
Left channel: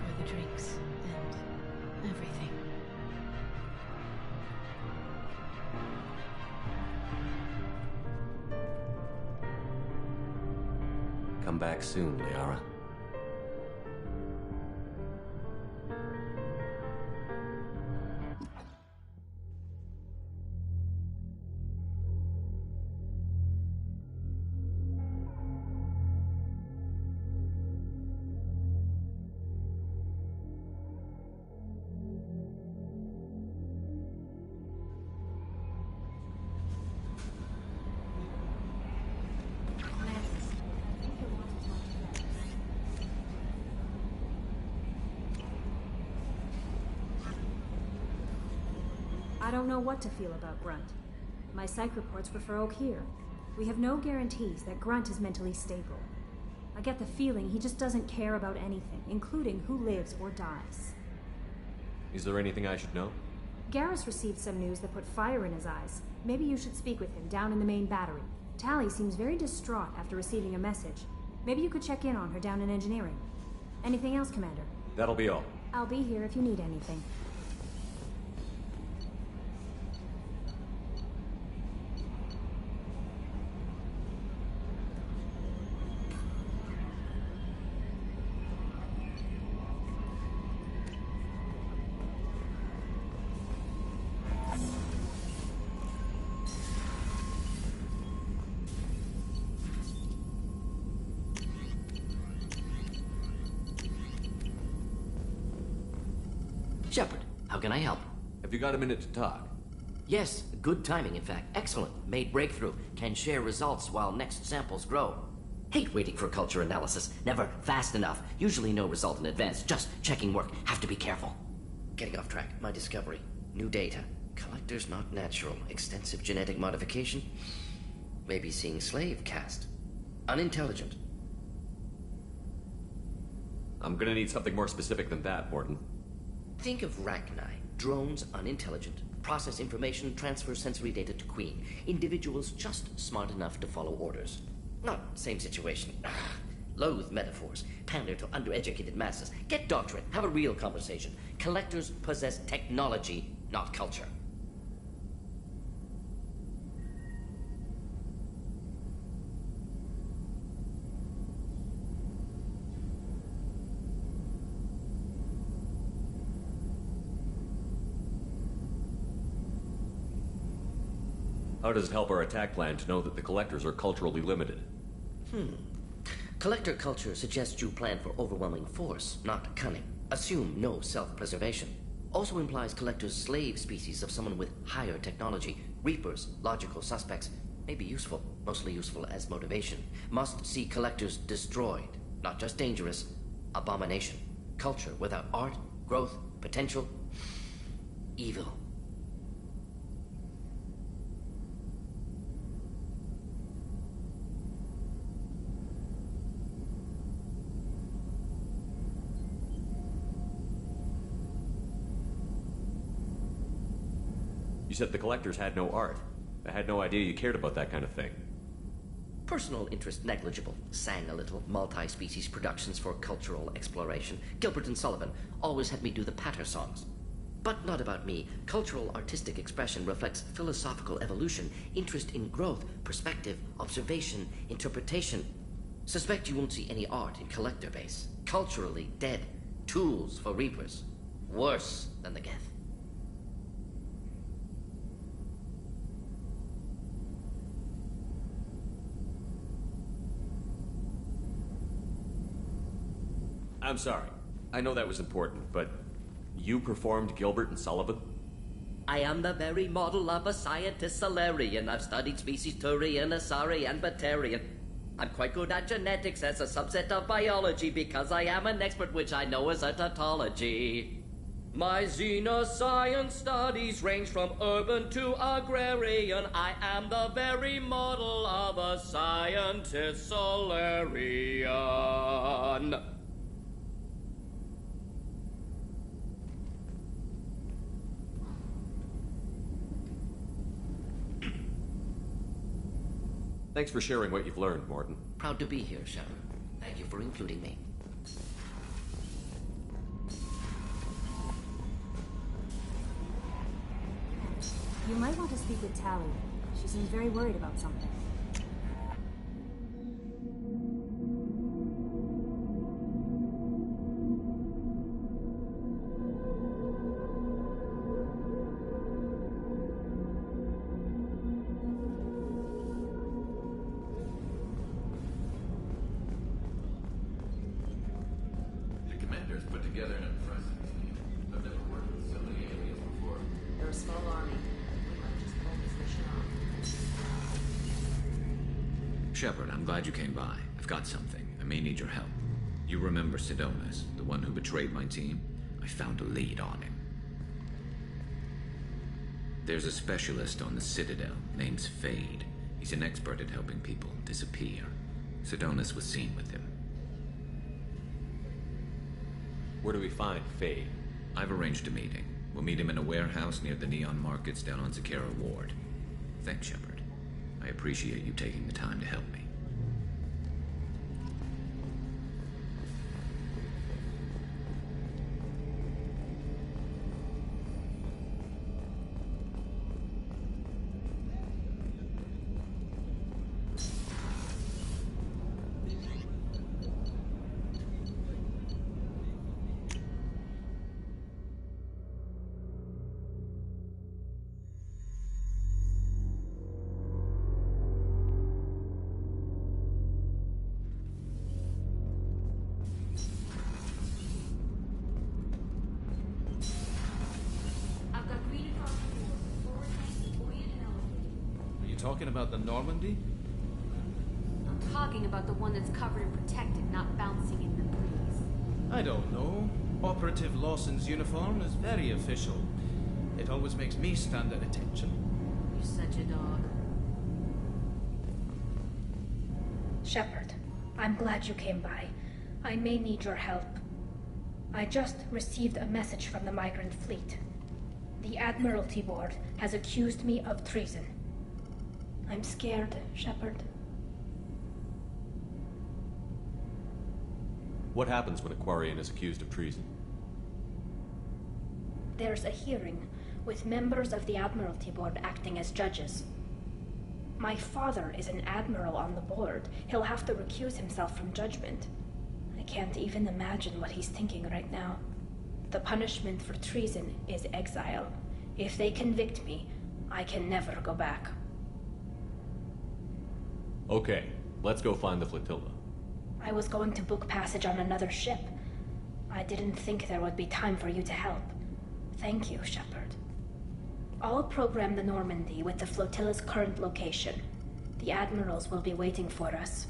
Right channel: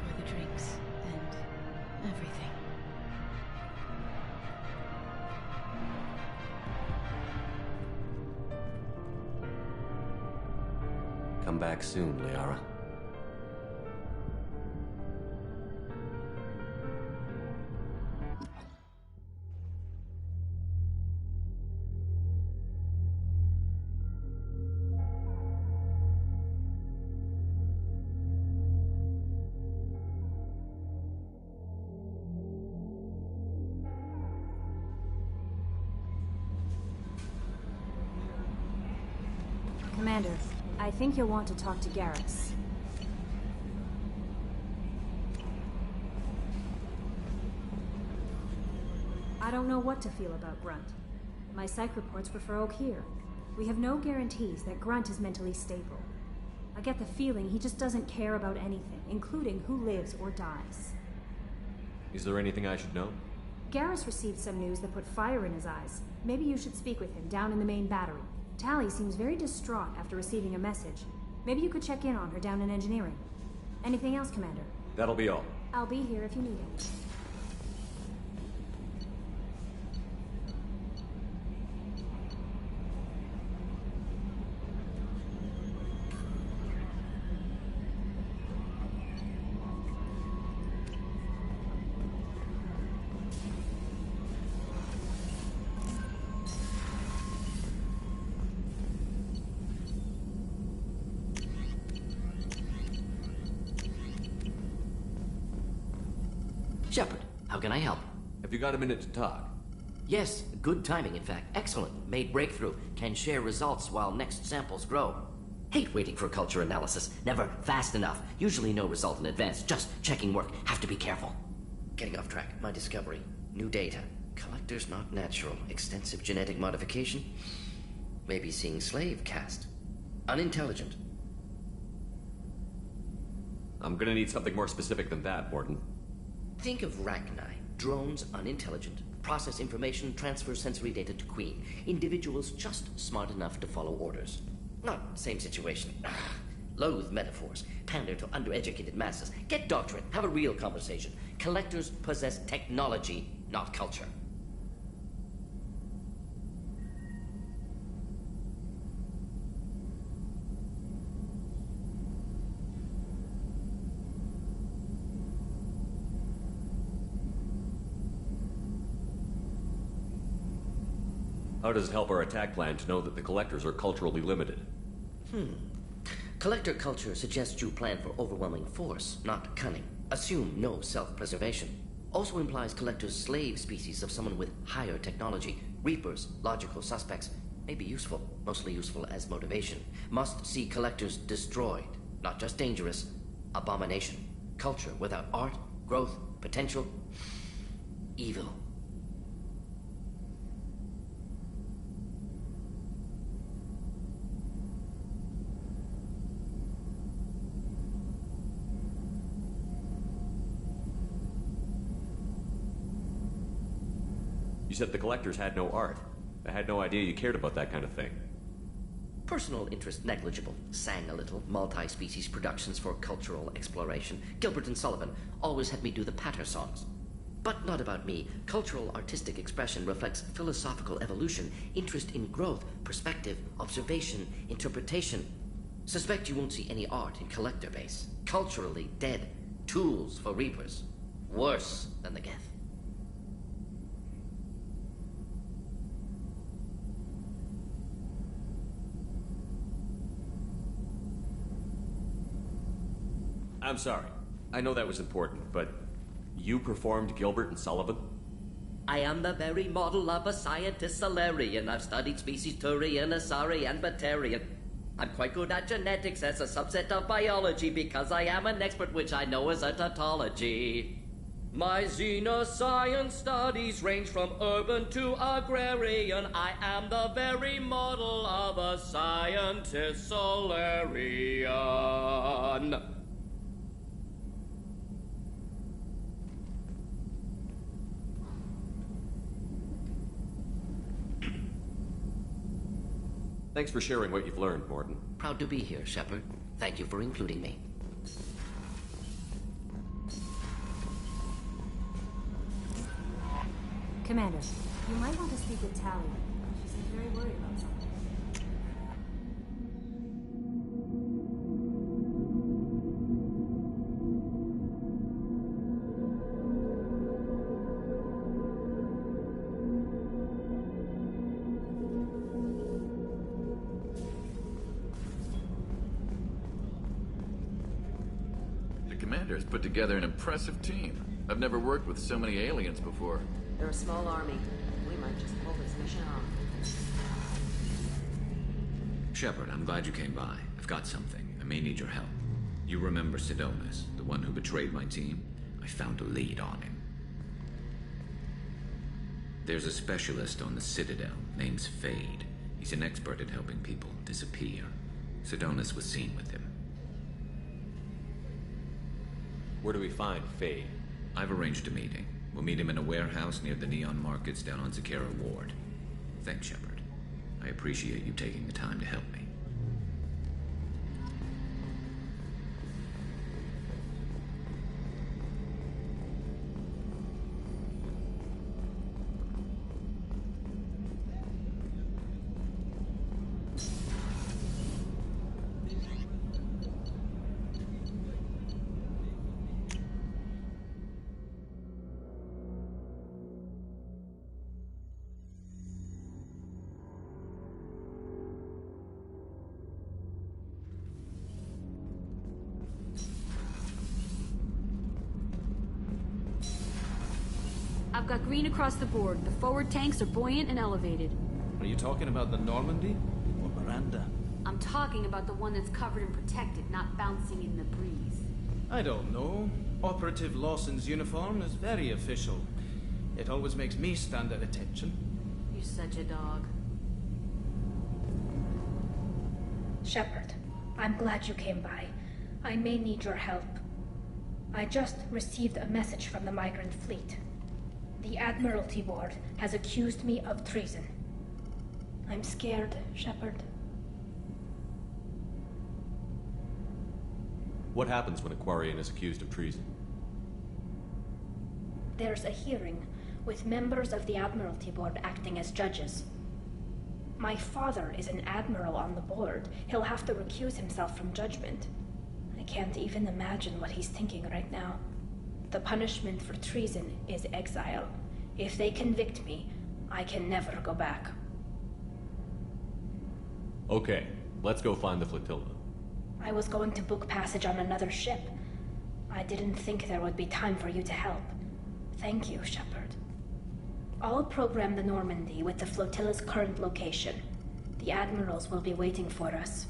for the drinks and everything. Come back soon, Liara. Commander, I think you'll want to talk to Garrus. I don't know what to feel about Grunt. My psych reports prefer Oak here. We have no guarantees that Grunt is mentally stable. I get the feeling he just doesn't care about anything, including who lives or dies. Is there anything I should know? Garrus received some news that put fire in his eyes. Maybe you should speak with him down in the main battery. Tali seems very distraught after receiving a message. Maybe you could check in on her down in engineering. Anything else, Commander? That'll be all. I'll be here if you need anything. Shepard, how can I help? Have you got a minute to talk? Yes, good timing, in fact. Excellent. Made breakthrough. Can share results while next samples grow. Hate waiting for culture analysis. Never fast enough. Usually no result in advance. Just checking work. Have to be careful. Getting off track. My discovery. New data. Collectors not natural. Extensive genetic modification. Maybe seeing slave caste. Unintelligent. I'm gonna need something more specific than that, Morton. Think of Rachni. Drones unintelligent. Process information, transfer sensory data to Queen. Individuals just smart enough to follow orders. Not same situation. Loathe metaphors. Pander to undereducated masses. Get doctrine. Have a real conversation. Collectors possess technology, not culture. How does it help our attack plan to know that the collectors are culturally limited? Collector culture suggests you plan for overwhelming force, not cunning. Assume no self-preservation. Also implies collectors slave species of someone with higher technology. Reapers, logical suspects, may be useful, mostly useful as motivation. Must see collectors destroyed, not just dangerous. Abomination. Culture without art, growth, potential. Evil. You said the collectors had no art. I had no idea you cared about that kind of thing. Personal interest negligible. Sang a little. Multi-species productions for cultural exploration. Gilbert and Sullivan always had me do the patter songs. But not about me. Cultural artistic expression reflects philosophical evolution, interest in growth, perspective, observation, interpretation. Suspect you won't see any art in collector base. Culturally dead. Tools for reapers. Worse than the Geth. I'm sorry. I know that was important, but you performed Gilbert and Sullivan? I am the very model of a scientist Solarian. I've studied species Turian, Asari, and Batarian. I'm quite good at genetics as a subset of biology because I am an expert, which I know is a tautology. My xenoscience studies range from urban to agrarian. I am the very model of a scientist Solarian. Thanks for sharing what you've learned, Morton. Proud to be here, Shepard. Thank you for including me. Commander, you might want to speak with Tali. She seems very worried about something. Commander's put together an impressive team. I've never worked with so many aliens before. They're a small army. We might just pull this mission off. Shepard, I'm glad you came by. I've got something. I may need your help. You remember Sidonus, the one who betrayed my team? I found a lead on him. There's a specialist on the Citadel, name's Fade. He's an expert at helping people disappear. Sidonus was seen with him. Where do we find Fade? I've arranged a meeting. We'll meet him in a warehouse near the Neon Markets down on Zakera Ward. Thanks, Shepard. I appreciate you taking the time to help me. got green across the board. The forward tanks are buoyant and elevated. Are you talking about the Normandy? Or Miranda? I'm talking about the one that's covered and protected, not bouncing in the breeze. I don't know. Operative Lawson's uniform is very official. It always makes me stand at attention. You're such a dog. Shepard, I'm glad you came by. I may need your help. I just received a message from the migrant fleet. The Admiralty Board has accused me of treason. I'm scared, Shepard. What happens when a Quarian is accused of treason? There's a hearing with members of the Admiralty Board acting as judges. My father is an admiral on the board. He'll have to recuse himself from judgment. I can't even imagine what he's thinking right now. The punishment for treason is exile. If they convict me, I can never go back. Okay, let's go find the flotilla. I was going to book passage on another ship. I didn't think there would be time for you to help. Thank you, Shepard. I'll program the Normandy with the flotilla's current location. The admirals will be waiting for us.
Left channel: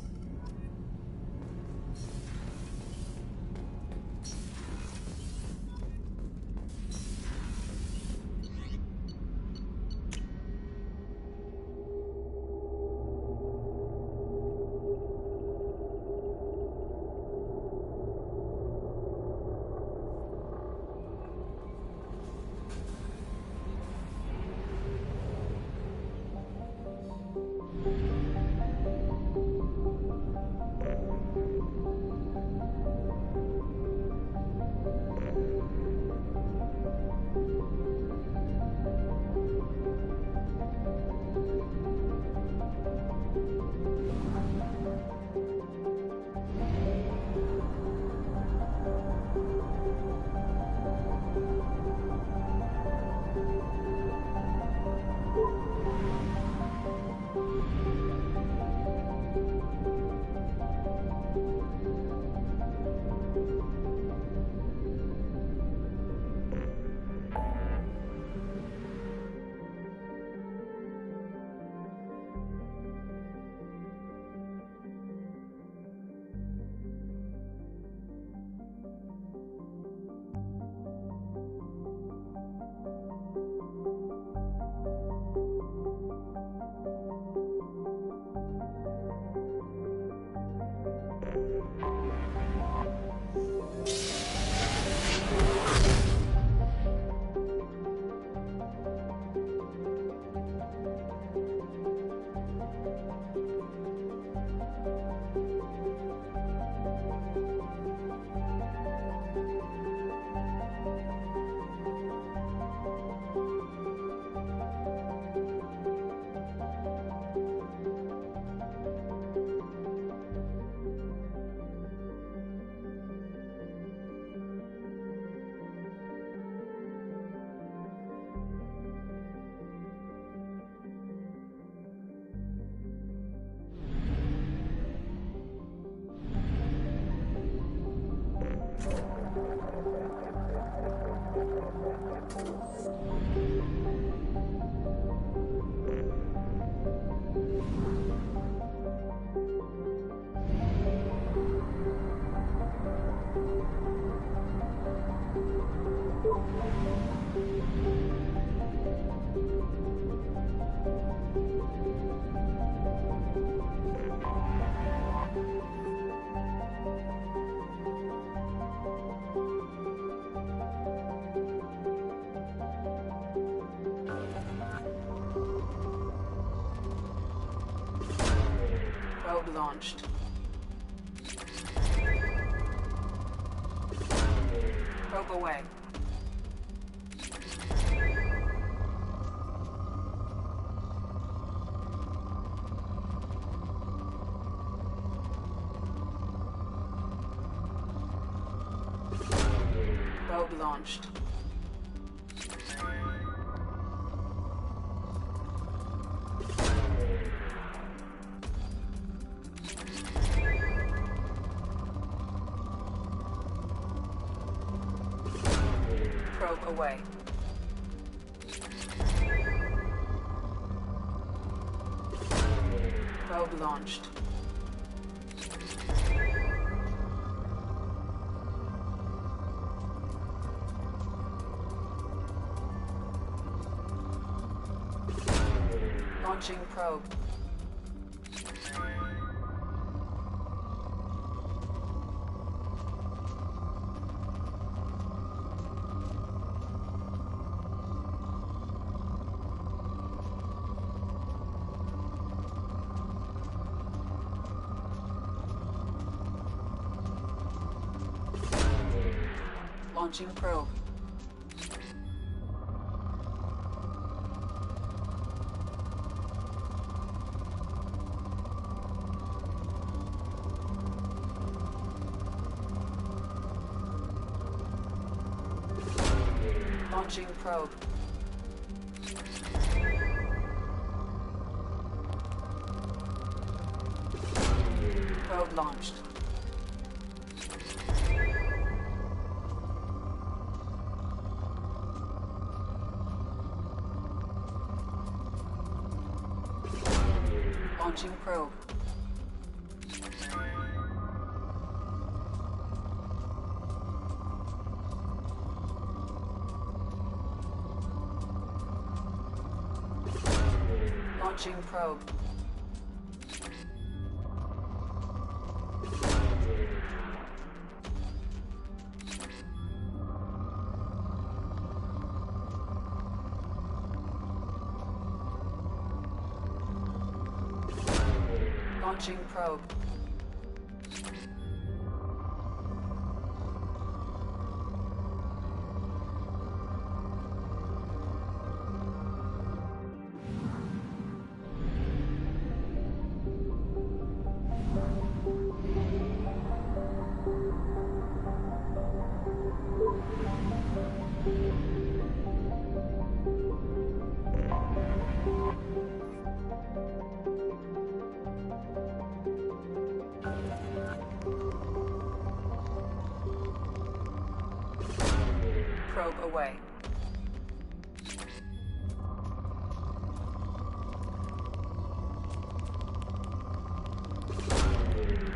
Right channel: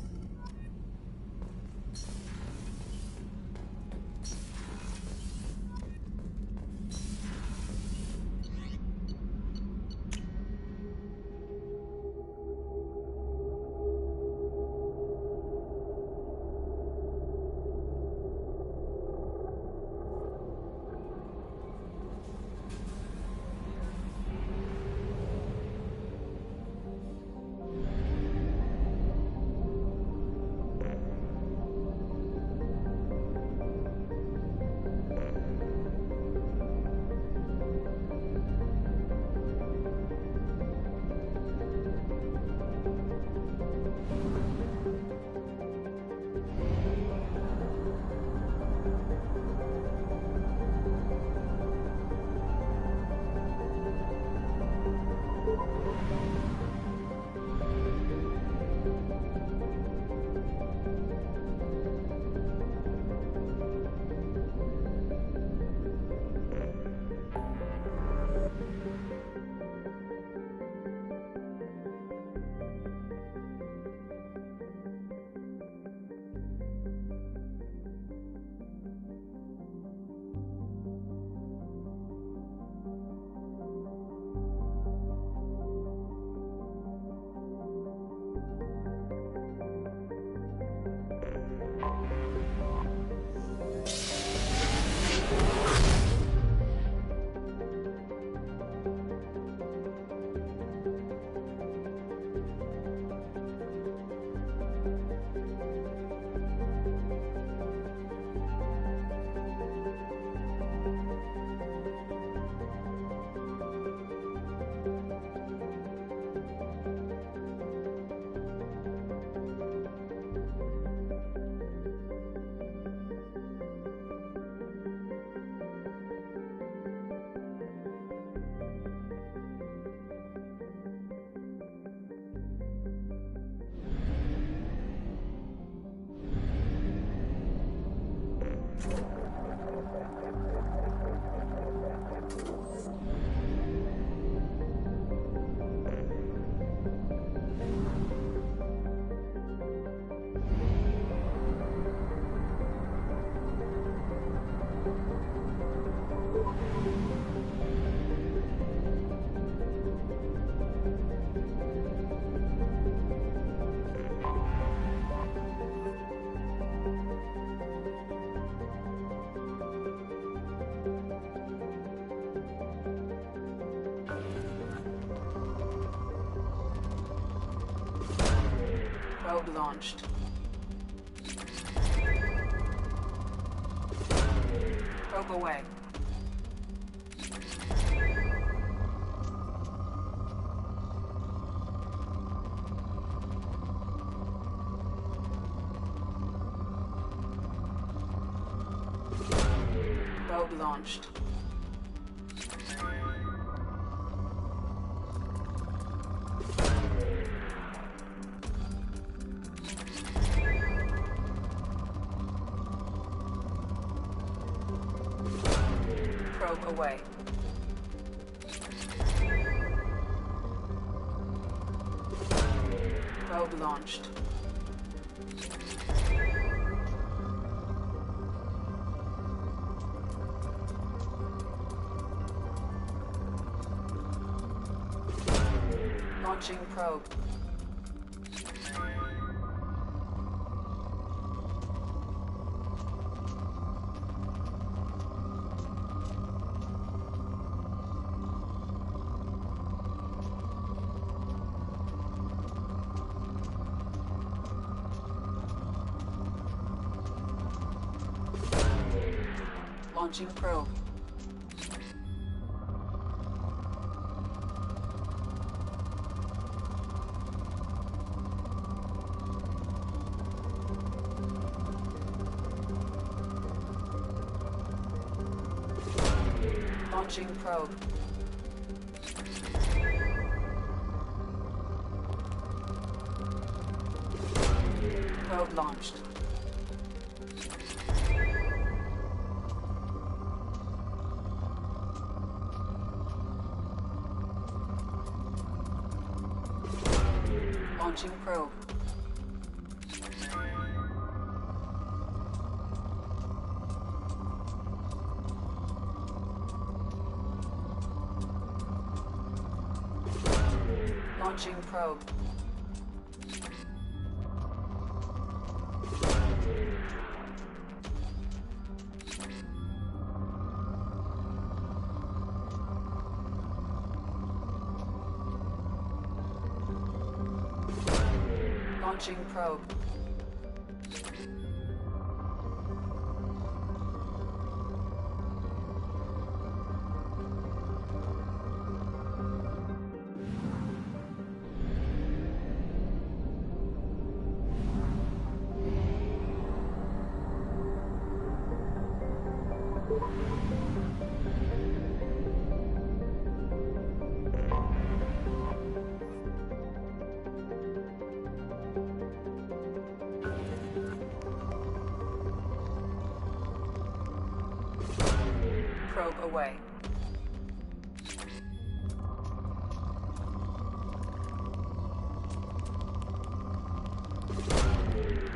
Probe launched. Probe away. Probe launched. Probe away. Probe launched. Launching probe. Launching probe. Launching probe. Probe launched. Launching probe. Launching probe. Launching probe. Probe away.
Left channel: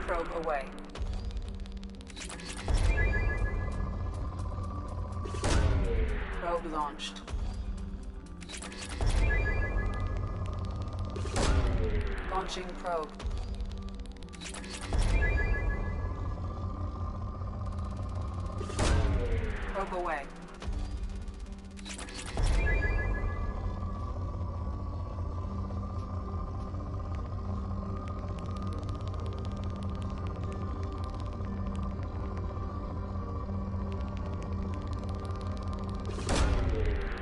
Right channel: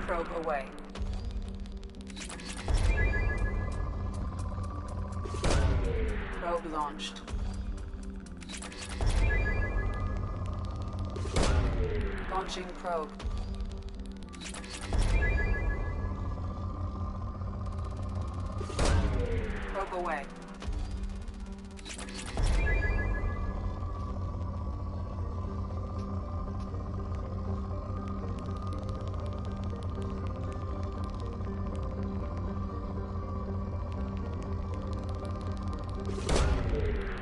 Probe away. Probe launched. Launching probe. Probe away.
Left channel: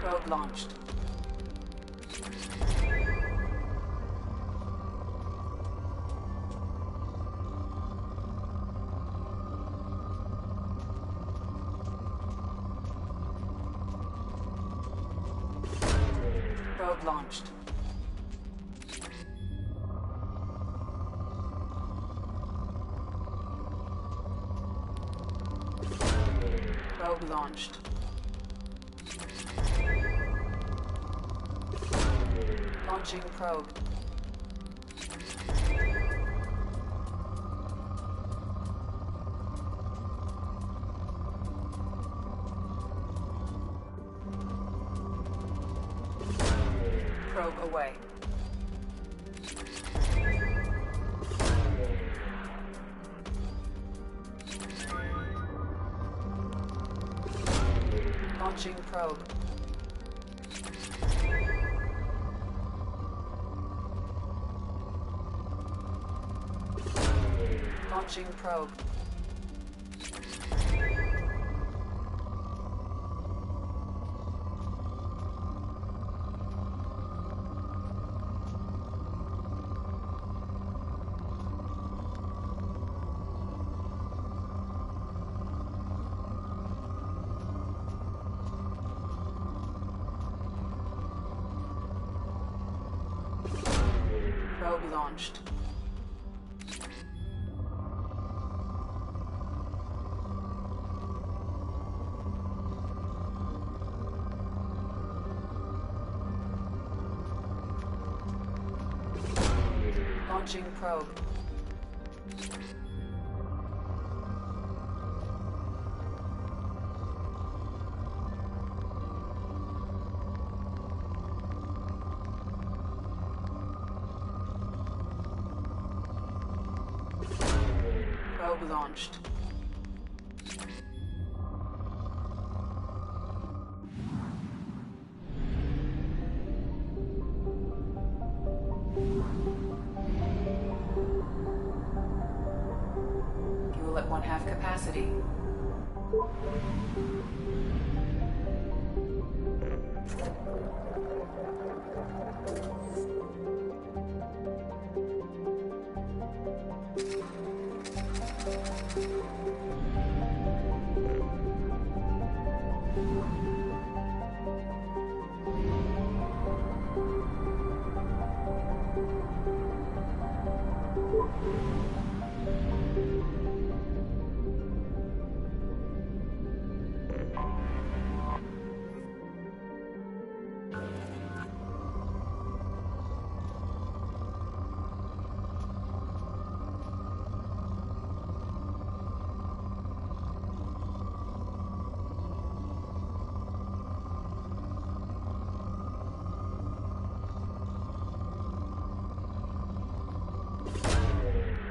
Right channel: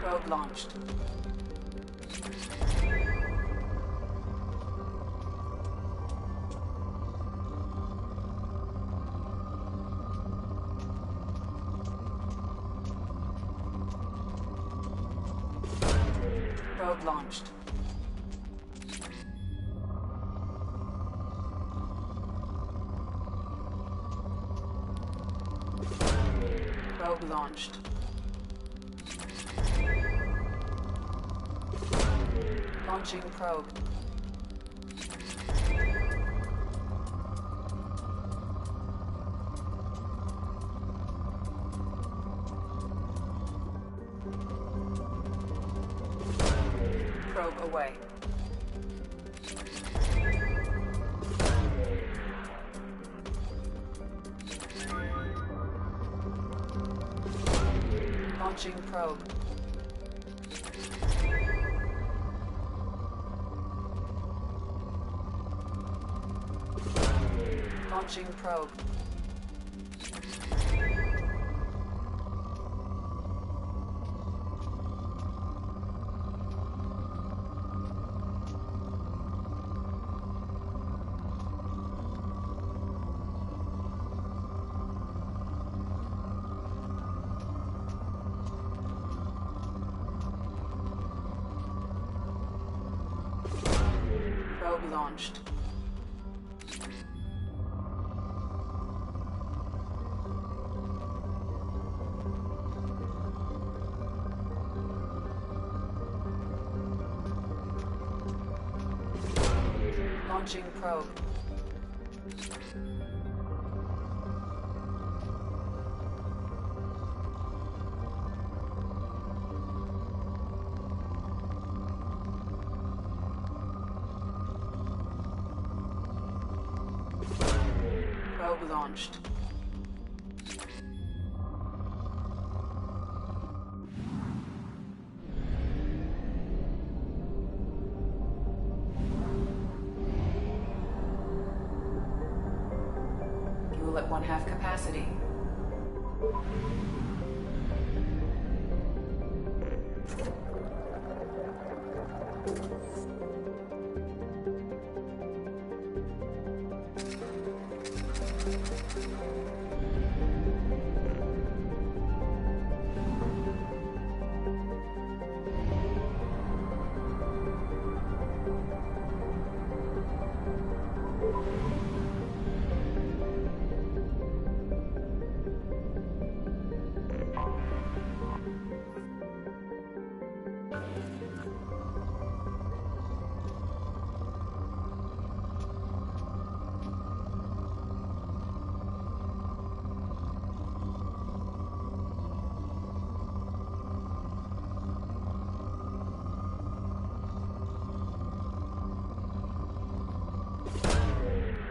Probe launched. Probe launched. Probe launched. Launching probe. Probe away. Launching probe. Launching probe. Probe launched. Launching probe. Probe launched. Fuel at 1/2 capacity.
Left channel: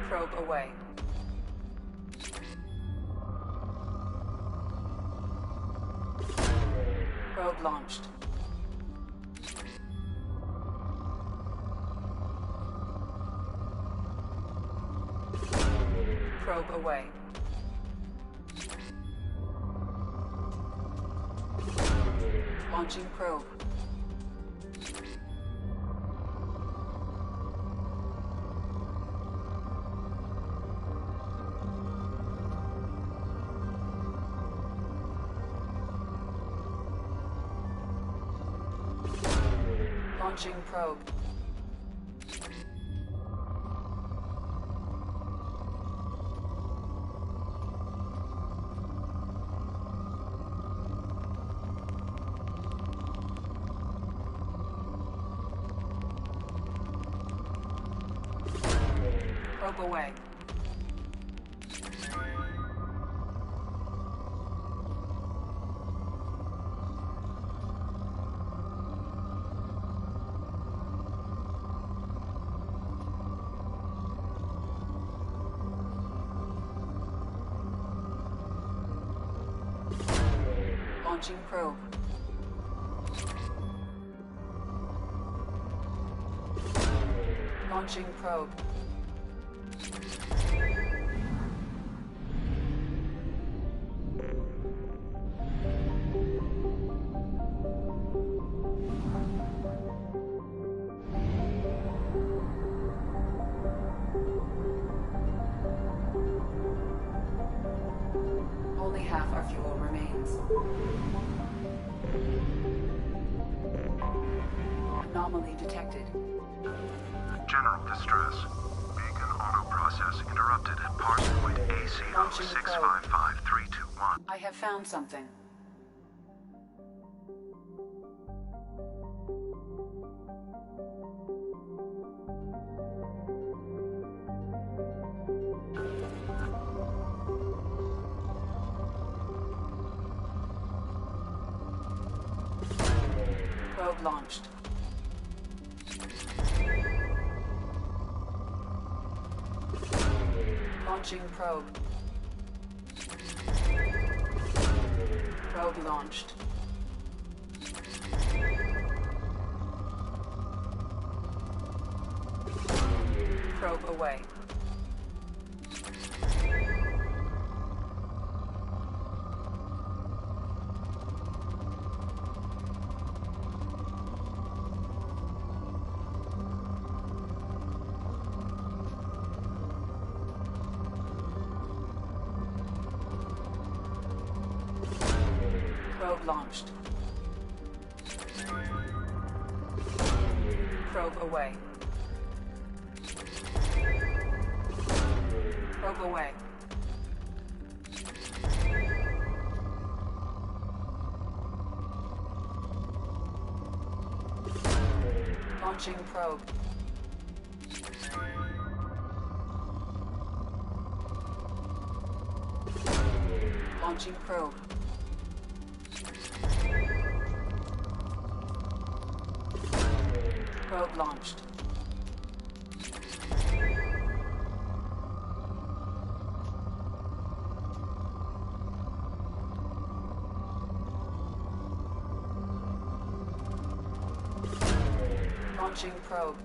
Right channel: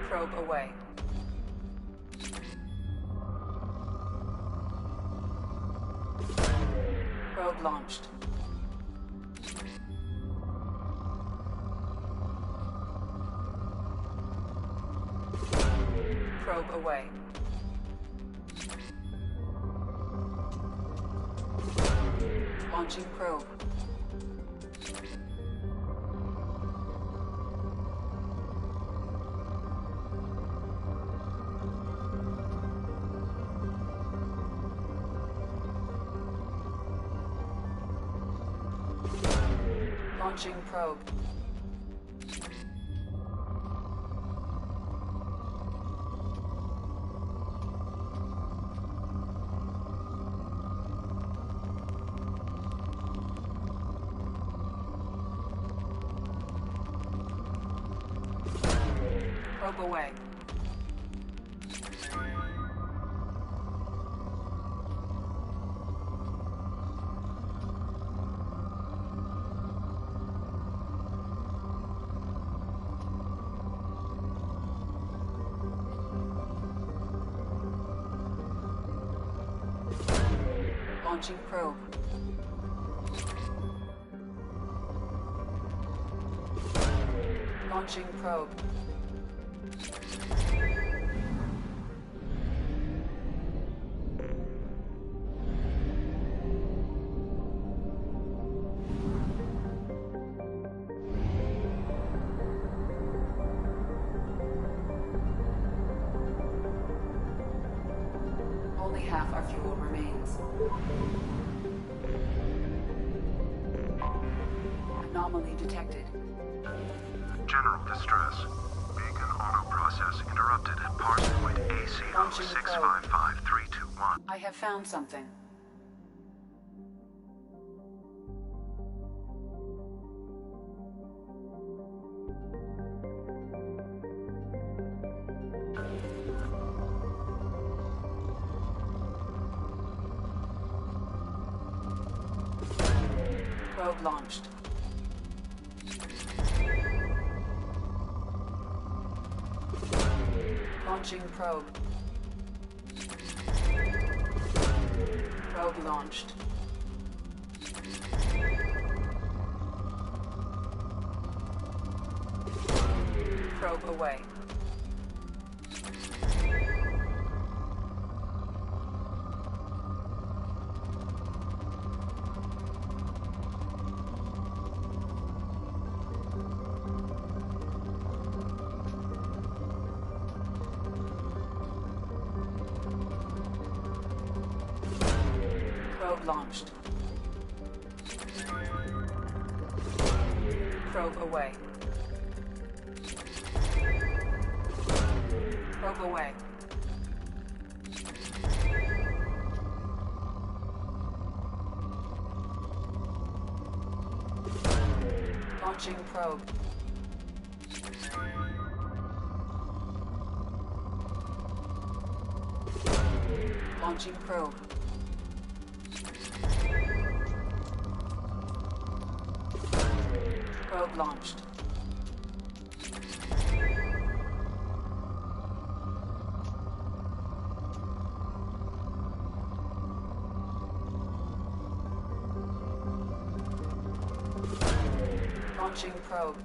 Probe away. Probe launched. Probe away. Launching probe. Launching probe. Probe away. Launching probe. Launching probe. Only half our fuel remains. Anomaly detected. General distress. Beacon auto process interrupted at parse point ACO 655321. I have found something. Probe launched. Launching probe. Probe launched. Probe away. Probe launched. Probe away. Probe away. Launching probe. Launching probe. Probe launched. Launching probe.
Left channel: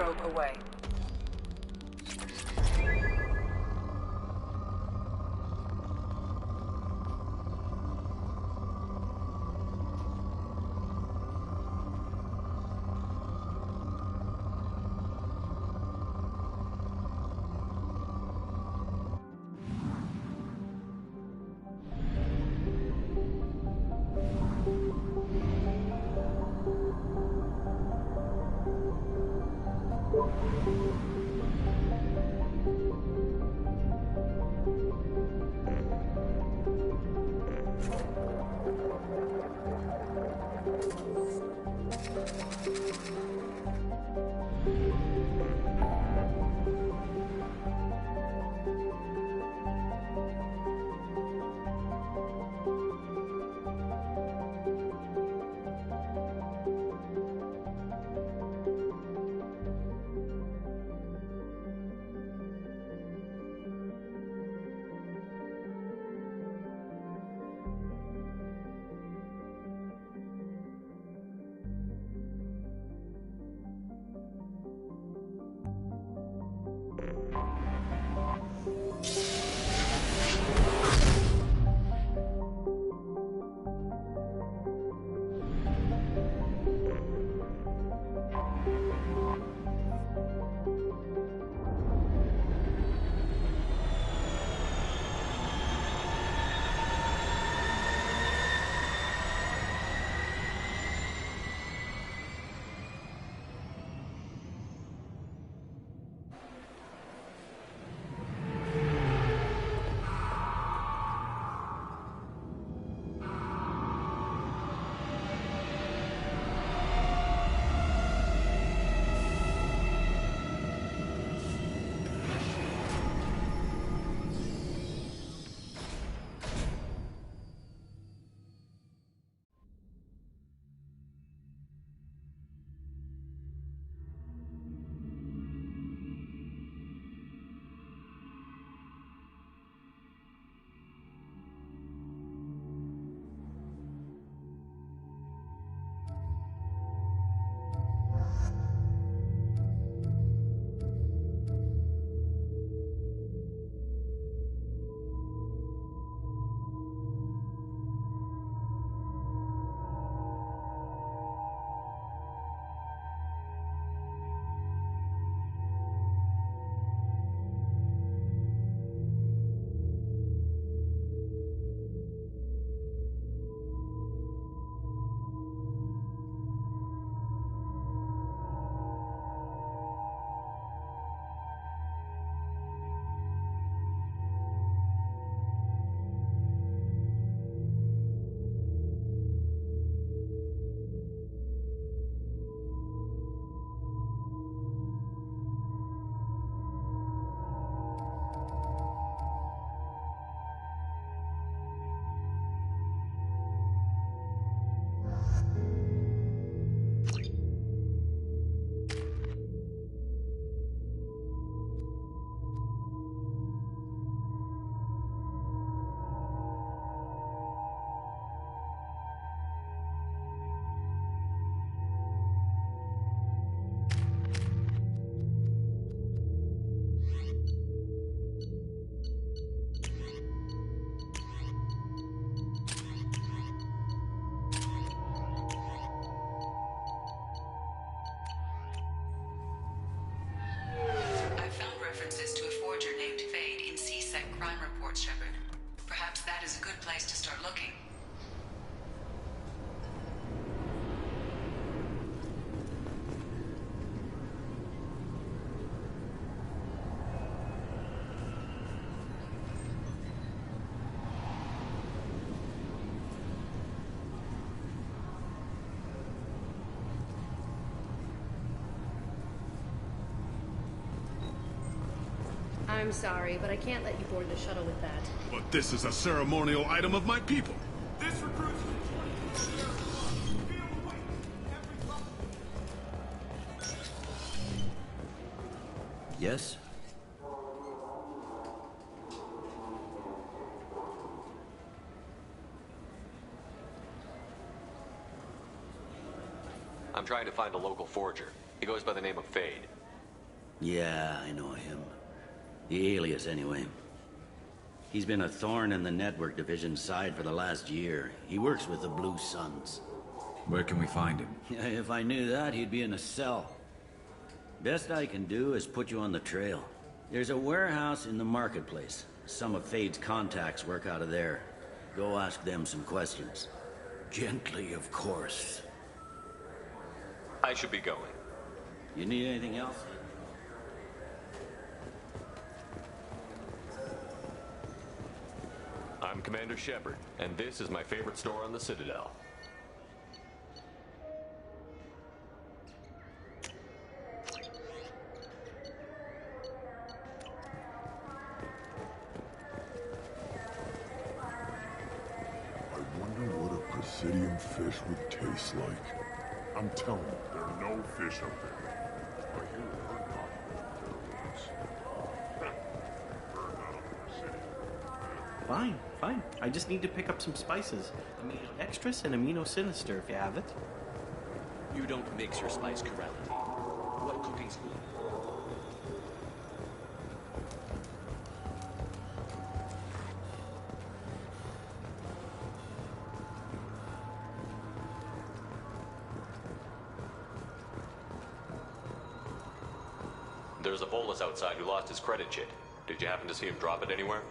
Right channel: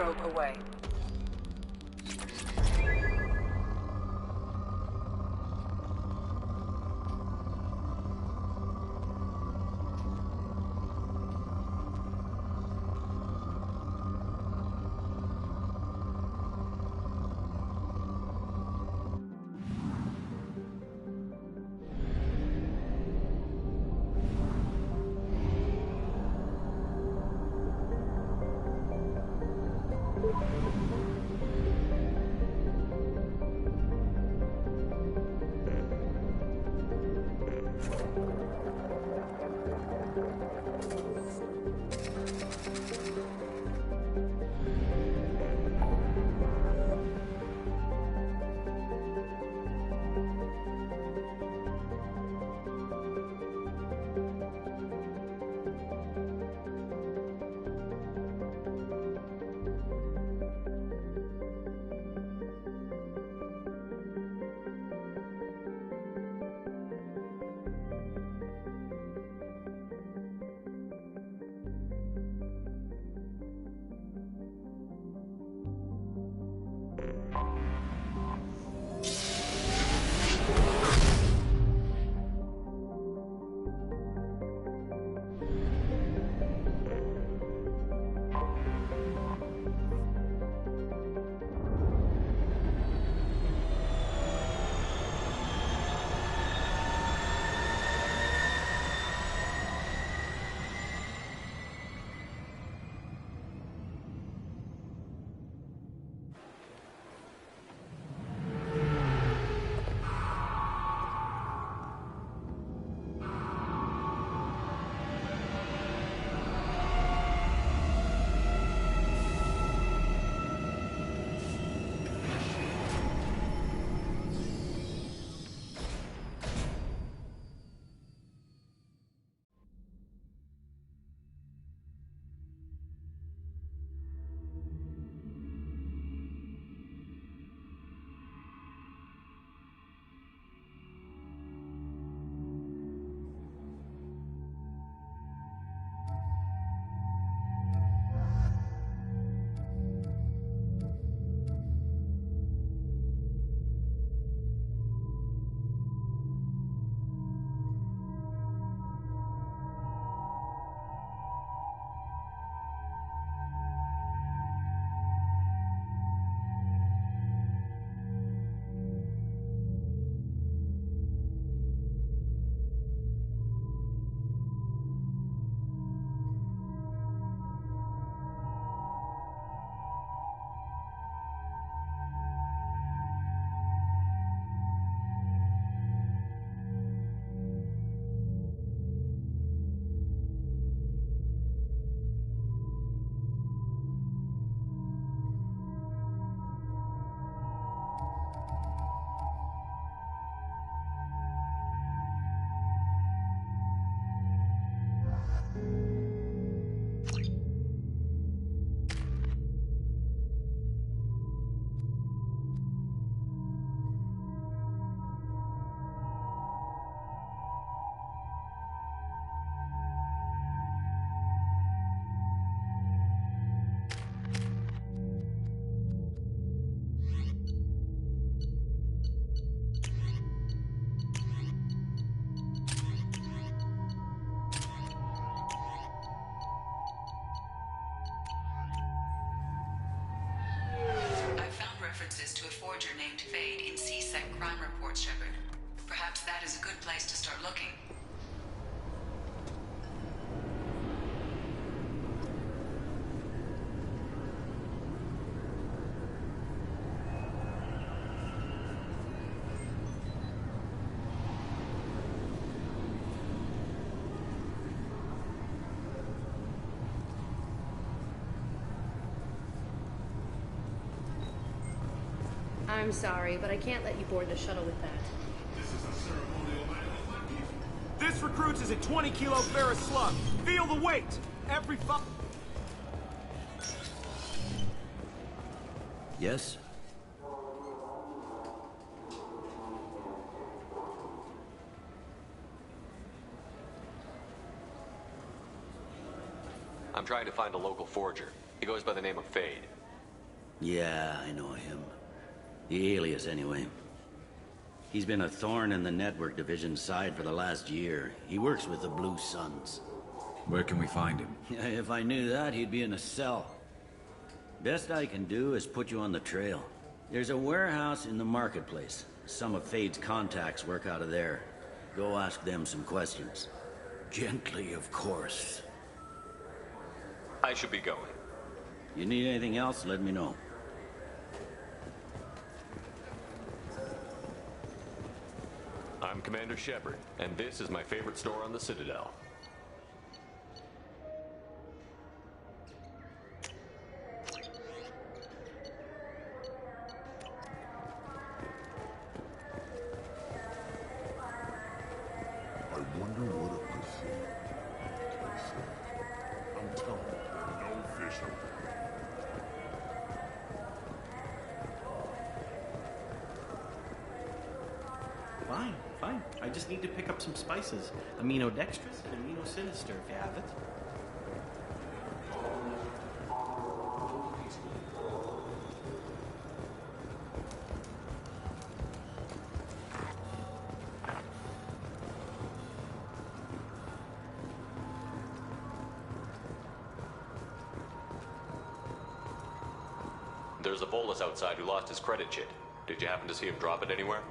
Probe away. references to a forger named Fade in C-Sec crime reports, Shepard. Perhaps is a good place to start looking. I'm sorry, but I can't let you board the shuttle with that. But this is a ceremonial item of my people. This recruits is a 20-kilo ferrous slug. Feel the weight. Every Yes? I'm trying to find a local forger. He goes by the name of Fade. Yeah, I know him. The alias, anyway. He's been a thorn in the network division's side for the last year. He works with the Blue Suns. Where can we find him? If I knew that, he'd be in a cell. Best I can do is put you on the trail. There's a warehouse in the marketplace. Some of Fade's contacts work out of there. Go ask them some questions. Gently, of course. I should be going. You need anything else, let me know. I'm Commander Shepard, and this is my favorite store on the Citadel. I wonder what a Presidium fish would taste like. I'm telling you, there are no fish up there. Fine, fine. I just need to pick up some spices. Aminodextrous and aminosinister, if you have it. You don't mix your spice correctly. No cooking school. There's a Volus outside who lost his credit chit. Did you happen to see him drop it anywhere?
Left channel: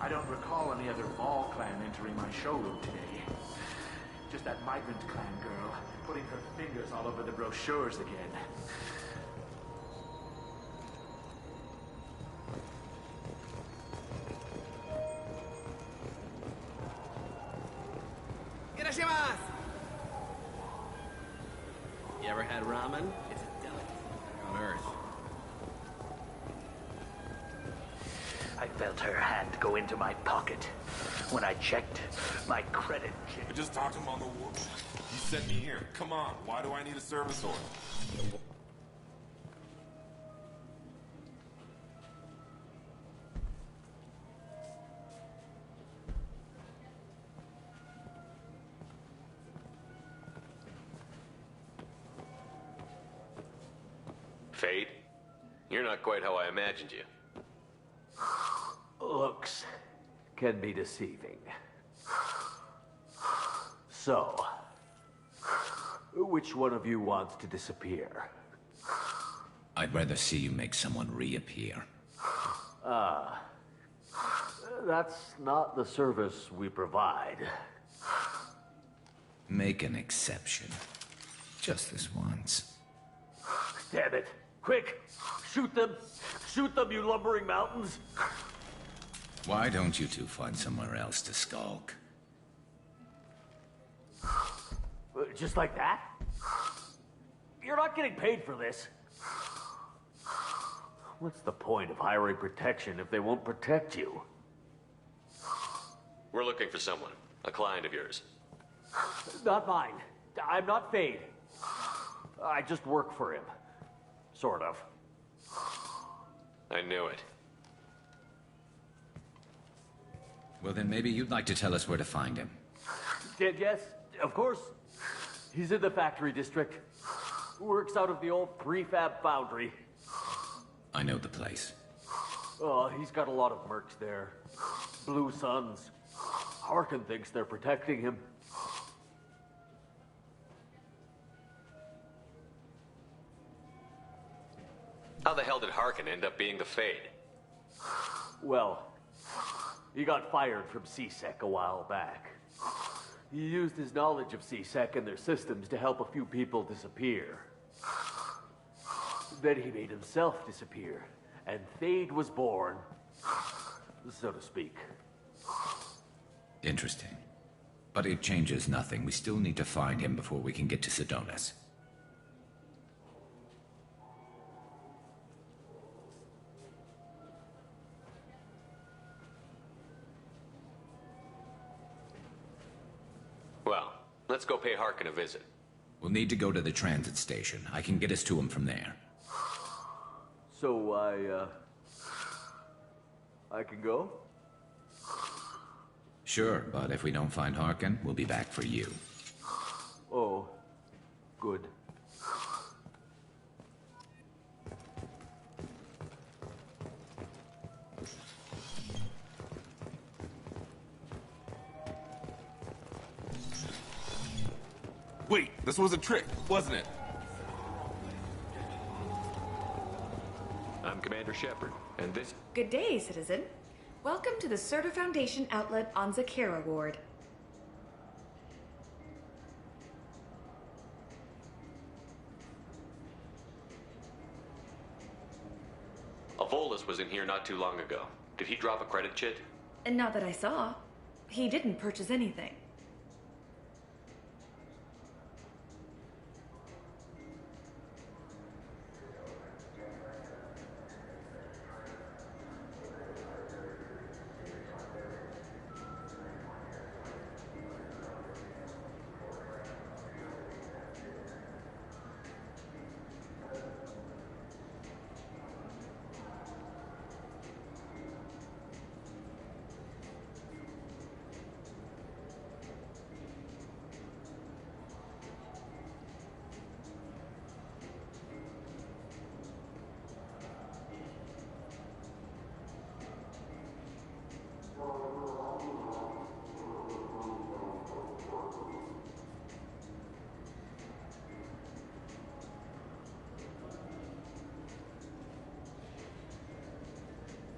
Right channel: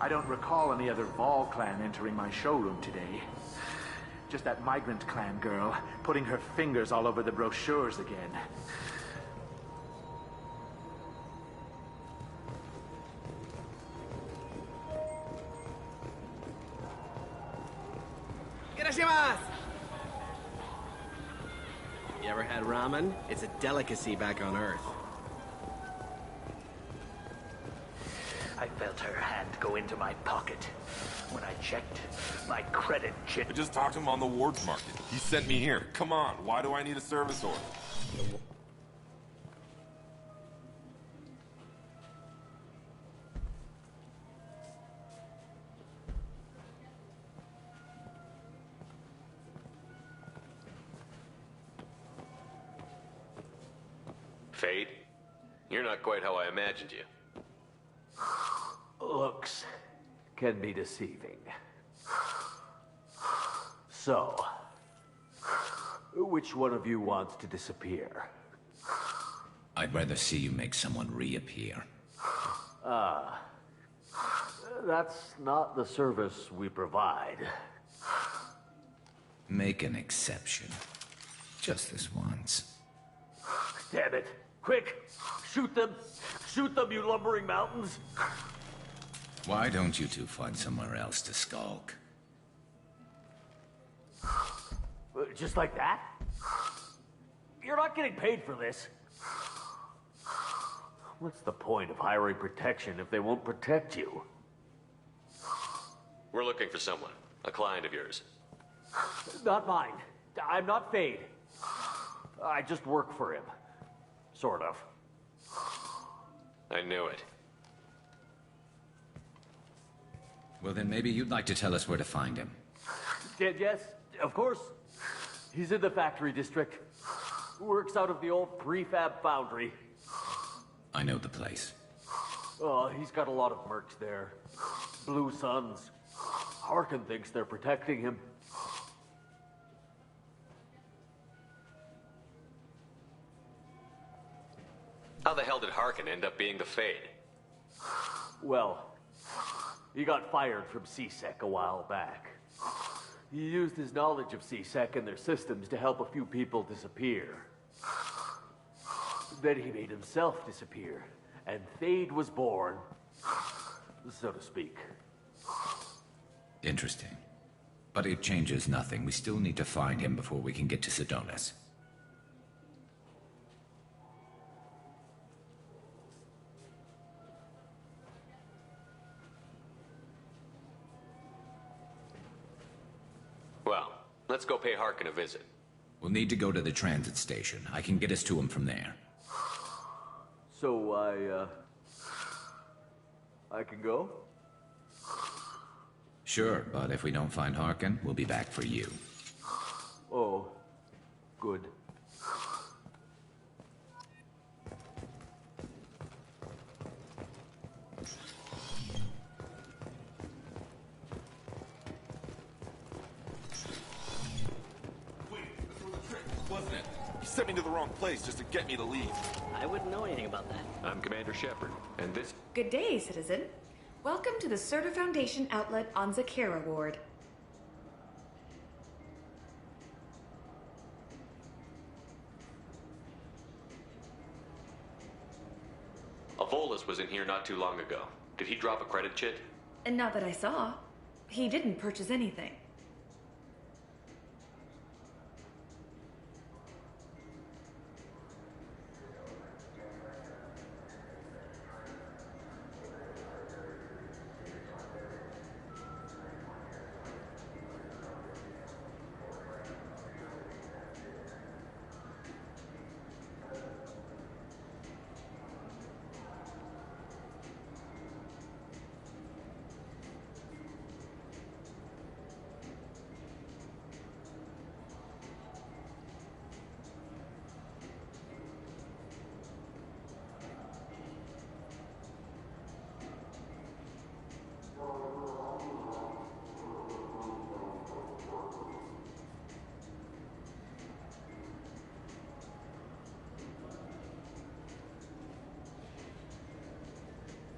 I don't recall any other Vol clan entering my showroom today. Just that migrant clan girl putting her fingers all over the brochures again. Irashimasu! You ever had ramen? It's a delicacy back on Earth. I felt her hand go into my pocket. When I checked, my credit chit... I just talked to him on the Wards Market. He sent me here. Come on, why do I need a service order? Fade? You're not quite how I imagined you. Looks can be deceiving. So, which one of you wants to disappear? I'd rather see you make someone reappear. Ah, that's not the service we provide. Make an exception. Just this once. Damn it. Quick! Shoot them! Shoot them, you lumbering mountains! Why don't you two find somewhere else to skulk? Just like that? You're not getting paid for this. What's the point of hiring protection if they won't protect you? We're looking for someone. A client of yours. Not mine. I'm not Fade. I just work for him. Sort of. I knew it. Well, then maybe you'd like to tell us where to find him. Yes, of course. He's in the factory district. Works out of the old prefab foundry. I know the place. He's got a lot of mercs there. Blue Suns. Harkin thinks they're protecting him. How the hell did Harkin end up being the Fade? Well, He got fired from CSEC a while back. He used his knowledge of CSEC and their systems to help a few people disappear. Then he made himself disappear, and Thade was born, so to speak. Interesting. But it changes nothing. We still need to find him before we can get to Sidonis. Well, let's go pay Harkin a visit. We'll need to go to the transit station. I can get us to him from there. So I can go? Sure, but if we don't find Harkin, we'll be back for you. Oh, good. Wait, this was a trick, wasn't it? You sent me to the wrong place just to get me to leave. I wouldn't know anything about that. I'm Commander Shepard, and this... Good day, citizen. Welcome to the Surtur Foundation outlet on Zakera Ward. Avolis was in here not too long ago. Did he drop a credit chit? And not that I saw. He didn't purchase anything.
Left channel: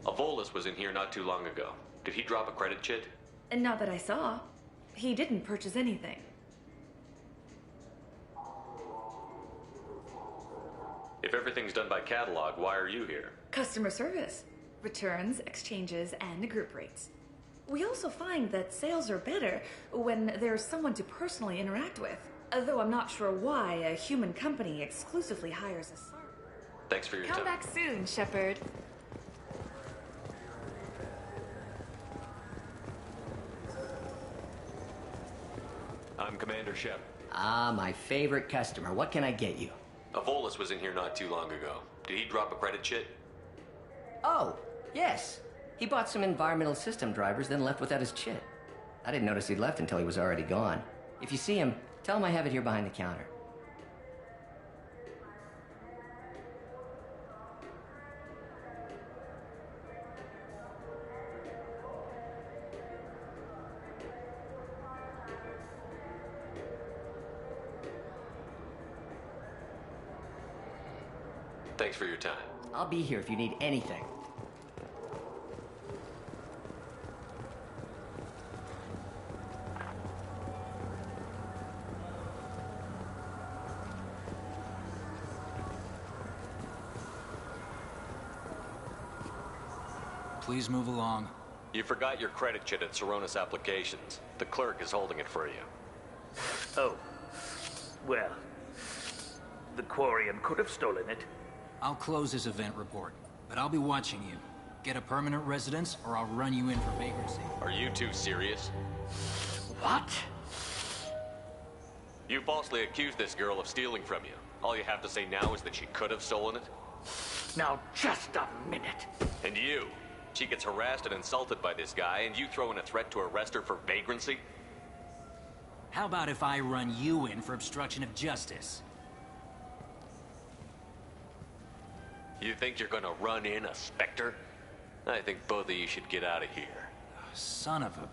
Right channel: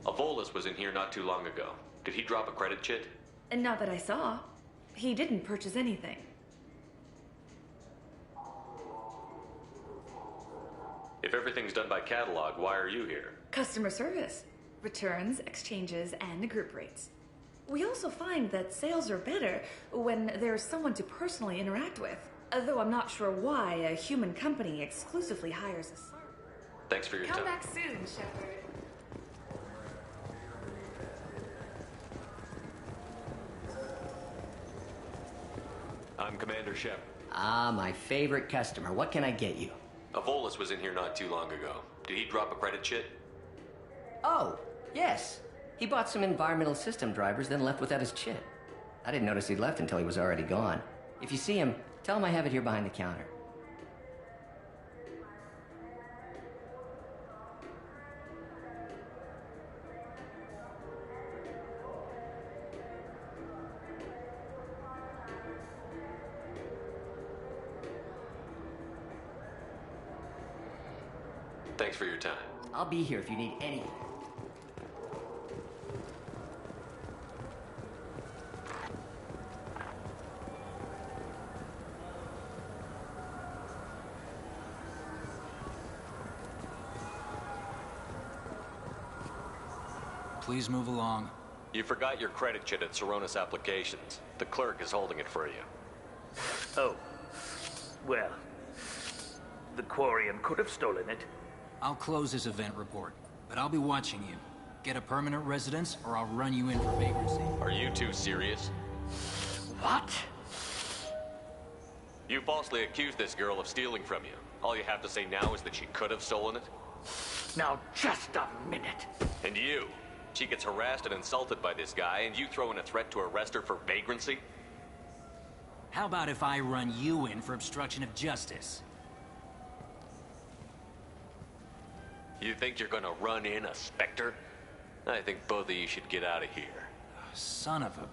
Avolis was in here not too long ago. Did he drop a credit chit? And not that I saw. He didn't purchase anything. If everything's done by catalog, why are you here? Customer service. Returns, exchanges, and group rates. We also find that sales are better when there's someone to personally interact with. Though I'm not sure why a human company exclusively hires a server. Thanks for your time. Come back soon, Shepard. I'm Commander Shep. Ah, my favorite customer. What can I get you? Avolis was in here not too long ago. Did he drop a credit chit? Oh, yes. He bought some environmental system drivers, then left without his chit. I didn't notice he'd left until he was already gone. If you see him, tell him I have it here behind the counter. Thanks for your time. I'll be here if you need anything. Please move along. You forgot your credit chit at Saronis Applications. The clerk is holding it for you. Oh. Well, the Quarian could have stolen it. I'll close this event report, but I'll be watching you. Get a permanent residence, or I'll run you in for vagrancy. Are you two serious? What? You falsely accused this girl of stealing from you. All you have to say now is that she could have stolen it? Now, just a minute. And you? She gets harassed and insulted by this guy, and you throw in a threat to arrest her for vagrancy? How about if I run you in for obstruction of justice? You think you're gonna run in a Spectre? I think both of you should get out of here. Son of a...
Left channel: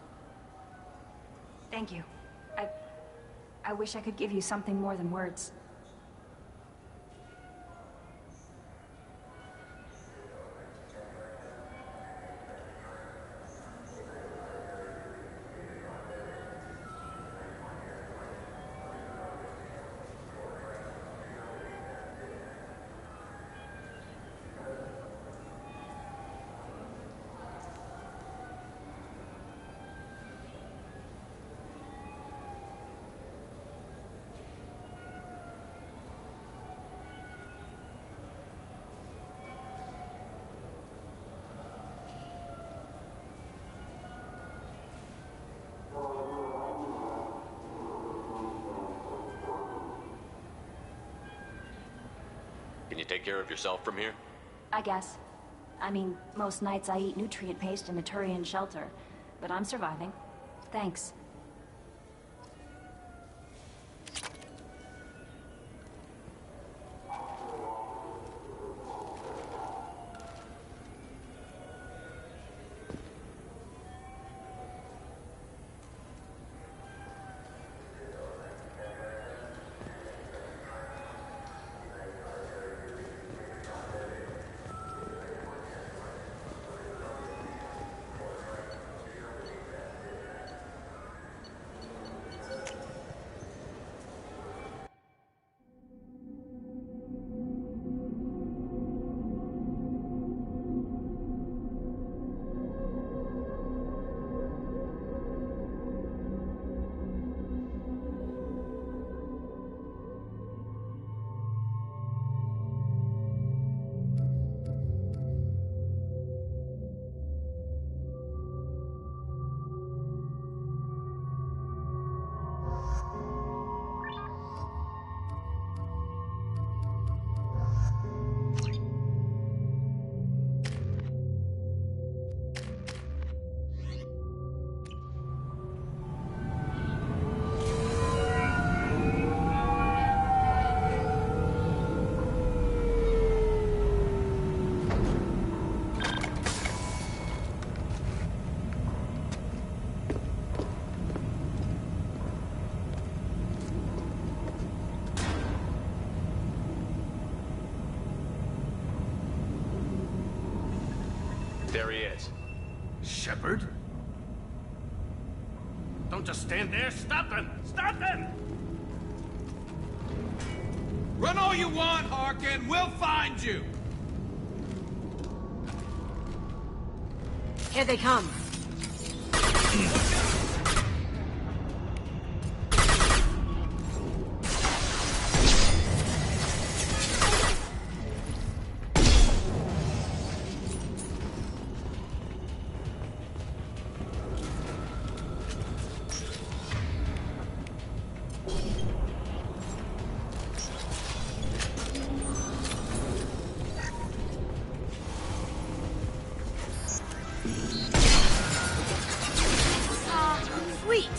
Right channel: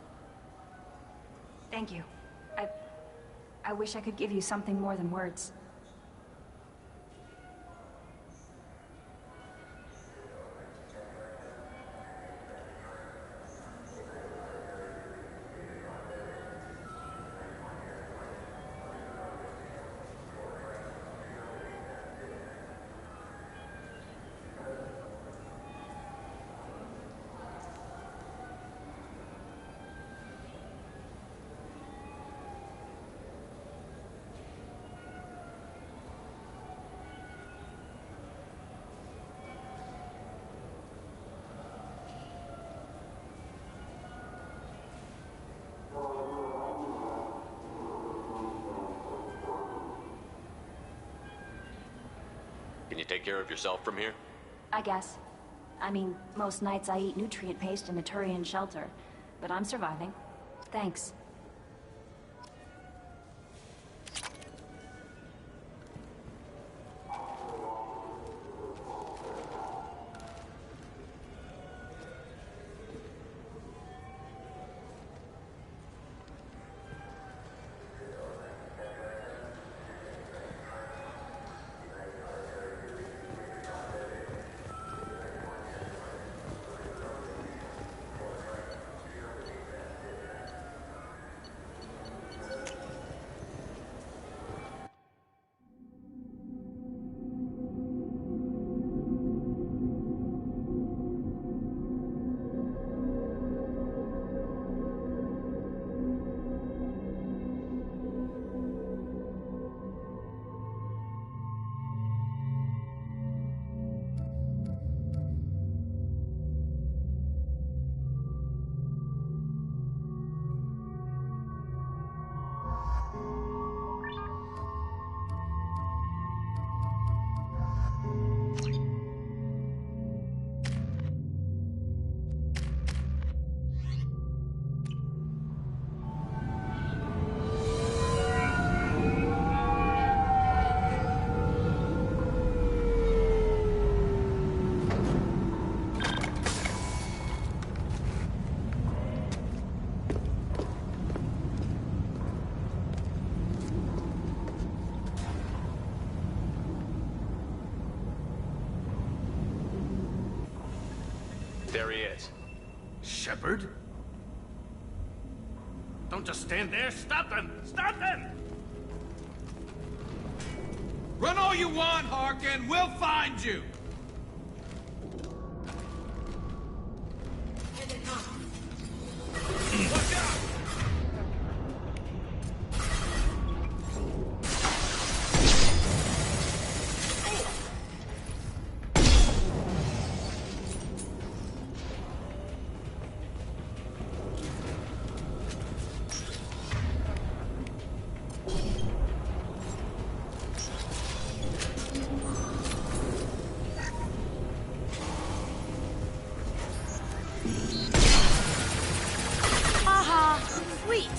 Thank you. I wish I could give you something more than words. Can you take care of yourself from here? I guess. I mean, most nights I eat nutrient paste in a Turian shelter, but I'm surviving. Thanks. There he is. Shepard? Don't just stand there. Stop them! Stop them! Run all you want, Harkin. We'll find you. Here they come. Watch out! Sweet!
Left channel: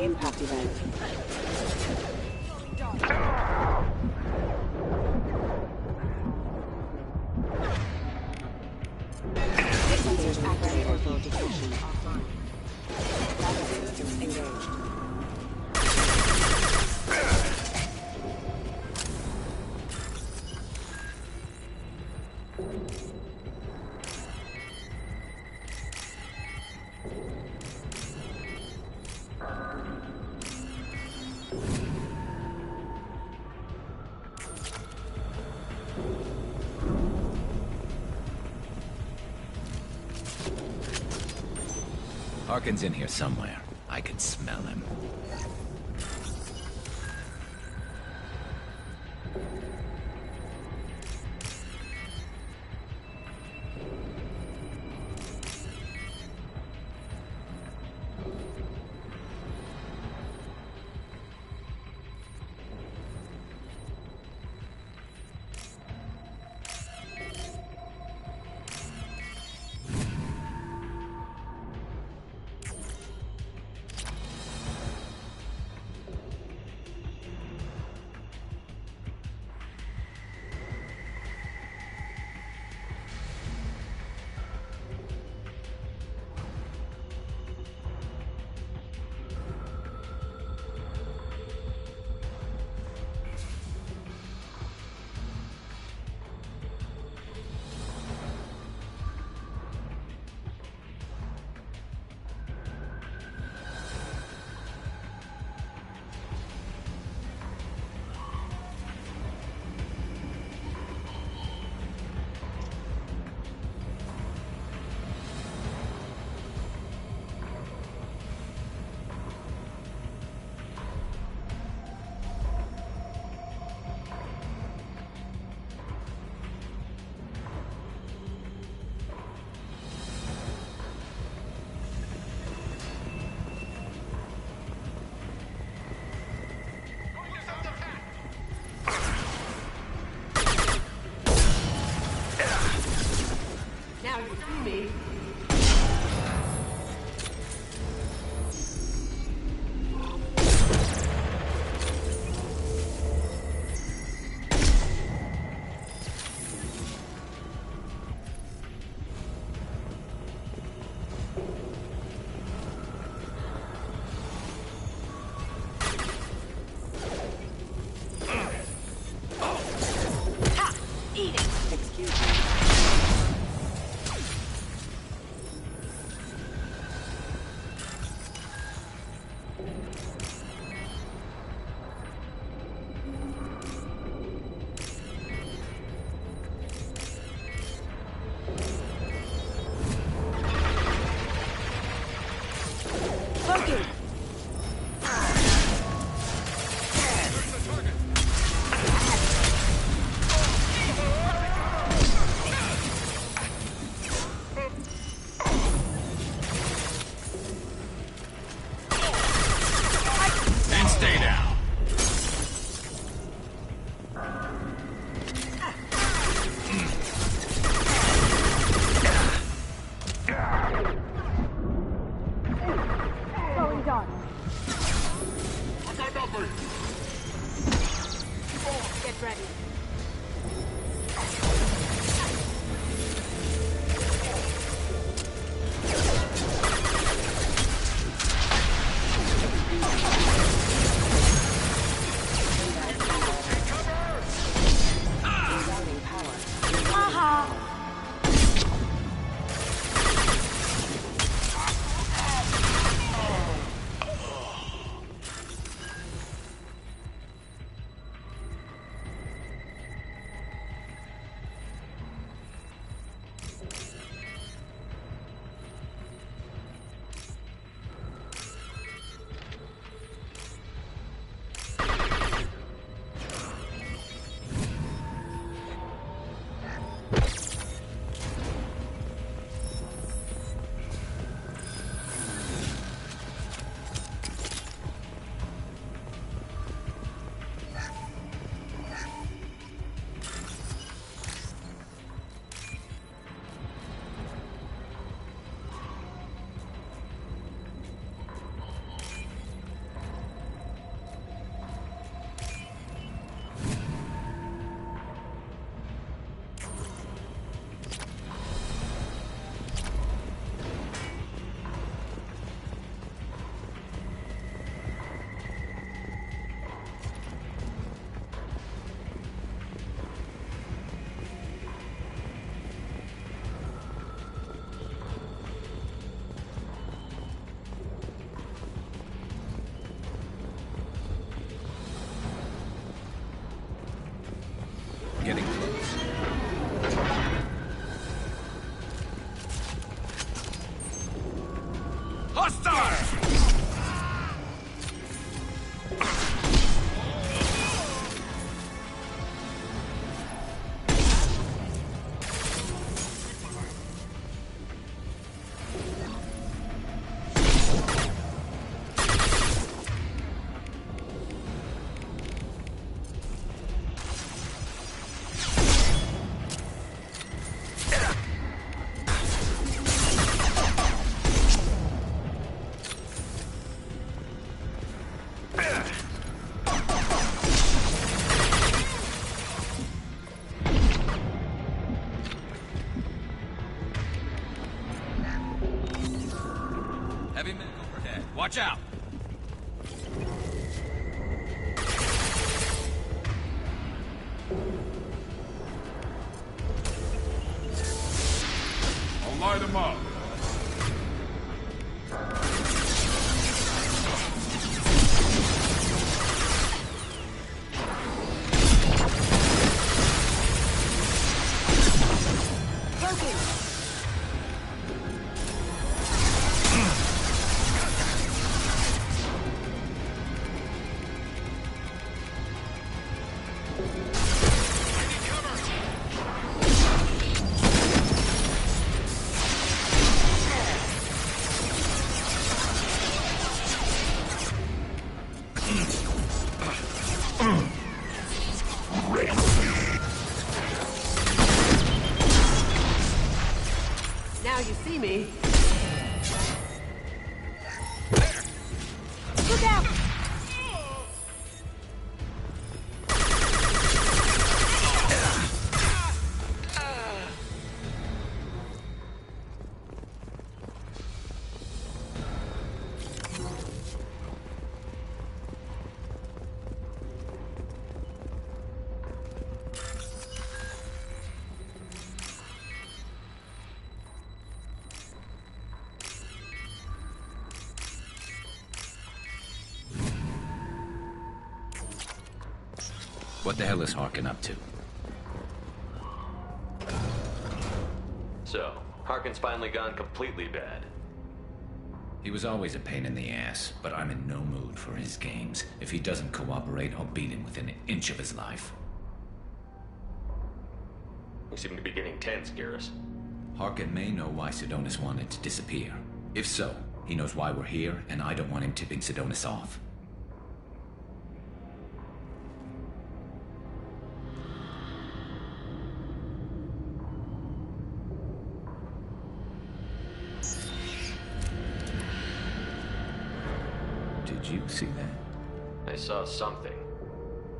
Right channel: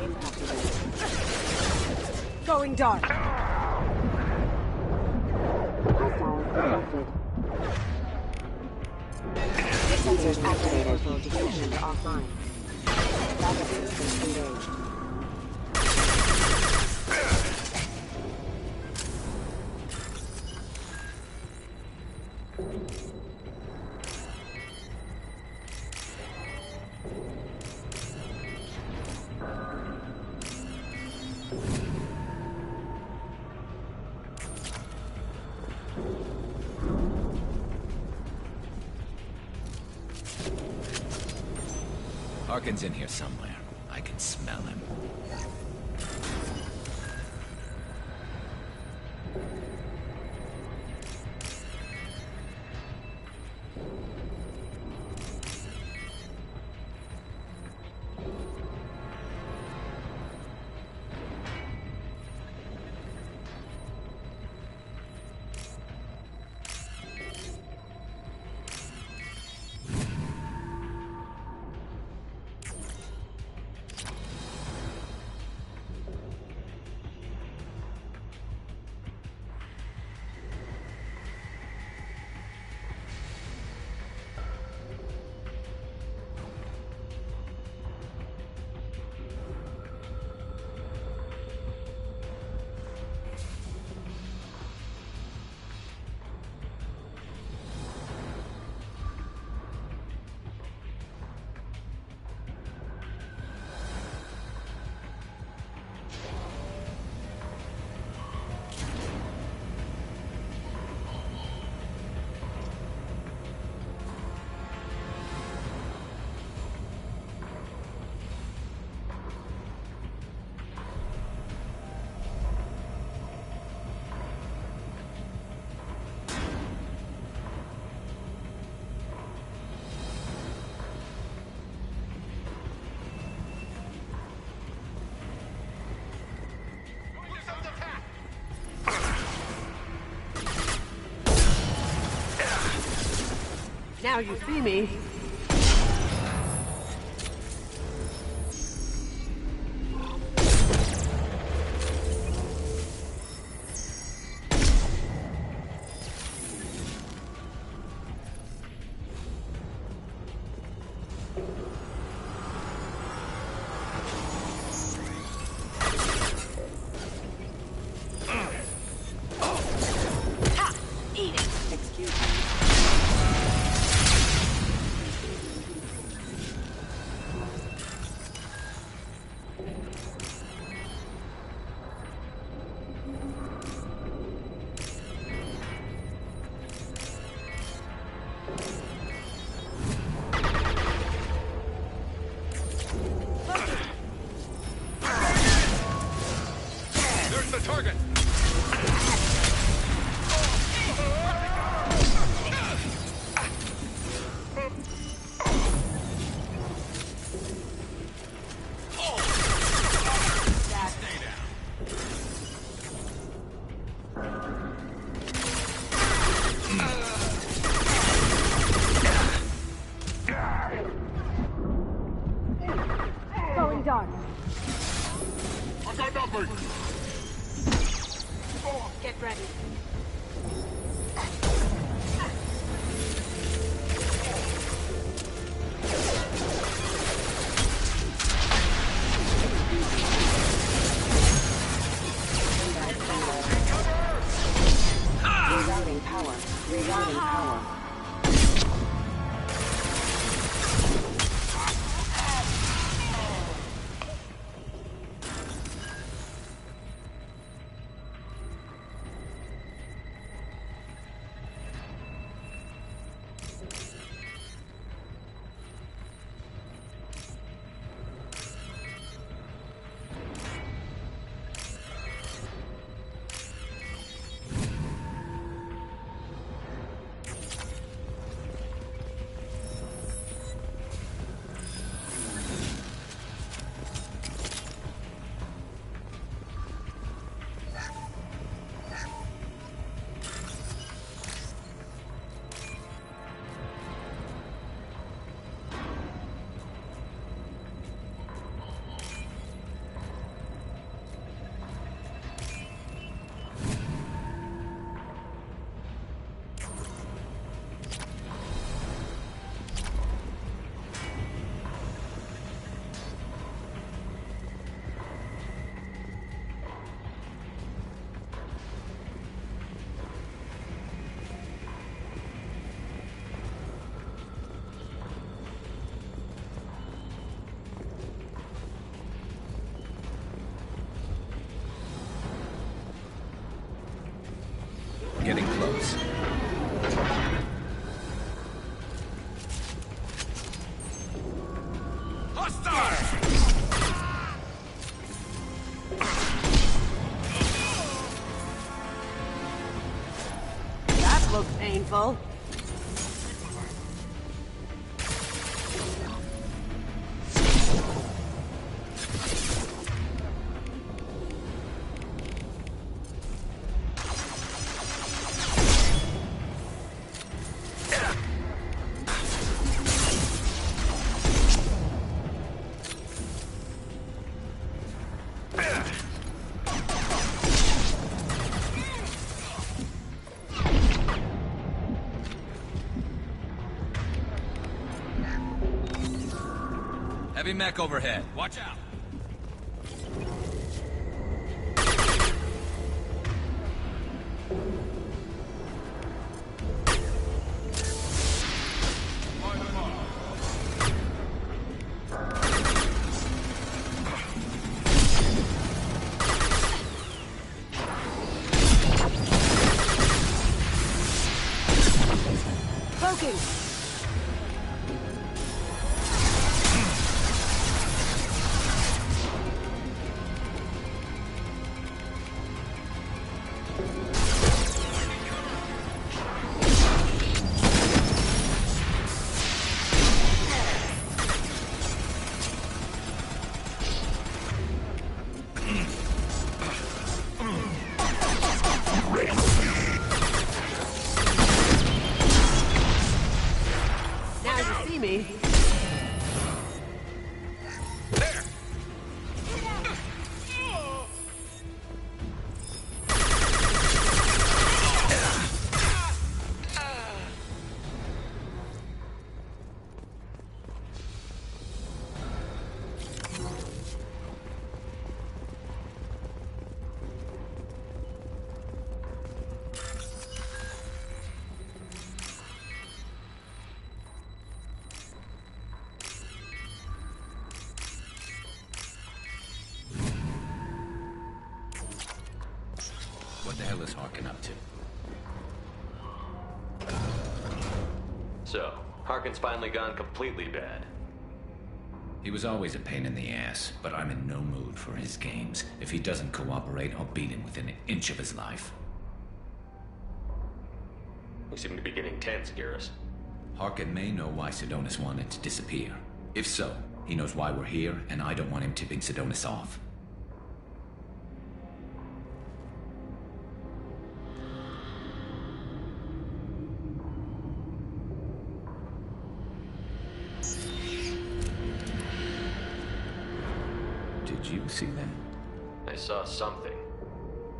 Impact event. Going dark. Sensors activated. Orbital detection offline. Rapid systems engaged. Harkin's in here somewhere. I can smell him. Now you see me. Hostile! That looks painful. Heavy mech overhead. Watch out! I'll light him up. Cloaking! Now you see me. Look out! What the hell is Harkin up to? So, Harkin's finally gone completely bad. He was always a pain in the ass, but I'm in no mood for his games. If he doesn't cooperate, I'll beat him within an inch of his life. You seem to be getting tense, Garrus. Harkin may know why Sidonis wanted to disappear. If so, he knows why we're here, and I don't want him tipping Sidonis off. Did you see that? I saw something.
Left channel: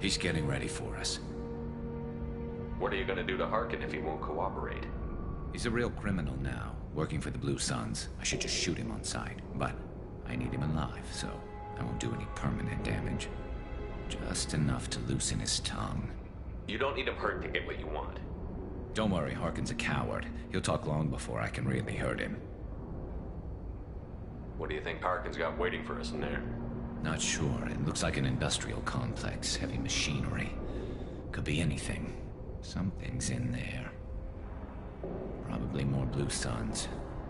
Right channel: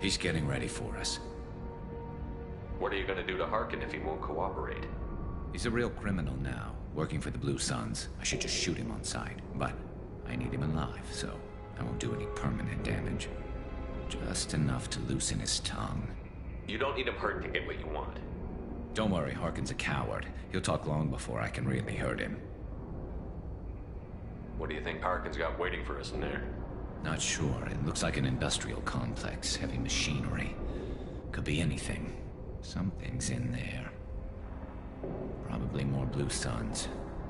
He's getting ready for us. What are you gonna do to Harkin if he won't cooperate? He's a real criminal now, working for the Blue Suns. I should just shoot him on sight, but I need him alive, so I won't do any permanent damage. Just enough to loosen his tongue. You don't need him hurt to get what you want. Don't worry, Harkin's a coward. He'll talk long before I can really hurt him. What do you think Harkin's got waiting for us in there? Not sure. It looks like an industrial complex, heavy machinery. Could be anything. Something's in there. Probably more Blue Suns.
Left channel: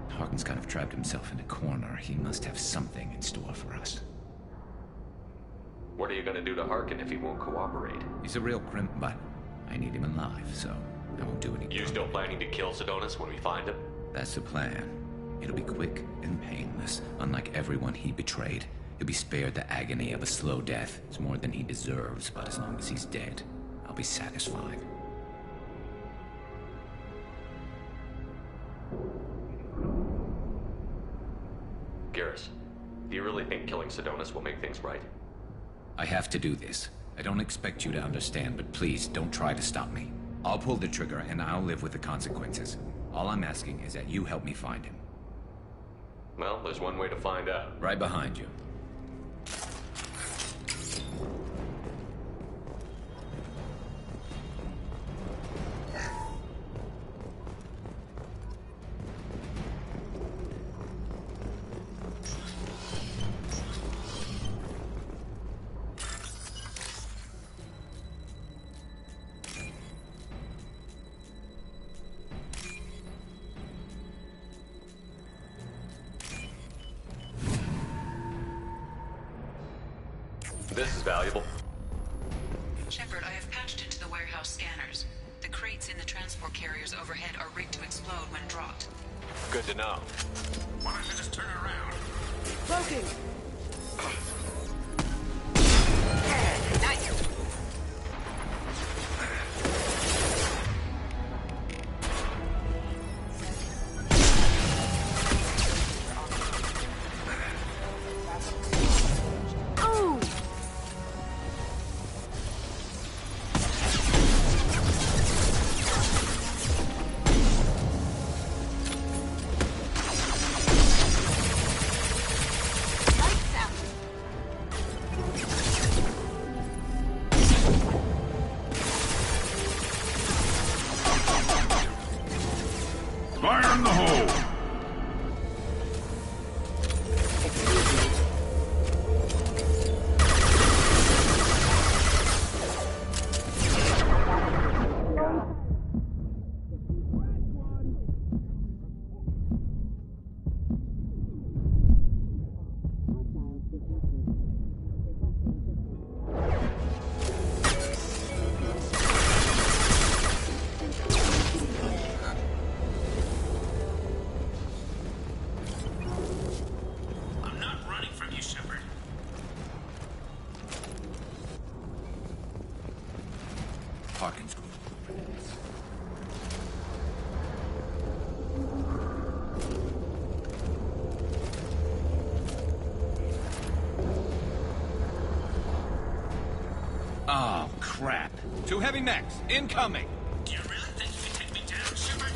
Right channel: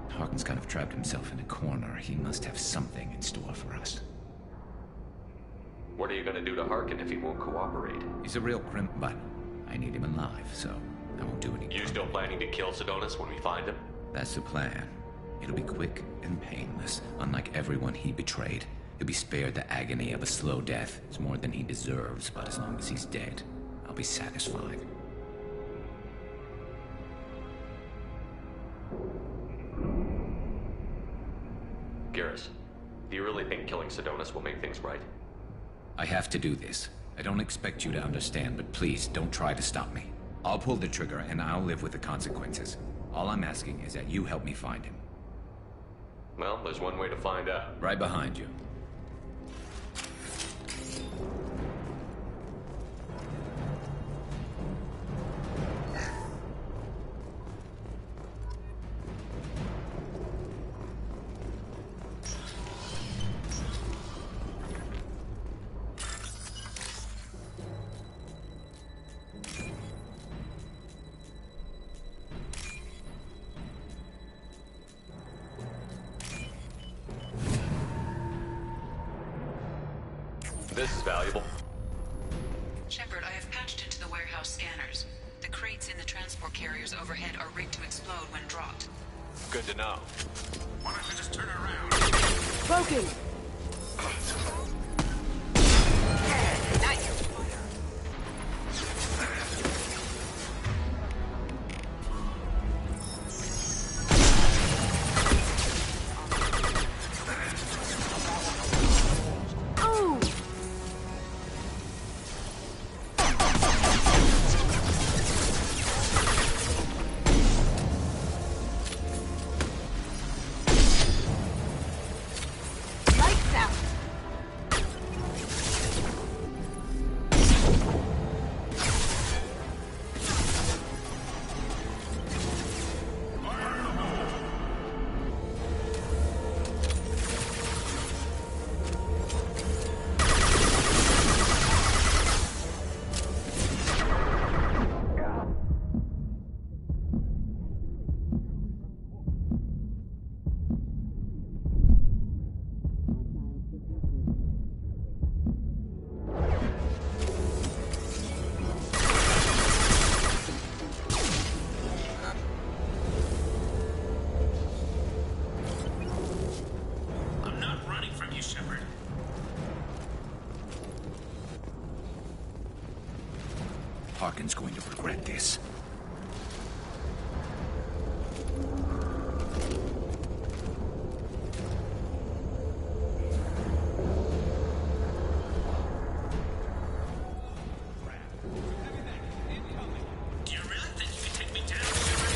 Harkin's kind of trapped himself in a corner. He must have something in store for us. What are you gonna do to Harkin if he won't cooperate? He's a real but I need him alive, so I won't do any. You still planning to kill Sidonis when we find him? That's the plan. It'll be quick and painless, unlike everyone he betrayed. He'll be spared the agony of a slow death. It's more than he deserves, but as long as he's dead, I'll be satisfied. Garrus, do you really think killing Sidonis will make things right? I have to do this. I don't expect you to understand, but please don't try to stop me. I'll pull the trigger and I'll live with the consequences. All I'm asking is that you help me find him. Well, there's one way to find out. Right behind you. This is valuable. Shepard, I have patched into the warehouse scanners. The crates in the transport carriers overhead are rigged to explode when dropped. Good to know. Why don't you just turn around? Cloaking! Nice! Fire in the hole! Harkin's going to regret this. Oh, crap. 2 heavy mechs, incoming! Do you really think you can take me down, Shepard?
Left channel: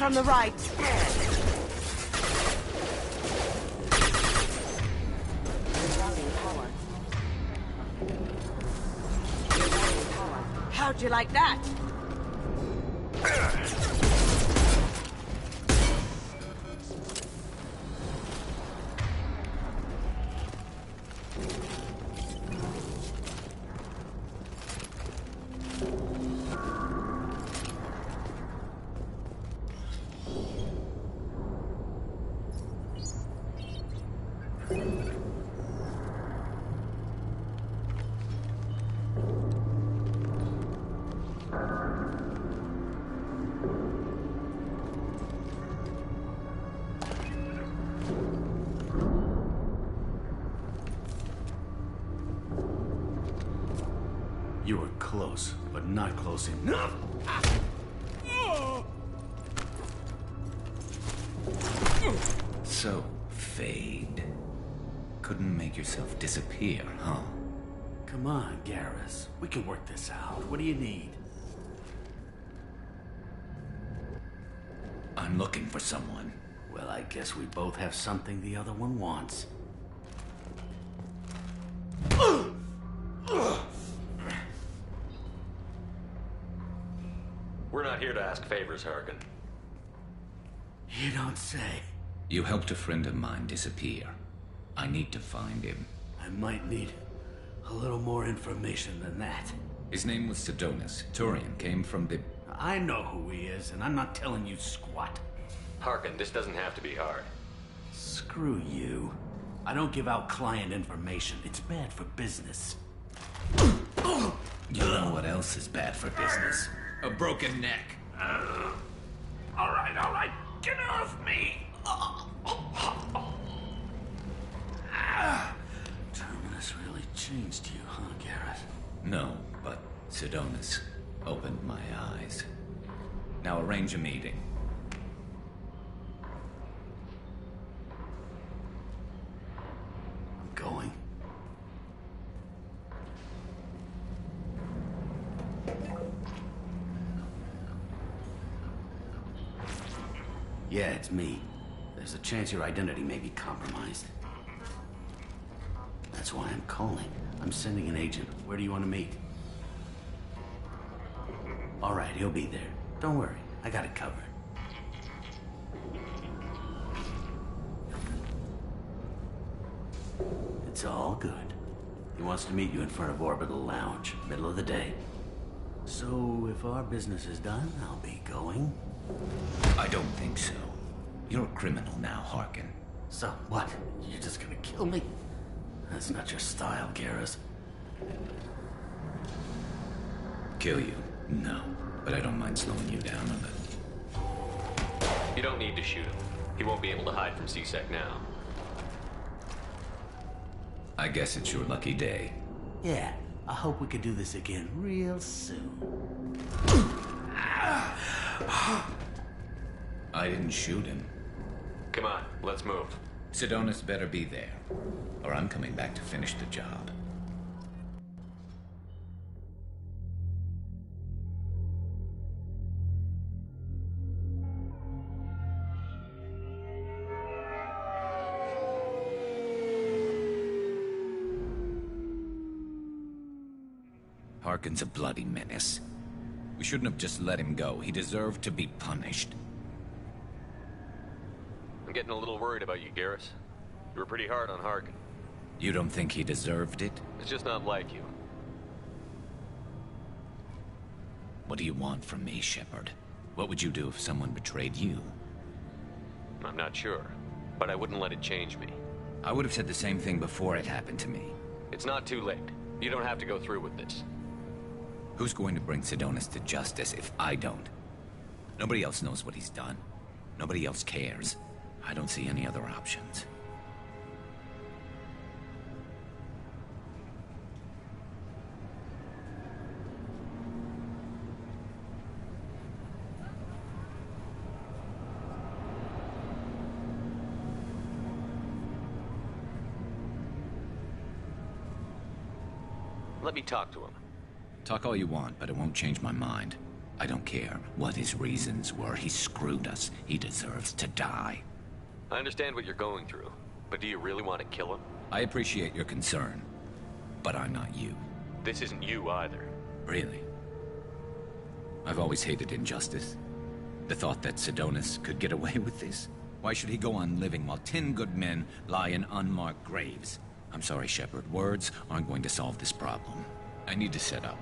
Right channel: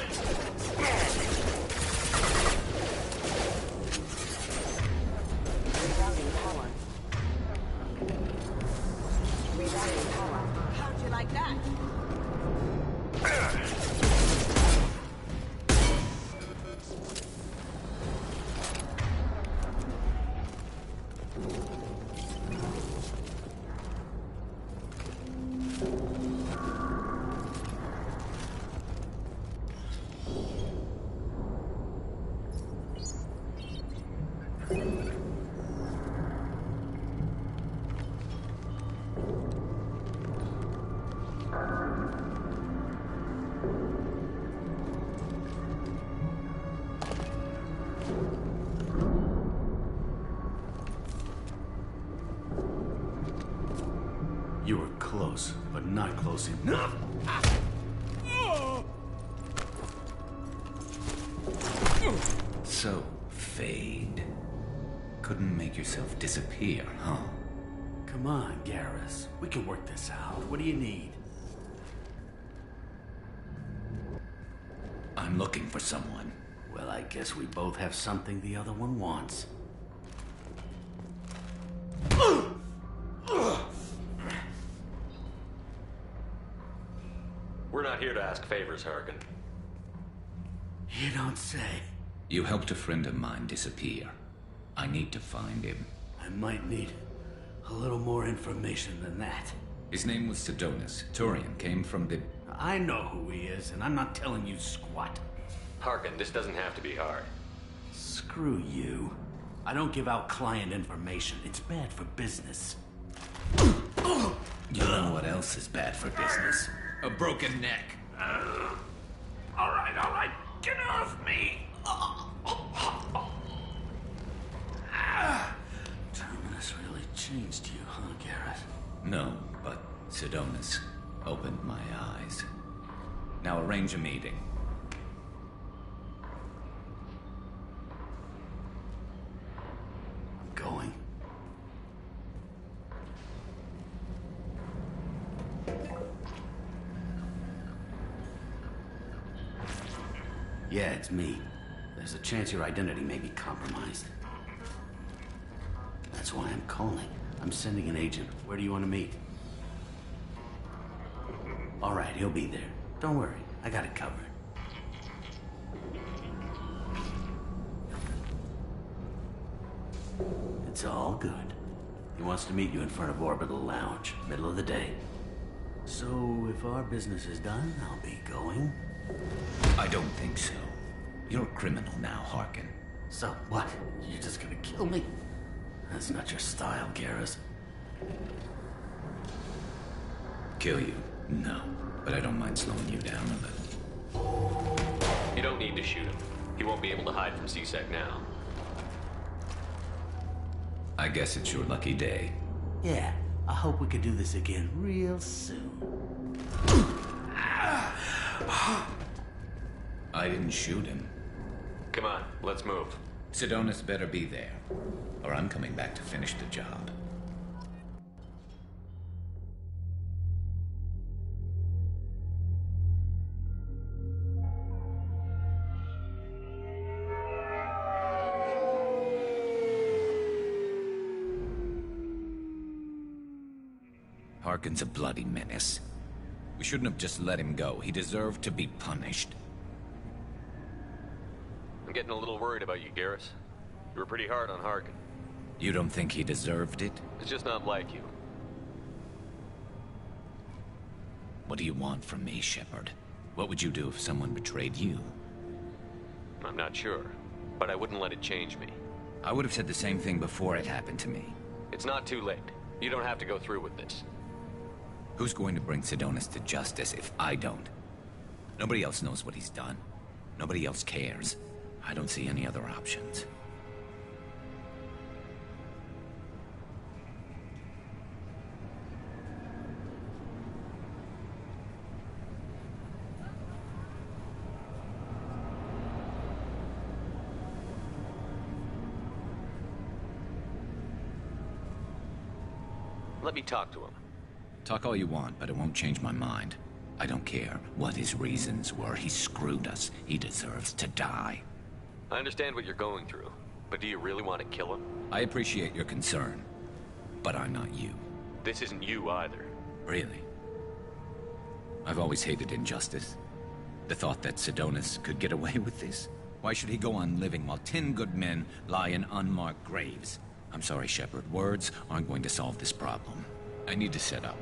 On the right. How'd you like that? close, but not close enough. So, Fade. Couldn't make yourself disappear, huh? Come on, Garrus. We can work this out. What do you need? I'm looking for someone. Well, I guess we both have something the other one wants. We're not here to ask favors, Harkin. You don't say. You helped a friend of mine disappear. I need to find him. I might need a little more information than that. His name was Sidonus. Turian came from the... I know who he is, and I'm not telling you squat. Harkin, this doesn't have to be hard. Screw you. I don't give out client information. It's bad for business. You know what else is bad for business? A broken neck. All right. Get off me! Terminus really changed you, huh, Garrett? No, but Sidonus opened my eyes. Now arrange a meeting. I'm going. Yeah, it's me. There's a chance your identity may be compromised. That's why I'm calling. I'm sending an agent. Where do you want to meet? All right, he'll be there. Don't worry, I got it covered. It's all good. He wants to meet you in front of Orbital Lounge, middle of the day. So, if our business is done, I'll be going. I don't think so. You're a criminal now, Harkin. So what? You're just gonna kill me? That's not your style, Garrus. Kill you? No. But I don't mind slowing you down a little. You don't need to shoot him. He won't be able to hide from C-Sec now. I guess it's your lucky day. Yeah, I hope we can do this again real soon. I didn't shoot him. Come on, let's move. Sidonus better be there, or I'm coming back to finish the job. Harkin's a bloody menace. We shouldn't have just let him go. He deserved to be punished. I'm getting a little worried about you, Garrus. You were pretty hard on Harkin. You don't think he deserved it? It's just not like you. What do you want from me, Shepard? What would you do if someone betrayed you? I'm not sure, but I wouldn't let it change me. I would have said the same thing before it happened to me. It's not too late. You don't have to go through with this. Who's going to bring Sidonus to justice if I don't? Nobody else knows what he's done. Nobody else cares. I don't see any other options. Let me talk to him. Talk all you want, but it won't change my mind. I don't care what his reasons were. He screwed us. He deserves to die. I understand what you're going through, but do you really want to kill him? I appreciate your concern, but I'm not you. This isn't you either. Really? I've always hated injustice. The thought that Sidonus could get away with this? Why should he go on living while 10 good men lie in unmarked graves? I'm sorry, Shepard. Words aren't going to solve this problem. I need to set up.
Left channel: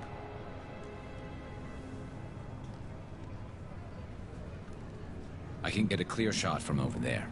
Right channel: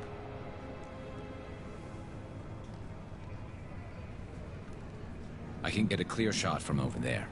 I can get a clear shot from over there.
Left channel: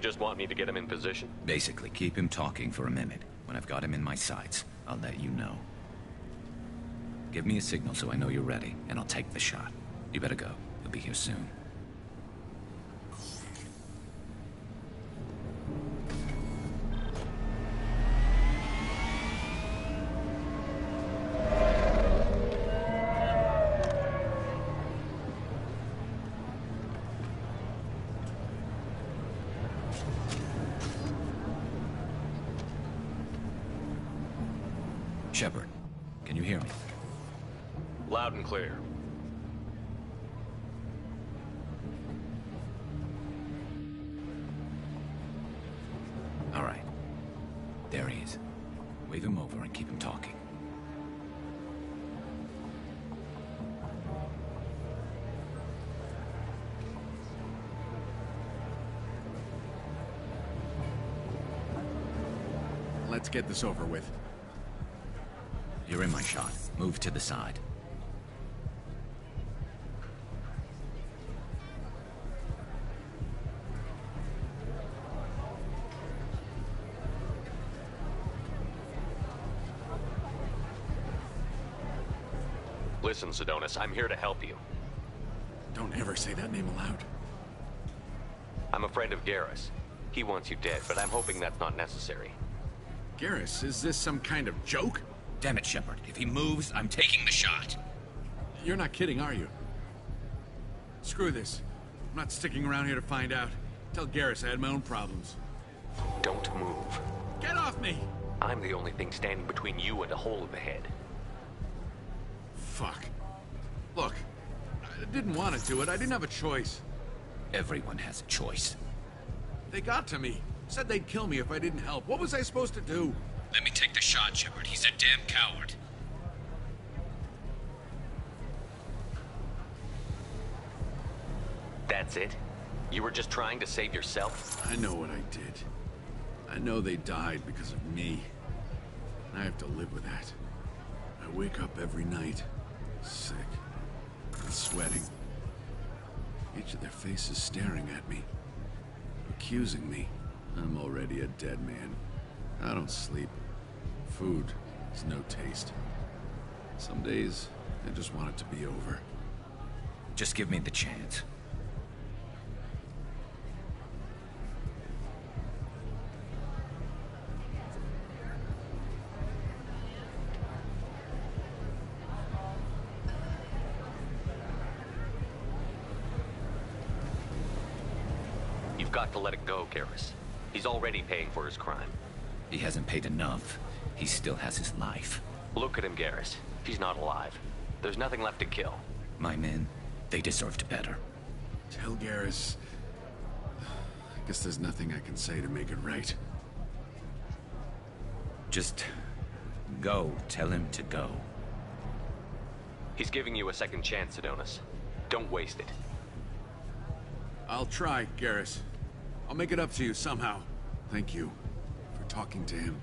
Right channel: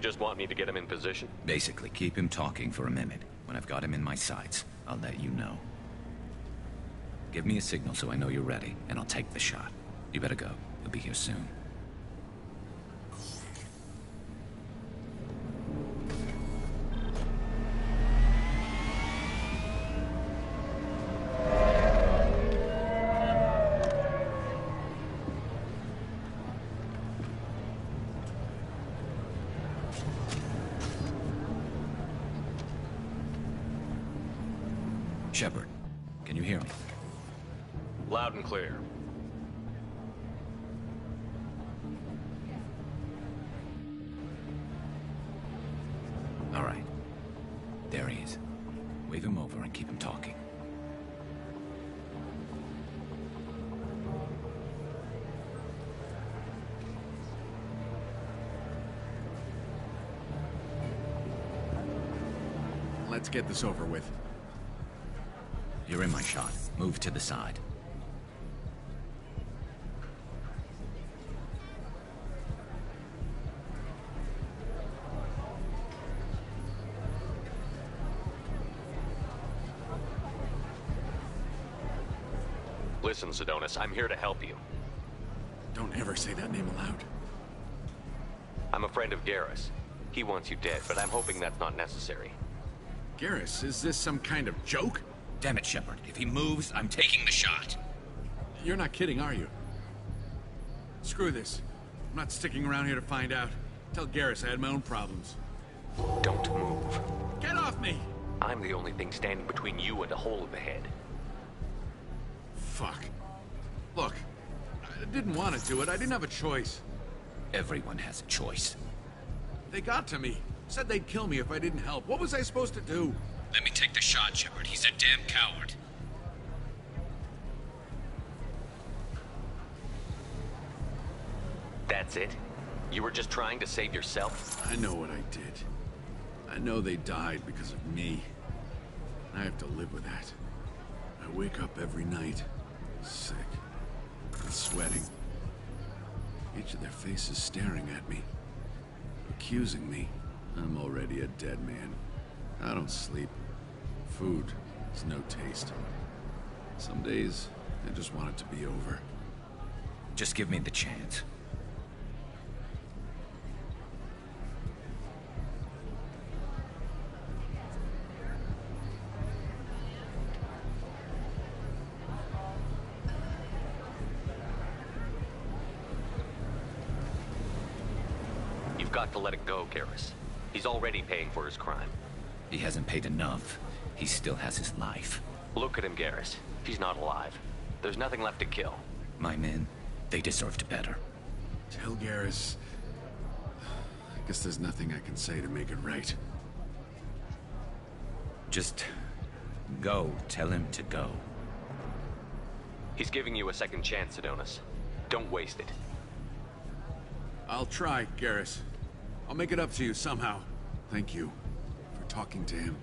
just want me to get him in position? Basically, keep him talking for a minute. When I've got him in my sights, I'll let you know. Give me a signal so I know you're ready, and I'll take the shot. You better go. He'll be here soon. Shepard, can you hear me? Loud and clear. All right. There he is. Wave him over and keep him talking. Let's get this over with. You're in my shot. Move to the side. Listen, Sidonis, I'm here to help you. Don't ever say that name aloud. I'm a friend of Garrus. He wants you dead, but I'm hoping that's not necessary. Garrus, is this some kind of joke? Damn it, Shepard. If he moves, I'm taking the shot. You're not kidding, are you? Screw this. I'm not sticking around here to find out. Tell Garrus I had my own problems. Don't move. Get off me! I'm the only thing standing between you and a hole in the head. Fuck. Look, I didn't want to do it. I didn't have a choice. Everyone has a choice. They got to me. Said they'd kill me if I didn't help. What was I supposed to do? Let me take the shot, Shepard. He's a damn coward. That's it? You were just trying to save yourself? I know what I did. I know they died because of me. I have to live with that. I wake up every night, sick and sweating. Each of their faces staring at me, accusing me. I'm already a dead man. I don't sleep. Food has no taste. Some days, I just want it to be over. Just give me the chance. You've got to let it go, Garrus. He's already paying for his crime. He hasn't paid enough. He still has his life. Look at him, Garrus. He's not alive. There's nothing left to kill. My men, they deserved better. Tell Garrus... I guess there's nothing I can say to make it right. Just... go. Tell him to go. He's giving you a second chance, Sidonis. Don't waste it. I'll try, Garrus. I'll make it up to you somehow. Thank you for talking to him.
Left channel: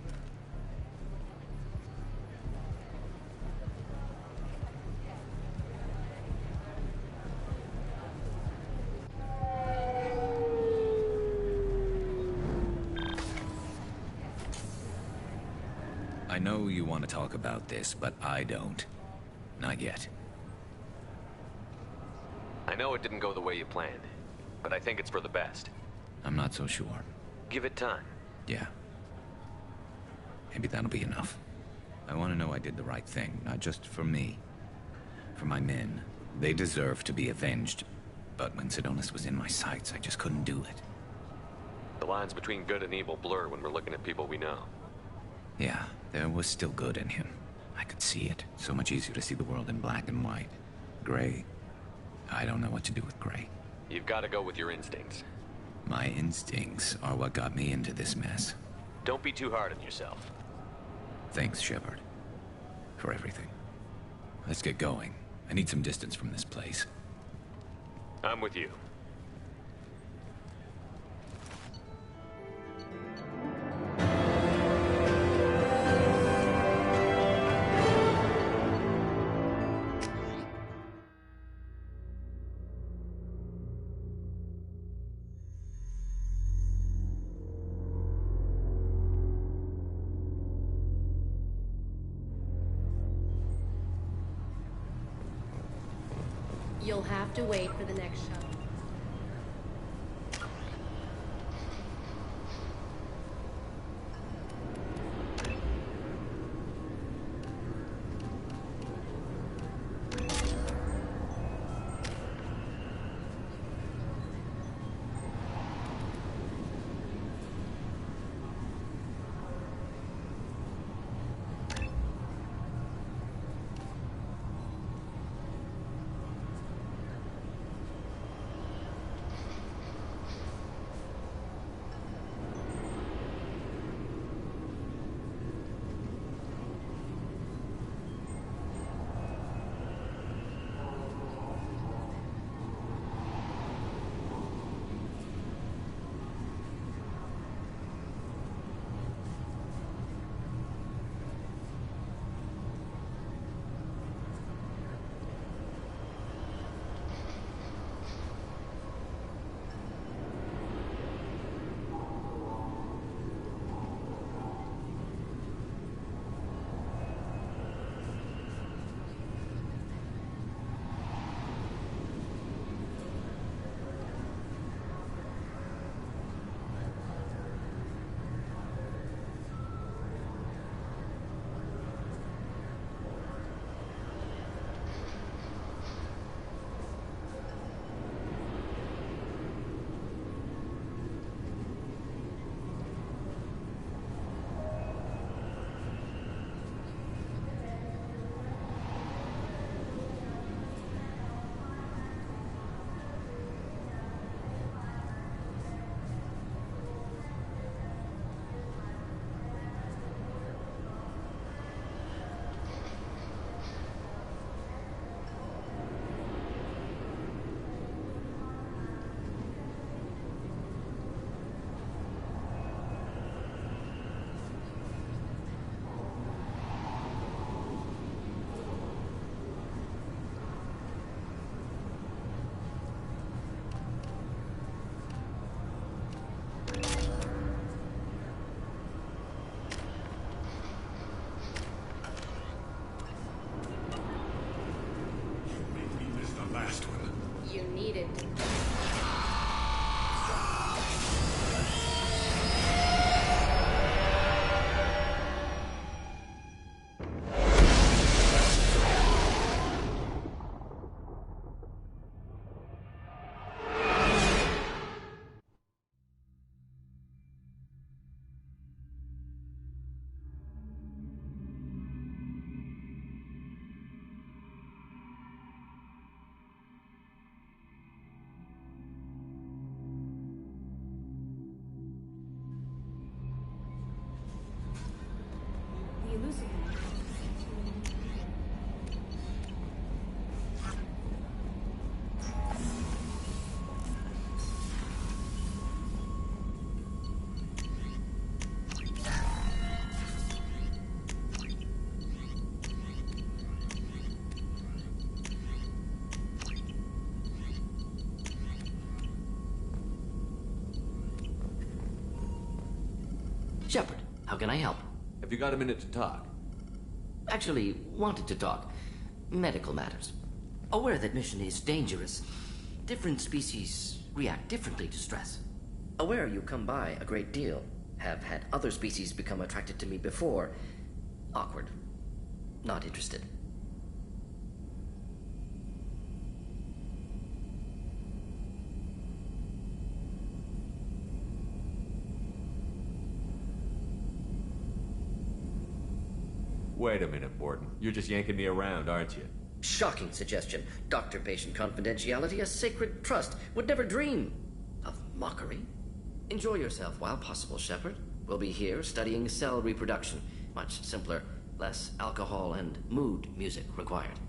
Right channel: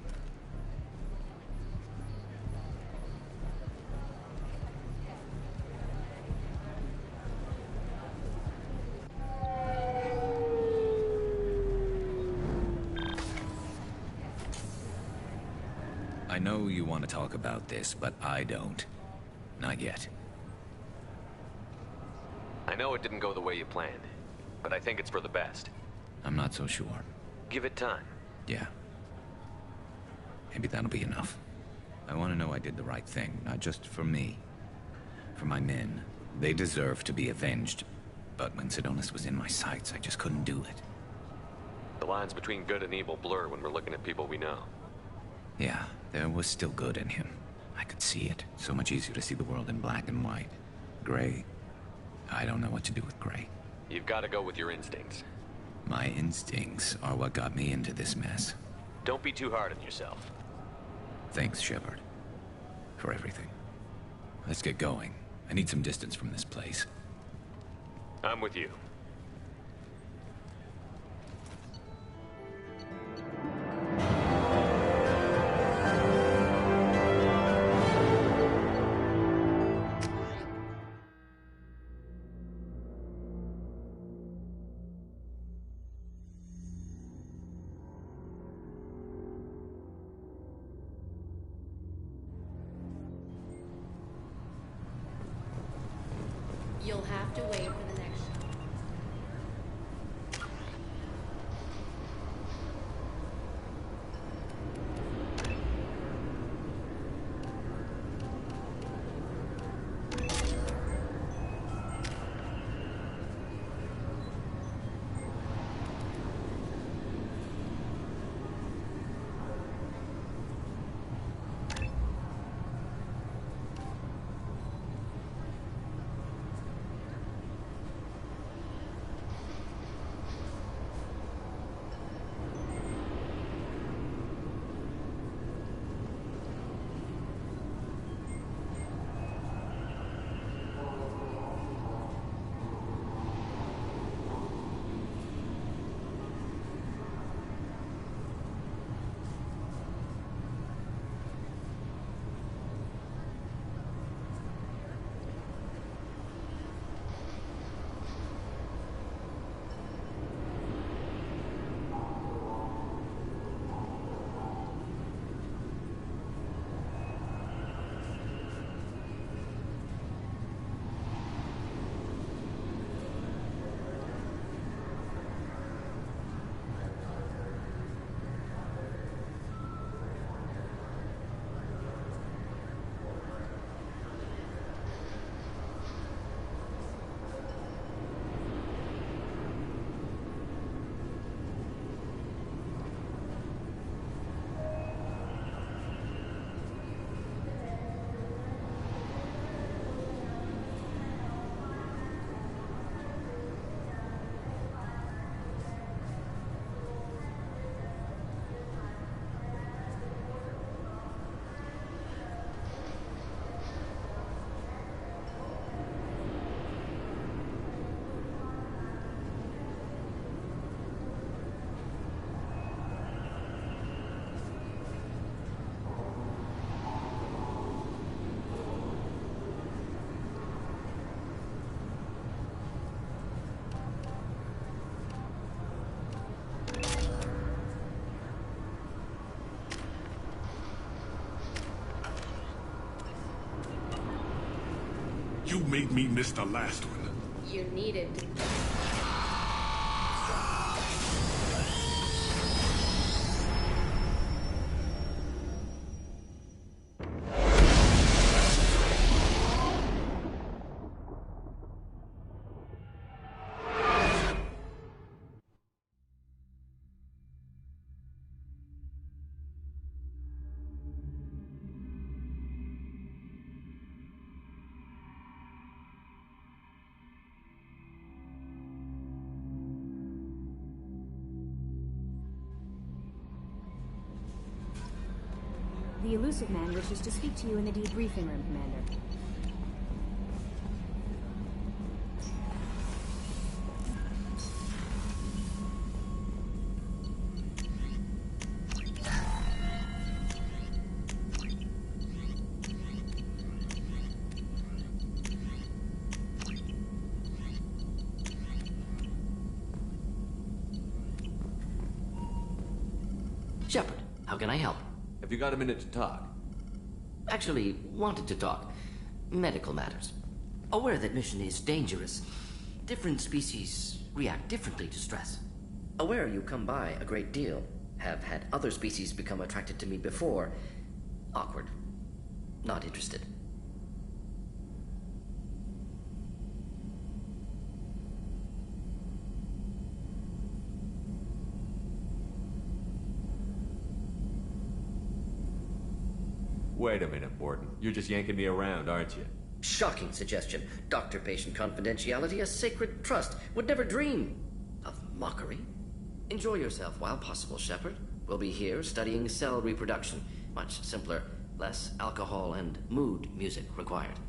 I know you want to talk about this, but I don't. Not yet. I know it didn't go the way you planned, but I think it's for the best. I'm not so sure. Give it time. Yeah. Maybe that'll be enough. I want to know I did the right thing, not just for me. For my men. They deserve to be avenged. But when Sidonis was in my sights, I just couldn't do it. The lines between good and evil blur when we're looking at people we know. Yeah, there was still good in him. I could see it. So much easier to see the world in black and white. Gray. I don't know what to do with gray. You've got to go with your instincts. My instincts are what got me into this mess. Don't be too hard on yourself. Thanks, Shepard. For everything. Let's get going. I need some distance from this place. I'm with you. You'll have to wait for the next shuttle. You made me miss the last one. You needed to. The Illusive Man wishes to speak to you in the debriefing room, Commander. Shepard, how can I help? Have you got a minute to talk? Actually, wanted to talk. Medical matters. Aware that mission is dangerous. Different species react differently to stress. Aware you come by a great deal. Have had other species become attracted to me before. Awkward. Not interested. Wait a minute, Borden. You're just yanking me around, aren't you? Shocking suggestion. Doctor-patient confidentiality, a sacred trust. Would never dream of mockery. Enjoy yourself while possible, Shepard. We'll be here studying cell reproduction. Much simpler, less alcohol and mood music required.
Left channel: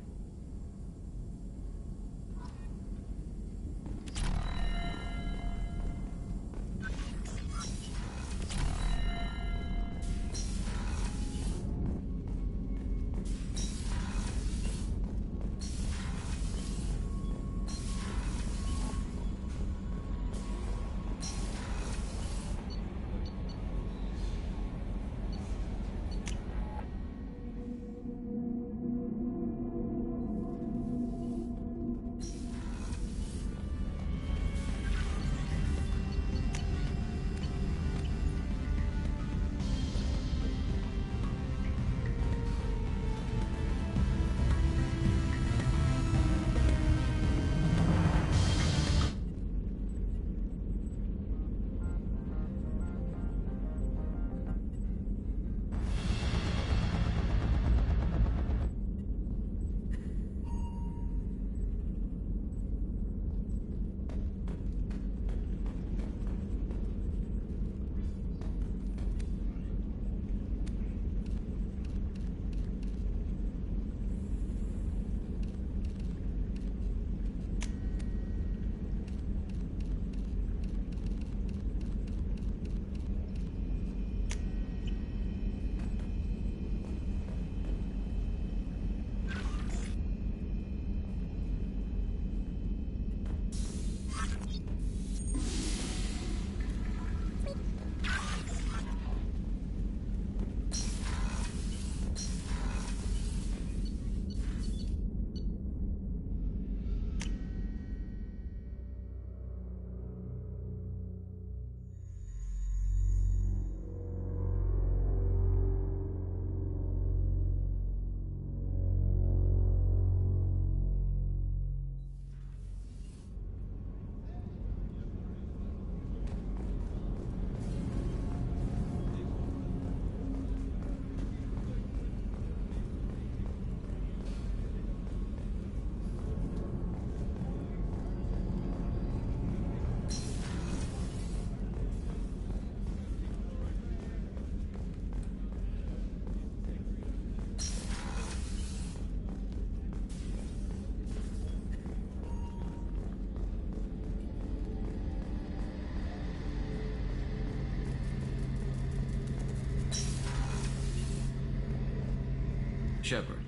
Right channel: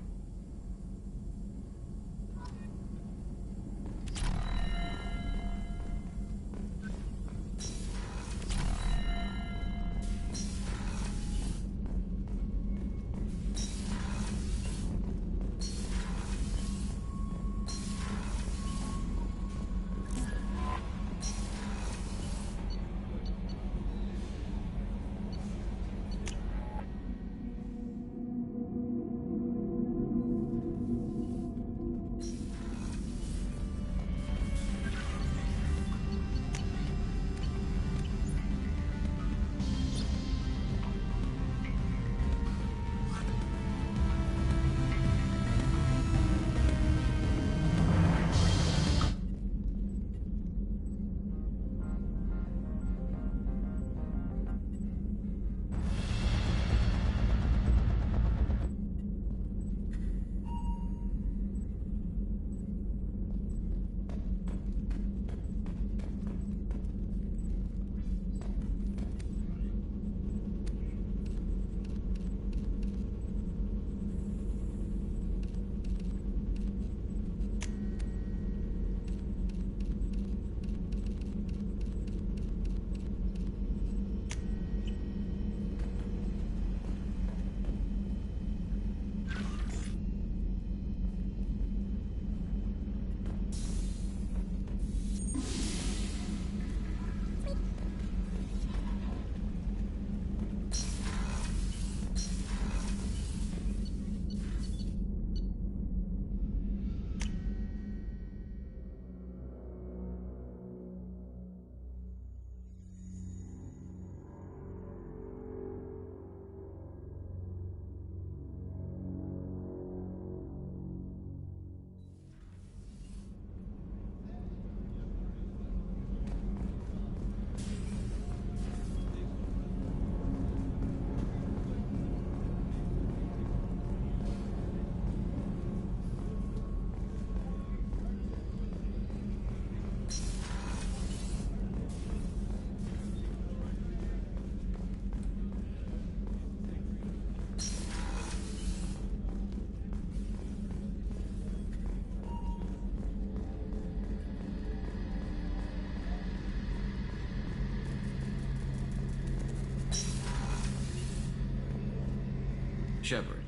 Shepard,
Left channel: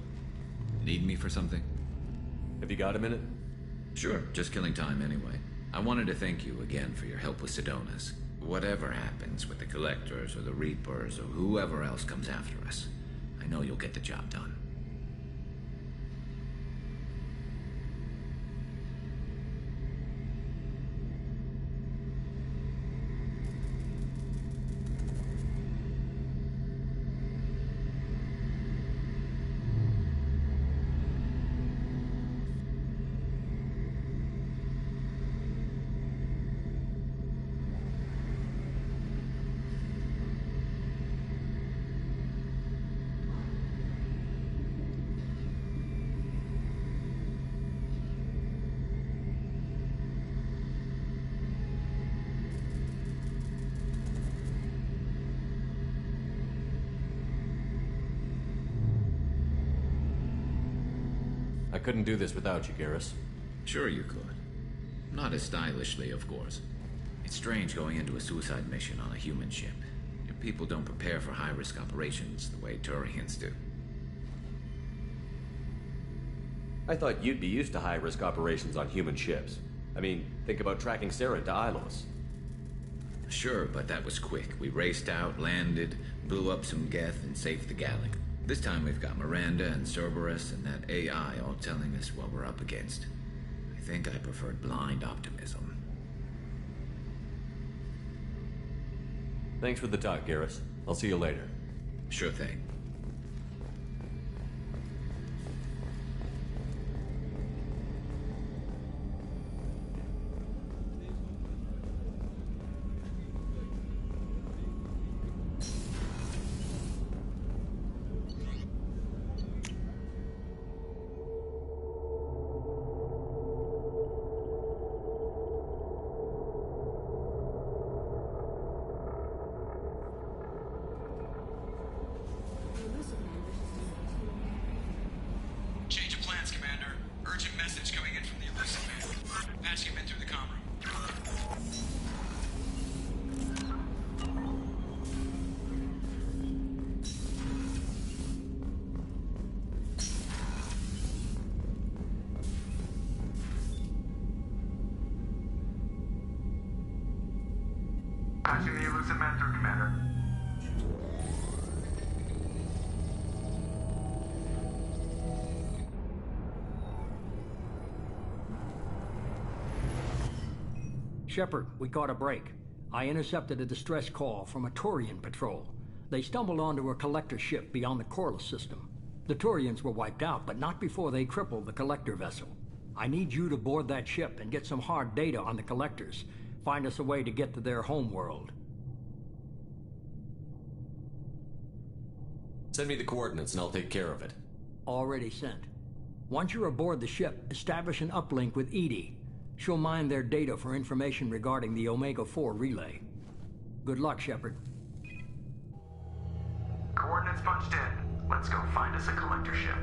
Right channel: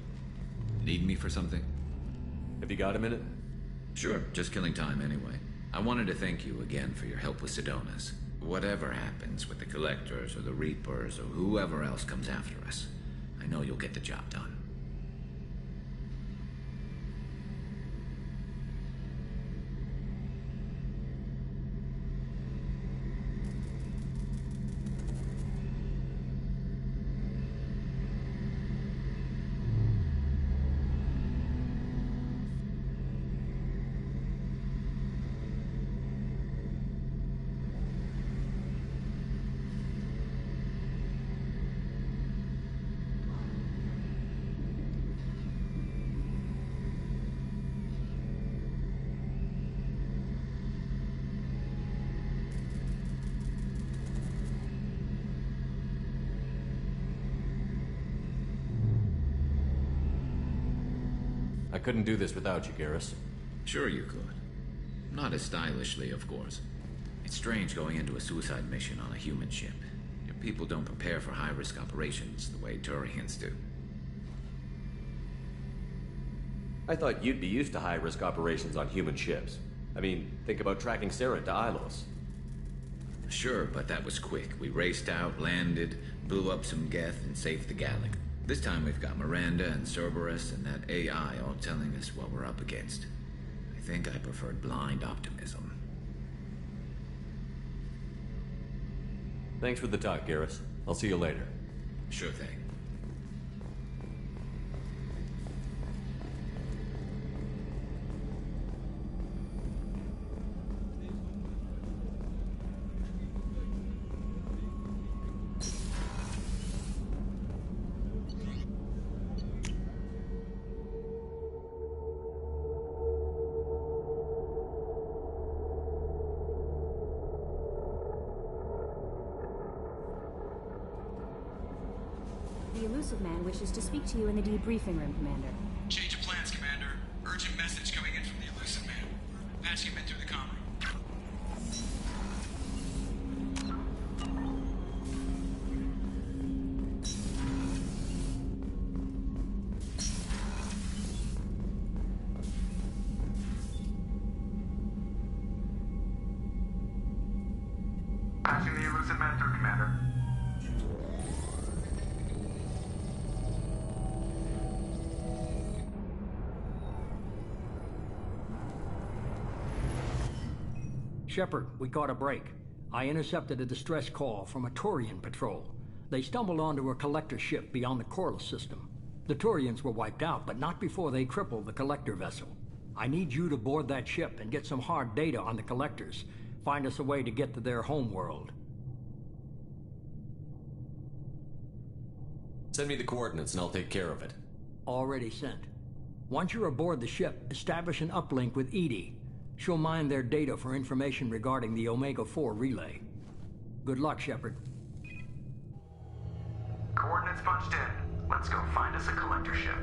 need me for something? Have you got a minute? Sure, just killing time anyway. I wanted to thank you again for your help with Sidonis. Whatever happens with the Collectors or the Reapers or whoever else comes after us, I know you'll get the job done. I couldn't do this without you, Garrus. Sure you could. Not as stylishly, of course. It's strange going into a suicide mission on a human ship. Your people don't prepare for high-risk operations the way Turians do. I thought you'd be used to high-risk operations on human ships. I mean, think about tracking Saren to Ilos. Sure, but that was quick. We raced out, landed, blew up some Geth, and saved the Gallic. This time we've got Miranda and Cerberus and that AI all telling us what we're up against. I think I preferred blind optimism. Thanks for the talk, Garrus. I'll see you later. Sure thing. The Illusive Man wishes to speak to you in the debriefing room, Commander. Change of plans, Commander. Urgent message coming in from the Illusive Man. Patching him in through the comm room. Patching the Illusive Man through, Commander. Shepard, we caught a break. I intercepted a distress call from a Turian patrol. They stumbled onto a collector ship beyond the Corliss system. The Turians were wiped out, but not before they crippled the collector vessel. I need you to board that ship and get some hard data on the collectors. Find us a way to get to their homeworld. Send me the coordinates and I'll take care of it. Already sent. Once you're aboard the ship, establish an uplink with EDI. She'll mine their data for information regarding the Omega-4 relay. Good luck, Shepard. Coordinates punched in. Let's go find us a collector ship.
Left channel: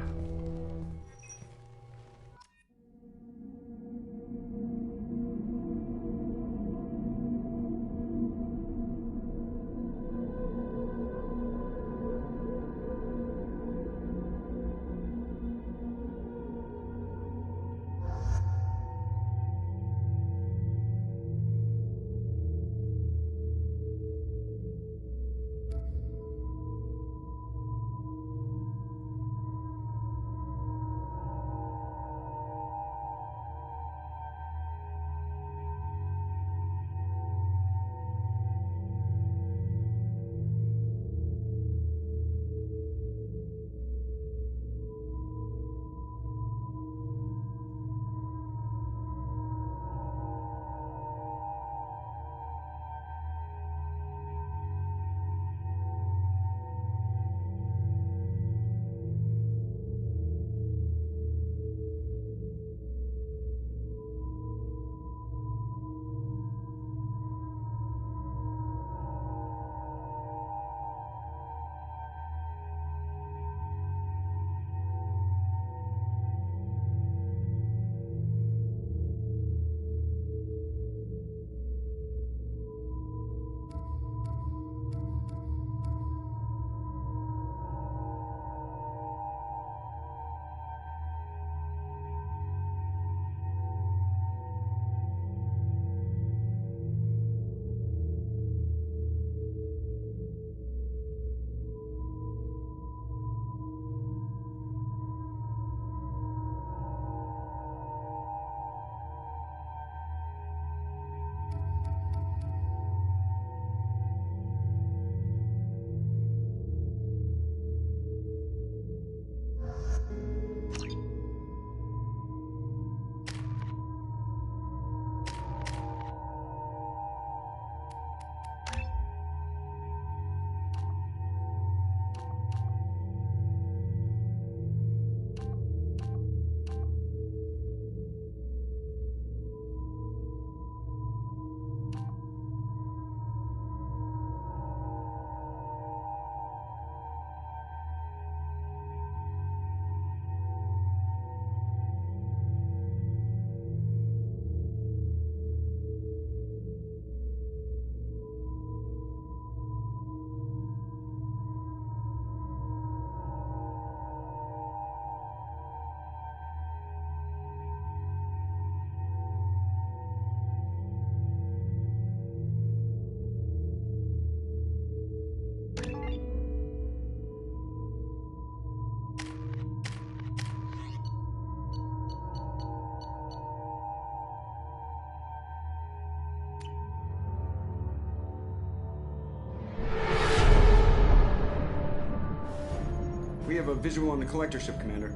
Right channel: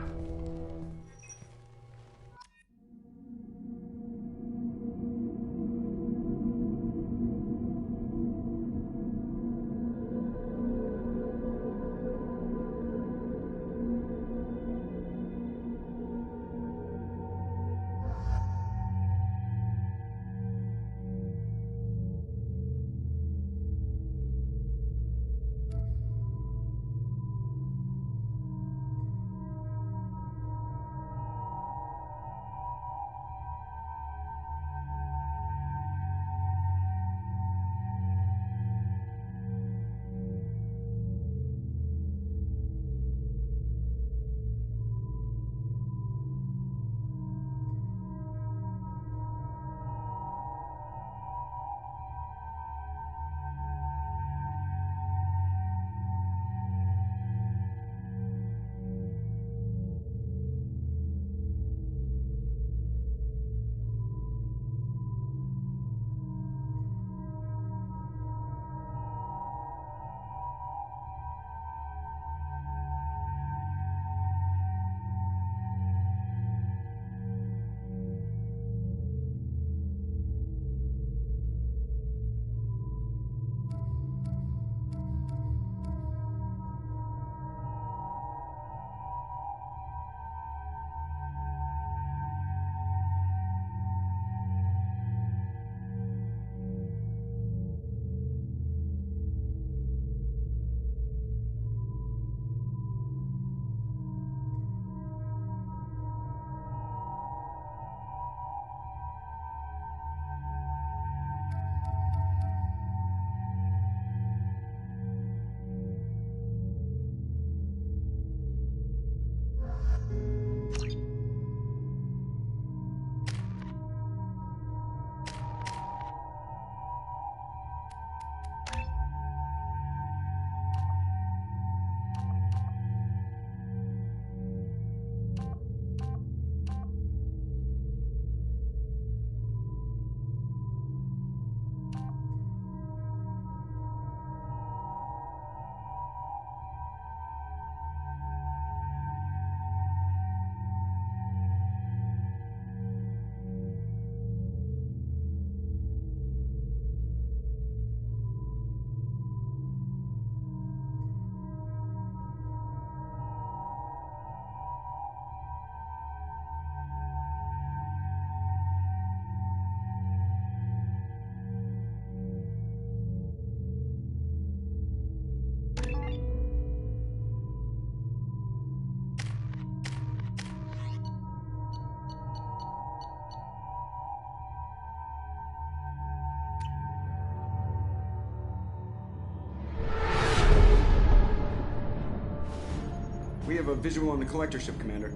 have a visual on the collector ship, Commander.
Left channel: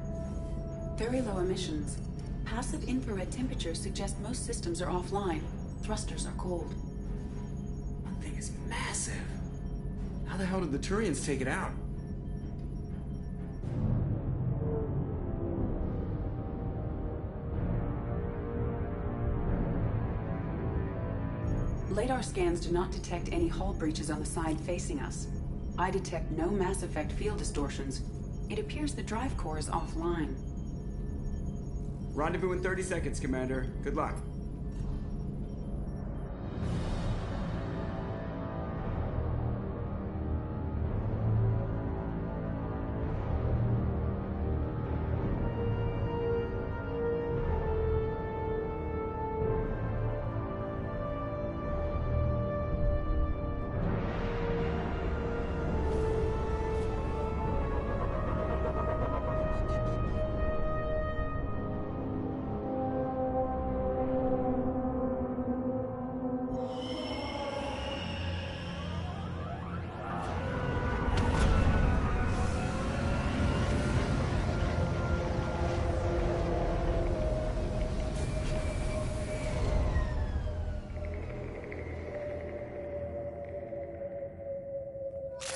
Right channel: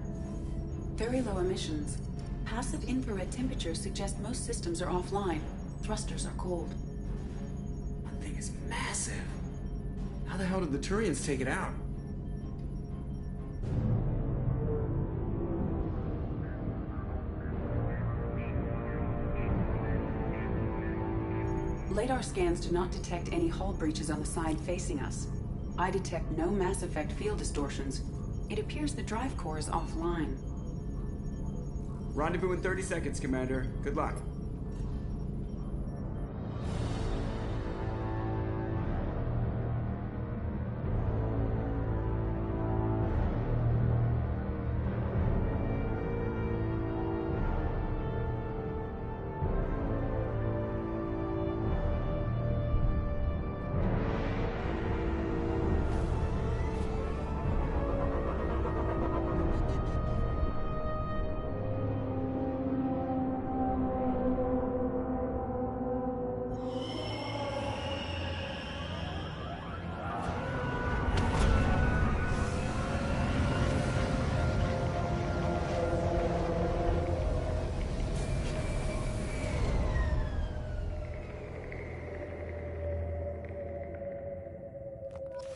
Very low emissions. Passive infrared temperatures suggest most systems are offline. Thrusters are cold. That thing is massive. How the hell did the Turians take it out? Radar scans do not detect any hull breaches on the side facing us. I detect no Mass Effect field distortions. It appears the drive core is offline. Rendezvous in 30 seconds, Commander. Good luck.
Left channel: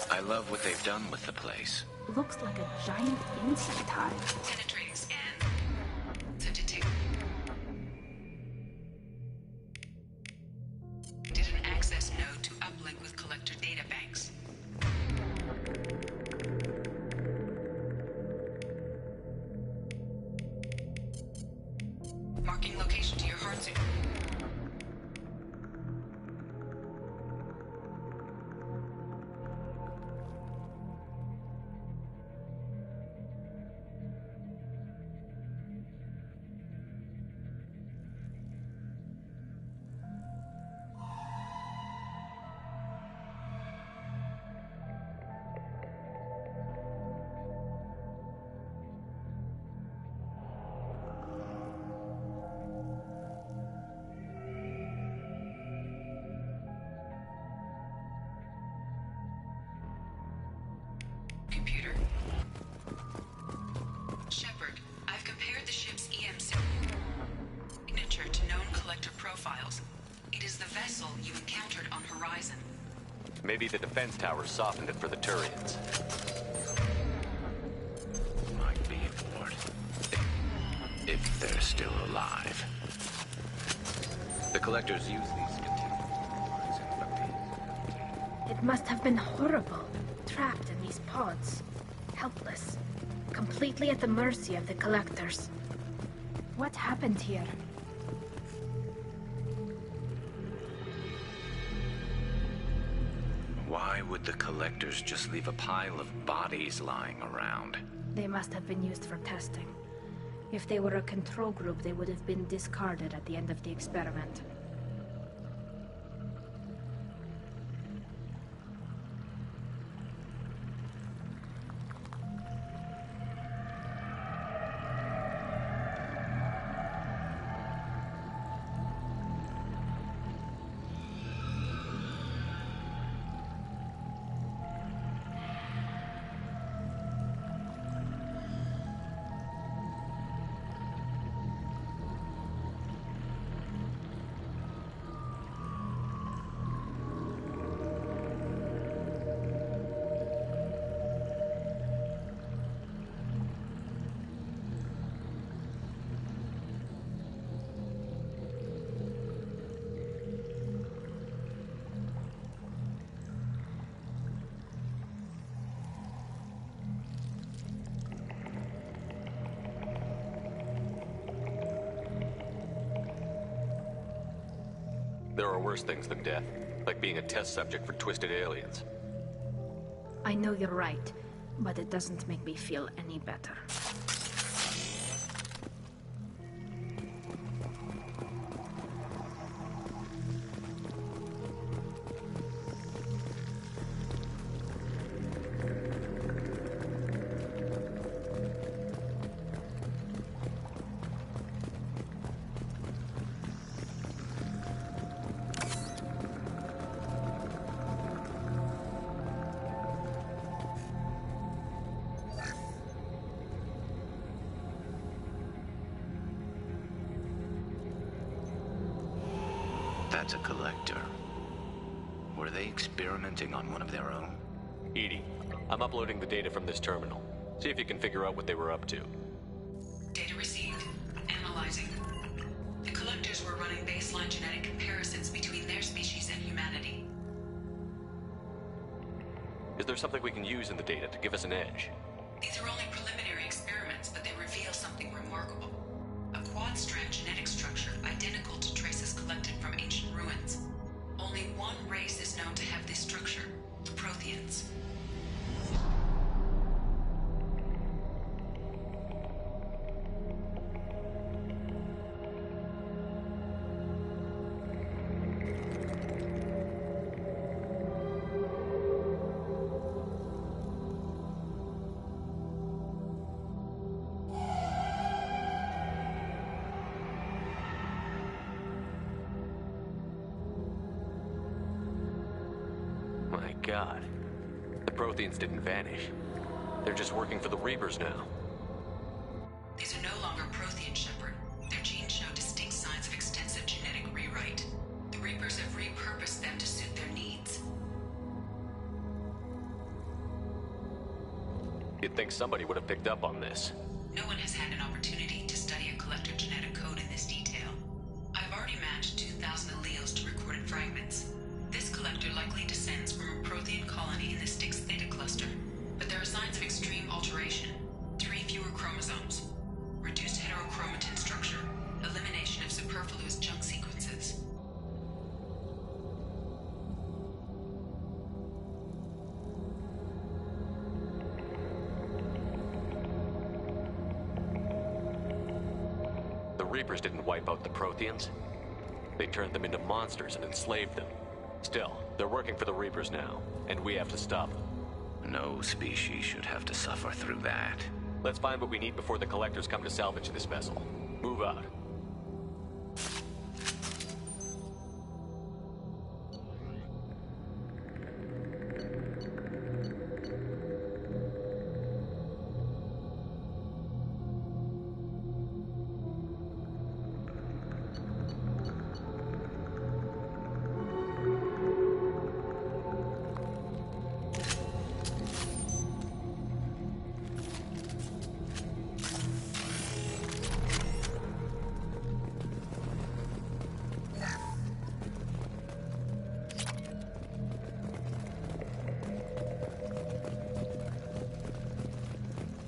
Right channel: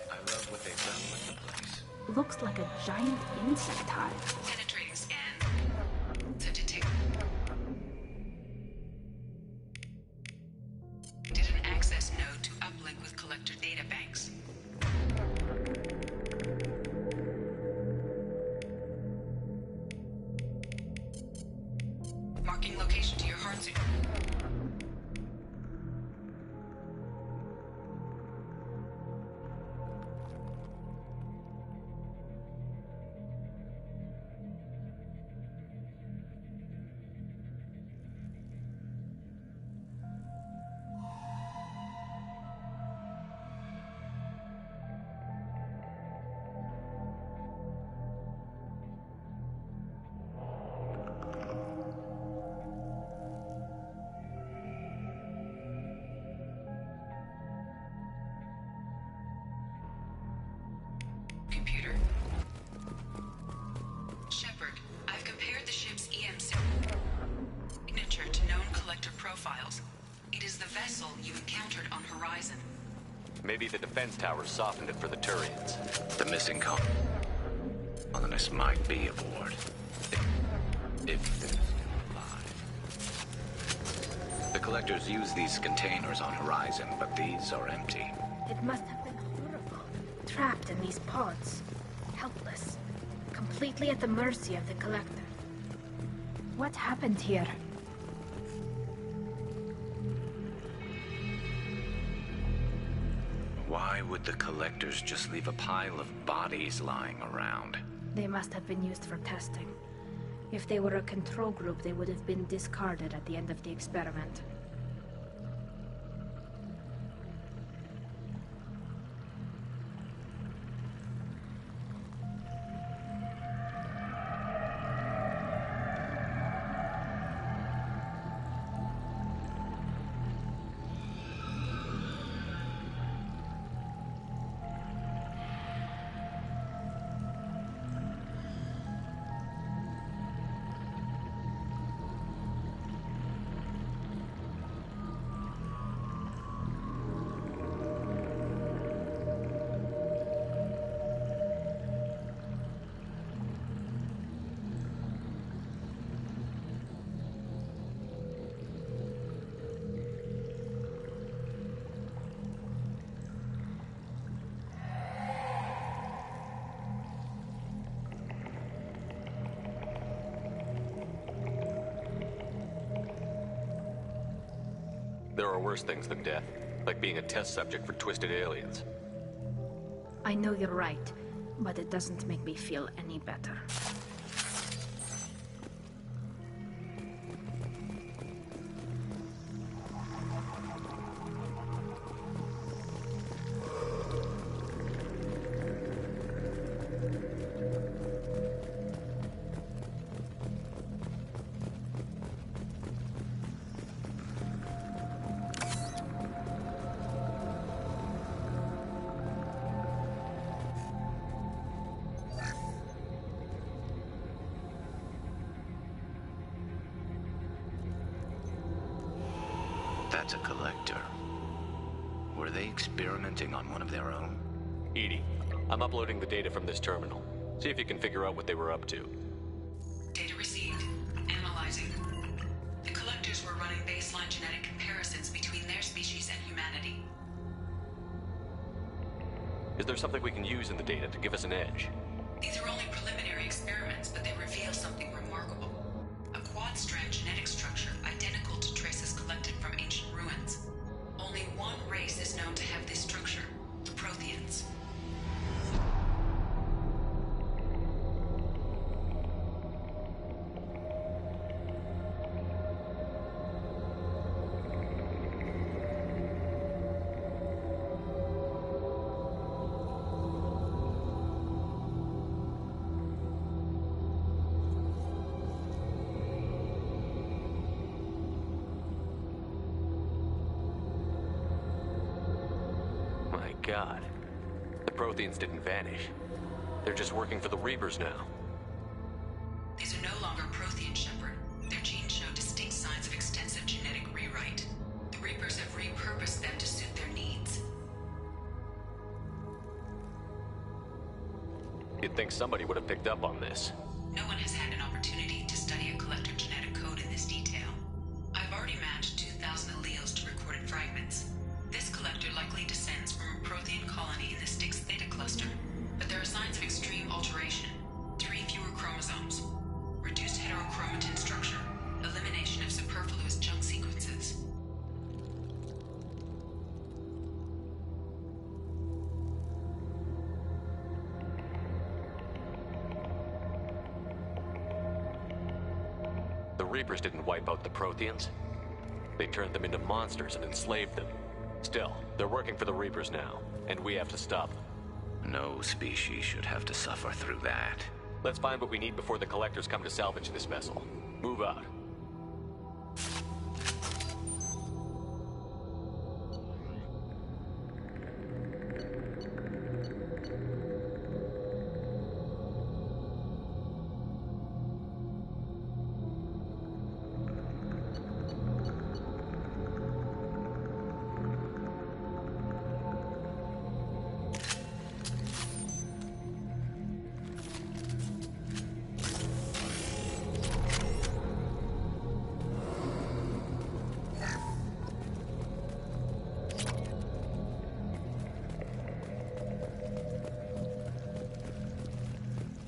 I love what they've done with the place. Looks like a giant insect hive. Penetrating scan. To detect. Did an access node to uplink with collector data banks. Marking location to your heart zone. Computer. Shepard, I've compared the ship's EM signature to known collector profiles. It is the vessel you encountered on Horizon. Maybe the defense towers softened it for the Turians. The missing colonists might be aboard. If they're still alive. The collectors use these containers on Horizon, but these are empty. It must have been horrible. Trapped in these pods. Helpless. Completely at the mercy of the collectors. What happened here? Why would the collectors just leave a pile of bodies lying around? They must have been used for testing. If they were a control group, they would have been discarded at the end of the experiment. There are worse things than death, like being a test subject for twisted aliens. I know you're right, but it doesn't make me feel any better. That's a collector. Were they experimenting on one of their own? EDI, I'm uploading the data from this terminal. See if you can figure out what they were up to. Data received. Analyzing. The collectors were running baseline genetic comparisons between their species and humanity. Is there something we can use in the data to give us an edge? These are only preliminary experiments, but they reveal something remarkable. A quad-strand genetic structure identical to traces collected from ancient ruins. Only one race is known to have this structure, the Protheans. My God. The Protheans didn't vanish. They're just working for the Reapers now. These are no longer Prothean, Shepard. Their genes show distinct signs of extensive genetic rewrite. The Reapers have repurposed them to suit their needs. You'd think somebody would have picked up on this. No one has had an opportunity to study a collector genetic code in this detail. I've already matched 2,000 alleles to recorded fragments. This collector likely descends from a Prothean colony in the Styx Theta cluster, but there are signs of extreme alteration. 3 fewer chromosomes, reduced heterochromatin structure, elimination of superfluous junk sequences. The Reapers didn't wipe out the Protheans. They turned them into monsters and enslaved them. Still, they're working for the Reapers now, and we have to stop them. No species should have to suffer through that. Let's find what we need before the Collectors come to salvage this vessel. Move out.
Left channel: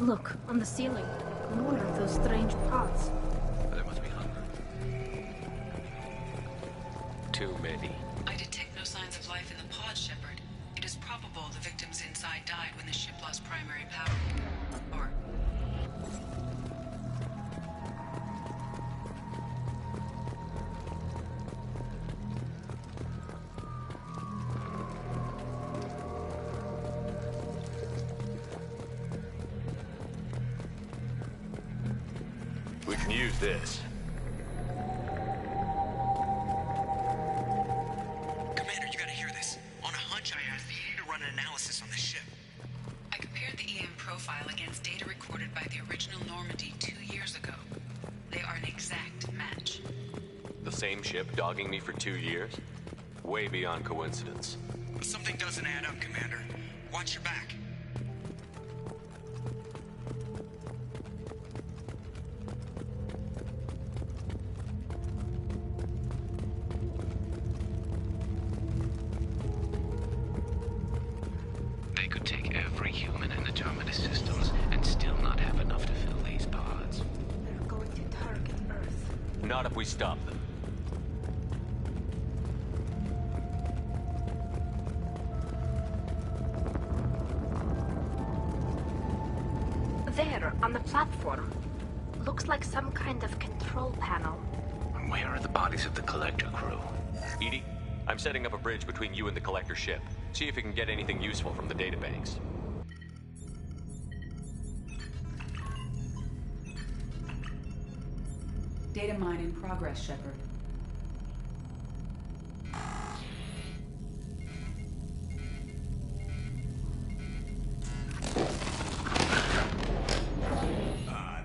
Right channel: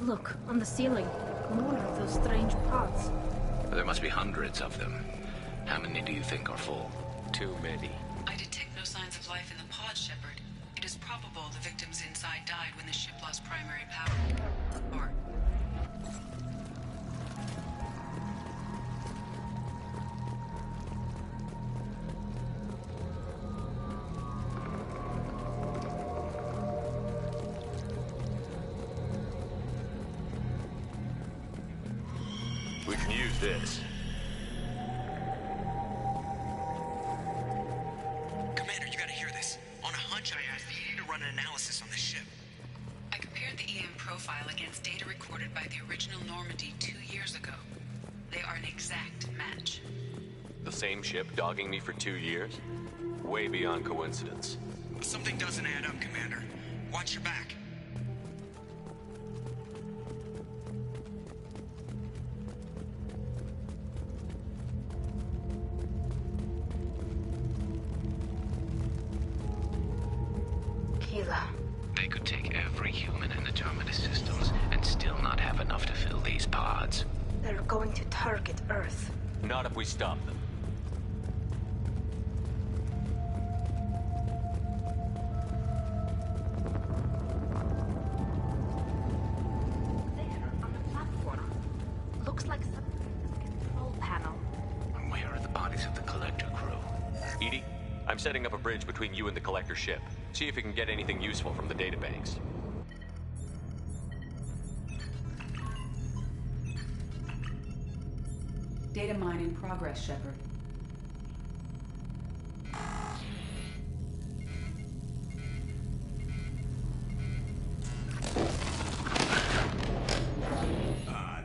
Look, on the ceiling. More of those strange pods. There must be hundreds of them. How many do you think are full? Too many. I detect no signs of life in the pod, Shepard. It is probable the victims inside died when the ship lost primary power. Or... We can use this. Commander, you gotta hear this. On a hunch, I asked the EDI to run an analysis on this ship. I compared the EM profile against data recorded by the original Normandy 2 years ago. They are an exact match. The same ship dogging me for 2 years? Way beyond coincidence. Something doesn't add up, Commander. Watch your back. They could take every human in the Terminus systems and still not have enough to fill these pods. They're going to target Earth. Not if we stop them. There, on the platform. Looks like some kind of control panel. Where are the bodies of the Collector crew? EDI, I'm setting up a bridge between you and the Collector ship. See if you can get anything useful from the databanks. Data mine in progress, Shepard.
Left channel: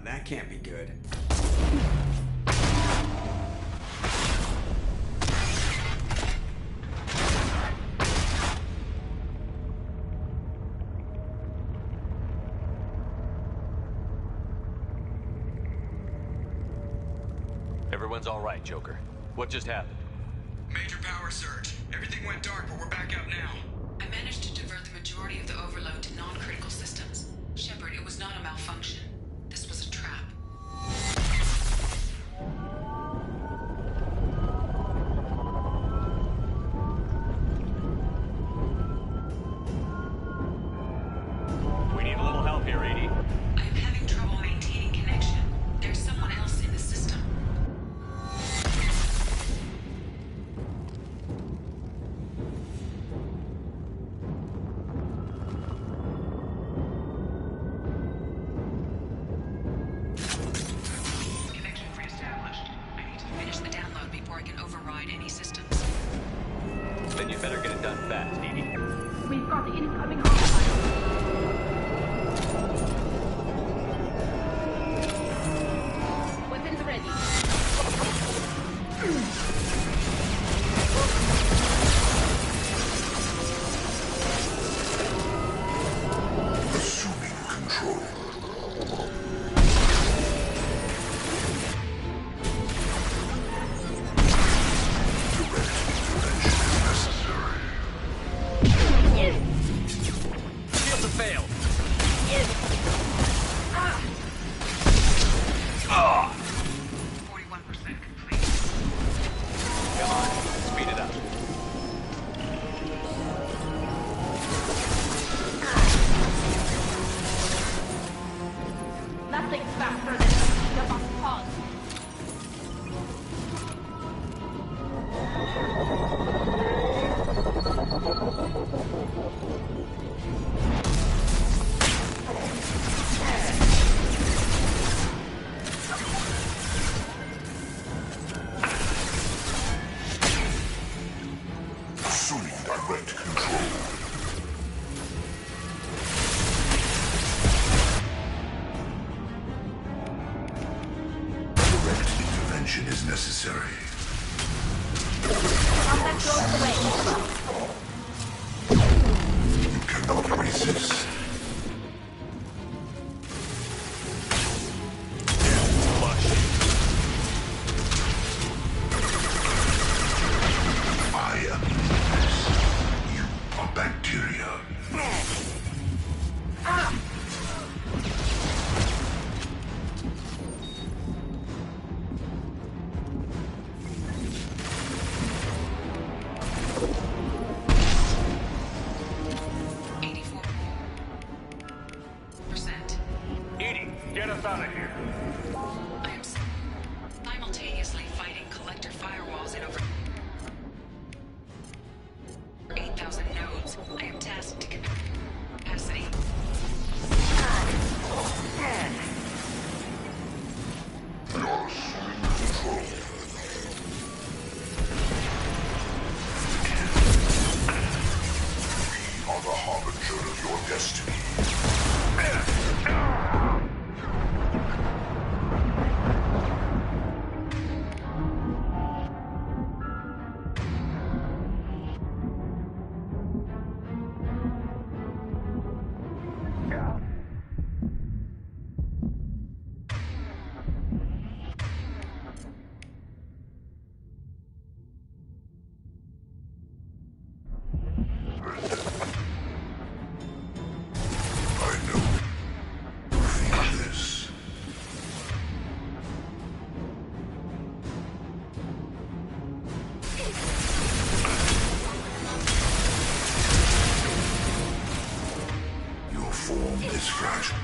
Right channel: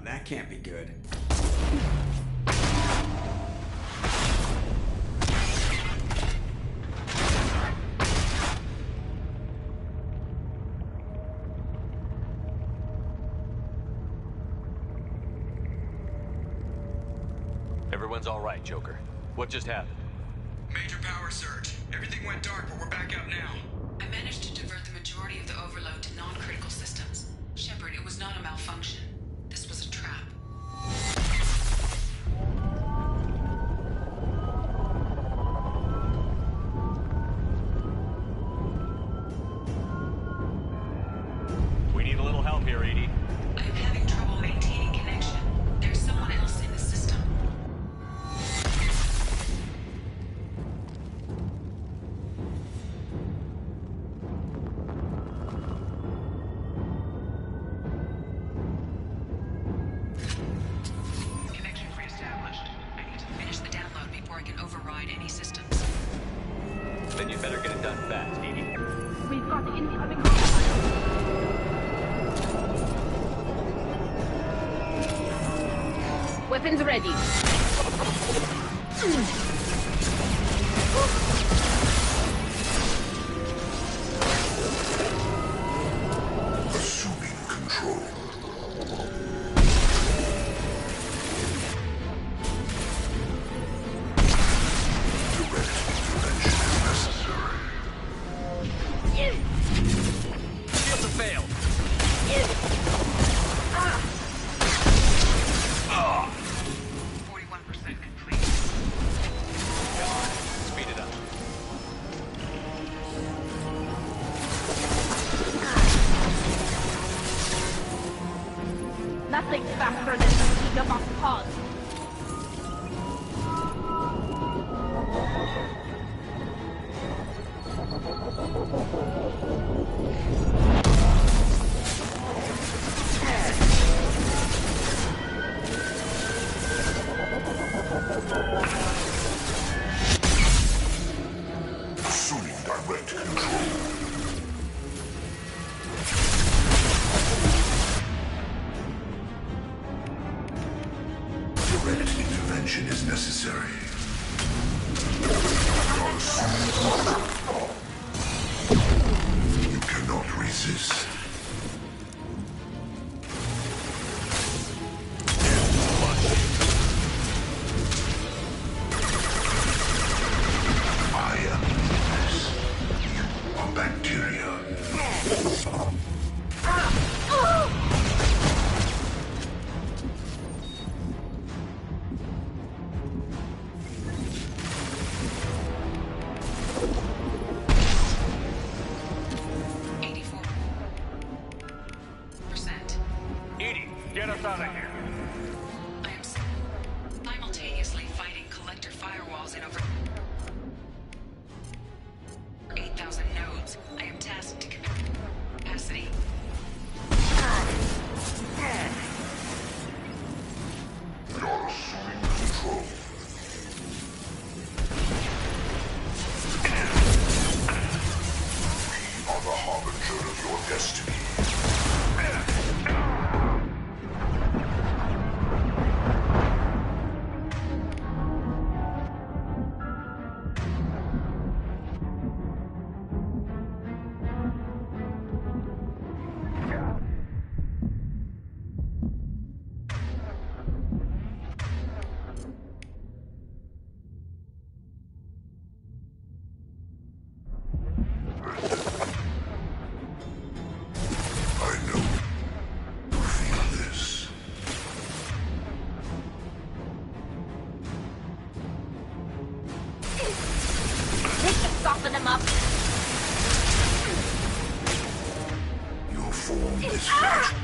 That can't be good. Everyone's all right, Joker. What just happened? Major power surge. Everything went dark, but we're back up now. I managed to divert the majority of the overload to non-critical systems. Shepard, it was not a malfunction. This was a trap. We need a little help here, EDI. I am having trouble maintaining connection. There's someone else in the system. Connection reestablished. I need to finish the download before I can override any systems. Then you'd better get it done fast, EDI. We've got incoming hostile. Weapons ready. Assuming control. Direct intervention is necessary. Shields have failed. 41% complete. Come on, speed it up. Nothing faster than the speed of a pod. Assuming direct control. Direct intervention is necessary. You cannot resist. I am this. You are bacteria. EDI, get us out of here. I am simultaneously fighting collector firewalls in over 8,000 nodes. I am tasked to capacity. You're assuming control. We are the harbinger of your destiny. I know. Feel this. Soften them up. Your form is fragile.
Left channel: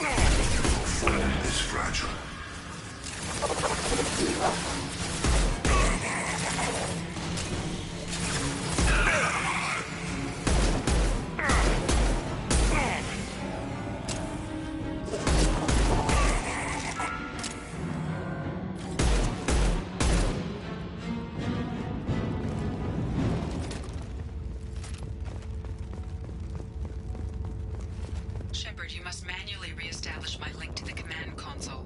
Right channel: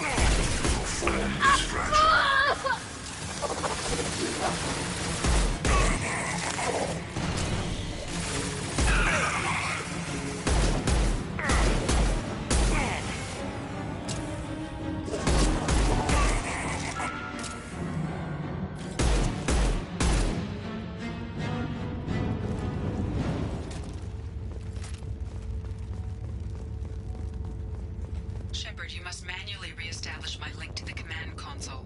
Your form is fragile. Shepard, you must manually re-establish my link to the command console.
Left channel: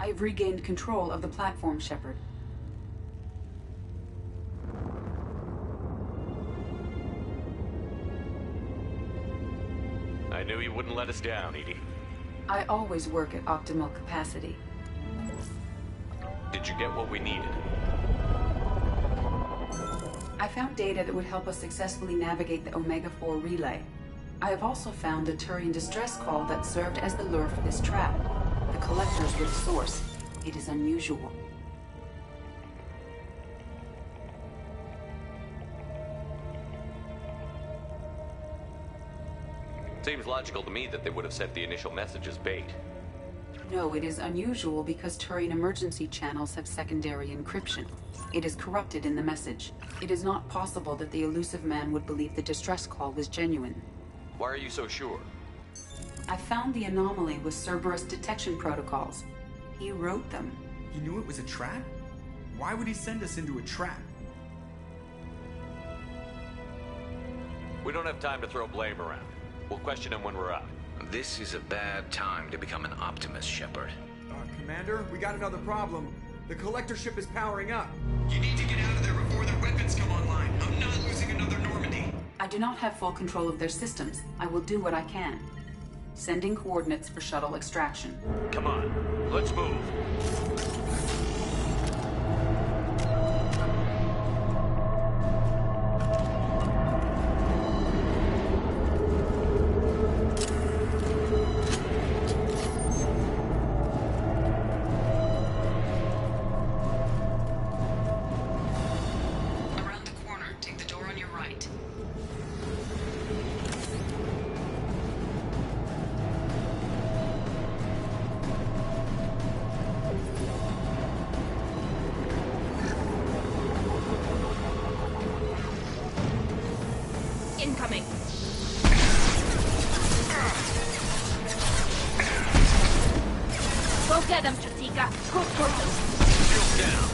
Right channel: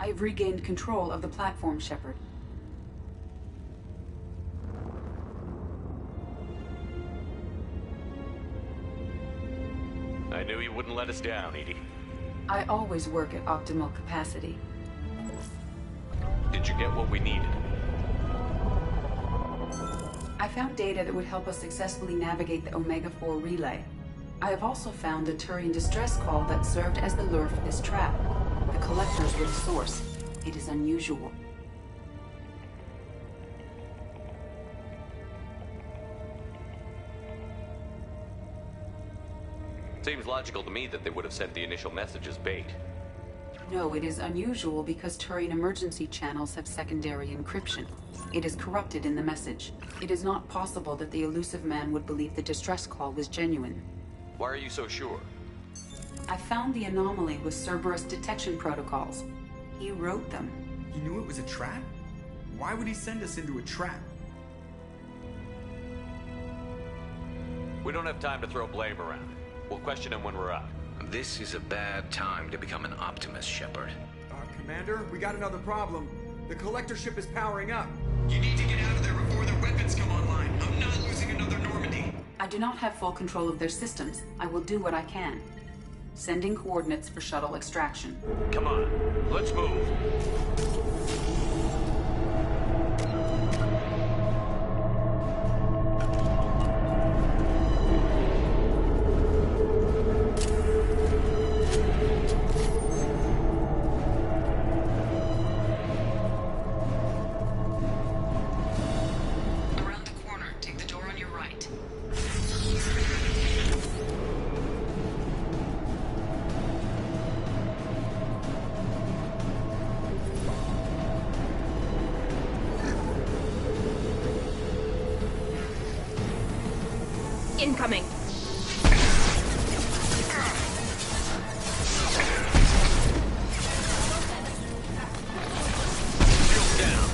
I've regained control of the platform, Shepard. I knew you wouldn't let us down, EDI. I always work at optimal capacity. Did you get what we needed? I found data that would help us successfully navigate the Omega-4 relay. I have also found a Turian distress call that served as the lure for this trap. The collectors were the source. It is unusual. Seems logical to me that they would have sent the initial message as bait. No, it is unusual because Turian emergency channels have secondary encryption. It is corrupted in the message. It is not possible that the elusive man would believe the distress call was genuine. Why are you so sure? I found the anomaly with Cerberus detection protocols. He wrote them. He knew it was a trap? Why would he send us into a trap? We don't have time to throw blame around. We'll question him when we're out. This is a bad time to become an optimist, Shepard. Commander, we got another problem. The collector ship is powering up. You need to get out of there before their weapons come online. I'm not losing another Normandy. I do not have full control of their systems. I will do what I can. Sending coordinates for shuttle extraction. Come on, let's move. Around the corner, take the door on your right. Incoming. Go get them, Stratika. Go. Shield down.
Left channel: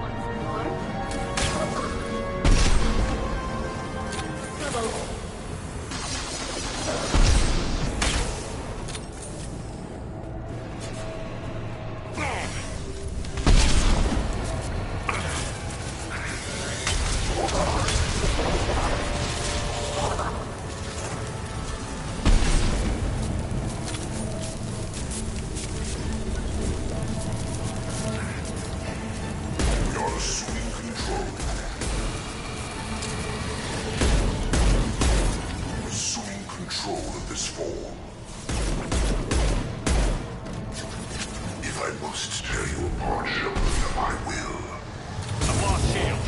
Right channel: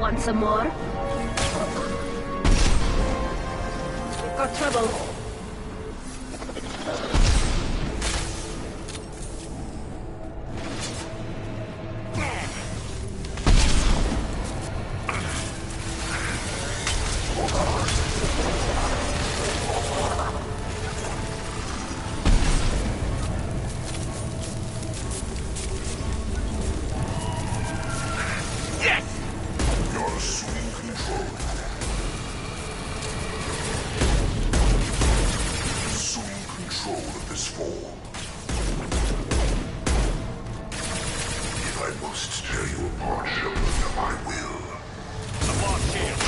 Want some more? Got trouble. You're assuming control. Assuming control of this form. If I must tear you apart, Shepard, I will. I've lost shield.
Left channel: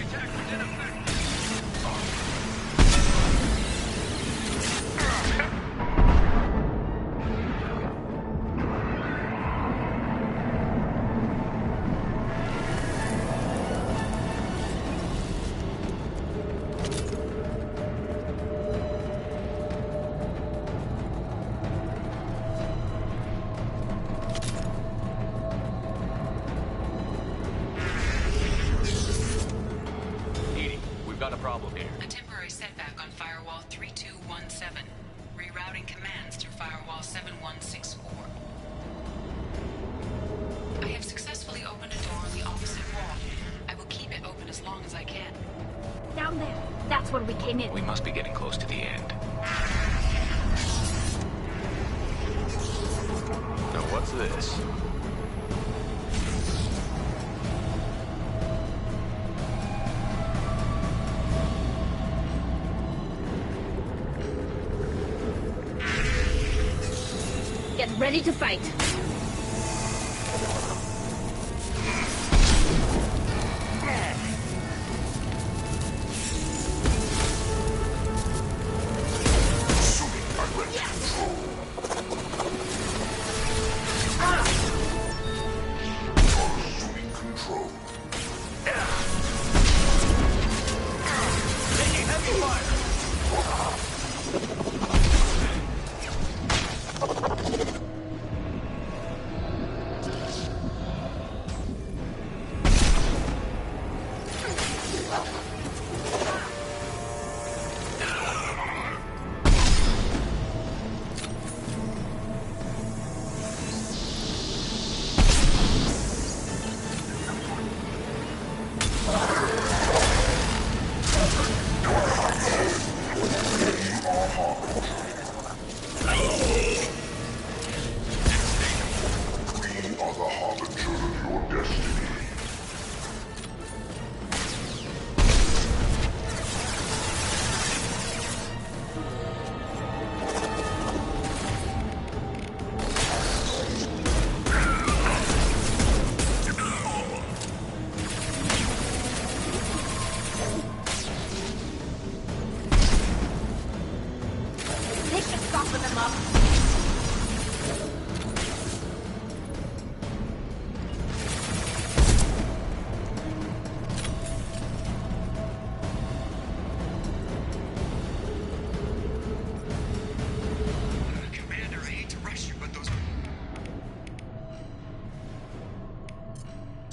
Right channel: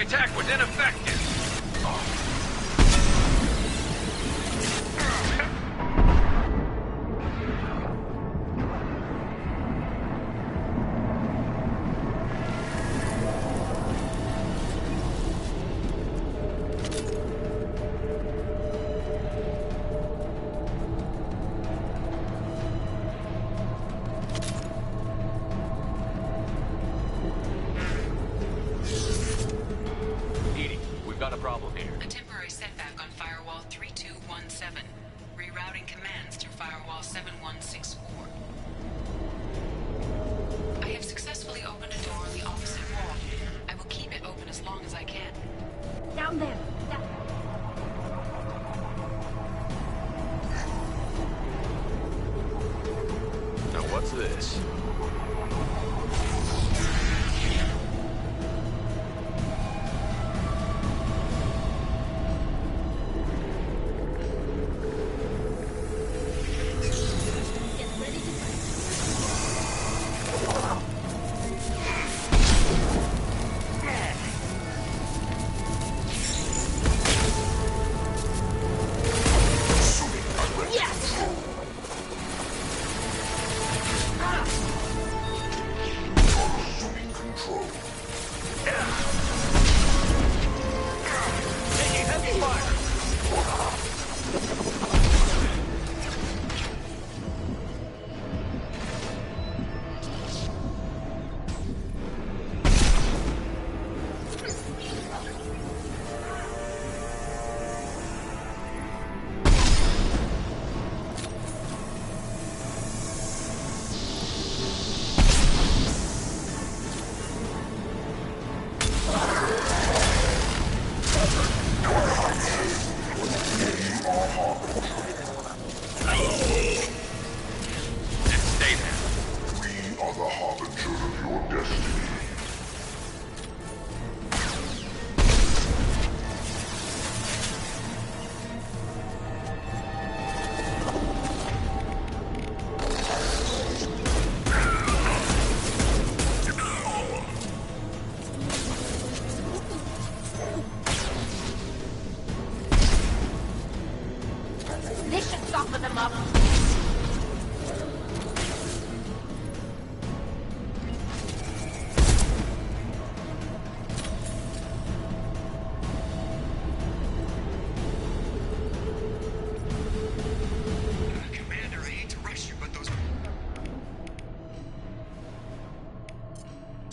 My attack was ineffective. Got a problem here. A temporary setback on Firewall 3217. Rerouting commands through Firewall 7164. I have successfully opened a door on the opposite wall. I will keep it open as long as I can. Down there. That's where we came in. We must be getting close to the end. Now what's this? Ready to fight. Assuming control. Taking heavy fire.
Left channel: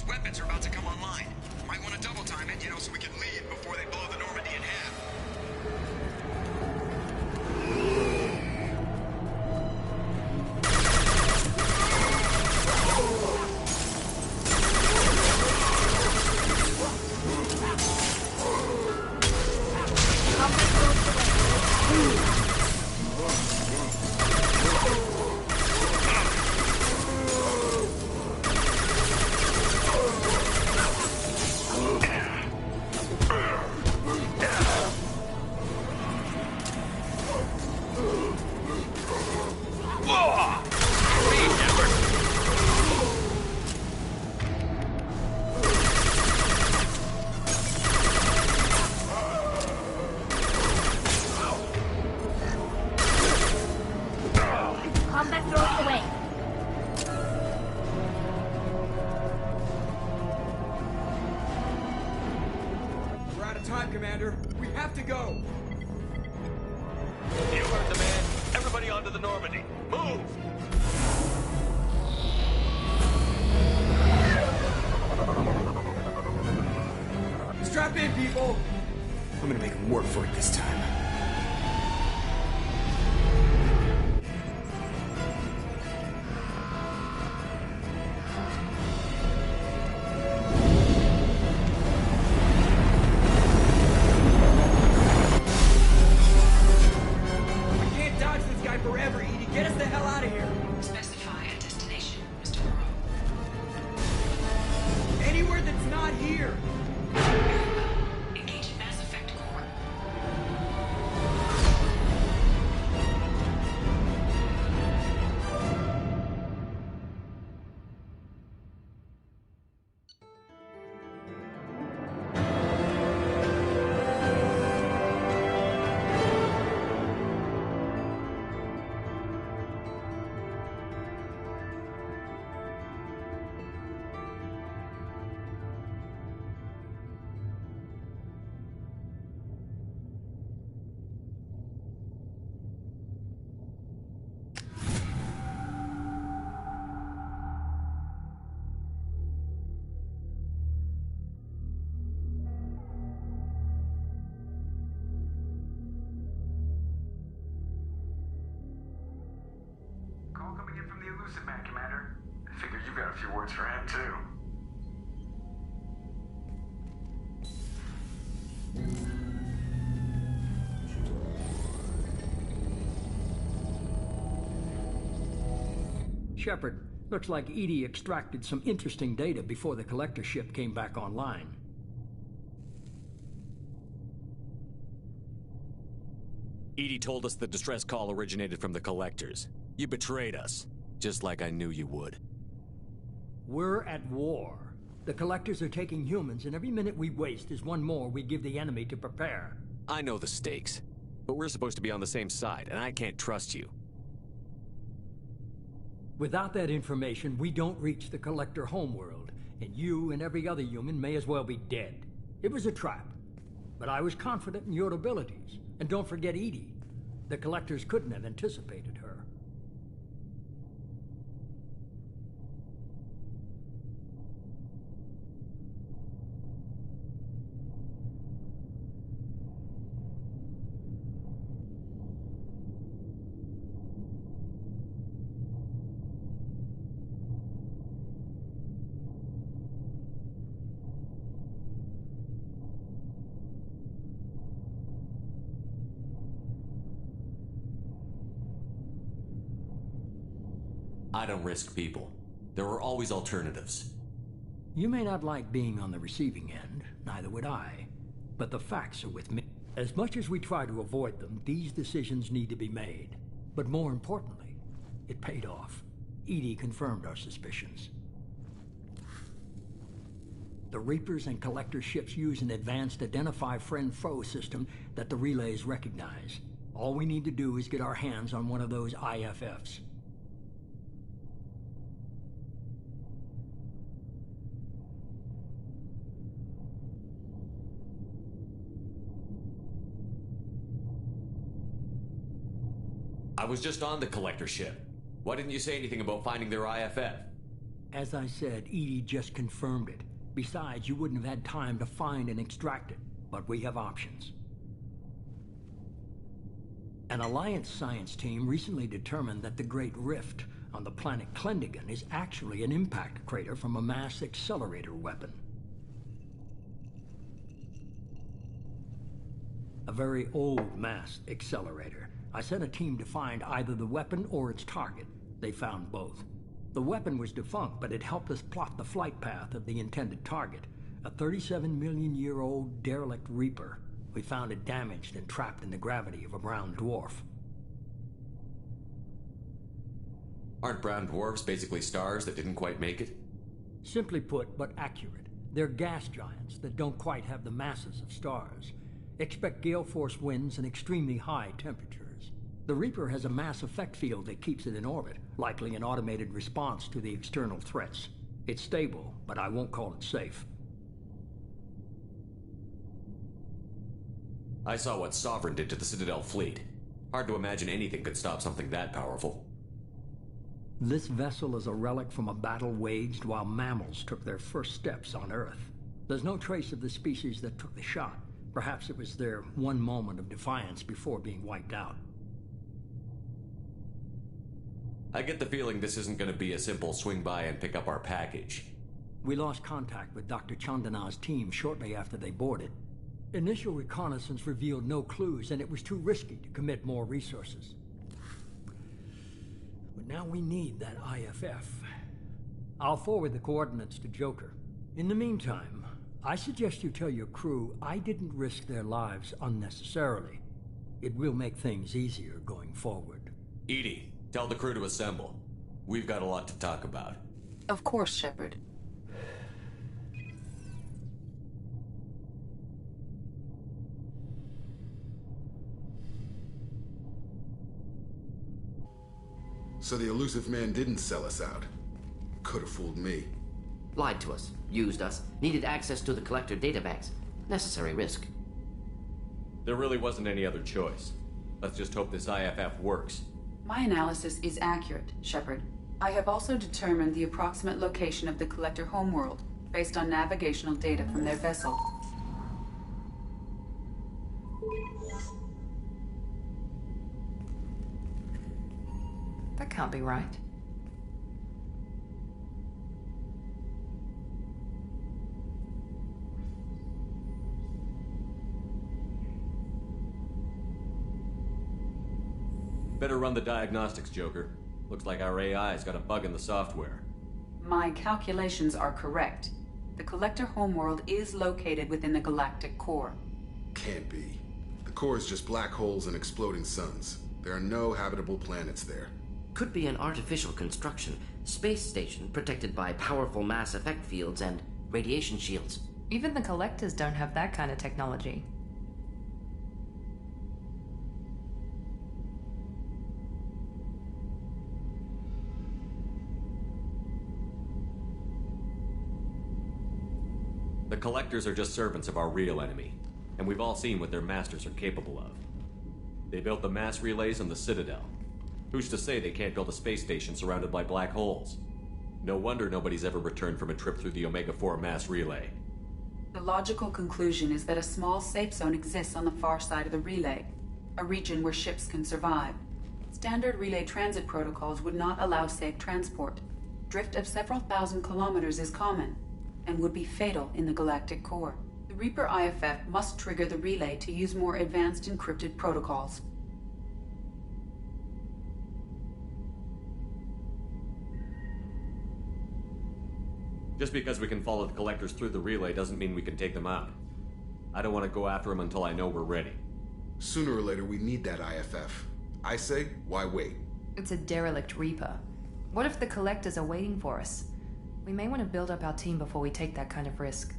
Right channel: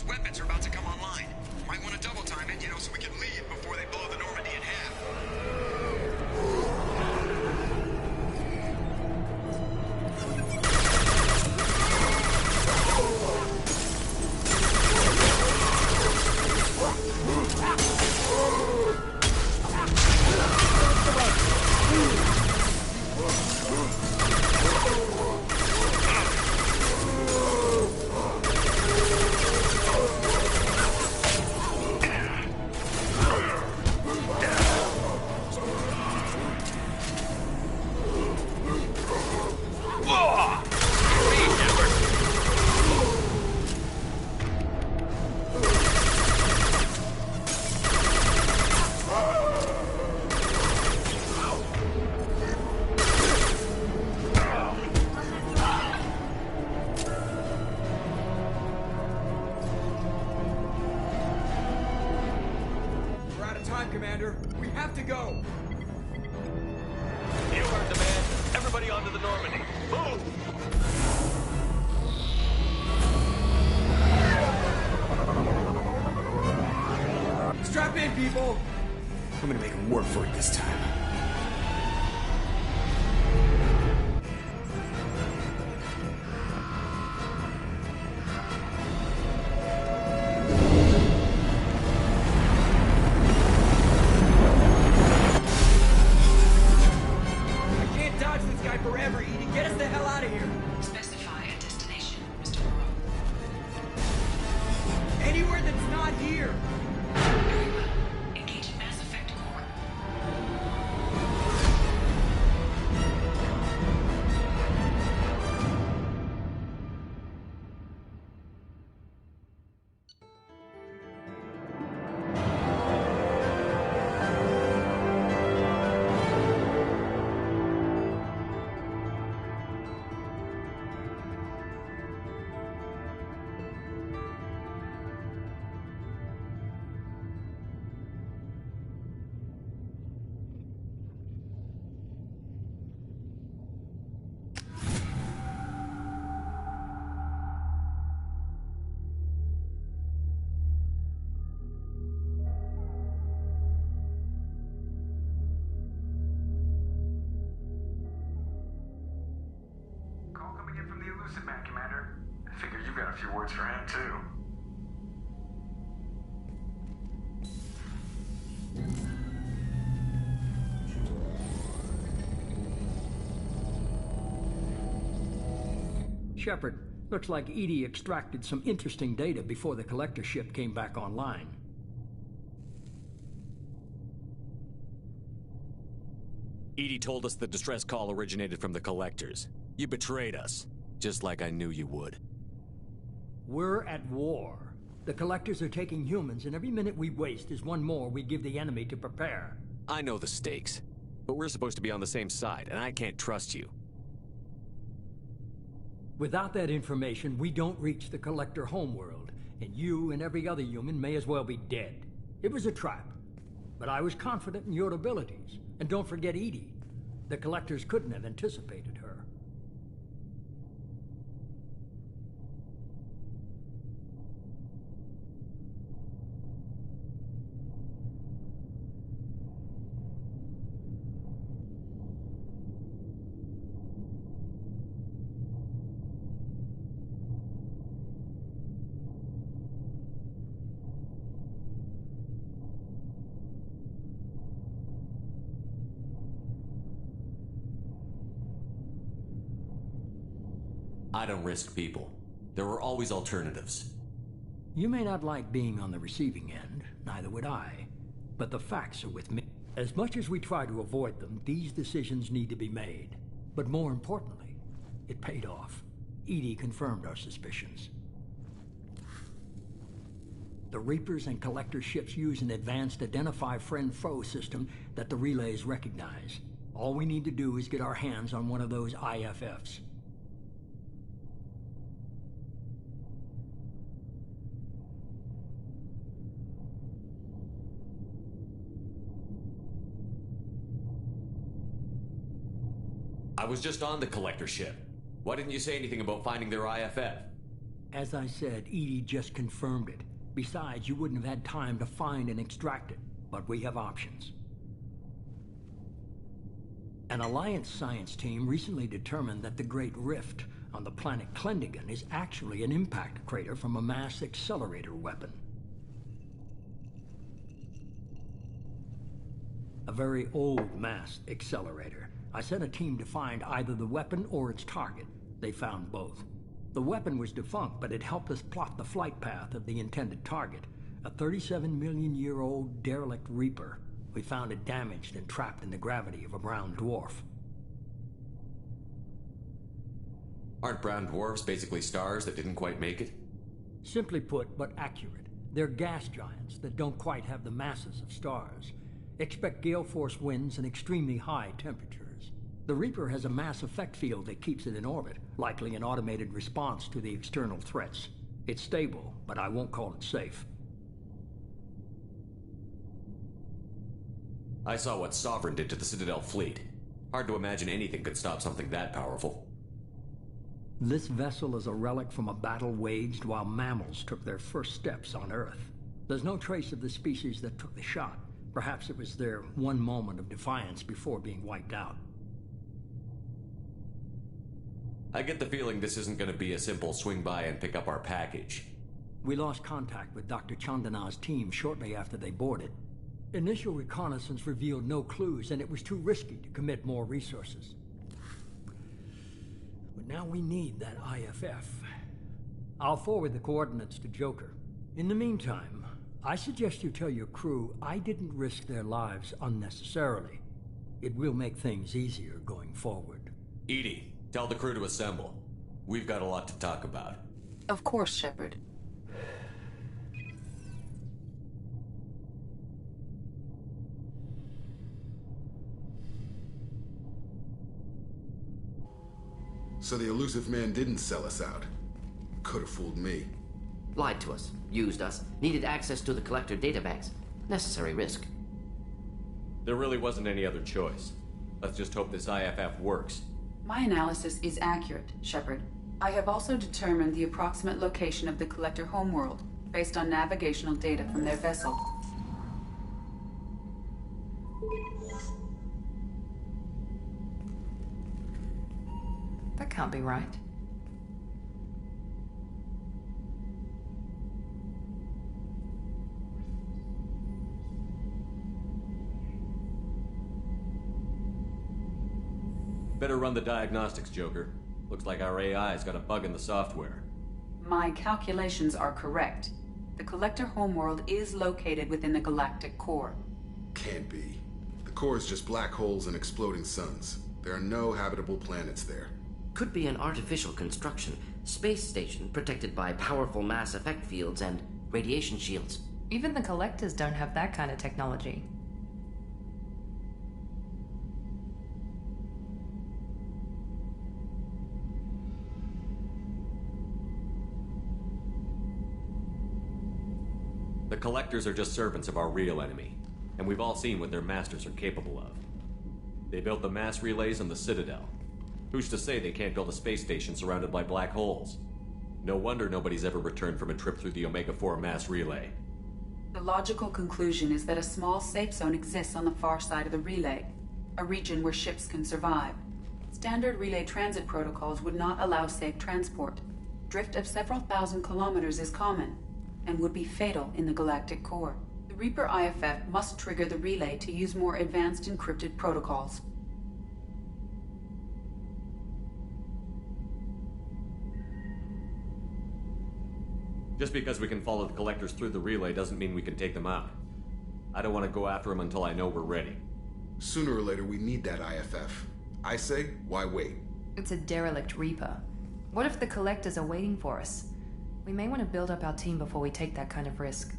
Weapons are about to come online. Might want to double time it, so we can leave before they blow the Normandy in half. Time, Commander. We have to go. You heard the man. Everybody onto the Normandy. Move! Strap in, people! I'm gonna make them work for it this time. Forever, Edie. Get us the hell out of here. Specify a destination, Mr. Moreau. Anywhere that's not here. Very well. Engage Mass Effect Core. call coming in from the Elusive Man, Commander. I figure you've got a few words for him, too. Shepard, looks like EDI extracted some interesting data before the collector ship came back online. EDI told us the distress call originated from the collectors. You betrayed us, just like I knew you would. We're at war. The collectors are taking humans, and every minute we waste is one more we give the enemy to prepare. I know the stakes, but we're supposed to be on the same side, and I can't trust you. Without that information, we don't reach the collector homeworld, and you and every other human may as well be dead. It was a trap, but I was confident in your abilities. And don't forget EDI. The collectors couldn't have anticipated her. I don't risk people. There are always alternatives. You may not like being on the receiving end, neither would I, but the facts are with me. As much as we try to avoid them, these decisions need to be made. But more importantly, it paid off. EDI confirmed our suspicions. The Reapers and Collector ships use an advanced Identify Friend-Foe system that the relays recognize. All we need to do is get our hands on one of those IFFs. I was just on the collector ship. Why didn't you say anything about finding their IFF? As I said, EDI just confirmed it. Besides, you wouldn't have had time to find and extract it. But we have options. An Alliance science team recently determined that the Great Rift on the planet Klendagon is actually an impact crater from a mass accelerator weapon. A very old mass accelerator. I sent a team to find either the weapon or its target. They found both. The weapon was defunct, but it helped us plot the flight path of the intended target, a 37-million-year-old derelict Reaper. We found it damaged and trapped in the gravity of a brown dwarf. Aren't brown dwarves basically stars that didn't quite make it? Simply put, but accurate. They're gas giants that don't quite have the masses of stars. Expect gale force winds and extremely high temperatures. The Reaper has a mass effect field that keeps it in orbit, likely an automated response to the external threats. It's stable, but I won't call it safe. I saw what Sovereign did to the Citadel fleet. Hard to imagine anything could stop something that powerful. This vessel is a relic from a battle waged while mammals took their first steps on Earth. There's no trace of the species that took the shot. Perhaps it was their one moment of defiance before being wiped out. I get the feeling this isn't going to be a simple swing by and pick up our package. We lost contact with Dr. Chandana's team shortly after they boarded. Initial reconnaissance revealed no clues, and it was too risky to commit more resources. But now we need that IFF. I'll forward the coordinates to Joker. In the meantime, I suggest you tell your crew I didn't risk their lives unnecessarily. It will make things easier going forward. EDI, tell the crew to assemble. We've got a lot to talk about. Of course, Shepard. So the Elusive Man didn't sell us out. Could have fooled me. Lied to us, used us, needed access to the collector databanks. Necessary risk. There really wasn't any other choice. Let's just hope this IFF works. My analysis is accurate, Shepard. I have also determined the approximate location of the collector homeworld, based on navigational data from their vessel. That can't be right. Better run the diagnostics, Joker. Looks like our AI's got a bug in the software. My calculations are correct. The Collector homeworld is located within the galactic core. Can't be. The core is just black holes and exploding suns. There are no habitable planets there. Could be an artificial construction. Space station protected by powerful mass effect fields and radiation shields. Even the Collectors don't have that kind of technology. The Collectors are just servants of our real enemy, and we've all seen what their masters are capable of. They built the mass relays on the Citadel. Who's to say they can't build a space station surrounded by black holes? No wonder nobody's ever returned from a trip through the Omega-4 mass relay. The logical conclusion is that a small safe zone exists on the far side of the relay, a region where ships can survive. Standard relay transit protocols would not allow safe transport. Drift of several thousand kilometers is common, and would be fatal in the galactic core. The Reaper IFF must trigger the relay to use more advanced encrypted protocols. Just because we can follow the Collectors through the relay doesn't mean we can take them out. I don't want to go after them until I know we're ready. Sooner or later, we need that IFF. I say, why wait? It's a derelict Reaper. What if the Collectors are waiting for us? We may want to build up our team before we take that kind of risk.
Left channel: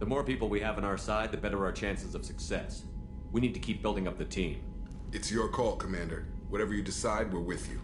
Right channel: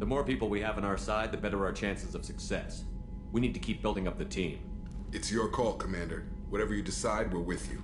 The more people we have on our side, the better our chances of success. We need to keep building up the team. It's your call, Commander. Whatever you decide, we're with you.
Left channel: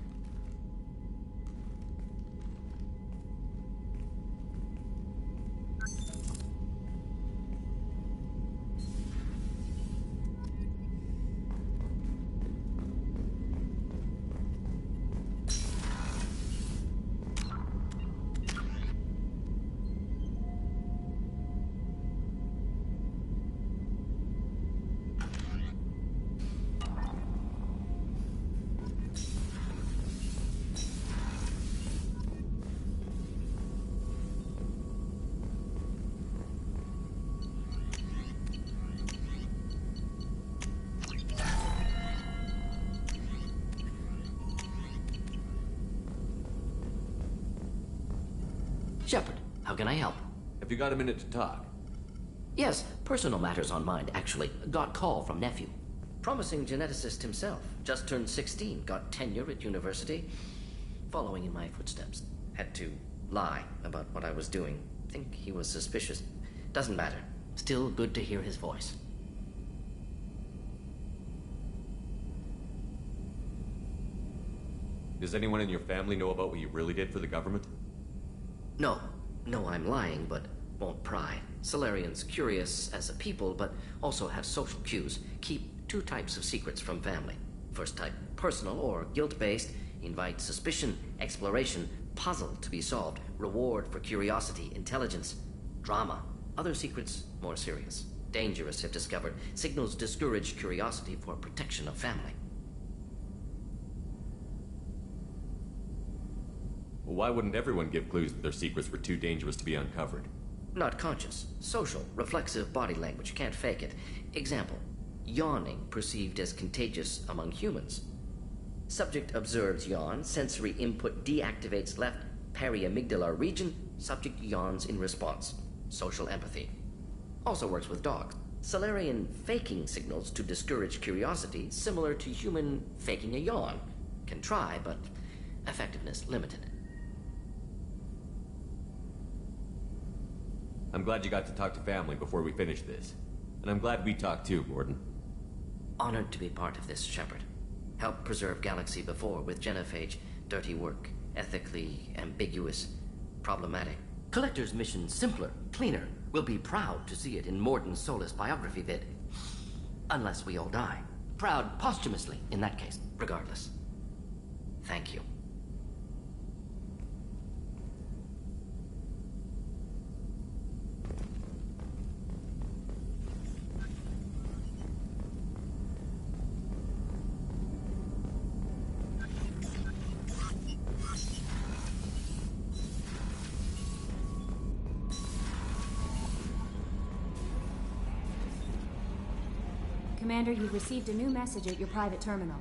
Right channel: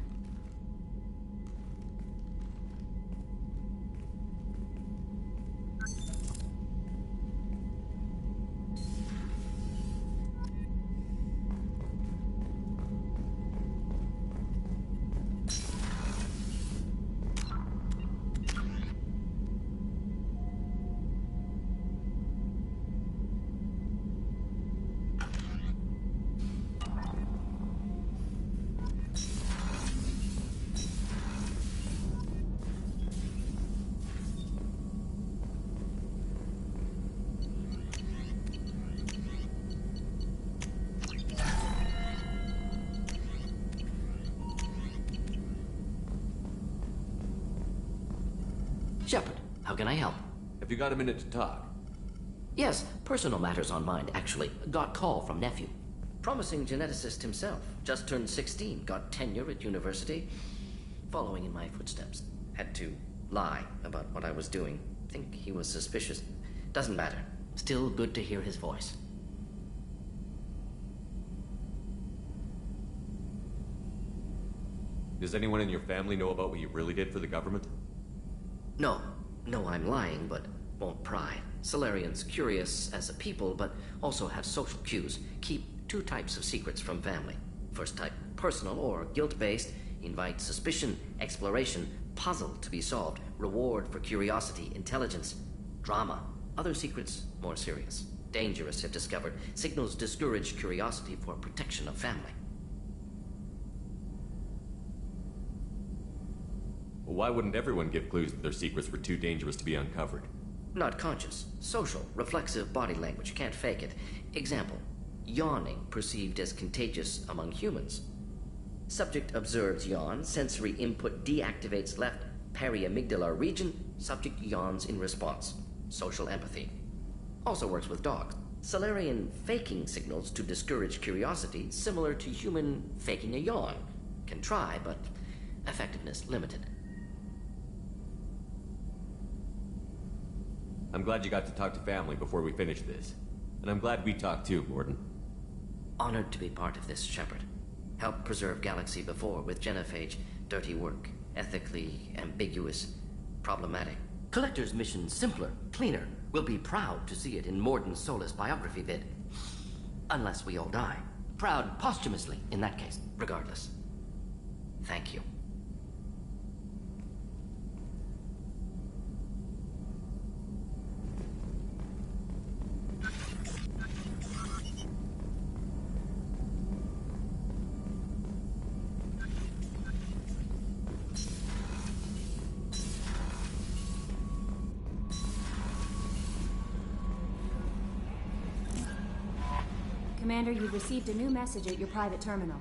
Shepard, how can I help? Have you got a minute to talk? Yes, personal matters on mind, actually. Got call from nephew. Promising geneticist himself. Just turned 16, got tenure at university. Following in my footsteps. Had to lie about what I was doing. Think he was suspicious. Doesn't matter. Still good to hear his voice. Does anyone in your family know about what you really did for the government? No, I'm lying, but won't pry. Solarians curious as a people, but also have social cues. Keep two types of secrets from family. First type, personal or guilt-based, invite suspicion, exploration, puzzle to be solved, reward for curiosity, intelligence, drama. Other secrets, more serious. Dangerous if discovered. Signals discourage curiosity for protection of family. Well, why wouldn't everyone give clues that their secrets were too dangerous to be uncovered? Not conscious. Social, reflexive body language. Can't fake it. Example. Yawning perceived as contagious among humans. Subject observes yawn. Sensory input deactivates left periamygdala region. Subject yawns in response. Social empathy. Also works with dogs. Solarian faking signals to discourage curiosity, similar to human faking a yawn. Can try, but effectiveness limited. I'm glad you got to talk to family before we finish this. And I'm glad we talked too, Mordin. Honored to be part of this, Shepard. Helped preserve Galaxy before with genophage. Dirty work. Ethically ambiguous. Problematic. Collector's mission simpler, cleaner. We'll be proud to see it in Mordin Solus biography vid. Unless we all die. Proud posthumously, in that case, regardless. Thank you. Commander, you've received a new message at your private terminal.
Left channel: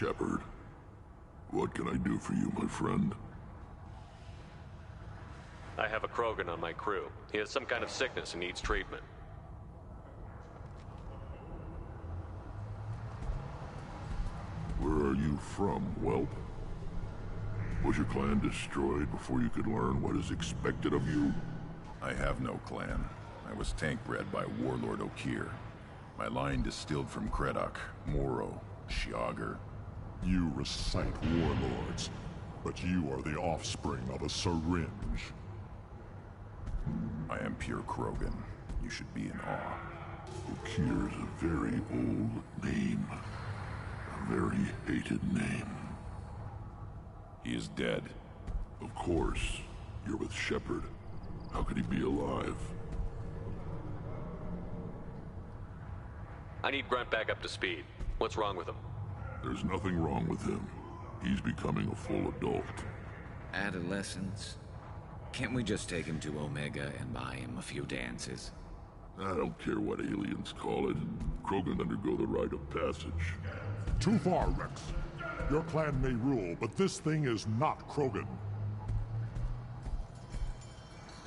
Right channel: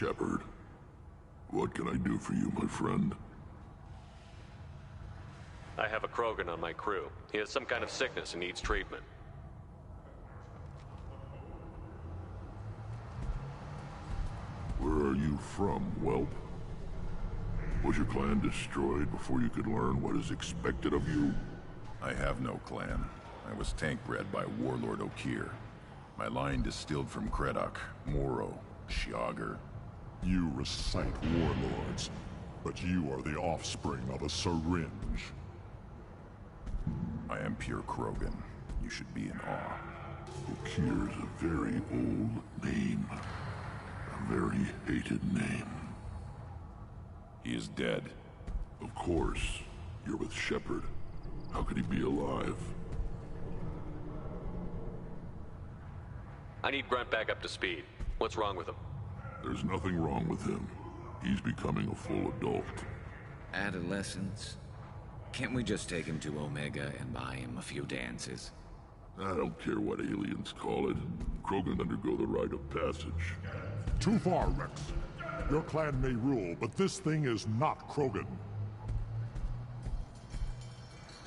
Shepard, what can I do for you, my friend? I have a Krogan on my crew. He has some kind of sickness and needs treatment. Where are you from, whelp? Was your clan destroyed before you could learn what is expected of you? I have no clan. I was tank bred by Warlord Okeer. My line distilled from Kredok, Moro, Shiagar. You recite warlords, but you are the offspring of a syringe. I am pure Krogan. You should be in awe. Okeer's a very old name. A very hated name. He is dead. Of course. You're with Shepard. How could he be alive? I need Grunt back up to speed. What's wrong with him? There's nothing wrong with him. He's becoming a full adult. Adolescence? Can't we just take him to Omega and buy him a few dances? I don't care what aliens call it. Krogan undergo the rite of passage. Too far, Rex. Your clan may rule, but this thing is not Krogan.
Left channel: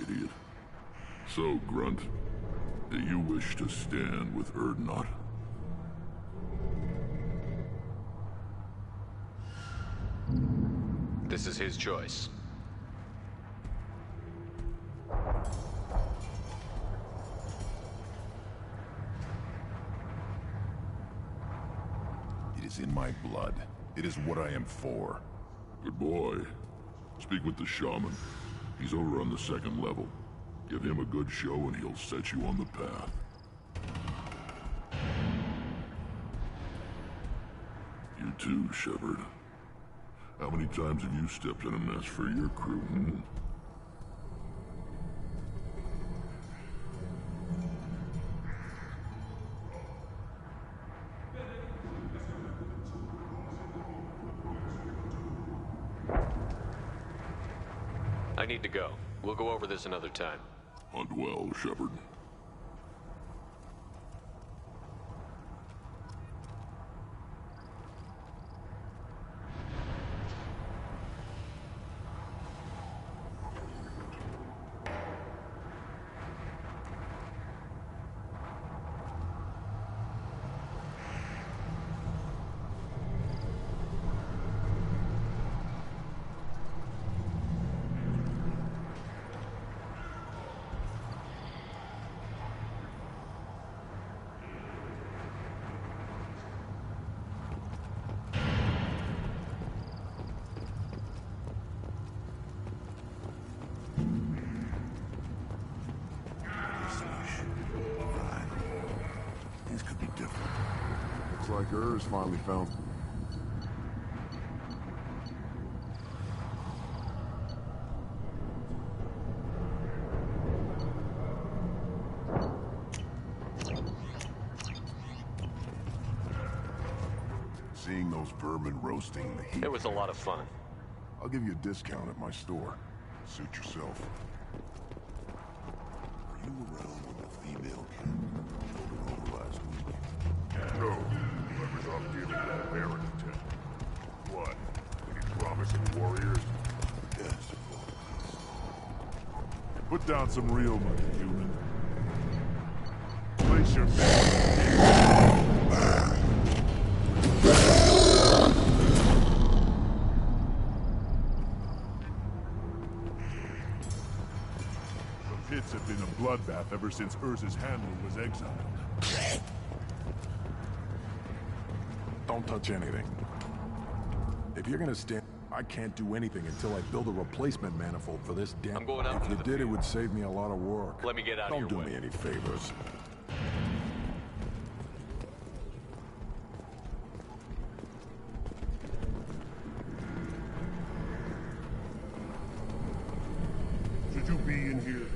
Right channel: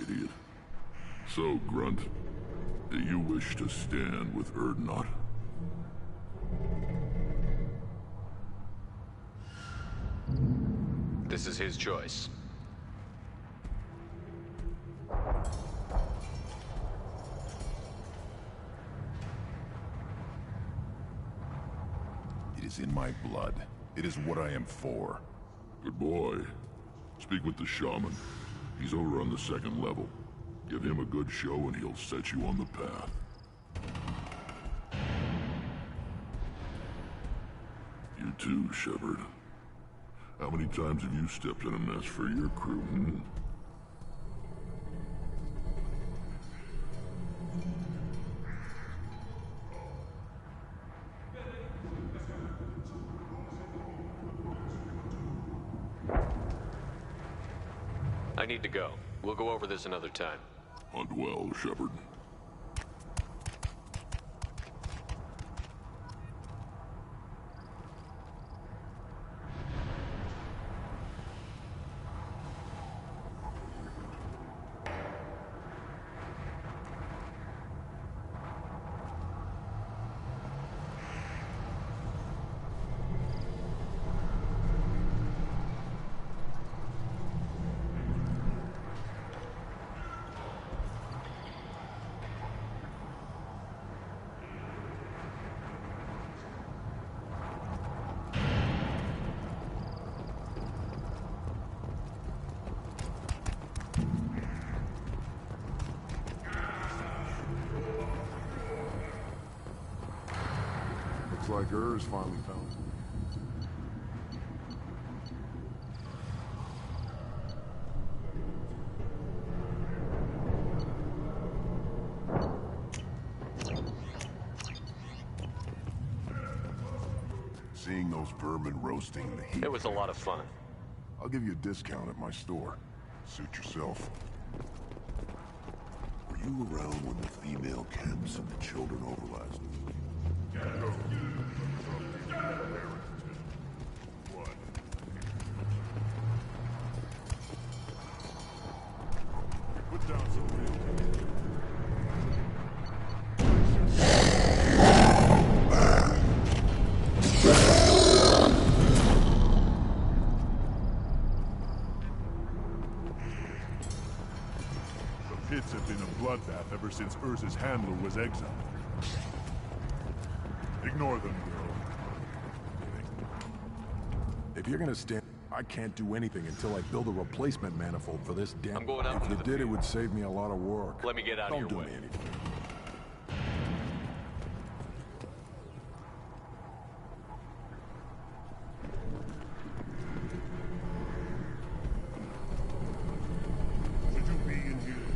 Idiot. So, Grunt, do you wish to stand with Urdnot? This is his choice. It is in my blood. It is what I am for. Good boy. Speak with the shaman. He's over on the second level. Give him a good show and he'll set you on the path. You too, Shepard. How many times have you stepped in a mess for your crew, hmm? I need to go. We'll go over this another time. Hunt well, Shepard. Looks like Urs finally found. Seeing those vermin roasting the heat. It was a lot of fun. I'll give you a discount at my store. Suit yourself. Were you around when the female camps and the children over last week? No. Whoever's up dealing with Barrington. What? Any promising warriors? Yes. Put down some real money, human. Place your... The pits have been a bloodbath ever since Urs's handler was exiled. Ignore them. Don't touch anything. If you're gonna stand, I can't do anything until I build a replacement manifold for this damn. I'm going out If into you the did, it field. would save me a lot of work. Let me get out of your Don't way. do me any favors. Should you be in here?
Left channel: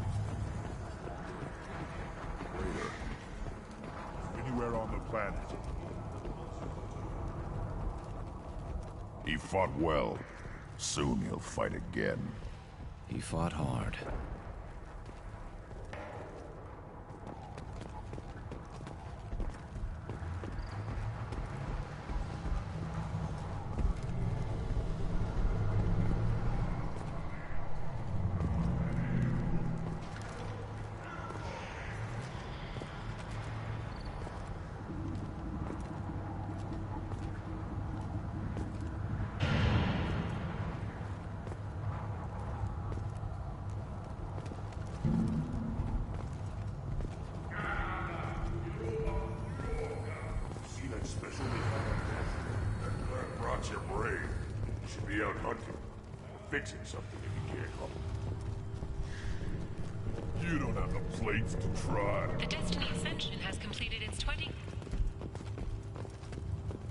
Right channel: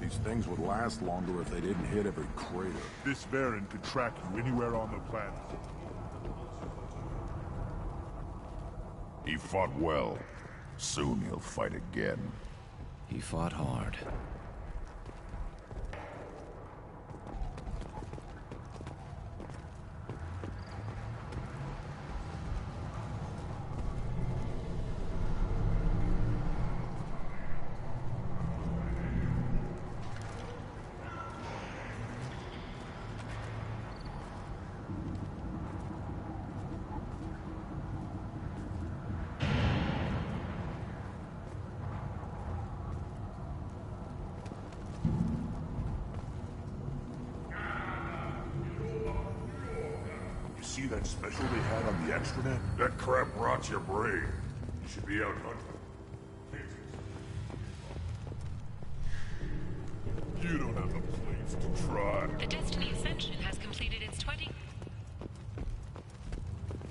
These things would last longer if they didn't hit every crater. This Baron could track you anywhere on the planet. He fought well. Soon he'll fight again. He fought hard. special they had on the Astronet? That crap rots your brain. You should be out hunting. Fixing something if you can't call. You don't have the plates to try. The Destiny Ascension has completed its 20...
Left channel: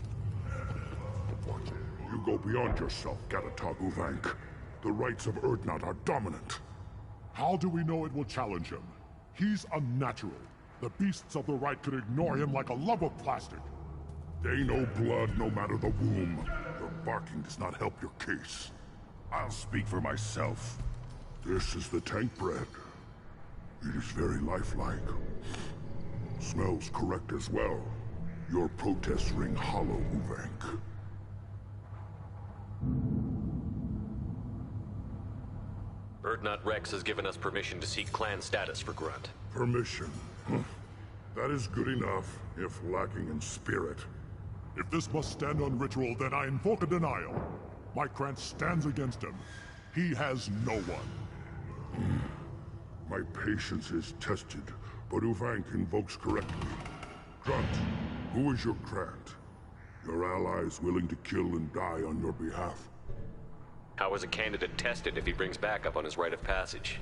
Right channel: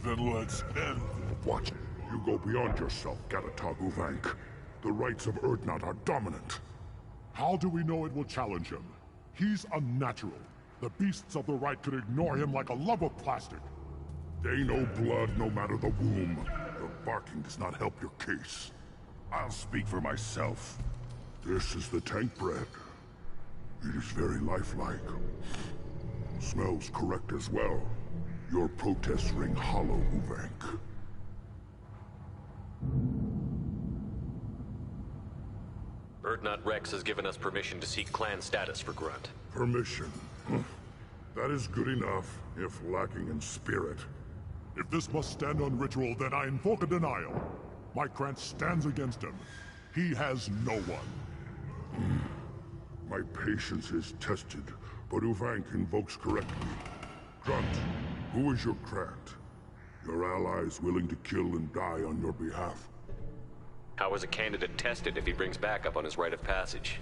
Then let's end. Watch it. You go beyond yourself, Gatatog Uvank. The rights of Urdnot are dominant. How do we know it will challenge him? He's unnatural. The beasts of the right could ignore him like a lump of plastic. They know blood no matter the womb. Your barking does not help your case. I'll speak for myself. This is the tank bread. It is very lifelike. Smells correct as well. Your protests ring hollow, Uvank. Urdnot Rex has given us permission to seek clan status for Grunt. Permission? That is good enough, if lacking in spirit. If this must stand on ritual, then I invoke a denial. My Krant stands against him. He has no one. My patience is tested, but Uvank invokes correctly. Grunt, who is your Krant? Your allies willing to kill and die on your behalf? How is a candidate tested if he brings backup on his rite of passage?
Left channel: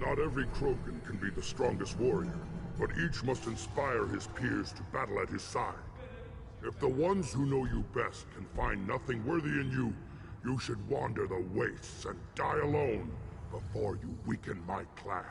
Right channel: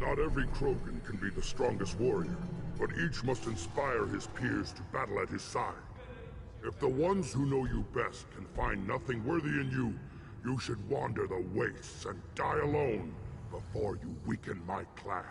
Not every Krogan can be the strongest warrior, but each must inspire his peers to battle at his side. If the ones who know you best can find nothing worthy in you, you should wander the wastes and die alone before you weaken my clan.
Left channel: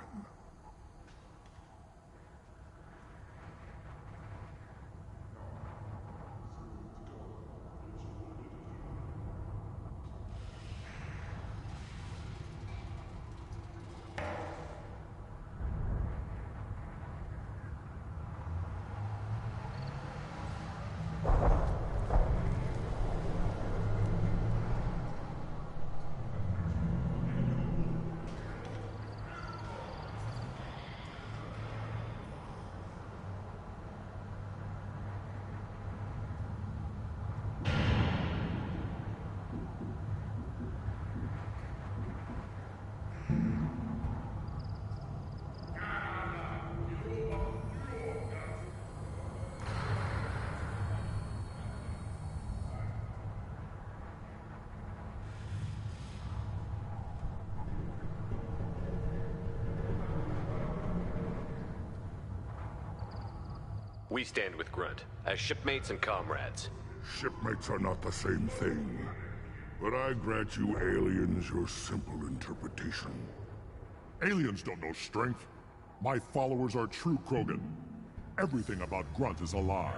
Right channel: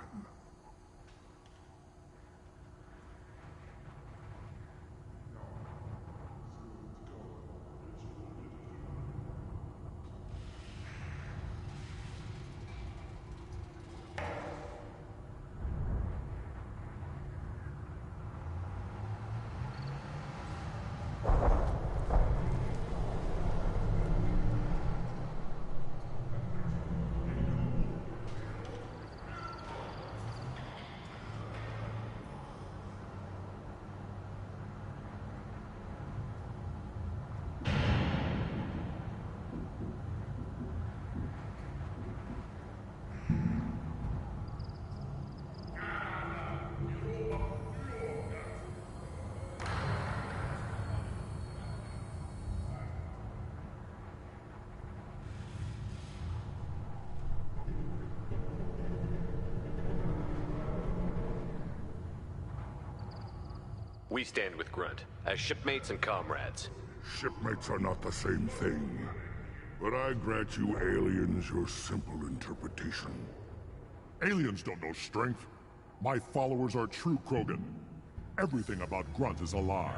We stand with Grunt, as shipmates and comrades. Shipmates are not the same thing. But I grant you aliens your simple interpretation. Aliens don't know strength. My followers are true Krogan. Everything about Grunt is a lie.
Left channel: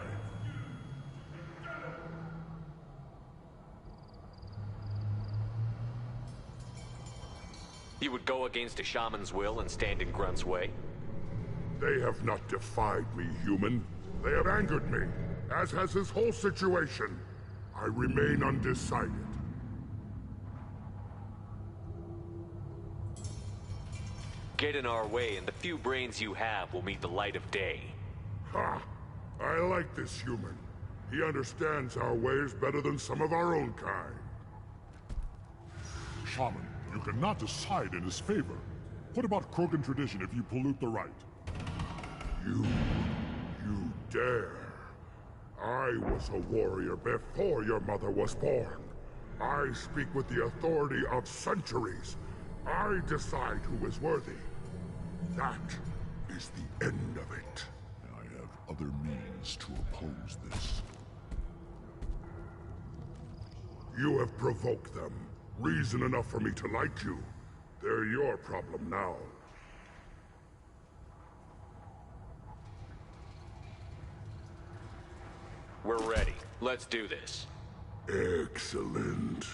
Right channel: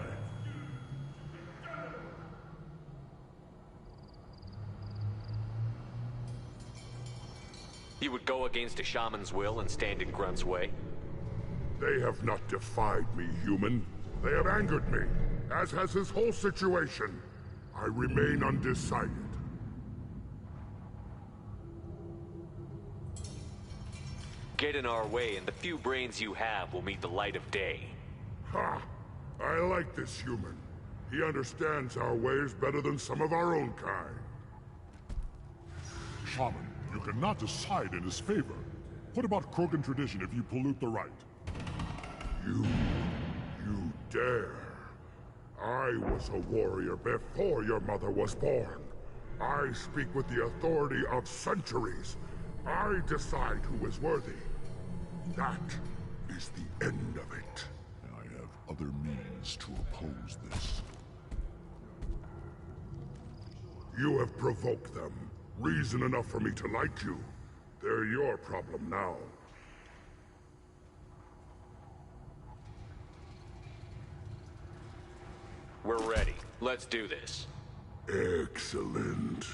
You would go against a shaman's will and stand in Grunt's way? They have not defied me, human. They have angered me, as has his whole situation. I remain undecided. Get in our way, and the few brains you have will meet the light of day. Ha! I like this human. He understands our ways better than some of our own kind. Shaman, you cannot decide in his favor. What about Krogan tradition if you pollute the rite? You dare. I was a warrior before your mother was born. I speak with the authority of centuries. I decide who is worthy. That is the end of it. I have other means to oppose this. You have provoked them. Reason enough for me to like you. They're your problem now. We're ready. Let's do this. Excellent.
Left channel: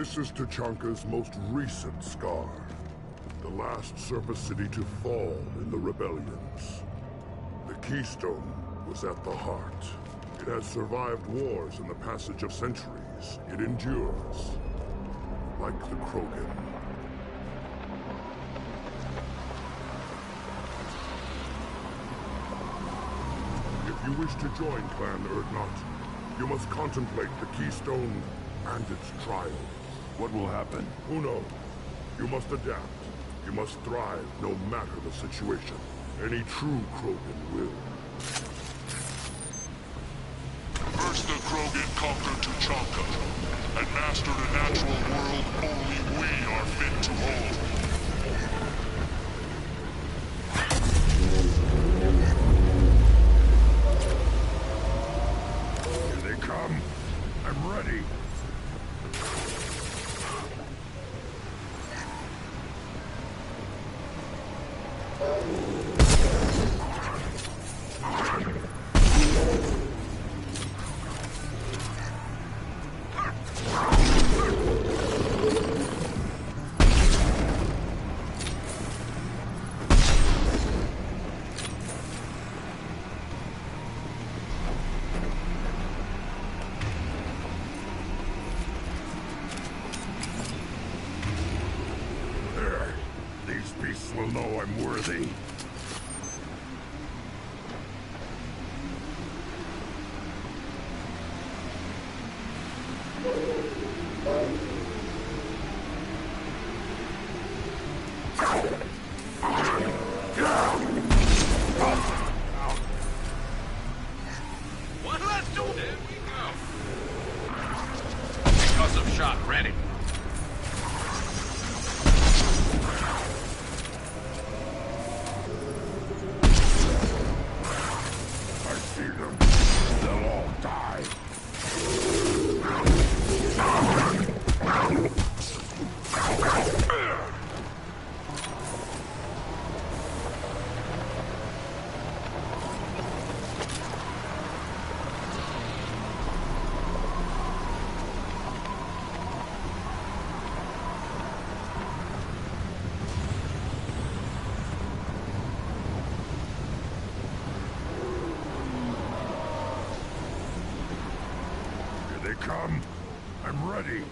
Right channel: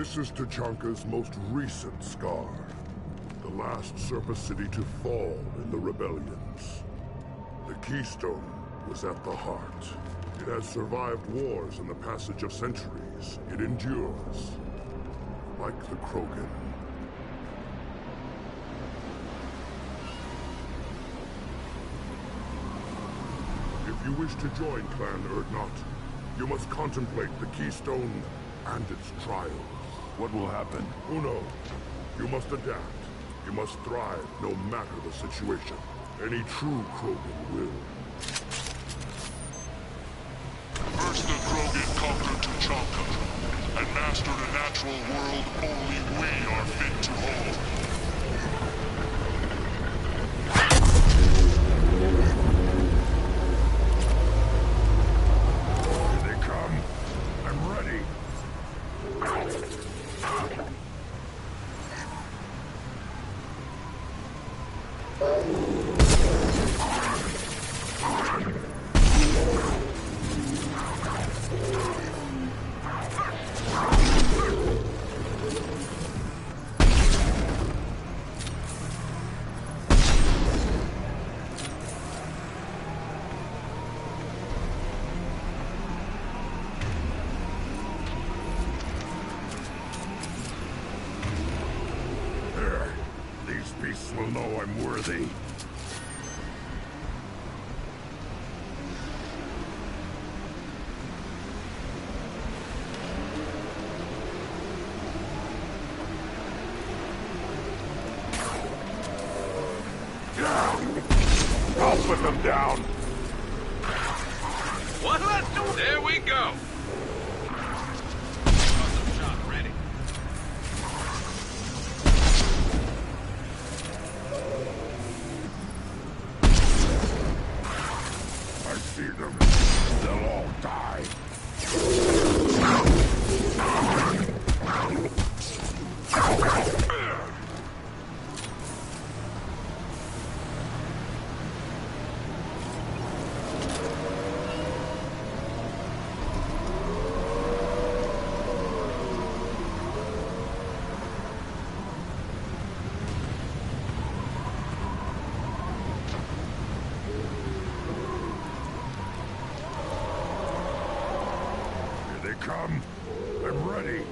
This is Tachanka's most recent scar. The last surface city to fall in the rebellions. The Keystone was at the heart. It has survived wars and the passage of centuries. It endures. Like the Krogan. If you wish to join Clan Urdnot, you must contemplate the Keystone and its trials. What will happen? Who knows? You must adapt. You must thrive no matter the situation. Any true Krogan will. First the Krogan conquered Tuchanka, and mastered a natural world only we are fit to hold. Here they come. I'm ready. These beasts will know I'm worthy. I'll put them down. What? Let's do it. There we go. Custom shot ready. I see them. They'll all die. Here they come. I'm ready.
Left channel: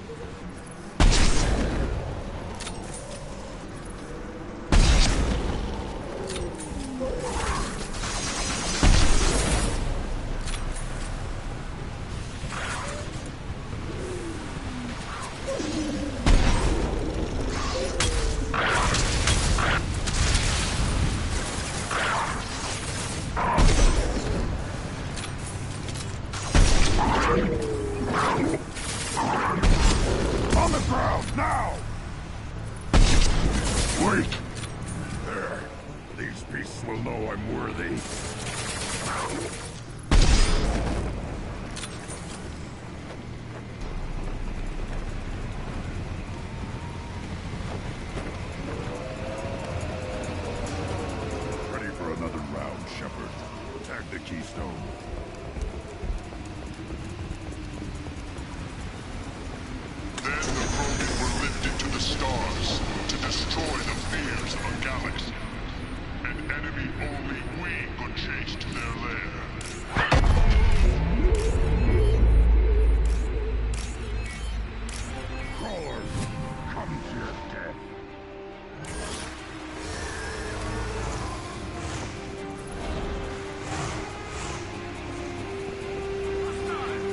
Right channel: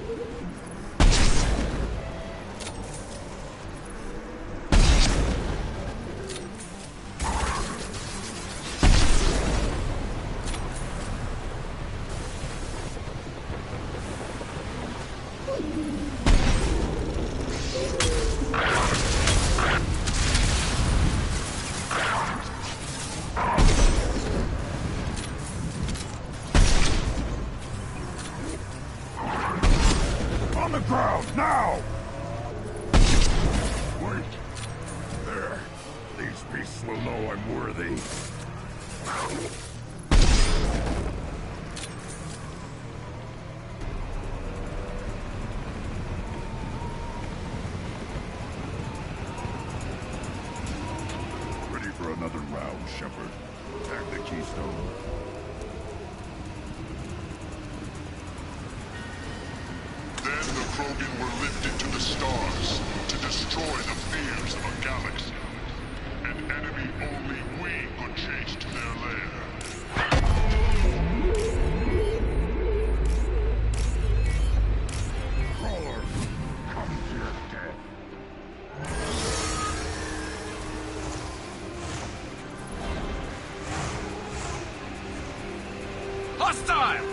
On the ground, now! Wait! There. These beasts will know I'm worthy. Ready for another round, Shepard. Attack the Keystone. Then the Krogan were lifted to the stars to destroy the fears of a galaxy. An enemy only we could chase to their lair. Crawlers, come to your death. Hostile!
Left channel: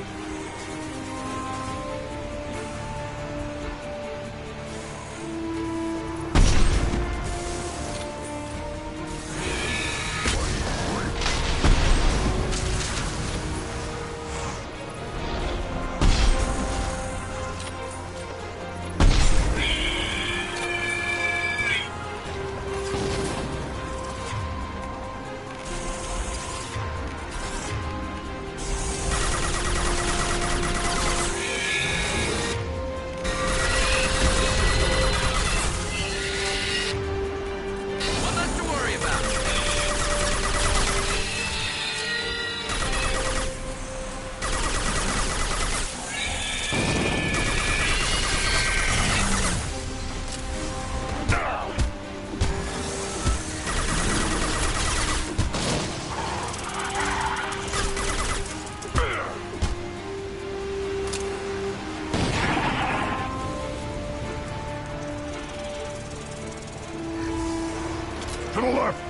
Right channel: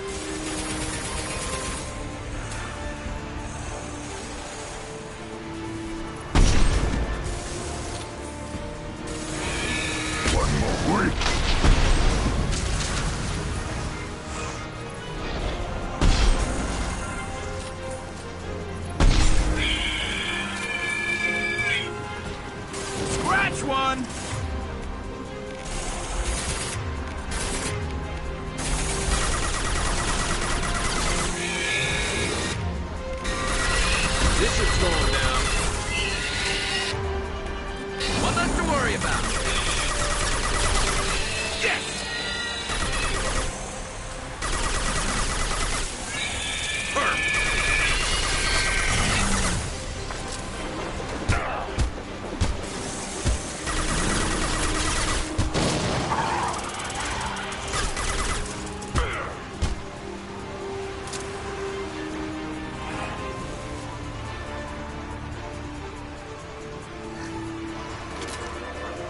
To the left!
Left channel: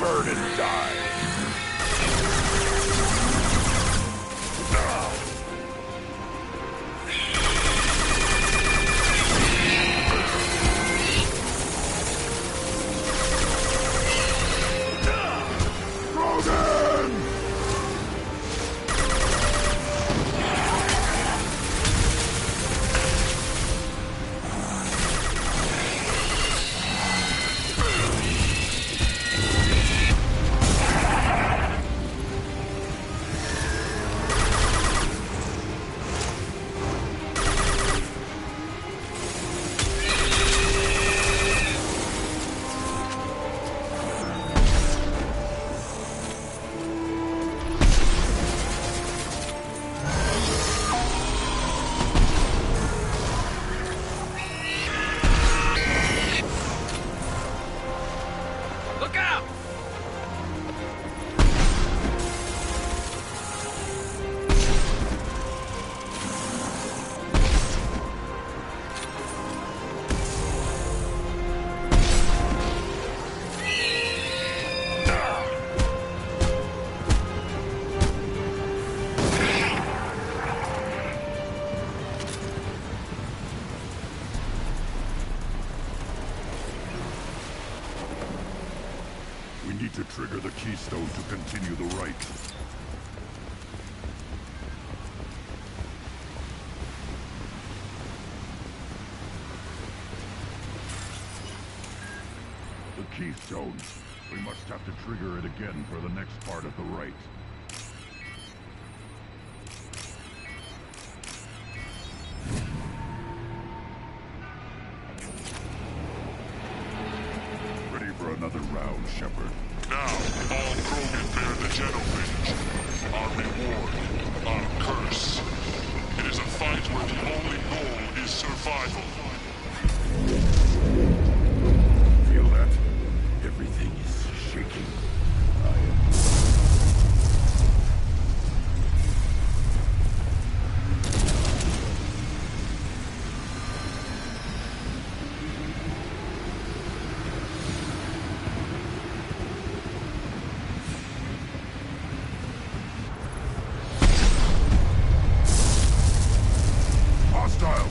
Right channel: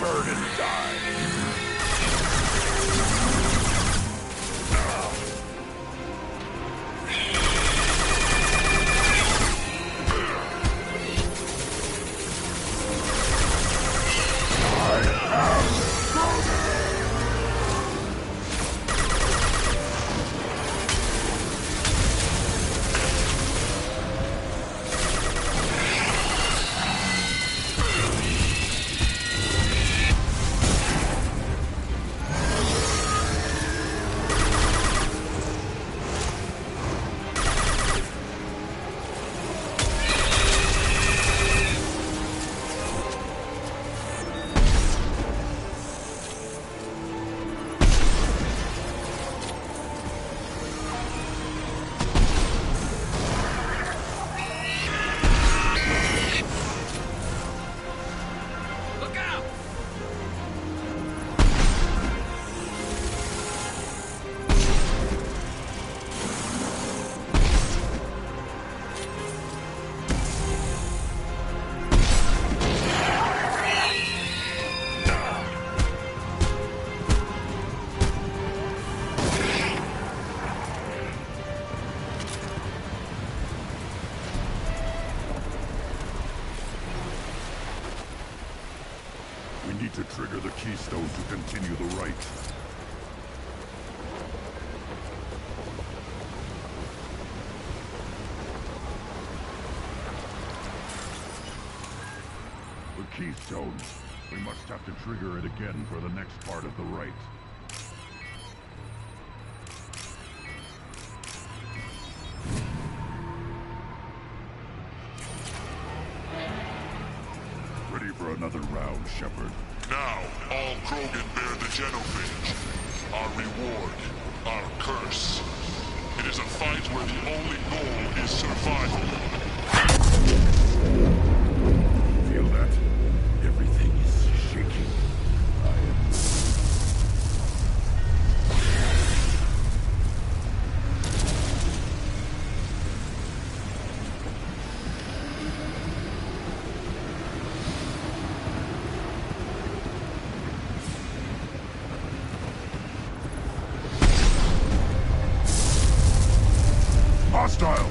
Burn and die! We need to trigger the keystone to continue the rite. The keystone. We must have to trigger it again for the next part of the rite. Ready for another round, Shepard. Now, all Krogan bear the Genophage. Our reward, our curse. It is a fight where the only goal is survival. Feel that? Everything is shaking. I am... Hostile!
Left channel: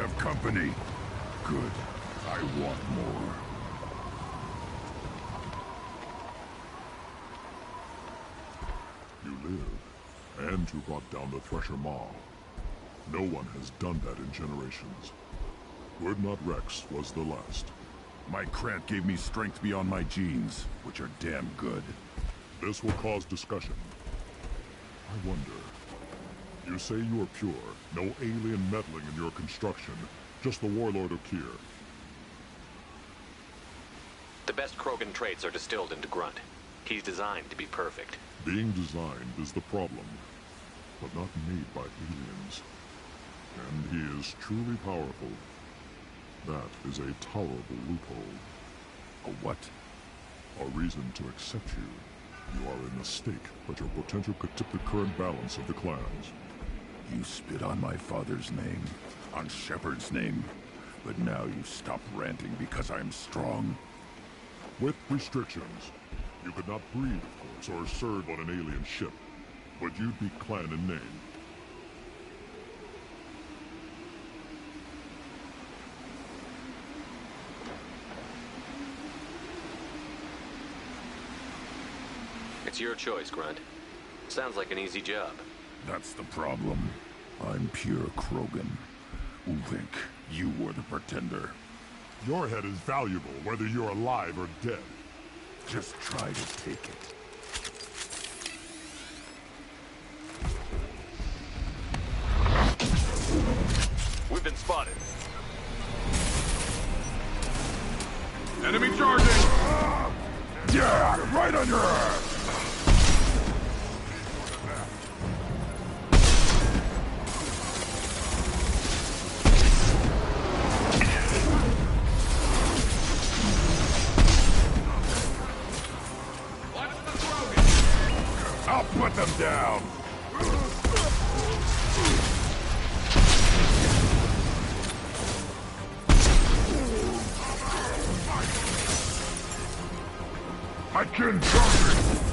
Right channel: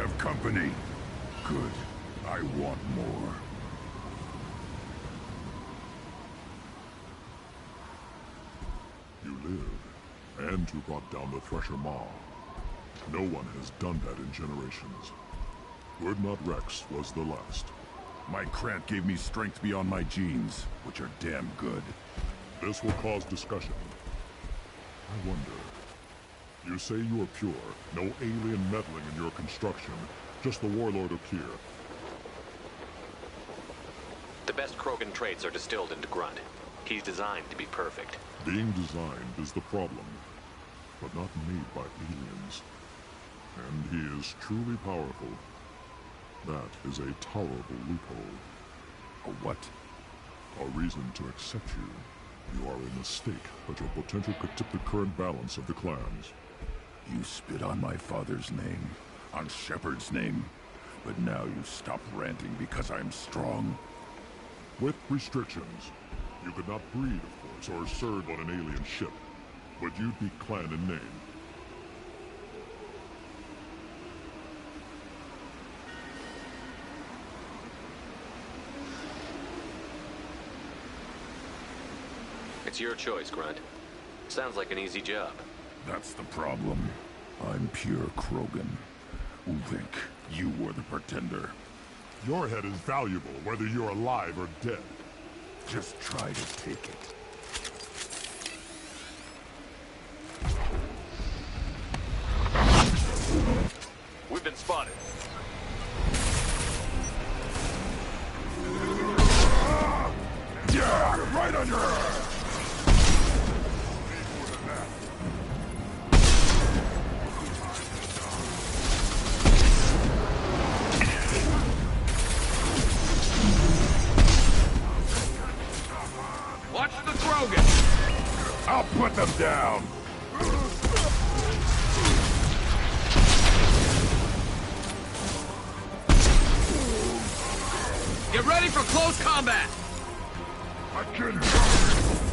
have company. Good. I want more. You live, and you brought down the Thresher Maw. No one has done that in generations. Urdnot Rex was the last. My Krant gave me strength beyond my genes, which are damn good. This will cause discussion. I wonder... You say you are pure, no alien meddling in your construction, just the Warlord Okeer. The best Krogan traits are distilled into Grunt. He's designed to be perfect. Being designed is the problem, but not made by aliens. And he is truly powerful. That is a tolerable loophole. A what? A reason to accept you. You are a mistake, but your potential could tip the current balance of the clans. You spit on my father's name, on Shepard's name, but now you stop ranting because I'm strong. With restrictions. You could not breed, of course, or serve on an alien ship, but you'd be clan in name. It's your choice, Grunt. Sounds like an easy job. That's the problem. I'm pure Krogan. Ulvik, you were the pretender. Your head is valuable, whether you're alive or dead. Just try to take it. We've been spotted. Enemy charging! Yeah, right on your ass! Watch the Krogan! I'll put them down! Get ready for close combat! I can jump it!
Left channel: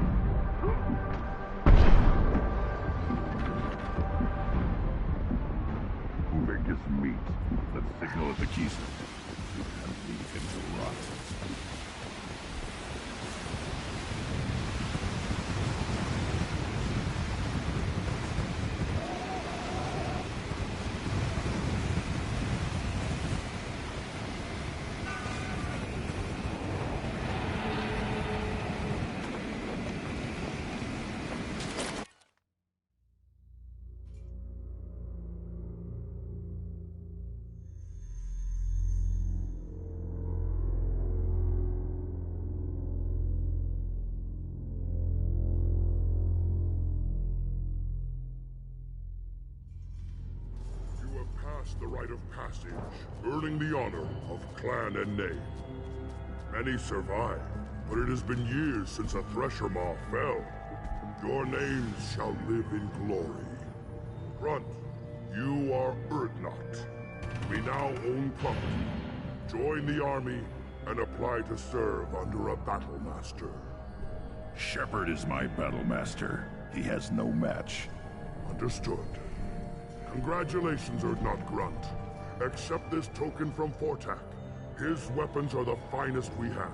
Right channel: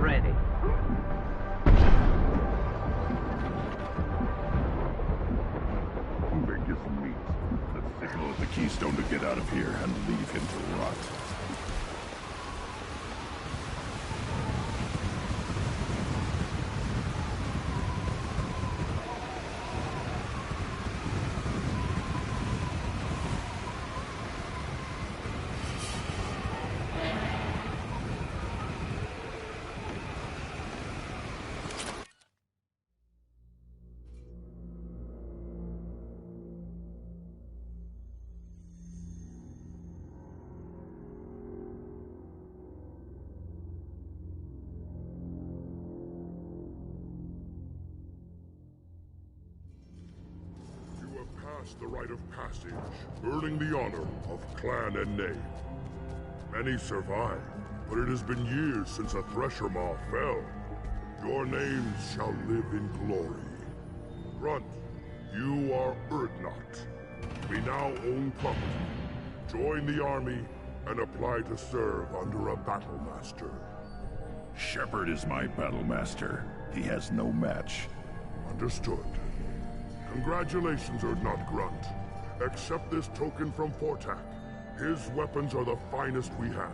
Ready. Ulvik is meat. Let's signal at the Keystone to get out of here and leave him to rot. The rite of passage, earning the honor of clan and name. Many survived, but it has been years since a Thresher Maw fell. Your names shall live in glory. Grunt, you are Urdnot. We now own property. Join the army and apply to serve under a battle master. Shepard is my battle master. He has no match. Understood. Congratulations, Urdnot Grunt. Accept this token from Fortak. His weapons are the finest we have.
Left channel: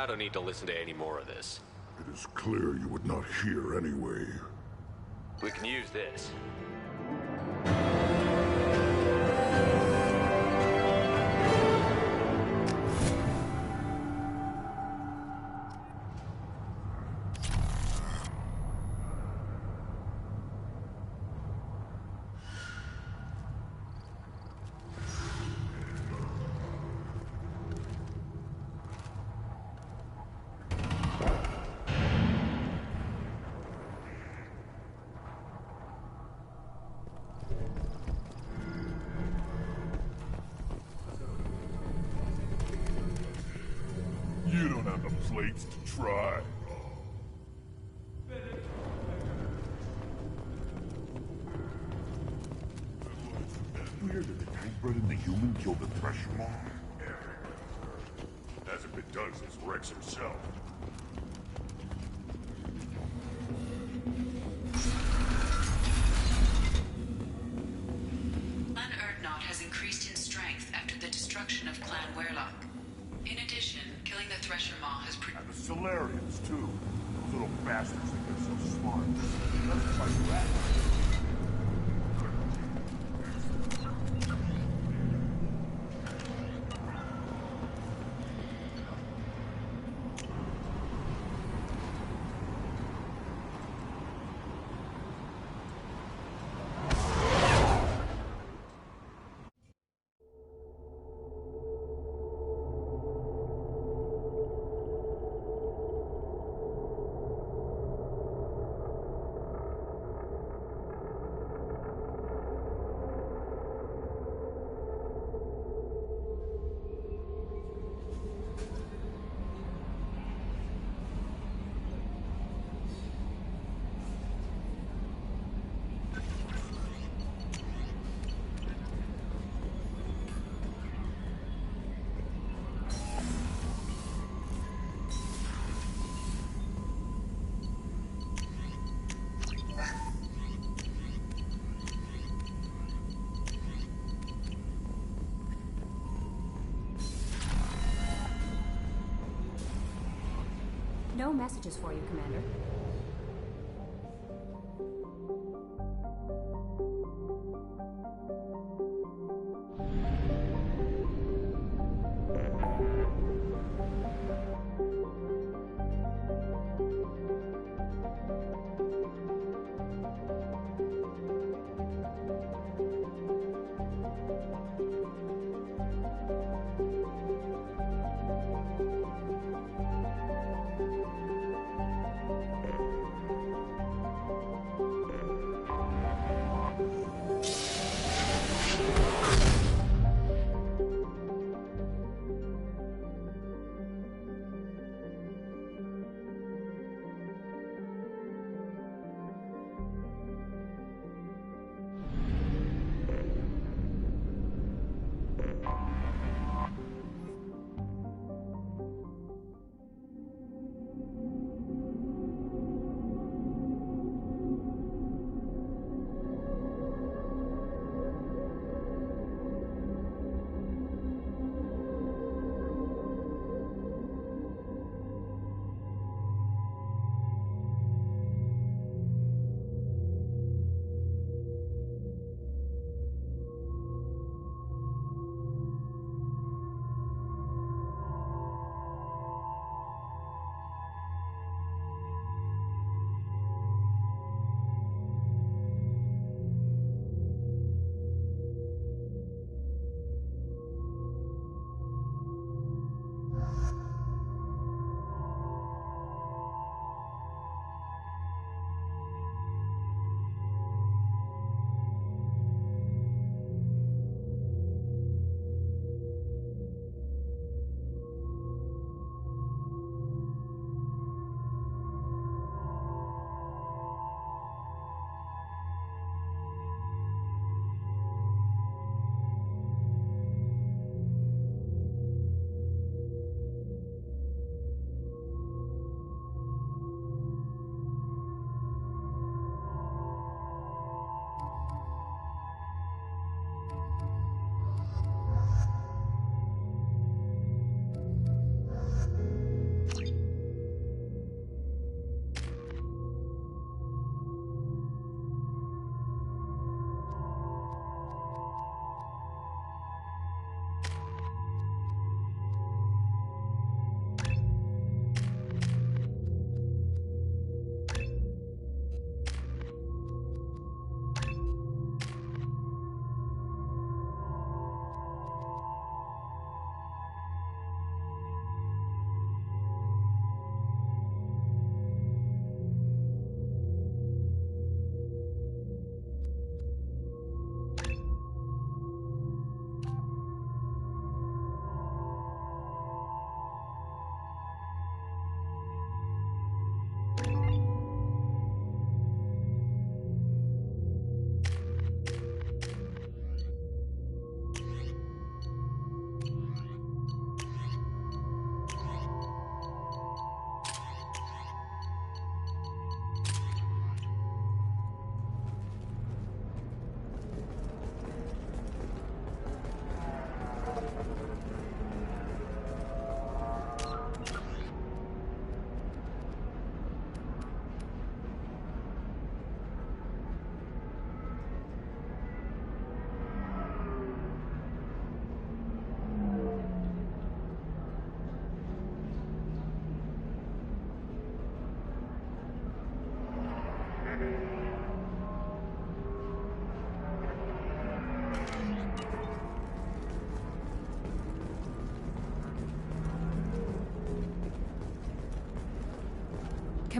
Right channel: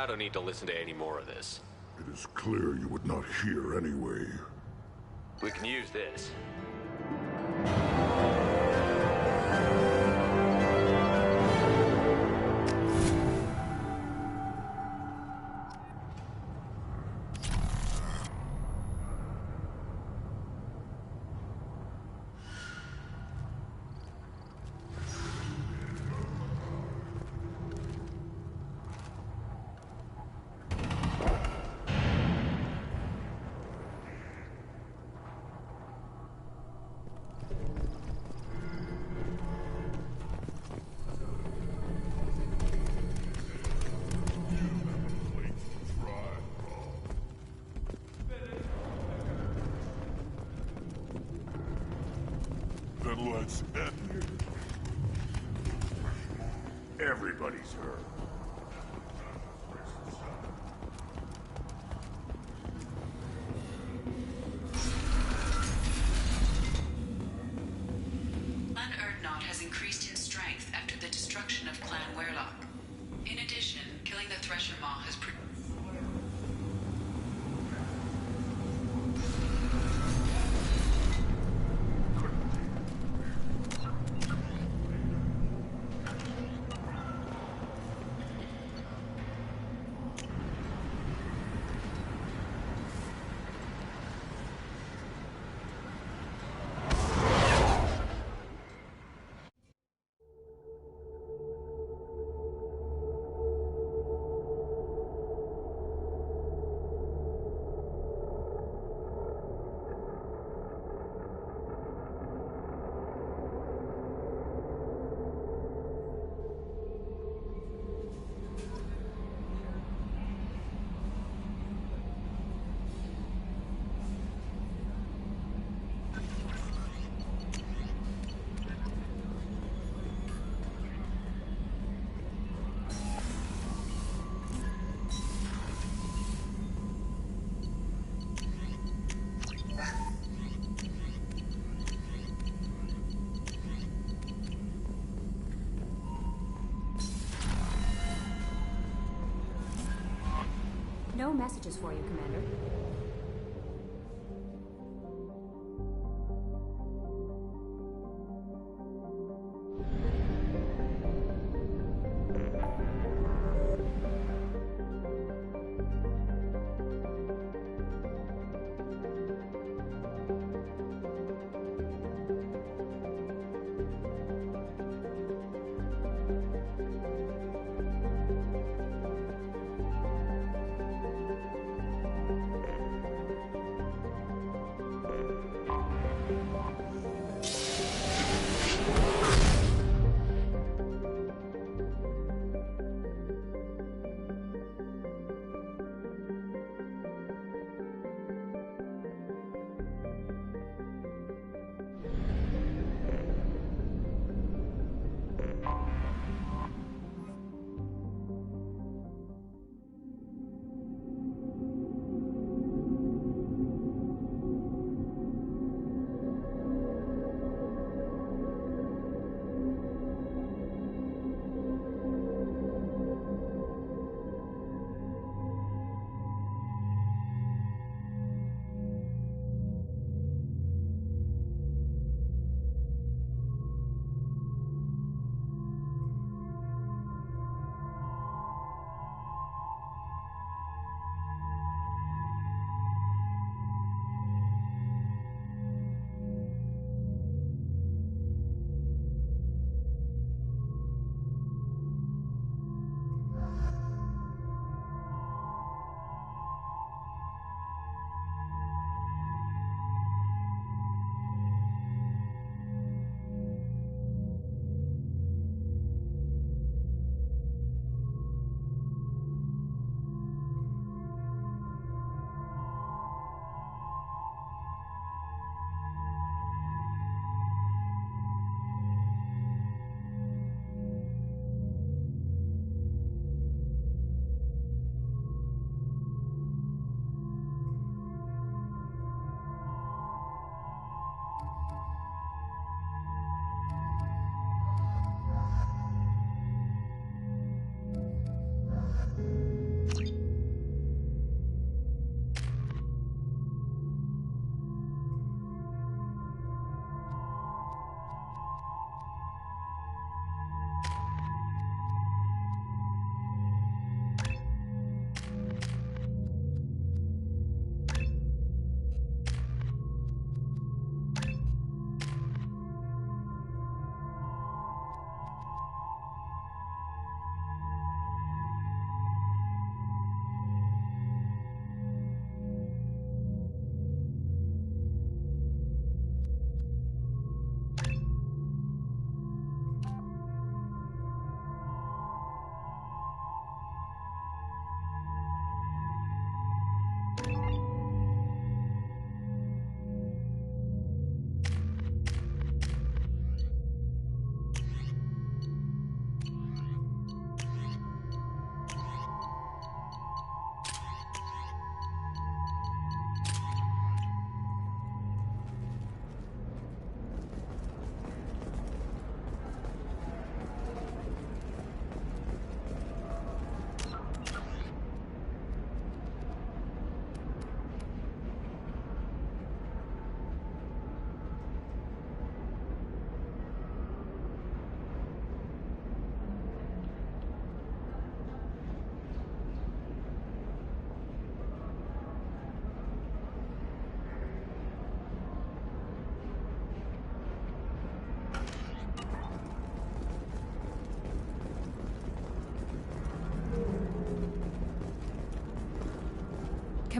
I don't need to listen to any more of this. It is clear you would not hear anyway. We can use this. right. Then let's end. Weird that the Tankbred and the human killed the Thresher Maw. Everybody's heard. Hasn't been done since Rex himself. Clan Erdnot has increased in strength after the destruction of Clan Werlock. In addition, killing the Thresher Maw has And the Solarians, too. Little bastards. So smart. Like that. Couldn't be. No messages for you, Commander.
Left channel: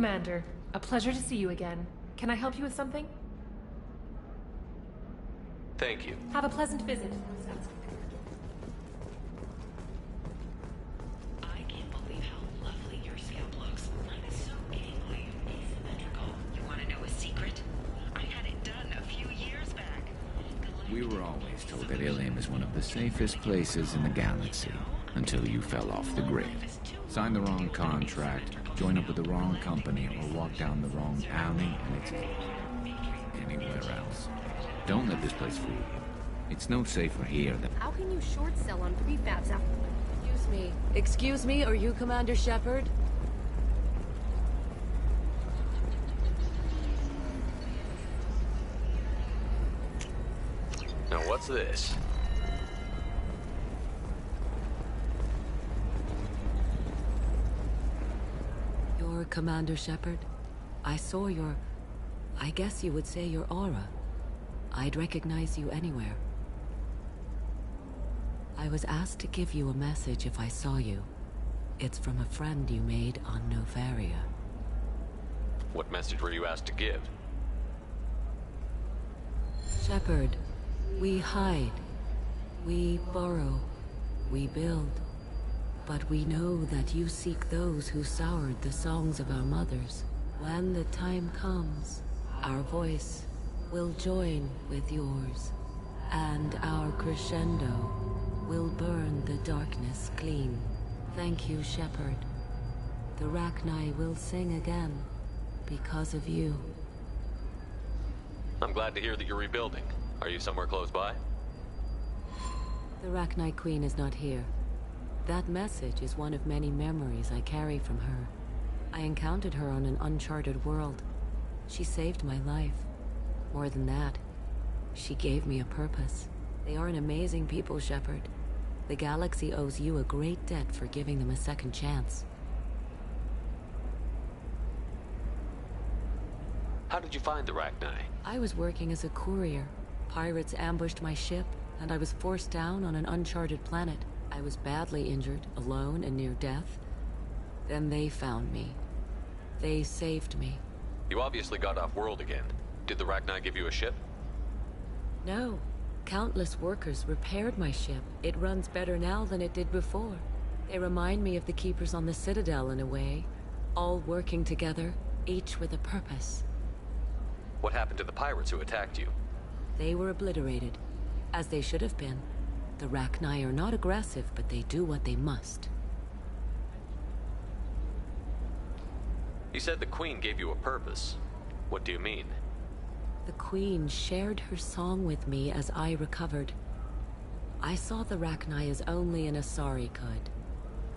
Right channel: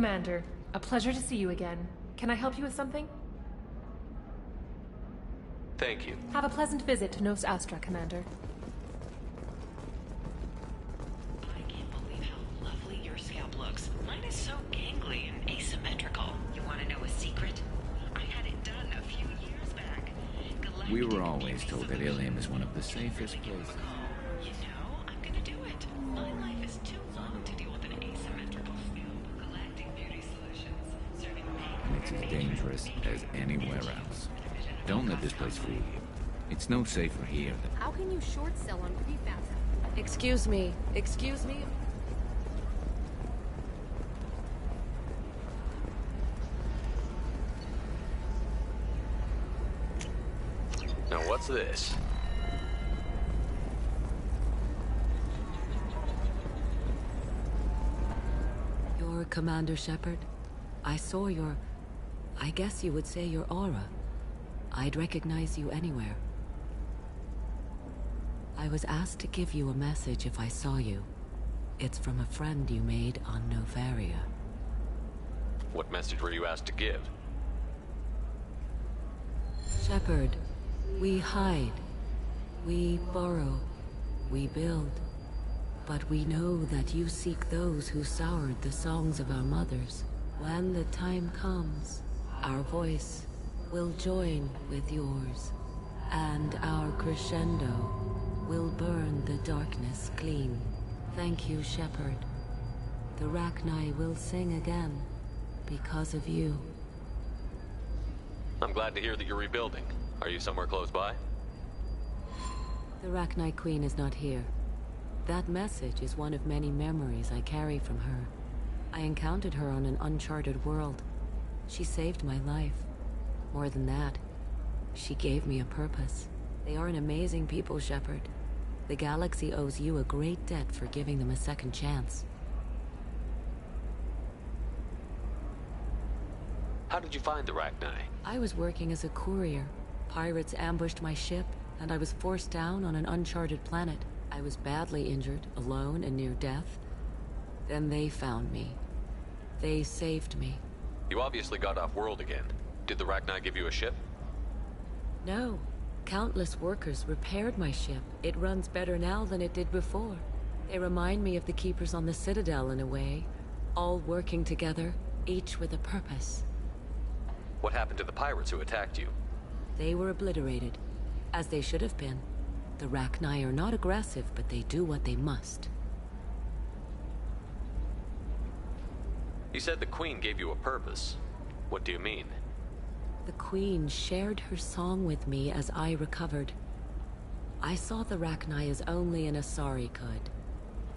Commander. A pleasure to see you again. Can I help you with something? Thank you. Have a pleasant visit to Nos Astra, Commander. I can't believe how lovely your scalp looks. Mine is so gangly and asymmetrical. You want to know a secret? I had it done a few years back. We were always told that Ilium is one of the safest places in the galaxy. Until you fell off the grid. Signed the wrong contract, joined up with the wrong company, or walked down the wrong alley, and it's as dangerous as anywhere else. Don't let this place fool you. It's no safer here than... How can you short sell on prefabs out? Excuse me, are you Commander Shepard? Now what's this? You're Commander Shepard? I saw your... I guess you would say your aura. I'd recognize you anywhere. I was asked to give you a message if I saw you. It's from a friend you made on Novaria. What message were you asked to give? Shepard, we hide. We borrow. We build. But we know that you seek those who soured the songs of our mothers. When the time comes, our voice will join with yours, and our crescendo will burn the darkness clean. Thank you, Shepard. The Rachni will sing again because of you. I'm glad to hear that you're rebuilding. Are you somewhere close by? The Rachni Queen is not here. That message is one of many memories I carry from her. I encountered her on an uncharted world. She saved my life. More than that, she gave me a purpose. They are an amazing people, Shepard. The galaxy owes you a great debt for giving them a second chance. How did you find the Rachni? I was working as a courier. Pirates ambushed my ship, and I was forced down on an uncharted planet. I was badly injured, alone and near death. Then they found me. They saved me. You obviously got off world again. Did the Rachni give you a ship? No. Countless workers repaired my ship. It runs better now than it did before. They remind me of the Keepers on the Citadel in a way. All working together, each with a purpose. What happened to the pirates who attacked you? They were obliterated, as they should have been. The Rachni are not aggressive, but they do what they must. You said the Queen gave you a purpose. What do you mean? The Queen shared her song with me as I recovered. I saw the Rachni as only an Asari could.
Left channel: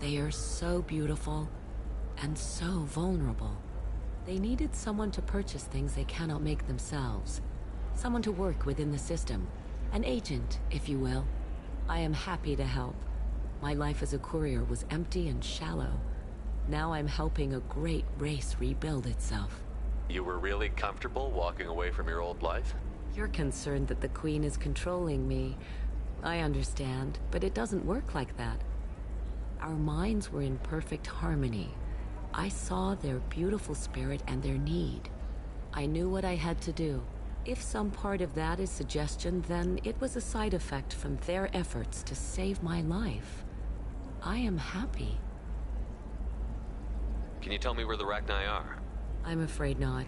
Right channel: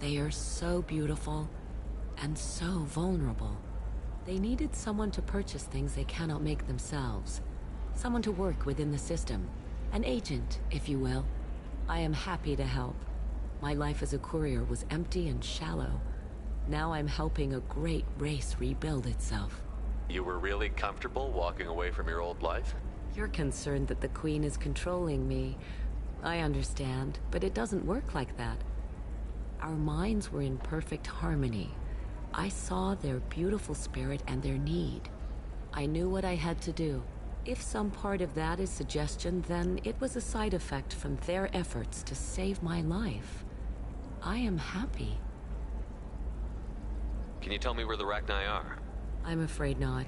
They are so beautiful, and so vulnerable. They needed someone to purchase things they cannot make themselves. Someone to work within the system. An agent, if you will. I am happy to help. My life as a courier was empty and shallow. Now I'm helping a great race rebuild itself. You were really comfortable walking away from your old life? You're concerned that the Queen is controlling me. I understand, but it doesn't work like that. Our minds were in perfect harmony. I saw their beautiful spirit and their need. I knew what I had to do. If some part of that is suggestion, then it was a side effect from their efforts to save my life. I am happy. Can you tell me where the Rachni are? I'm afraid not.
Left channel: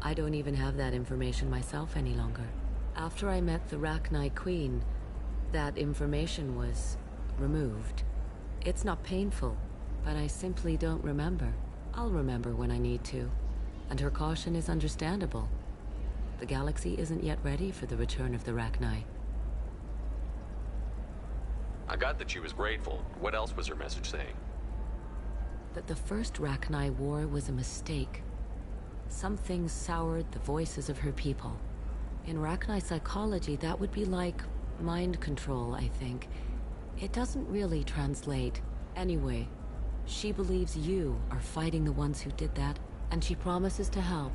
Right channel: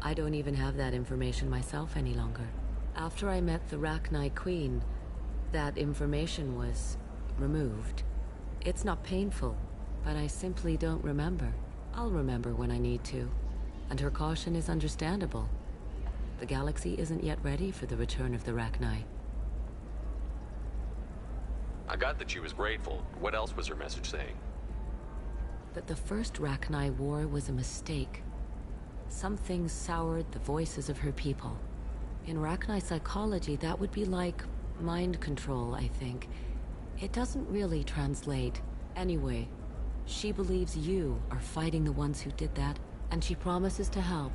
I don't even have that information myself any longer. After I met the Rachni Queen, that information was removed. It's not painful, but I simply don't remember. I'll remember when I need to, and her caution is understandable. The galaxy isn't yet ready for the return of the Rachni. I got that she was grateful. What else was her message saying? That the first Rachni war was a mistake. Something soured the voices of her people. In Rachni psychology, that would be like mind control, I think. It doesn't really translate. Anyway, she believes you are fighting the ones who did that, and she promises to help.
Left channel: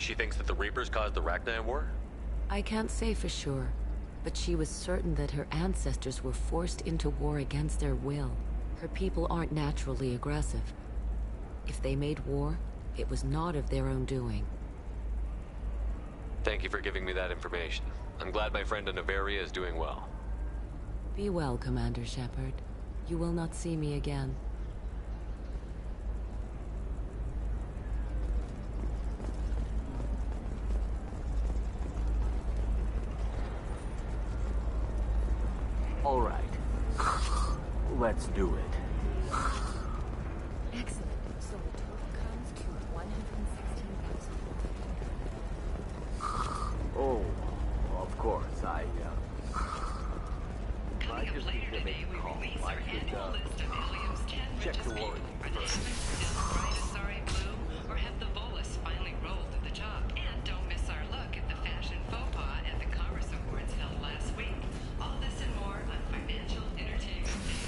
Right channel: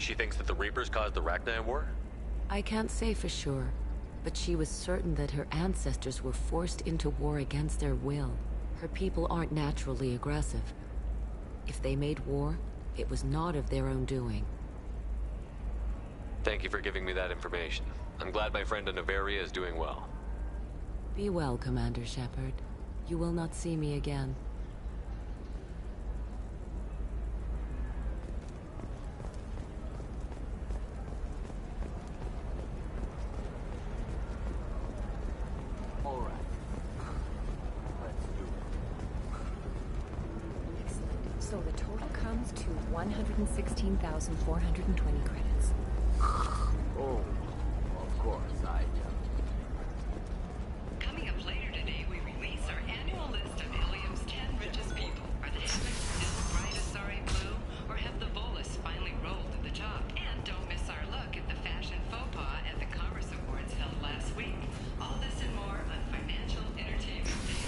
She thinks that the Reapers caused the Rachni war? I can't say for sure, but she was certain that her ancestors were forced into war against their will. Her people aren't naturally aggressive. If they made war, it was not of their own doing. Thank you for giving me that information. I'm glad my friend in Noveria is doing well. Be well, Commander Shepard. You will not see me again. All right. Let's do it. Excellent. So the total comes to 116,420 credits. Oh, of course, Coming up later today, we release our annual list of Ilium's 10 richest people. Are the heavens still bright Asari blue, or have the Volus finally rolled to the top? And don't miss our look at the fashion faux pas at the Commerce Awards held last week. All this and more on Financial Entertainment Daily.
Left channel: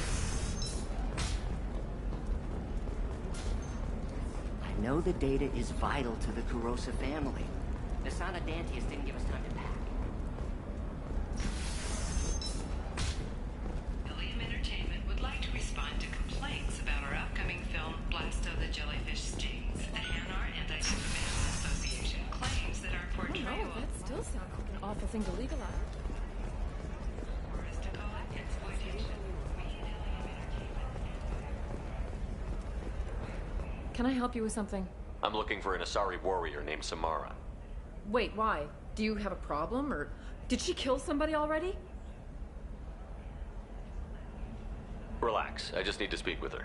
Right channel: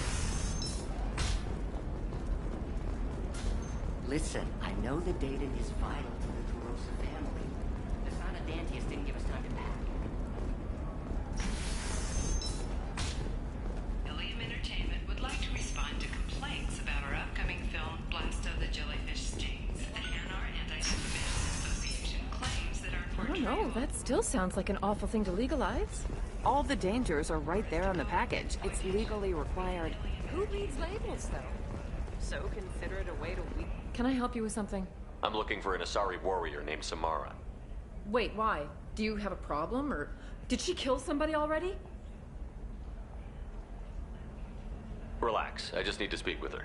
Listen, I know the data is vital to the Kurosa family. The Sana Dantius didn't give us time to pack. Ilium Entertainment would like to respond to complaints about our upcoming film, Blasto the Jellyfish Stings. The Hanar Anti-Defamation Association claims that our I don't portrayal know, that still sounds like an awful thing to legalize. All the dangers are right there on the package. It's legally required. Who needs labels, though? So consider it a way to... Can I help you with something? I'm looking for an Asari warrior named Samara. Wait, why? Do you have a problem, or did she kill somebody already? Relax, I just need to speak with her.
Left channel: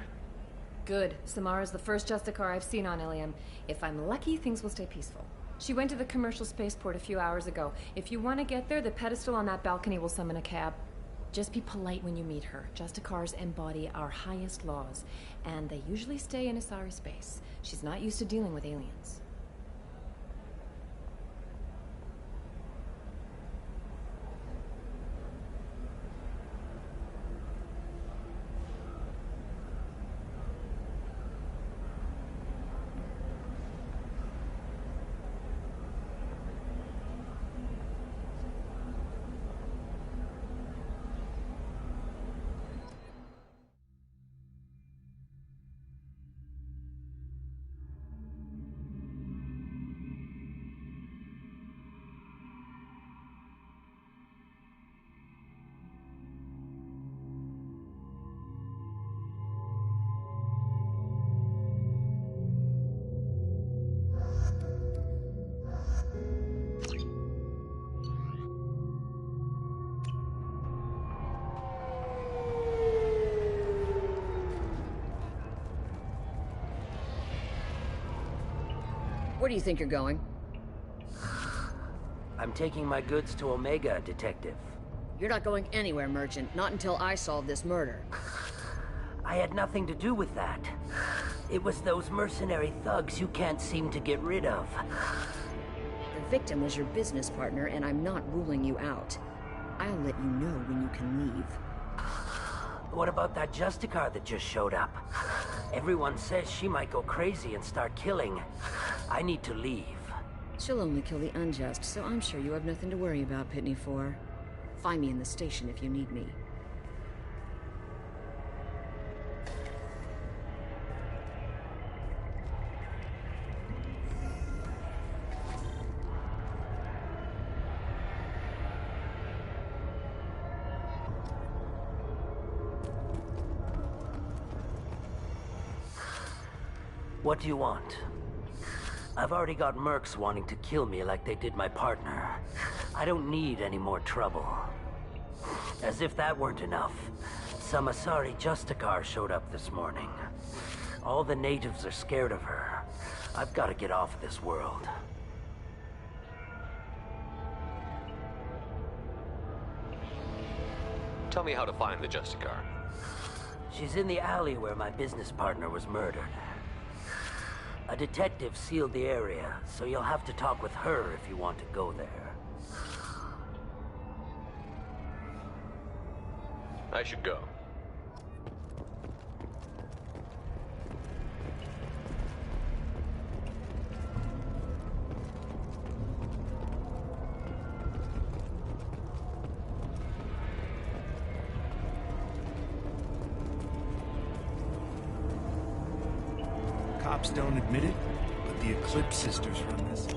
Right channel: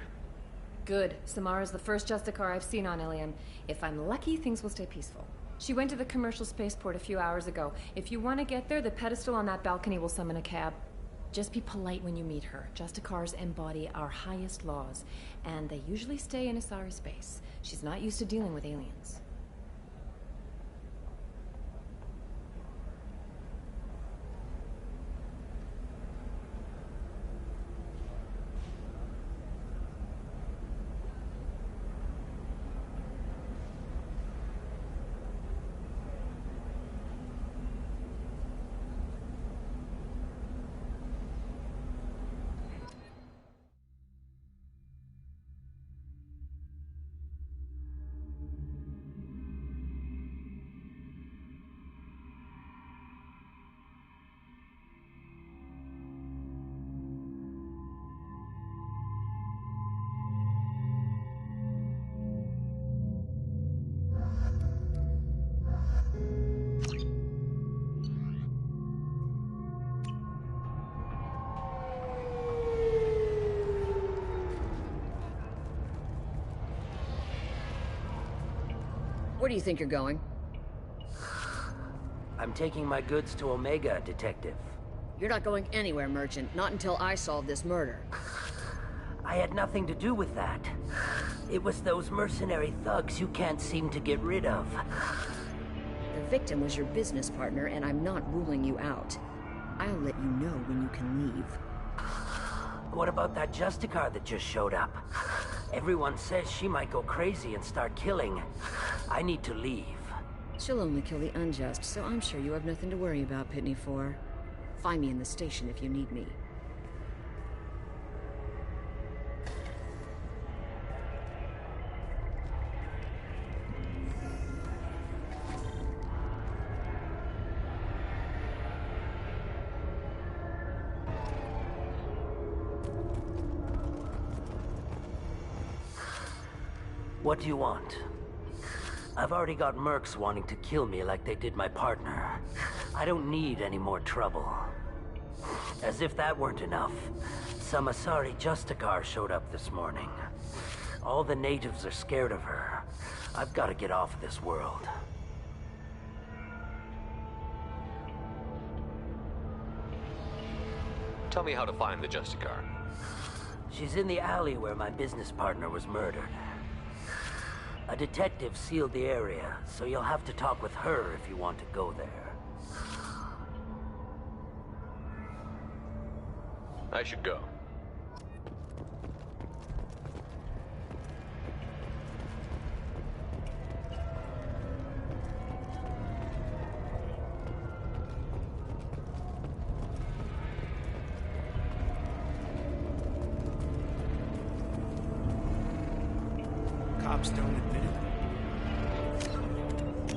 Good. Samara's the first Justicar I've seen on Ilium. If I'm lucky, things will stay peaceful. She went to the commercial spaceport a few hours ago. If you want to get there, the pedestal on that balcony will summon a cab. Just be polite when you meet her. Justicars embody our highest laws, and they usually stay in Asari space. She's not used to dealing with aliens. Where do you think you're going? I'm taking my goods to Omega, Detective. You're not going anywhere, Merchant. Not until I solve this murder. I had nothing to do with that. It was those mercenary thugs you can't seem to get rid of. The victim was your business partner, and I'm not ruling you out. I'll let you know when you can leave. What about that Justicar that just showed up? Everyone says she might go crazy and start killing. I need to leave. She'll only kill the unjust, so I'm sure you have nothing to worry about, Pitney 4. Find me in the station if you need me. What do you want? I've already got mercs wanting to kill me like they did my partner. I don't need any more trouble. As if that weren't enough, some Asari Justicar showed up this morning. All the natives are scared of her. I've got to get off of this world. Tell me how to find the Justicar. She's in the alley where my business partner was murdered. A detective sealed the area, so you'll have to talk with her if you want to go there. I should go. cops don't admit it, but the Eclipse sisters run this.